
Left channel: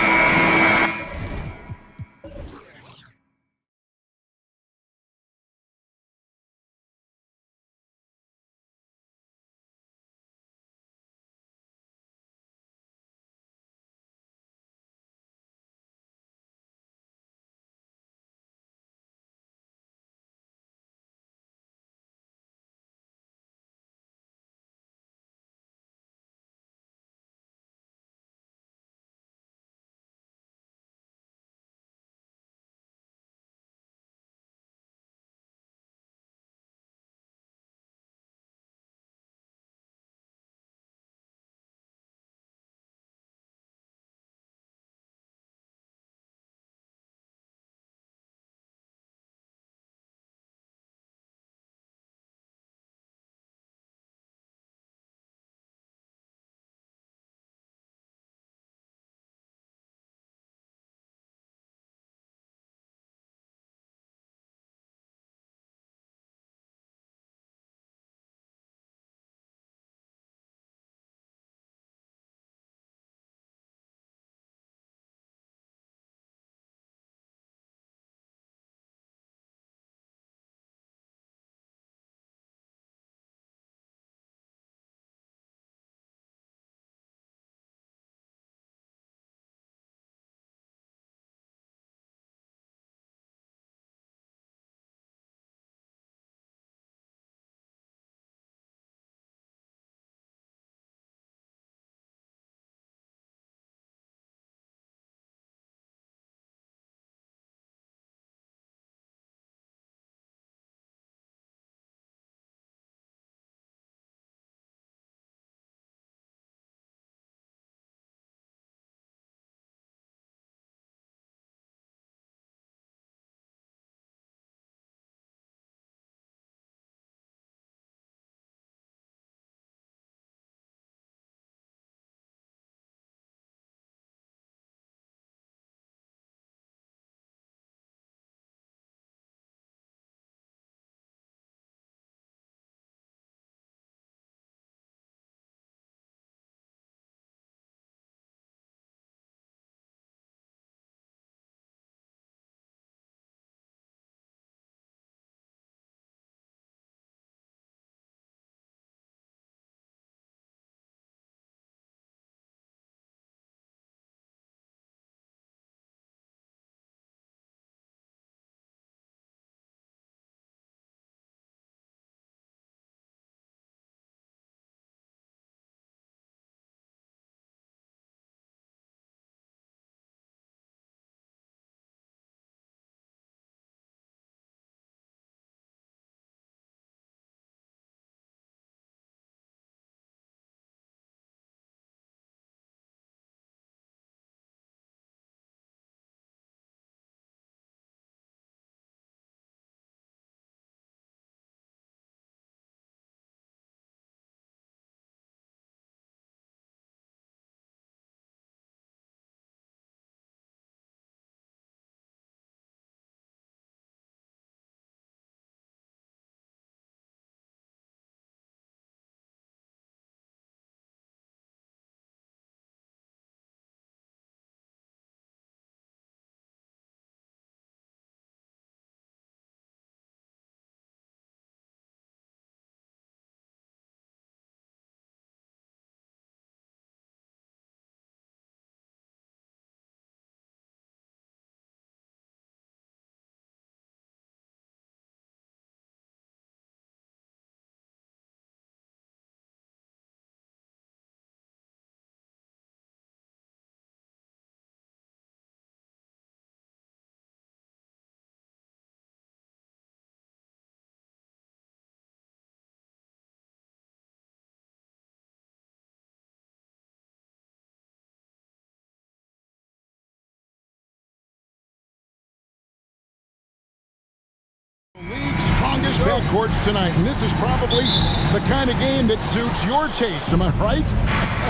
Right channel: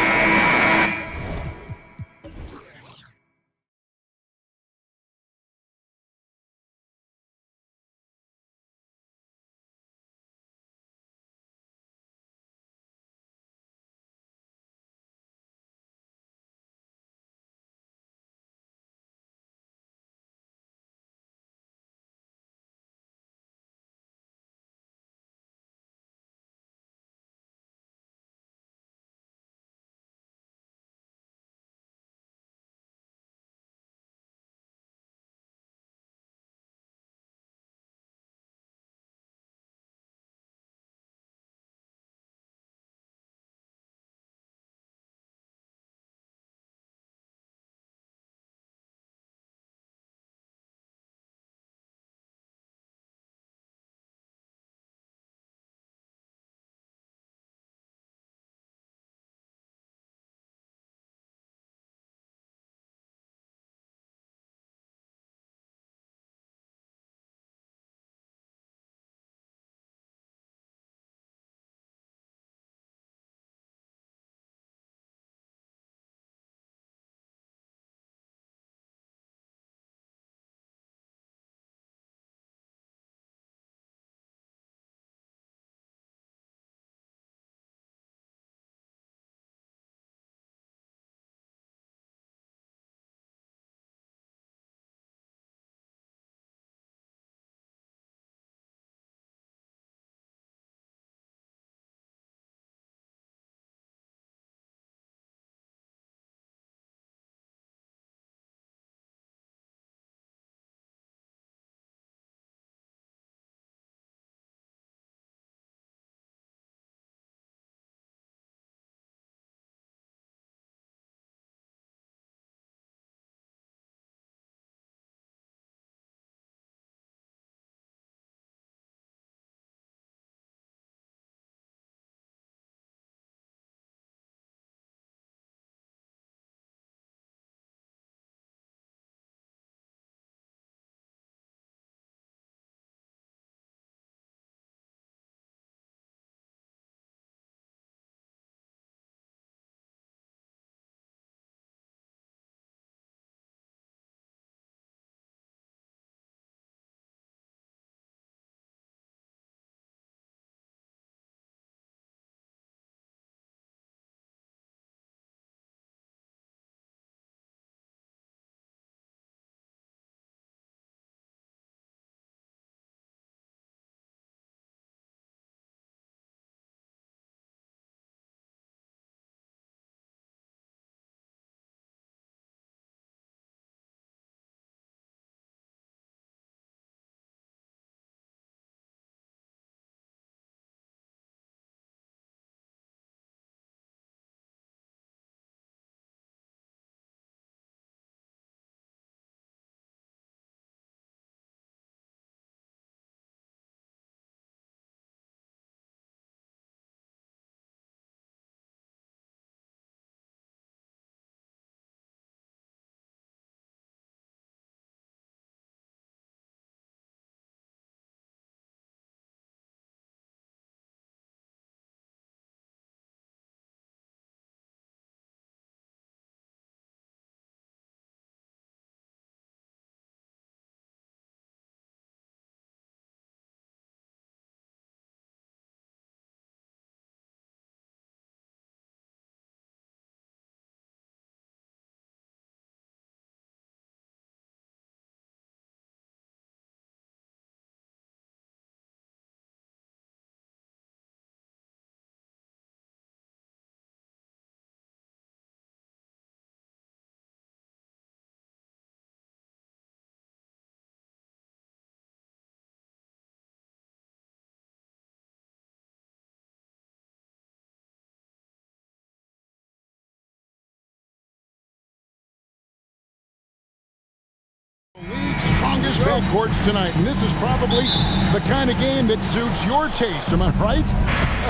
strongest backcourts tonight, and this is probably the kind of game that suits your taste. Am I right?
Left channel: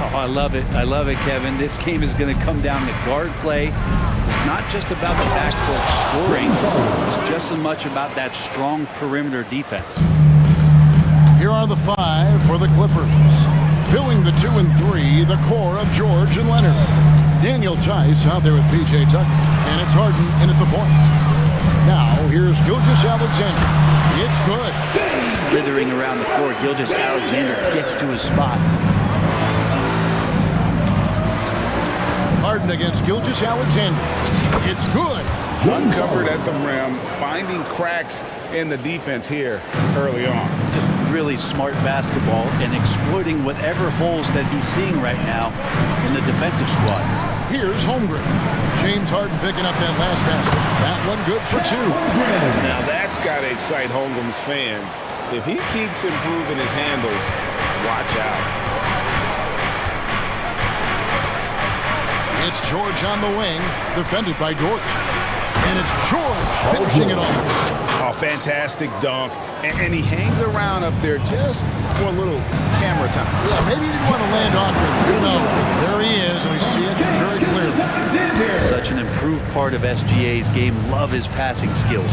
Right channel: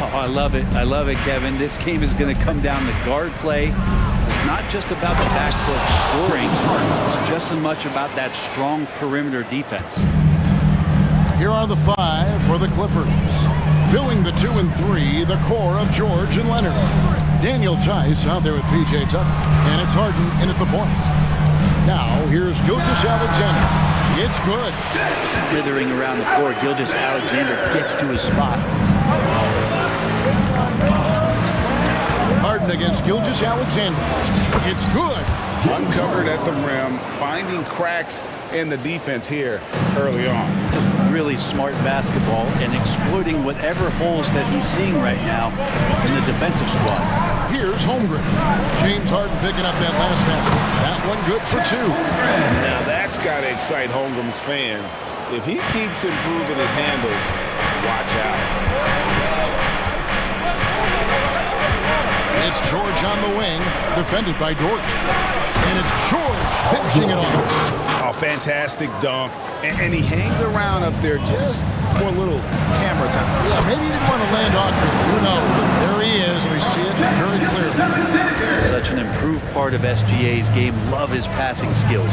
Oh, I love it. I love it, Kevin. This game is going to come down to guard play. It's not just about the backcourt scoring. It's just as much about that strong perimeter defense. Here are the 5 for the Clippers. Filling the 2 and 3, the core of George and Leonard. Daniel Tice out there with P.J. Tucker. And it's Harden in at the point. Now, here's Gilgeous-Alexander. It's good. Slithering around the floor, Gilgeous-Alexander gets to his spot. Harden against Gilgeous-Alexander. It's good. Uncovered at the rim, finding cracks in the defense here early on. Just really smart basketball and exploiting whatever holes that he's seeing right now in the defensive squad. Here's Holmgren. James Harden picking up that last basket. That one good for 2. Now that's got to excite Holmgren's fans. If he keeps improving his handles, watch out. It's George on the wing, defended by Dort. And it's George finishing it off. Oh, fantastic dunk. And he hangs around up there just for a little camera time. Yeah, maybe he didn't want to land awkwardly. Who knows? But there he is, and we see it very clearly. Such an improved part of SGA's game. Love his passing skills.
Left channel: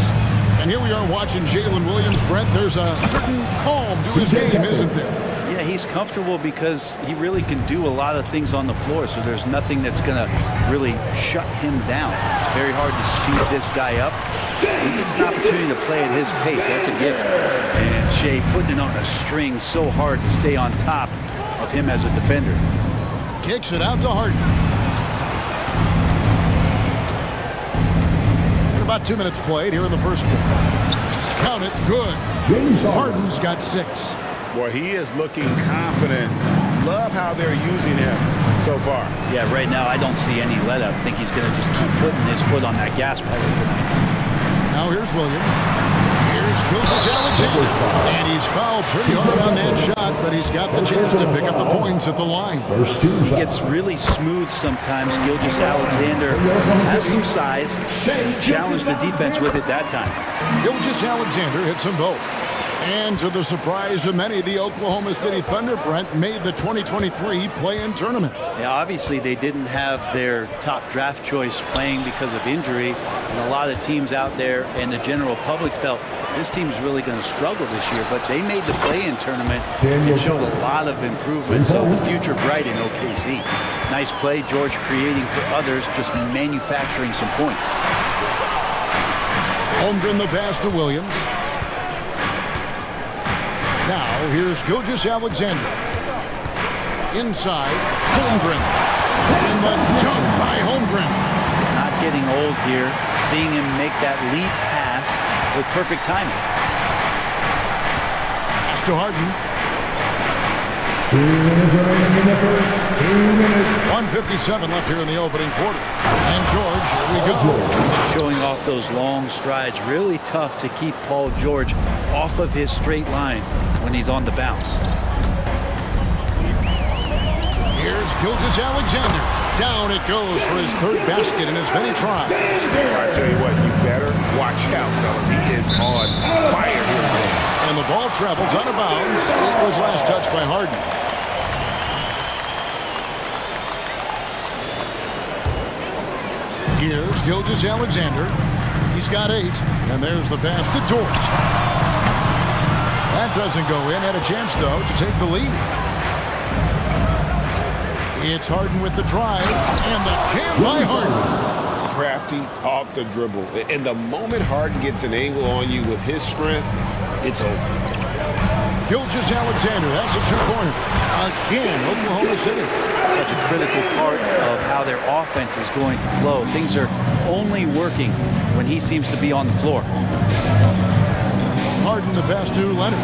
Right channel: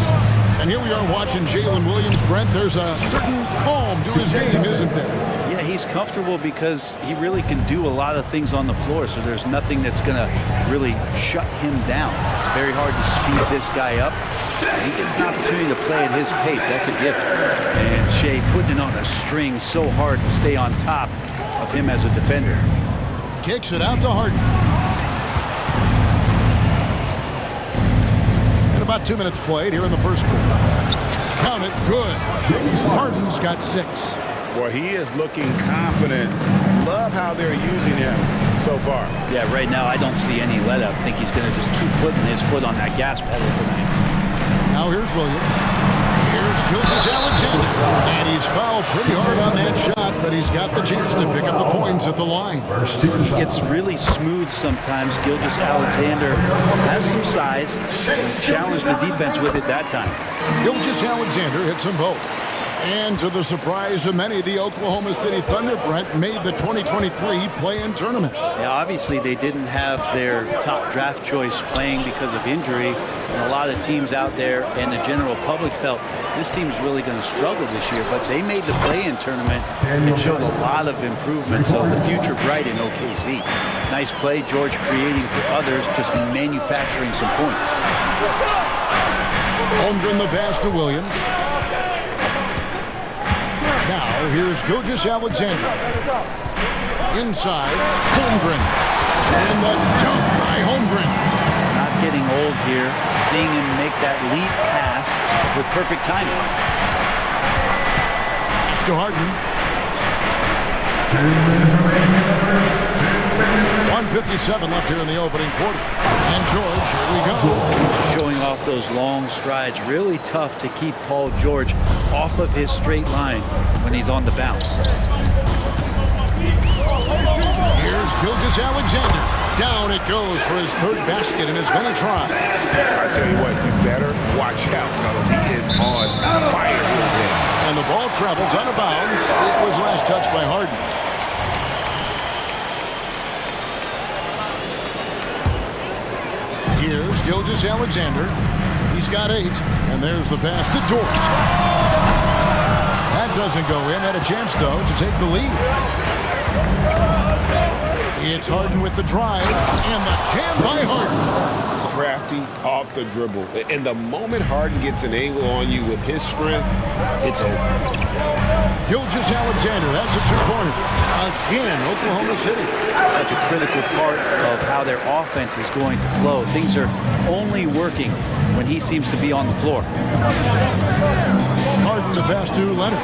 And here we are watching Jalen Williams. Brent, there's a certain calm to his game, isn't there? Yeah, he's comfortable because he really can do a lot of things on the floor, so there's nothing that's going to really shut him down. It's very hard to speed this guy up. He gets an opportunity to play at his pace. That's a gift. And Shea putting it on a string so hard to stay on top of him as a defender. Kicks it out to Harden. And about 2 minutes played here in the first quarter. Count it, good. Harden's got 6. Boy, he is looking confident. Love how they're using him so far. Yeah, right now I don't see any let up. I think he's going to just keep putting his foot on that gas pedal tonight. Now here's Williams. Here's Gilgeous-Alexander. And he's fouled pretty hard on that shot, but he's got the chance to pick up the points at the line. He gets really smooth sometimes. Gilgeous-Alexander has some size, and he challenged the defense with it that time. Gilgeous-Alexander hits them both. And to the surprise of many, the Oklahoma City Thunder, Brent, made the 2023 play-in tournament. Yeah, obviously they didn't have their top draft choice playing because of injury, and a lot of teams out there and the general public felt this team's really going to struggle this year, but they made the play-in tournament and showed a lot of improvement, so the future bright in OKC. Nice play, George creating for others, just manufacturing some points. Holmgren the pass to Williams. Now, here's Gilgeous-Alexander. Inside, Holmgren. And the jump by Holmgren. Not getting old here, seeing him make that lead pass with perfect timing. Pass to Harden. 2 minutes remaining in the first. 2 minutes. 1:57 left here in the opening quarter. And George, here we go. Showing off those long strides. Really tough to keep Paul George off of his straight line when he's on the bounce. Here's Gilgeous-Alexander. Down it goes for his 3rd basket in as many tries. I tell you what, you better watch out, fellas. He is on fire here today. And the ball travels out of bounds. It was last touched by Harden. Here's Gilgeous-Alexander. He's got 8. And there's the pass to Dort. That doesn't go in. Had a chance, though, to take the lead. It's Harden with the drive. And the jam by Harden. Crafty off the dribble. And the moment Harden gets an angle on you with his strength, it's over. Gilgeous-Alexander, that's a 2-pointer. Again, Oklahoma City. Such a critical part of how their offense is going to flow. Things are only working when he seems to be on the floor. Harden the pass to Leonard.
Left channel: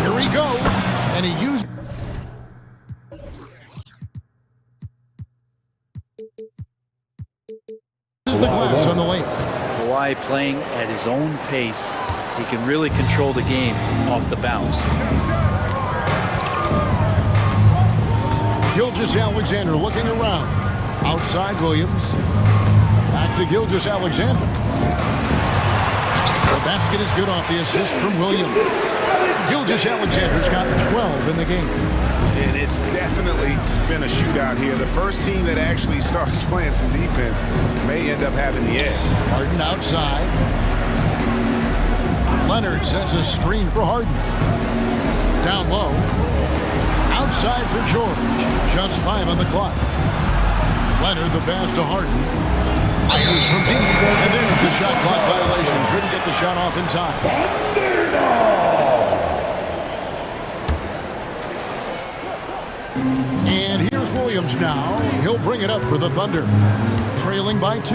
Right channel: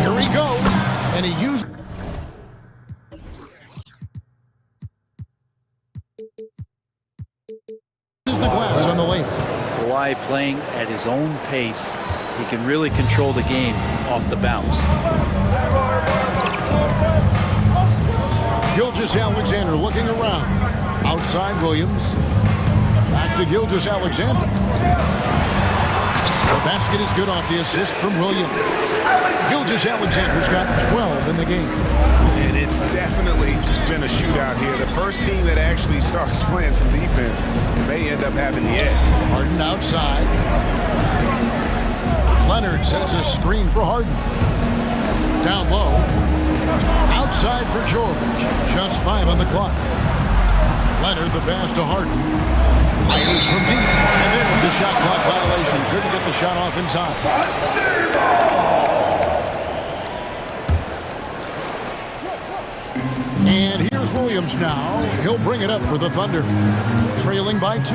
Here he goes, and he uses the glass on the layup. Kawhi playing at his own pace. He can really control the game off the bounce. Gilgeous-Alexander looking around. Outside Williams. Back to Gilgeous-Alexander. The basket is good off the assist from Williams. Gilgeous-Alexander's got 12 in the game. And it's definitely been a shootout here. The first team that actually starts playing some defense may end up having the edge. Harden outside. Leonard sets a screen for Harden. Down low. Outside for George. Just 5 on the clock. Leonard the pass to Harden. Fires from deep. And there's the shot clock violation. Couldn't get the shot off in time. And here's Williams now. He'll bring it up for the Thunder. Trailing by 2.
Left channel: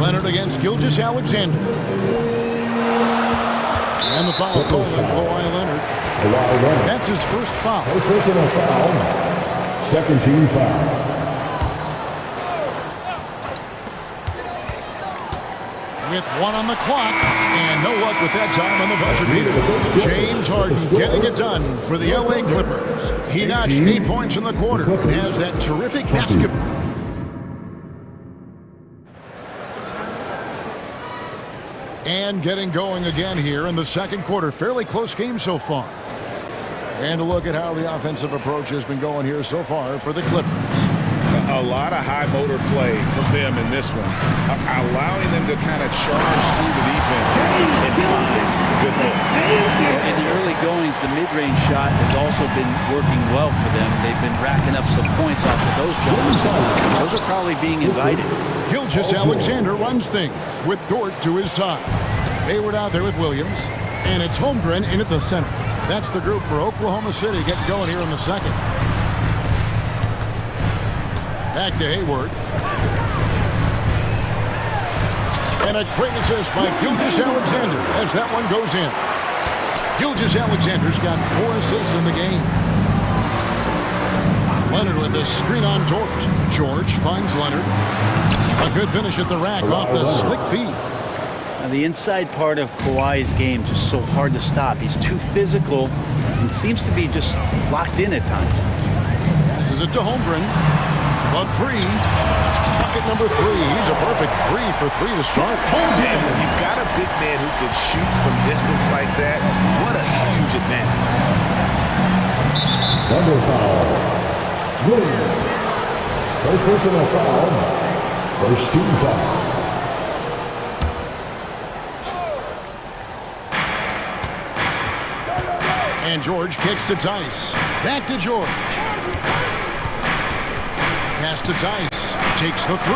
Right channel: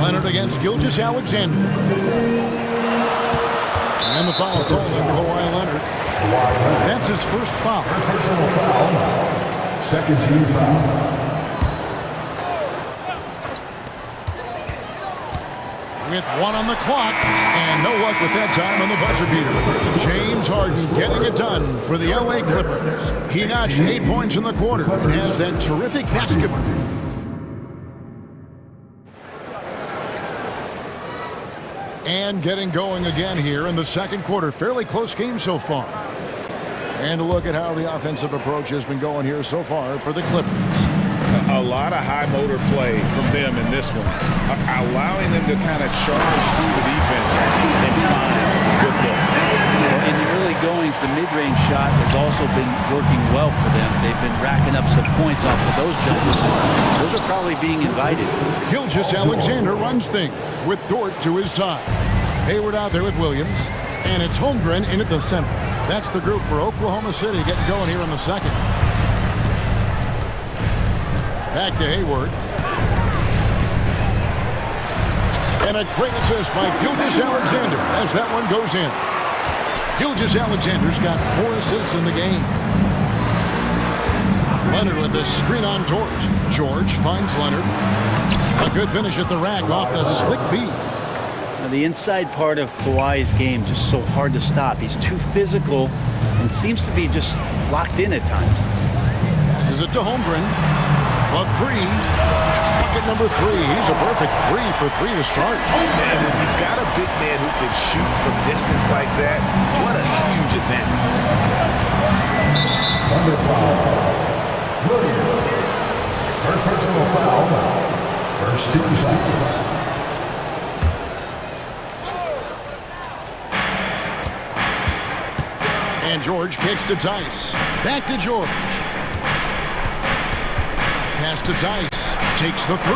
Leonard against Gilgeous-Alexander. And the foul called on Kawhi Leonard. That's his first foul. First personal foul. Second team foul. With 1 on the clock, and no luck with that time on the buzzer beater. James Harden getting it done for the LA Clippers. He notched 8 points in the quarter and has that terrific basketball. And getting going again here in the second quarter. Fairly close game so far. And a look at how the offensive approach has been going here so far for the Clippers. A lot of high motor play from them in this one, allowing them to kind of charge through the defense and find good looks. Well, in the early goings, the mid-range shot has also been working well for them. They've been racking up some points off of those jumpers, and those are probably being invited. Gilgeous-Alexander runs things with Dort to his side. Hayward out there with Williams, and it's Holmgren in at the center. That's the group for Oklahoma City getting going here in the second. Back to Hayward. And a great assist by Gilgeous-Alexander as that one goes in. Gilgeous-Alexander's got 4 assists in the game. Leonard with a screen on George. George finds Leonard. A good finish at the rack off the slick feed. Now, the inside part of Kawhi's game just so hard to stop. He's too physical and seems to be just locked in at times. Passes it to Holmgren. A 3. Bucket number 3. He's a perfect 3 for 3 to start. And when you've got a big man who can shoot from distance like that, what a huge advantage. Thunder foul. Williams. First personal foul. First team foul. And George kicks to Tice. Back to George. Pass to Tice. Takes the 3.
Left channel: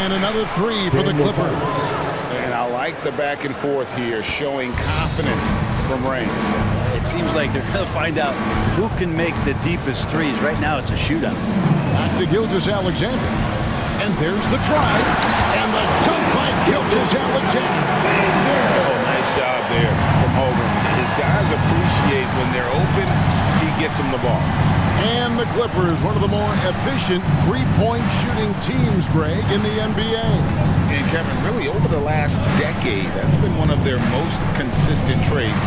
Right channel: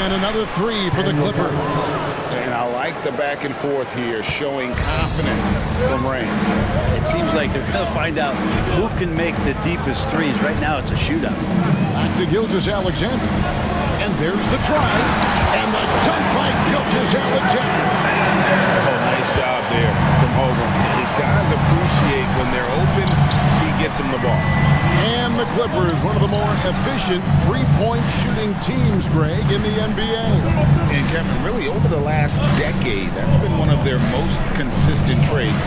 And another 3 for the Clippers. And I like the back and forth here, showing confidence from range. It seems like they're going to find out who can make the deepest threes. Right now, it's a shootout. Back to Gilgeous-Alexander. And there's the drive. And the dunk by Gilgeous-Alexander. Oh, nice job there from Holmgren. His guys appreciate when they're open, he gets them the ball. And the Clippers, one of the more efficient three-point shooting teams, Greg, in the NBA. And Kevin, really over the last decade, that's been one of their most consistent traits.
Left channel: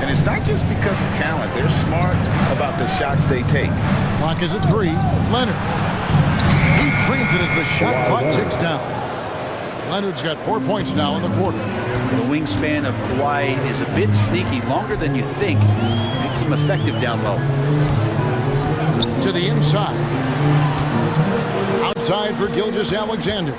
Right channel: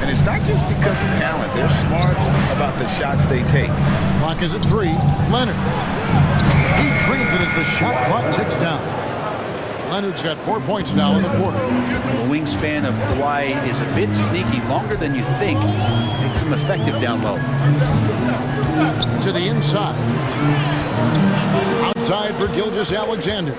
And it's not just because of talent. They're smart about the shots they take. Clock is at 3. Leonard. He trains it as the shot clock ticks down. Leonard's got 4 points now in the quarter. The wingspan of Kawhi is a bit sneaky, longer than you think. Makes him effective down low. To the inside. Outside for Gilgeous-Alexander.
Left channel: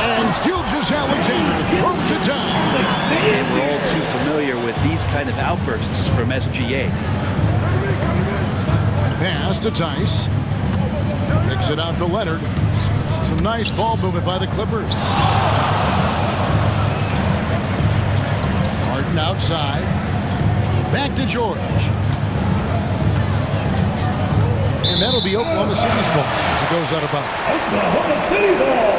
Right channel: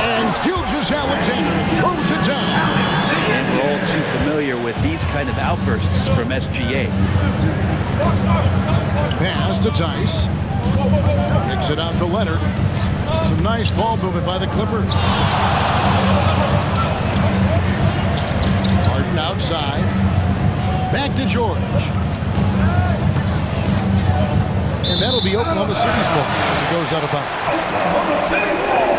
And Gilgeous-Alexander throws it down. And we're all too familiar with these kind of outbursts from SGA. Pass to Tice. Kicks it out to Leonard. Some nice ball movement by the Clippers. Harden outside. Back to George. And that'll be Oklahoma City's ball as it goes out of bounds. Oklahoma City ball.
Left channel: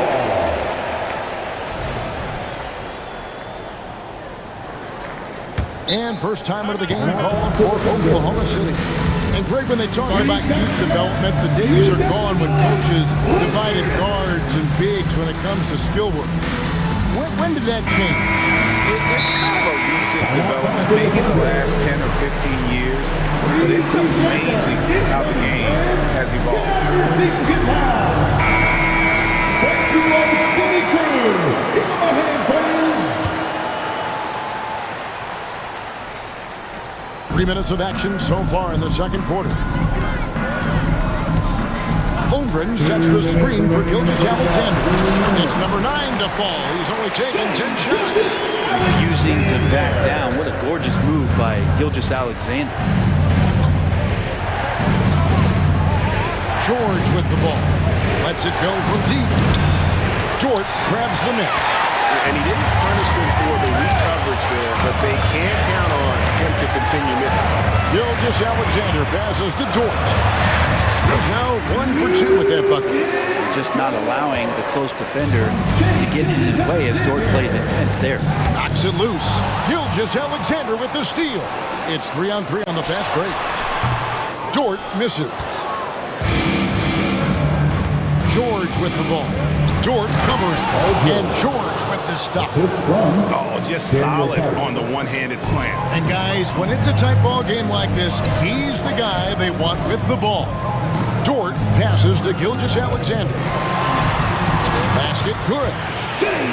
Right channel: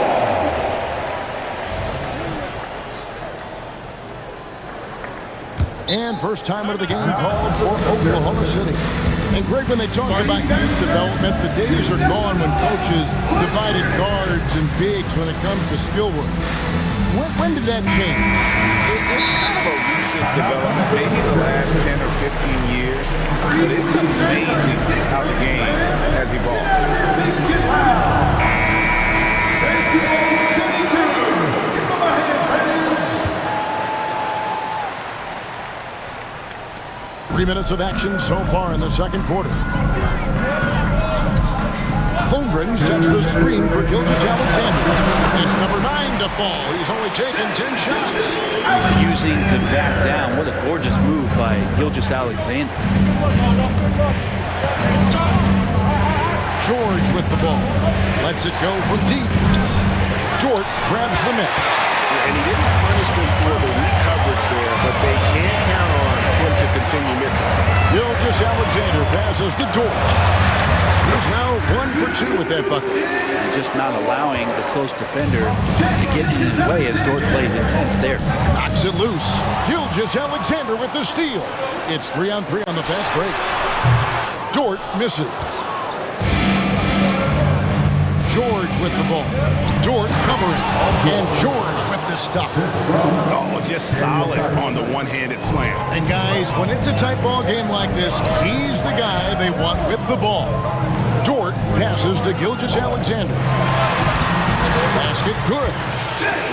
And first time out of the game called for Oklahoma City. And Greg, when they talk about youth development, the days are gone when coaches divided guards and bigs when it comes to skill work. When did that change? It's kind of a recent development, maybe the last 10 or 15 years, but it's amazing how the game has evolved. Thank you, City Crew. Give them a hand, fans. 3 minutes of action so far in the second quarter. Holmgren sets the screen for Gilgeous-Alexander. It's number 9 to fall. He's only taken 10 shots. Refusing to back down. What a gorgeous move by Gilgeous-Alexander. George with the ball. Lets it go from deep. Dort grabs the miss. And he didn't punish them for the weak coverage there, but they can't count on him to continue missing. Gilgeous-Alexander passes to Dort. He's now 1 for 2 with that bucket. He's just not allowing the close defender to get in his way as Dort plays intense there. Knocks it loose. Gilgeous-Alexander with the steal. It's 3-on-3 on the fast break. Dort misses. George with the ball. Dort covering. And George with the stop. Oh, just solid on the one-handed slam. And guys, when it's a tight ball game like this, he's the guy they want with the ball. Dort passes to Gilgeous-Alexander. Basket good.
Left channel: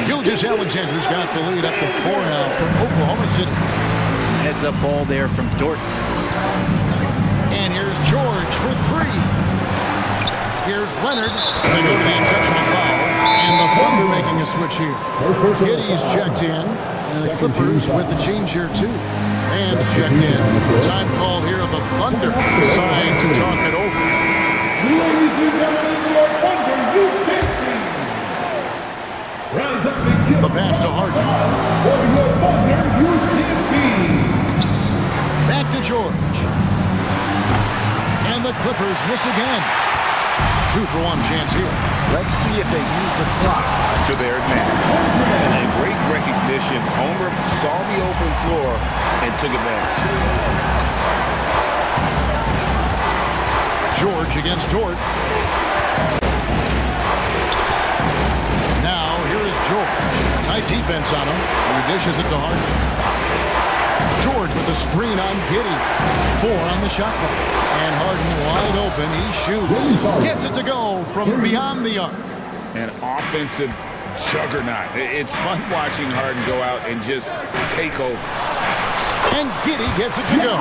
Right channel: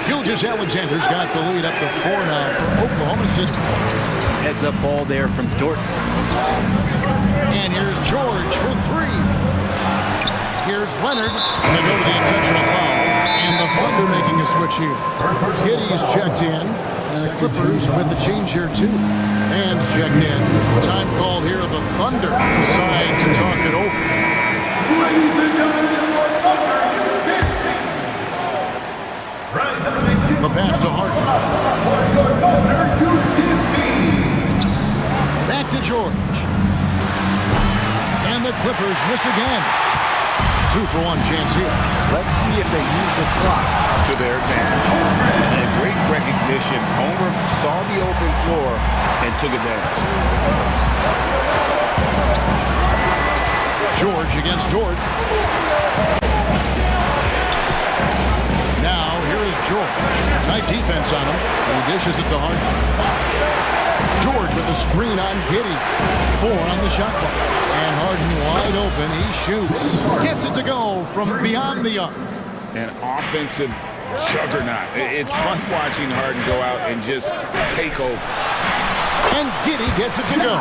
Gilgeous-Alexander's got the lead up to 4 now for Oklahoma City. Some heads-up ball there from Dort. And here's George for 3. Here's Leonard. And they go to the intentional foul. And the Thunder making a switch here. Giddey's checked in. And the Clippers with the change here too. Man's checked in. Time called here of the Thunder. Decide to talk it over. Ladies and gentlemen, your Thunder, you dancing. Rise up and give the pass to Harden. For your Thunder, you dancing. Back to George. And the Clippers miss again. 2-for-1 chance here. Let's see if they use the clock to their advantage. And great recognition. Homer saw the open floor and took advantage. George against Dort. Now, here is George. Tight defense on him. He dishes it to Harden. George with the screen on Giddey. 4 on the shot clock. And Harden wide open. He shoots. Gets it to go from beyond the arc. An offensive juggernaut. It's fun watching Harden go out and just take over. And Giddey gets it to go.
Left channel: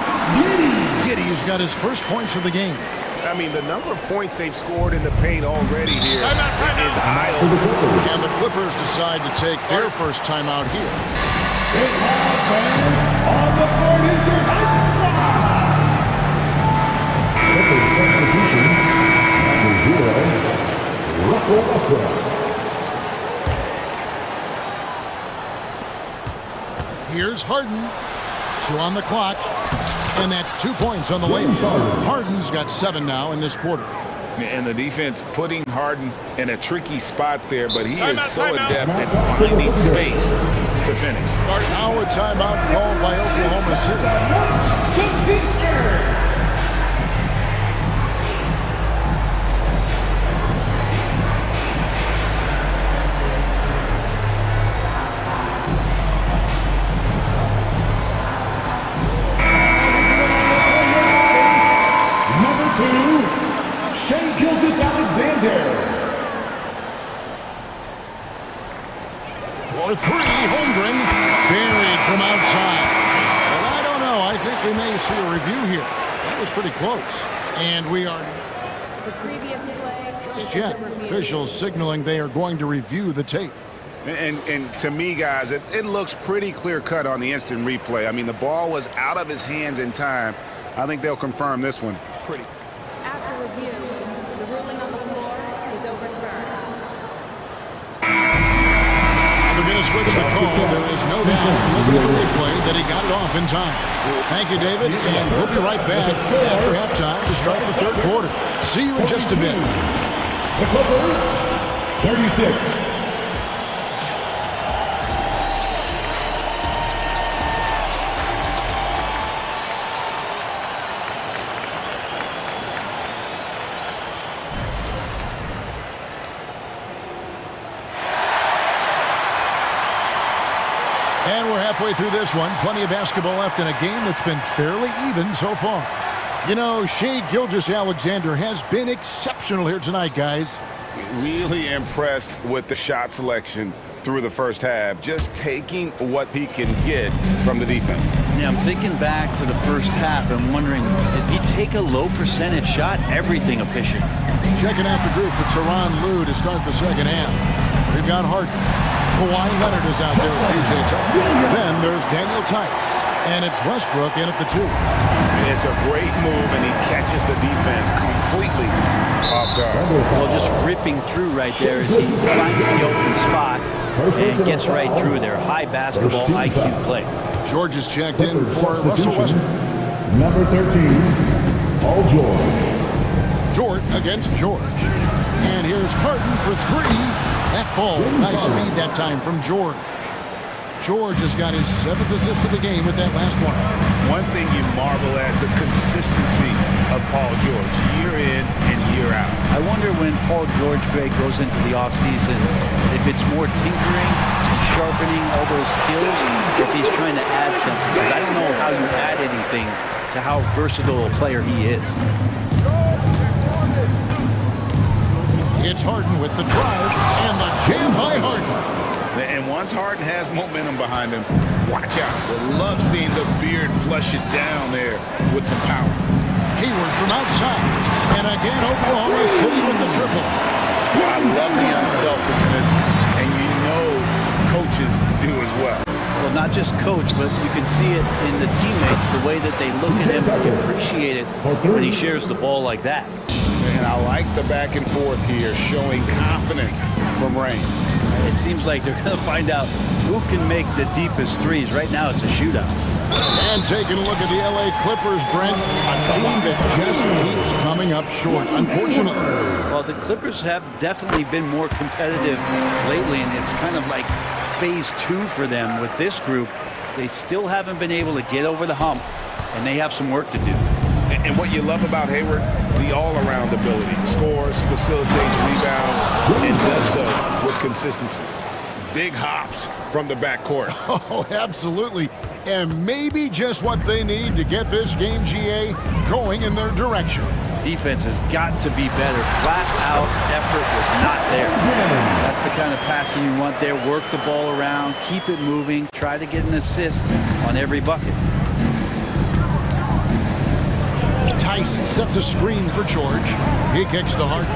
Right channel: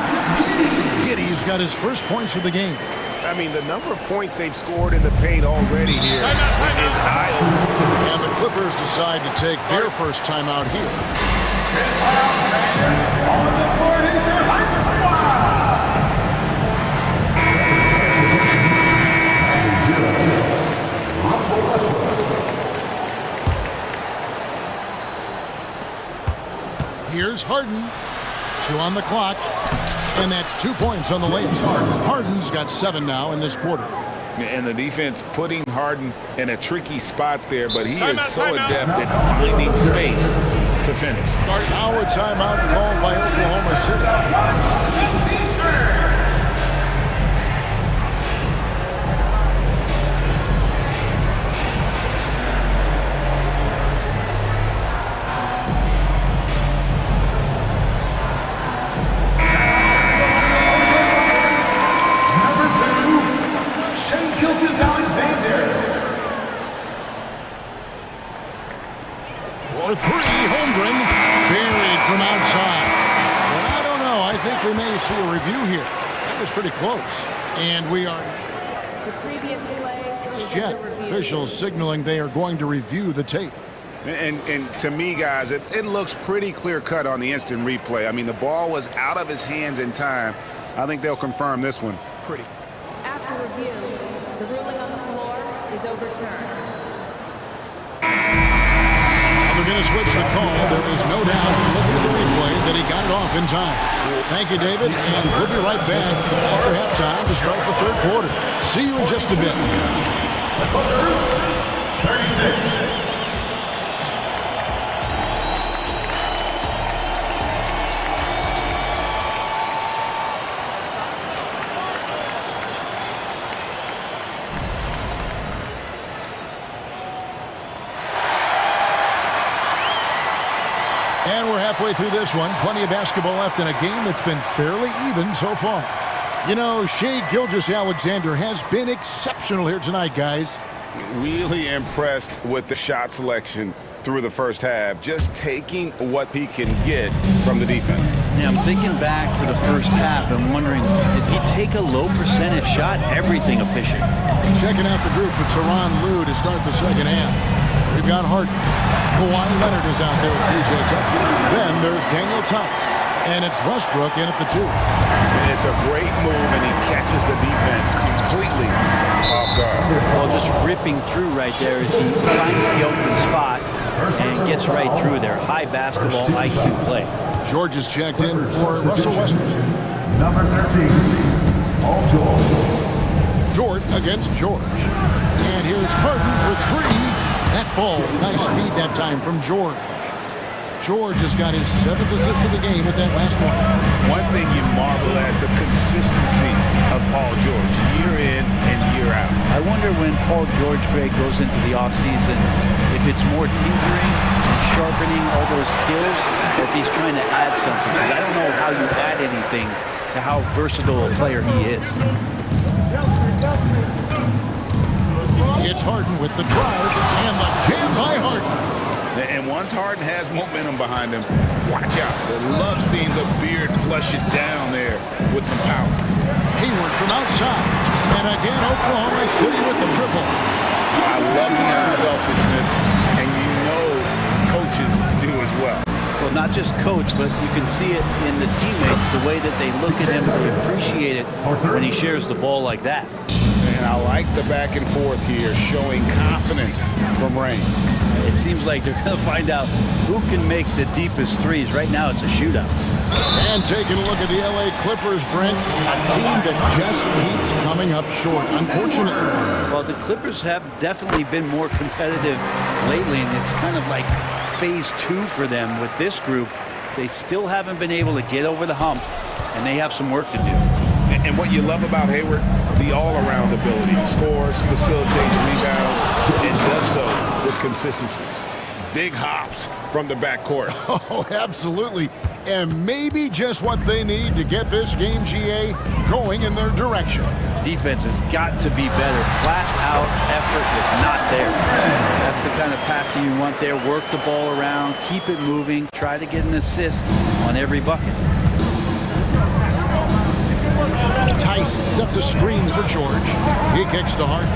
Giddey's got his first points of the game. I mean, the number of points they've scored in the paint already here is eye-opening. And the Clippers decide to take their first timeout here. On the 40, Russell Westbrook. Here's Harden. 2 on the clock. And that's 2 points on the layup. Harden's got 7 now in this quarter. And the defense putting Harden in a tricky spot there, but he is so adept at finding space to finish. Now a timeout called by Oklahoma City. Gilgeous-Alexander. For 3, Holmgren buried from outside. But I don't know. I think we may see a review here. That was pretty close. And we are The previous play just yet. Officials signaling they are going to review the tape. And to me, guys, it looks pretty clear-cut on the instant replay. I mean, the ball was out of his hands in time. I think they'll confirm this one pretty. After review, the ruling on the floor is overturned. They're going to switch the call. There is no doubt, looking at the replay, that he got it off in time. Thank you, David, and we'll be right back after halftime to start the third quarter. See you in just a bit. The Clippers, 36. And we're halfway through this one. Plenty of basketball left in a game that's been fairly even so far. You know, Shai Gilgeous-Alexander has been exceptional here tonight, guys. Really impressed with the shot selection through the first half, just taking what he can get from the defense. Yeah, I'm thinking back to the first half and wondering, did he take a low percentage shot? Everything efficient. Checking out the group for Tyronn Lue to start the second half. We've got Harden. Kawhi Leonard is out there with PJ Tucker. Then there's Daniel Tice. And it's Westbrook in at the 2. It's a great move, and he catches the defense completely off guard. Well, just ripping through right there as he finds the open spot and gets right through there. High basketball IQ play. George is checked in for Russell Westbrook. Number 13, Paul George. George against George. And here's Harden for 3. That falls. Nice feed that time from George. George has got his 7th assist of the game with that last one. One thing you marvel at, the consistency of Paul George, year in and year out. I wonder when Paul George, Greg, goes into the offseason, if it's more tinkering, sharpening all those skills, or if he's trying to add something. Because I don't know how you add anything to how versatile a player he is. It's Harden with the drive and the jam by Harden. And once Harden has momentum behind him, watch out. They love seeing the beard flush it down there with some power. Hayward from outside. And again, Oklahoma City with the triple. I love the unselfishness, and you know coaches do as well. Well, not just coach, but you can see it in the teammates, the way that they look at him, they appreciate it when he shares the ball like that. And I like the back and forth here, showing confidence from Rain. It seems like they're going to find out who can make the deepest threes. Right now, it's a shootout. And taking a look at the LA Clippers, Brent, a team that just keeps coming up short, unfortunately. Well, the Clippers have definitely been more competitive lately, and it's kind of like phase 2 for them with this group. They still haven't been able to get over the hump, and they have some work to do. And what you love about Hayward, the all-around ability. Scores, facilitates, rebounds, and does so with consistency. Big hops from the backcourt. Oh, absolutely. And maybe just what they need to get this game, GA, going in their direction. Defense has got to be better. Flat-out effort was not there. That's the kind of passing you want there. Work the ball around, keep it moving, try to get an assist on every bucket. Tice sets a screen for George. He kicks to Harden.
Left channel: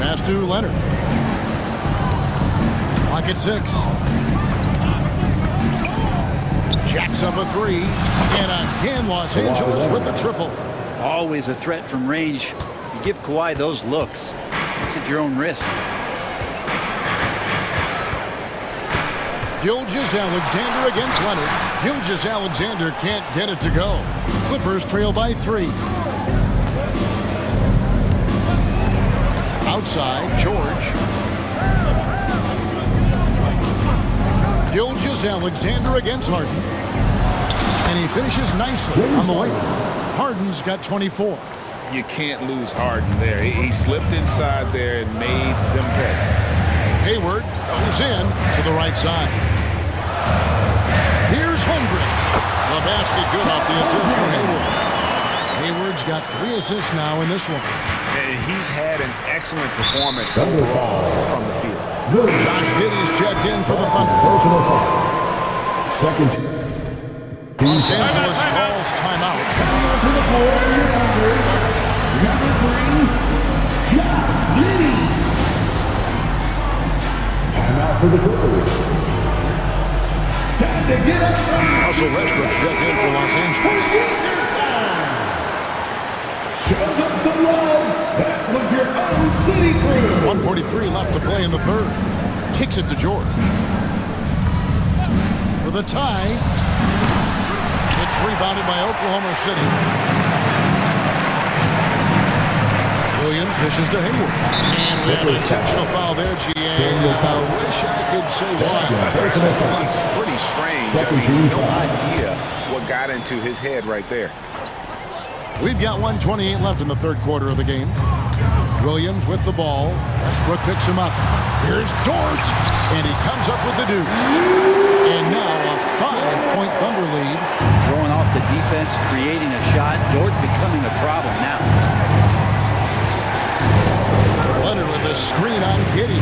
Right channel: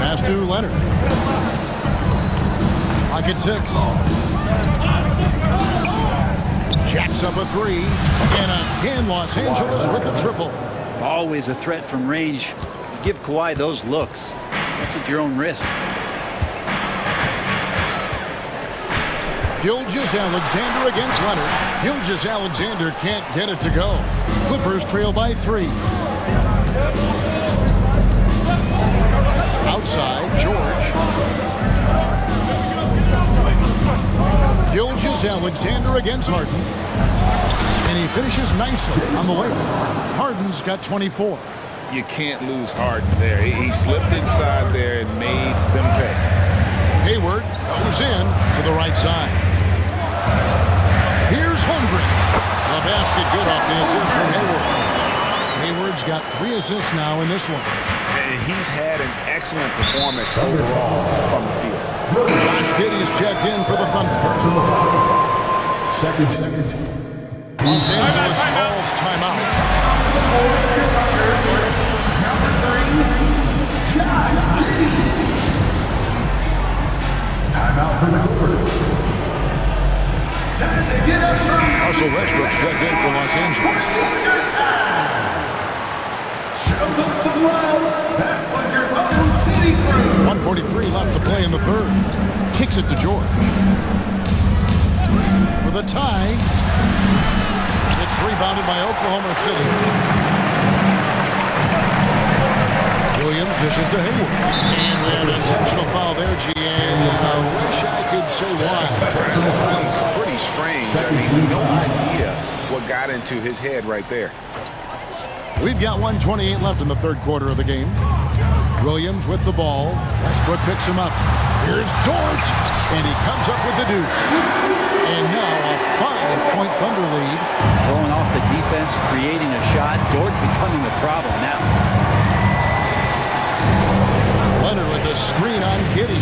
Pass to Leonard. Clock at 6. Jacks up a 3. And again, Los Angeles with the triple. Always a threat from range. You give Kawhi those looks. That's at your own risk. Gilgeous-Alexander against Leonard. Gilgeous-Alexander can't get it to go. Clippers trail by 3. Outside, George. Gilgeous-Alexander against Harden. And he finishes nicely on the way. Harden's got 24. You can't lose Harden there. He slipped inside there and made them pay. Hayward goes in to the right side. Here's Holmgren. The basket good off the assist from Hayward. Hayward's got 3 assists now in this one. And he's had an excellent performance overall from the field. Josh Giddey's checked in for the Thunder. Personal foul. Second. Los Angeles calls timeout. Number 3, Josh Giddey. Timeout for the Clippers. Time to get up. Russell Westbrook's checked in for Los Angeles. Show them some love. That was your own city crew. 1:43 left to play in the third. Kicks it to George. For the tie. It's rebounded by Oklahoma City. Williams dishes to Hayward. And we have an intentional foul there, GA. I wish I could say why. It's pretty strange. I mean, no idea what got into his head right there. We've got 1:28 left in the third quarter of the game. Williams with the ball. Westbrook picks him up. Here's Dort, and he comes up with the deuce. And now a 5-point Thunder lead. Throwing off the defense, creating a shot. Dort becoming a problem now. Leonard with a screen on Giddey.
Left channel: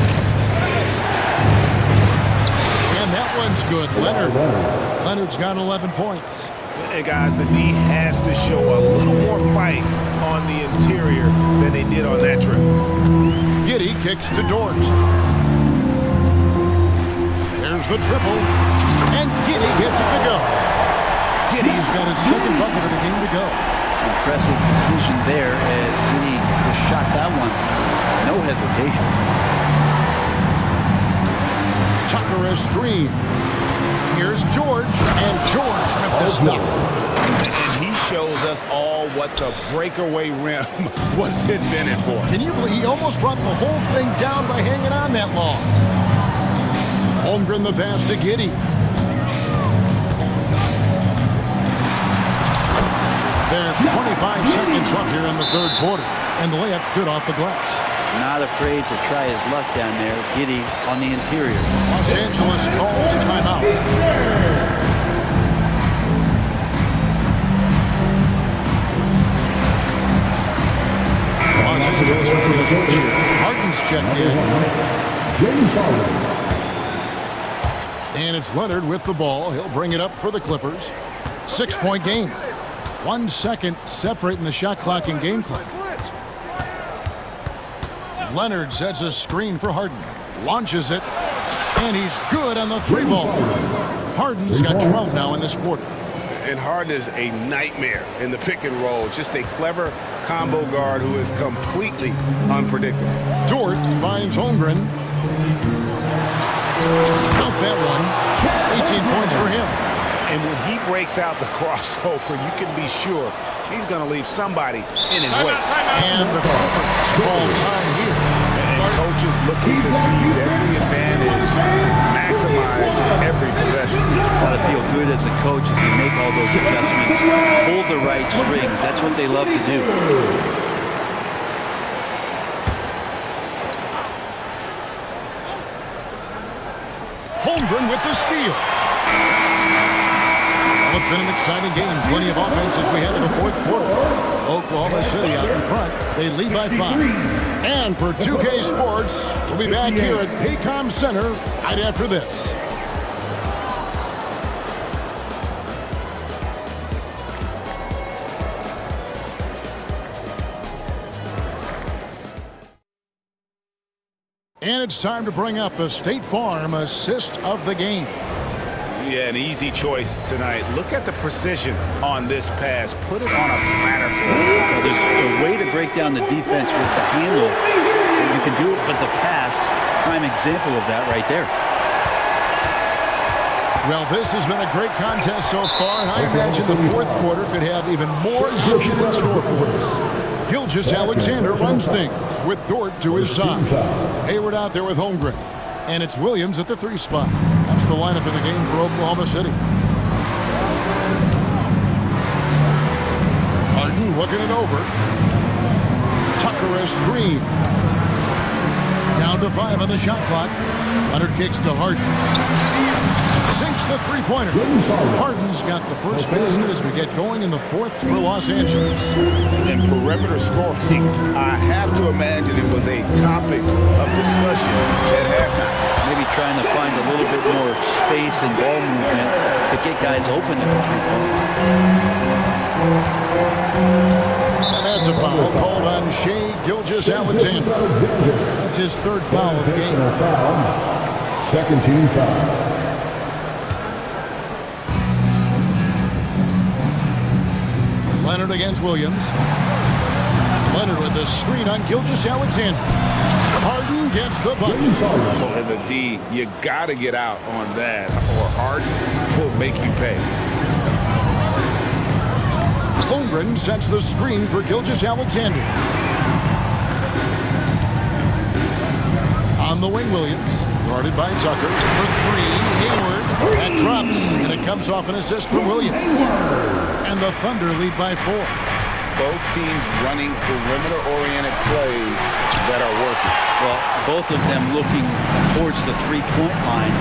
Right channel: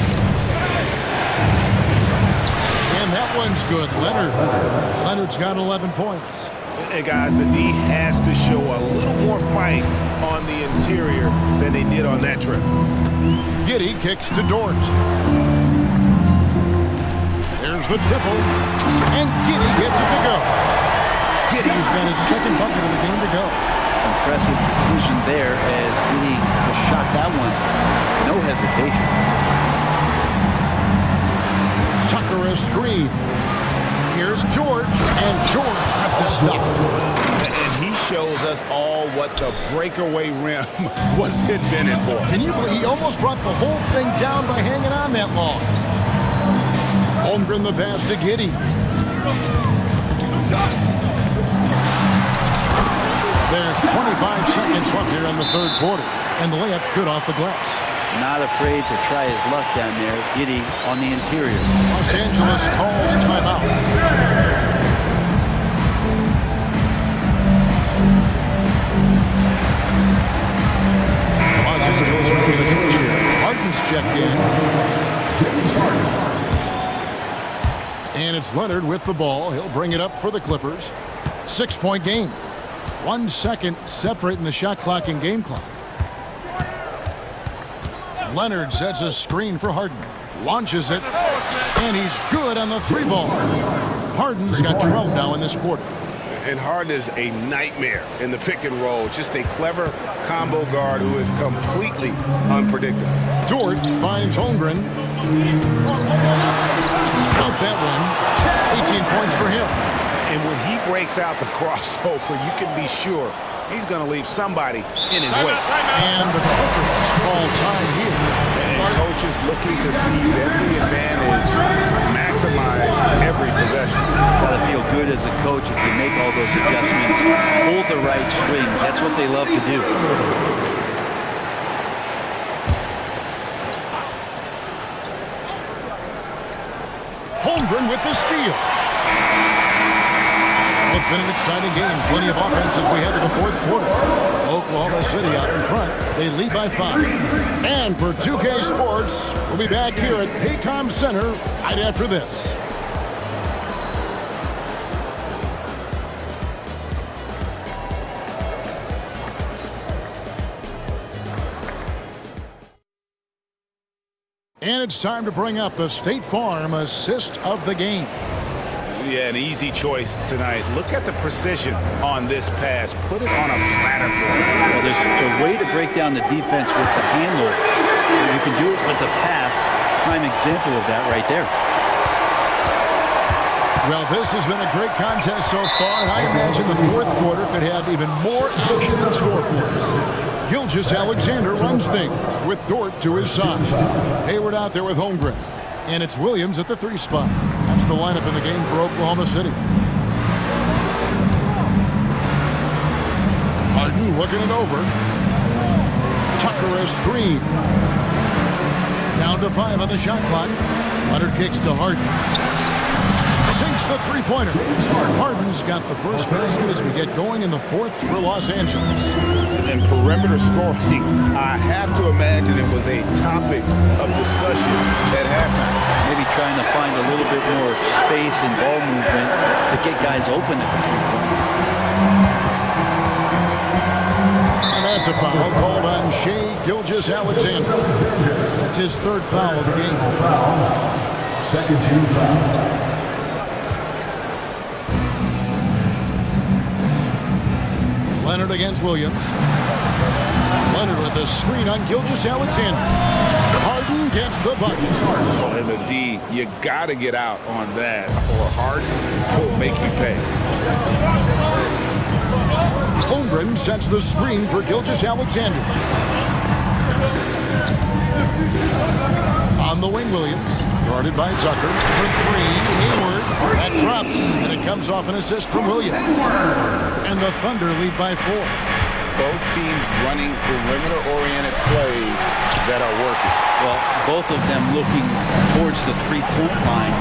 And that one's good. Leonard's got 11 points. And guys, the D has to show a little more fight on the interior than they did on that trip. Giddey kicks to Dort. There's the triple. And Giddey gets it to go. Giddey's got his second bucket of the game to go. Impressive decision there as Giddey just shot that one. No hesitation. Tucker a screen. Here's George, and George with the stuff. And he shows us all what the breakaway rim was invented for. Can you believe he almost brought the whole thing down by hanging on that long? Holmgren the pass to Giddey. There's 25 seconds left here in the third quarter, and the layup's good off the glass. Not afraid to try his luck down there. Giddey on the interior. Los Angeles calls timeout. Los Angeles making a switch here. Harden's checked in. James Harden. And it's Leonard with the ball. He'll bring it up for the Clippers. 6-point game. 1 second separating the shot clock and game clock. Leonard sets a screen for Harden. Launches it. And he's good on the three ball. Harden's got 12 now in this quarter. And Harden is a nightmare in the pick and roll. Just a clever combo guard who is completely unpredictable. Dort finds Holmgren. Count that one. 18 points for him. And when he breaks out the crossover, you can be sure he's going to leave somebody in his way. And the Clippers call time here. And coaches looking to seize every advantage, maximize every possession. Got to feel good as a coach if you make all those adjustments. Hold the right strings. That's what they love to do. Holmgren with the steal. Well, it's been an exciting game. Plenty of offense as we head to the fourth quarter. Oklahoma City out in front. They lead by 5. And for 2K Sports, we'll be back here at Paycom Center right after this. And it's time to bring up the State Farm assist of the game. Yeah, an easy choice tonight. Look at the precision on this pass. Put it on a platter for him. Well, there's a way to break down the defense with the handle. You can do it with the pass. Prime example of that right there. Well, this has been a great contest so far, and I imagine the fourth quarter could have even more action in store for us. Gilgeous-Alexander runs things with Dort to his side. Hayward out there with Holmgren. And it's Williams at the 3 spot. That's the lineup in the game for Oklahoma City. Harden looking it over. Tucker a screen. Down to 5 on the shot clock. Leonard kicks to Harden. Sinks the three-pointer. Harden's got the first basket as we get going in the fourth for Los Angeles. And perimeter scoring, I have to imagine it was a topic of discussion at halftime. Maybe trying to find a little bit more space and ball movement to get guys open at the three-pointer. And that's a foul called on Shai Gilgeous-Alexander. That's his 3rd foul of the game. Second team foul. Leonard against Williams. Leonard with the screen on Gilgeous-Alexander. Harden gets the bucket. Oh, and the D, you got to get out on that, or Harden will make you pay. Holmgren sets the screen for Gilgeous-Alexander. On the wing, Williams. Guarded by Tucker for 3. Hayward. That drops, and it comes off an assist from Williams. And the Thunder lead by 4. both teams running perimeter-oriented plays that are working. Well, both of them looking towards the three-point line,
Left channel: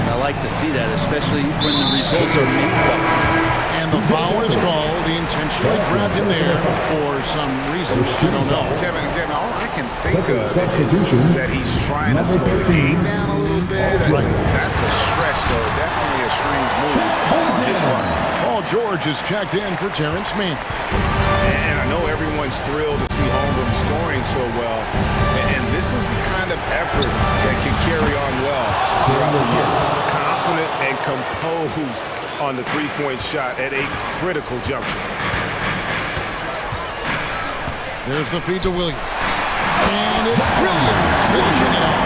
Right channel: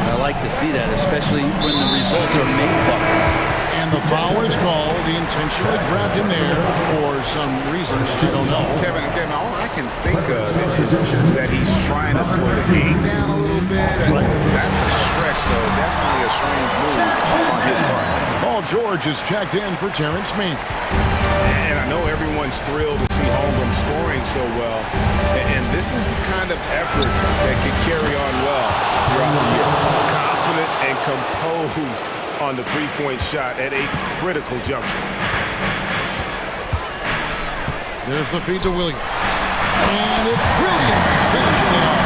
and I like to see that, especially when the results are made buckets. And the foul is called. He intentionally grabbed him there for some reason. I don't know. Kevin, all I can think of is that he's trying to slow the game down a little bit. Right. That's a stretch, though. Definitely a strange move on his part. Paul George is checked in for Terrence Mann. And I know everyone's thrilled to see Holmgren scoring so well. And this is the kind of effort that can carry on well throughout the year. Confident and composed on the three-point shot at a critical juncture. There's the feed to Williams. And it's Williams finishing it off.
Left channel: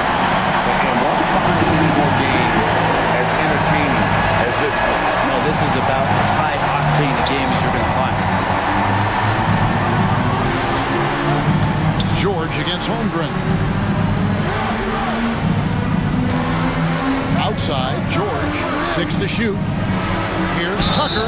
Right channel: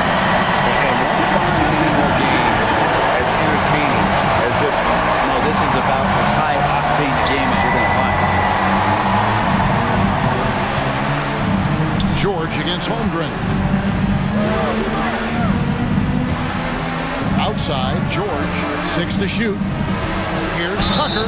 And won't find many more games as entertaining as this one. No, this is about as high-octane a game as you're going to find. George against Holmgren. Outside, George, 6 to shoot. Here's Tucker.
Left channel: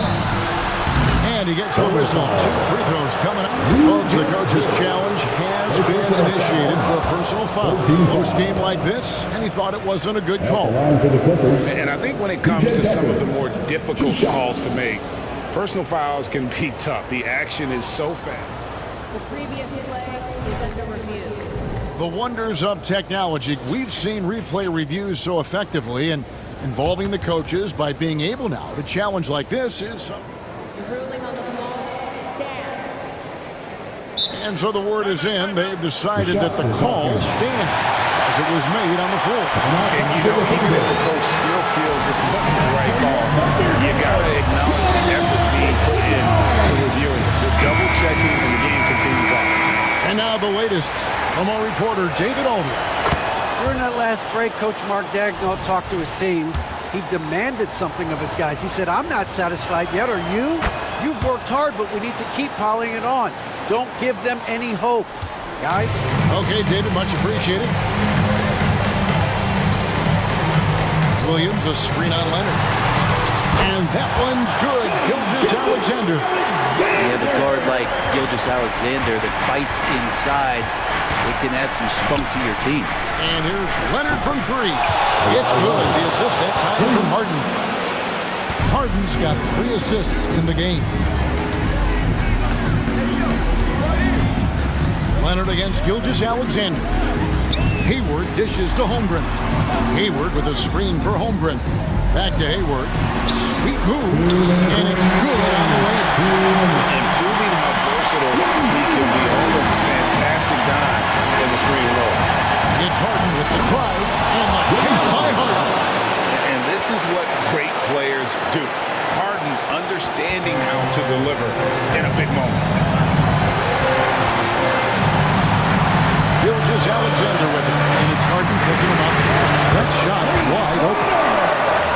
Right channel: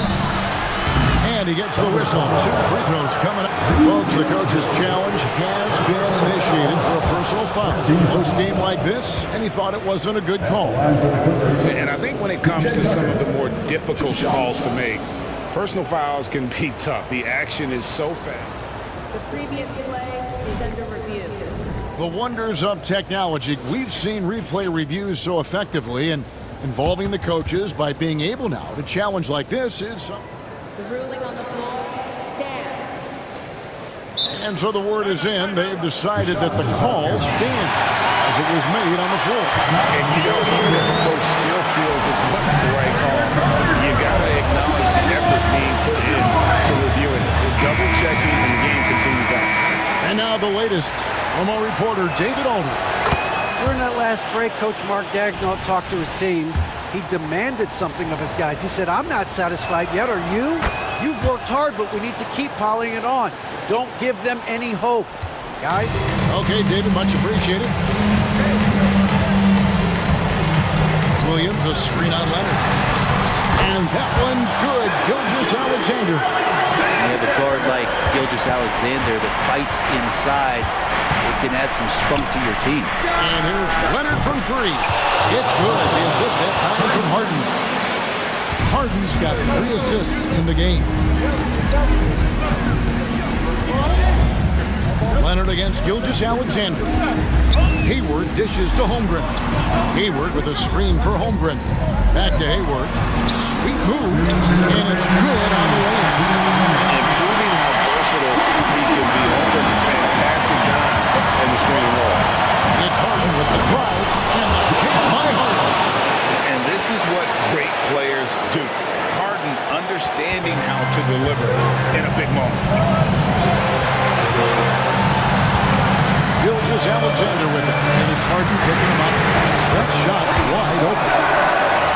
And he gets the whistle. 2 free throws coming up. Folks, the coach's challenge has been initiated for a personal foul. Most game like this, and he thought it wasn't a good call. And I think when it comes to some of the more difficult calls to make, personal fouls can be tough. The action is so fast. The previous play is under review. The wonders of technology. We've seen replay reviews so effectively, and involving the coaches by being able now to challenge like this is... The ruling on the floor stands. And so the word is in. They've decided that the call stands as it was made on the floor. And you know, even if a coach still feels this wasn't the right call, you got to acknowledge the effort being put in to reviewing it. The double checking, and the game continues on. And now the latest from our reporter, David Aldridge. During that last break, Coach Mark Daigneault talked to his team. He demanded something of his guys. He said, I'm not satisfied yet, are you? You've worked hard, but we need to keep piling it on. Don't give them any hope, guys. Okay, David, much appreciated. Williams, a screen on Leonard. And that one's good. Gilgeous-Alexander. You have a guard like Gilgeous-Alexander that fights inside. It can add some spunk to your team. And here's Leonard from 3. It's good. The assist that time from Harden. Harden's got 3 assists in the game. Leonard against Gilgeous-Alexander. Hayward dishes to Holmgren. Hayward with a screen for Holmgren. Back to Hayward. Sweet move, and it's good on the way in. And proving how versatile he can be. Holmgren, fantastic dime in the screen roll. It's Harden with the drive, and the jam by Harden. And this is what great players do. Harden understanding how to deliver in a big moment. Gilgeous-Alexander with it, and it's Harden picking him up. That shot wide open.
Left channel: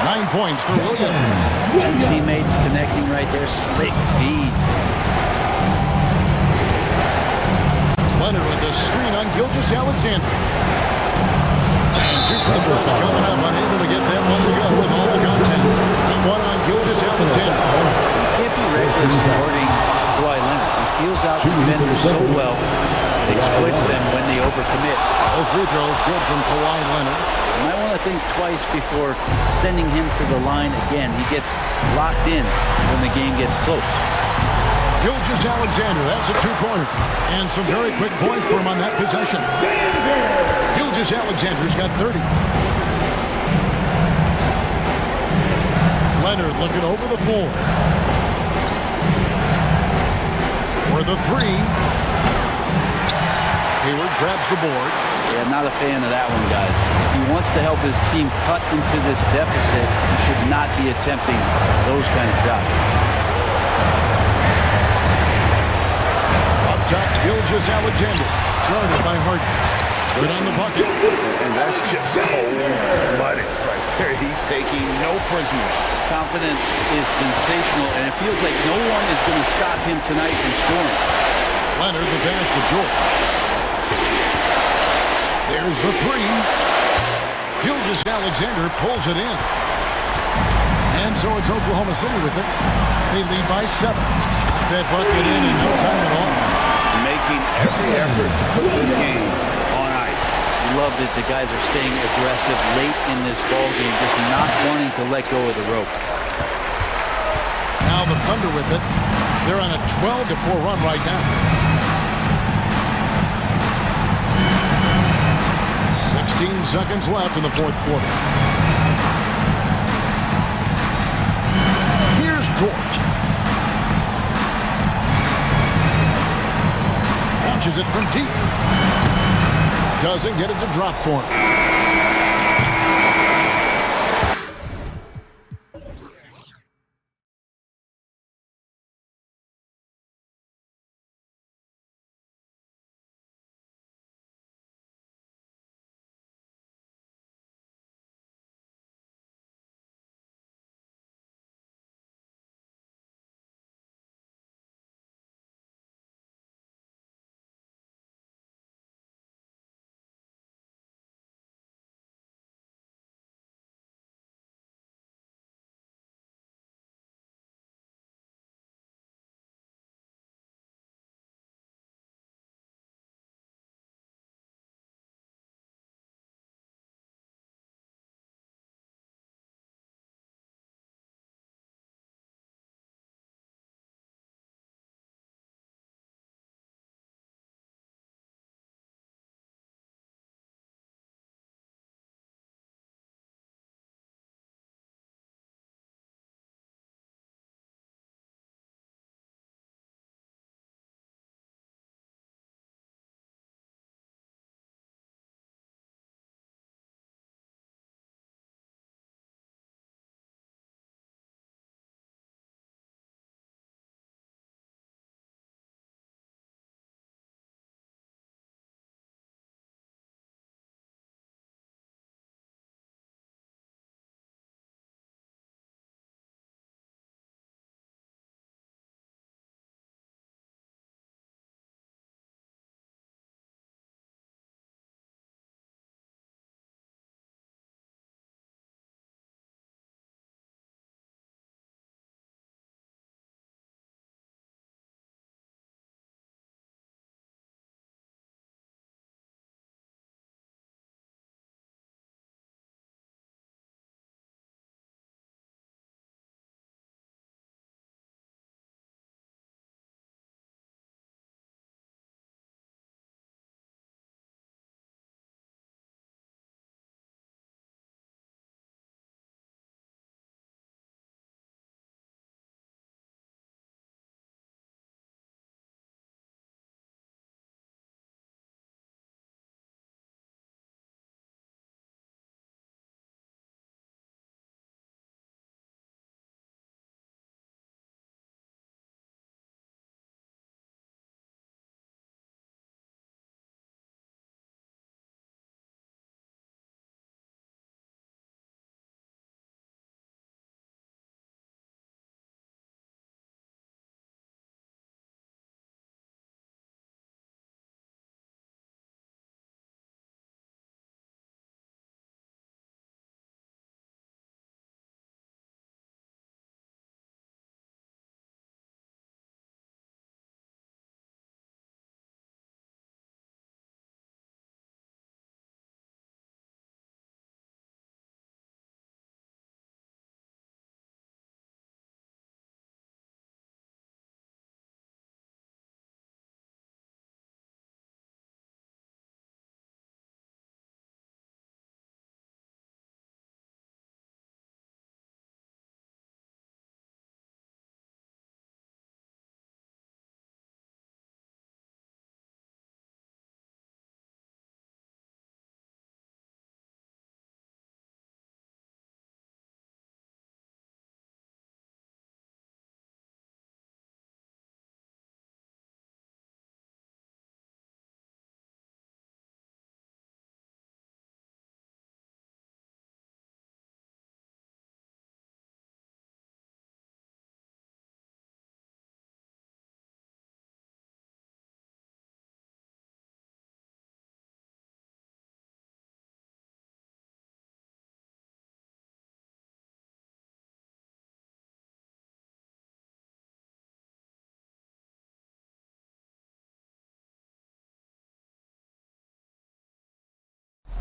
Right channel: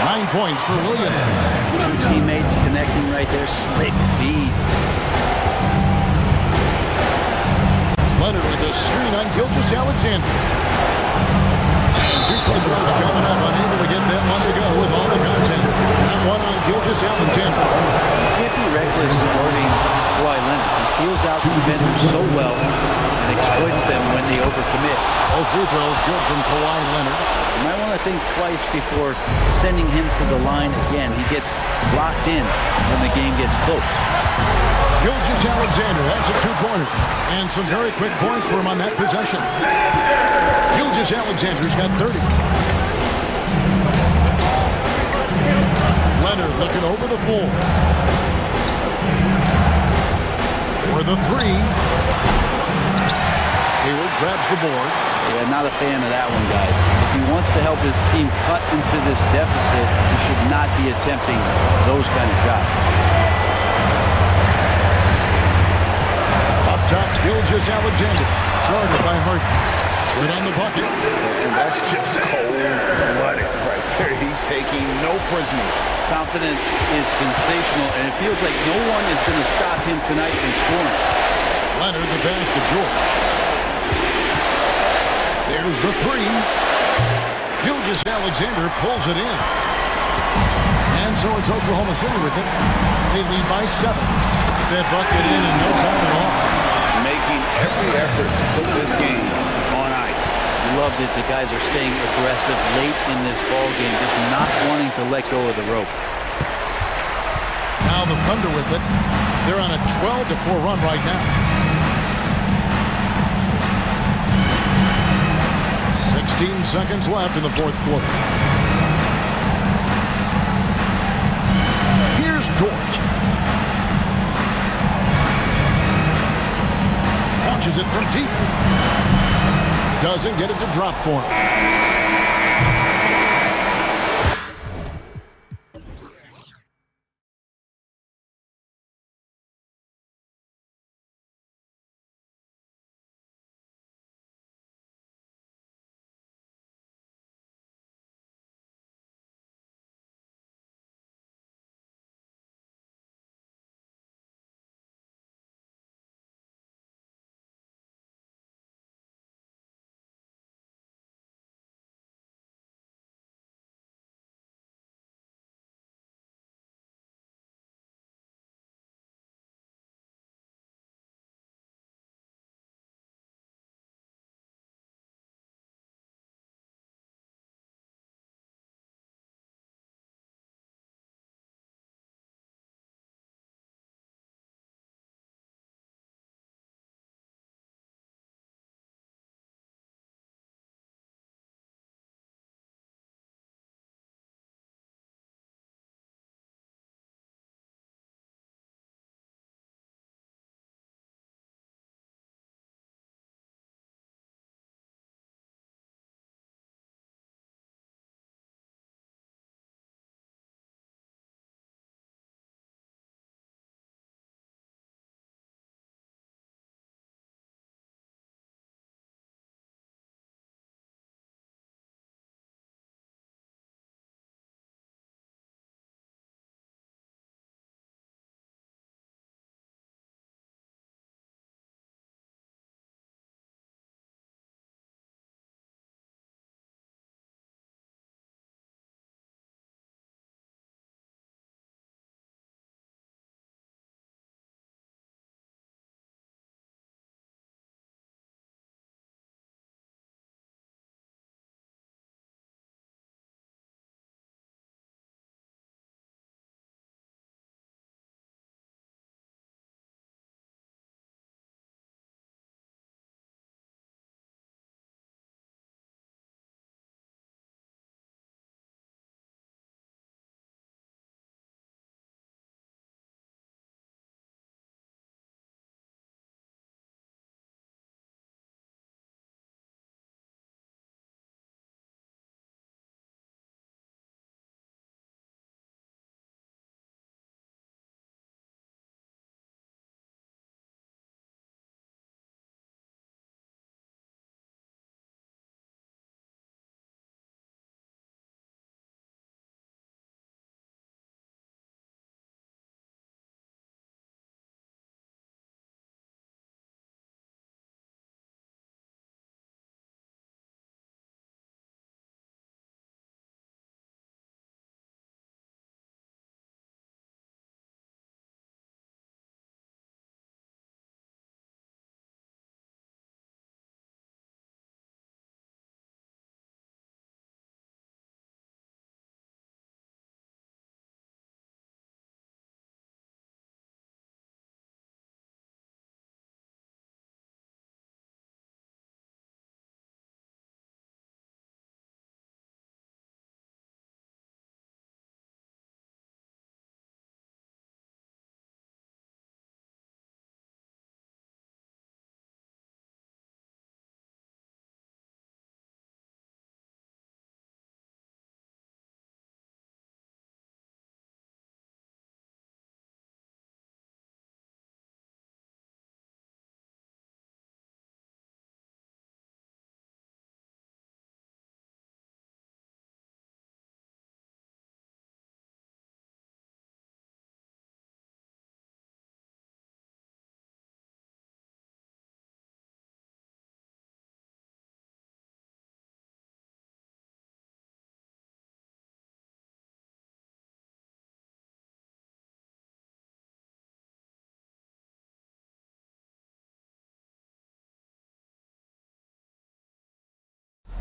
9 points for Williams. 2 teammates connecting right there. Slick feed. Leonard with the screen on Gilgeous-Alexander. And 2 free throws coming up. Unable to get that one to go with all the content. That one on Gilgeous-Alexander. You can't be reckless guarding Kawhi Leonard. He feels out defenders so well and exploits them when they overcommit. Both free throws good from Kawhi Leonard. You might want to think twice before sending him to the line again. He gets locked in when the game gets close. Gilgeous-Alexander, that's a 2-pointer. And some very quick points for him on that possession. Gilgeous-Alexander's got 30. Leonard looking over the floor. For the 3. Hayward grabs the board. Yeah, not a fan of that one, guys. If he wants to help his team cut into this deficit, he should not be attempting those kind of shots. Up top, Gilgeous-Alexander. Guarded by Harden. Good on the bucket. And that's just cold-blooded right there. He's taking no prisoners. Confidence is sensational, and it feels like no one is going to stop him tonight from scoring. Leonard, the pass to George. There's the 3. Gilgeous-Alexander pulls it in. And so it's Oklahoma City with it. They lead by 7. That bucket in no time at all. making every effort to put this game on ice. Love that the guys are staying aggressive late in this ball game, just not wanting to let go of the rope. Now the Thunder with it. They're on a 12-4 run right now. 16 seconds left in the fourth quarter. Here's George. Launches it from deep. Doesn't get it to drop for him.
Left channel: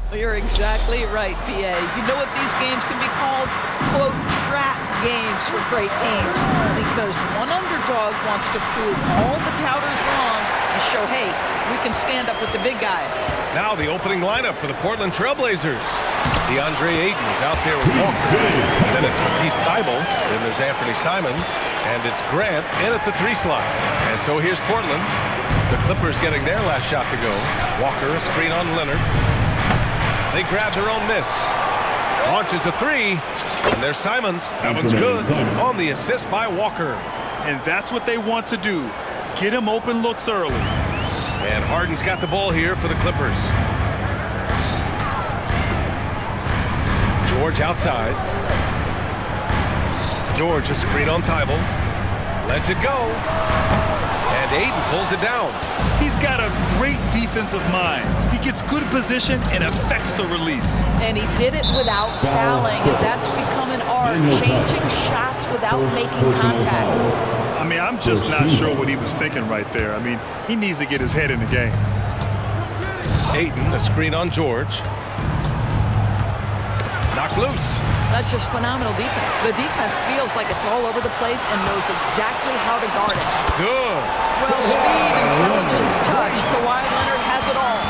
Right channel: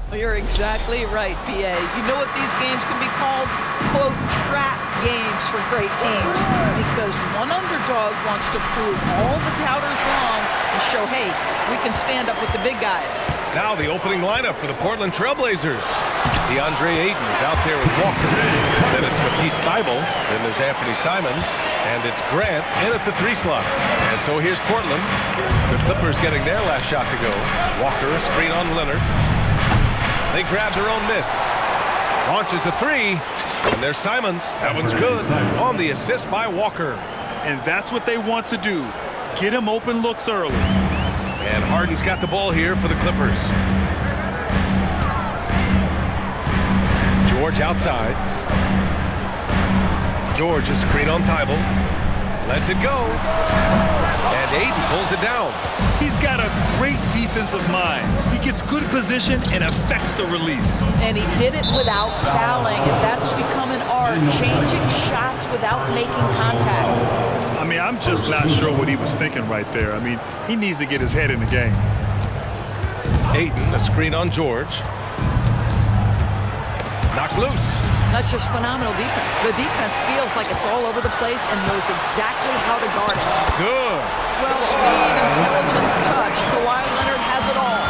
Well, you're exactly right, BA. You know what these games can be called? Quote, trap games for great teams. Because one underdog wants to prove all the doubters wrong and show, hey, we can stand up with the big guys. Now the opening lineup for the Portland Trailblazers. DeAndre Ayton is out there with Walker. Then it's Matisse Thybulle. Then there's Anthony Simons. And it's Grant in at the 3 slot. And so here's Portland. The Clippers getting their last shot to go. Walker, a screen on Leonard. They grab their own miss. Launches a 3. And there's Simons. That one's good. On the assist by Walker. And that's what they want to do. Get him open looks early. And Harden's got the ball here for the Clippers. George outside. George, a screen on Thybulle. Lets it go. And Ayton pulls it down. He's got a great defensive mind. He gets good position and affects the release. And he did it without fouling, and that's become an art, changing shots without making contact. I mean, I'm just not sure what he was thinking right there. I mean, he needs to get his head in the game. Ayton, a screen on George. Knocked loose. That's just phenomenal defense. The defense feels like it's all over the place and knows exactly how to guard it. Good. Well, speed, intelligence, touch. Kawhi Leonard has it all.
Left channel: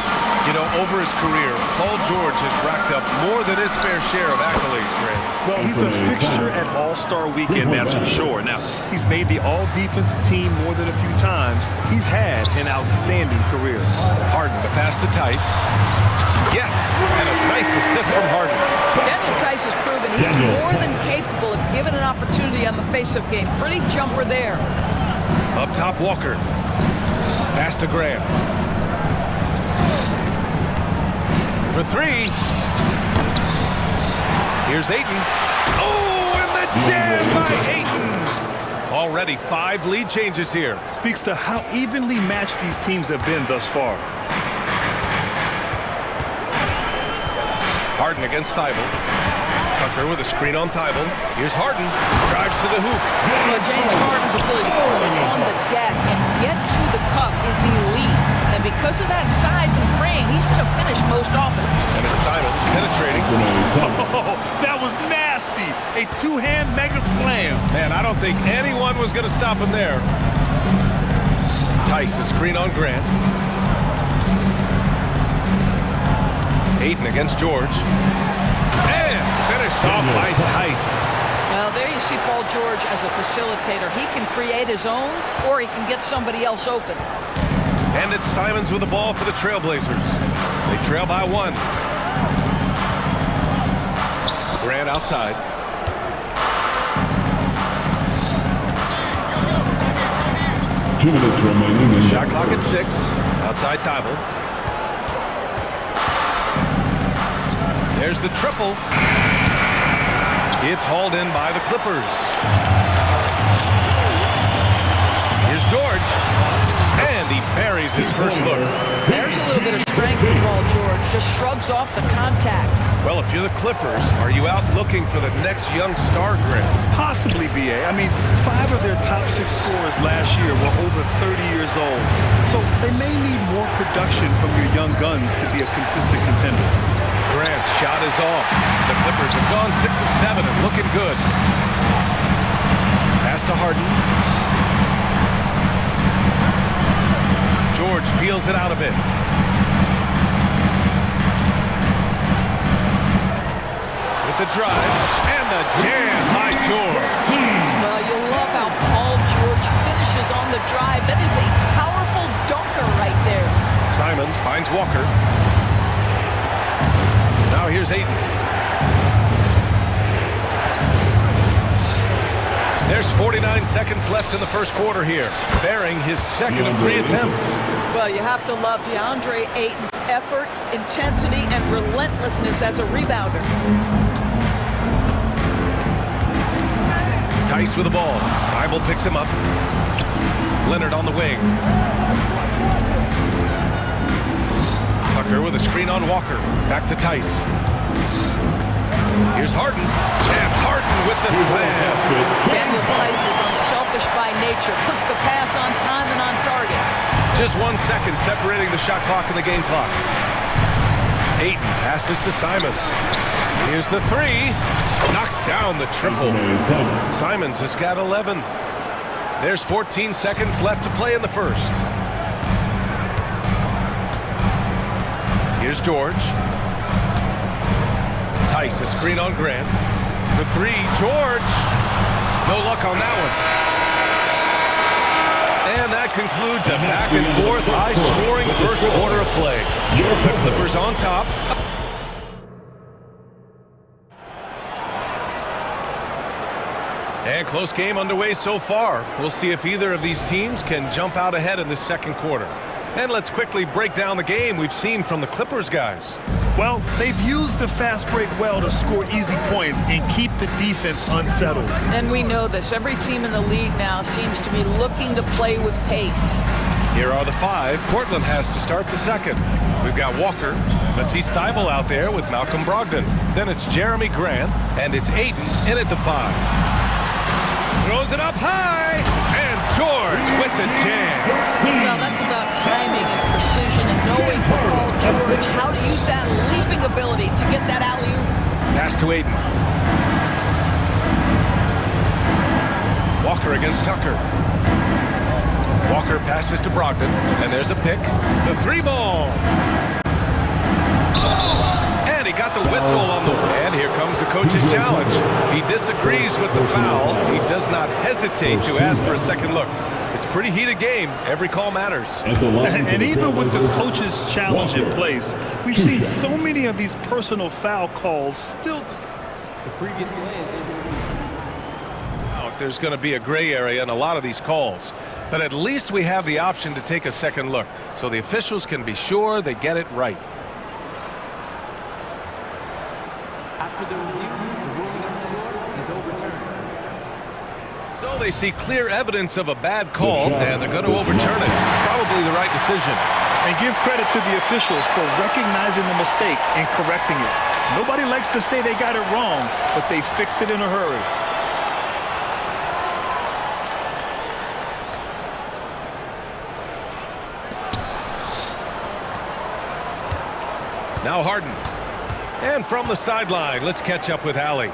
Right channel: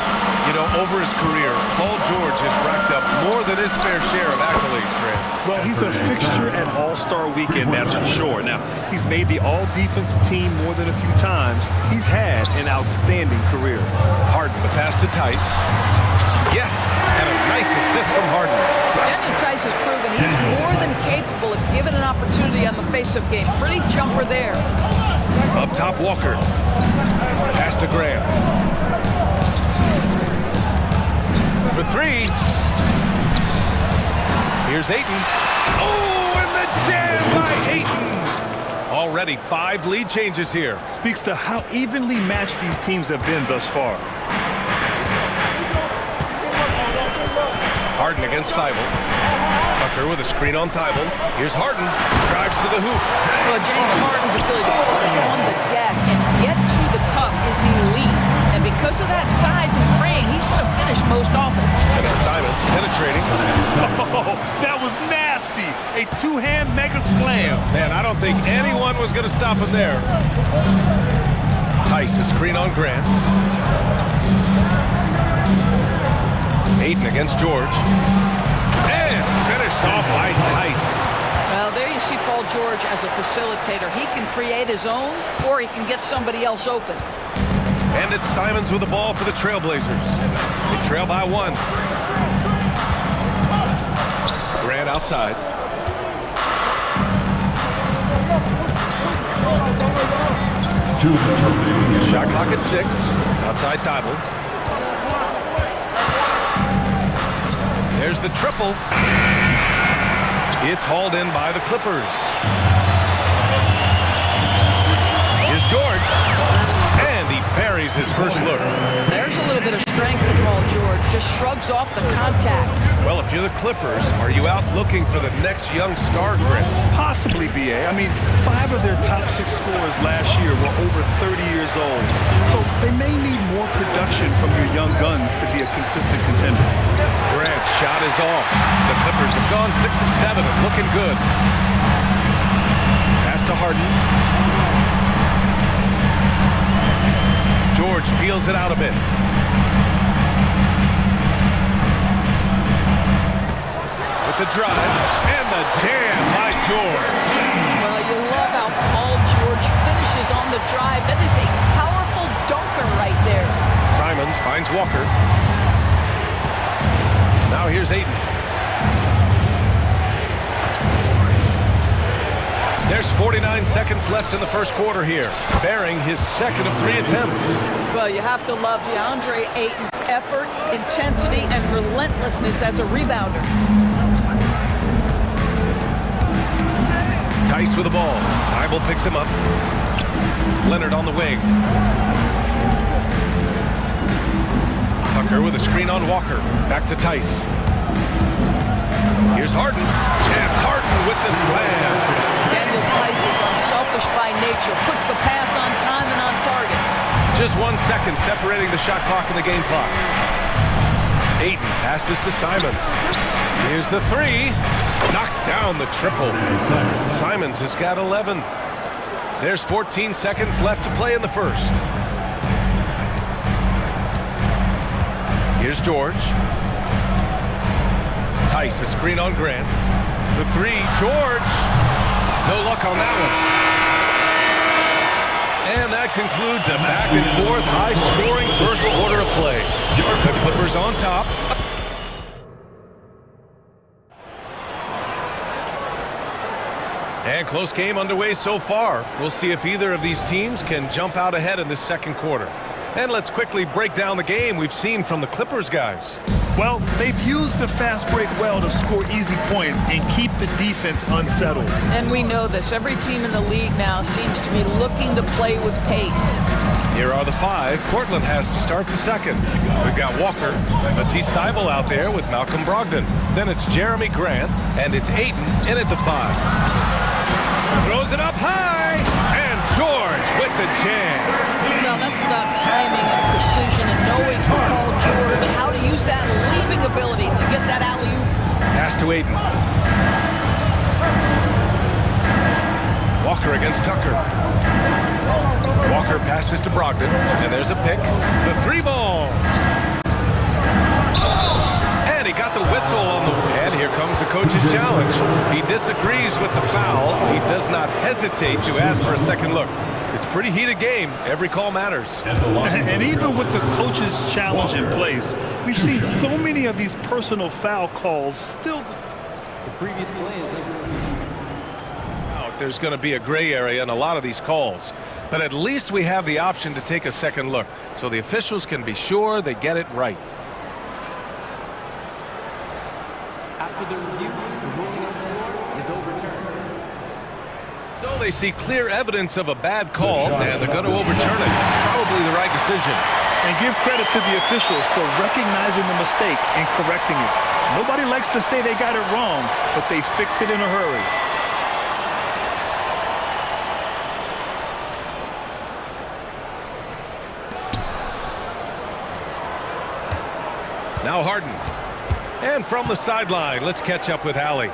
You know, over his career, Paul George has racked up more than his fair share of accolades, Trent. Well, he's a fixture at All-Star Weekend, that's for sure. Now, he's made the all-defensive team more than a few times. He's had an outstanding career. Harden, the pass to Tice. Yes, and a nice assist from Harden. Daniel Tice has proven he's more than capable if given an opportunity on the face-up game. Pretty jumper there. Up top, Walker. Pass to Graham. For 3. Here's Ayton. Oh, and the jam by Ayton. Already 5 lead changes here. Speaks to how evenly matched these teams have been thus far. Harden against Thybulle. Tucker with a screen on Thybulle. Here's Harden. Drives to the hoop. Well, James Harden's ability to put it on the deck and get to the cup is elite. And because of that size and frame, he's going to finish most often. And it's Simons penetrating. Oh, that was nasty. A 2-hand mega slam. Man, I don't think anyone was going to stop him there. Tice, a screen on Grant. Ayton against George. And finished off by Tice. Well, there you see Paul George as a facilitator. He can create his own, or he can get somebody else open. And it's Simons with the ball for the Trailblazers. They trail by 1. Grant outside. Shot clock at 6. Outside Thybulle. There's the triple. It's hauled in by the Clippers. Here's George. And he buries his first look. There's a little bit of strength from Paul George. Just shrugs off the contact. Well, if you're the Clippers, are you out looking for the next young star, Grant? Possibly, BA. I mean, 5 of their top 6 scorers last year were over 30 years old. So they may need more production from your young guns to be a consistent contender. Grant's shot is off. The Clippers have gone 6 of 7 and looking good. Pass to Harden. George feels it out a bit. With the drive and the jam by George. Well, you love how Paul George finishes on the drive. That is a powerful dunker right there. Simons finds Walker. Now here's Ayton. There's 49 seconds left in the first quarter here, bearing his second of 3 attempts. Well, you have to love DeAndre Ayton's effort, intensity, and relentlessness as a rebounder. Tice with the ball. Thybulle picks him up. Leonard on the wing. Tucker with a screen on Walker. Back to Tice. Here's Harden. And Harden with the slam. Daniel Tice is unselfish by nature. Puts the pass on time and on target. Just 1 second separating the shot clock and the game clock. Ayton passes to Simons. Here's the three. Knocks down the triple. Simons has got 11. There's 14 seconds left to play in the first. Here's George. Tice, a screen on Grant. For three, George. No luck on that one. And that concludes a back-and-forth, high-scoring first quarter of play. The Clippers on top. And close game underway so far. We'll see if either of these teams can jump out ahead in this second quarter. And let's quickly break down the game we've seen from the Clippers guys. Well, they've used the fast break well to score easy points and keep the defense unsettled. And we know this. Every team in the league now seems to be looking to play with pace. Here are the five. Portland has to start the second. We've got Walker, Matisse Thybulle out there with Malcolm Brogdon. Then it's Jeremy Grant, and it's Ayton in at the 5. Throws it up high, and George with the jam. Well, that's about timing and precision and knowing for Paul George how to use that leaping ability to get that alley-oop. Pass to Ayton. Walker against Tucker. Walker passes to Brogdon, and there's a pick. The 3-ball. And he got the whistle on the... And here comes the coach's challenge. He disagrees with the foul. He does not hesitate to ask for a second look. It's a pretty heated game. Every call matters. And even with the coach's challenge in place, we've seen so many of these personal foul calls still... The previous play is under review. There's going to be a gray area in a lot of these calls. But at least we have the option to take a second look, so the officials can be sure they get it right. After the review, the ruling on the floor is overturned. So they see clear evidence of a bad call, and they're going to overturn it. Probably the right decision. And give credit to the officials for recognizing the mistake and correcting it. Nobody likes to say they got it wrong, but they fixed it in a hurry. Now Harden. And from the sideline, let's catch up with Allie.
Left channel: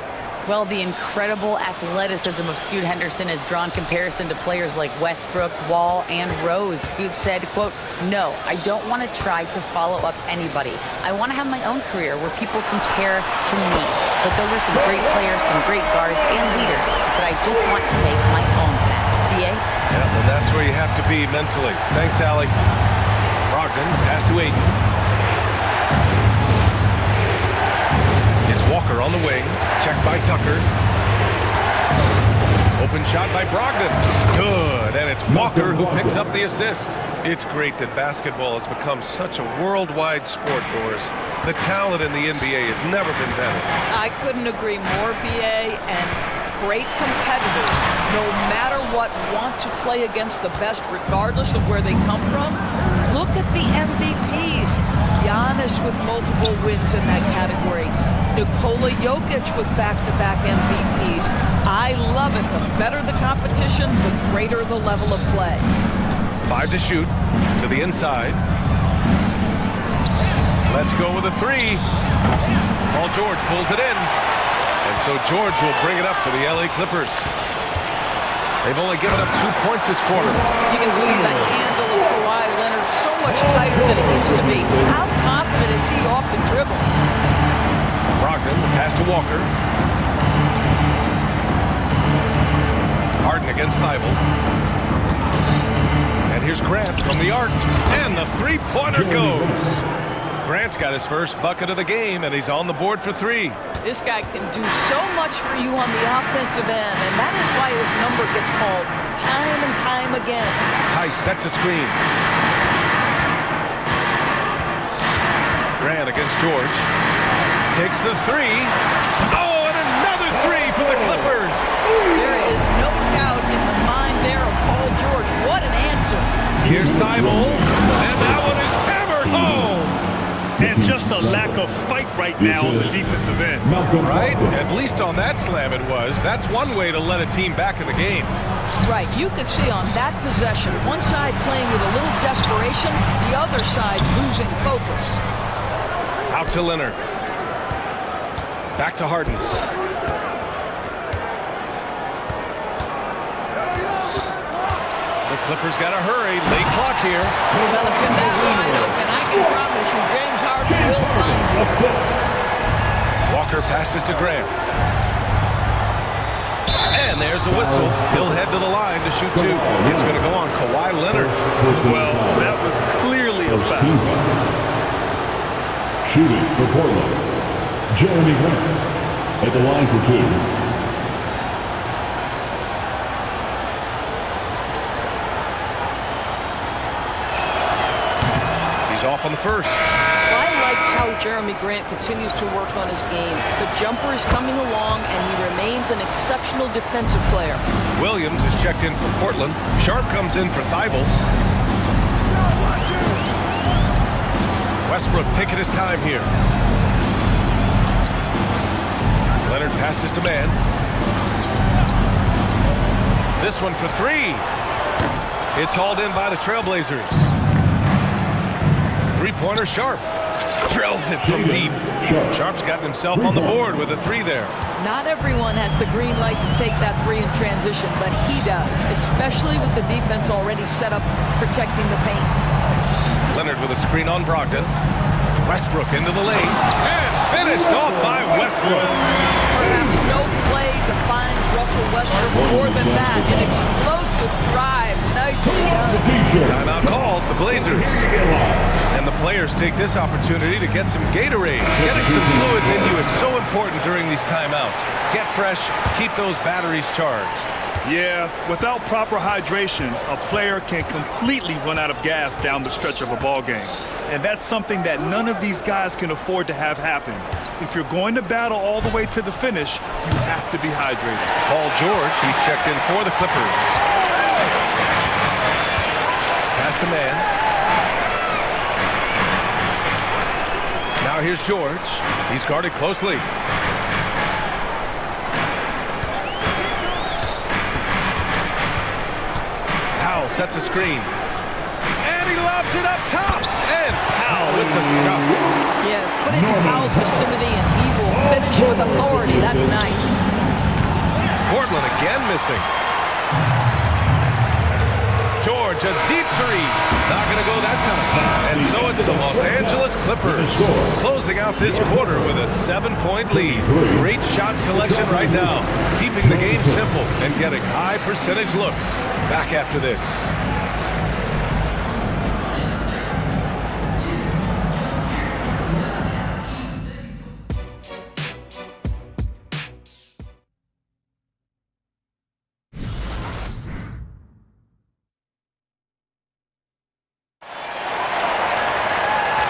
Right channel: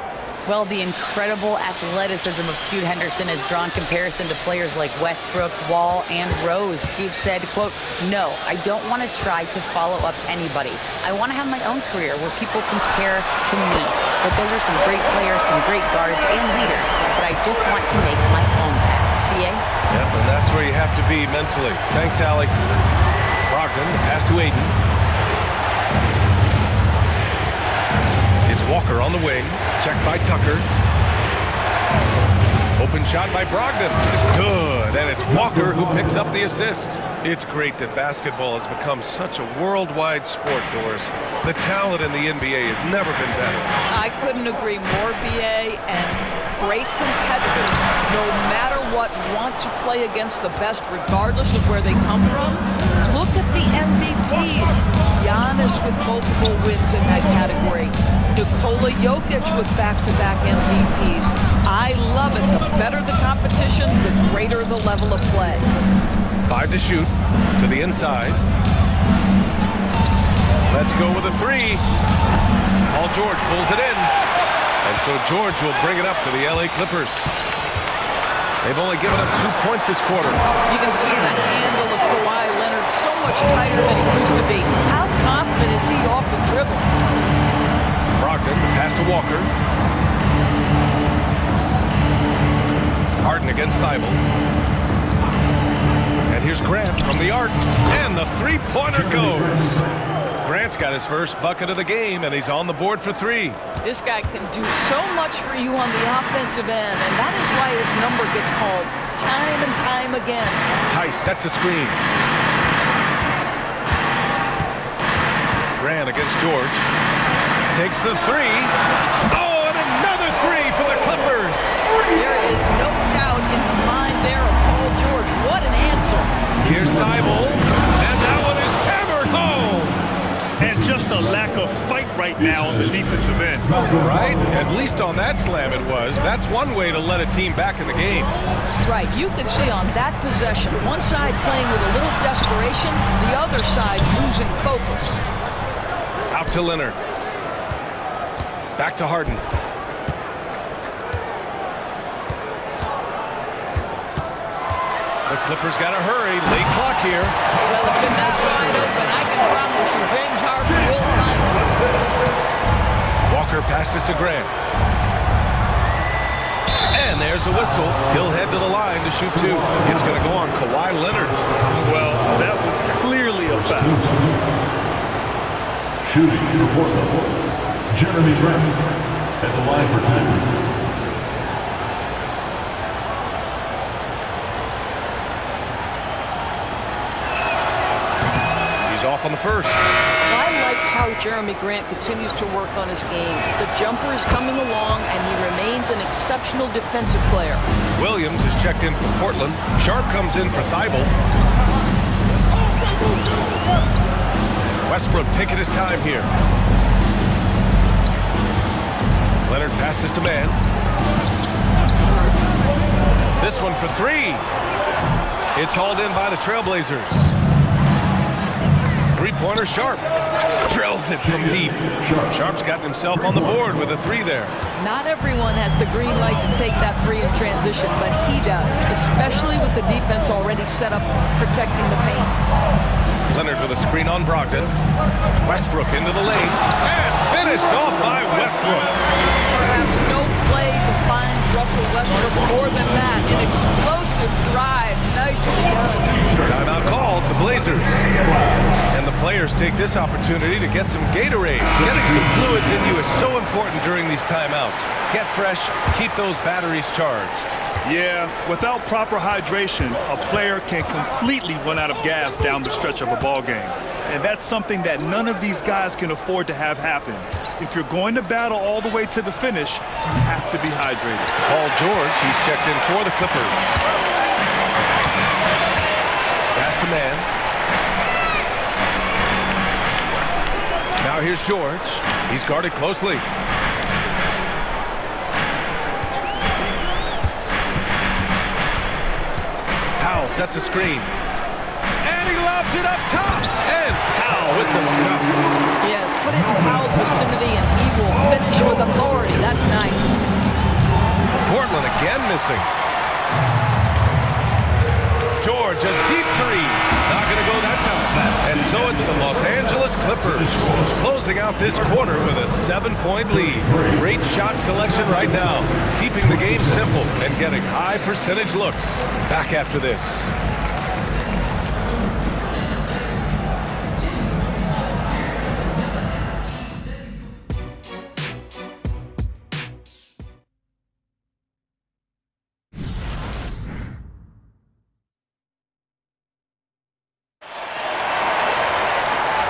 Well, the incredible athleticism of Scoot Henderson has drawn comparison to players like Westbrook, Wall, and Rose. Scoot said, quote, "No, I don't want to try to follow up anybody. I want to have my own career where people compare to me. But those are some great players, some great guards and leaders. But I just want to make my own path." BA? Yeah, and that's where you have to be mentally. Thanks, Allie. Brogdon, the pass to Ayton. It's Walker on the wing. Checked by Tucker. Open shot by Brogdon. Good. And it's Walker who picks up the assist. It's great that basketball has become such a worldwide sport, Doris. The talent in the NBA has never been better. I couldn't agree more, BA, and great competitors, no matter what, want to play against the best regardless of where they come from. Look at the MVPs. Giannis with multiple wins in that category. Nikola Jokic with back-to-back MVPs. I love it. The better the competition, the greater the level of play. 5 to shoot. To the inside. Let's go with a 3. Paul George pulls it in. And so George will bring it up for the LA Clippers. They've only given up 2 points this quarter. You can see the handle of Kawhi Leonard so much tighter than it used to be. How confident is he off the dribble? Brogdon, the pass to Walker. Harden against Thybulle. And here's Grant from the arc. And the three-pointer goes. Grant's got his first bucket of the game, and he's on the board for 3. This guy can do so much for you on the offensive end, and that is why his number gets called time and time again. Tice sets a screen. Grant against George. Takes the 3. Oh, and another 3 for the Clippers. There is no doubt in the mind there of Paul George. What an answer. Here's Thybulle, and that one is hammered home. And just a lack of fight right now on the defensive end. Right? At least on that slam it was. That's one way to let a team back in the game. Right. You could see on that possession, one side playing with a little desperation, the other side losing focus. Out to Leonard. Back to Harden. The Clippers got to hurry. Late clock here. Well, if you're that wide open, I can promise you James Harden will find you. Walker passes to Grant. And there's a whistle. He'll head to the line to shoot two. It's going to go on Kawhi Leonard. Well, that was clearly a foul. Shooting for Portland, Jeremy Grant at the line for two. He's off on the first. I like how Jeremy Grant continues to work on his game. The jumper is coming along, and he remains an exceptional defensive player. Williams is checked in for Portland. Sharp comes in for Thibault. Westbrook taking his time here. Leonard passes to Mann. This one for three. It's hauled in by the Trailblazers. Three-pointer Sharp. Drills it from deep. Sharp's got himself on the board with a three there. Not everyone has the green light to take that three in transition, but he does, especially with the defense already set up protecting the paint. Leonard with a screen on Brogdon. Westbrook into the lane. And finished off by Westbrook. Perhaps no play defines Russell Westbrook more than that. An explosive drive. Nicely done. Timeout called, the Blazers. And the players take this opportunity to get some Gatorade. Getting some fluids in you is so important during these timeouts. Get fresh, keep those batteries charged. Yeah, without proper hydration, a player can completely run out of gas down the stretch of a ball game. And that's something that none of these guys can afford to have happen. If you're going to battle all the way to the finish, you have to be hydrated. Paul George, he's checked in for the Clippers. Pass to Mann. Now here's George. He's guarded closely. Powell sets a screen. And he lobs it up top. And Powell with the stuff. Yeah, put it in Powell's vicinity and he will finish with authority. That's nice. Portland again missing. George, a deep three. Not going to go that time. And so it's the Los Angeles Clippers closing out this quarter with a 7-point lead. Great shot selection right now. Keeping the game simple and getting high percentage looks. Back after this.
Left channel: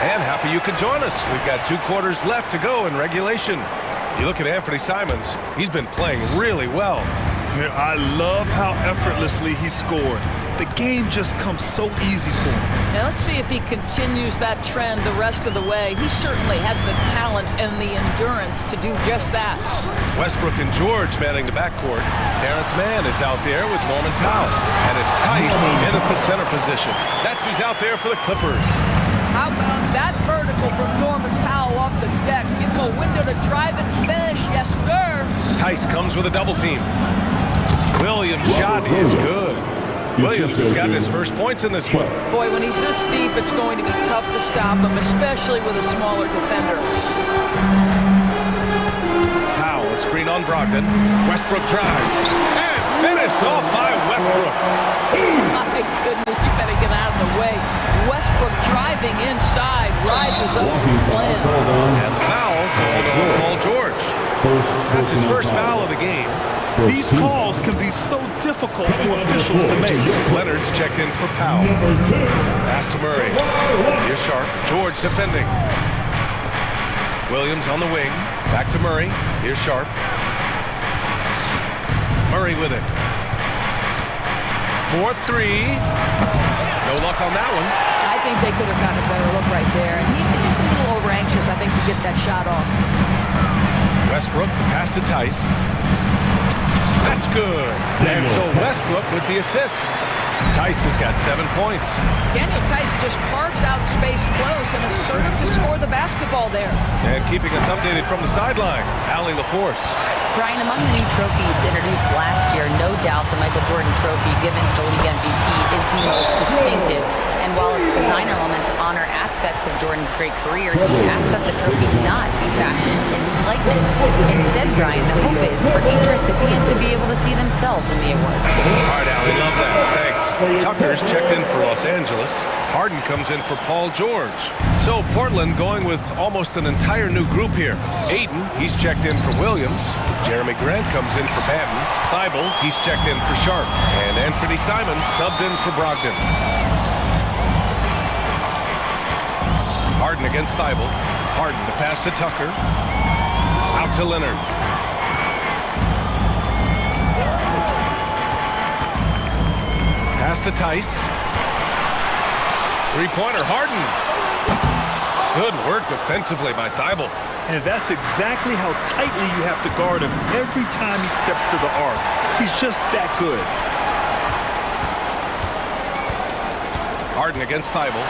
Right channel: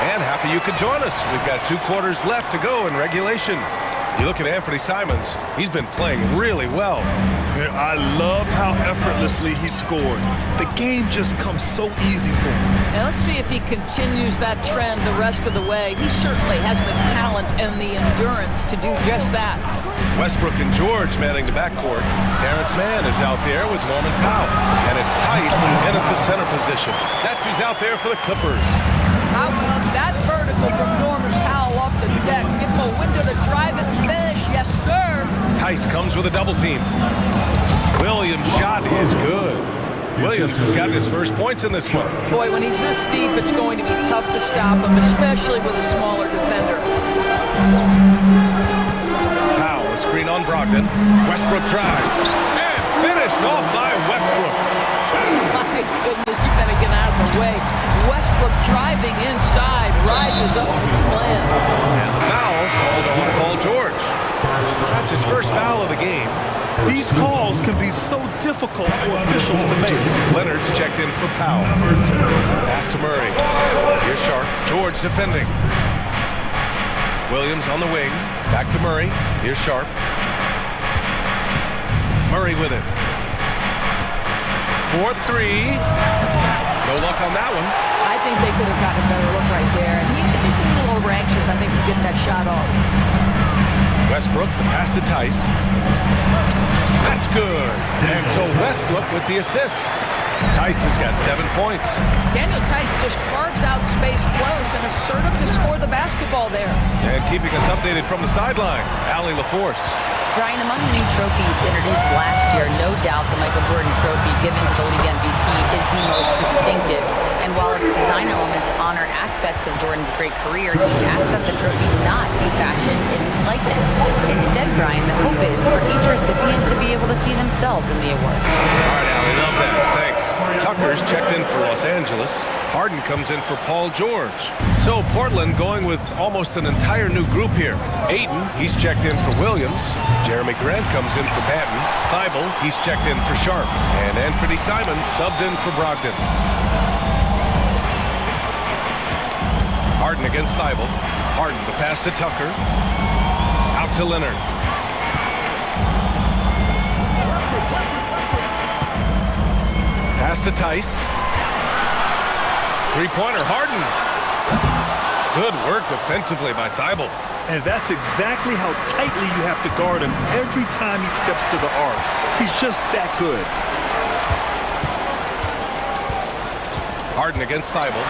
And happy you could join us. We've got 2 quarters left to go in regulation. You look at Anthony Simons, he's been playing really well. I love how effortlessly he scored. The game just comes so easy for him. Now let's see if he continues that trend the rest of the way. He certainly has the talent and the endurance to do just that. Westbrook and George manning the backcourt. Terrence Mann is out there with Norman Powell. And it's Tice in at the center position. That's who's out there for the Clippers. How about that vertical from Norman Powell off the deck? Give him a window to drive it and finish. Yes, sir. Tice comes with a double team. Williams' shot is good. Williams has gotten his first points in this one. Boy, when he's this deep, it's going to be tough to stop him, especially with a smaller defender. Powell, a screen on Brogdon. Westbrook drives. And finished off by Westbrook. My goodness, you better get out of the way. Westbrook driving inside, rises up for the slam. And the foul called on Paul George. That's his first foul of the game. These calls can be so difficult for officials to make. Leonard's checked in for Powell. Pass to Murray. Here's Sharp. George defending. Williams on the wing. Back to Murray. Here's Sharp. Murray with it. 4-3. No luck on that one. I think they could have gotten a better look right there. And he just a little over anxious, I think, to get that shot off. Westbrook, the pass to Tice. That's good. And so Westbrook with the assist. Tice has got 7 points. Daniel Tice just carves out space close and assertive to score the basketball there. And keeping us updated from the sideline, Allie LaForce. Brian, among the new trophies introduced last year, no doubt the Michael Jordan trophy given to the league MVP is the most distinctive. And while its design elements honor aspects of Jordan's great career, he asked that the trophy not be fashioned in his likeness. Instead, Brian, the hope is for each recipient to be able to see themselves in the award. All right, Allie, love that. Thanks. Tucker's checked in for Los Angeles. Harden comes in for Paul George. So Portland going with almost an entire new group here. Ayton, he's checked in for Williams. Jeremy Grant comes in for Banton. Thibault, he's checked in for Sharp. And Anthony Simons subbed in for Brogdon. Harden against Thibault. Harden to pass to Tucker. Out to Leonard. Pass to Tice. Three-pointer, Harden. Good work defensively by Thibault. And that's exactly how tightly you have to guard him every time he steps to the arc. He's just that good. Harden against Thibault.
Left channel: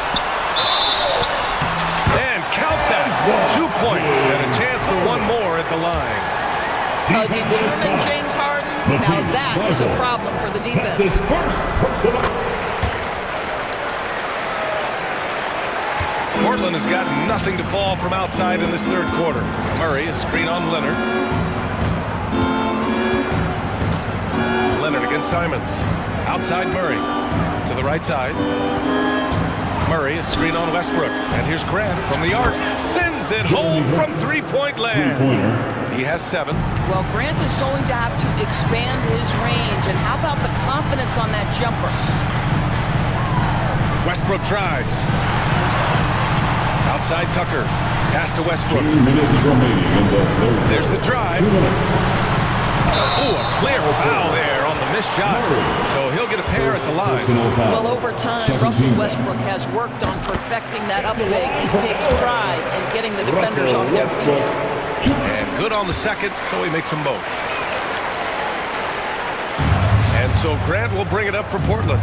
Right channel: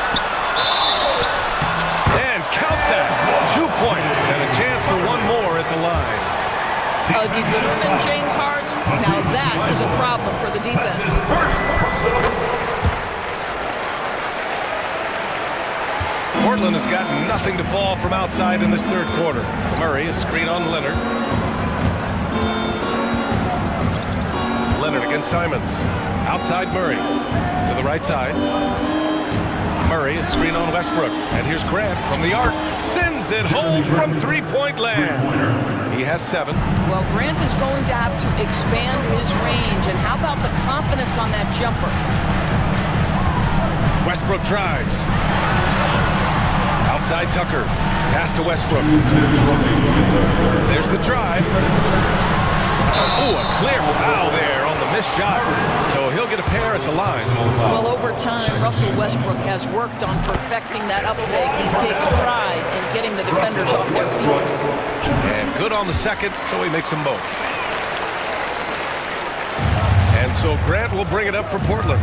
And count that. 2 points and a chance for one more at the line. A determined James Harden. Now that is a problem for the defense. Portland has got nothing to fall from outside in this third quarter. Murray, a screen on Leonard. Leonard against Simons. Outside Murray. To the right side. Murray, a screen on Westbrook. And here's Grant from the arc. Sends it home from three-point land. He has 7. Well, Grant is going to have to expand his range. And how about the confidence on that jumper? Westbrook drives. Outside Tucker. Pass to Westbrook. There's the drive. Oh, a clear foul there on the missed shot. So he'll get a pair at the line. Well, over time, Russell Westbrook has worked on perfecting that up fake. He takes pride in getting the defenders off their feet. And good on the second, so he makes them both. And so Grant will bring it up for Portland.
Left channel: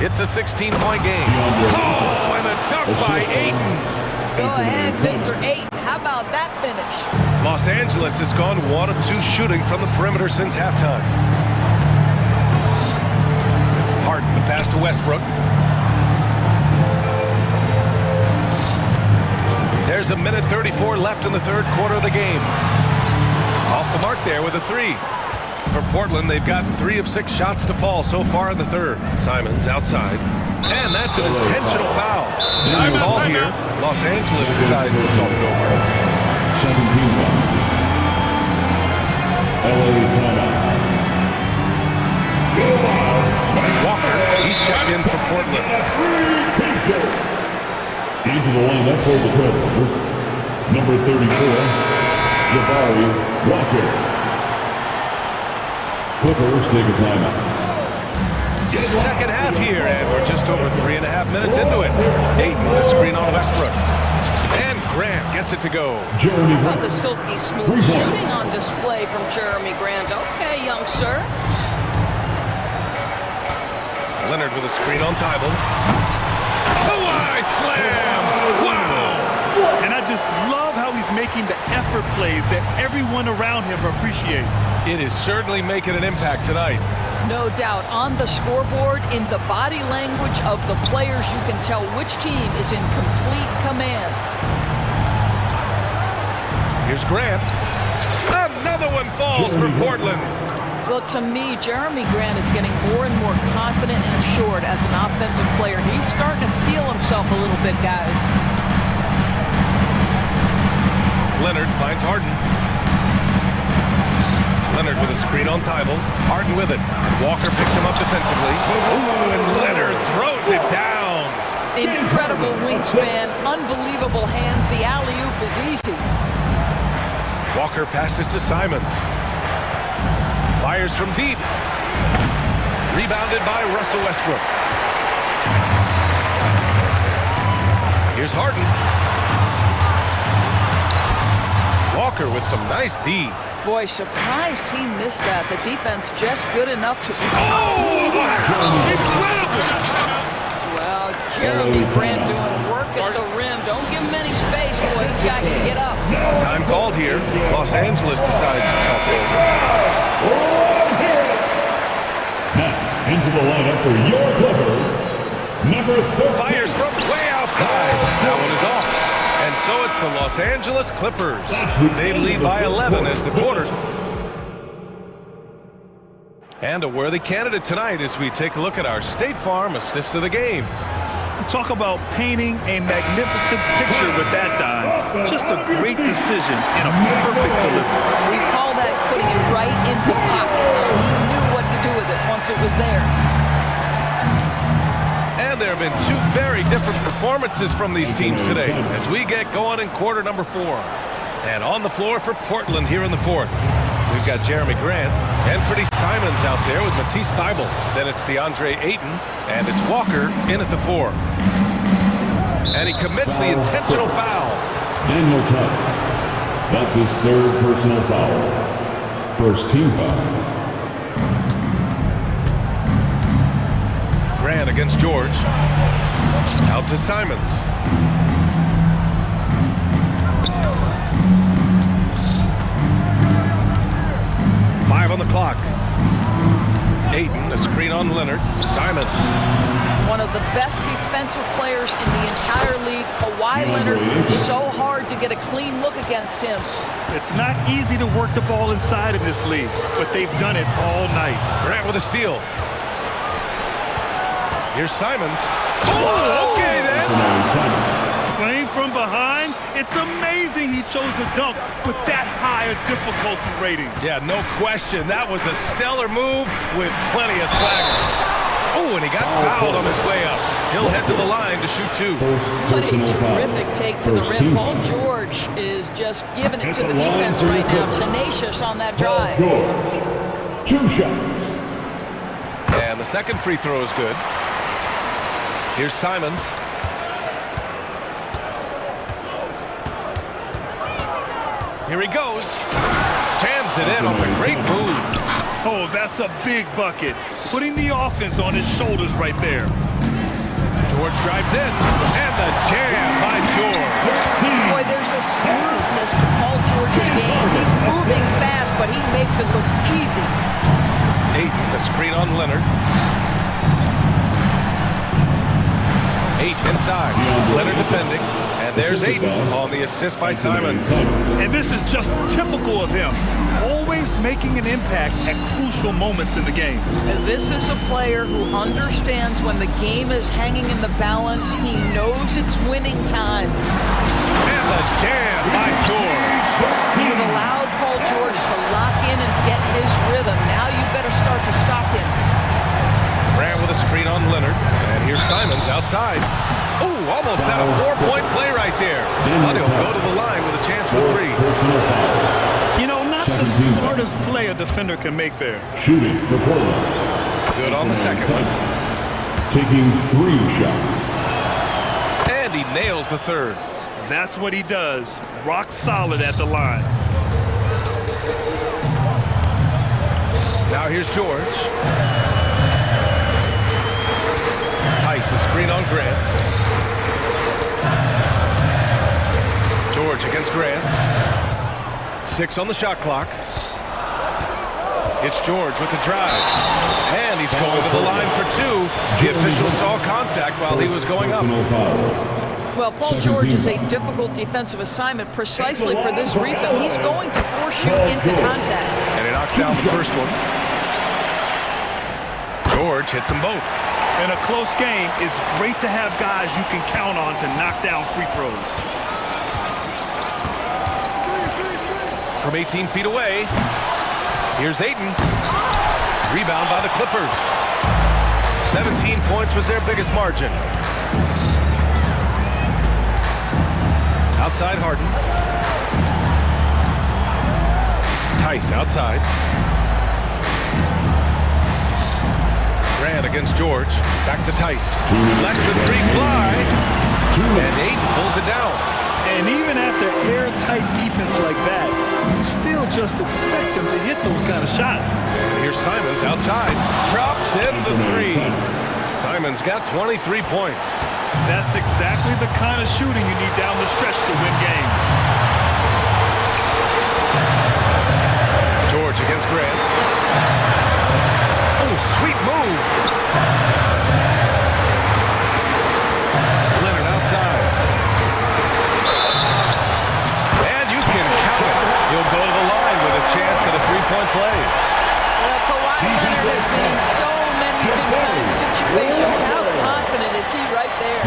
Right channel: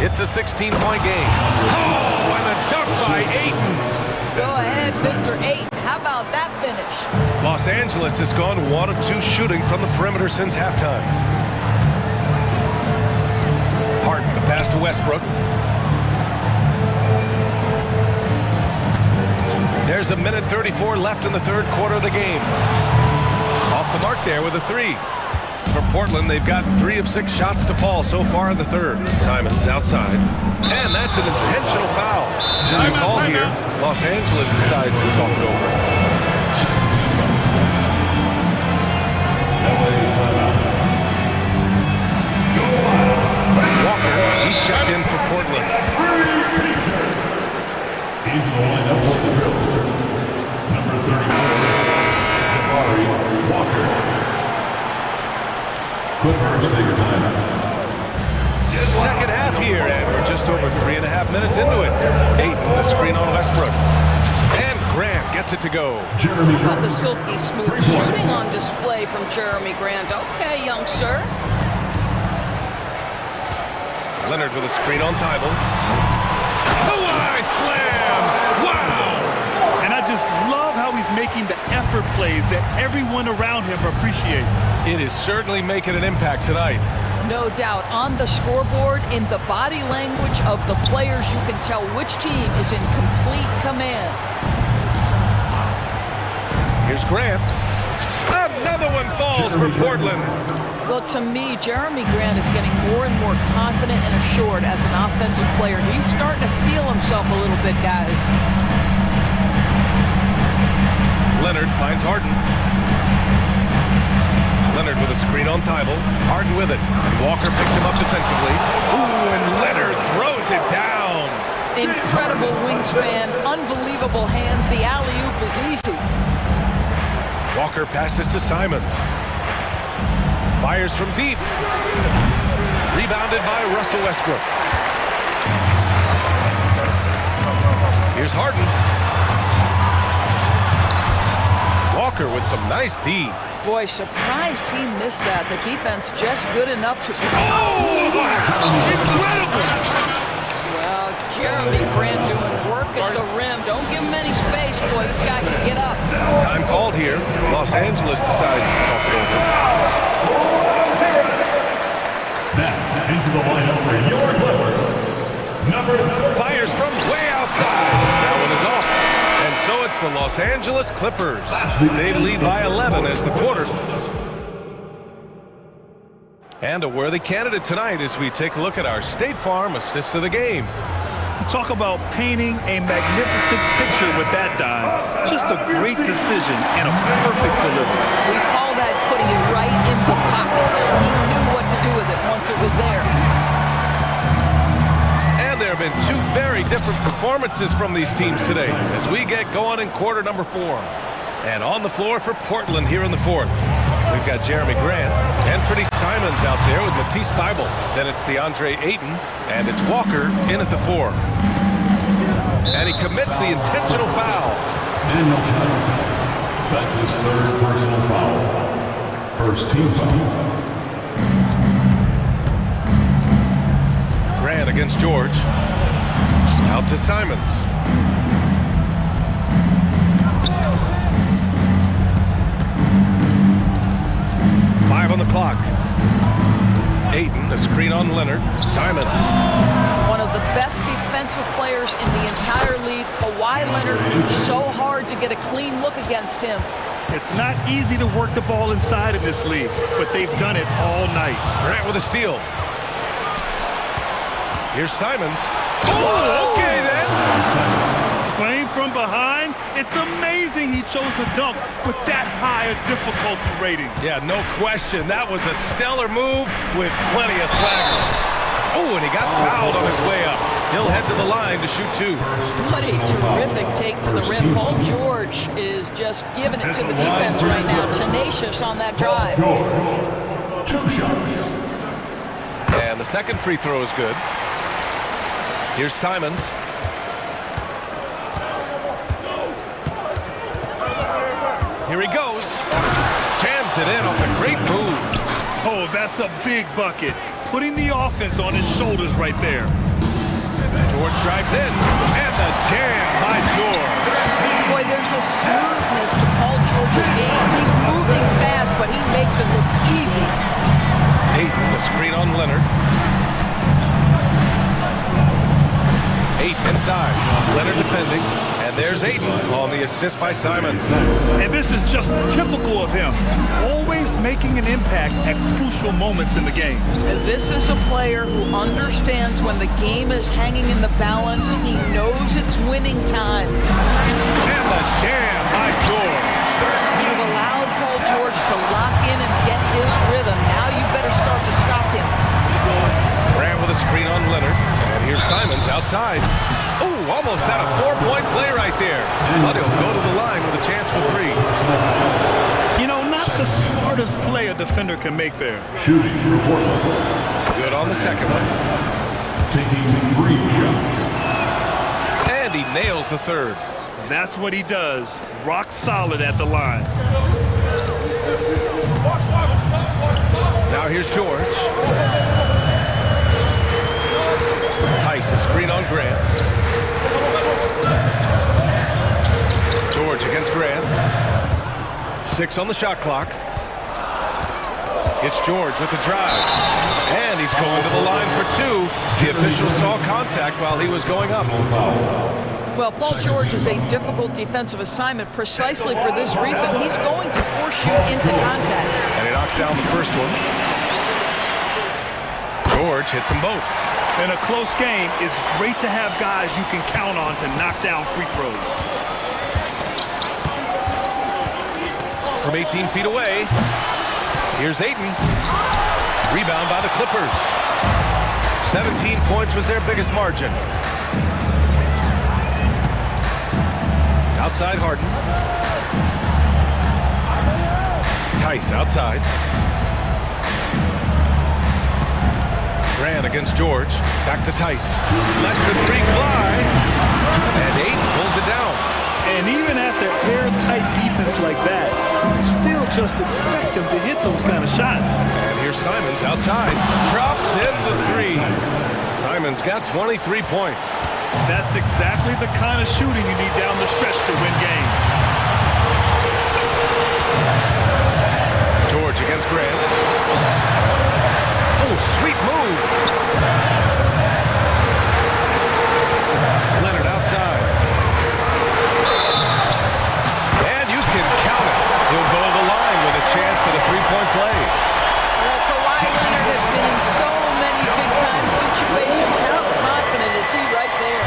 It's a 16-point game. Oh, and a dunk by Ayton. Go ahead, Mr. Ayton. How about that finish? Los Angeles has gone 1 of 2 shooting from the perimeter since halftime. Harden the pass to Westbrook. There's a minute 34 left in the third quarter of the game. Off the mark there with a 3. For Portland, they've gotten 3 of 6 shots to fall so far in the third. Simons outside. And that's an intentional foul. Time call here. Los Angeles decides to talk it over. Walker, he's checked in for Portland. Into the lineup for the Trailblazers, number 34, Jabari Walker. Clippers take a timeout. Second half here, and we're just over 3.5 minutes into it. Ayton, a screen on Westbrook. And Grant gets it to go. How about the silky smooth shooting on display from Jeremy Grant? Okay, young sir. Leonard with a screen on Thibault. Kawhi slam! Wow! And I just love how he's making the effort plays that everyone around him appreciates. It is certainly making an impact tonight. No doubt. On the scoreboard, in the body language of the players, you can tell which team is in complete command. Here's Grant. Another one falls for Portland. Well, to me, Jeremy Grant is getting more and more confident and assured as an offensive player. He's starting to feel himself a little bit, guys. Leonard finds Harden. Leonard with a screen on Thibault. Harden with it. And Walker picks him up defensively. Ooh, and Leonard throws it down. Incredible wingspan, unbelievable hands. The alley-oop is easy. Walker passes to Simons. Fires from deep. Rebounded by Russell Westbrook. Here's Harden. Walker with some nice D. Boy, surprised he missed that. The defense just good enough to... Oh! Incredible! Well, Jeremy Grant doing work at the rim. Don't give him any space, boy. This guy can get up. Time called here. Los Angeles decides to talk it over. Now, into the lineup for your Clippers, number 13. Fires from way outside. That one is off. And so it's the Los Angeles Clippers. They lead by 11 as the quarter. And a worthy candidate tonight as we take a look at our State Farm assist of the game. Talk about painting a magnificent picture with that dime. Just a great decision and a perfect delivery. We call that putting it right in the pocket, and he knew what to do with it once it was there. And there have been two very different performances from these teams today as we get going in quarter number 4. And on the floor for Portland here in the 4th, we've got Jeremy Grant and Freddie Simons out there with Matisse Thybulle. Then it's DeAndre Ayton, and it's Walker in at the 4. And he commits the intentional foul. Daniel Tice. That's his 3rd personal foul. First team foul. Grant against George. Out to Simons. Five on the clock. Ayton, a screen on Leonard. Simons. One of the best defensive players in the entire league. Kawhi Leonard, so hard to get a clean look against him. It's not easy to work the ball inside in this league, but they've done it all night. Grant with a steal. Here's Simons. Oh, okay then. Playing from behind, it's amazing he chose a dunk with that high a difficulty rating. Yeah, no question. That was a stellar move with plenty of swagger. Oh, and he got fouled on his way up. He'll head to the line to shoot 2. What a terrific take to the rim. Paul George is just giving it to the defense right now. Tenacious on that drive. George, 2 shots. And the second free throw is good. Here's Simons. Here he goes. Jams it in off a great move. Oh, that's a big bucket. Putting the offense on his shoulders right there. George drives in, and the jam by George. Boy, there's a smoothness to Paul George's game. He's moving fast, but he makes it look easy. Ayton, the screen on Leonard. 8 inside. Leonard defending. And there's Ayton on the assist by Simons. And this is just typical of him. Always making an impact at crucial moments in the game. This is a player who understands when the game is hanging in the balance. He knows it's winning time. And the jam by George. You've allowed Paul George to lock in and get his rhythm. Now you better start to stop him. Grant with a screen on Leonard. And here's Simons outside. Oh, almost had a 4-point play right there. But he'll go to the line with a chance for 3. You know, not the smartest play a defender can make there. Shooting for Portland. Good on the second one. Taking 3 shots. And he nails the 3rd. That's what he does. Rock solid at the line. Now here's George. Tice, a screen on Grant. George against Grant. 6 on the shot clock. It's George with the drive. And he's going to the line for 2. The official saw contact while he was going up. Well, Paul George is a difficult defensive assignment precisely for this reason. He's going to force you into contact. And he knocks down the first one. George hits them both. In a close game, it's great to have guys you can count on to knock down free throws. From 18 feet away, here's Ayton. Rebound by the Clippers. 17 points was their biggest margin. Outside Harden. Tice outside. Grant against George. Back to Tice. Lets the 3 fly. And Ayton pulls it down. And even after airtight defense like that, you still just expect him to hit those kind of shots. And here's Simons outside. Drops in the three. Simons got 23 points. That's exactly the kind of shooting you need down the stretch to win games. George against Grant. Oh, sweet move. Leonard outside. And you can count it. He'll go to the line with a chance at a three-point play. Well, Kawhi Leonard has been in so many big-time situations. How confident is he right there?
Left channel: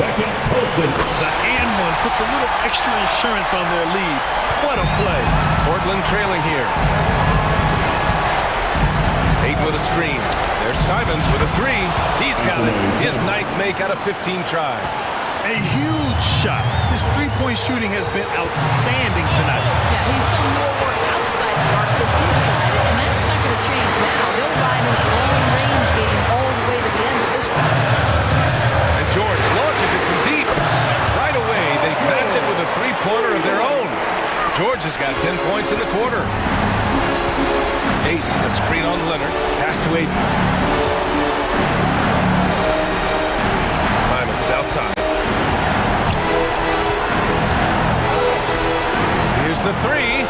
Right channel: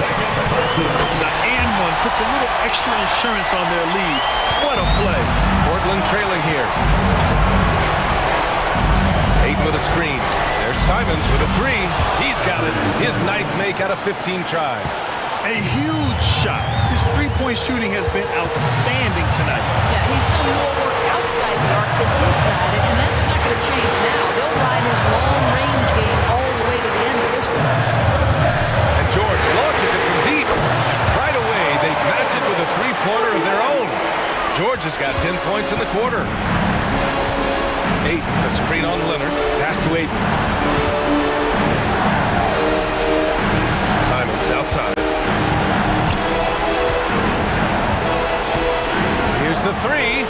The and one puts a little extra insurance on their lead. What a play. Portland trailing here. Hayden with a screen. There's Simons with a three. He's got it. His ninth make out of 15 tries. A huge shot. His three-point shooting has been outstanding tonight. Yeah, he's done more work outside the arc than inside it, and that's not going to change now. They'll ride his long-range game all the way to the end of this one. And George launches it from deep. Right away, they match it with a three-pointer of their own. George has got 10 points in the quarter. Ayton, a screen on Leonard. Pass to Ayton. Simons outside. Here's the three.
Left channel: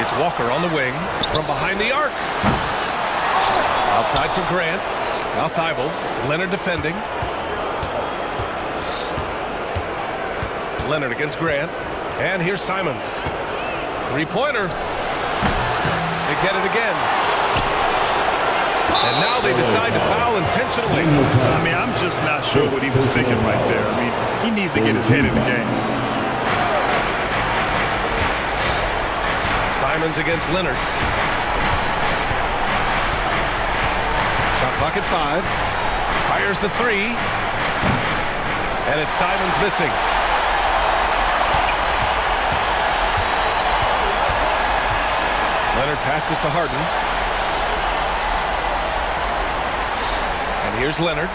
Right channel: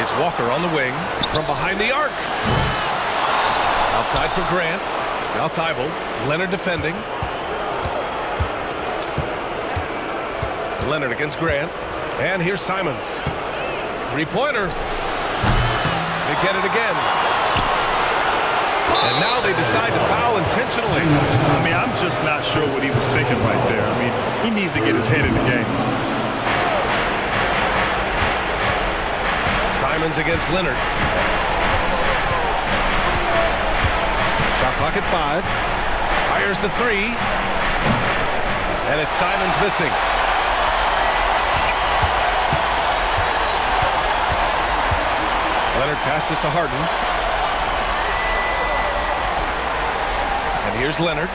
It's Walker on the wing from behind the arc. Outside for Grant. Now Thibault. Leonard defending. Leonard against Grant. And here's Simons. Three-pointer. They get it again. And now they decide to foul intentionally. I mean, I'm just not sure what he was thinking right there. I mean, he needs to get his head in the game. Simons against Leonard. Shot clock at 5. Fires the three. And it's Simons missing. Leonard passes to Harden. And here's Leonard.